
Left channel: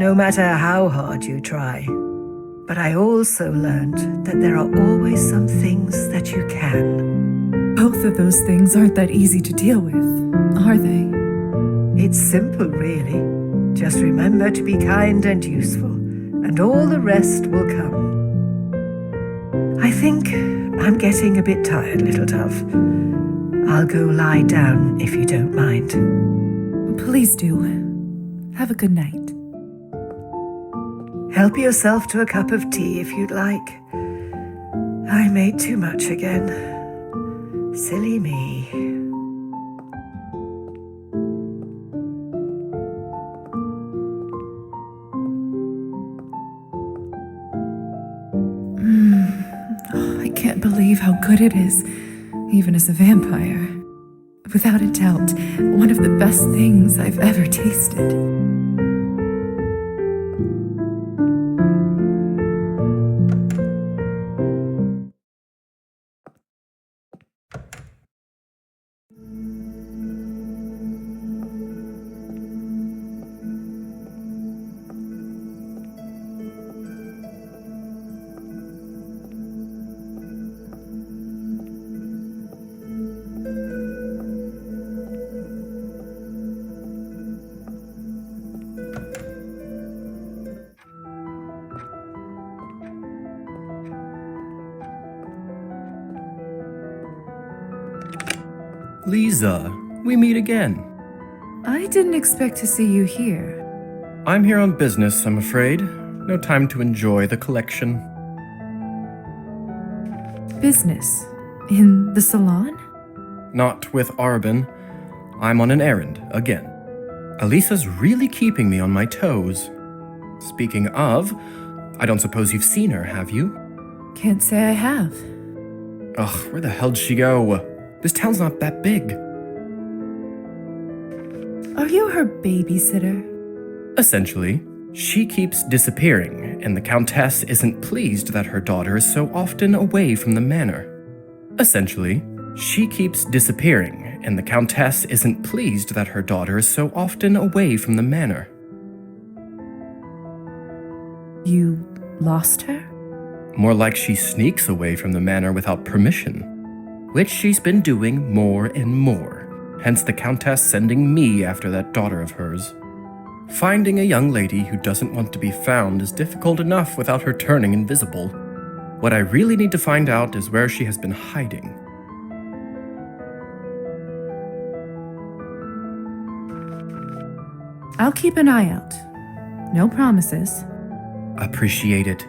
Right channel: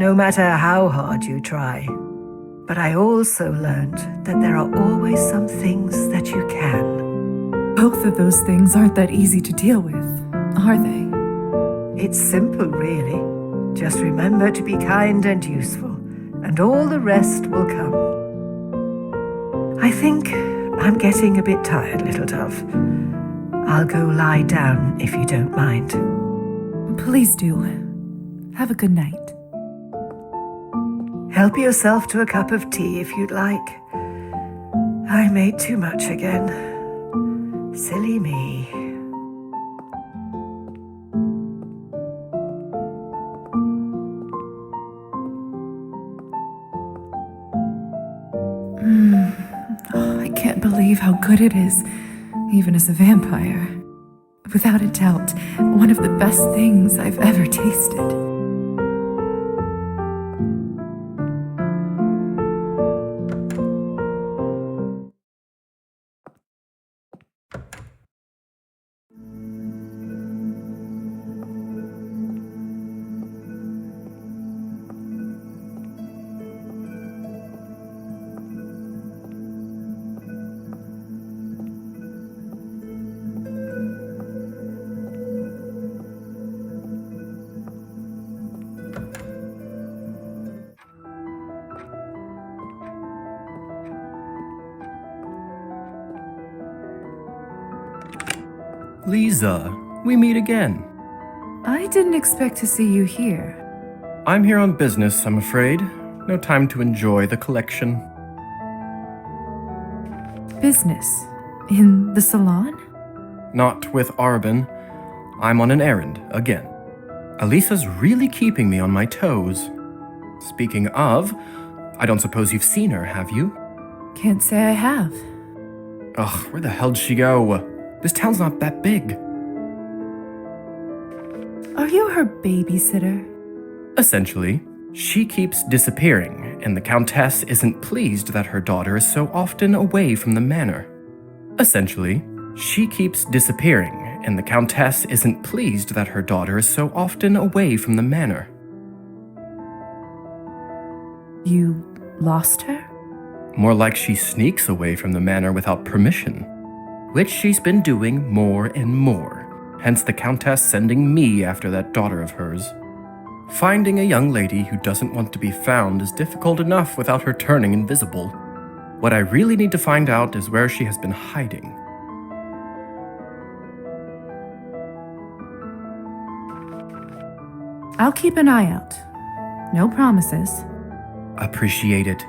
no matter how hard you try. But I also learned that there are always some things that you can. Both of those things aren't that easy to deal with, are they? It's simple, really. Just remember to be kind and useful, and all the rest will come. I think I'm getting a bit tired, little dove. I'll go lie down if you don't mind. Please do. Have a good night. Help yourself to a cup of tea if you'd like. I made too much again. Silly me. I can't believe how good it is, even as a vampire. Without a doubt, one of the best things I've ever tasted. Lisa, we meet again. I didn't expect to see you here. I'm here on business, I'm afraid. No time to enjoy the collection. Business? In the salon? Not with Arbin. I'm on an errand, again. Elisa's really keeping me on my toes. Speaking of, I don't suppose you've seen her, have you? Can't say I have. Ugh, where the hell'd she go? This town's not that big. Are you her babysitter? Essentially, she keeps disappearing, and the Countess isn't pleased that her daughter is so often away from the manor. Essentially, she keeps disappearing, and the Countess isn't pleased that her daughter is so often away from the manor. You lost her? More like she sneaks away from the manor without permission, which she's been doing more and more, hence the Countess sending me after that daughter of hers. Finding a young lady who doesn't want to be found is difficult enough without her turning invisible. What I really need to find out is where she has been hiding. I'll keep an eye out. No promises. Appreciate it.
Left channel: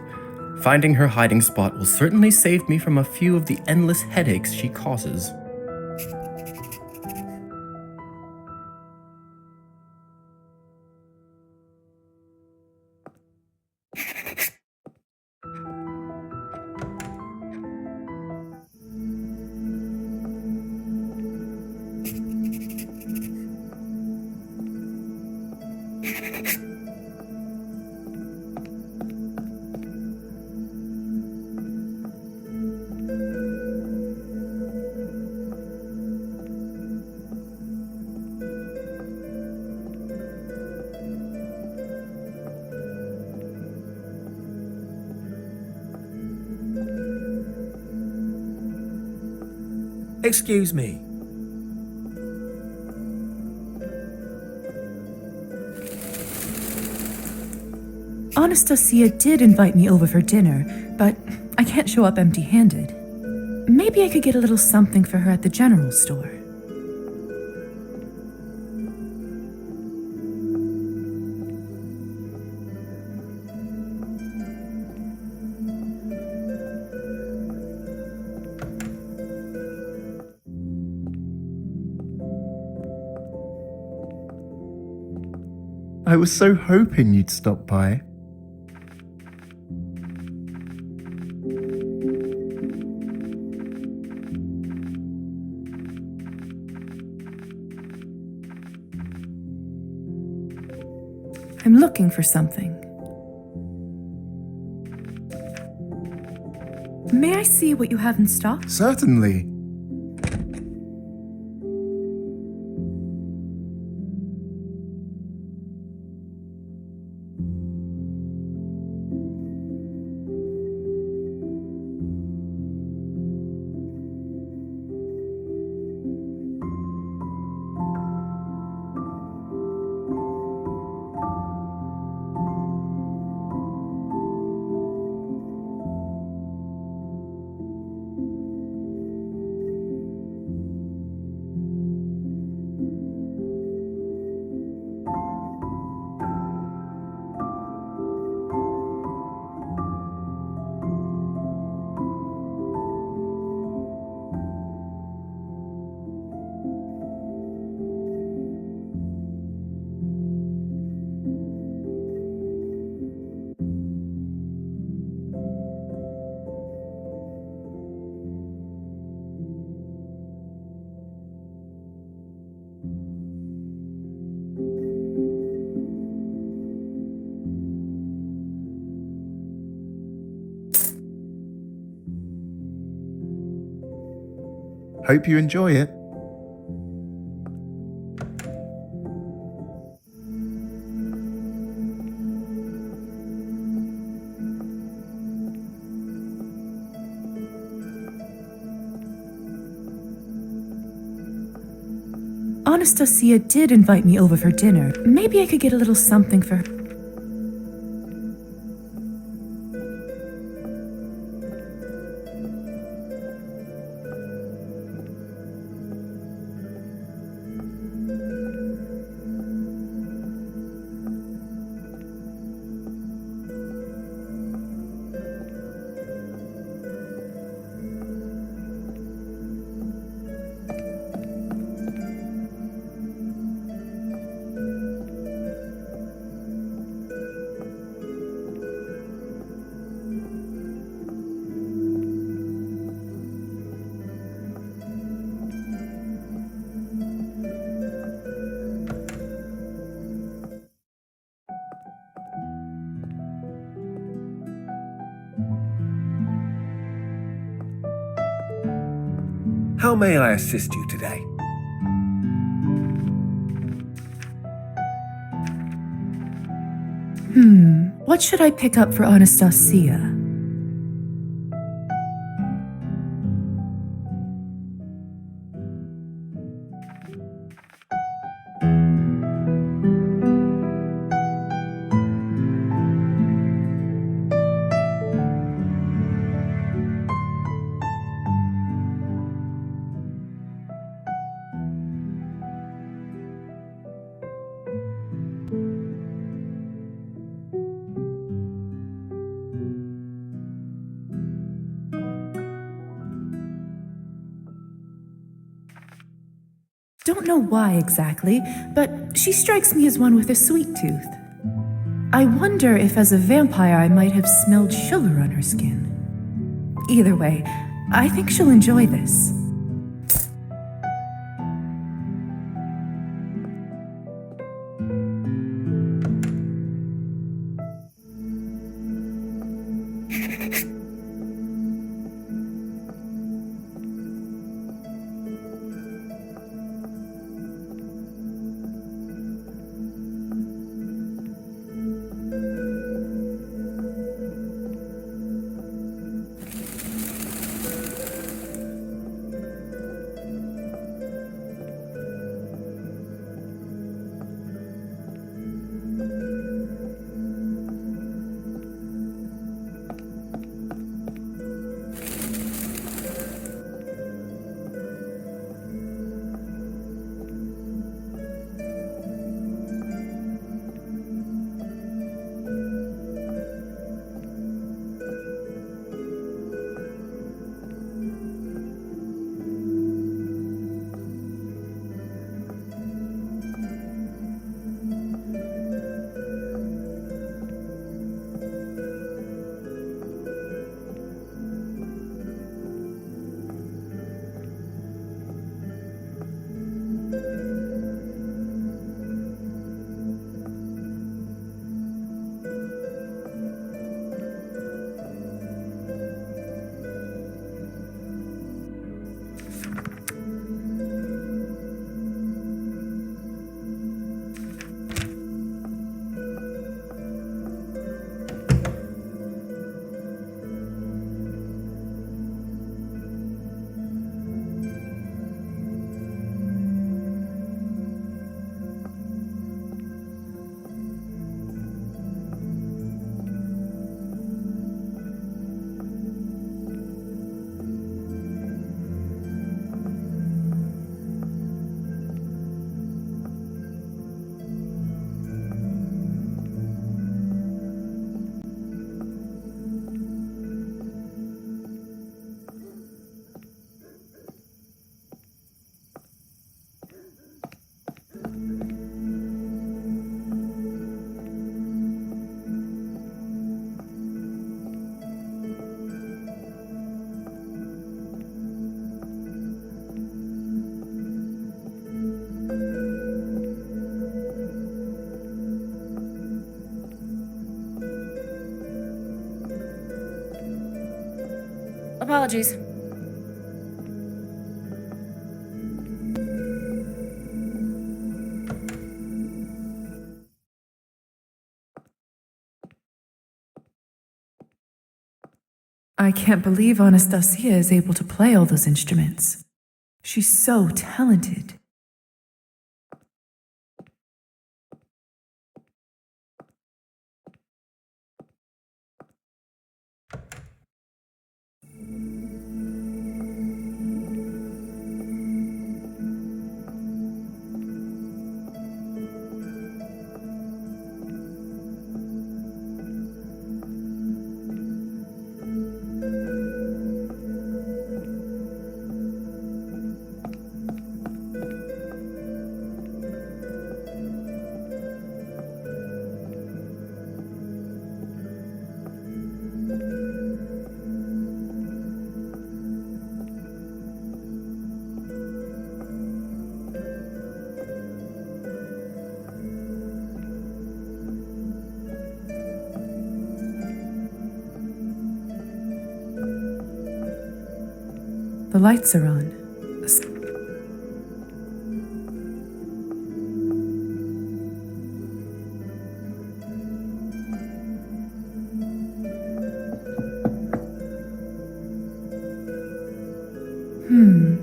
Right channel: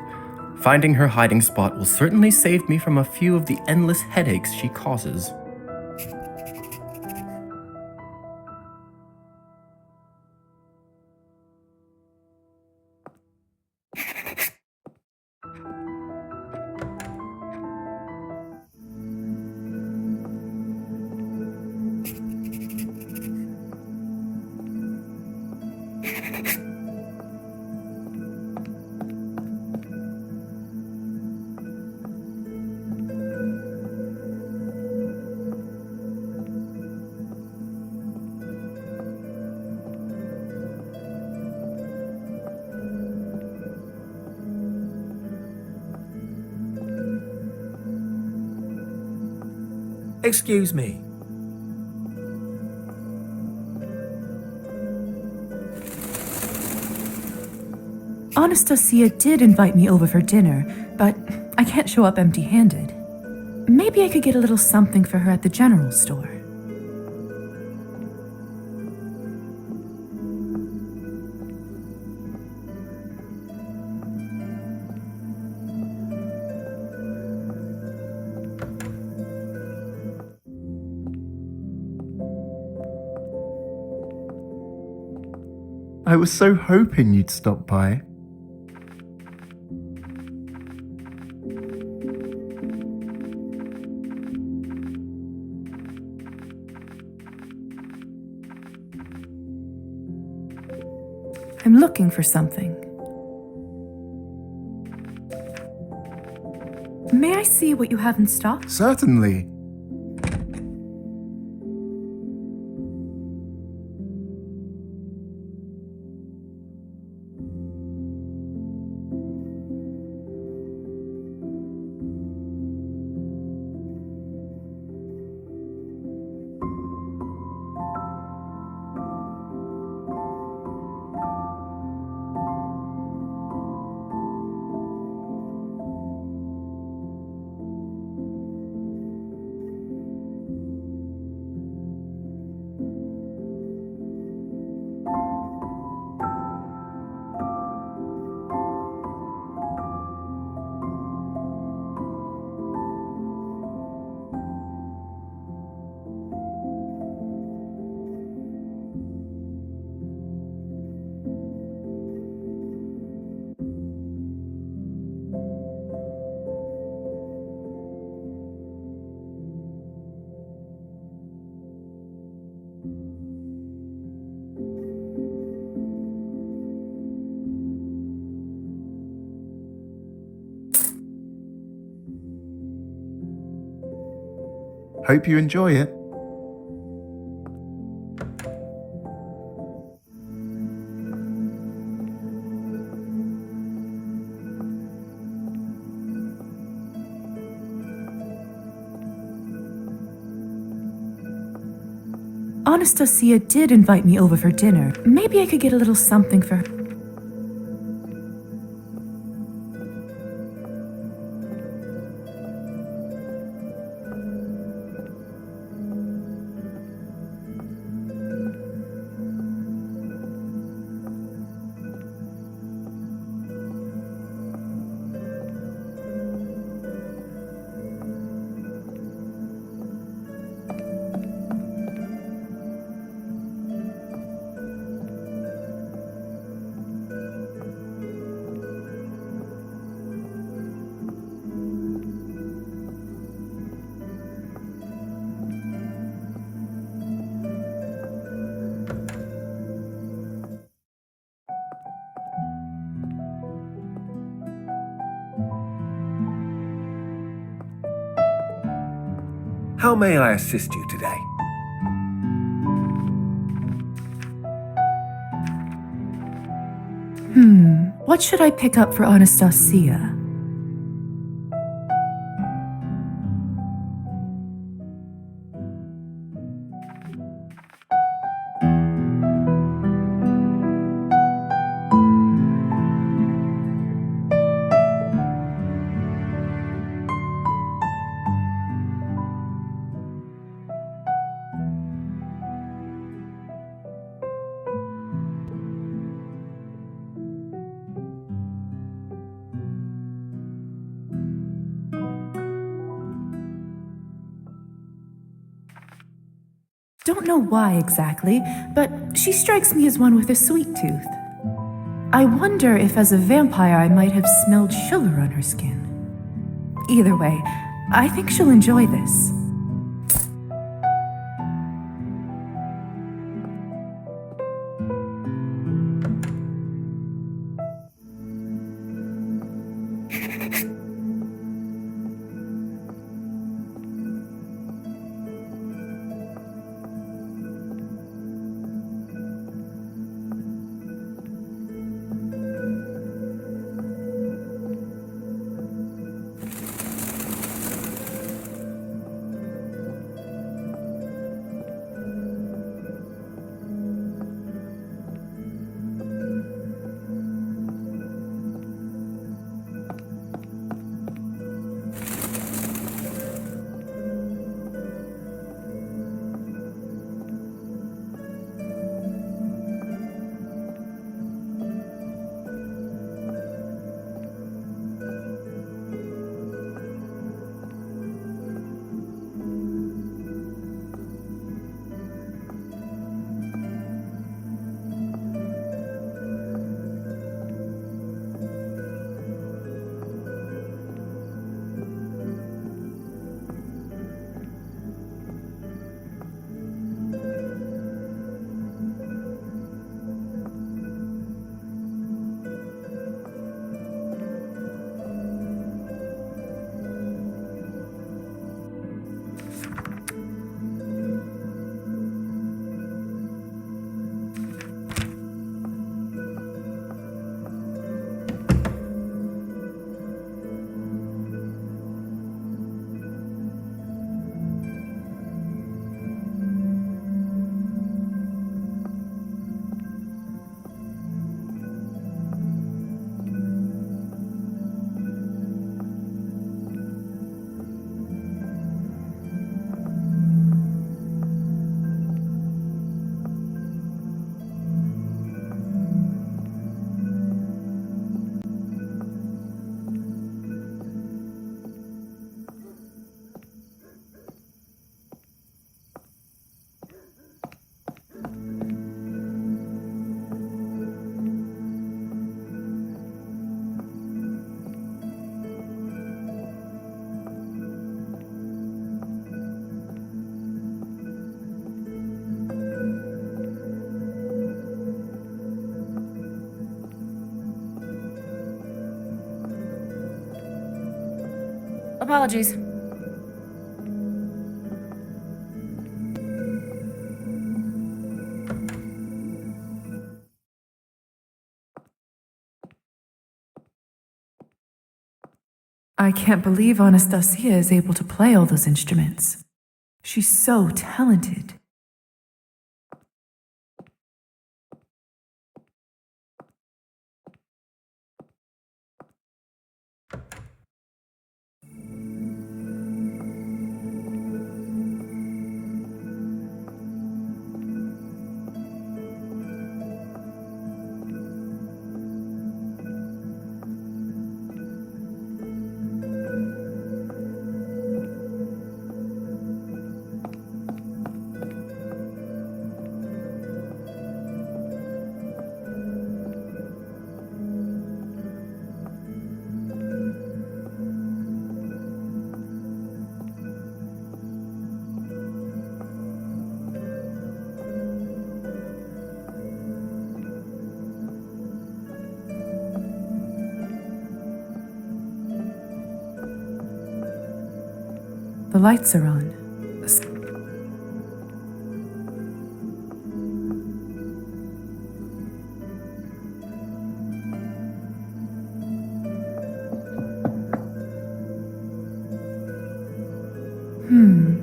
Finding her hiding spot will certainly save me from a few of the endless headaches she causes. Excuse me. Anastasia did invite me over for dinner, but I can't show up empty-handed. Maybe I could get a little something for her at the general store. I was so hoping you'd stop by. I'm looking for something. May I see what you have in stock? Certainly. Hope you enjoy it. Anastasia did invite me over for dinner. Maybe I could get a little something for her. How may I assist you today? What should I pick up for Anastasia? Don't know why exactly, but she strikes me as one with a sweet tooth. I wonder if as a vampire I might have smelled sugar on her skin. Either way, I think she'll enjoy this. Apologies. I can't believe Anastasia is able to play all those instruments. She's so talented. The lights are on.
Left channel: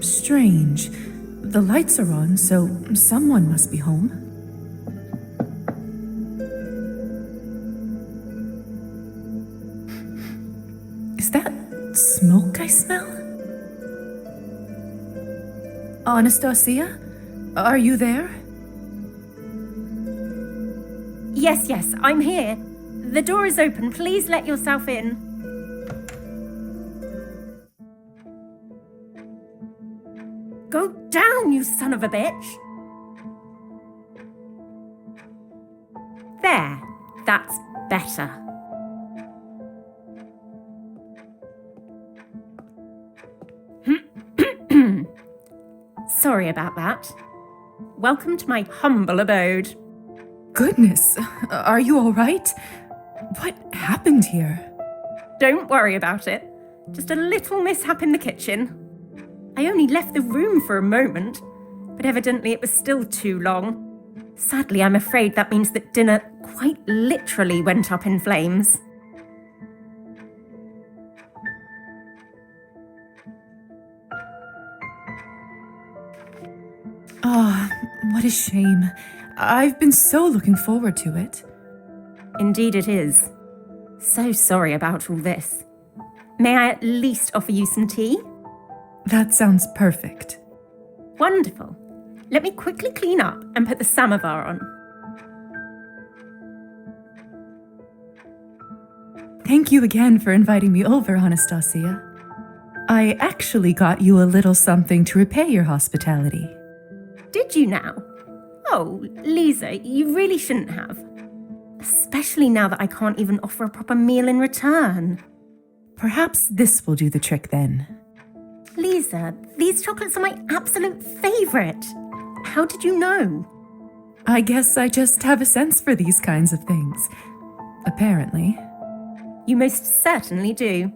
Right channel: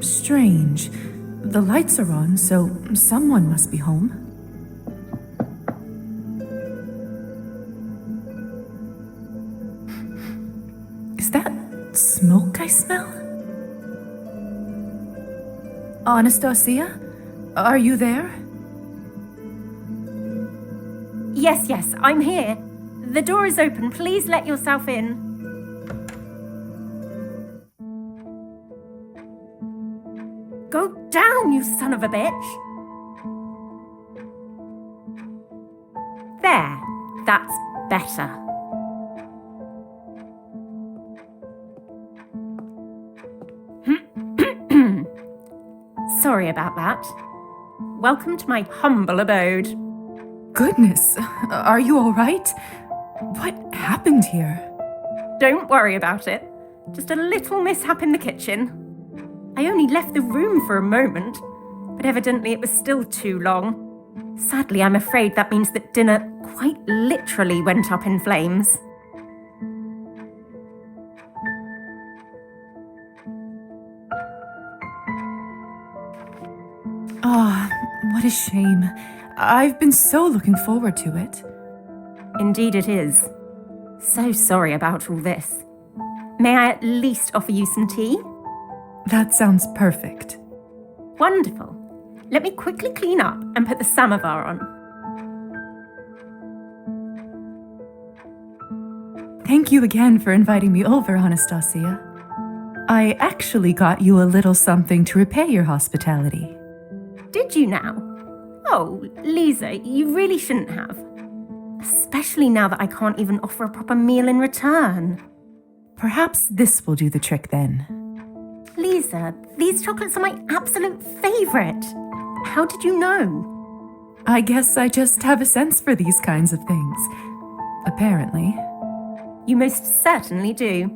Strange. The lights are on, so someone must be home. Is that smoke I smell? Anastasia? Are you there? Yes, I'm here. The door is open. Please let yourself in. Go down, you son of a bitch! There, that's better. Sorry about that. Welcome to my humble abode. Goodness, are you all right? What happened here? Don't worry about it. Just a little mishap in the kitchen. I only left the room for a moment, but evidently it was still too long. Sadly, I'm afraid that means that dinner quite literally went up in flames. What a shame. I've been so looking forward to it. Indeed it is. So sorry about all this. May I at least offer you some tea? That sounds perfect. Wonderful. Let me quickly clean up and put the samovar on. Thank you again for inviting me over, Anastasia. I actually got you a little something to repay your hospitality. Did you now? Oh, Lisa, you really shouldn't have. Especially now that I can't even offer a proper meal in return. Perhaps this will do the trick then. Lisa, these chocolates are my absolute favorite. How did you know? I guess I just have a sense for these kinds of things. Apparently. You most certainly do.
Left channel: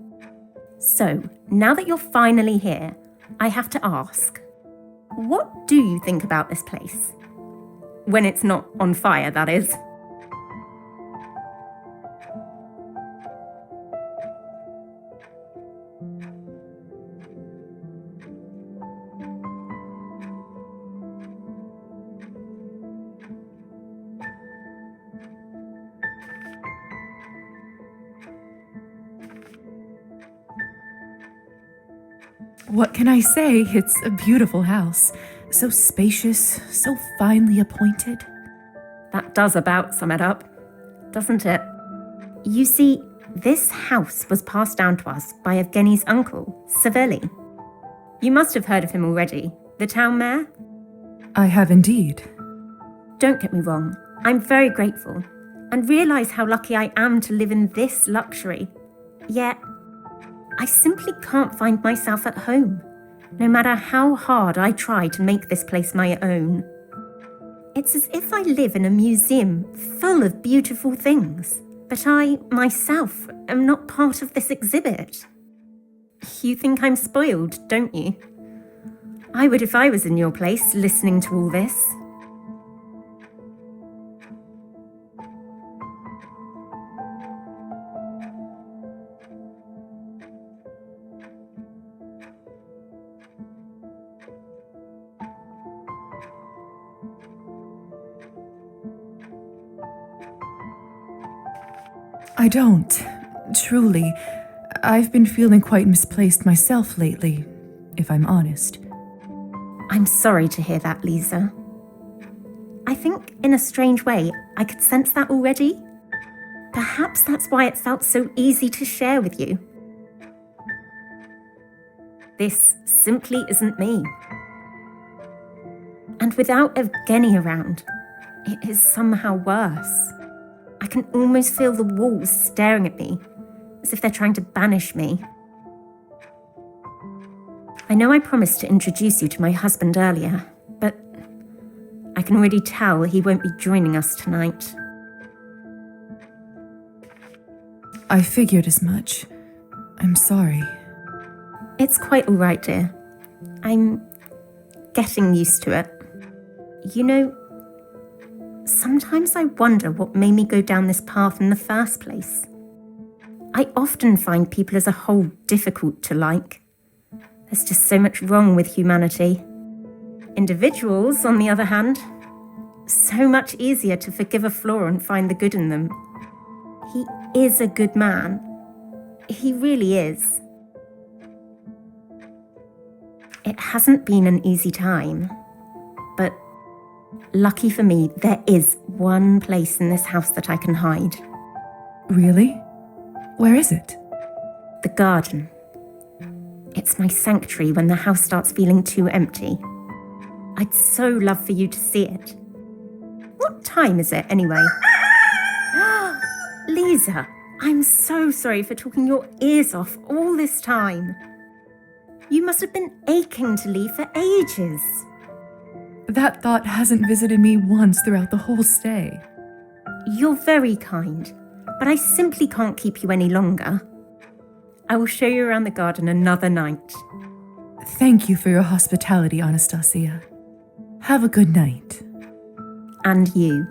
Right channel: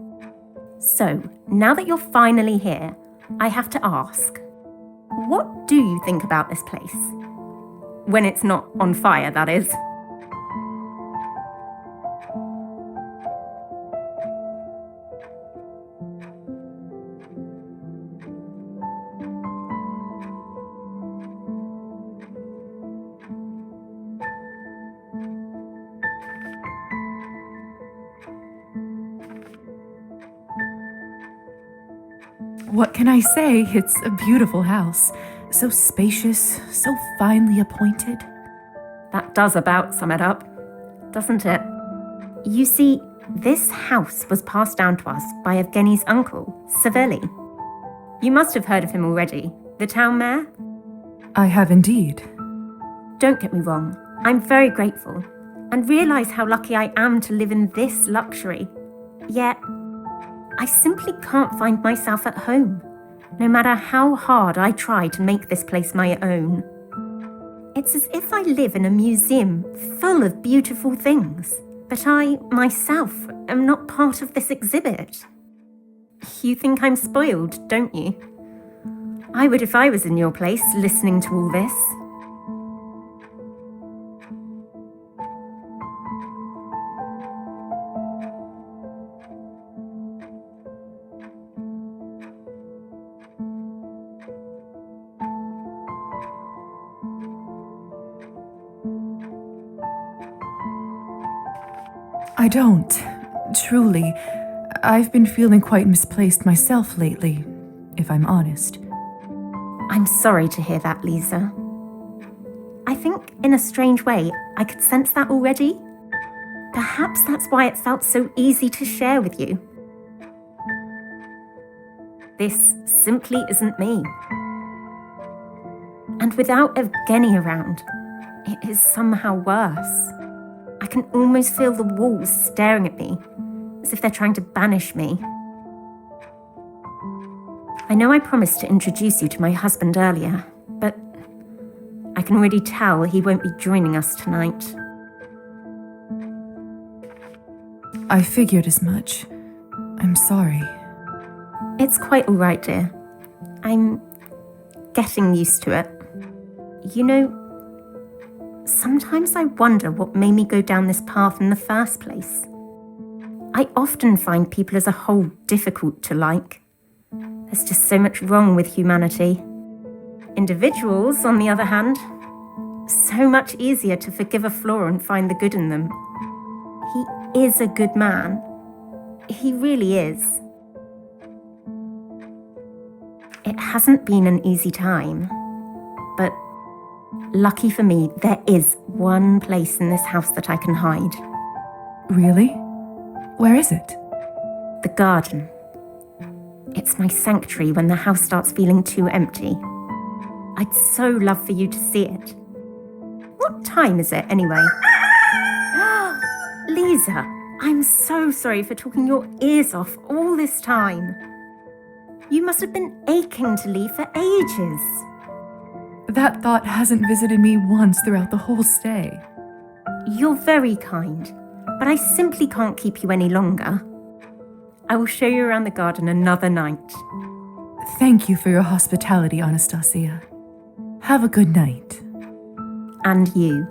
So, now that you're finally here, I have to ask, what do you think about this place? When it's not on fire, that is. What can I say? It's a beautiful house. So spacious, so finely appointed. That does about sum it up, doesn't it? You see, this house was passed down to us by Evgeny's uncle, Savelli. You must have heard of him already, the town mayor? I have indeed. Don't get me wrong, I'm very grateful and realise how lucky I am to live in this luxury. Yet, I simply can't find myself at home, no matter how hard I try to make this place my own. It's as if I live in a museum full of beautiful things, but I, myself, am not part of this exhibit. You think I'm spoiled, don't you? I would if I was in your place, listening to all this. I don't. Truly. I've been feeling quite misplaced myself lately, if I'm honest. I'm sorry to hear that, Lisa. I think, in a strange way, I could sense that already. Perhaps that's why it felt so easy to share with you. This simply isn't me. And without Evgeny around, it is somehow worse. I can almost feel the walls staring at me, as if they're trying to banish me. I know I promised to introduce you to my husband earlier, but I can already tell he won't be joining us tonight. I figured as much. I'm sorry. It's quite all right, dear. I'm getting used to it. You know, sometimes I wonder what made me go down this path in the first place. I often find people as a whole difficult to like. There's just so much wrong with humanity. Individuals, on the other hand, so much easier to forgive a flaw and find the good in them. He is a good man. He really is. It hasn't been an easy time, but lucky for me, there is one place in this house that I can hide. Really? Where is it? The garden. It's my sanctuary when the house starts feeling too empty. I'd so love for you to see it. What time is it, anyway? Lisa, I'm so sorry for talking your ears off all this time. You must have been aching to leave for ages. That thought hasn't visited me once throughout the whole stay. You're very kind, but I simply can't keep you any longer. I will show you around the garden another night. Thank you for your hospitality, Anastasia. Have a good night. And you.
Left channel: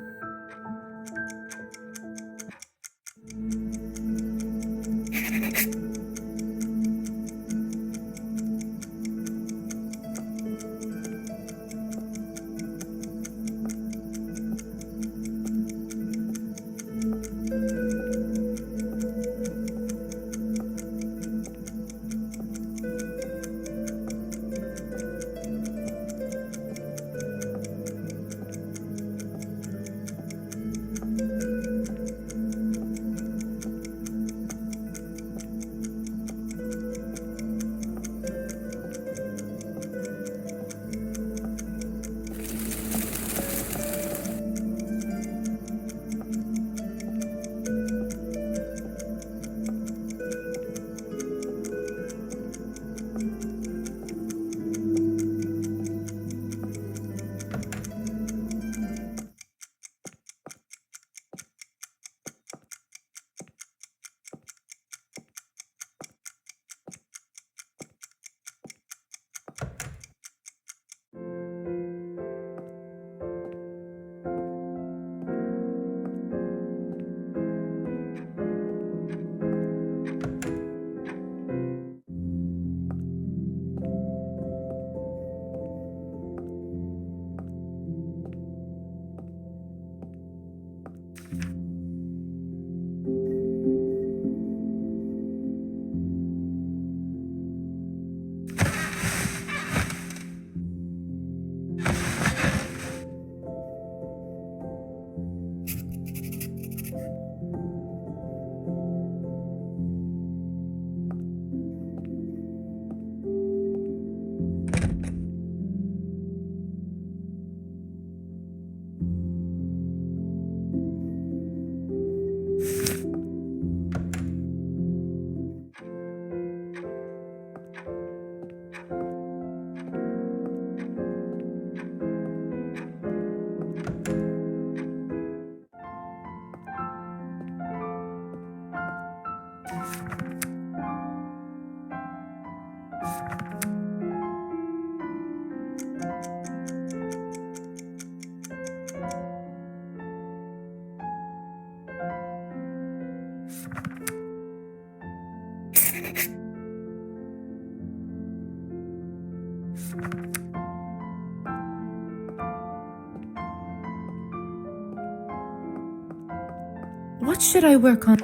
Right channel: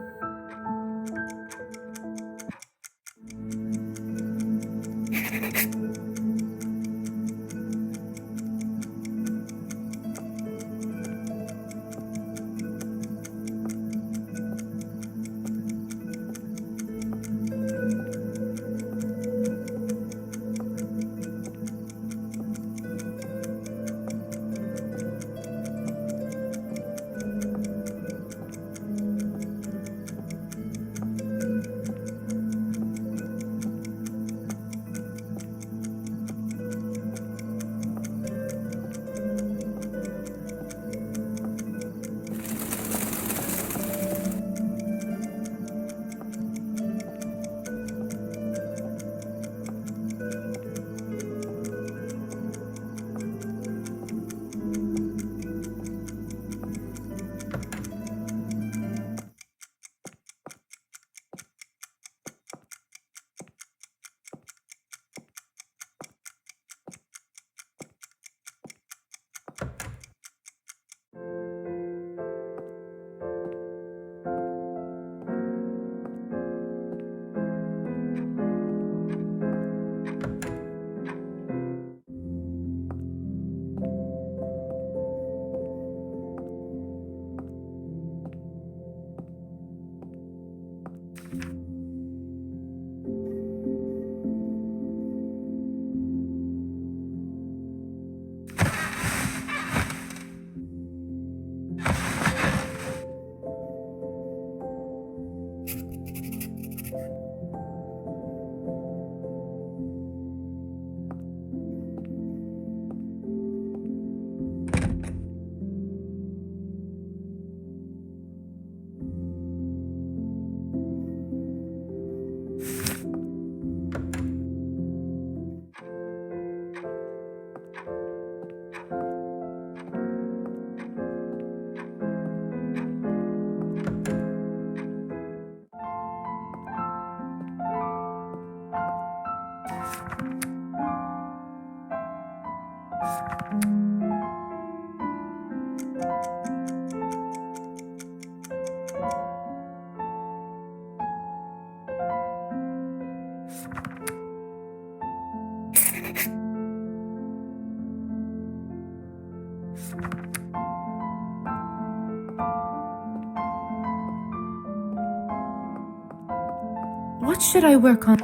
What should I work on?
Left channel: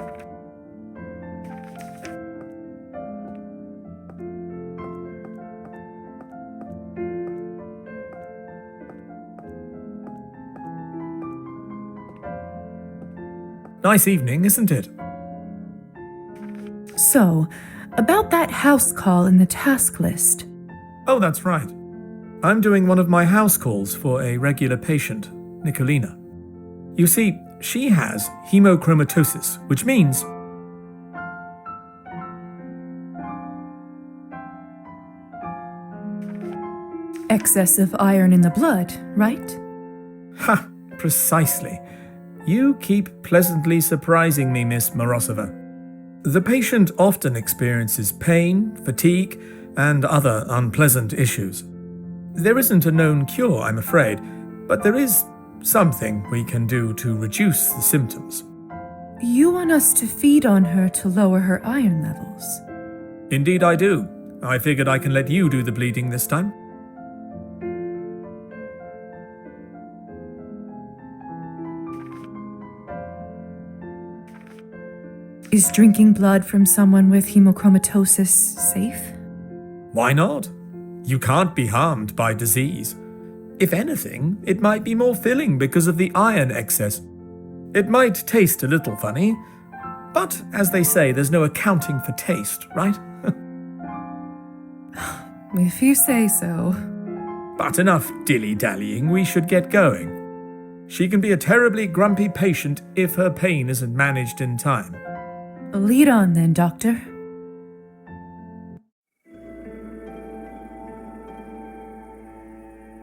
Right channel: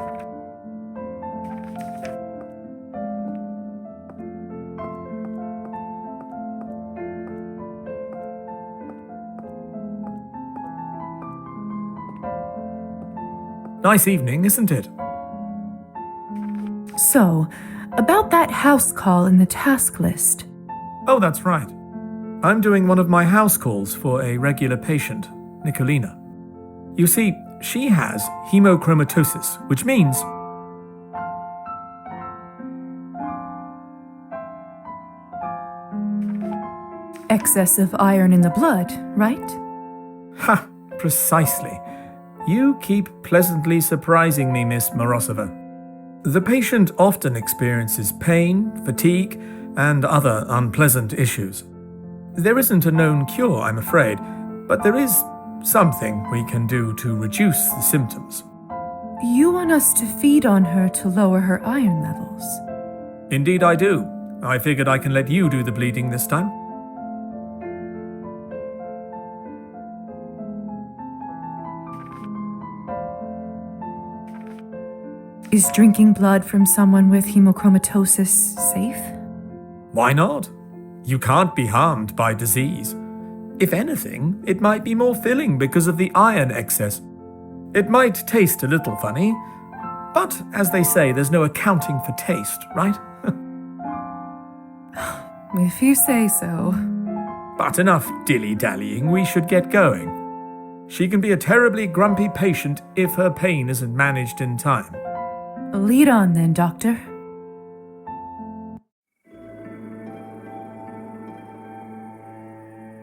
Nice evening, isn't it? So, about that house call in the task list. Oh, that's right. I'm doing one of my house calls for a regular patient, Nicolina. You see, she has hemochromatosis, which means excess of iron in the blood, right? Ha! Precisely. You keep pleasantly surprising me, Miss Morozova. The patient often experiences pain, fatigue, and other unpleasant issues. There isn't a known cure, I'm afraid, but there is something we can do to reduce the symptoms. You want us to feed on her to lower her iron levels? Indeed I do. I figured I can let you do the bleeding this time. Is drinking blood from someone with hemochromatosis safe? Why not? You can't be harmed by disease. If anything, it might be more filling because of the iron excess. It might taste a little funny, but as they say, there's no accounting for taste, right? If you say so. But enough dilly-dallying, we should get going. She can be a terribly grumpy patient if her pain isn't managed in time. Lead on then, Doctor.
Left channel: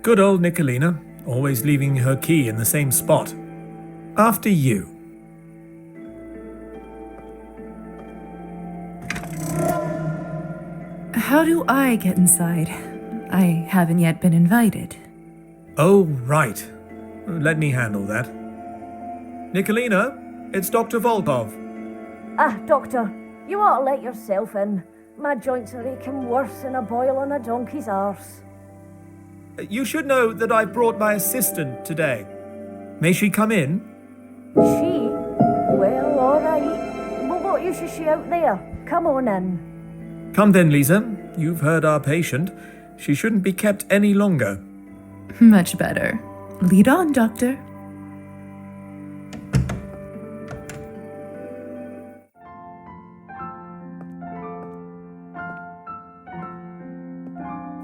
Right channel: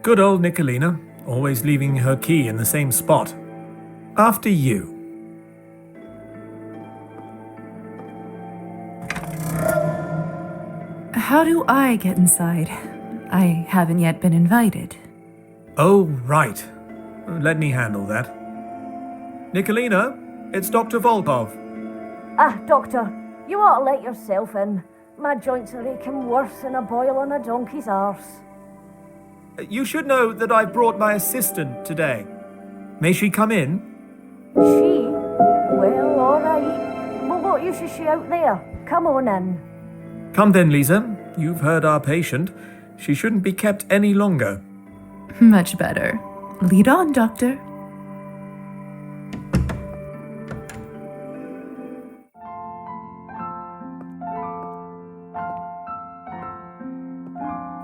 Good old Nicolina, always leaving her key in the same spot. After you. How do I get inside? I haven't yet been invited. Oh, right. Let me handle that. Nicolina, it's Dr. Volkov. Ah, Doctor, you ought to let yourself in. My joints are aching worse than a boil on a donkey's arse. You should know that I brought my assistant today. May she come in? She? Well, all right. Well, what use is she out there? Come on in. Come then, Lisa. You've heard our patient. She shouldn't be kept any longer. Much better. Lead on, Doctor.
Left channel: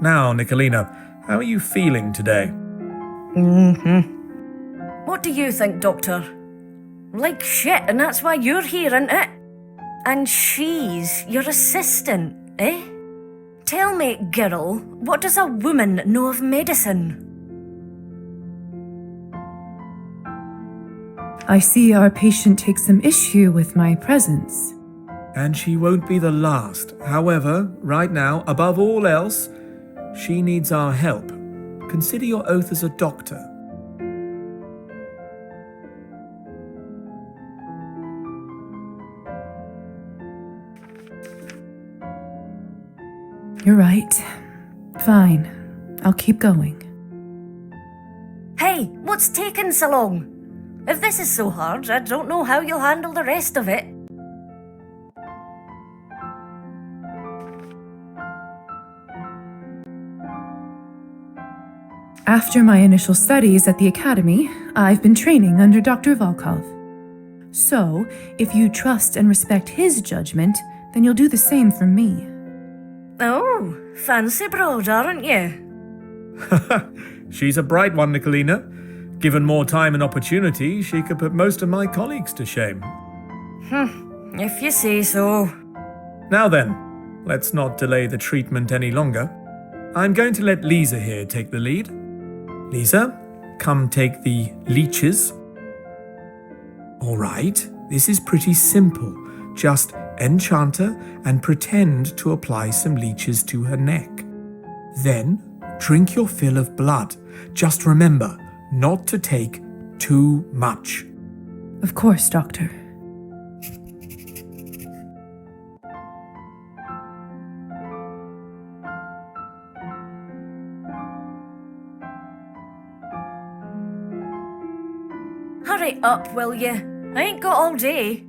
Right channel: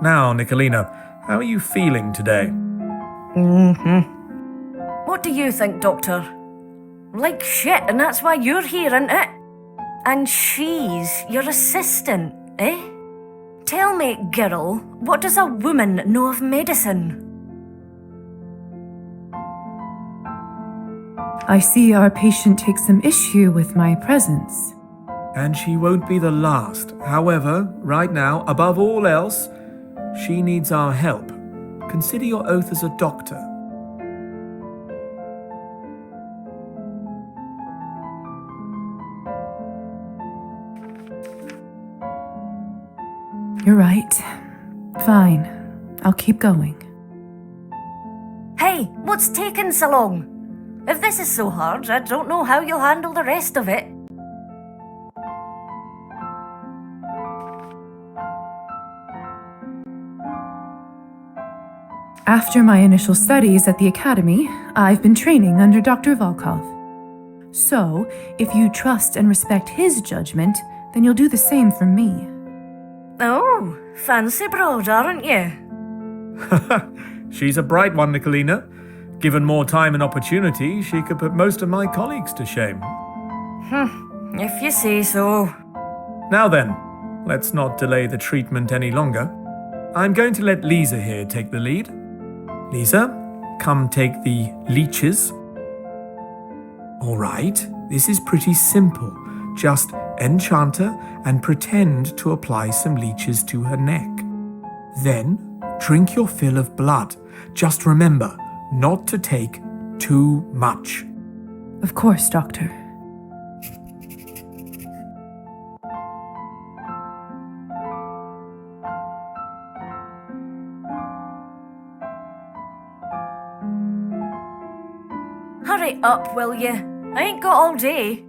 Now, Nicolina, how are you feeling today? What do you think, Doctor? Like shit, and that's why you're here, isn't it? And she's your assistant, eh? Tell me, girl, what does a woman know of medicine? I see our patient takes some issue with my presence. And she won't be the last. However, right now, above all else, she needs our help. Consider your oath as a doctor. You're right. Fine. I'll keep going. Hey, what's taking so long? If this is so hard, I don't know how you'll handle the rest of it. After my initial studies at the academy, I've been training under Dr. Volkov. So, if you trust and respect his judgment, then you'll do the same for me. Oh, fancy broad, aren't you? She's a bright one, Nicolina. Given more time and opportunity, she could put most of my colleagues to shame. If you say so. Now then, let's not delay the treatment any longer. I'm going to let Lisa here take the lead. Lisa, come take the leeches. All right, this is pretty simple. Just enchant her and pretend to apply some leeches to her neck. Then, drink your fill of blood. Just remember, not to take too much. Of course, Doctor. Hurry up, will you? I ain't got all day.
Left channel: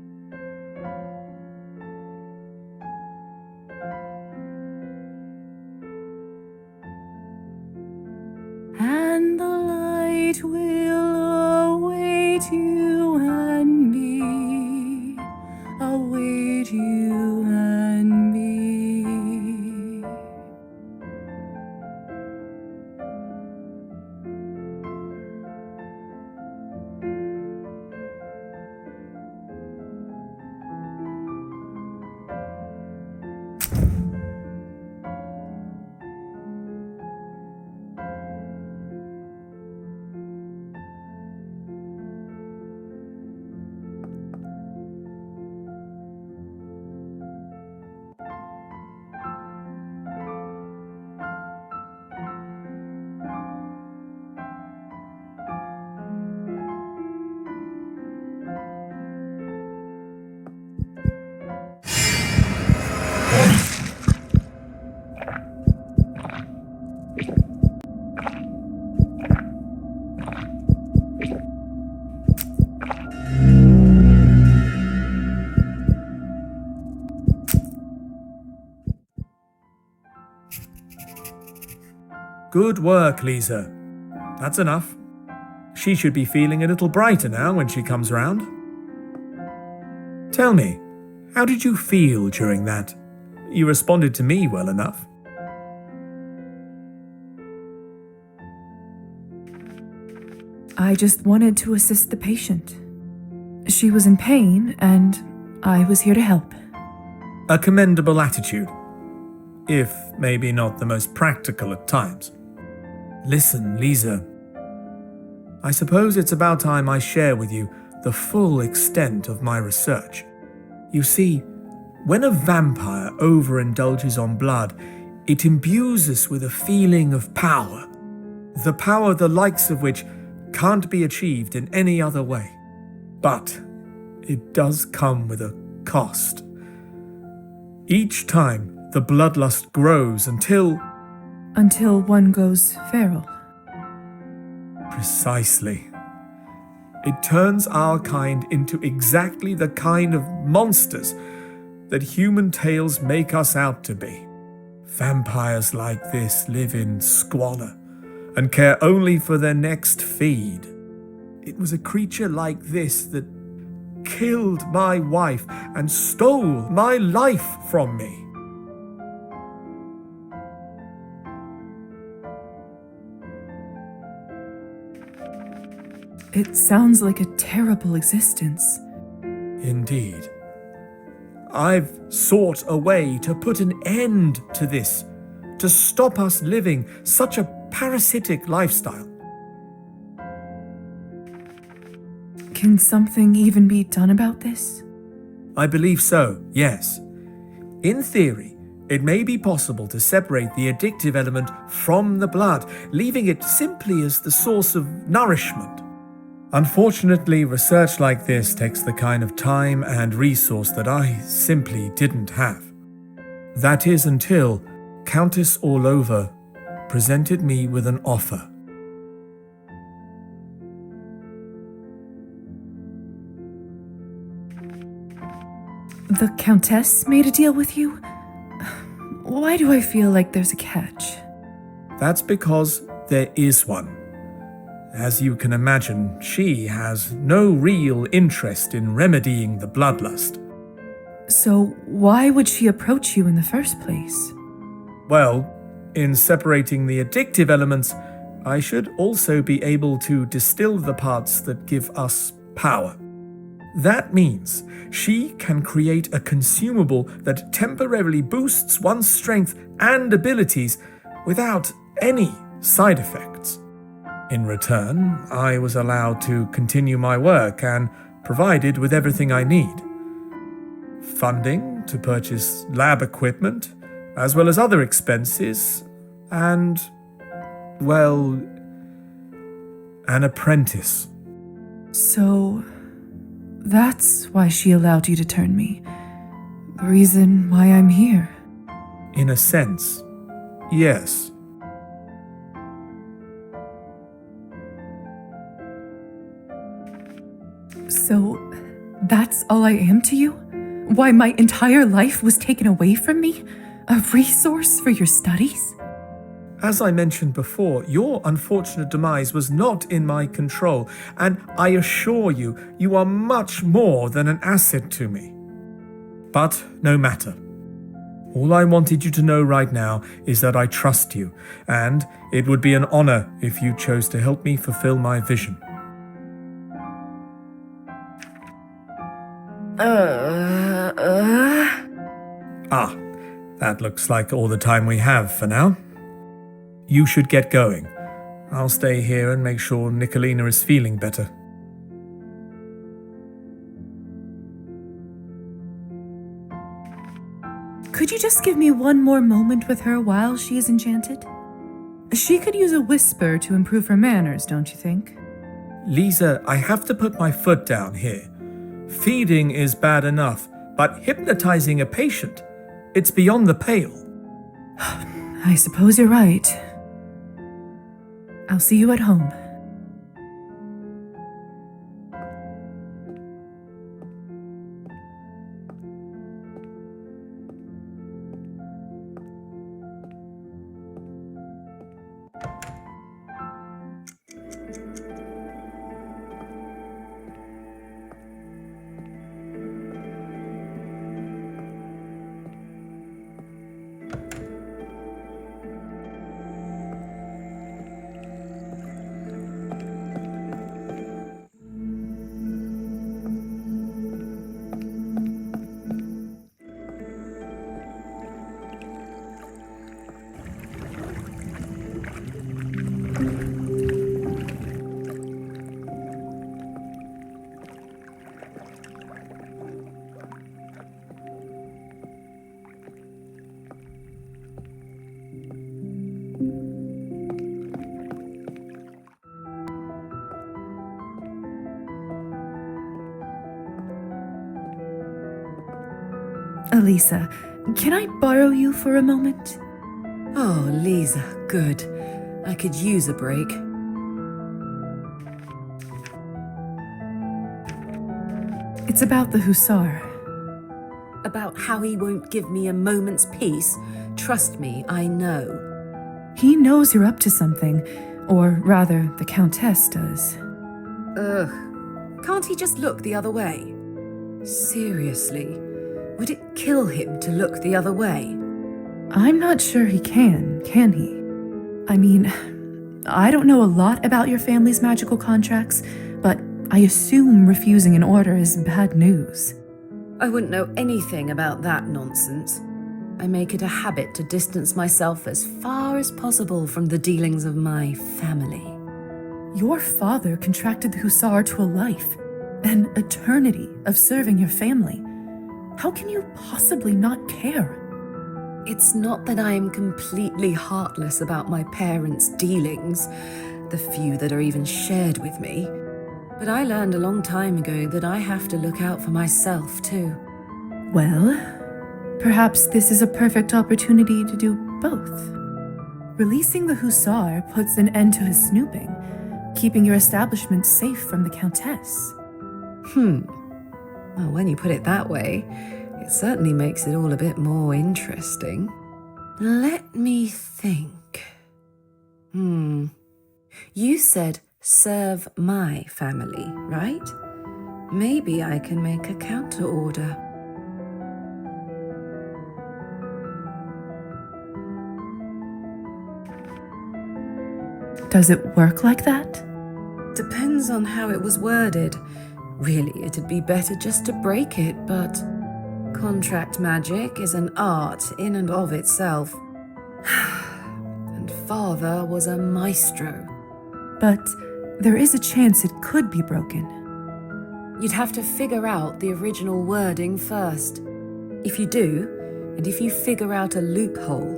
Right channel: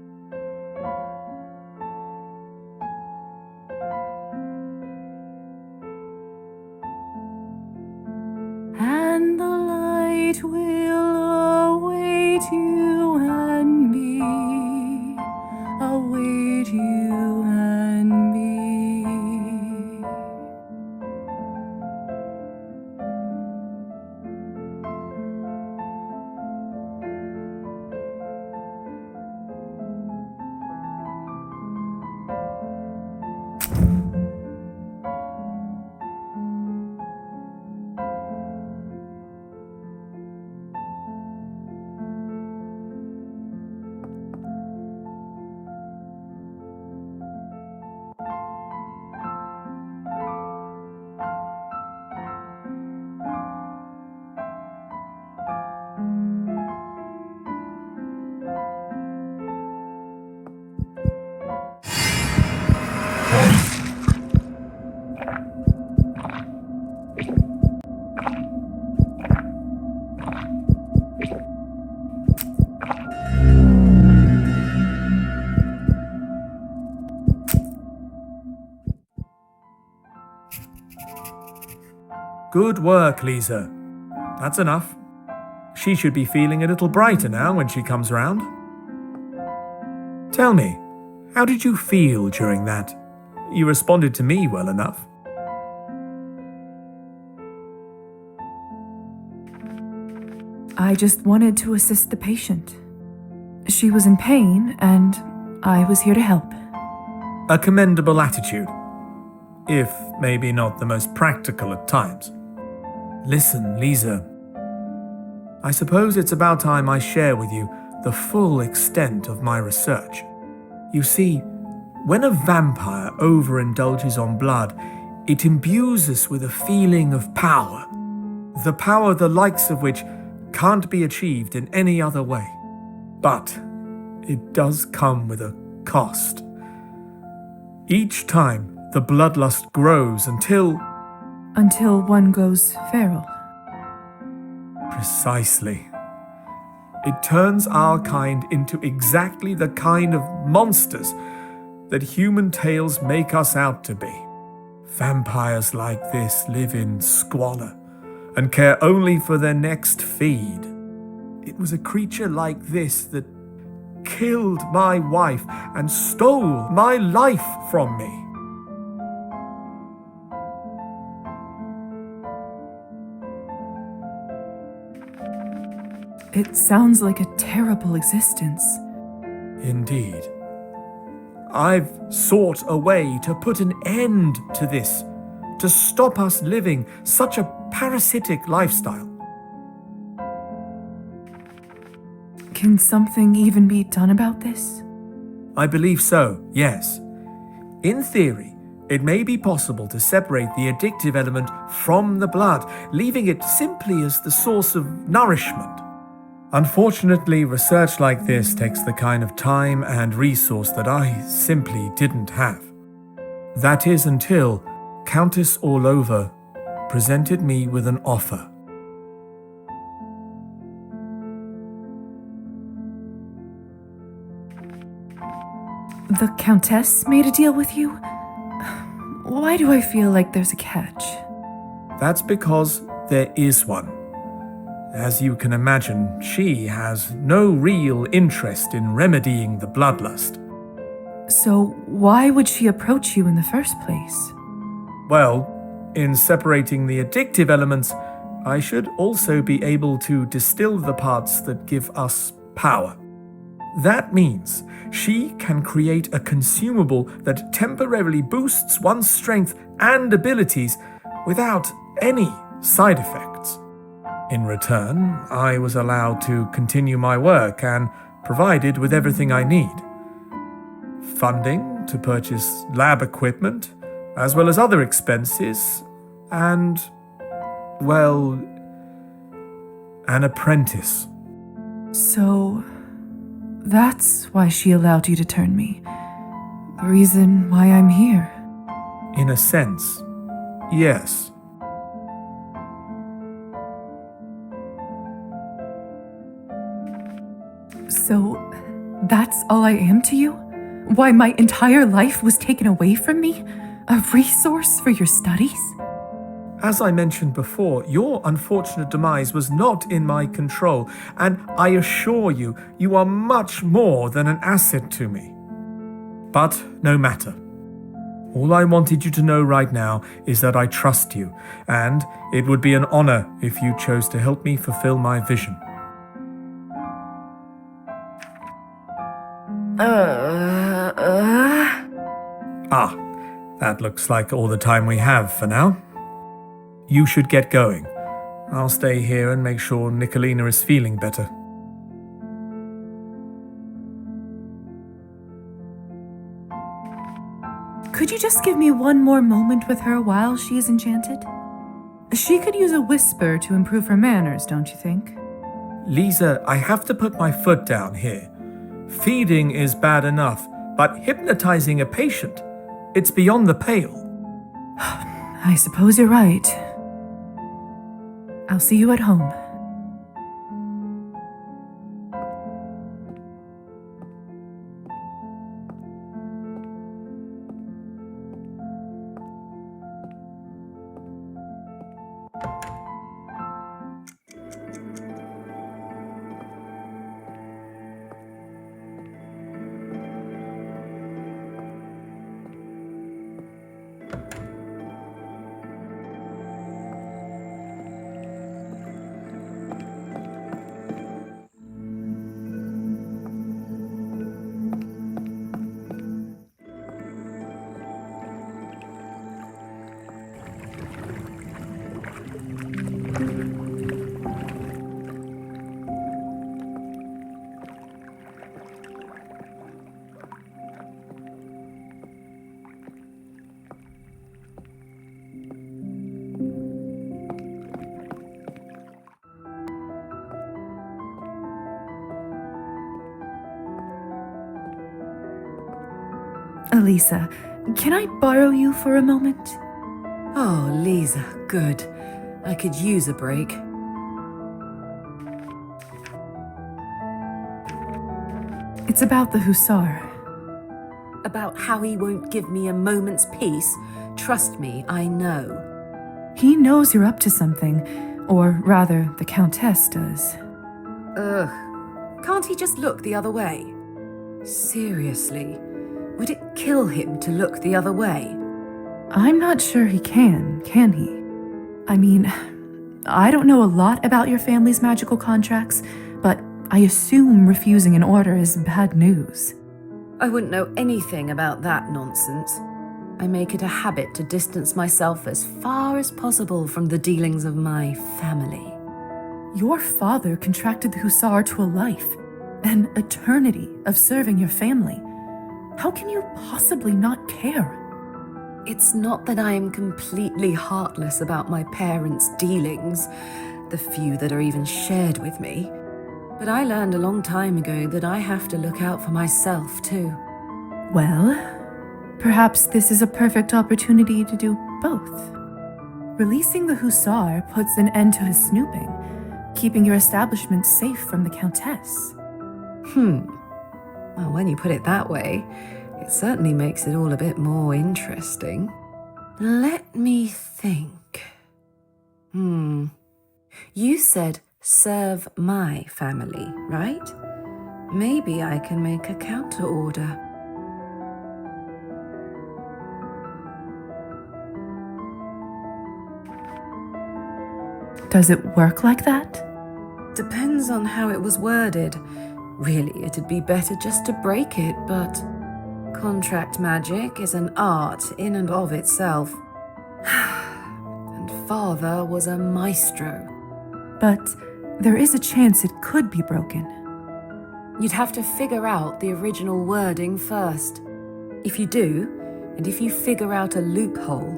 And the light will await you and me, await you and me. Good work, Lisa. That's enough. She should be feeling a little brighter now when she comes round. Tell me, how did you feel during that? You responded to me well enough. I just wanted to assist the patient. She was in pain, and I was here to help. A commendable attitude, if maybe not the most practical at times. Listen, Lisa. I suppose it's about time I share with you the full extent of my research. You see, when a vampire overindulges on blood, it imbues us with a feeling of power. The power the likes of which can't be achieved in any other way. But it does come with a cost. Each time the bloodlust grows until one goes feral. Precisely. It turns our kind into exactly the kind of monsters that human tales make us out to be. Vampires like this live in squalor and care only for their next feed. It was a creature like this that killed my wife and stole my life from me. It sounds like a terrible existence. Indeed. I've sought a way to put an end to this, to stop us living such a parasitic lifestyle. Can something even be done about this? I believe so, yes. In theory, it may be possible to separate the addictive element from the blood, leaving it simply as the source of nourishment. Unfortunately, research like this takes the kind of time and resource that I simply didn't have. That is until Countess Orlova presented me with an offer. The Countess made a deal with you? Why do I feel like there's a catch? That's because there is one. As you can imagine, she has no real interest in remedying the bloodlust. So why would she approach you in the first place? Well, in separating the addictive elements, I should also be able to distill the parts that give us power. That means she can create a consumable that temporarily boosts one's strength and abilities without any side effects. In return, I was allowed to continue my work and provided with everything I need. Funding to purchase lab equipment, as well as other expenses, and, well, an apprentice. So, that's why she allowed you to turn me. The reason why I'm here. In a sense, yes. So, that's all I am to you? Why my entire life was taken away from me? A resource for your studies? As I mentioned before, your unfortunate demise was not in my control, and I assure you, you are much more than an asset to me. But no matter. All I wanted you to know right now is that I trust you, and it would be an honor if you chose to help me fulfill my vision. Ah, that looks like all the time we have for now. You should get going. I'll stay here and make sure Nicolina is feeling better. Could you just give me one more moment with her while she is enchanted? She could use a whisper to improve her manners, don't you think? Lisa, I have to put my foot down here. Feeding is bad enough, but hypnotizing a patient, it's beyond the pale. I suppose you're right. I'll see you at home. Elisa, can I borrow you for a moment? Oh, Lisa, good. I could use a break. It's about the Hussar. About how he won't give me a moment's peace? Trust me, I know. He knows you're up to something, or rather, the Countess does. Ugh. Can't he just look the other way? Seriously, would it kill him to look the other way? I'm not sure he can he? I mean, I don't know a lot about your family's magical contracts, but I assume refusing an order is bad news. I wouldn't know anything about that nonsense. I make it a habit to distance myself as far as possible from the dealings of my family. Your father contracted the Hussar to a life, an eternity of serving your family. How can you possibly not care? It's not that I am completely heartless about my parents' dealings, the few that are even shared with me. But I learned a long time ago that I have to look out for myself, too. Well, perhaps this is a perfect opportunity to do both. Releasing the Hussar puts an end to his snooping, keeping your establishment safe from the Countess. Well, when you put it that way, it certainly makes it all a bit more interesting. Let me think. You said serve my family, right? Maybe I can make a counter order. Does it work like that? Depends on how it was worded. Really, it'd be better just to break it, but contract magic is an art in and of itself. And Father was a maestro. But there is a chance it could be broken. You'd have to figure out the original wording first. If you do, and if you figure out a loophole,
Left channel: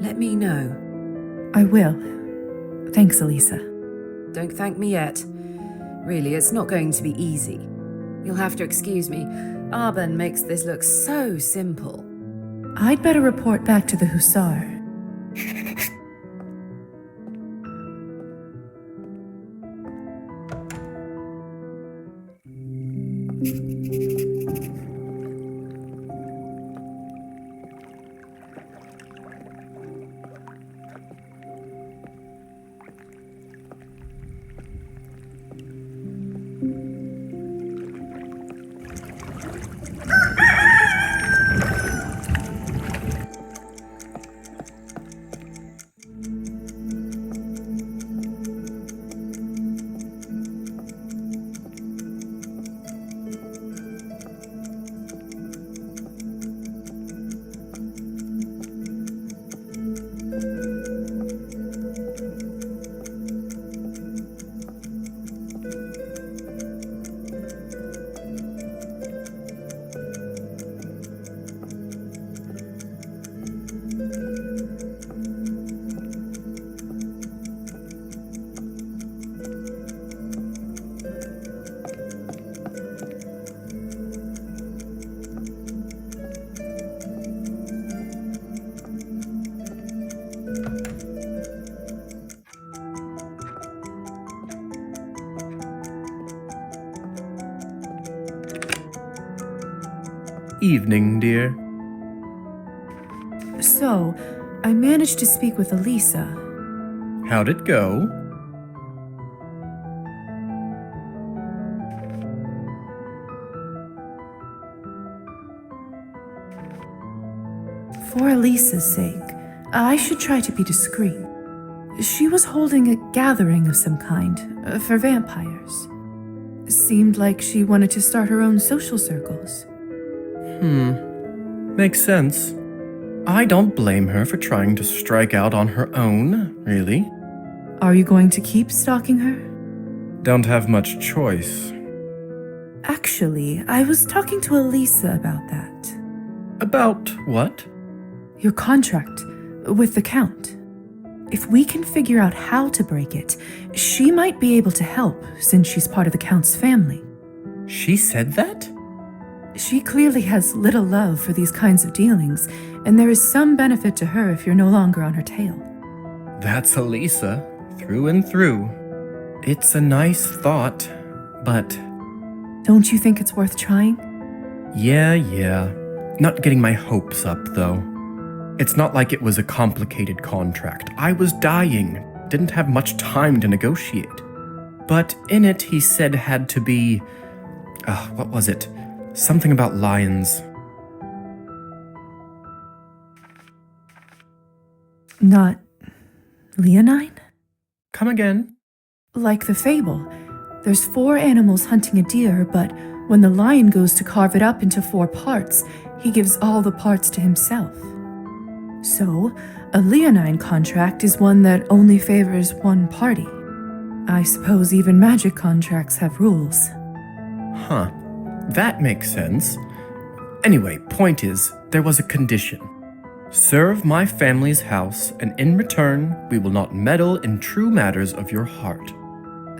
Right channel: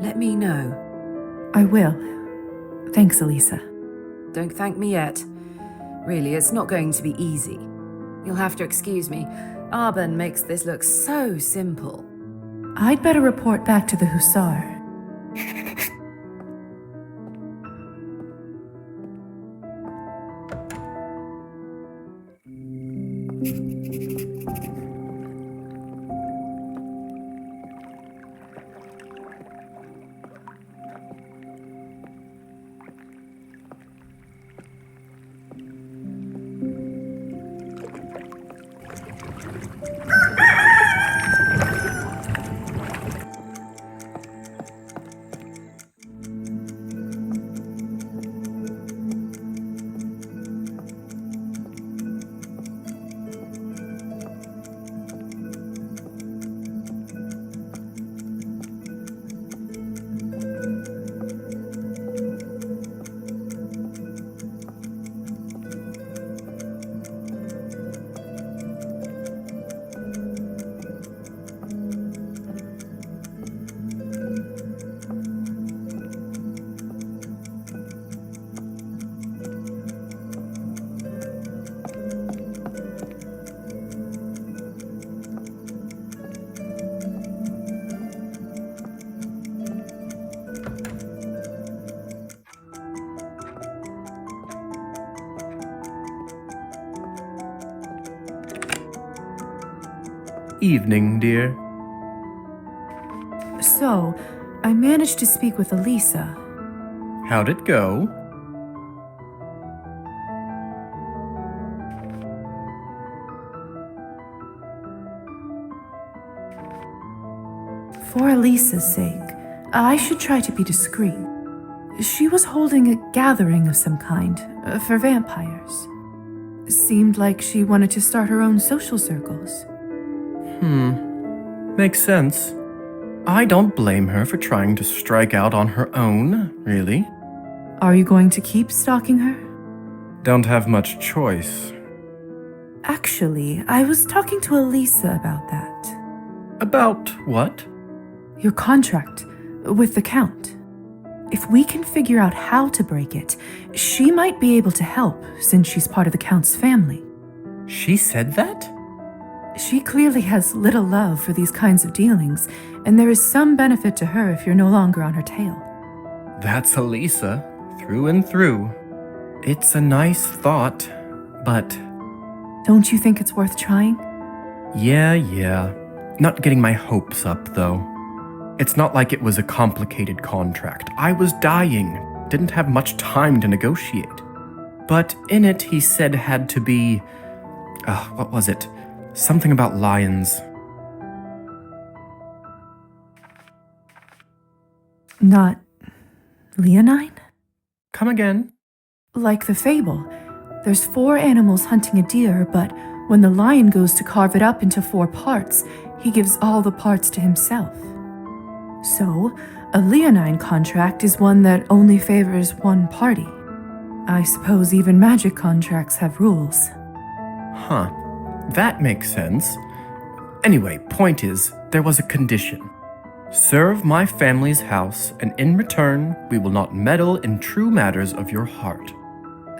let me know. I will. Thanks, Elisa. Don't thank me yet. Really, it's not going to be easy. You'll have to excuse me. Arben makes this look so simple. I'd better report back to the Hussar. Evening, dear. So, I managed to speak with Elisa. How'd it go? For Elisa's sake, I should try to be discreet. She was holding a gathering of some kind for vampires. Seemed like she wanted to start her own social circles. Makes sense. I don't blame her for trying to strike out on her own, really. Are you going to keep stalking her? Don't have much choice. Actually, I was talking to Elisa about that. About what? Your contract with the Count. If we can figure out how to break it, she might be able to help since she's part of the Count's family. She said that? She clearly has little love for these kinds of dealings, and there is some benefit to her if you're no longer on her tail. That's Elisa, through and through. It's a nice thought, but... Don't you think it's worth trying? Yeah. Not getting my hopes up, though. It's not like it was a complicated contract. I was dying, didn't have much time to negotiate. But in it, he said had to be... what was it? Something about lions. Not leonine? Come again? Like the fable. There's 4 animals hunting a deer, but when the lion goes to carve it up into 4 parts, he gives all the parts to himself. So, a leonine contract is one that only favors one party. I suppose even magic contracts have rules. Huh. That makes sense. Anyway, point is, there was a condition. Serve my family's house, and in return, we will not meddle in true matters of your heart.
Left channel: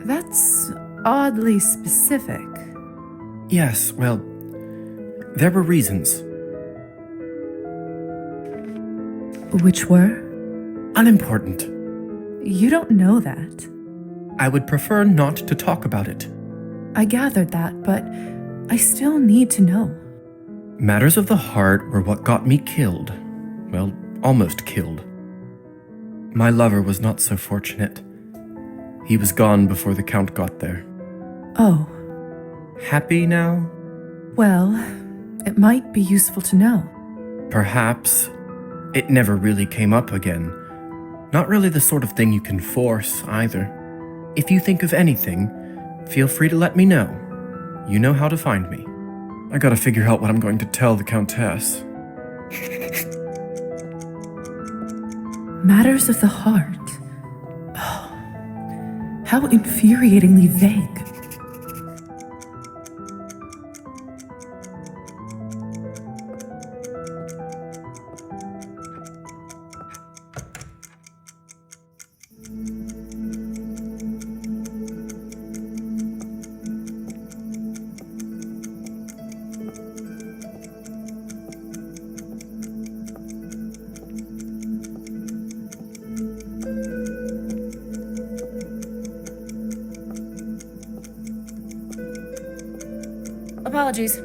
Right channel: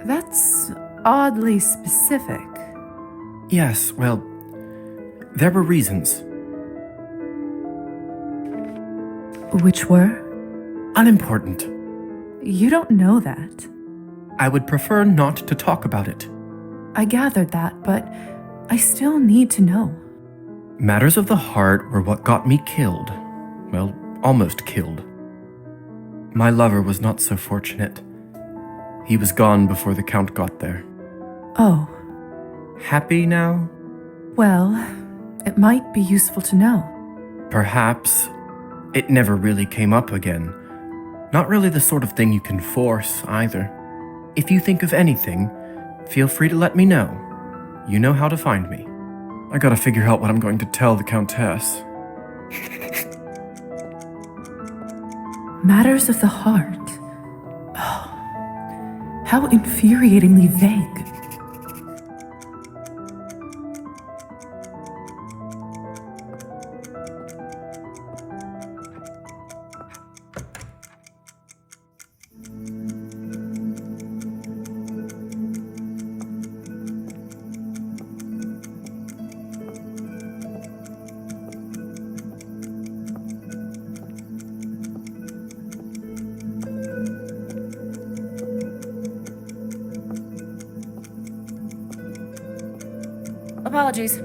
That's oddly specific. Yes, well, there were reasons. Which were? Unimportant. You don't know that. I would prefer not to talk about it. I gathered that, but I still need to know. Matters of the heart were what got me killed. Well, almost killed. My lover was not so fortunate. He was gone before the Count got there. Oh. Happy now? Well, it might be useful to know. Perhaps. It never really came up again. Not really the sort of thing you can force, either. If you think of anything, feel free to let me know. You know how to find me. I gotta figure out what I'm going to tell the Countess. Matters of the heart. Oh, how infuriatingly vague. Apologies.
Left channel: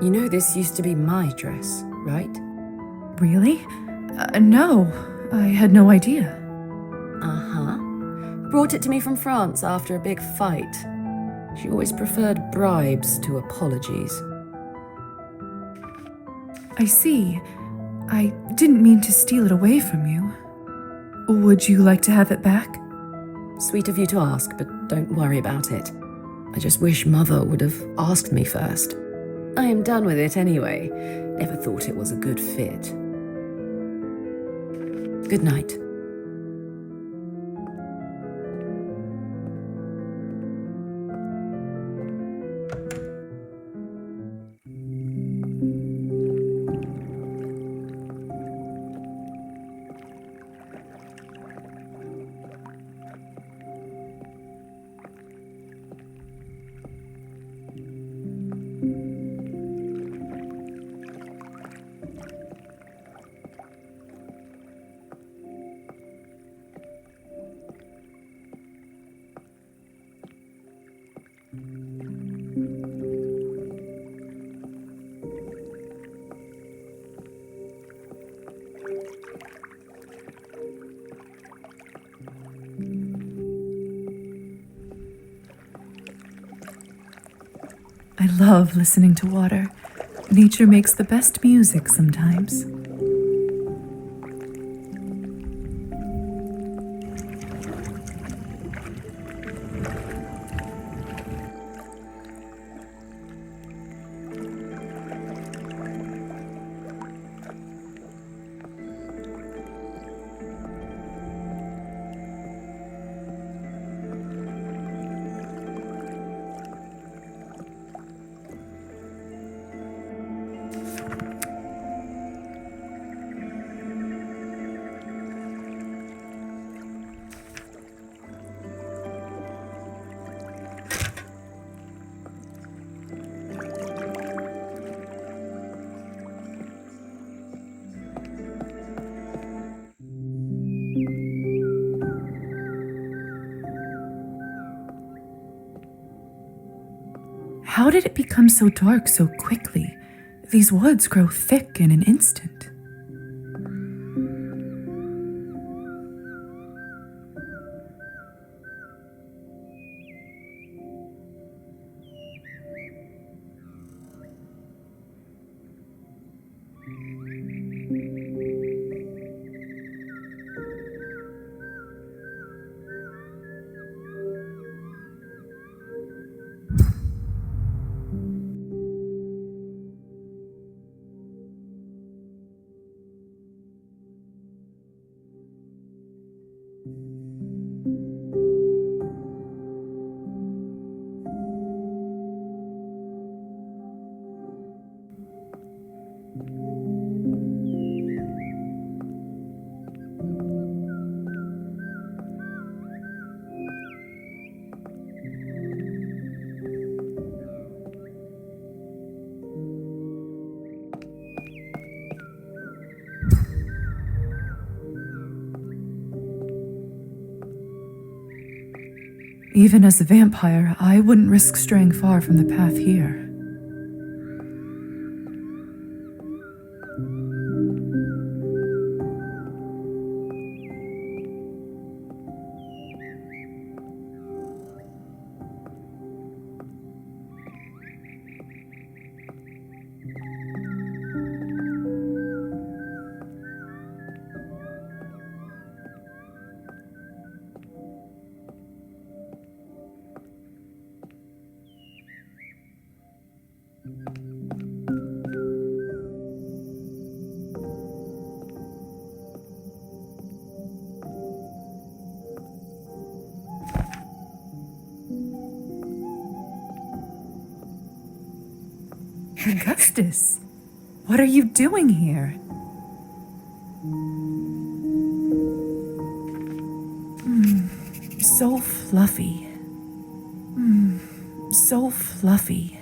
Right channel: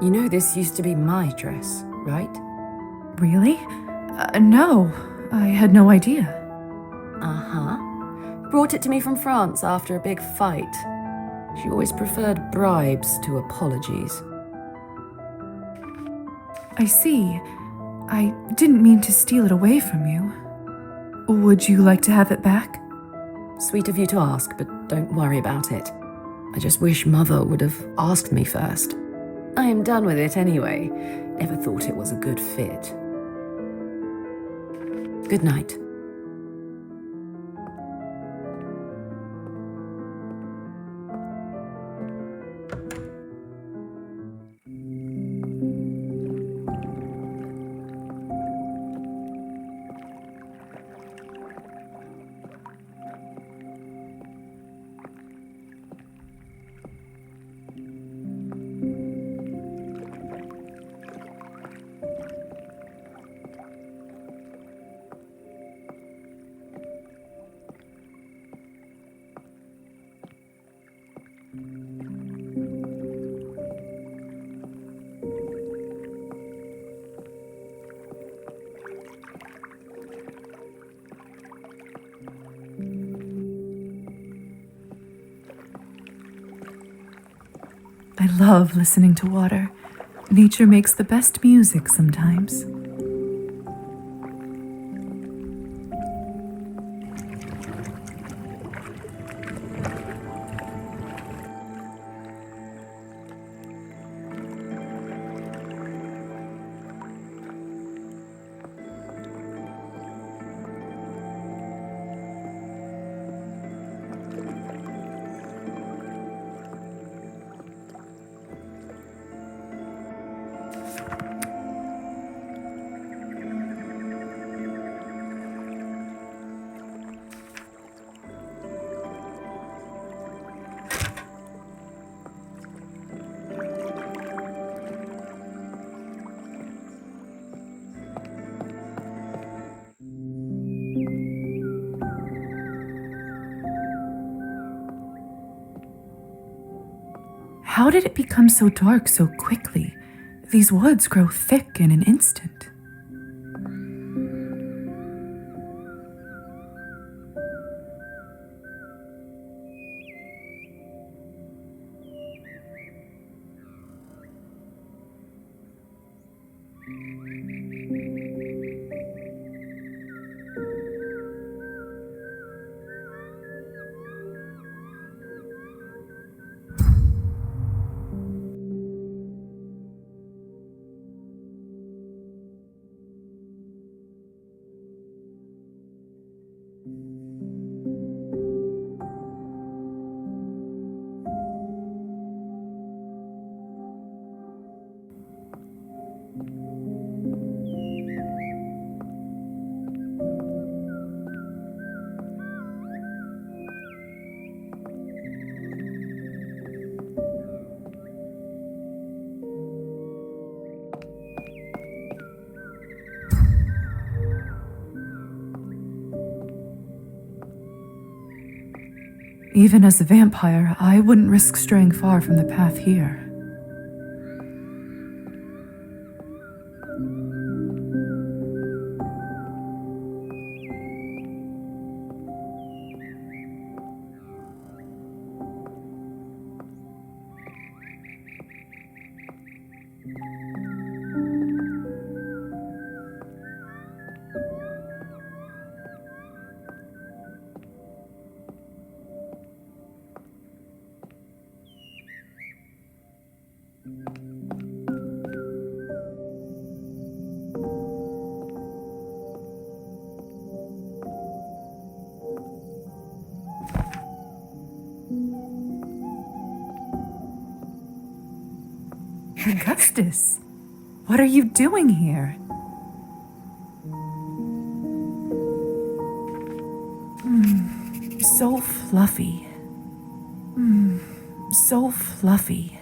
You know this used to be my dress, right? Really? No, I had no idea. Uh-huh. Brought it to me from France after a big fight. She always preferred bribes to apologies. I see. I didn't mean to steal it away from you. Would you like to have it back? Sweet of you to ask, but don't worry about it. I just wish Mother would have asked me first. I am done with it anyway. Never thought it was a good fit. Good night. I love listening to water. Nature makes the best music sometimes. How did it become so dark so quickly? These woods grow thick in an instant. Even as a vampire, I wouldn't risk straying far from the path here. Augustus, what are you doing here? So fluffy. So fluffy.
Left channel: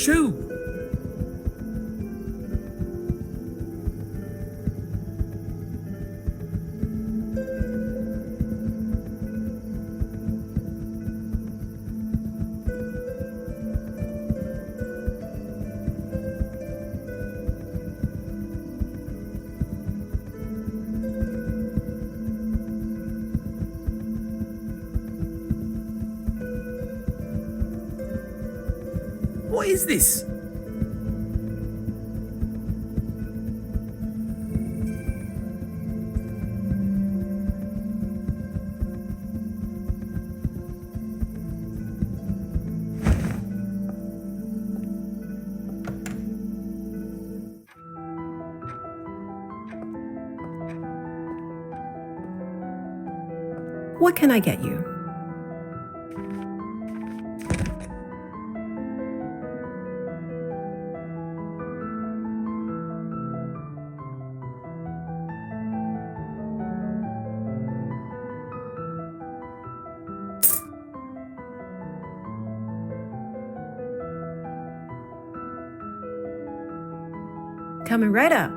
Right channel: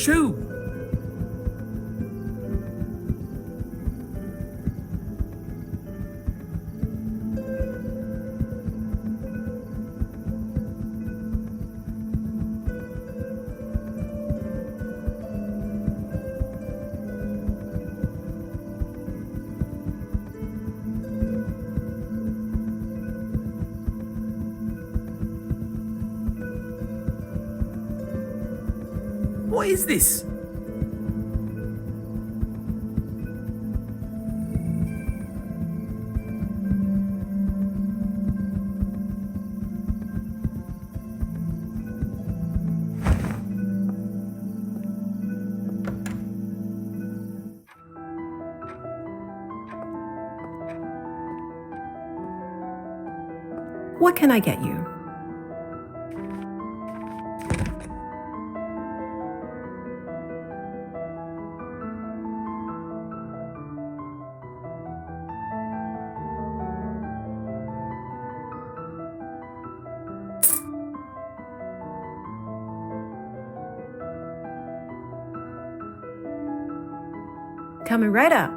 Shoo! What is this? What can I get you? Coming right up.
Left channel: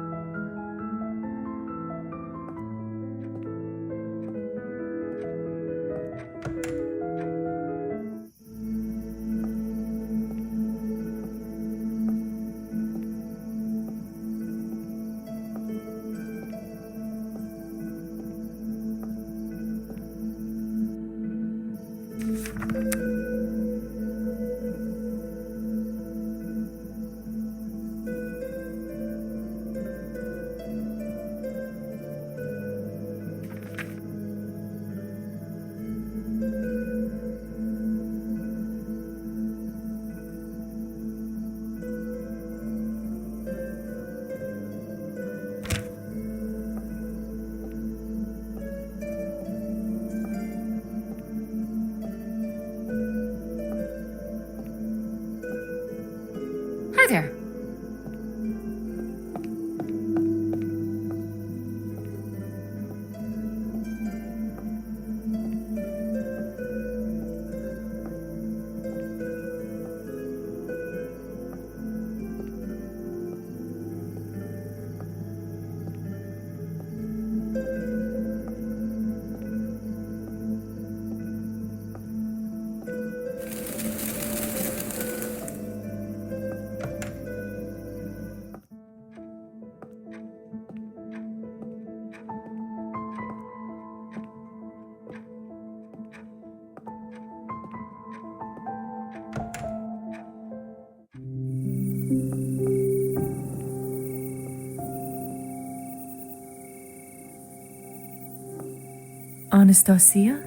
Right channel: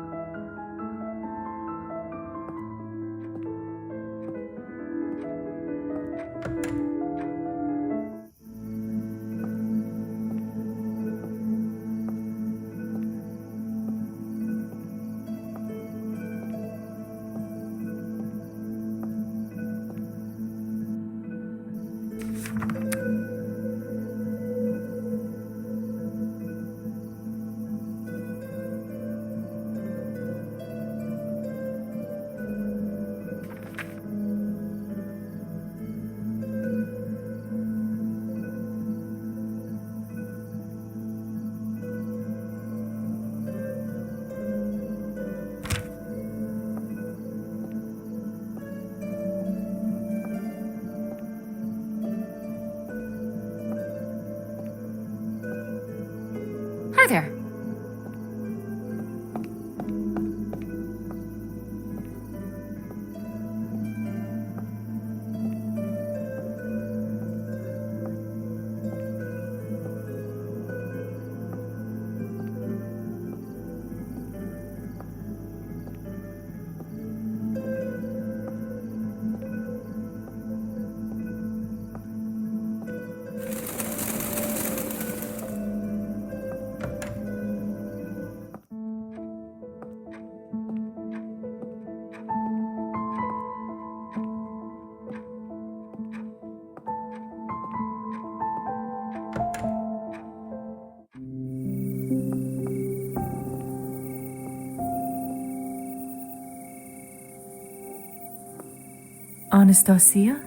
Anastasia?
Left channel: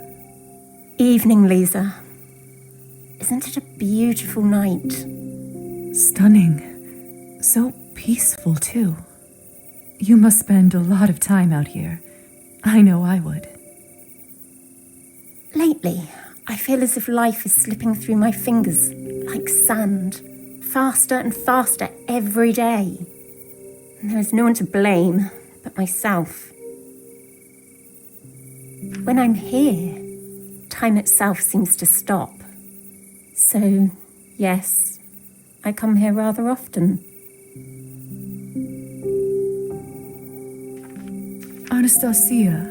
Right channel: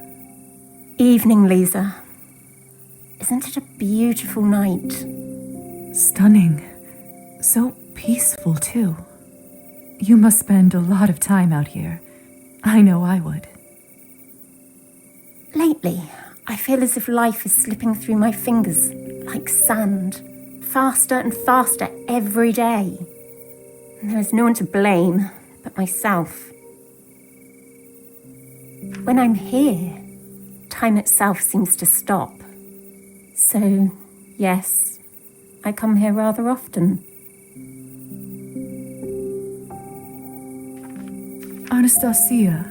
Evening, Lisa. Isn't it a beautiful night? Stunning. So peaceful, too. You must spend a lot of time out here. I know I would. Lately, I feel as if life is slipping through my fingers like sand, faster and faster every day. And there is no one to blame but myself. When I'm here, time itself seems to stop. So, yes, I come here rather often. Anastasia,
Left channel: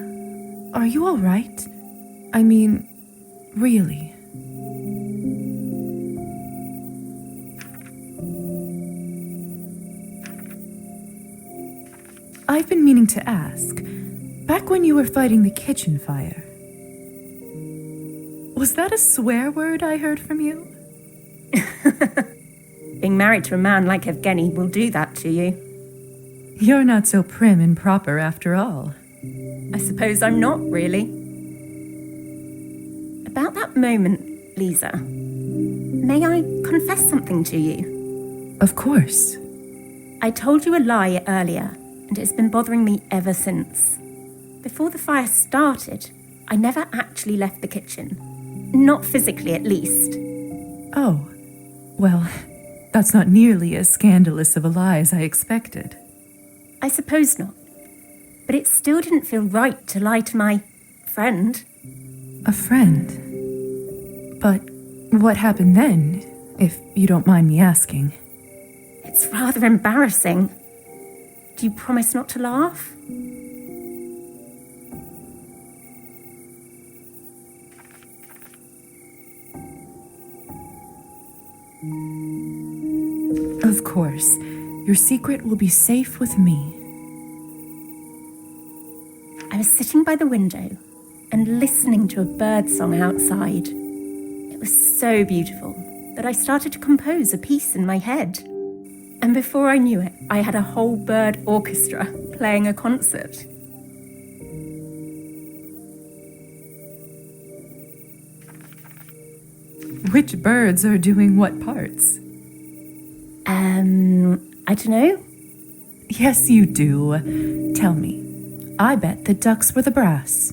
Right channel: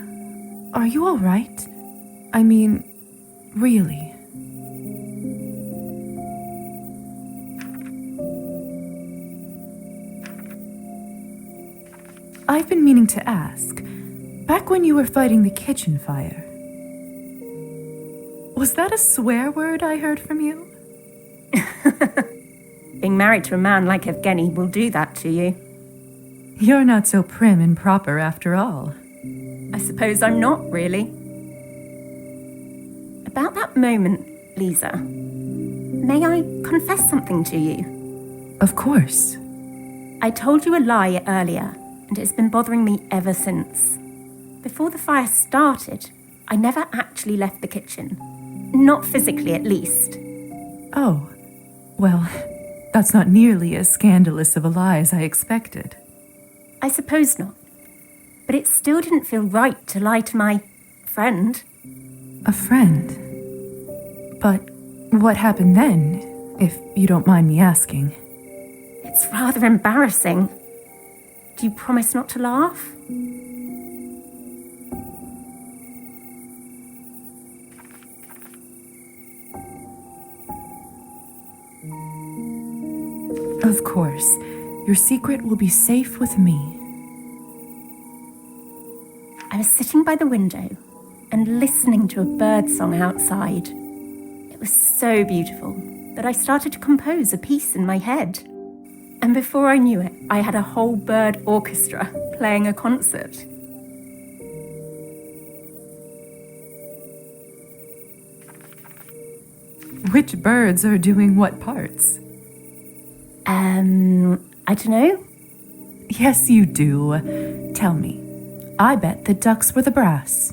are you all right? I mean, really? I've been meaning to ask, back when you were fighting the kitchen fire, was that a swear word I heard from you? Being married to a man like Evgeny will do that to you. You're not so prim and proper after all. I suppose I'm not, really. About that moment, Lisa, may I confess something to you? Of course. I told you a lie earlier, and it's been bothering me ever since. Before the fire started, I never actually left the kitchen. Not physically, at least. Oh, well, that's not nearly as scandalous of a lie as I expected. I suppose not. But it still didn't feel right to lie to my friend. A friend? But what happened then, if you don't mind me asking? It's rather embarrassing. Do you promise not to laugh? Of course. Your secret will be safe with me. I was sitting by the window and listening to a bird song outside. It was so beautiful that I started to compose a piece in my head. And before I knew it, I had a whole bird orchestra playing a concert. Which birds are doing what parts? I don't know. Yes, you do. Tell me. I bet the ducks were the brass.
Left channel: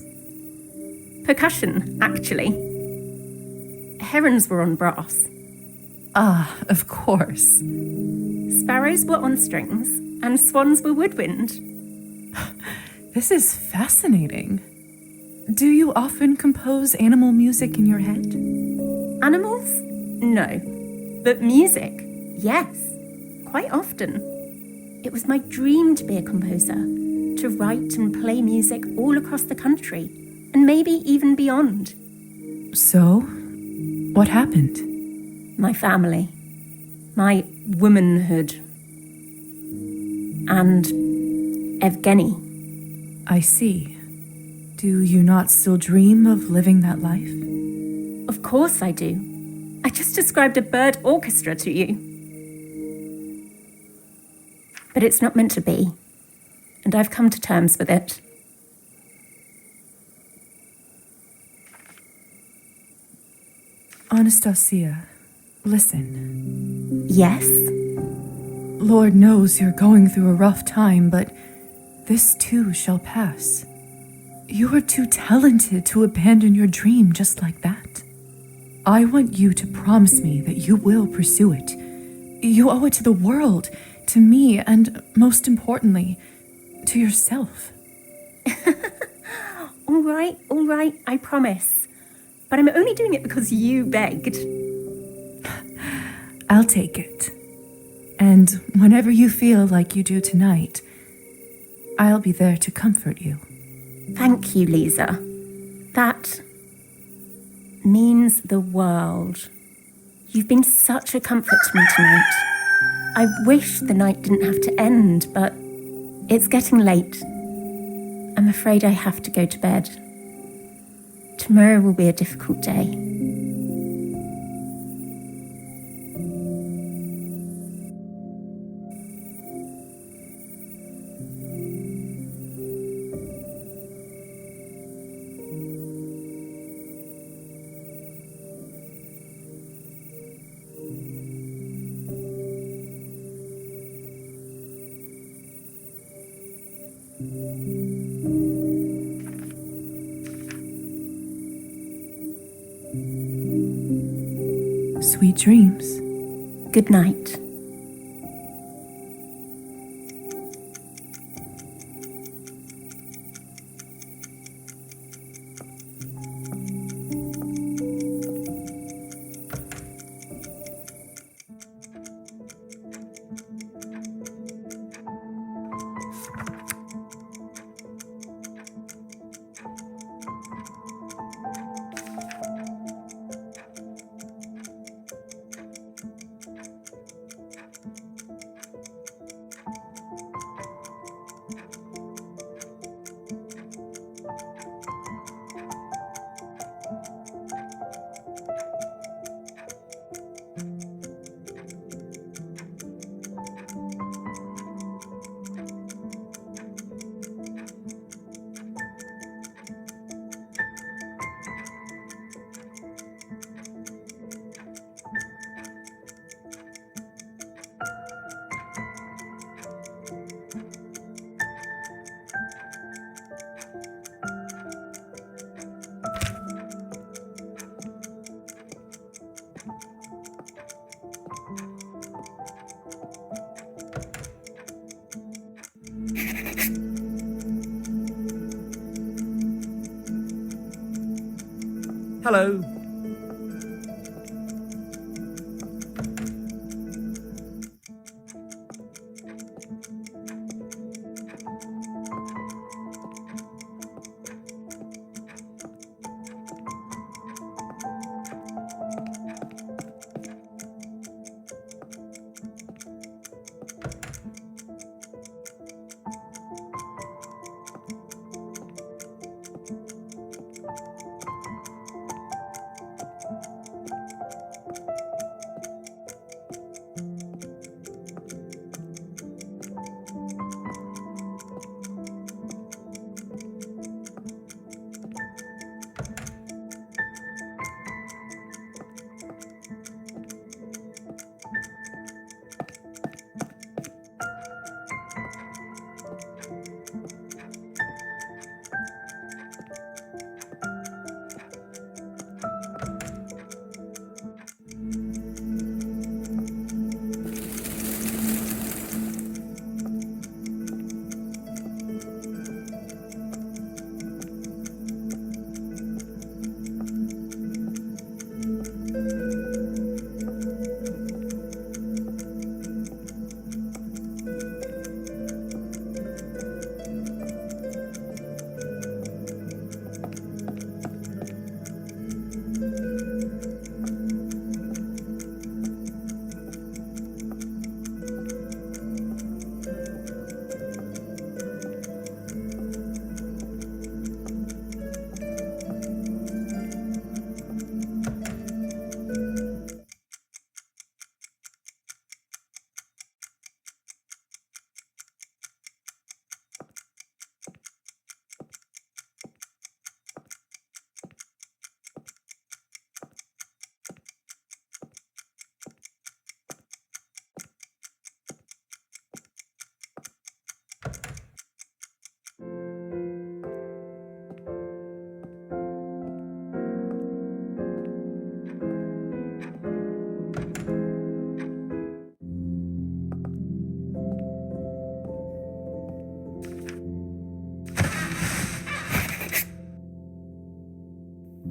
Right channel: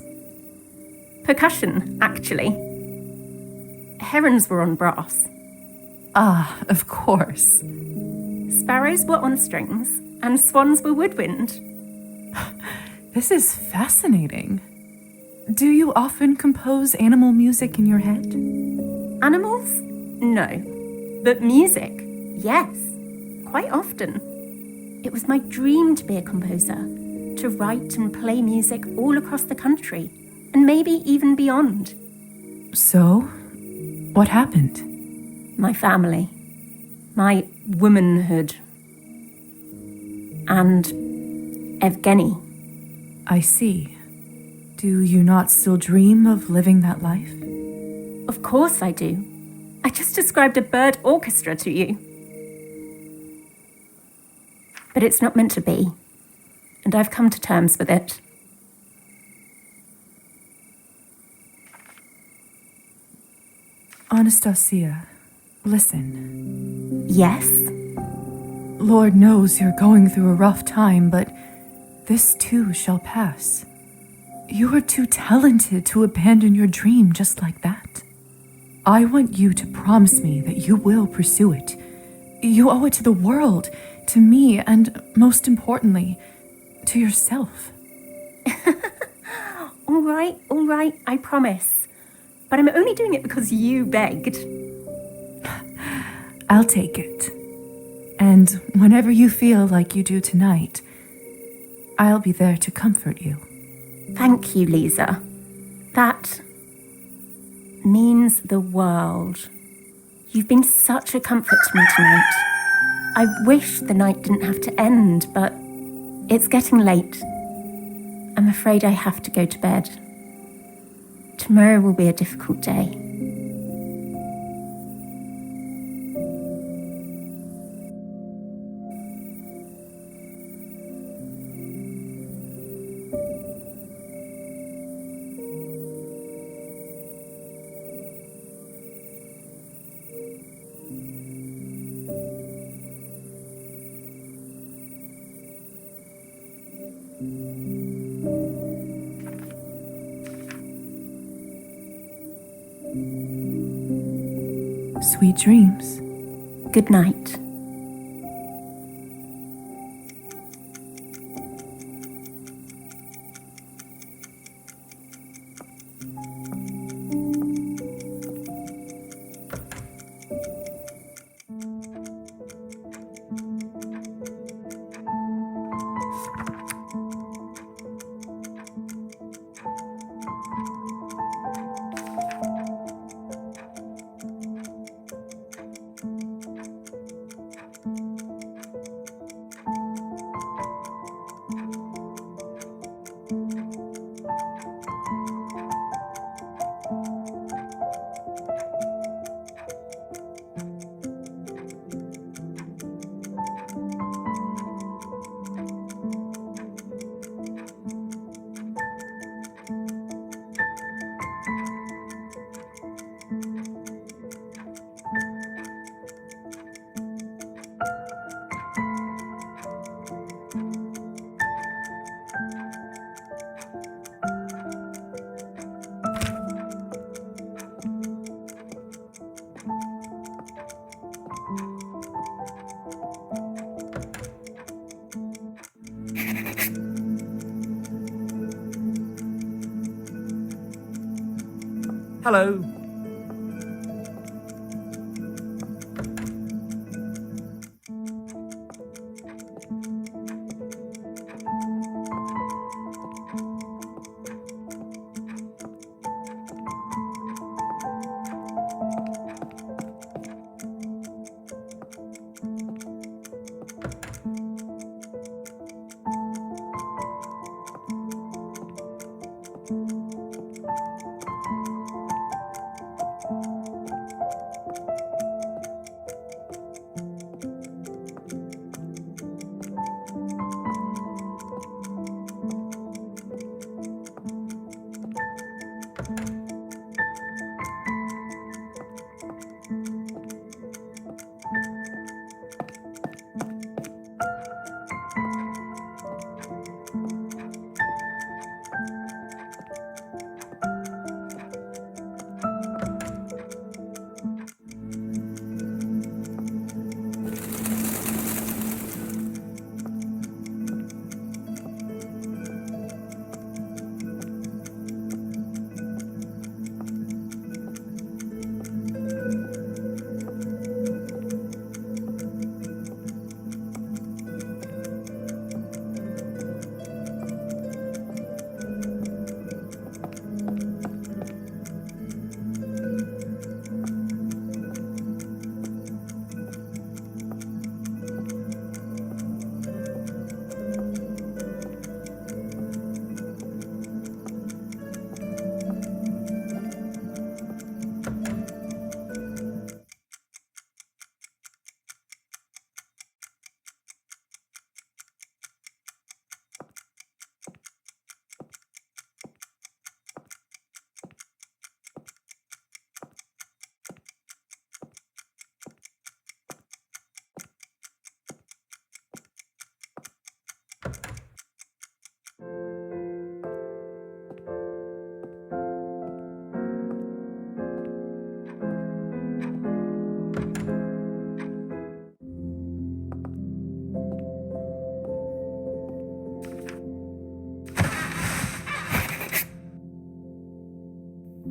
Percussion, actually. Herons were on brass. Ah, of course. Sparrows were on strings, and swans were woodwind. This is fascinating. Do you often compose animal music in your head? Animals? No. But music? Yes. Quite often. It was my dream to be a composer, to write and play music all across the country, and maybe even beyond. So, what happened? My family. My womanhood. And Evgeny. I see. Do you not still dream of living that life? Of course I do. I just described a bird orchestra to you. But it's not meant to be. And I've come to terms with it. Anastasia, listen. Yes? Lord knows you're going through a rough time, but this too shall pass. You are too talented to abandon your dream just like that. I want you to promise me that you will pursue it. You owe it to the world, to me, and most importantly, to yourself. All right, I promise. But I'm only doing it because you begged. I'll take it. And whenever you feel like you do tonight, I'll be there to comfort you. Thank you, Lisa. That means the world. You've been such a comfort to me tonight. I wish the night didn't have to end, but it's getting late. I'm afraid I have to go to bed. Tomorrow will be a difficult day. Sweet dreams. Good night. Hello.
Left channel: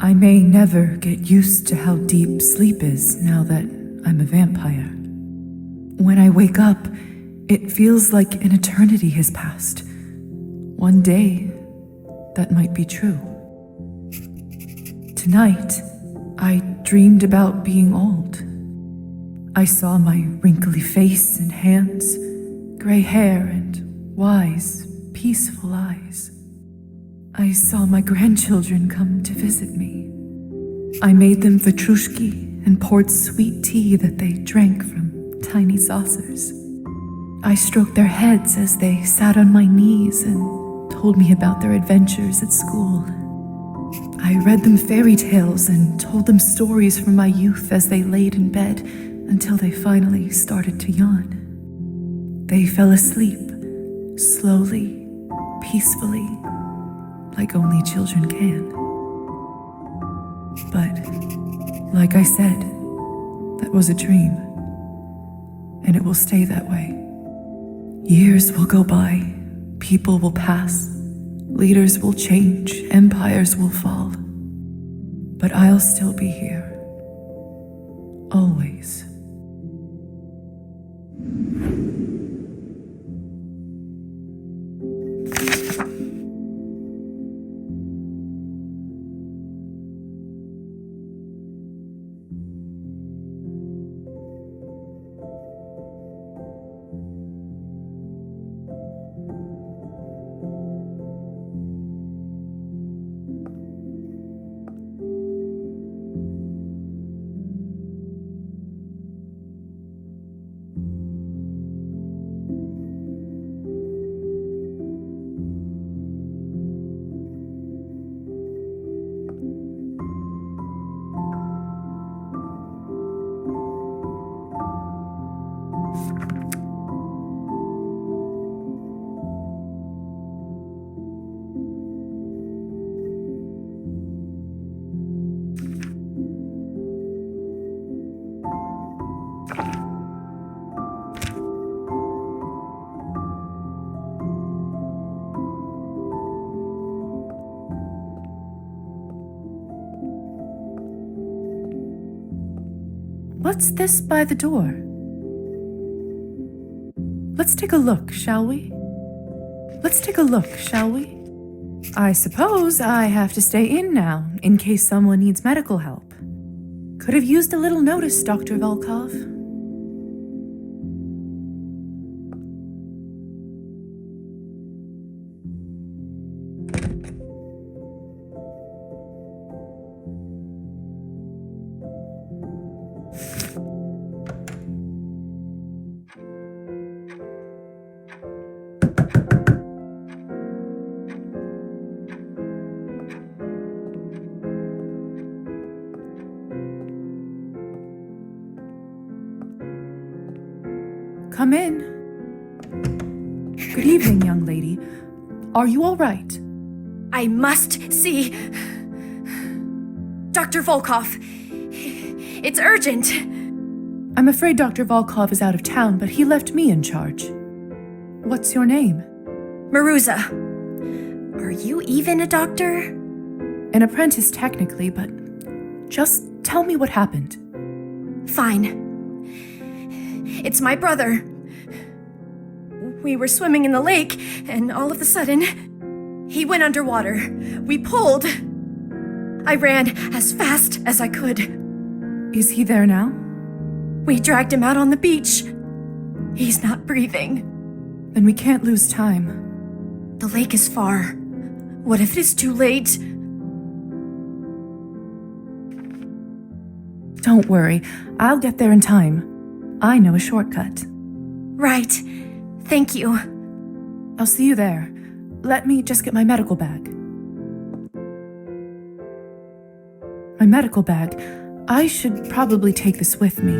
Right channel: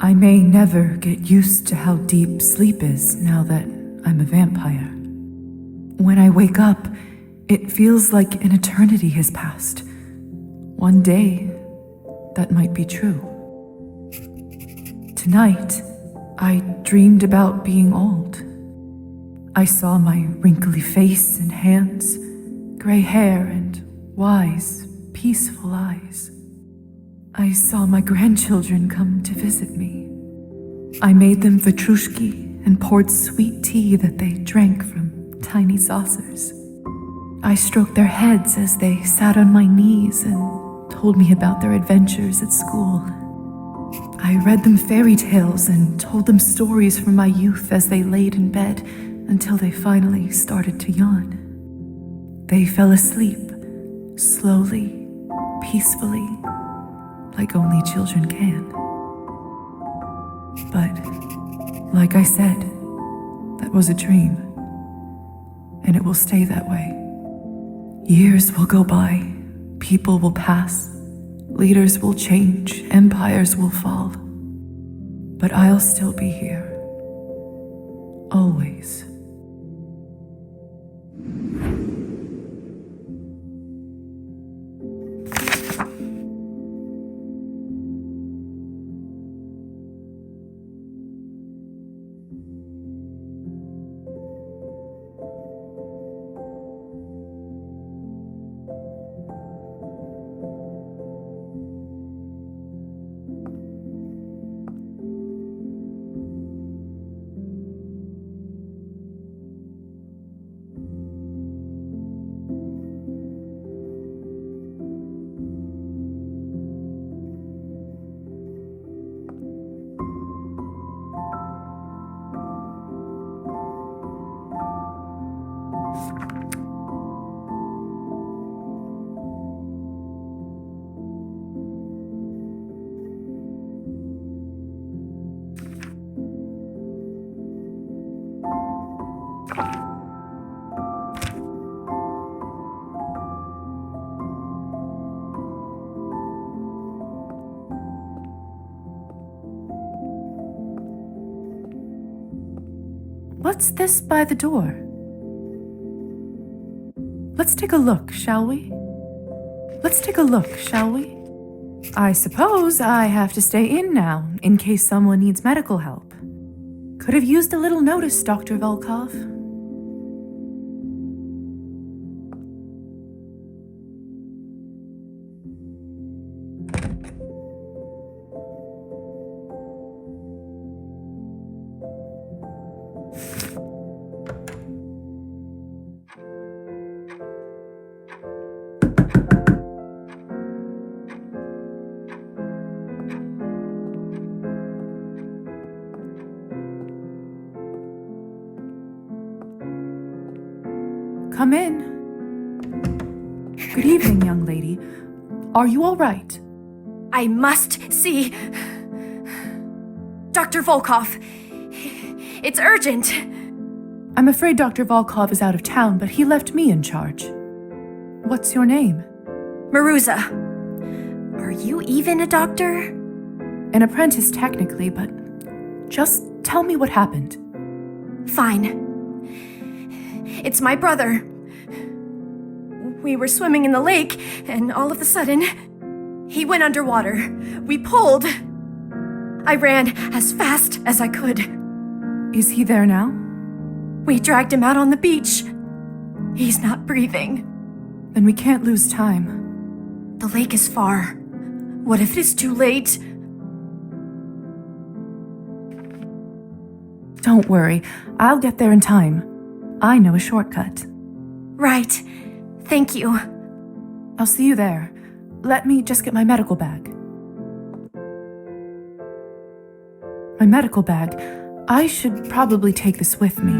I may never get used to how deep sleep is now that I'm a vampire. When I wake up, it feels like an eternity has passed. One day, that might be true. Tonight, I dreamed about being old. I saw my wrinkly face and hands, gray hair and wise, peaceful eyes. I saw my grandchildren come to visit me. I made them vatrushki and poured sweet tea that they drank from tiny saucers. I stroked their heads as they sat on my knees and told me about their adventures at school. I read them fairy tales and told them stories from my youth as they laid in bed until they finally started to yawn. They fell asleep, slowly, peacefully, like only children can. But, like I said, That was a dream, and it will stay that way. Years will go by, people will pass, leaders will change, empires will fall. But I'll still be here. Always. What's this by the door? Let's take a look, shall we? Let's take a look, shall we? I suppose I have to stay in now, in case someone needs medical help. Could have used a little notice, Dr. Volkov. Come in. Good evening, young lady. Are you all right? I must see Dr. Volkov. It's urgent. I'm afraid Dr. Volkov is out of town, but he left me in charge. What's your name? Maruza. Are you even a doctor? An apprentice, technically, but just tell me what happened. Fine. It's my brother. We were swimming in the lake, and all of a sudden, he went underwater. We pulled. I ran as fast as I could. Is he there now? We dragged him out on the beach. He's not breathing. Then we can't lose time. The lake is far. What if it is too late? Don't worry, I'll get there in time. I know a shortcut. Right. Thank you. I'll see you there. Let me just get my medical bag. My medical bag. I should probably take this with me.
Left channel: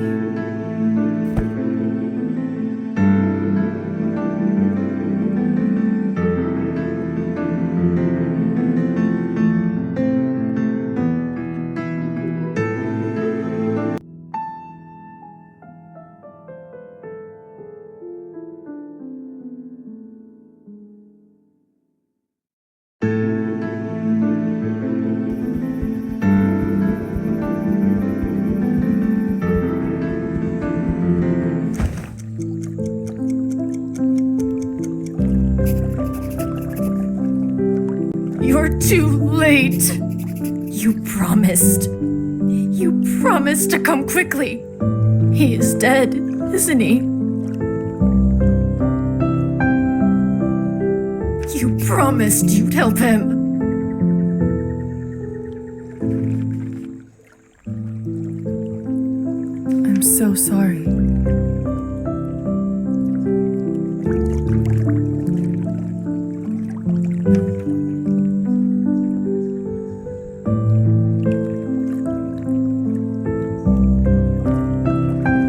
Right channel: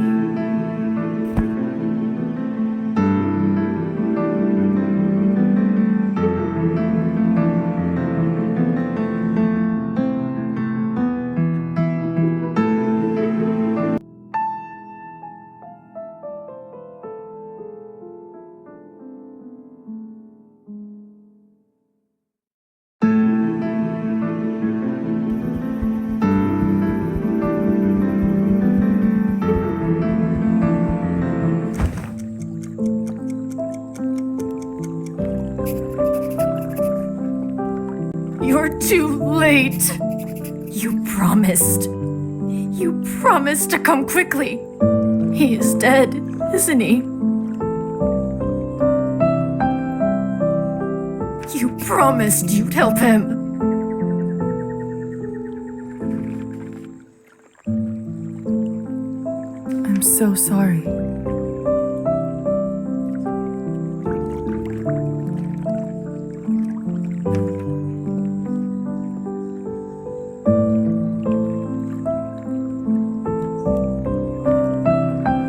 You're too late. You promised. You promised to come quickly. He is dead, isn't he? You promised you'd help him. I'm so sorry.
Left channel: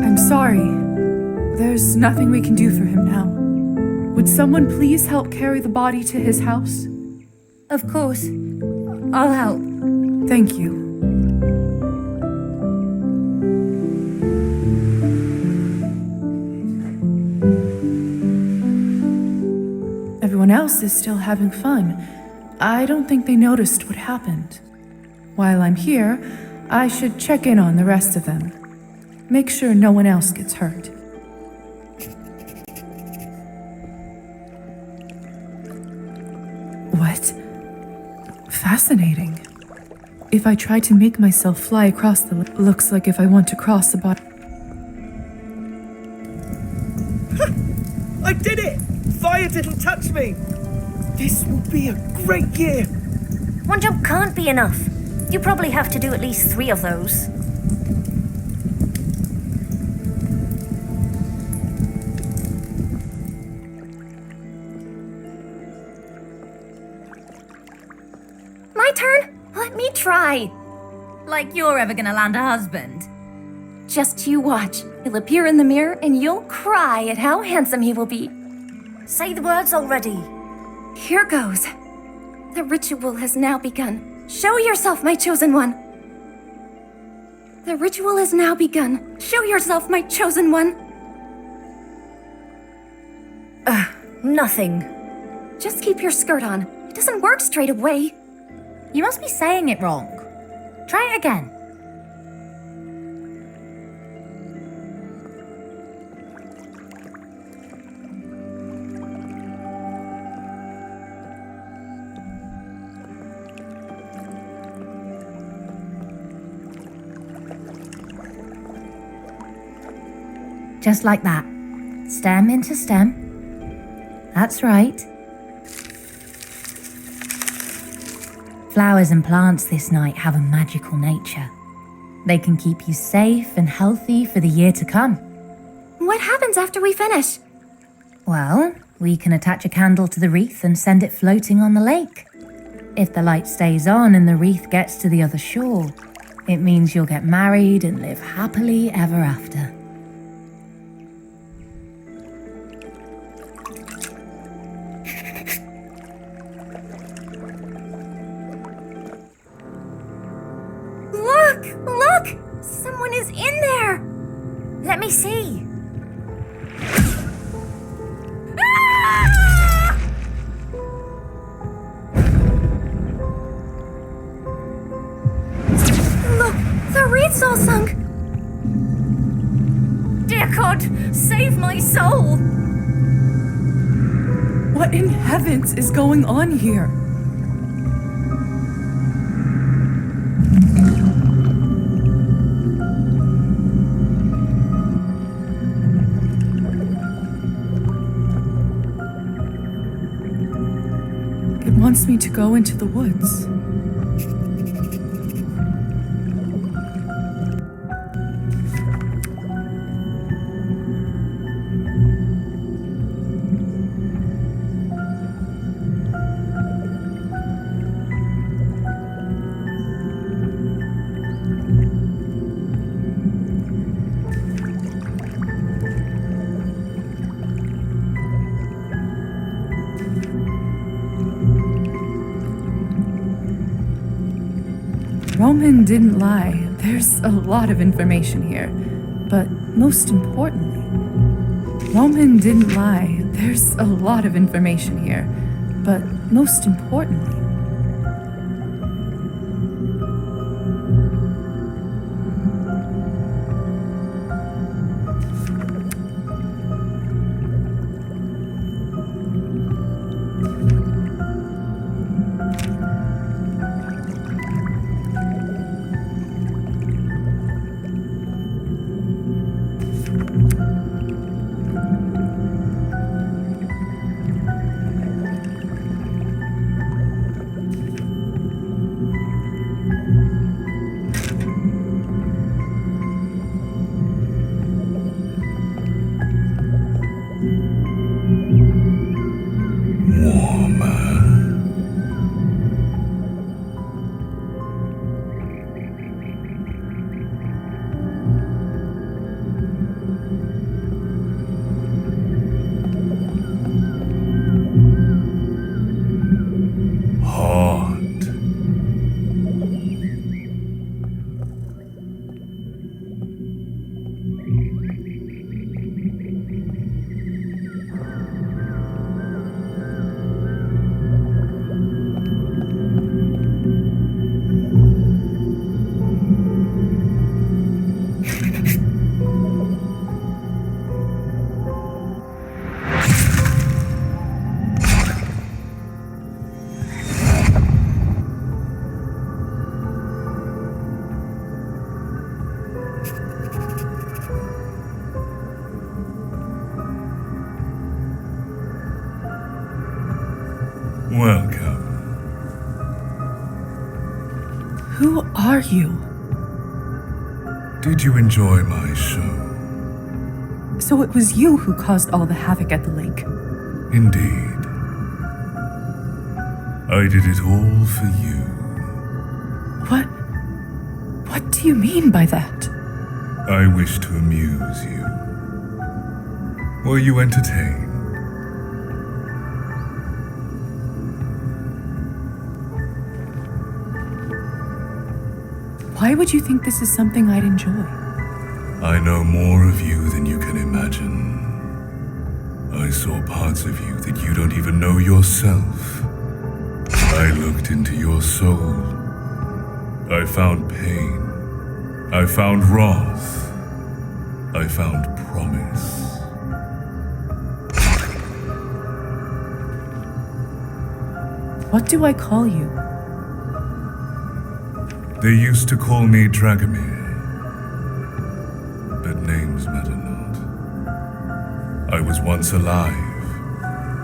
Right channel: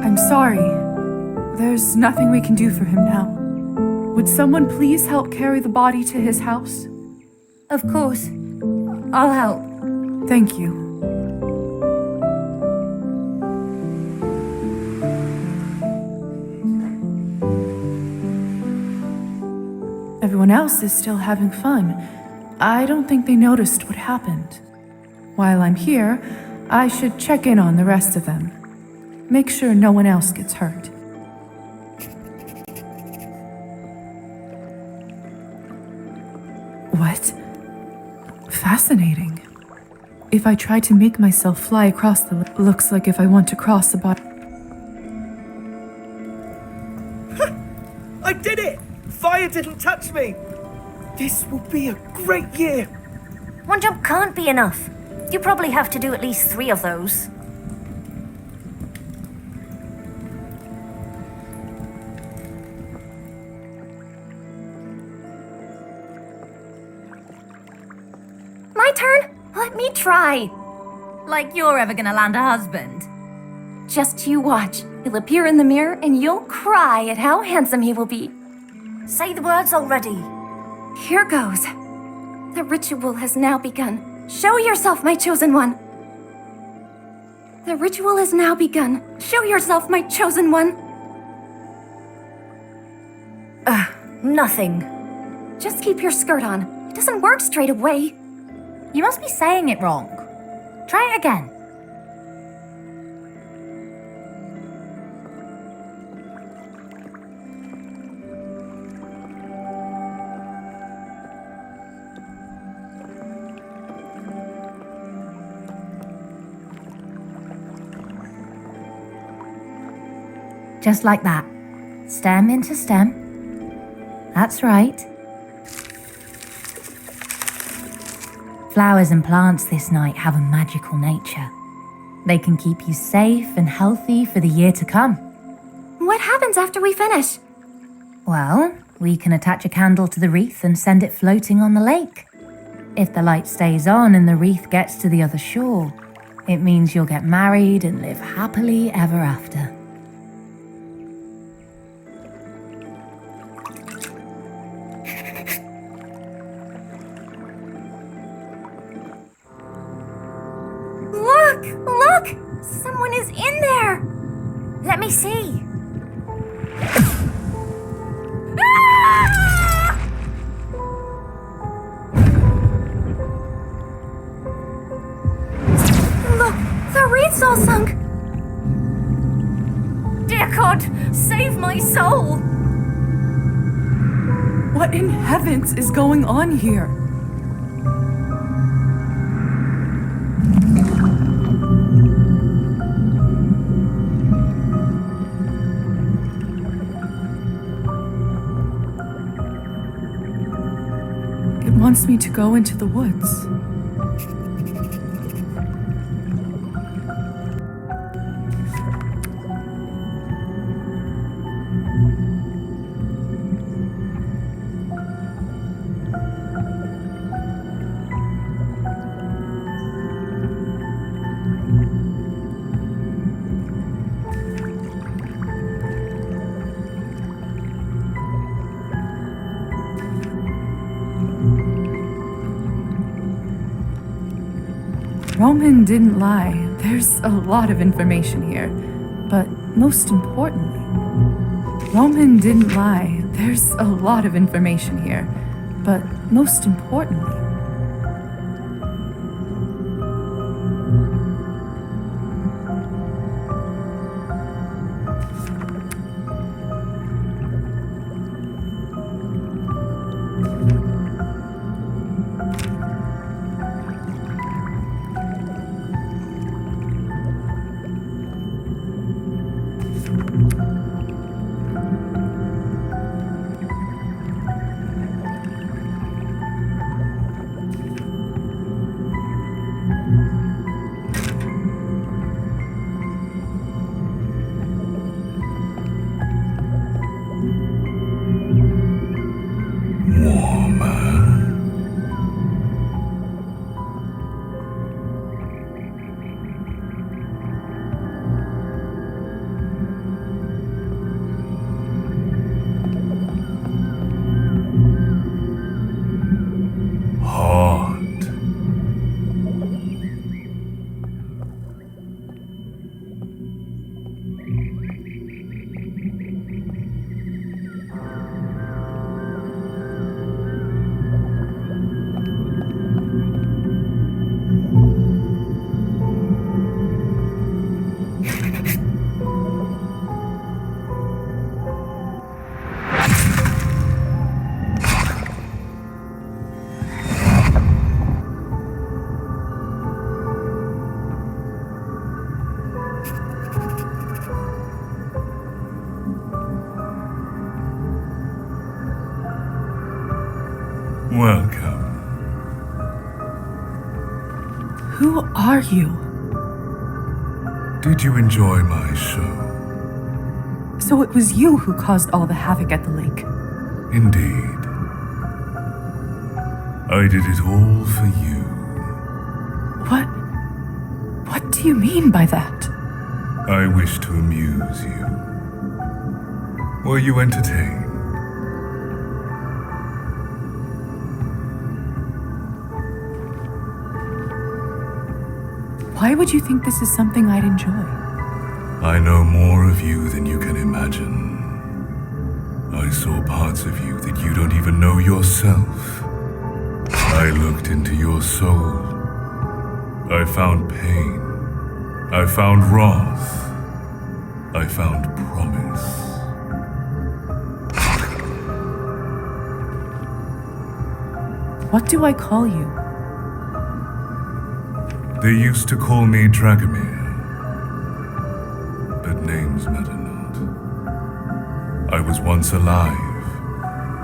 I'm sorry. There's nothing we can do for him now. Would someone please help carry the body to his house? Of course. I'll help. Thank you. everyone else is still having fun. I don't think they noticed what happened. While I'm here, I should check in on the rest of them. Make sure no one else gets hurt. What? Fascinating. If I try to make myself fly across the looks like if I want to cross the bottom. I did it! Fire didn't touch me! This will be a great year! One jump can't be enough. You probably have to do at least 3 of those. My turn? Let me try. Like you're ever gonna land a husband. Just you watch. He'll appear in the mirror and you'll cry at how handsome he will be. Say the words already. Here goes. The ritual has now begun. Show yourself, my chosen one. The ritual has now begun. Show yourself, my chosen one. Nothing. Just keep your skirt on. It doesn't work straight away. You must be saying it wrong. Try it again. Just like that. Stem into stem. That's right. Flowers and plants this night have a magical nature. They can keep you safe and healthy for the year to come. What happens after we finish? Well, we can attach a candle to the wreath and send it floating on the lake. If the light stays on and the wreath gets to the other shore, it means you'll get married and live happily ever after. Look! Someone is in there! Let me see. Ah! Look! The wreath's all sunk! Dear God, save my soul! What in heavens is going on here? It wants me to go into the woods. Roman didn't lie. There's a lot of information here. But most importantly, Roman didn't lie. There's a lot of information here. But most importantly, Welcome. Who are you? Did you enjoy my show? So it was you who caused all the havoc at the lake. Indeed. I did it all for you. What do you mean by that? I wish to amuse you. Were you entertained? Why would you think this is something I'd enjoy? I know more of you than you can imagine. I saw parts of you that you don't even know yourself. I looked into your soul. I found pain. I found wrath. I found promise. What do I call you? They used to call me Dragomir, but names matter not. I was once alive,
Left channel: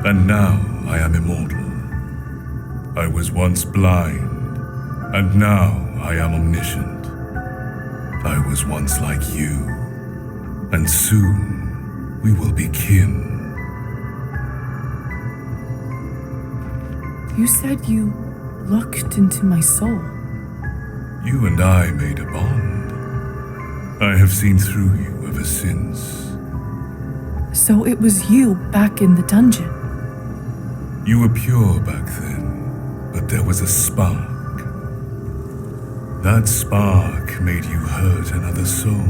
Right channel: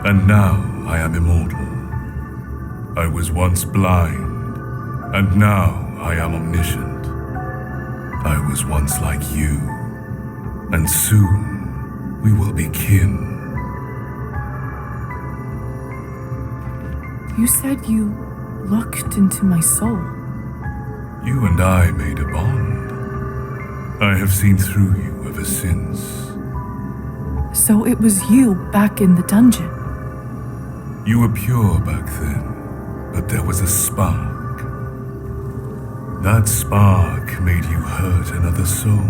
and now I am immortal. I was once blind, and now I am omniscient. I was once like you, and soon we will be kin. You said you looked into my soul. You and I made a bond. I have seen through you ever since. So it was you back in the dungeon. You were pure back then, but there was a spark. That spark made you hurt another soul.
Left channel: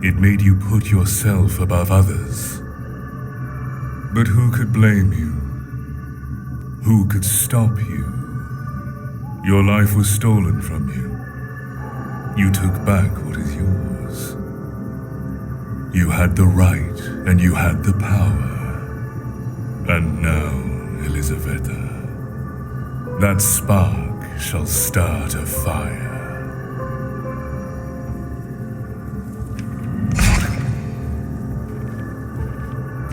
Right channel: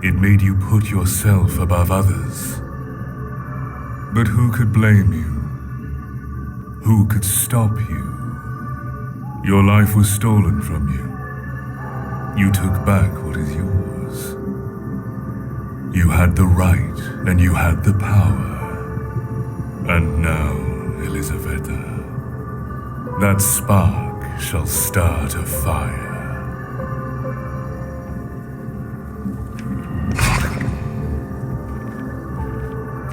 It made you put yourself above others. But who could blame you? Who could stop you? Your life was stolen from you. You took back what is yours. You had the right and you had the power. And now, Elisaveta, that spark shall start a fire.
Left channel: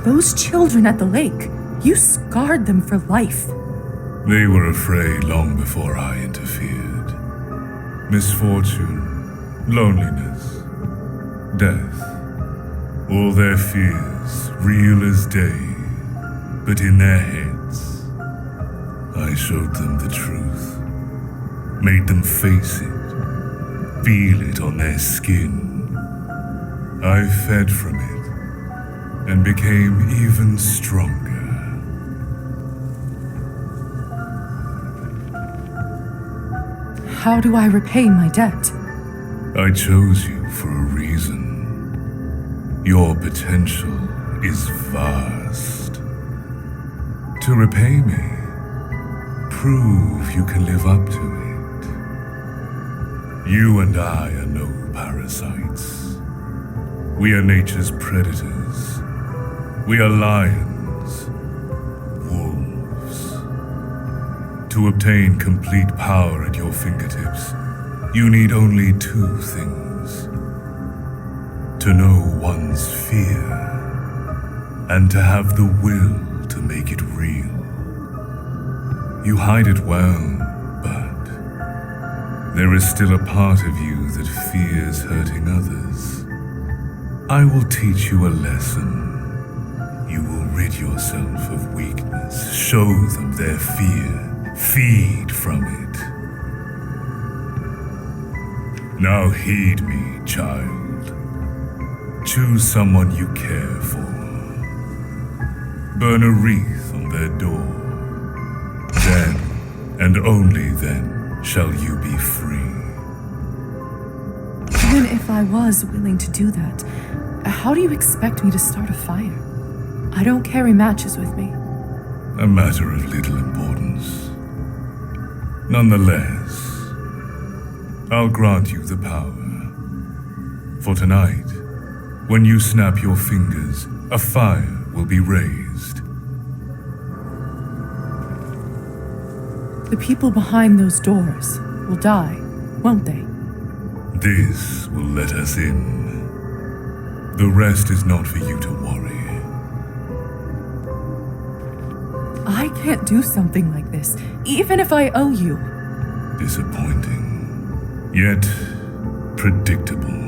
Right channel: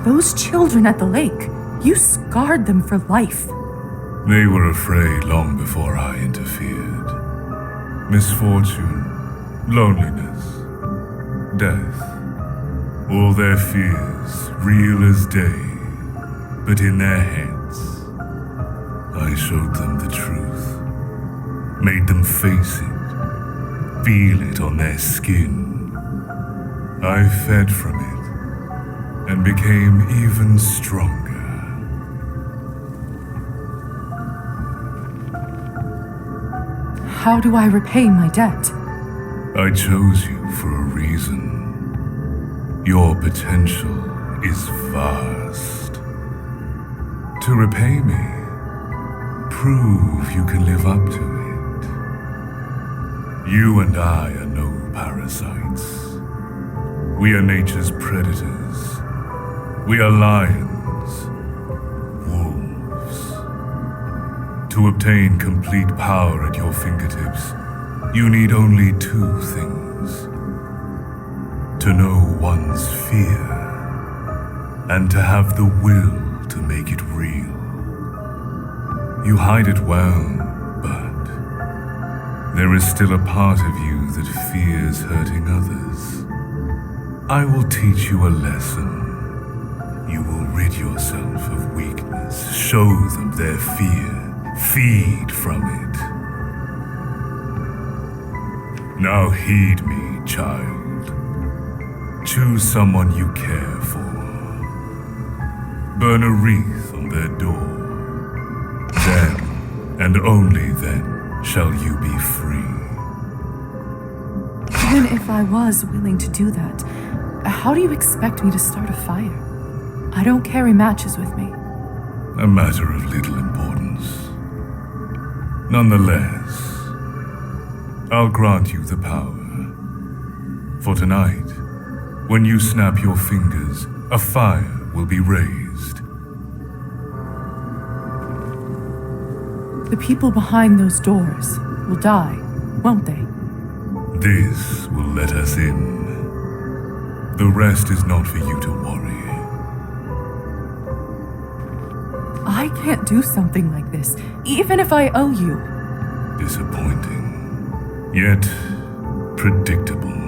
Those children at the lake, you scarred them for life. They were afraid long before I interfered. Misfortune, loneliness, death, all their fears, real as day, but in their heads. I showed them the truth, made them face it, feel it on their skin. I fed from it and became even stronger. How do I repay my debt? I chose you for a reason. Your potential is vast. To repay me, prove you can live up to it. You and I are no parasites. We are nature's predators. We are lions, wolves. To obtain complete power at your fingertips, you need only two things. To know one's fear, and to have the will to make it real. You hide it well, but there is still a part of you that fears hurting others. I will teach you a lesson. You will rid yourself of weakness, show them their fear. Feed from it. Now heed me, child. Choose someone you care for. Burn a wreath on their door. Then, and only then, shall you be free. Even if I was willing to do that, how do you expect me to start a fire? I don't carry matches with me. A matter of little importance. Nonetheless, I'll grant you the power. For tonight, when you snap your fingers, a fire will be raised. The people behind those doors will die, won't they? This will let us in. The rest is not for you to worry. I can't do something like this, even if I owe you. Disappointing, yet predictable.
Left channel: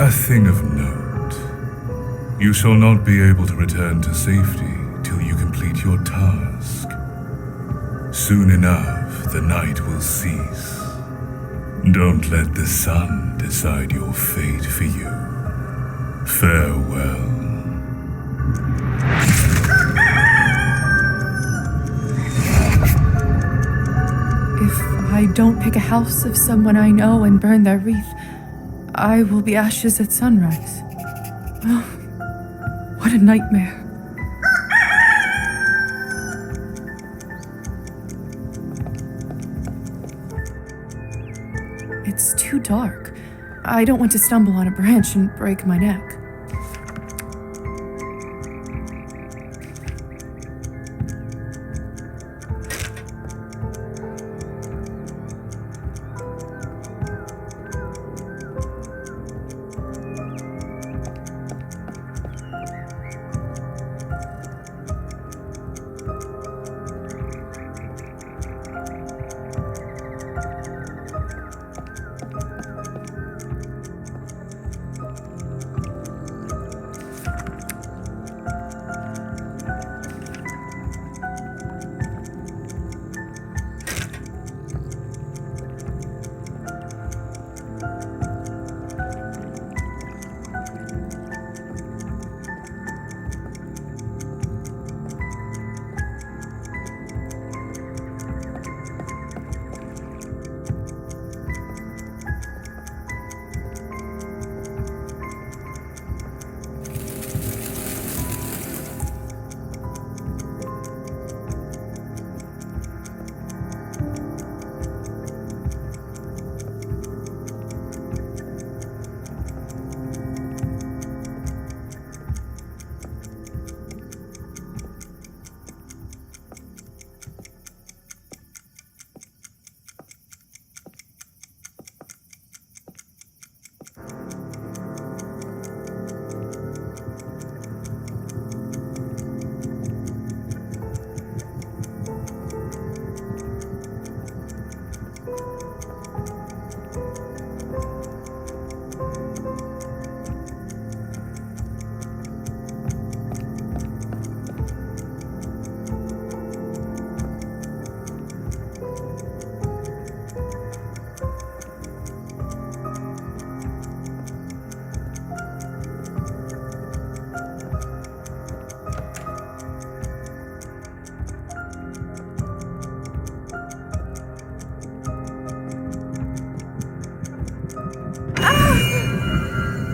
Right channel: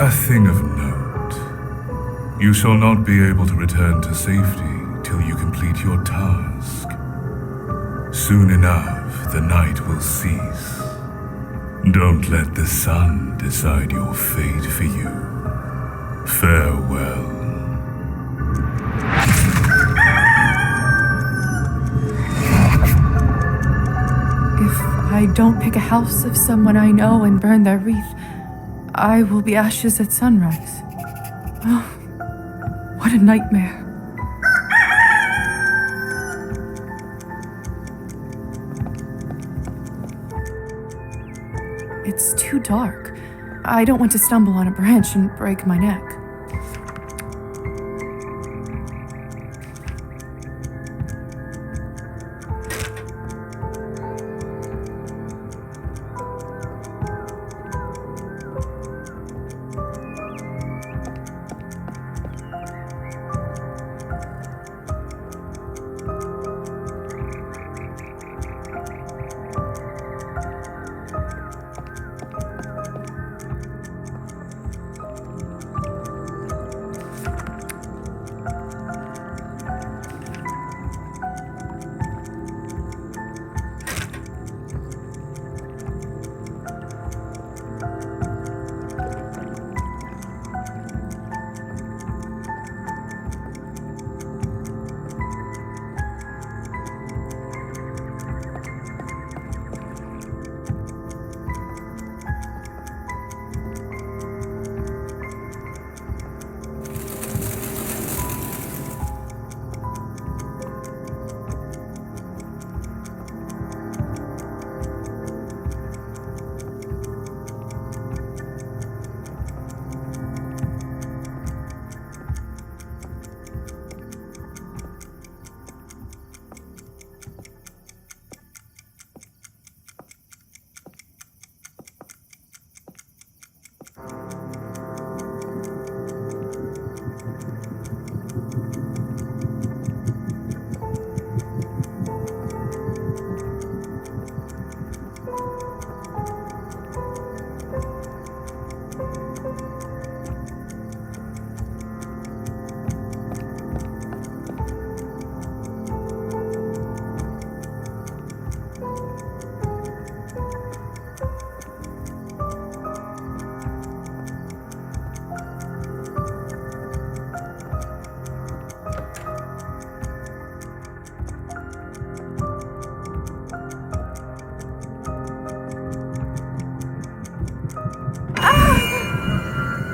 A thing of note. You shall not be able to return to safety till you complete your task. Soon enough, the night will cease. Don't let the sun decide your fate for you. Farewell. If I don't pick a house of someone I know and burn their wreath, I will be ashes at sunrise. Oh, what a nightmare. It's too dark. I don't want to stumble on a branch and break my neck.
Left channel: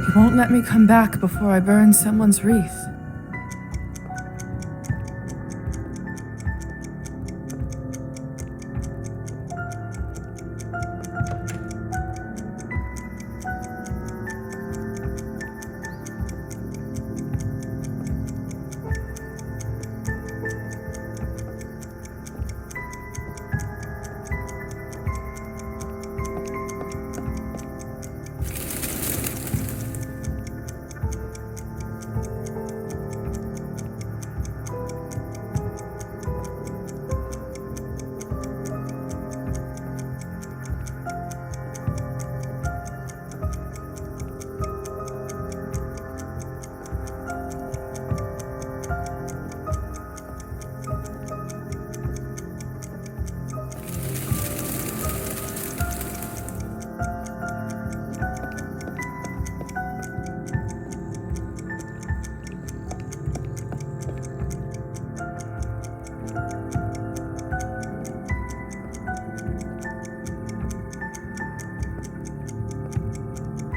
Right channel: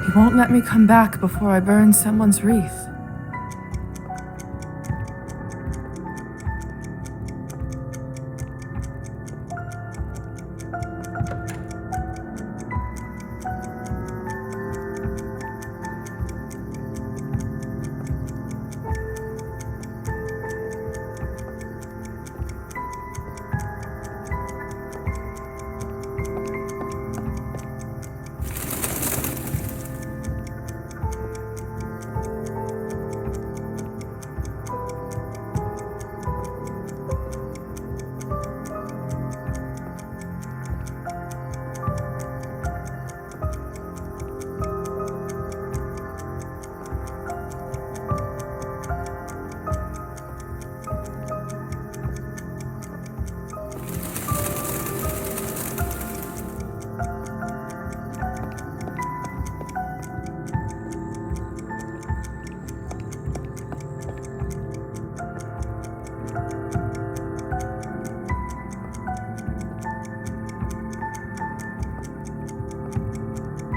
He won't let me come back before I burn someone's wreath.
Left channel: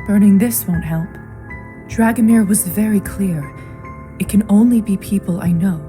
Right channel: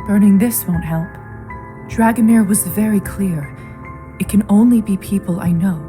Burning this won't help. Dragomir was very clear. It can only be people I know.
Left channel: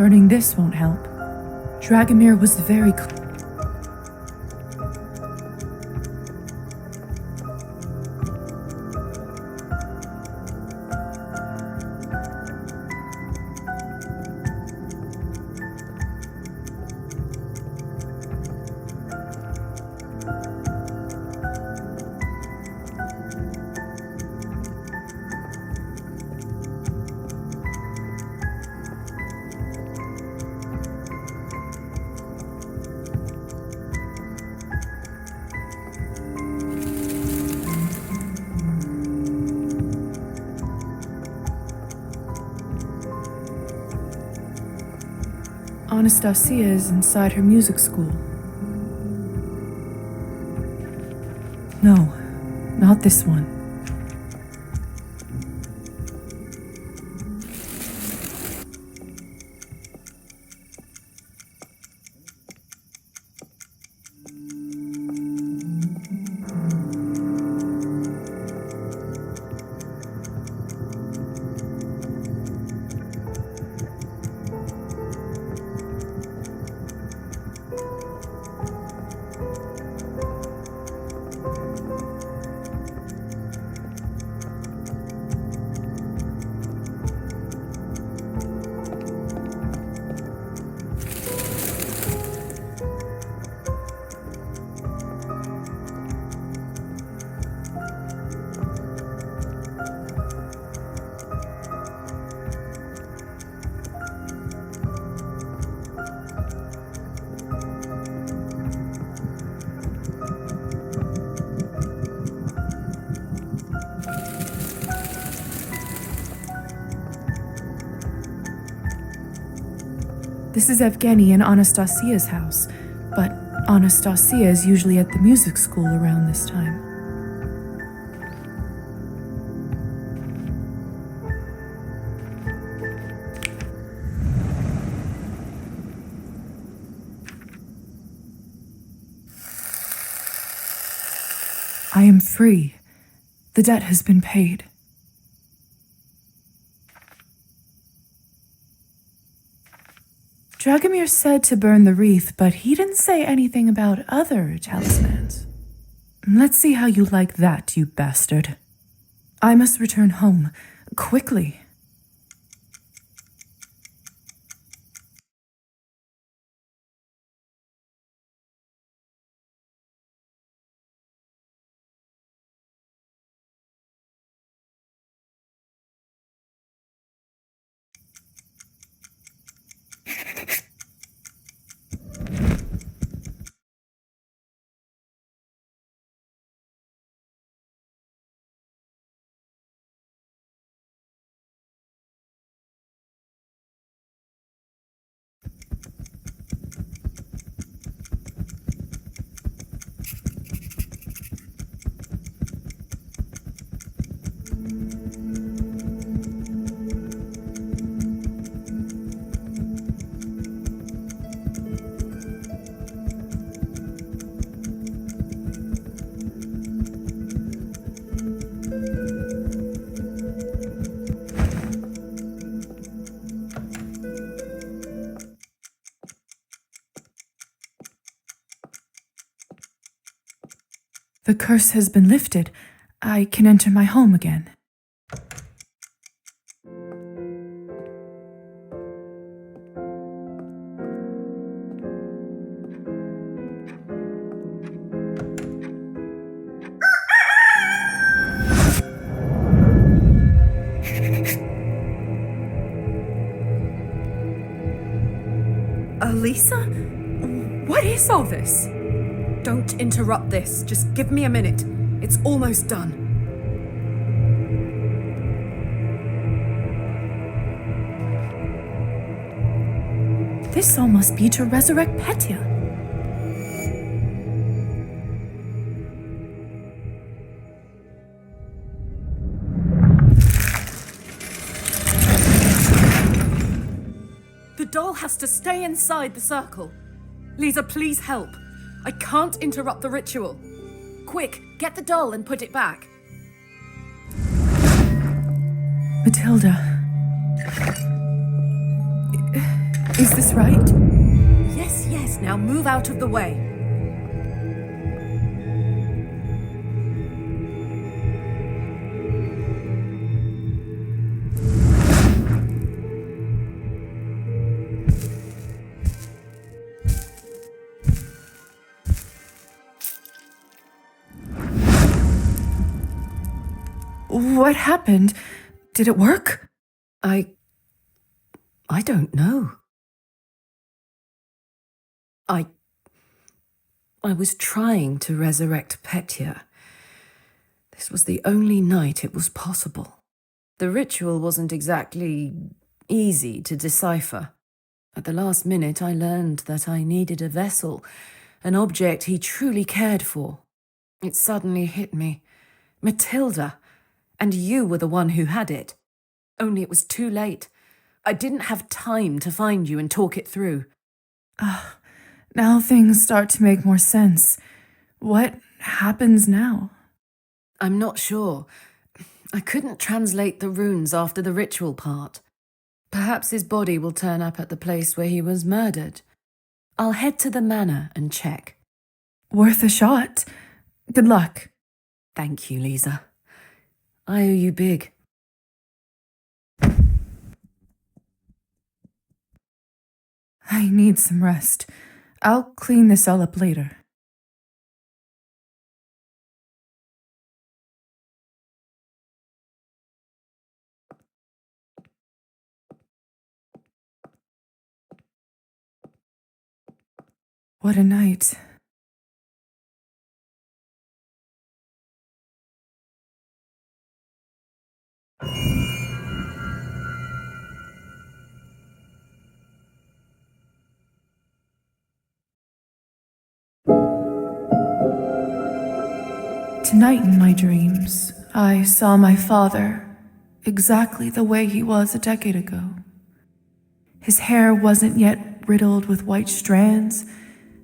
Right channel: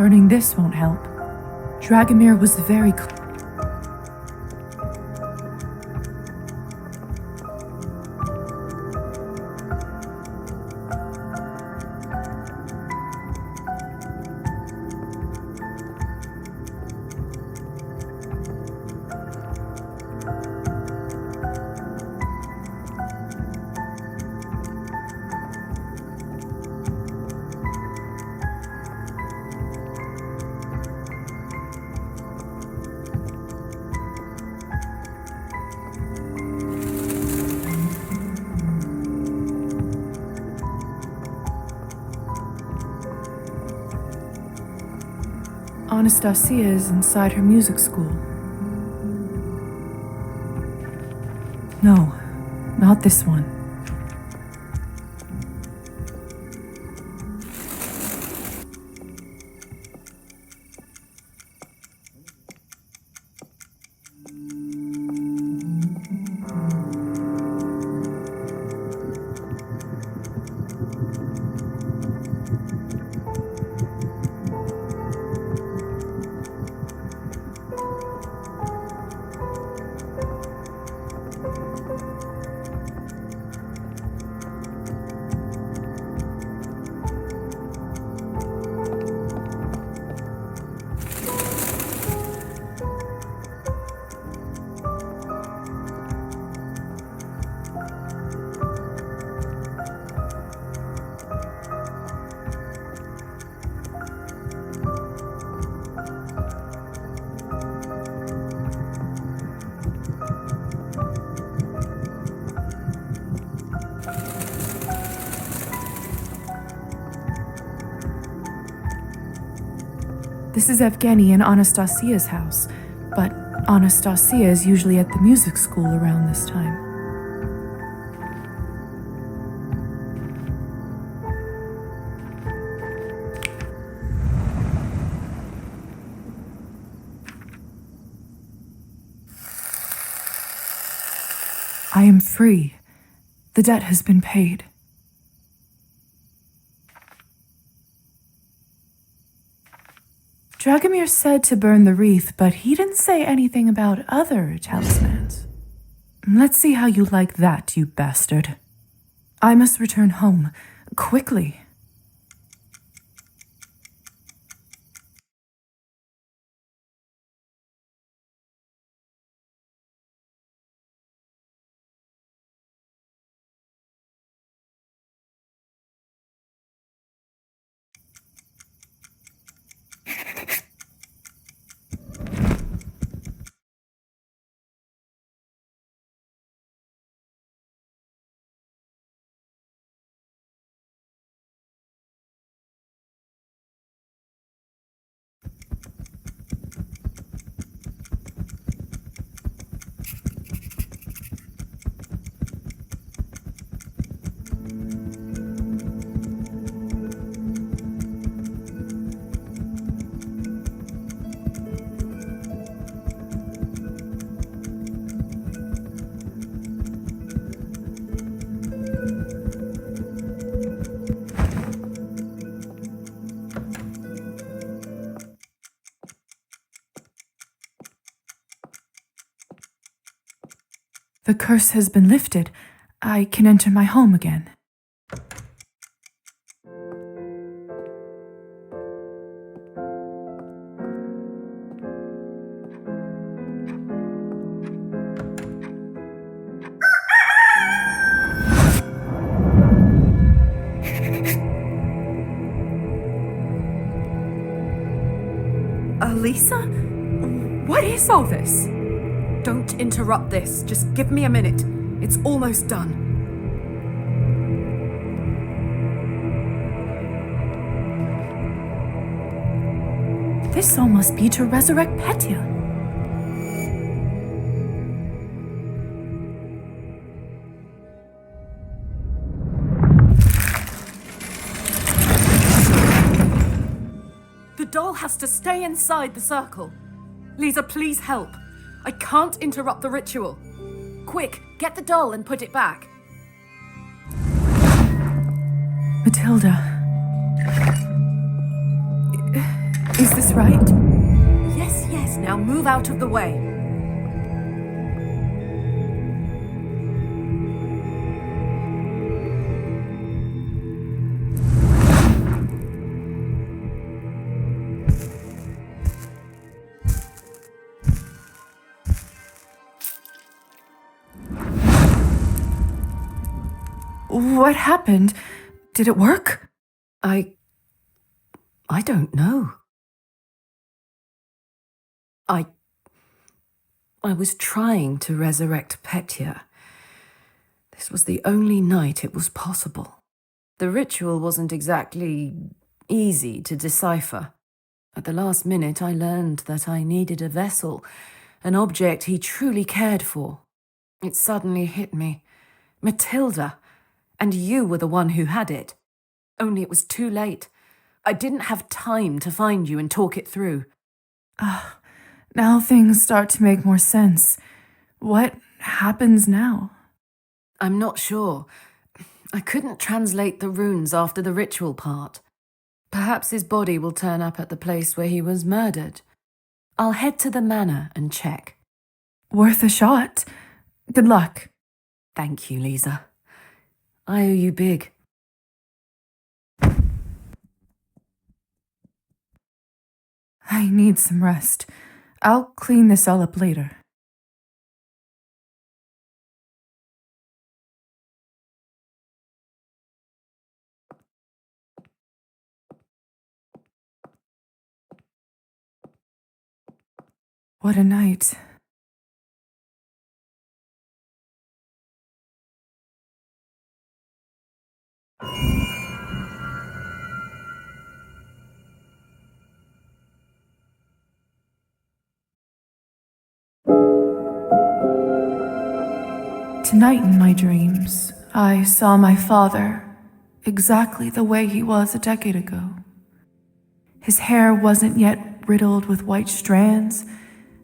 Burning this won't help. Dragomir was very Anastasia is inside her music school. No, not this one. This is Evgeny and Anastasia's house, but Anastasia is usually at the music school around this time. I am free. The debt has been paid. Dragomir said to burn the wreath, but he didn't say anything about other talismans. Let's see how you like that, you bastard. I must return home, quickly. The curse has been lifted. I can enter my home again. Elisa? What is all this? Don't interrupt this. Just give me a minute. It's almost done. This all must be to resurrect Petya. The doll has to stay inside the circle. Lisa, please help. I can't interrupt the ritual. Quick, get the doll and put it back. Matilda. Is this right? Yes, yes, now move out of the way. What happened? Did it work? I don't know. I was trying to resurrect Petya. This was the only night it was possible. The ritual wasn't exactly easy to decipher. At the last minute, I learned that I needed a vessel, an object he truly cared for. It suddenly hit me. Matilda, and you were the one who had it. Only it was too late. I didn't have time to find you and talk it through. Now things start to make more sense. What happens now? I'm not sure. I couldn't translate the runes after the ritual part. Perhaps his body will turn up at the place where he was murdered. I'll head to the manor and check. Worth a shot. Good luck. Thank you, Lisa. I owe you big. I need some rest. I'll clean this all up later. What a night. Tonight in my dreams, I saw my father exactly the way he was a decade ago. His hair wasn't yet riddled with white strands,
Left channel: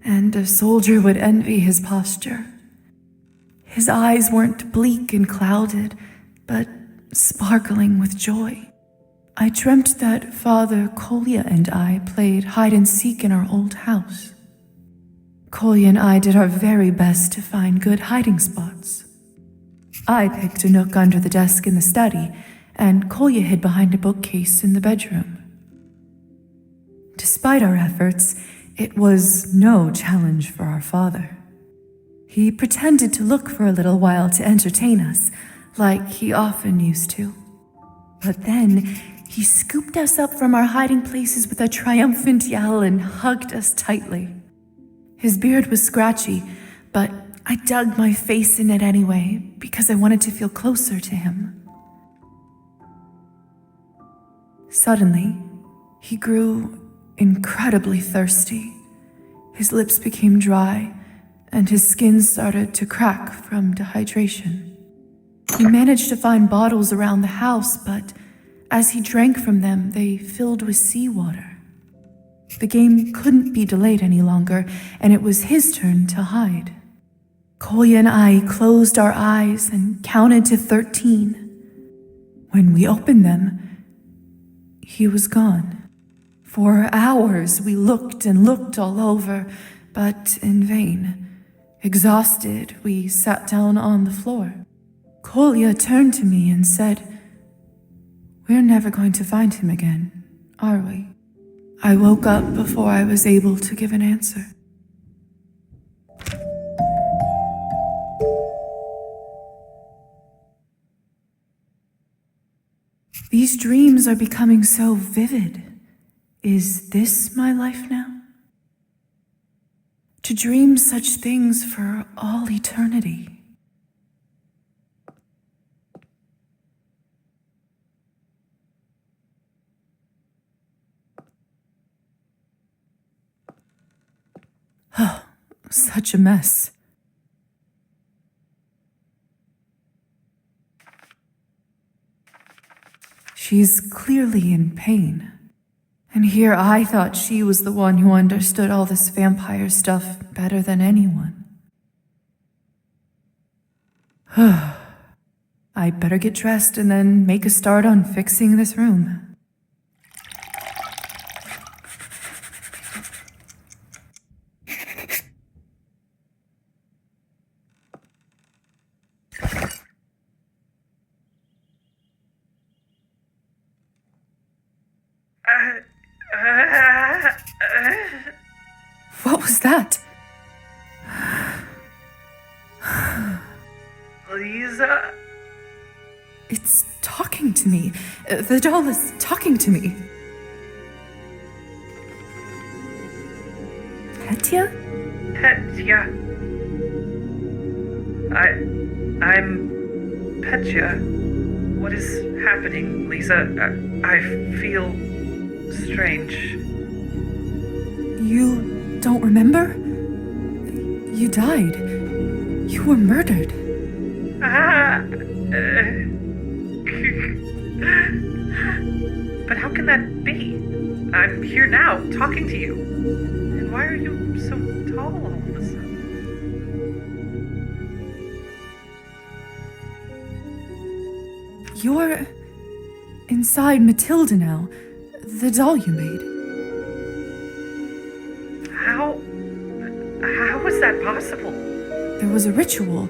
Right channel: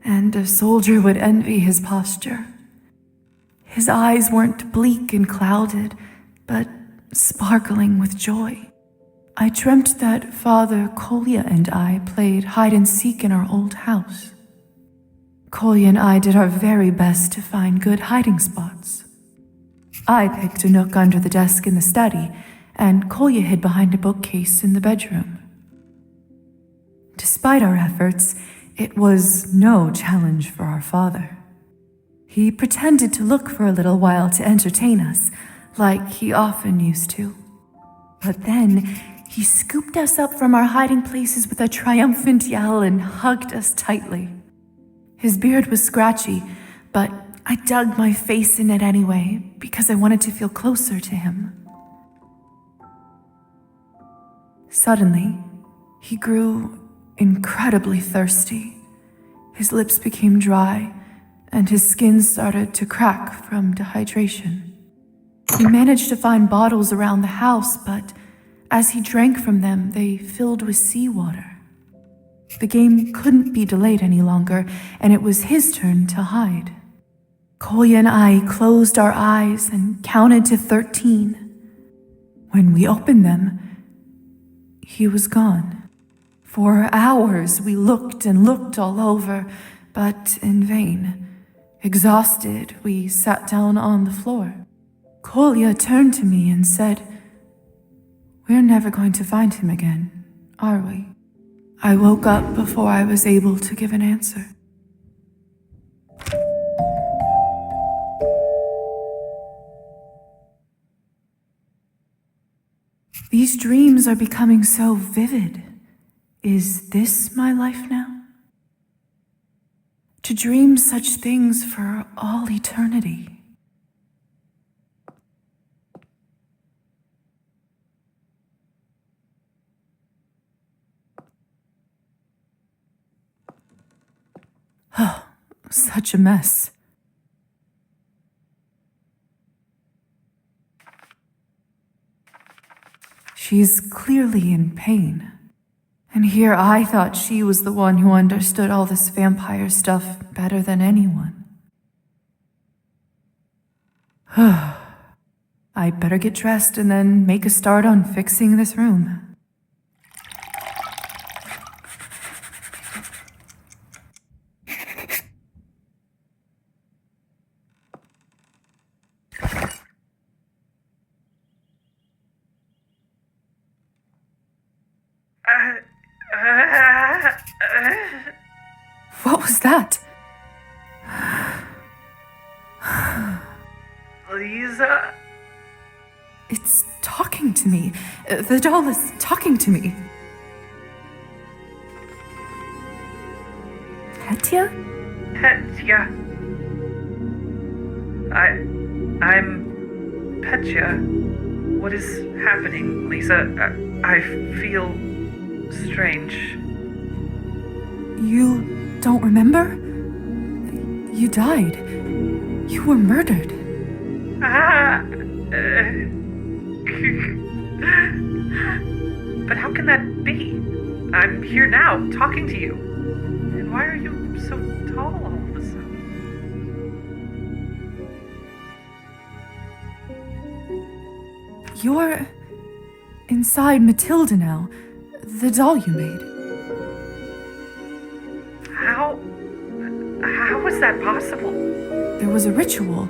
and a soldier would envy his posture. His eyes weren't bleak and clouded, but sparkling with joy. I dreamt that Father Kolya and I played hide and seek in our old house. Kolya and I did our very best to find good hiding spots. I picked a nook under the desk in the study, and Kolya hid behind a bookcase in the bedroom. Despite our efforts, it was no challenge for our father. He pretended to look for a little while to entertain us, like he often used to. But then, he scooped us up from our hiding places with a triumphant yell and hugged us tightly. His beard was scratchy, but I dug my face in it anyway because I wanted to feel closer to him. Suddenly, he grew incredibly thirsty. His lips became dry, and his skin started to crack from dehydration. He managed to find bottles around the house, but as he drank from them, they filled with seawater. The game couldn't be delayed any longer, and it was his turn to hide. Kolya and I closed our eyes and counted to 13. When we opened them, he was gone. For hours we looked and looked all over, but in vain. Exhausted, we sat down on the floor. Kolya turned to me and said, "We're never going to find him again, are we?" I woke up before I was able to give an answer. These dreams are becoming so vivid. Is this my life now? To dream such things for all eternity. Oh, such a mess. She's clearly in pain. And here I thought she was the one who understood all this vampire stuff better than anyone. I'd better get dressed and then make a start on fixing this room. was that? Lisa? It's talking to me. The doll is talking to me. Petya? Petya. I'm Petya. What is happening, Lisa? I feel strange. You don't remember? You died. You were murdered. But how can that be? I'm here now, talking to you. And why are you so tall all of a sudden? You're inside Matilda now, the doll you made. How is that possible? There was a ritual.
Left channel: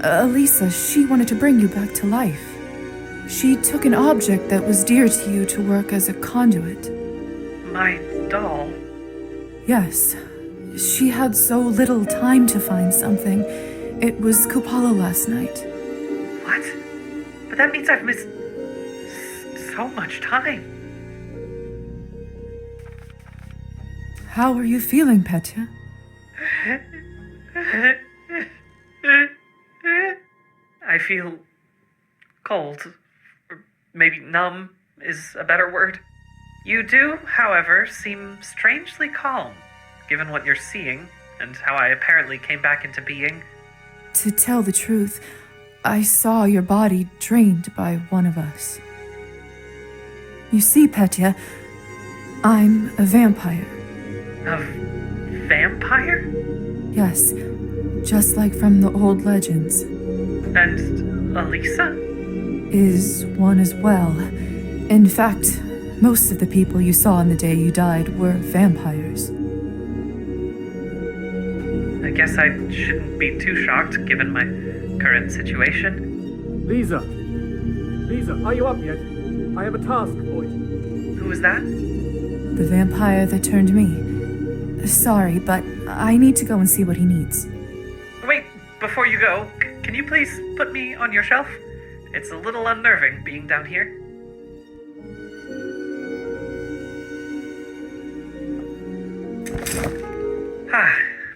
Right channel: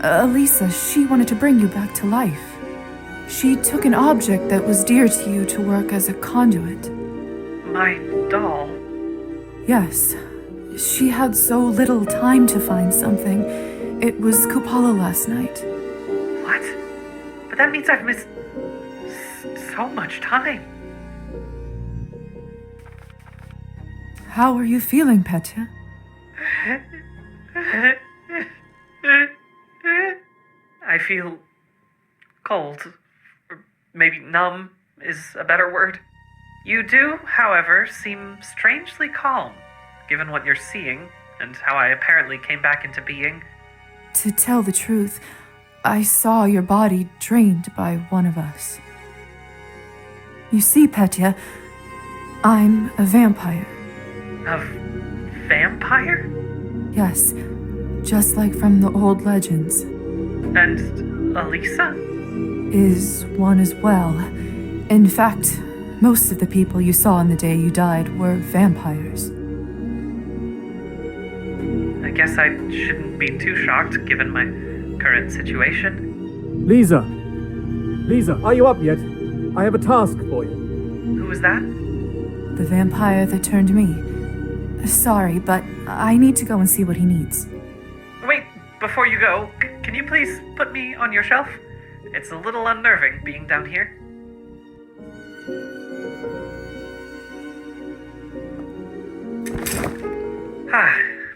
Elisa, she wanted to bring you back to life. She took an object that was dear to you to work as a conduit. My doll? Yes. She had so little time to find something. It was Kupala last night. What? But that means I've missed so much time. How are you feeling, Petya? I feel cold. Or maybe numb is a better word. You do, however, seem strangely calm, given what you're seeing and how I apparently came back into being. To tell the truth, I saw your body drained by one of us. You see, Petya, I'm a vampire. A vampire? Yes, just like from the old legends. And Elisa? Is one as well. In fact, most of the people you saw on the day you died were vampires. I guess I shouldn't be too shocked given my current situation. Lisa! Lisa, are you up yet? I have a task for you. Who was that? The vampire that turned me. Sorry, but I need to go and see what he needs. Wait, before you go, can you please put me on your shelf? It's a little unnerving being down here.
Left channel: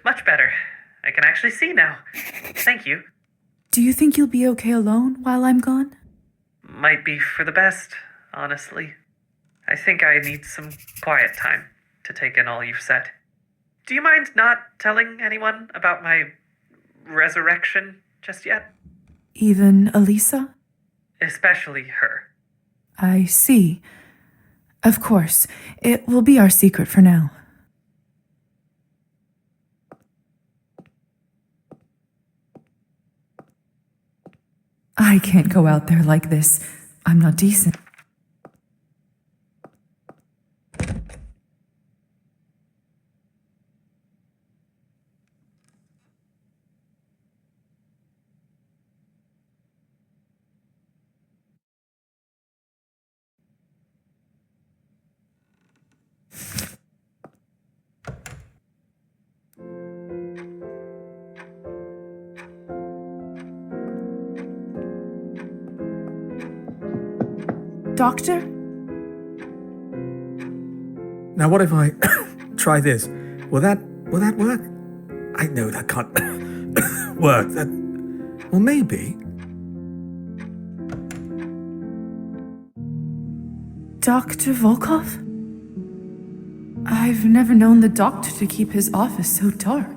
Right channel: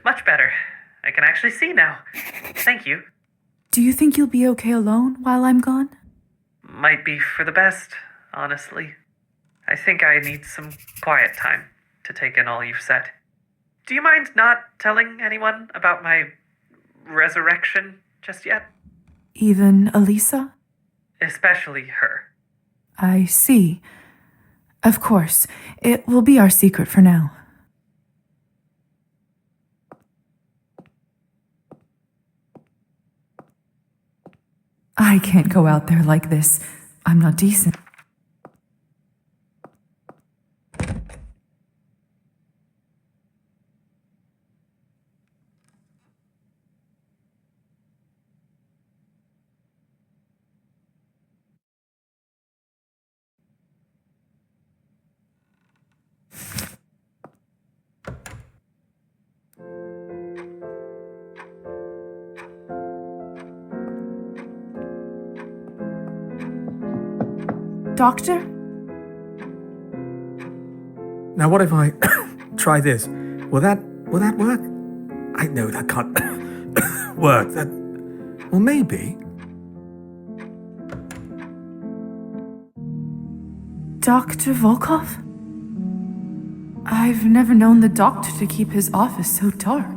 Much better. I can actually see now. Thank you. Do you think you'll be okay alone while I'm gone? Might be for the best, honestly. I think I need some quiet time to take in all you've said. Do you mind not telling anyone about my resurrection just yet? Even Elisa? Especially her. I see. Of course, it will be our secret for now. I can't go out there like this. I'm not decent. Doctor? Now what if I try this? Will that work? I know that can't work. Well, maybe. Dr. Volkov? I've never known the doctor to keep his office so dark.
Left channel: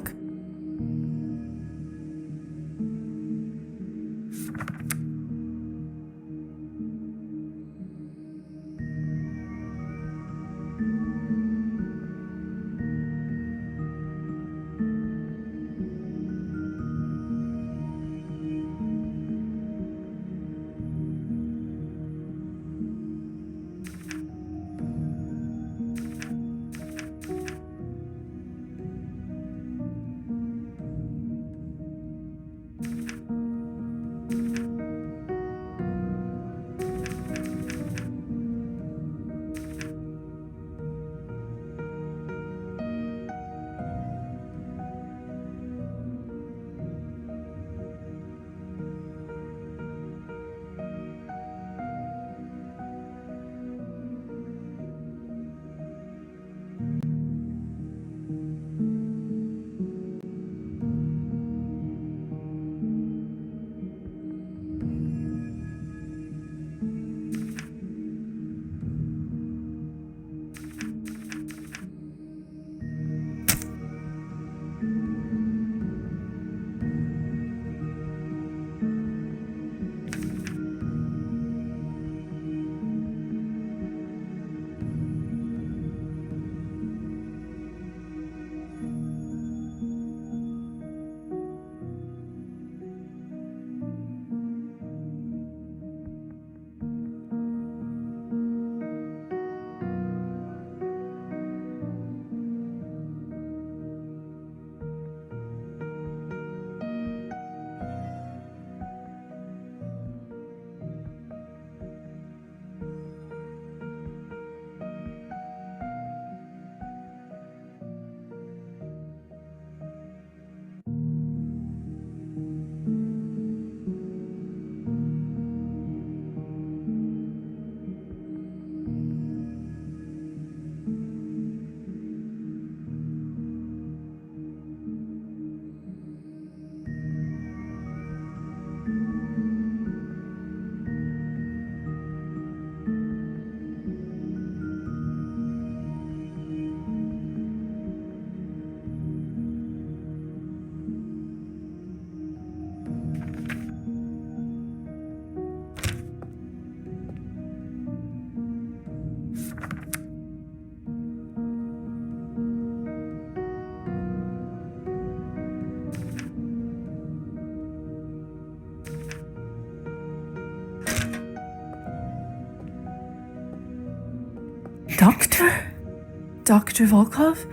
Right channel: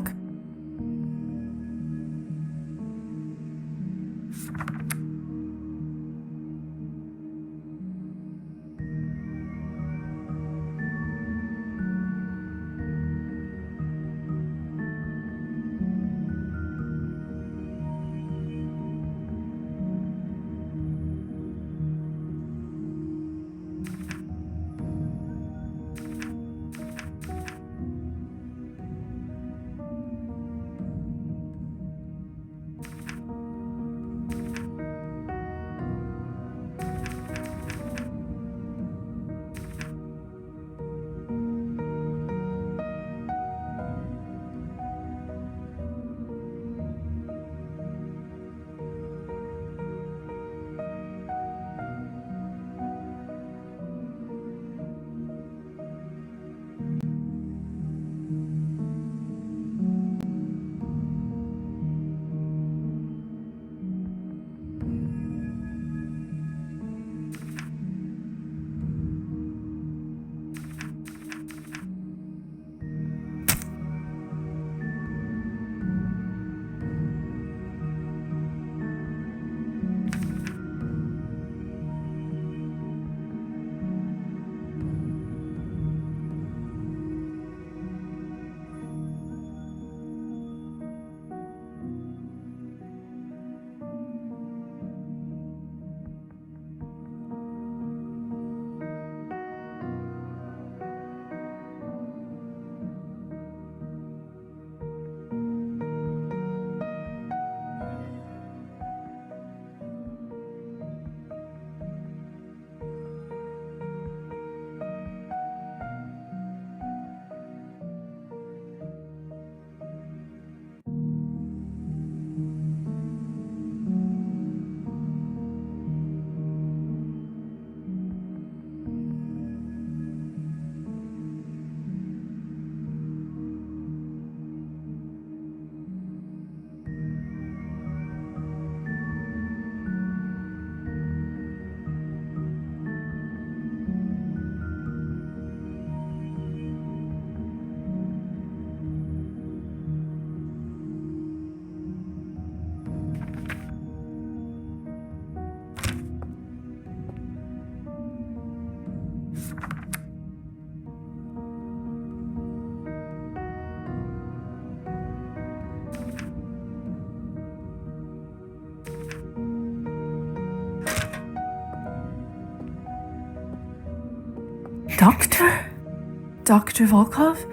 Dr. Volkov?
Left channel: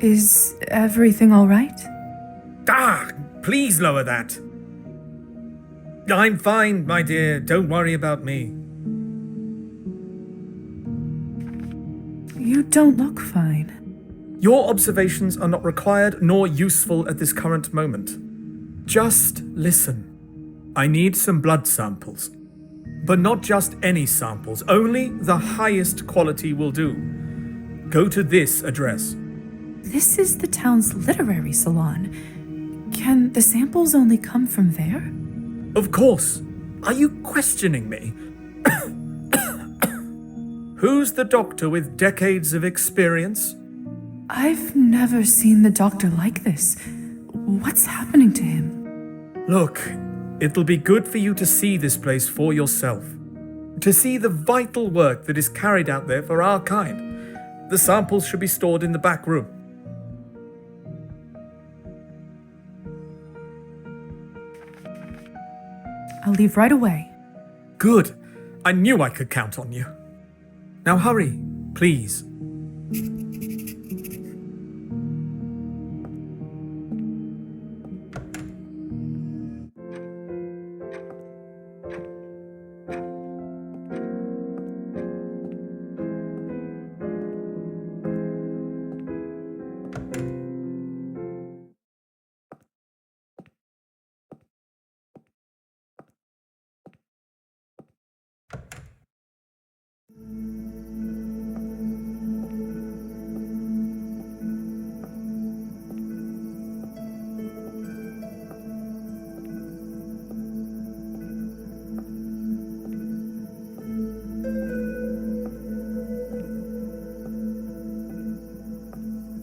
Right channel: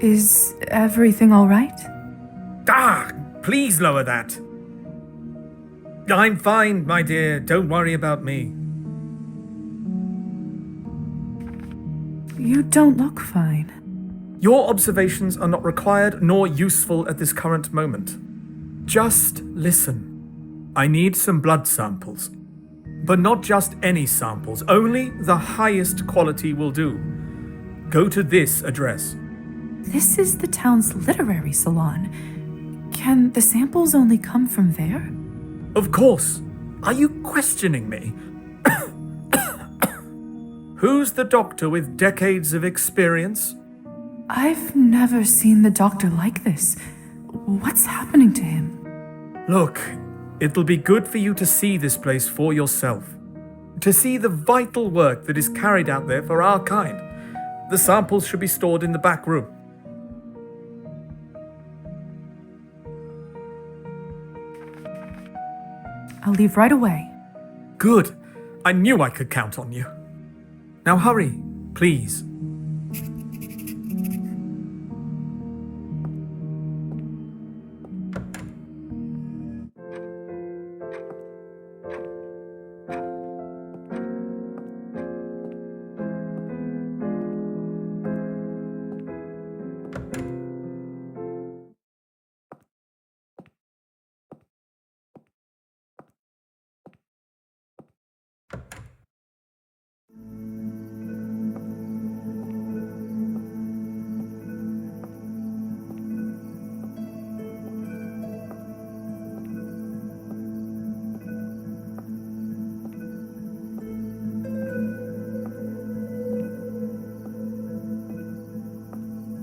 Is everything all right? Ah, please lower that. I'm fine, my dear. Don't worry about me. You don't look fine. Your observations are not required nor useful at this current moment. Just listen. I need some blood samples. But not just any samples, only the highest quality will do. Go to this address. This is the town's literary salon. Can the samples only come from there? Of course. Are you questioning me? Who's the doctor with decades of experience? I've never seen the doctor like this. What's happening to him? Look, it'll be good for you to see this place for yourself. To see the vital work that is carried out there for our kind. The samples should be stored in the back room. I'll leave right away. Good. I knew I could count on you. Now hurry, please.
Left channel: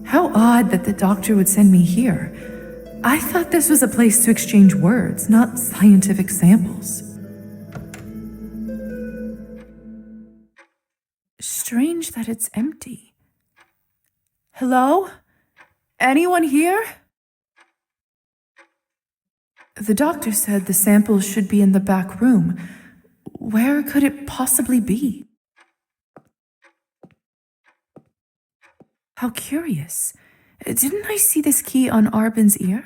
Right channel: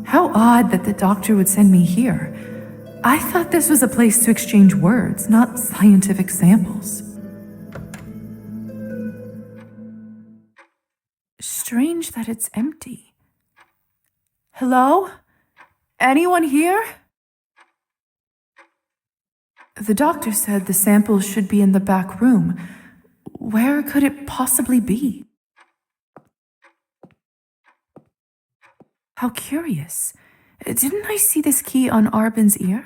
How odd that the doctor would send me here. I thought this was a place to exchange words, not scientific samples. Strange that it's empty. Hello? Anyone here? The doctor said the samples should be in the back room. Where could it possibly be? How curious. Didn't I see this key on Arbin's ear?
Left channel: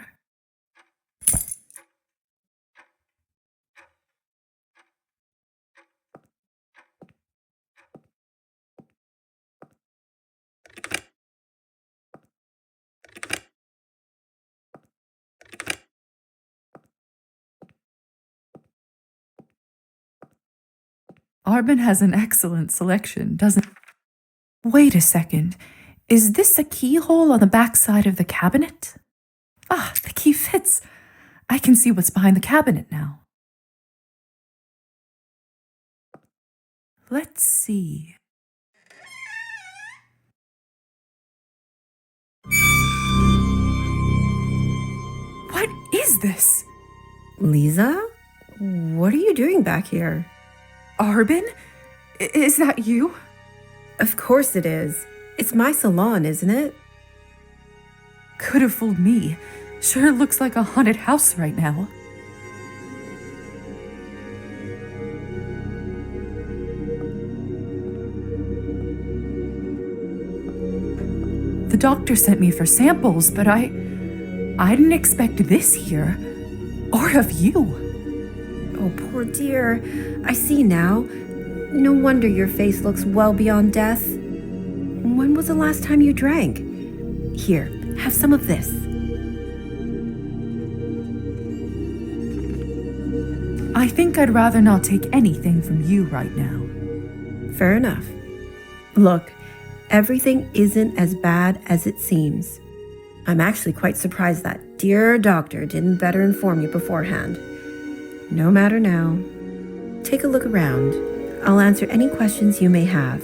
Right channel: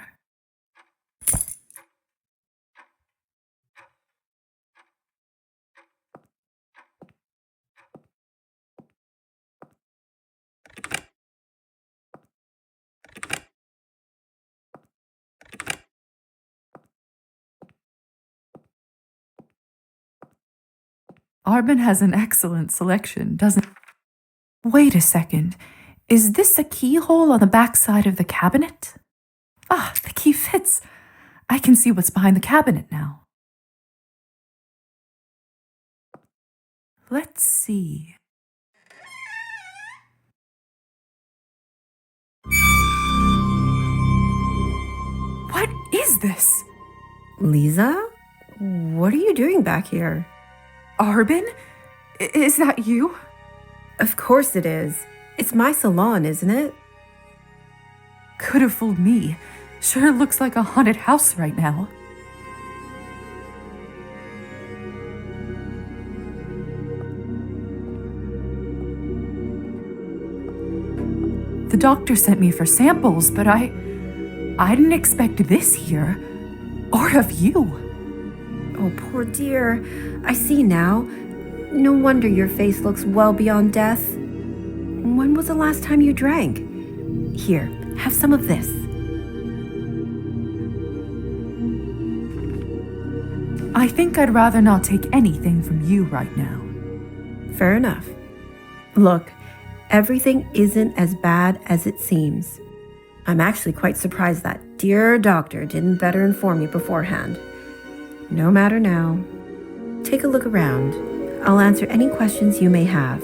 Arbin has an excellent selection, doesn't he? Wait a second. Is this a keyhole on the back side of the cabinet? Ah, the key fits. I can see what's behind the cabinet now. Let's see. What is this? Lisa? What are you doing back here? Arbin? Is that you? Of course it is. It's my salon, isn't it? Could have fooled me. Sure looks like a haunted house right now. The doctor sent me for samples, but I didn't expect this here. Or of you. Oh, poor dear. I see now. No wonder your face looks well beyond death. When was the last time you drank? Here, have some of this. I think I'd rather not take anything from you right now. Fair enough. Look, everything isn't as bad as it seems. I'm actually quite surprised that dear doctor didn't better inform you beforehand. No matter now. Take a look around. I'll answer any questions you may have.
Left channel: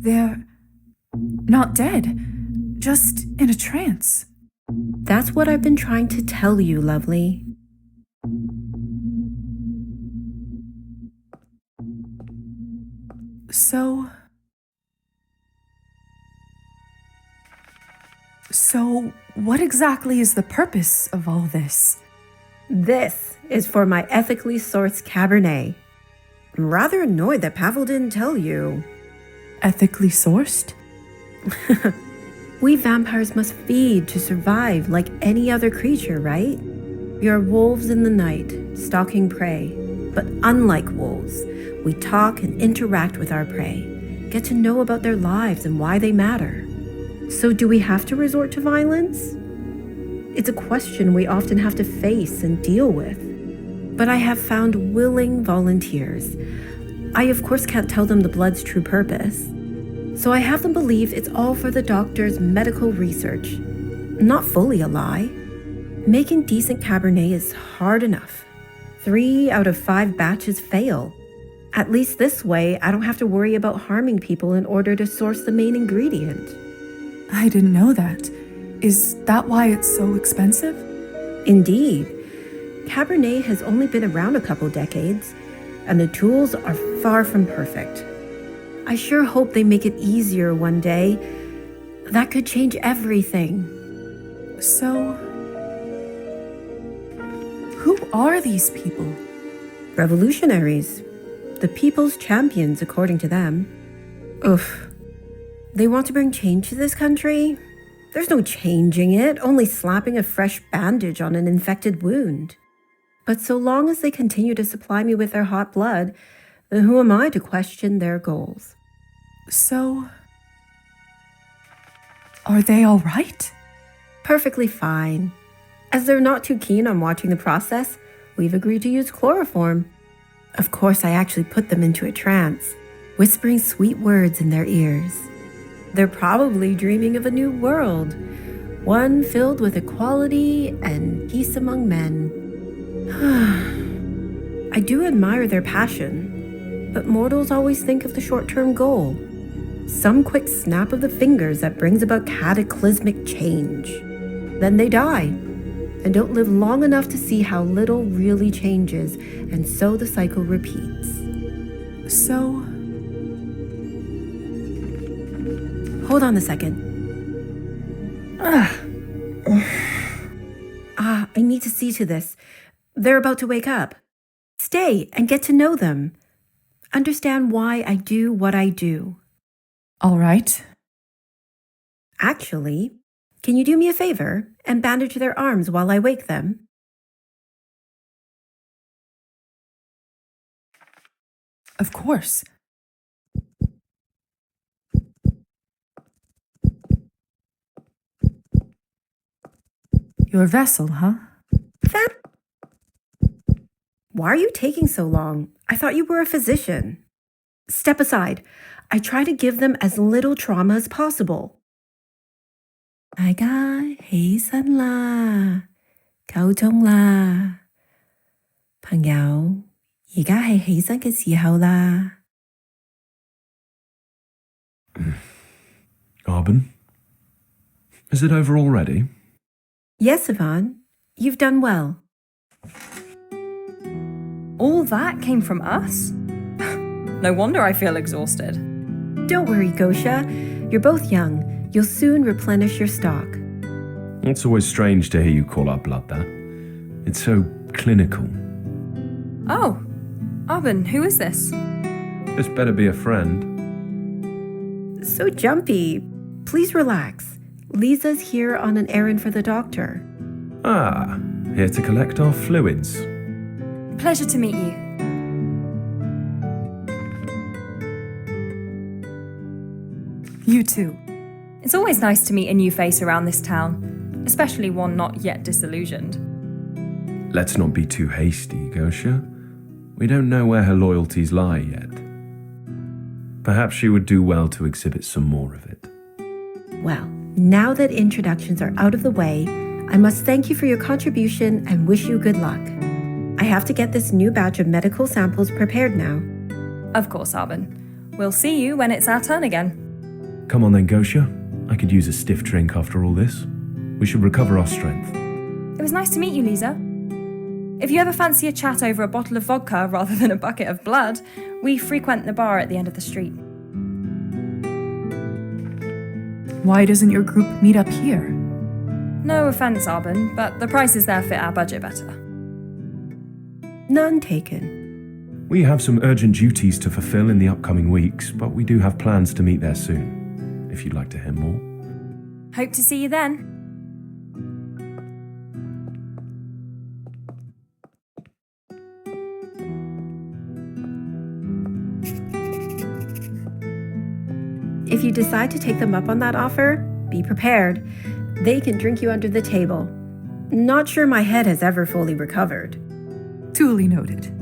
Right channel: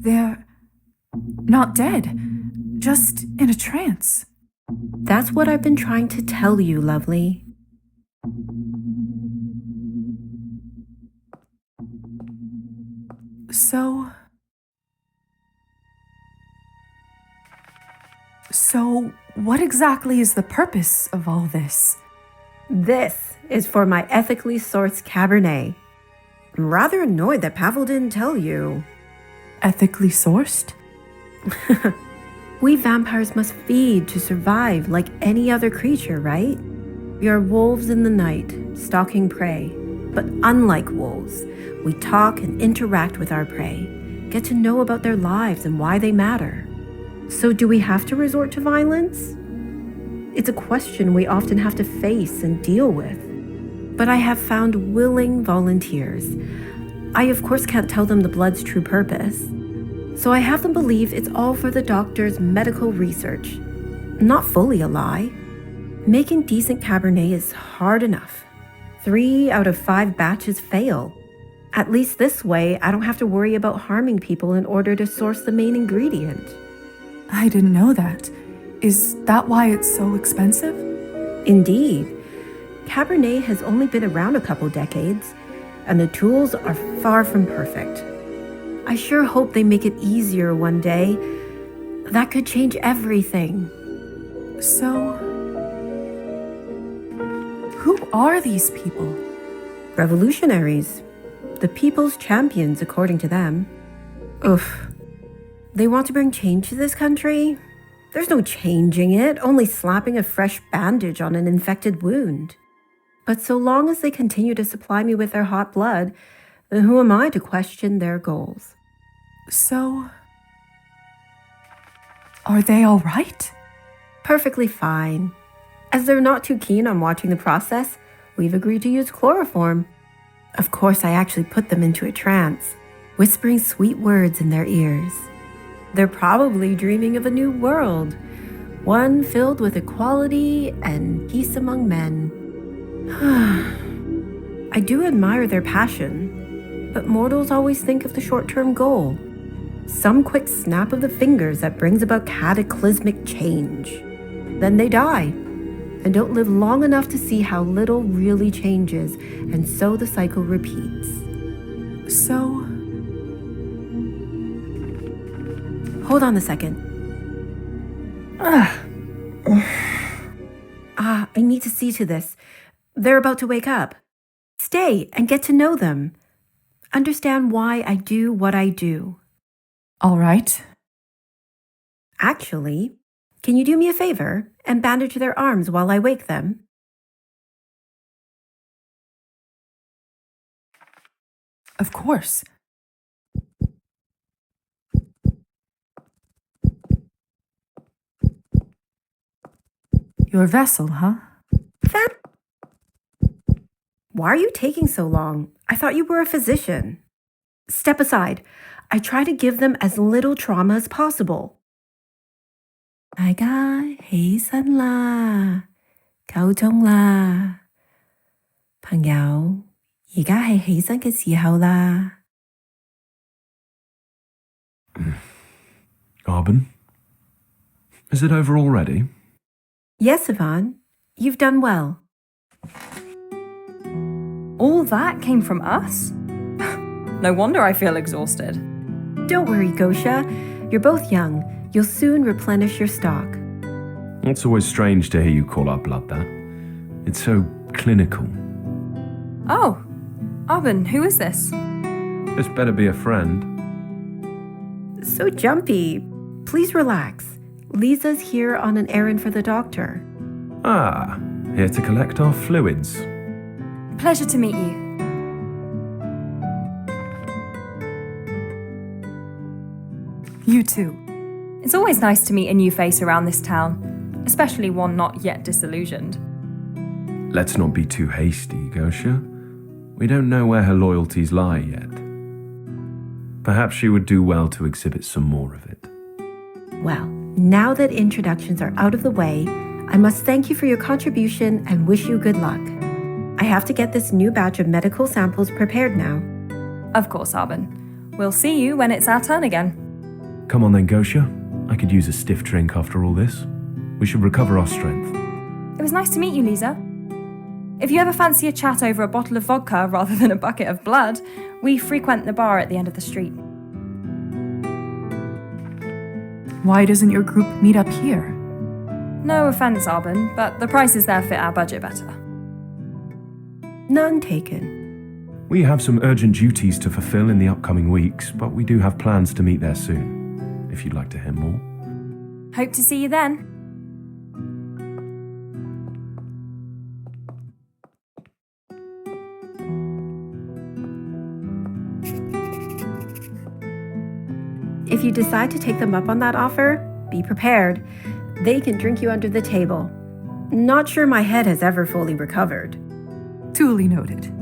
They're not dead, just in a trance. That's what I've been trying to tell you, lovely. So... So, what exactly is the purpose of all this? This is for my ethically sourced Cabernet. I'm rather annoyed that Pavel didn't tell you. Ethically sourced? We vampires must feed to survive like any other creature, right? We are wolves in the night, stalking prey. But unlike wolves, we talk and interact with our prey, get to know about their lives and why they matter. So do we have to resort to violence? It's a question we often have to face and deal with. But I have found willing volunteers. I, of course, can't tell them the blood's true purpose. So I have them believe it's all for the doctor's medical research. Not fully a lie. Making decent Cabernet is hard enough. 3 out of 5 batches fail. At least this way, I don't have to worry about harming people in order to source the main ingredient. I didn't know that. Is that why it's so expensive? Indeed. Cabernet has only been around a couple decades, and the tools are far from perfect. I sure hope they make it easier one day. That could change everything. So, who are these people? Revolutionaries. The people's champions, according to them. Oof. They want to bring change to this country? There's no changing it, only slapping a fresh bandage on an infected wound. But so long as they continue to supply me with their hot blood, then who am I to question their goals? So, are they all right? Perfectly fine. As they're not too keen on watching the process, we've agreed to use chloroform. Of course, I actually put them into a trance, whispering sweet words in their ears. They're probably dreaming of a new world, one filled with equality and peace among men. I do admire their passion, but mortals always think of the short-term goal. Some quick snap of the fingers that brings about cataclysmic change. Then they die, and don't live long enough to see how little really changes, and so the cycle repeats. So, hold on a second. I need to see to this. They're about to wake up. Stay and get to know them. Understand why I do what I do. All right. Actually, can you do me a favor and bandage their arms while I wake them? Of course. Your vessel, huh? Why are you taking so long? I thought you were a physician. Step aside. I try to give them as little trauma as possible. 大家起身啦，夠鐘啦，朋友，而家係起身嘅時候啦。Arbin? Is it over already? Yes, Yvonne. You've done well. All that came from us? No wonder I feel exhausted. Don't worry, Gosha. You're both young. You'll soon replenish your stock. It's always strange to hear you call our blood that. It's so clinical. Oh, Arbin, who is this? This better be a friend. So jumpy. Please relax. Lisa's here on an errand for the doctor. Ah, here to collect our fluids. Pleasure to meet you. You too. It's always nice to meet a new face around this town, especially one not yet disillusioned. Let's not be too hasty, Gosha. We don't know where her loyalties lie yet. Perhaps she would do well to exhibit some more of it. Well, now that introductions are out of the way, I must thank you for your contribution and wish you good luck. I have to get this new batch of medical samples prepared now. Of course, Arbin. We'll see you when it's our turn again. Come on then, Gosha. I could use a stiff drink after all this. We should recover our strength. It was nice to meet you, Lisa. If you ever fancy a chat over a bottle of vodka rather than a bucket of blood, we frequent the bar at the end of the street. Why doesn't your group meet up here? No offense, Arbin, but the prices there fit our budget better. None taken. We have some urgent duties to fulfill in the upcoming weeks, but we do have plans to meet there soon, if you'd like to hear more. Hope to see you then. If you decide to take them up on that offer, be prepared. They can drink you under the table. Not sure my head has ever fully recovered. Duly noted.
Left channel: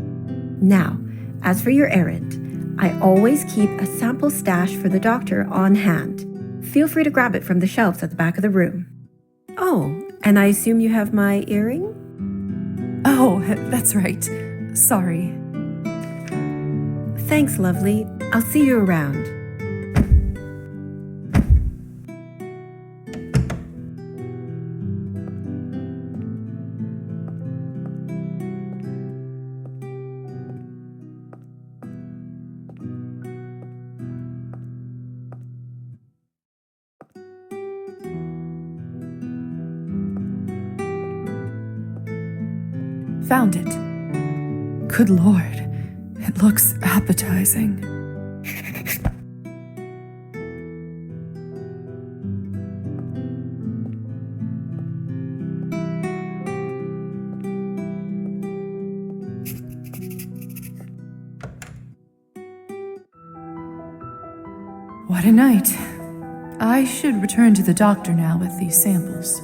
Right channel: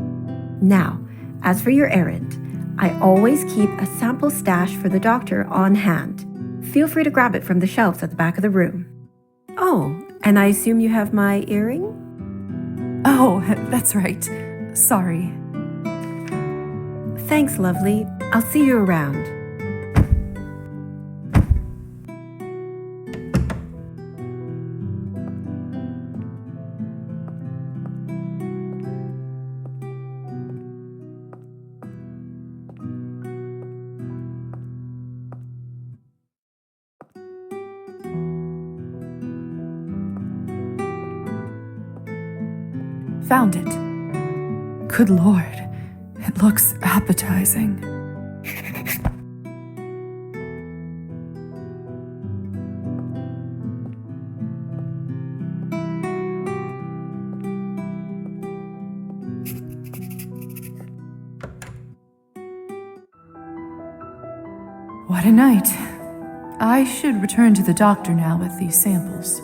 Now, as for your errand, I always keep a sample stash for the doctor on hand. Feel free to grab it from the shelves at the back of the room. Oh, and I assume you have my earring? Oh, that's right. Sorry. Thanks, lovely. I'll see you around. Found it. Good Lord, it looks appetizing. What a night. I should return to the doctor now with these samples.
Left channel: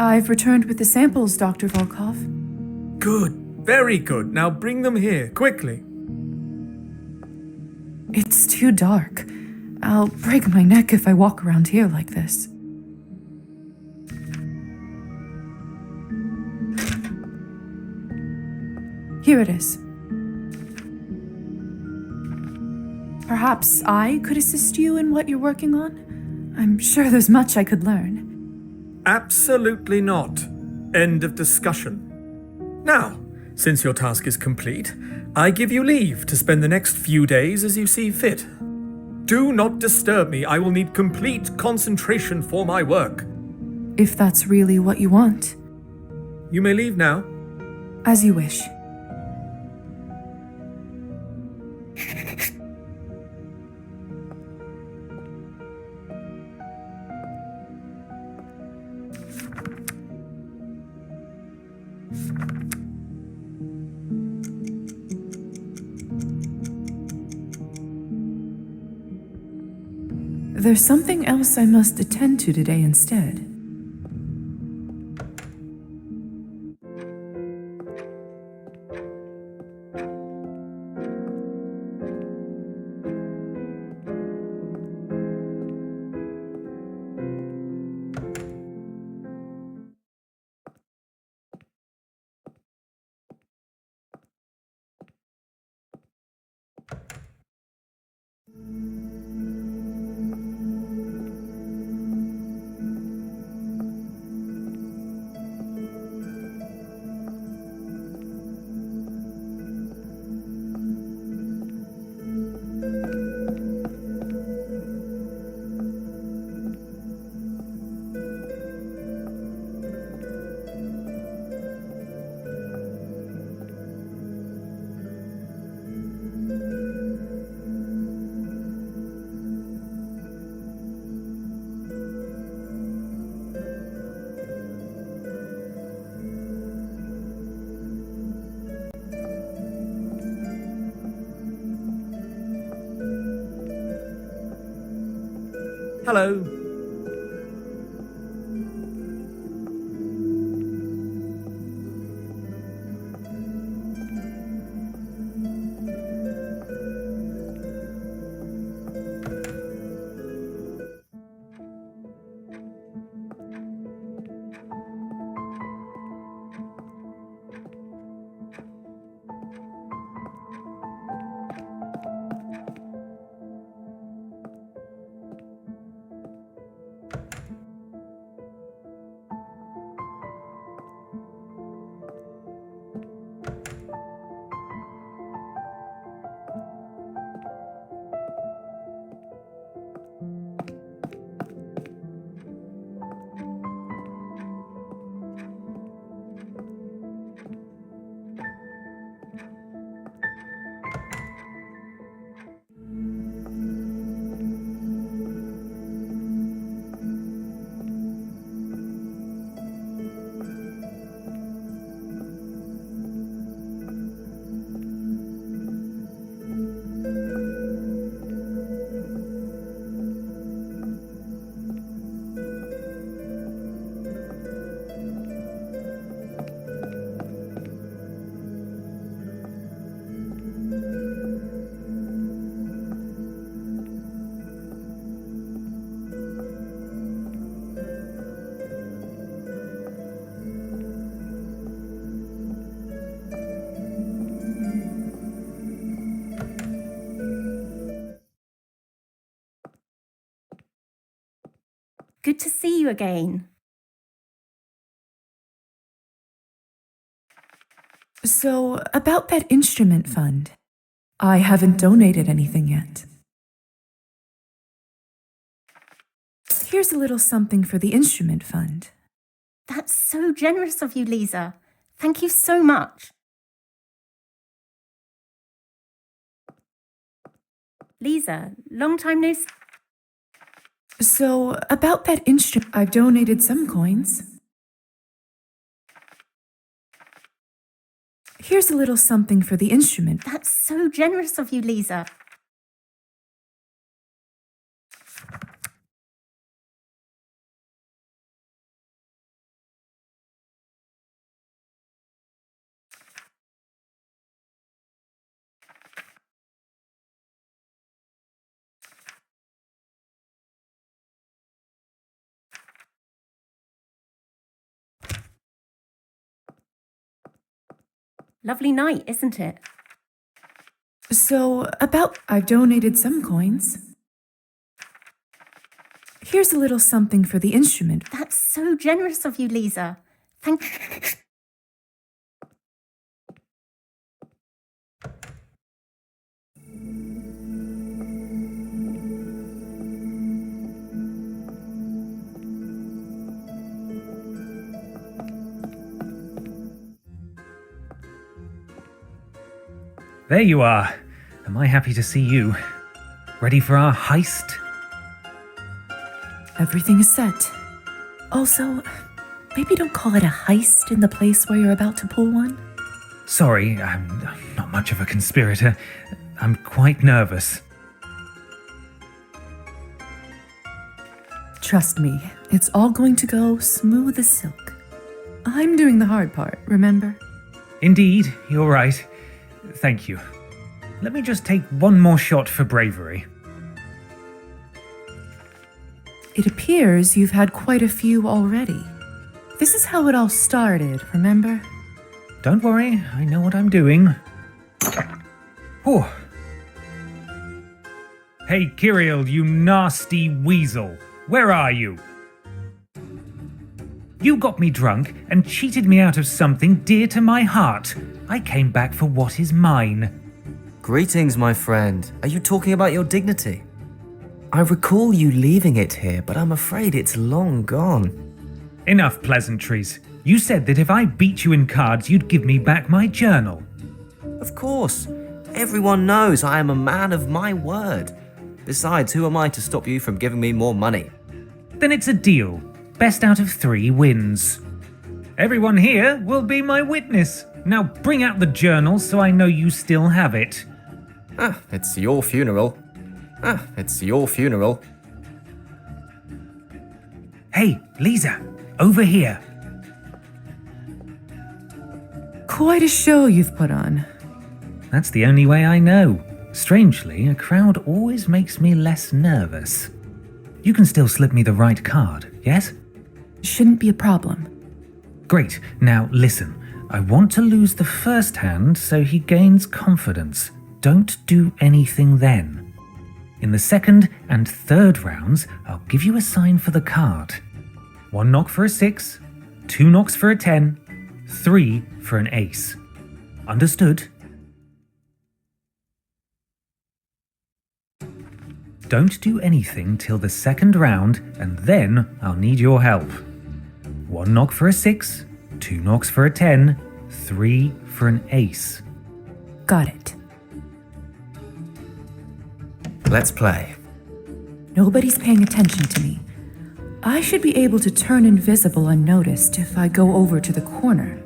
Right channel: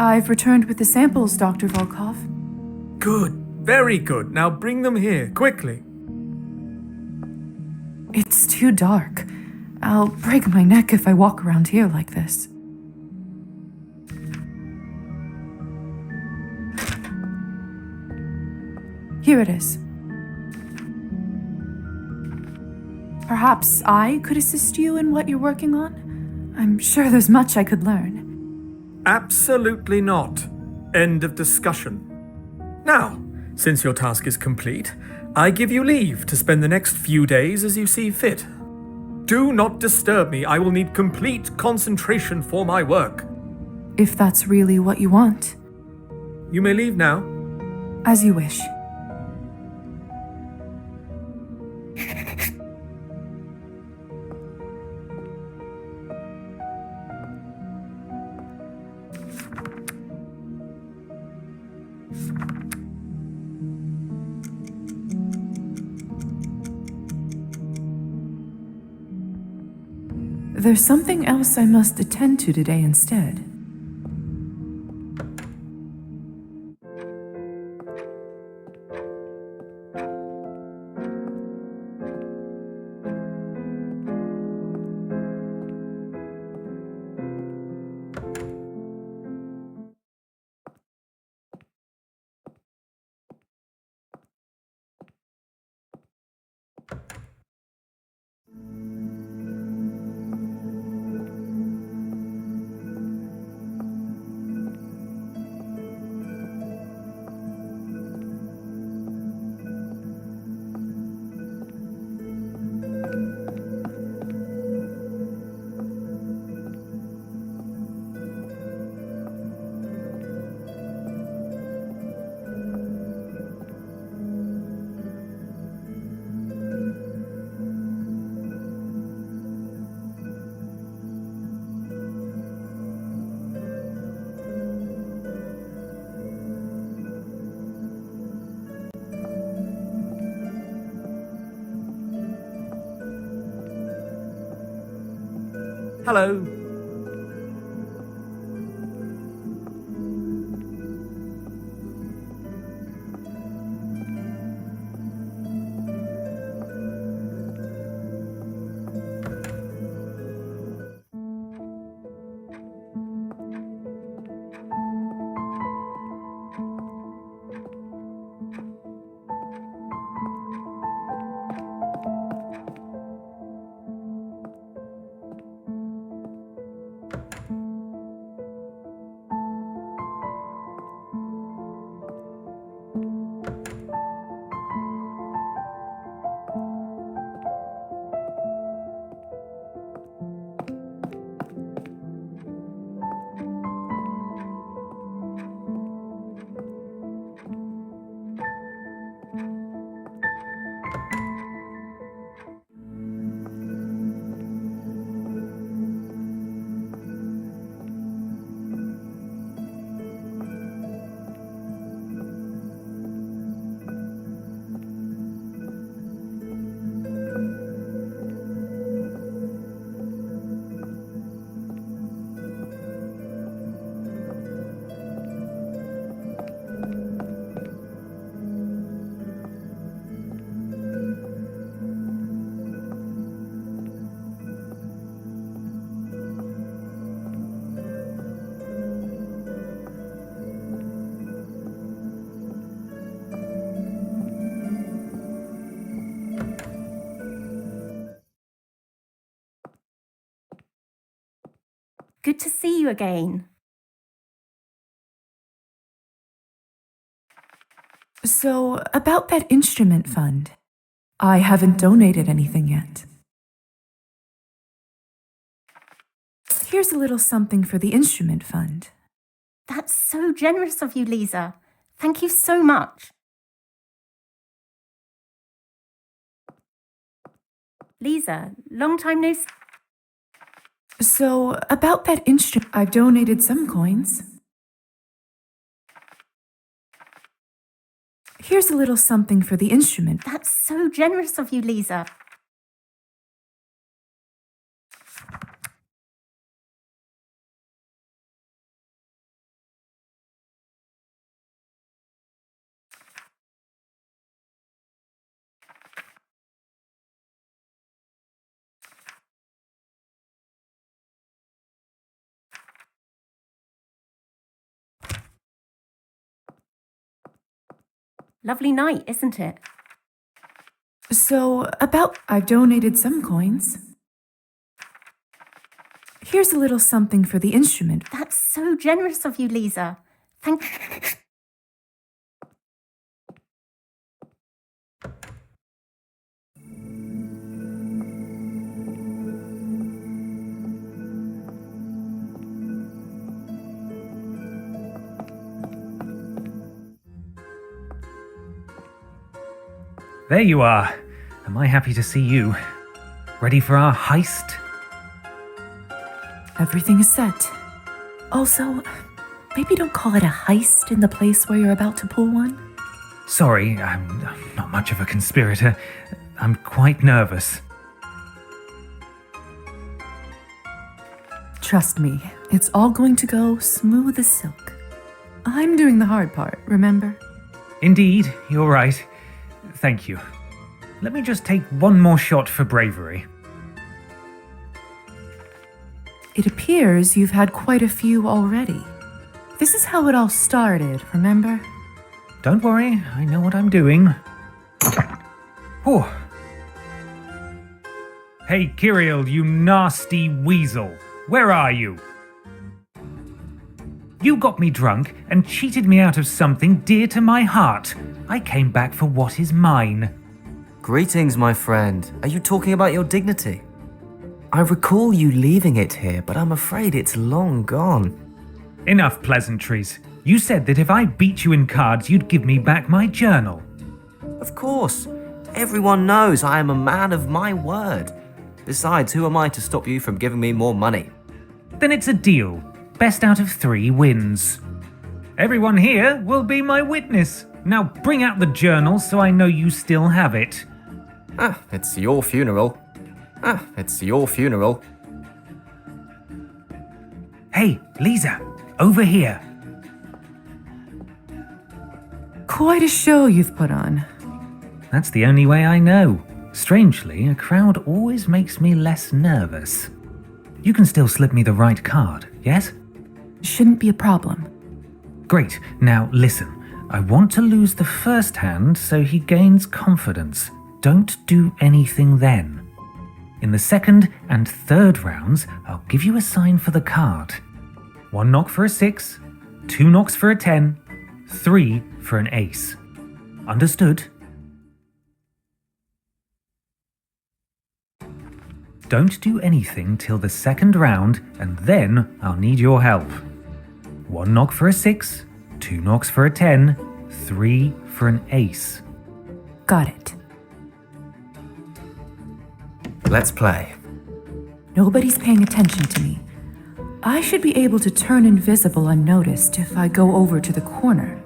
I've returned with the samples, Dr. Volkov. Good. Very good. Now bring them here, quickly. It's too dark. I'll break my neck if I walk around here like this. Here it is. Perhaps I could assist you in what you're working on? I'm sure there's much I could learn. Absolutely not. End of discussion. Now, since your task is complete, I give you leave to spend the next few days as you see fit. Do not disturb me. I will need complete concentration for my work. If that's really what you want. You may leave now. As you wish. There's something else I must attend to today instead. Hello. Good to see you again. So, about that instrument fund, I haven't donated anything yet. Here's a little something for the instrument fund. That's so generous of you, Lisa. Thank you so much. Lisa, long time no see. So, about that instrument, I've donated some coins. Here's a little something for the instrument. That's so generous of you, Lisa. Lovely night, isn't it? So, I've donated some coins. Here's a little something for the instrument. That's so generous of you, Lisa. Thank. There you are. Am I happy to see you? Ready for our heist? Everything is set. Also, maybe don't call it a heist in the place where you're about to pull one. Sorry, I'm not much of a conspirator. I'm quite nervous. Trust me, it's all going to go smooth as silk. I'm doing the hard part, remember? Indeed, you're right. Thank you. Let me just take one more shot for bravery. It appears you've had quite a few already. This is how it all started, remember? Don't worry, I know what I'm doing. Whew. Hey, Kirill, you nasty weasel. Where are you? You got me drunk and cheated me out of something dear to my heart. I came back for what is mine. Greetings, my friend. Are you talking about your dignity? I recall you leaving it here, but I'm afraid it's long gone. Enough pleasantries. You said that if I beat you in cards, you'd give me back my journal. Of course. Everyone knows I am a man of my word. Besides, who am I to stop you from giving me more money? Then it's a deal. Best out of 3 wins. Everyone here will be my witness. Now bring out the journal so I know you still have it. It's your funeral. It's your funeral. Hey, Lisa, over here. Quite a show you've put on. That's the only way I know. Strangely, a crowd always makes me less nervous. You can still slip me the right card, yes? Shouldn't be a problem. Great. Now listen. I want to lose the first hand so he gains confidence. Don't do anything then. In the second and third rounds, I'll give you a sign for the card. 1 knock for a 6, 2 knocks for a 10, 3 for an ace. Understood? Don't do anything till the second round, and then I'll need your help. 1 knock for a 6, 2 knocks for a 10, 3 for an ace. Got it. Let's play. Nobody's paying attention to me. I should be able to turn invisible unnoticed if I go over to the corner.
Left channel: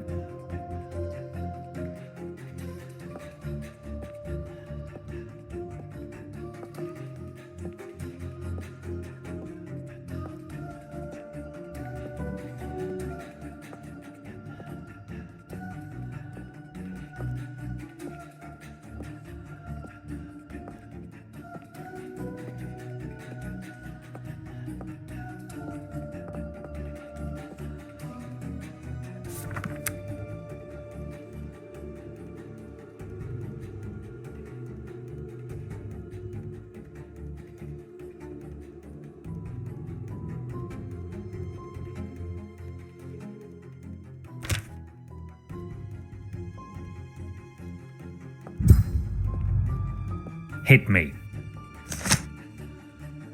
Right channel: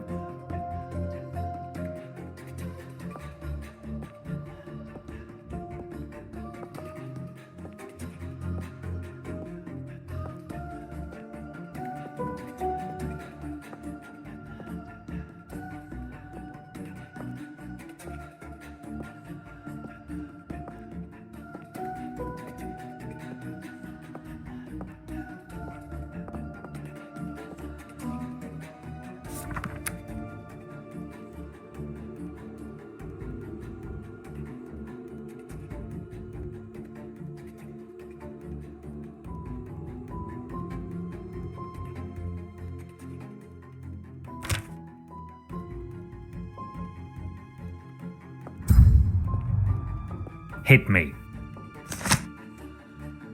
Hit me.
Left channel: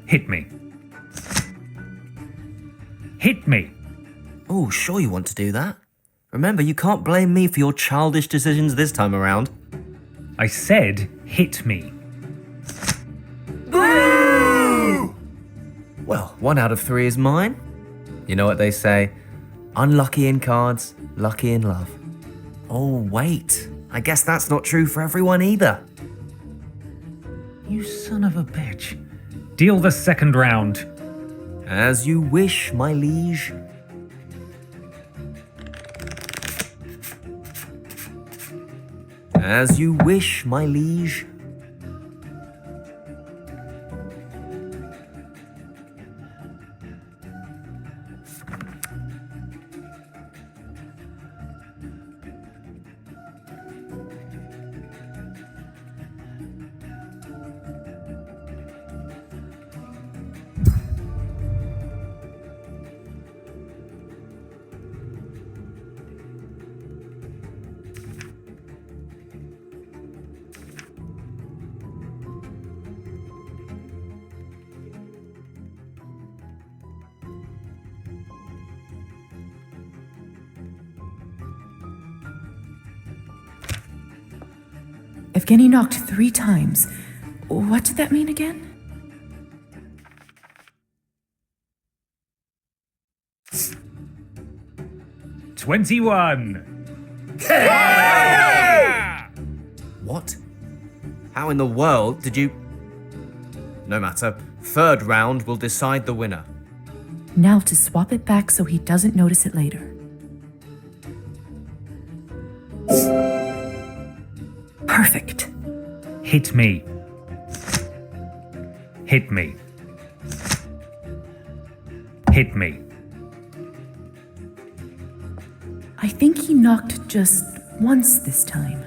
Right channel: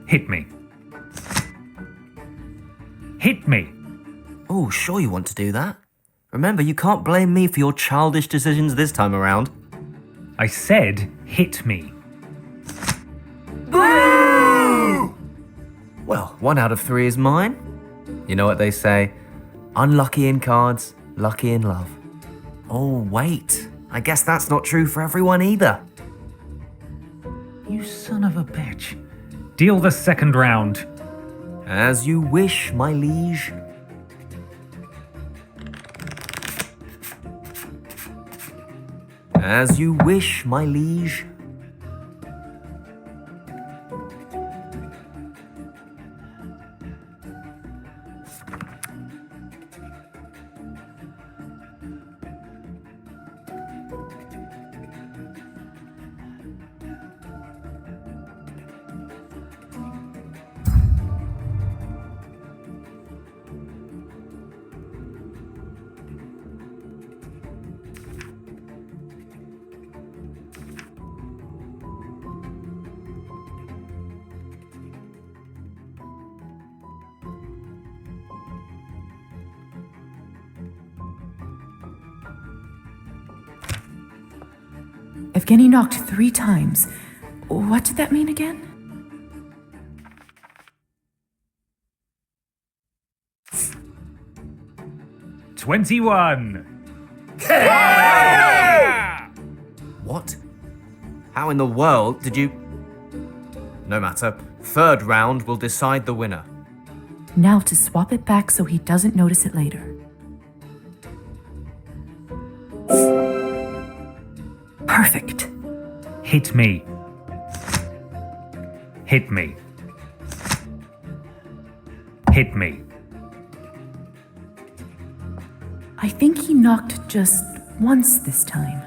Hit me. Hit me. Oh, sure you want to do that? Remember, you can't blame me for your childish decisions this time around. I said hit me. Boo! Well, 1 out of 3 is mine. You know what they say? Unlucky in cards, lucky in love. Oh, wait. I guess that's not true for everyone either. You son of a bitch. Deal the second round. As you wish, my liege. As you wish, my liege. Evgeny knocked 3 times. What did that mean again? $21. What? How in the world did you... No matter. Third round will decide the winner. Now to swap it back so he doesn't notice it later. Perfect. Hit me. Hit me. Hit me. I think he knocked just once this time.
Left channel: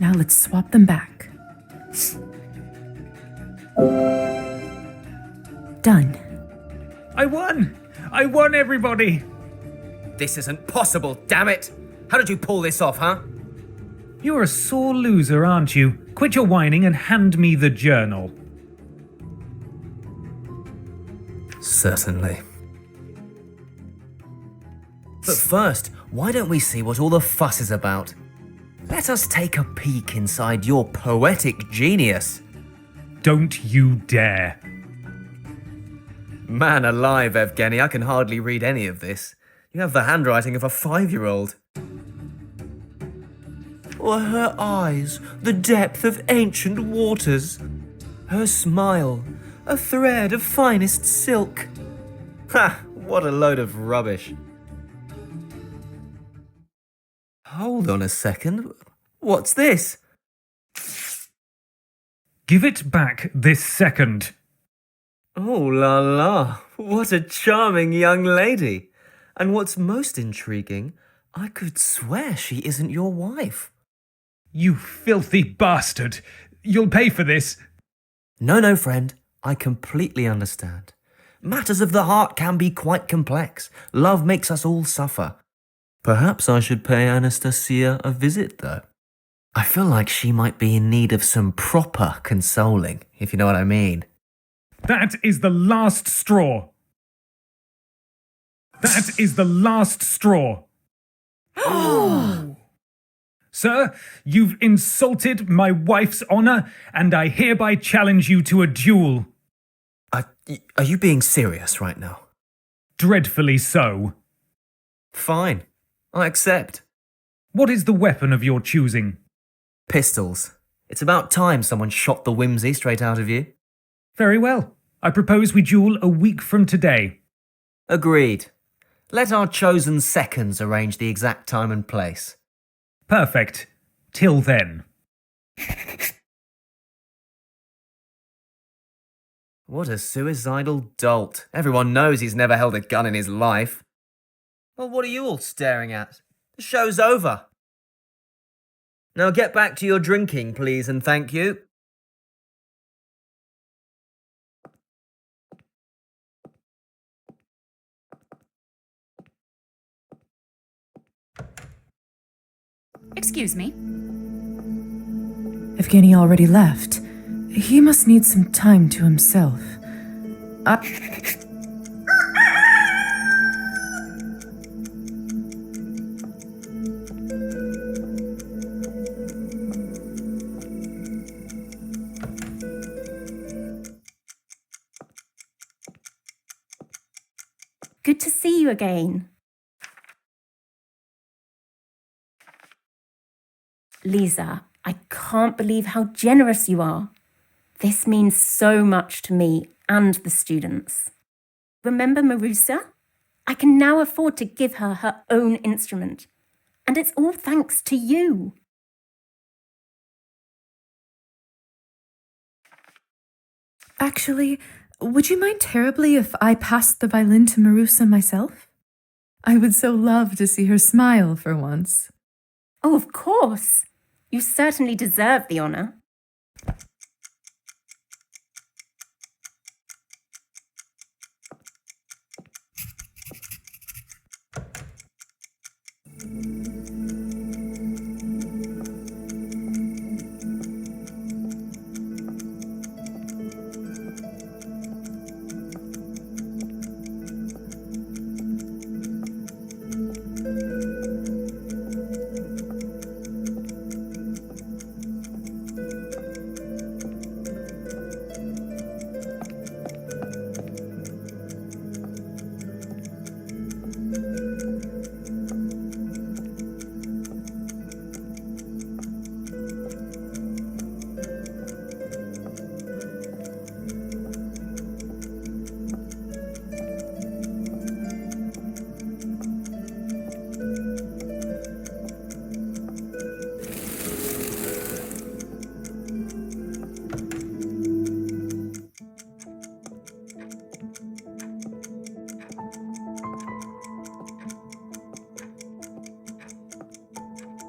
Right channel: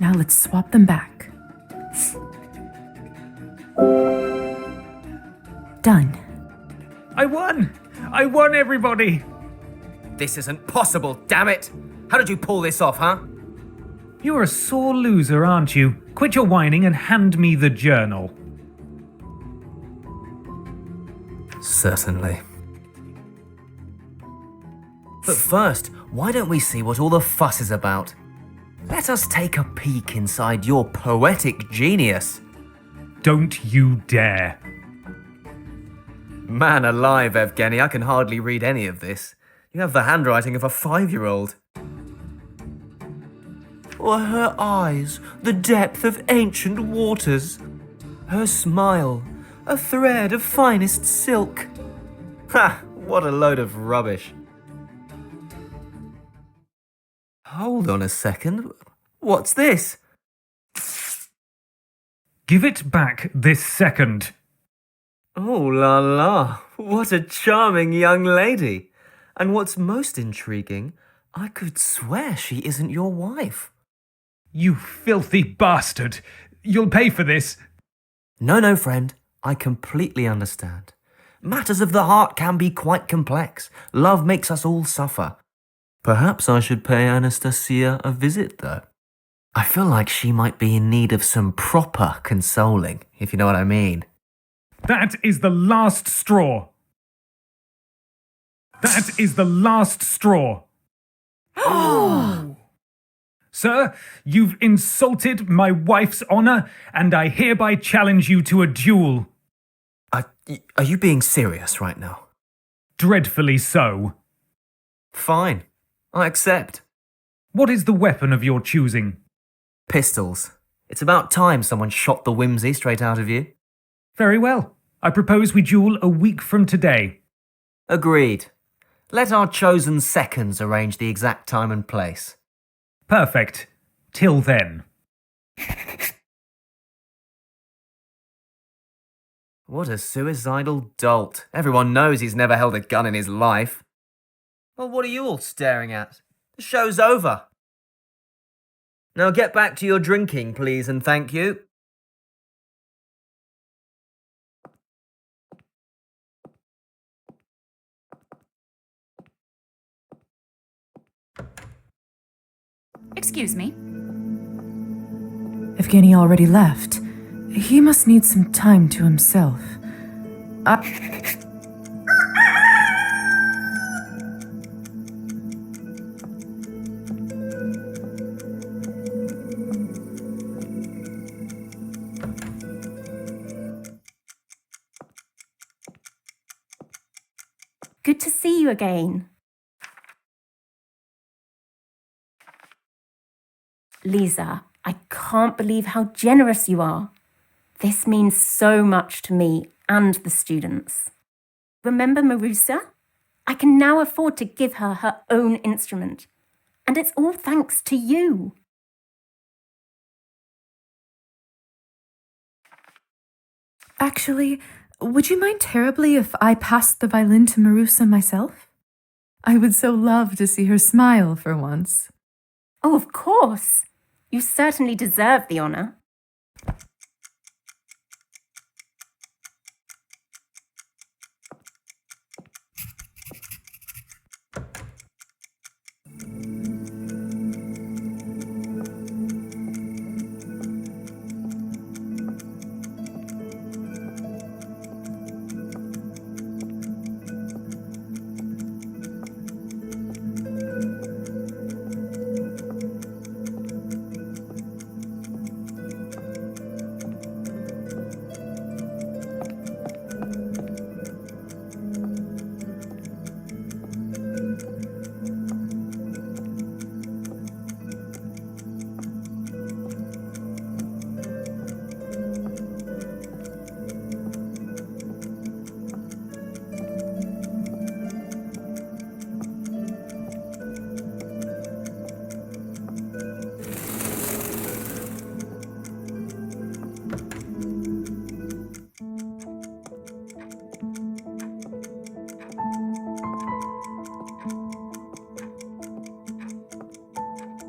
Now let's swap them back. Done. I won! I won, everybody! This isn't possible, damn it! How did you pull this off, huh? You're a sore loser, aren't you? Quit your whining and hand me the journal. Certainly. But first, why don't we see what all the fuss is about? Let us take a peek inside your poetic genius. Don't you dare. Man alive, Evgeny, I can hardly read any of this. You have the handwriting of a 5-year-old. Or her eyes, the depth of ancient waters? Her smile, a thread of finest silk? Ha! What a load of rubbish. Hold on a second. What's this? Give it back this second. Oh la la, what a charming young lady. And what's most intriguing, I could swear she isn't your wife. You filthy bastard. You'll pay for this. No, friend. I completely understand. Matters of the heart can be quite complex. Love makes us all suffer. Perhaps I should pay Anastasia a visit, though. I feel like she might be in need of some proper consoling, if you know what I mean. That is the last straw. That is the last straw. Sir, you've insulted my wife's honor, and I hereby challenge you to a duel. Are you being serious right now? Dreadfully so. Fine. I accept. What is the weapon of your choosing? Pistols. It's about time someone shot the whimsy straight out of you. Very well. I propose we duel a week from today. Agreed. Let our chosen seconds arrange the exact time and place. Perfect. Till then. What a suicidal dolt. Everyone knows he's never held a gun in his life. Well, what are you all staring at? The show's over. Now get back to your drinking, please, and thank you. Excuse me. Evgeny already left. He must need some time to himself. Good to see you again. Lisa, I can't believe how generous you are. This means so much to me and the students. Remember Marusa? I can now afford to give her her own instrument. And it's all thanks to you. Actually, would you mind terribly if I passed the violin to Marusa myself? I would so love to see her smile for once. Oh, of course. You certainly deserve the honour.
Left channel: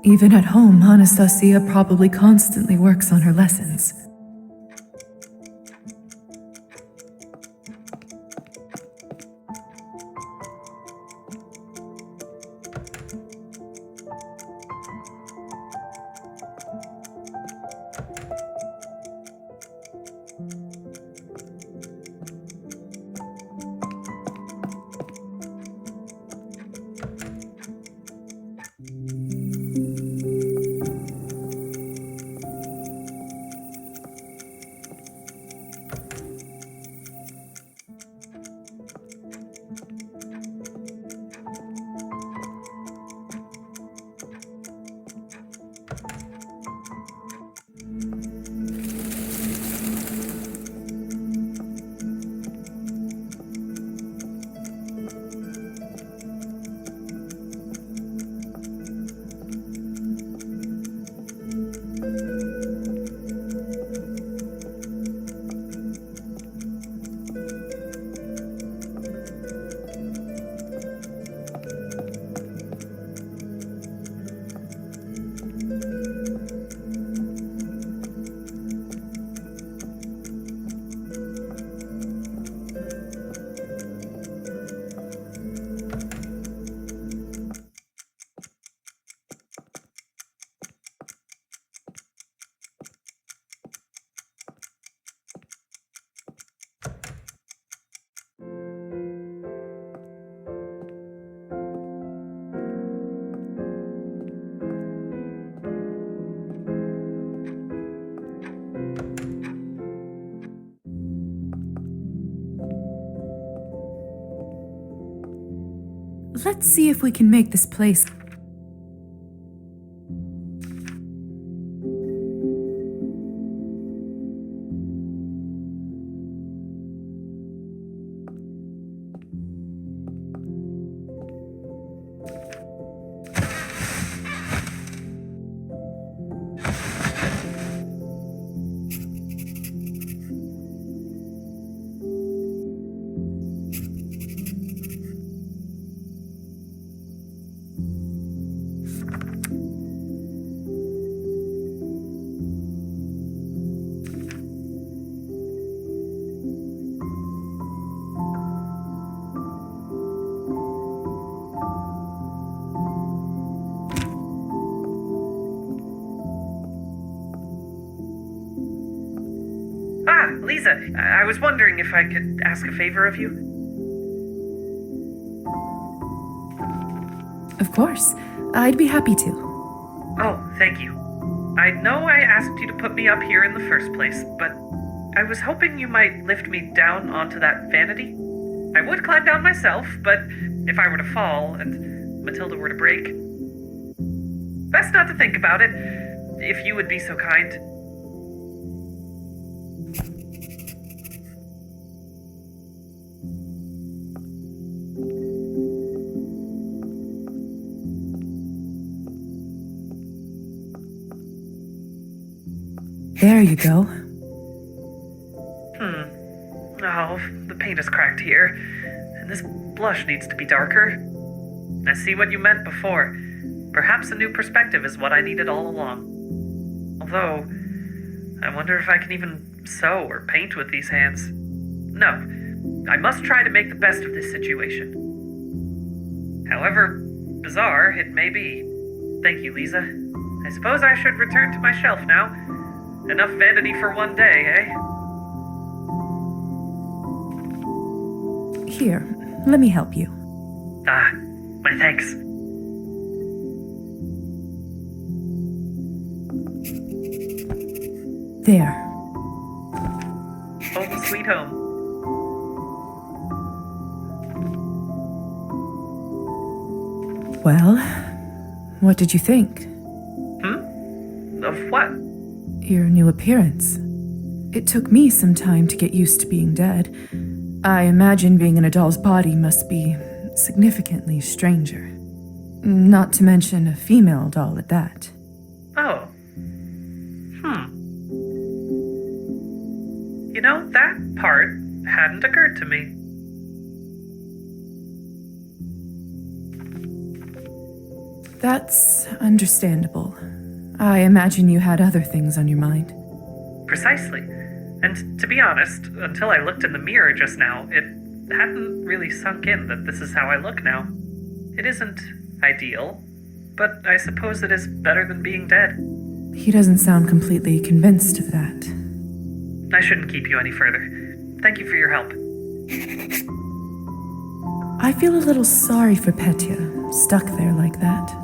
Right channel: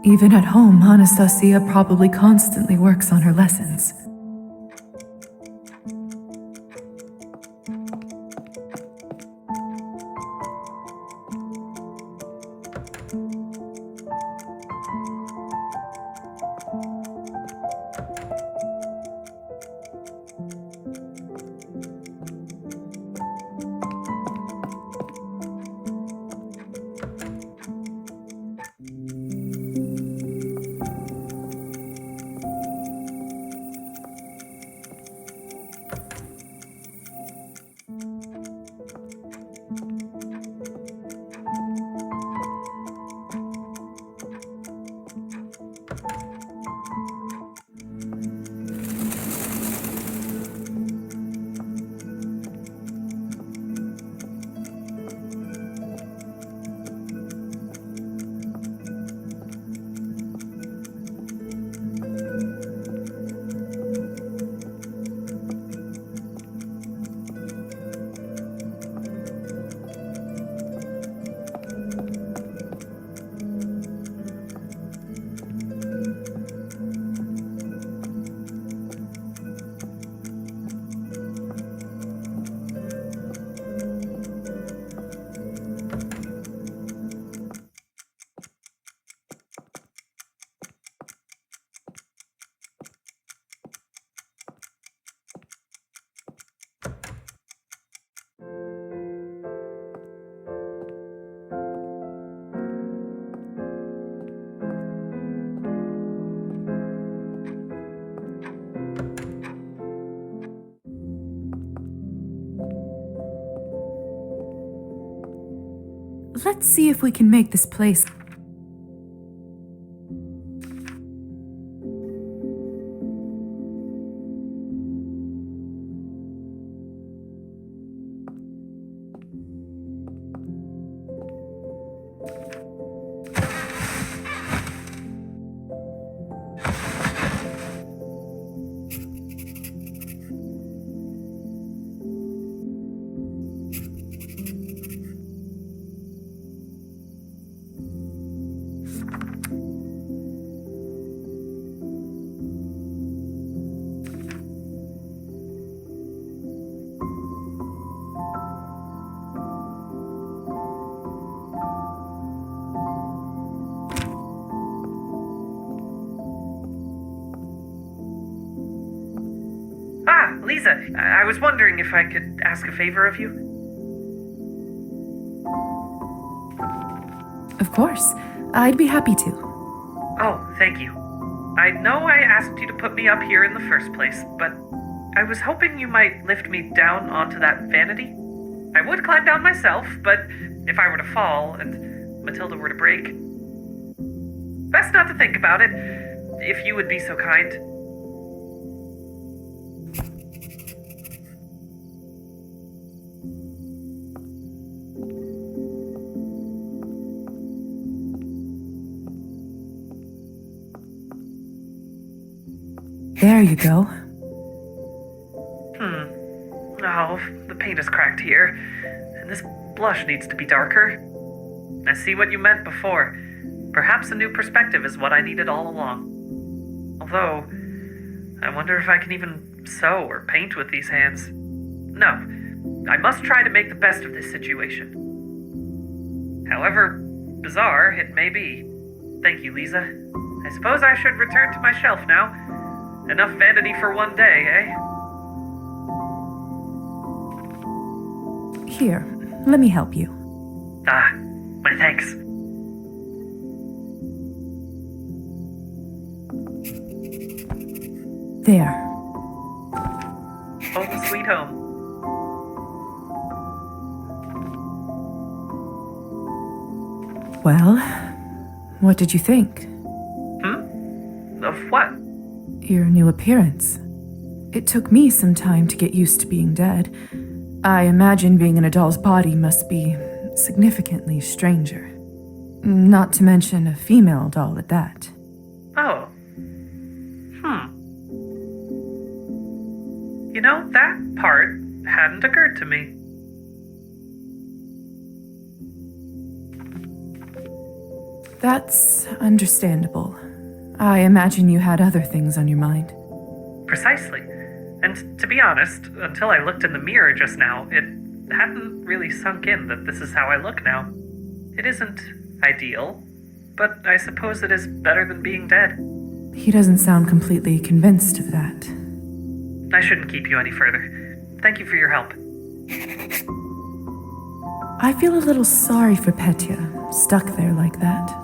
Even at home, Anastasia probably constantly works on her lessons. let's see if we can make this place. Lisa, I was wondering if I could ask a favor of you. Of course, I'd be happy to. Oh, thank you. I know I asked you to put me up here in the first place, but I was hoping you might lift me down onto that vanity. I would climb down myself, but if I were to fall and Matilda were to break... Best not to think about it, if you would be so kind. There you go. Oh, the paint is cracked here, and this blush needs to be darker. I see what you meant before. Perhaps a new perspective is what I needed all along. Although, I wonder if I can even sew or paint with these hands. No, I must try to make the best of this situation. However bizarre it may be. Thank you, Lisa. I suppose I should return to my shelf now. Enough vanity for one day, eh? Here, let me help you. Ah, my thanks. There. Home sweet home. Well, what did you think? Of what? Your new appearance. It took me some time to get used to being dead. I imagine being in a doll's body must be significantly stranger. Not to mention a female doll at that. Oh. You know, that part hadn't occurred to me. That's understandable. I imagine you had other things on your mind. Precisely. And to be honest, until I looked in the mirror just now, it hadn't really sunk in that this is how I look now. It isn't ideal, but I suppose it is better than being dead. He doesn't sound completely convinced of that. I shouldn't keep you any further. Thank you for your help. I feel a little sorry for Petya, stuck there like that.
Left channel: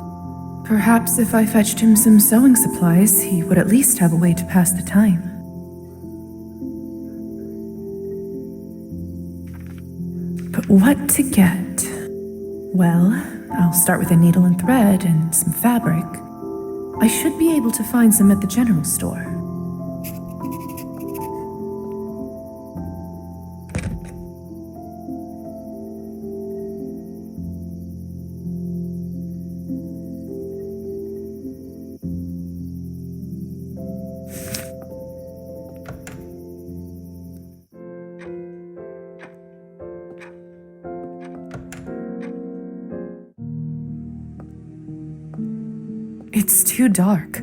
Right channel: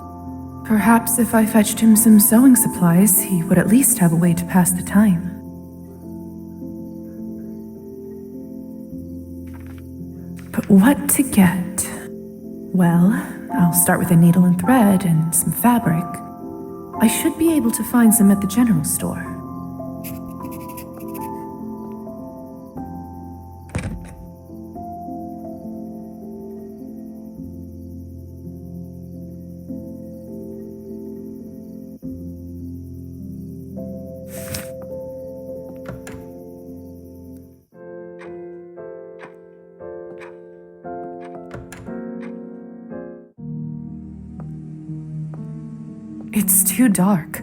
Perhaps if I fetched him some sewing supplies, he would at least have a way to pass the time. But what to get? Well, I'll start with a needle and thread and some fabric. I should be able to find some at the general store. It's too dark.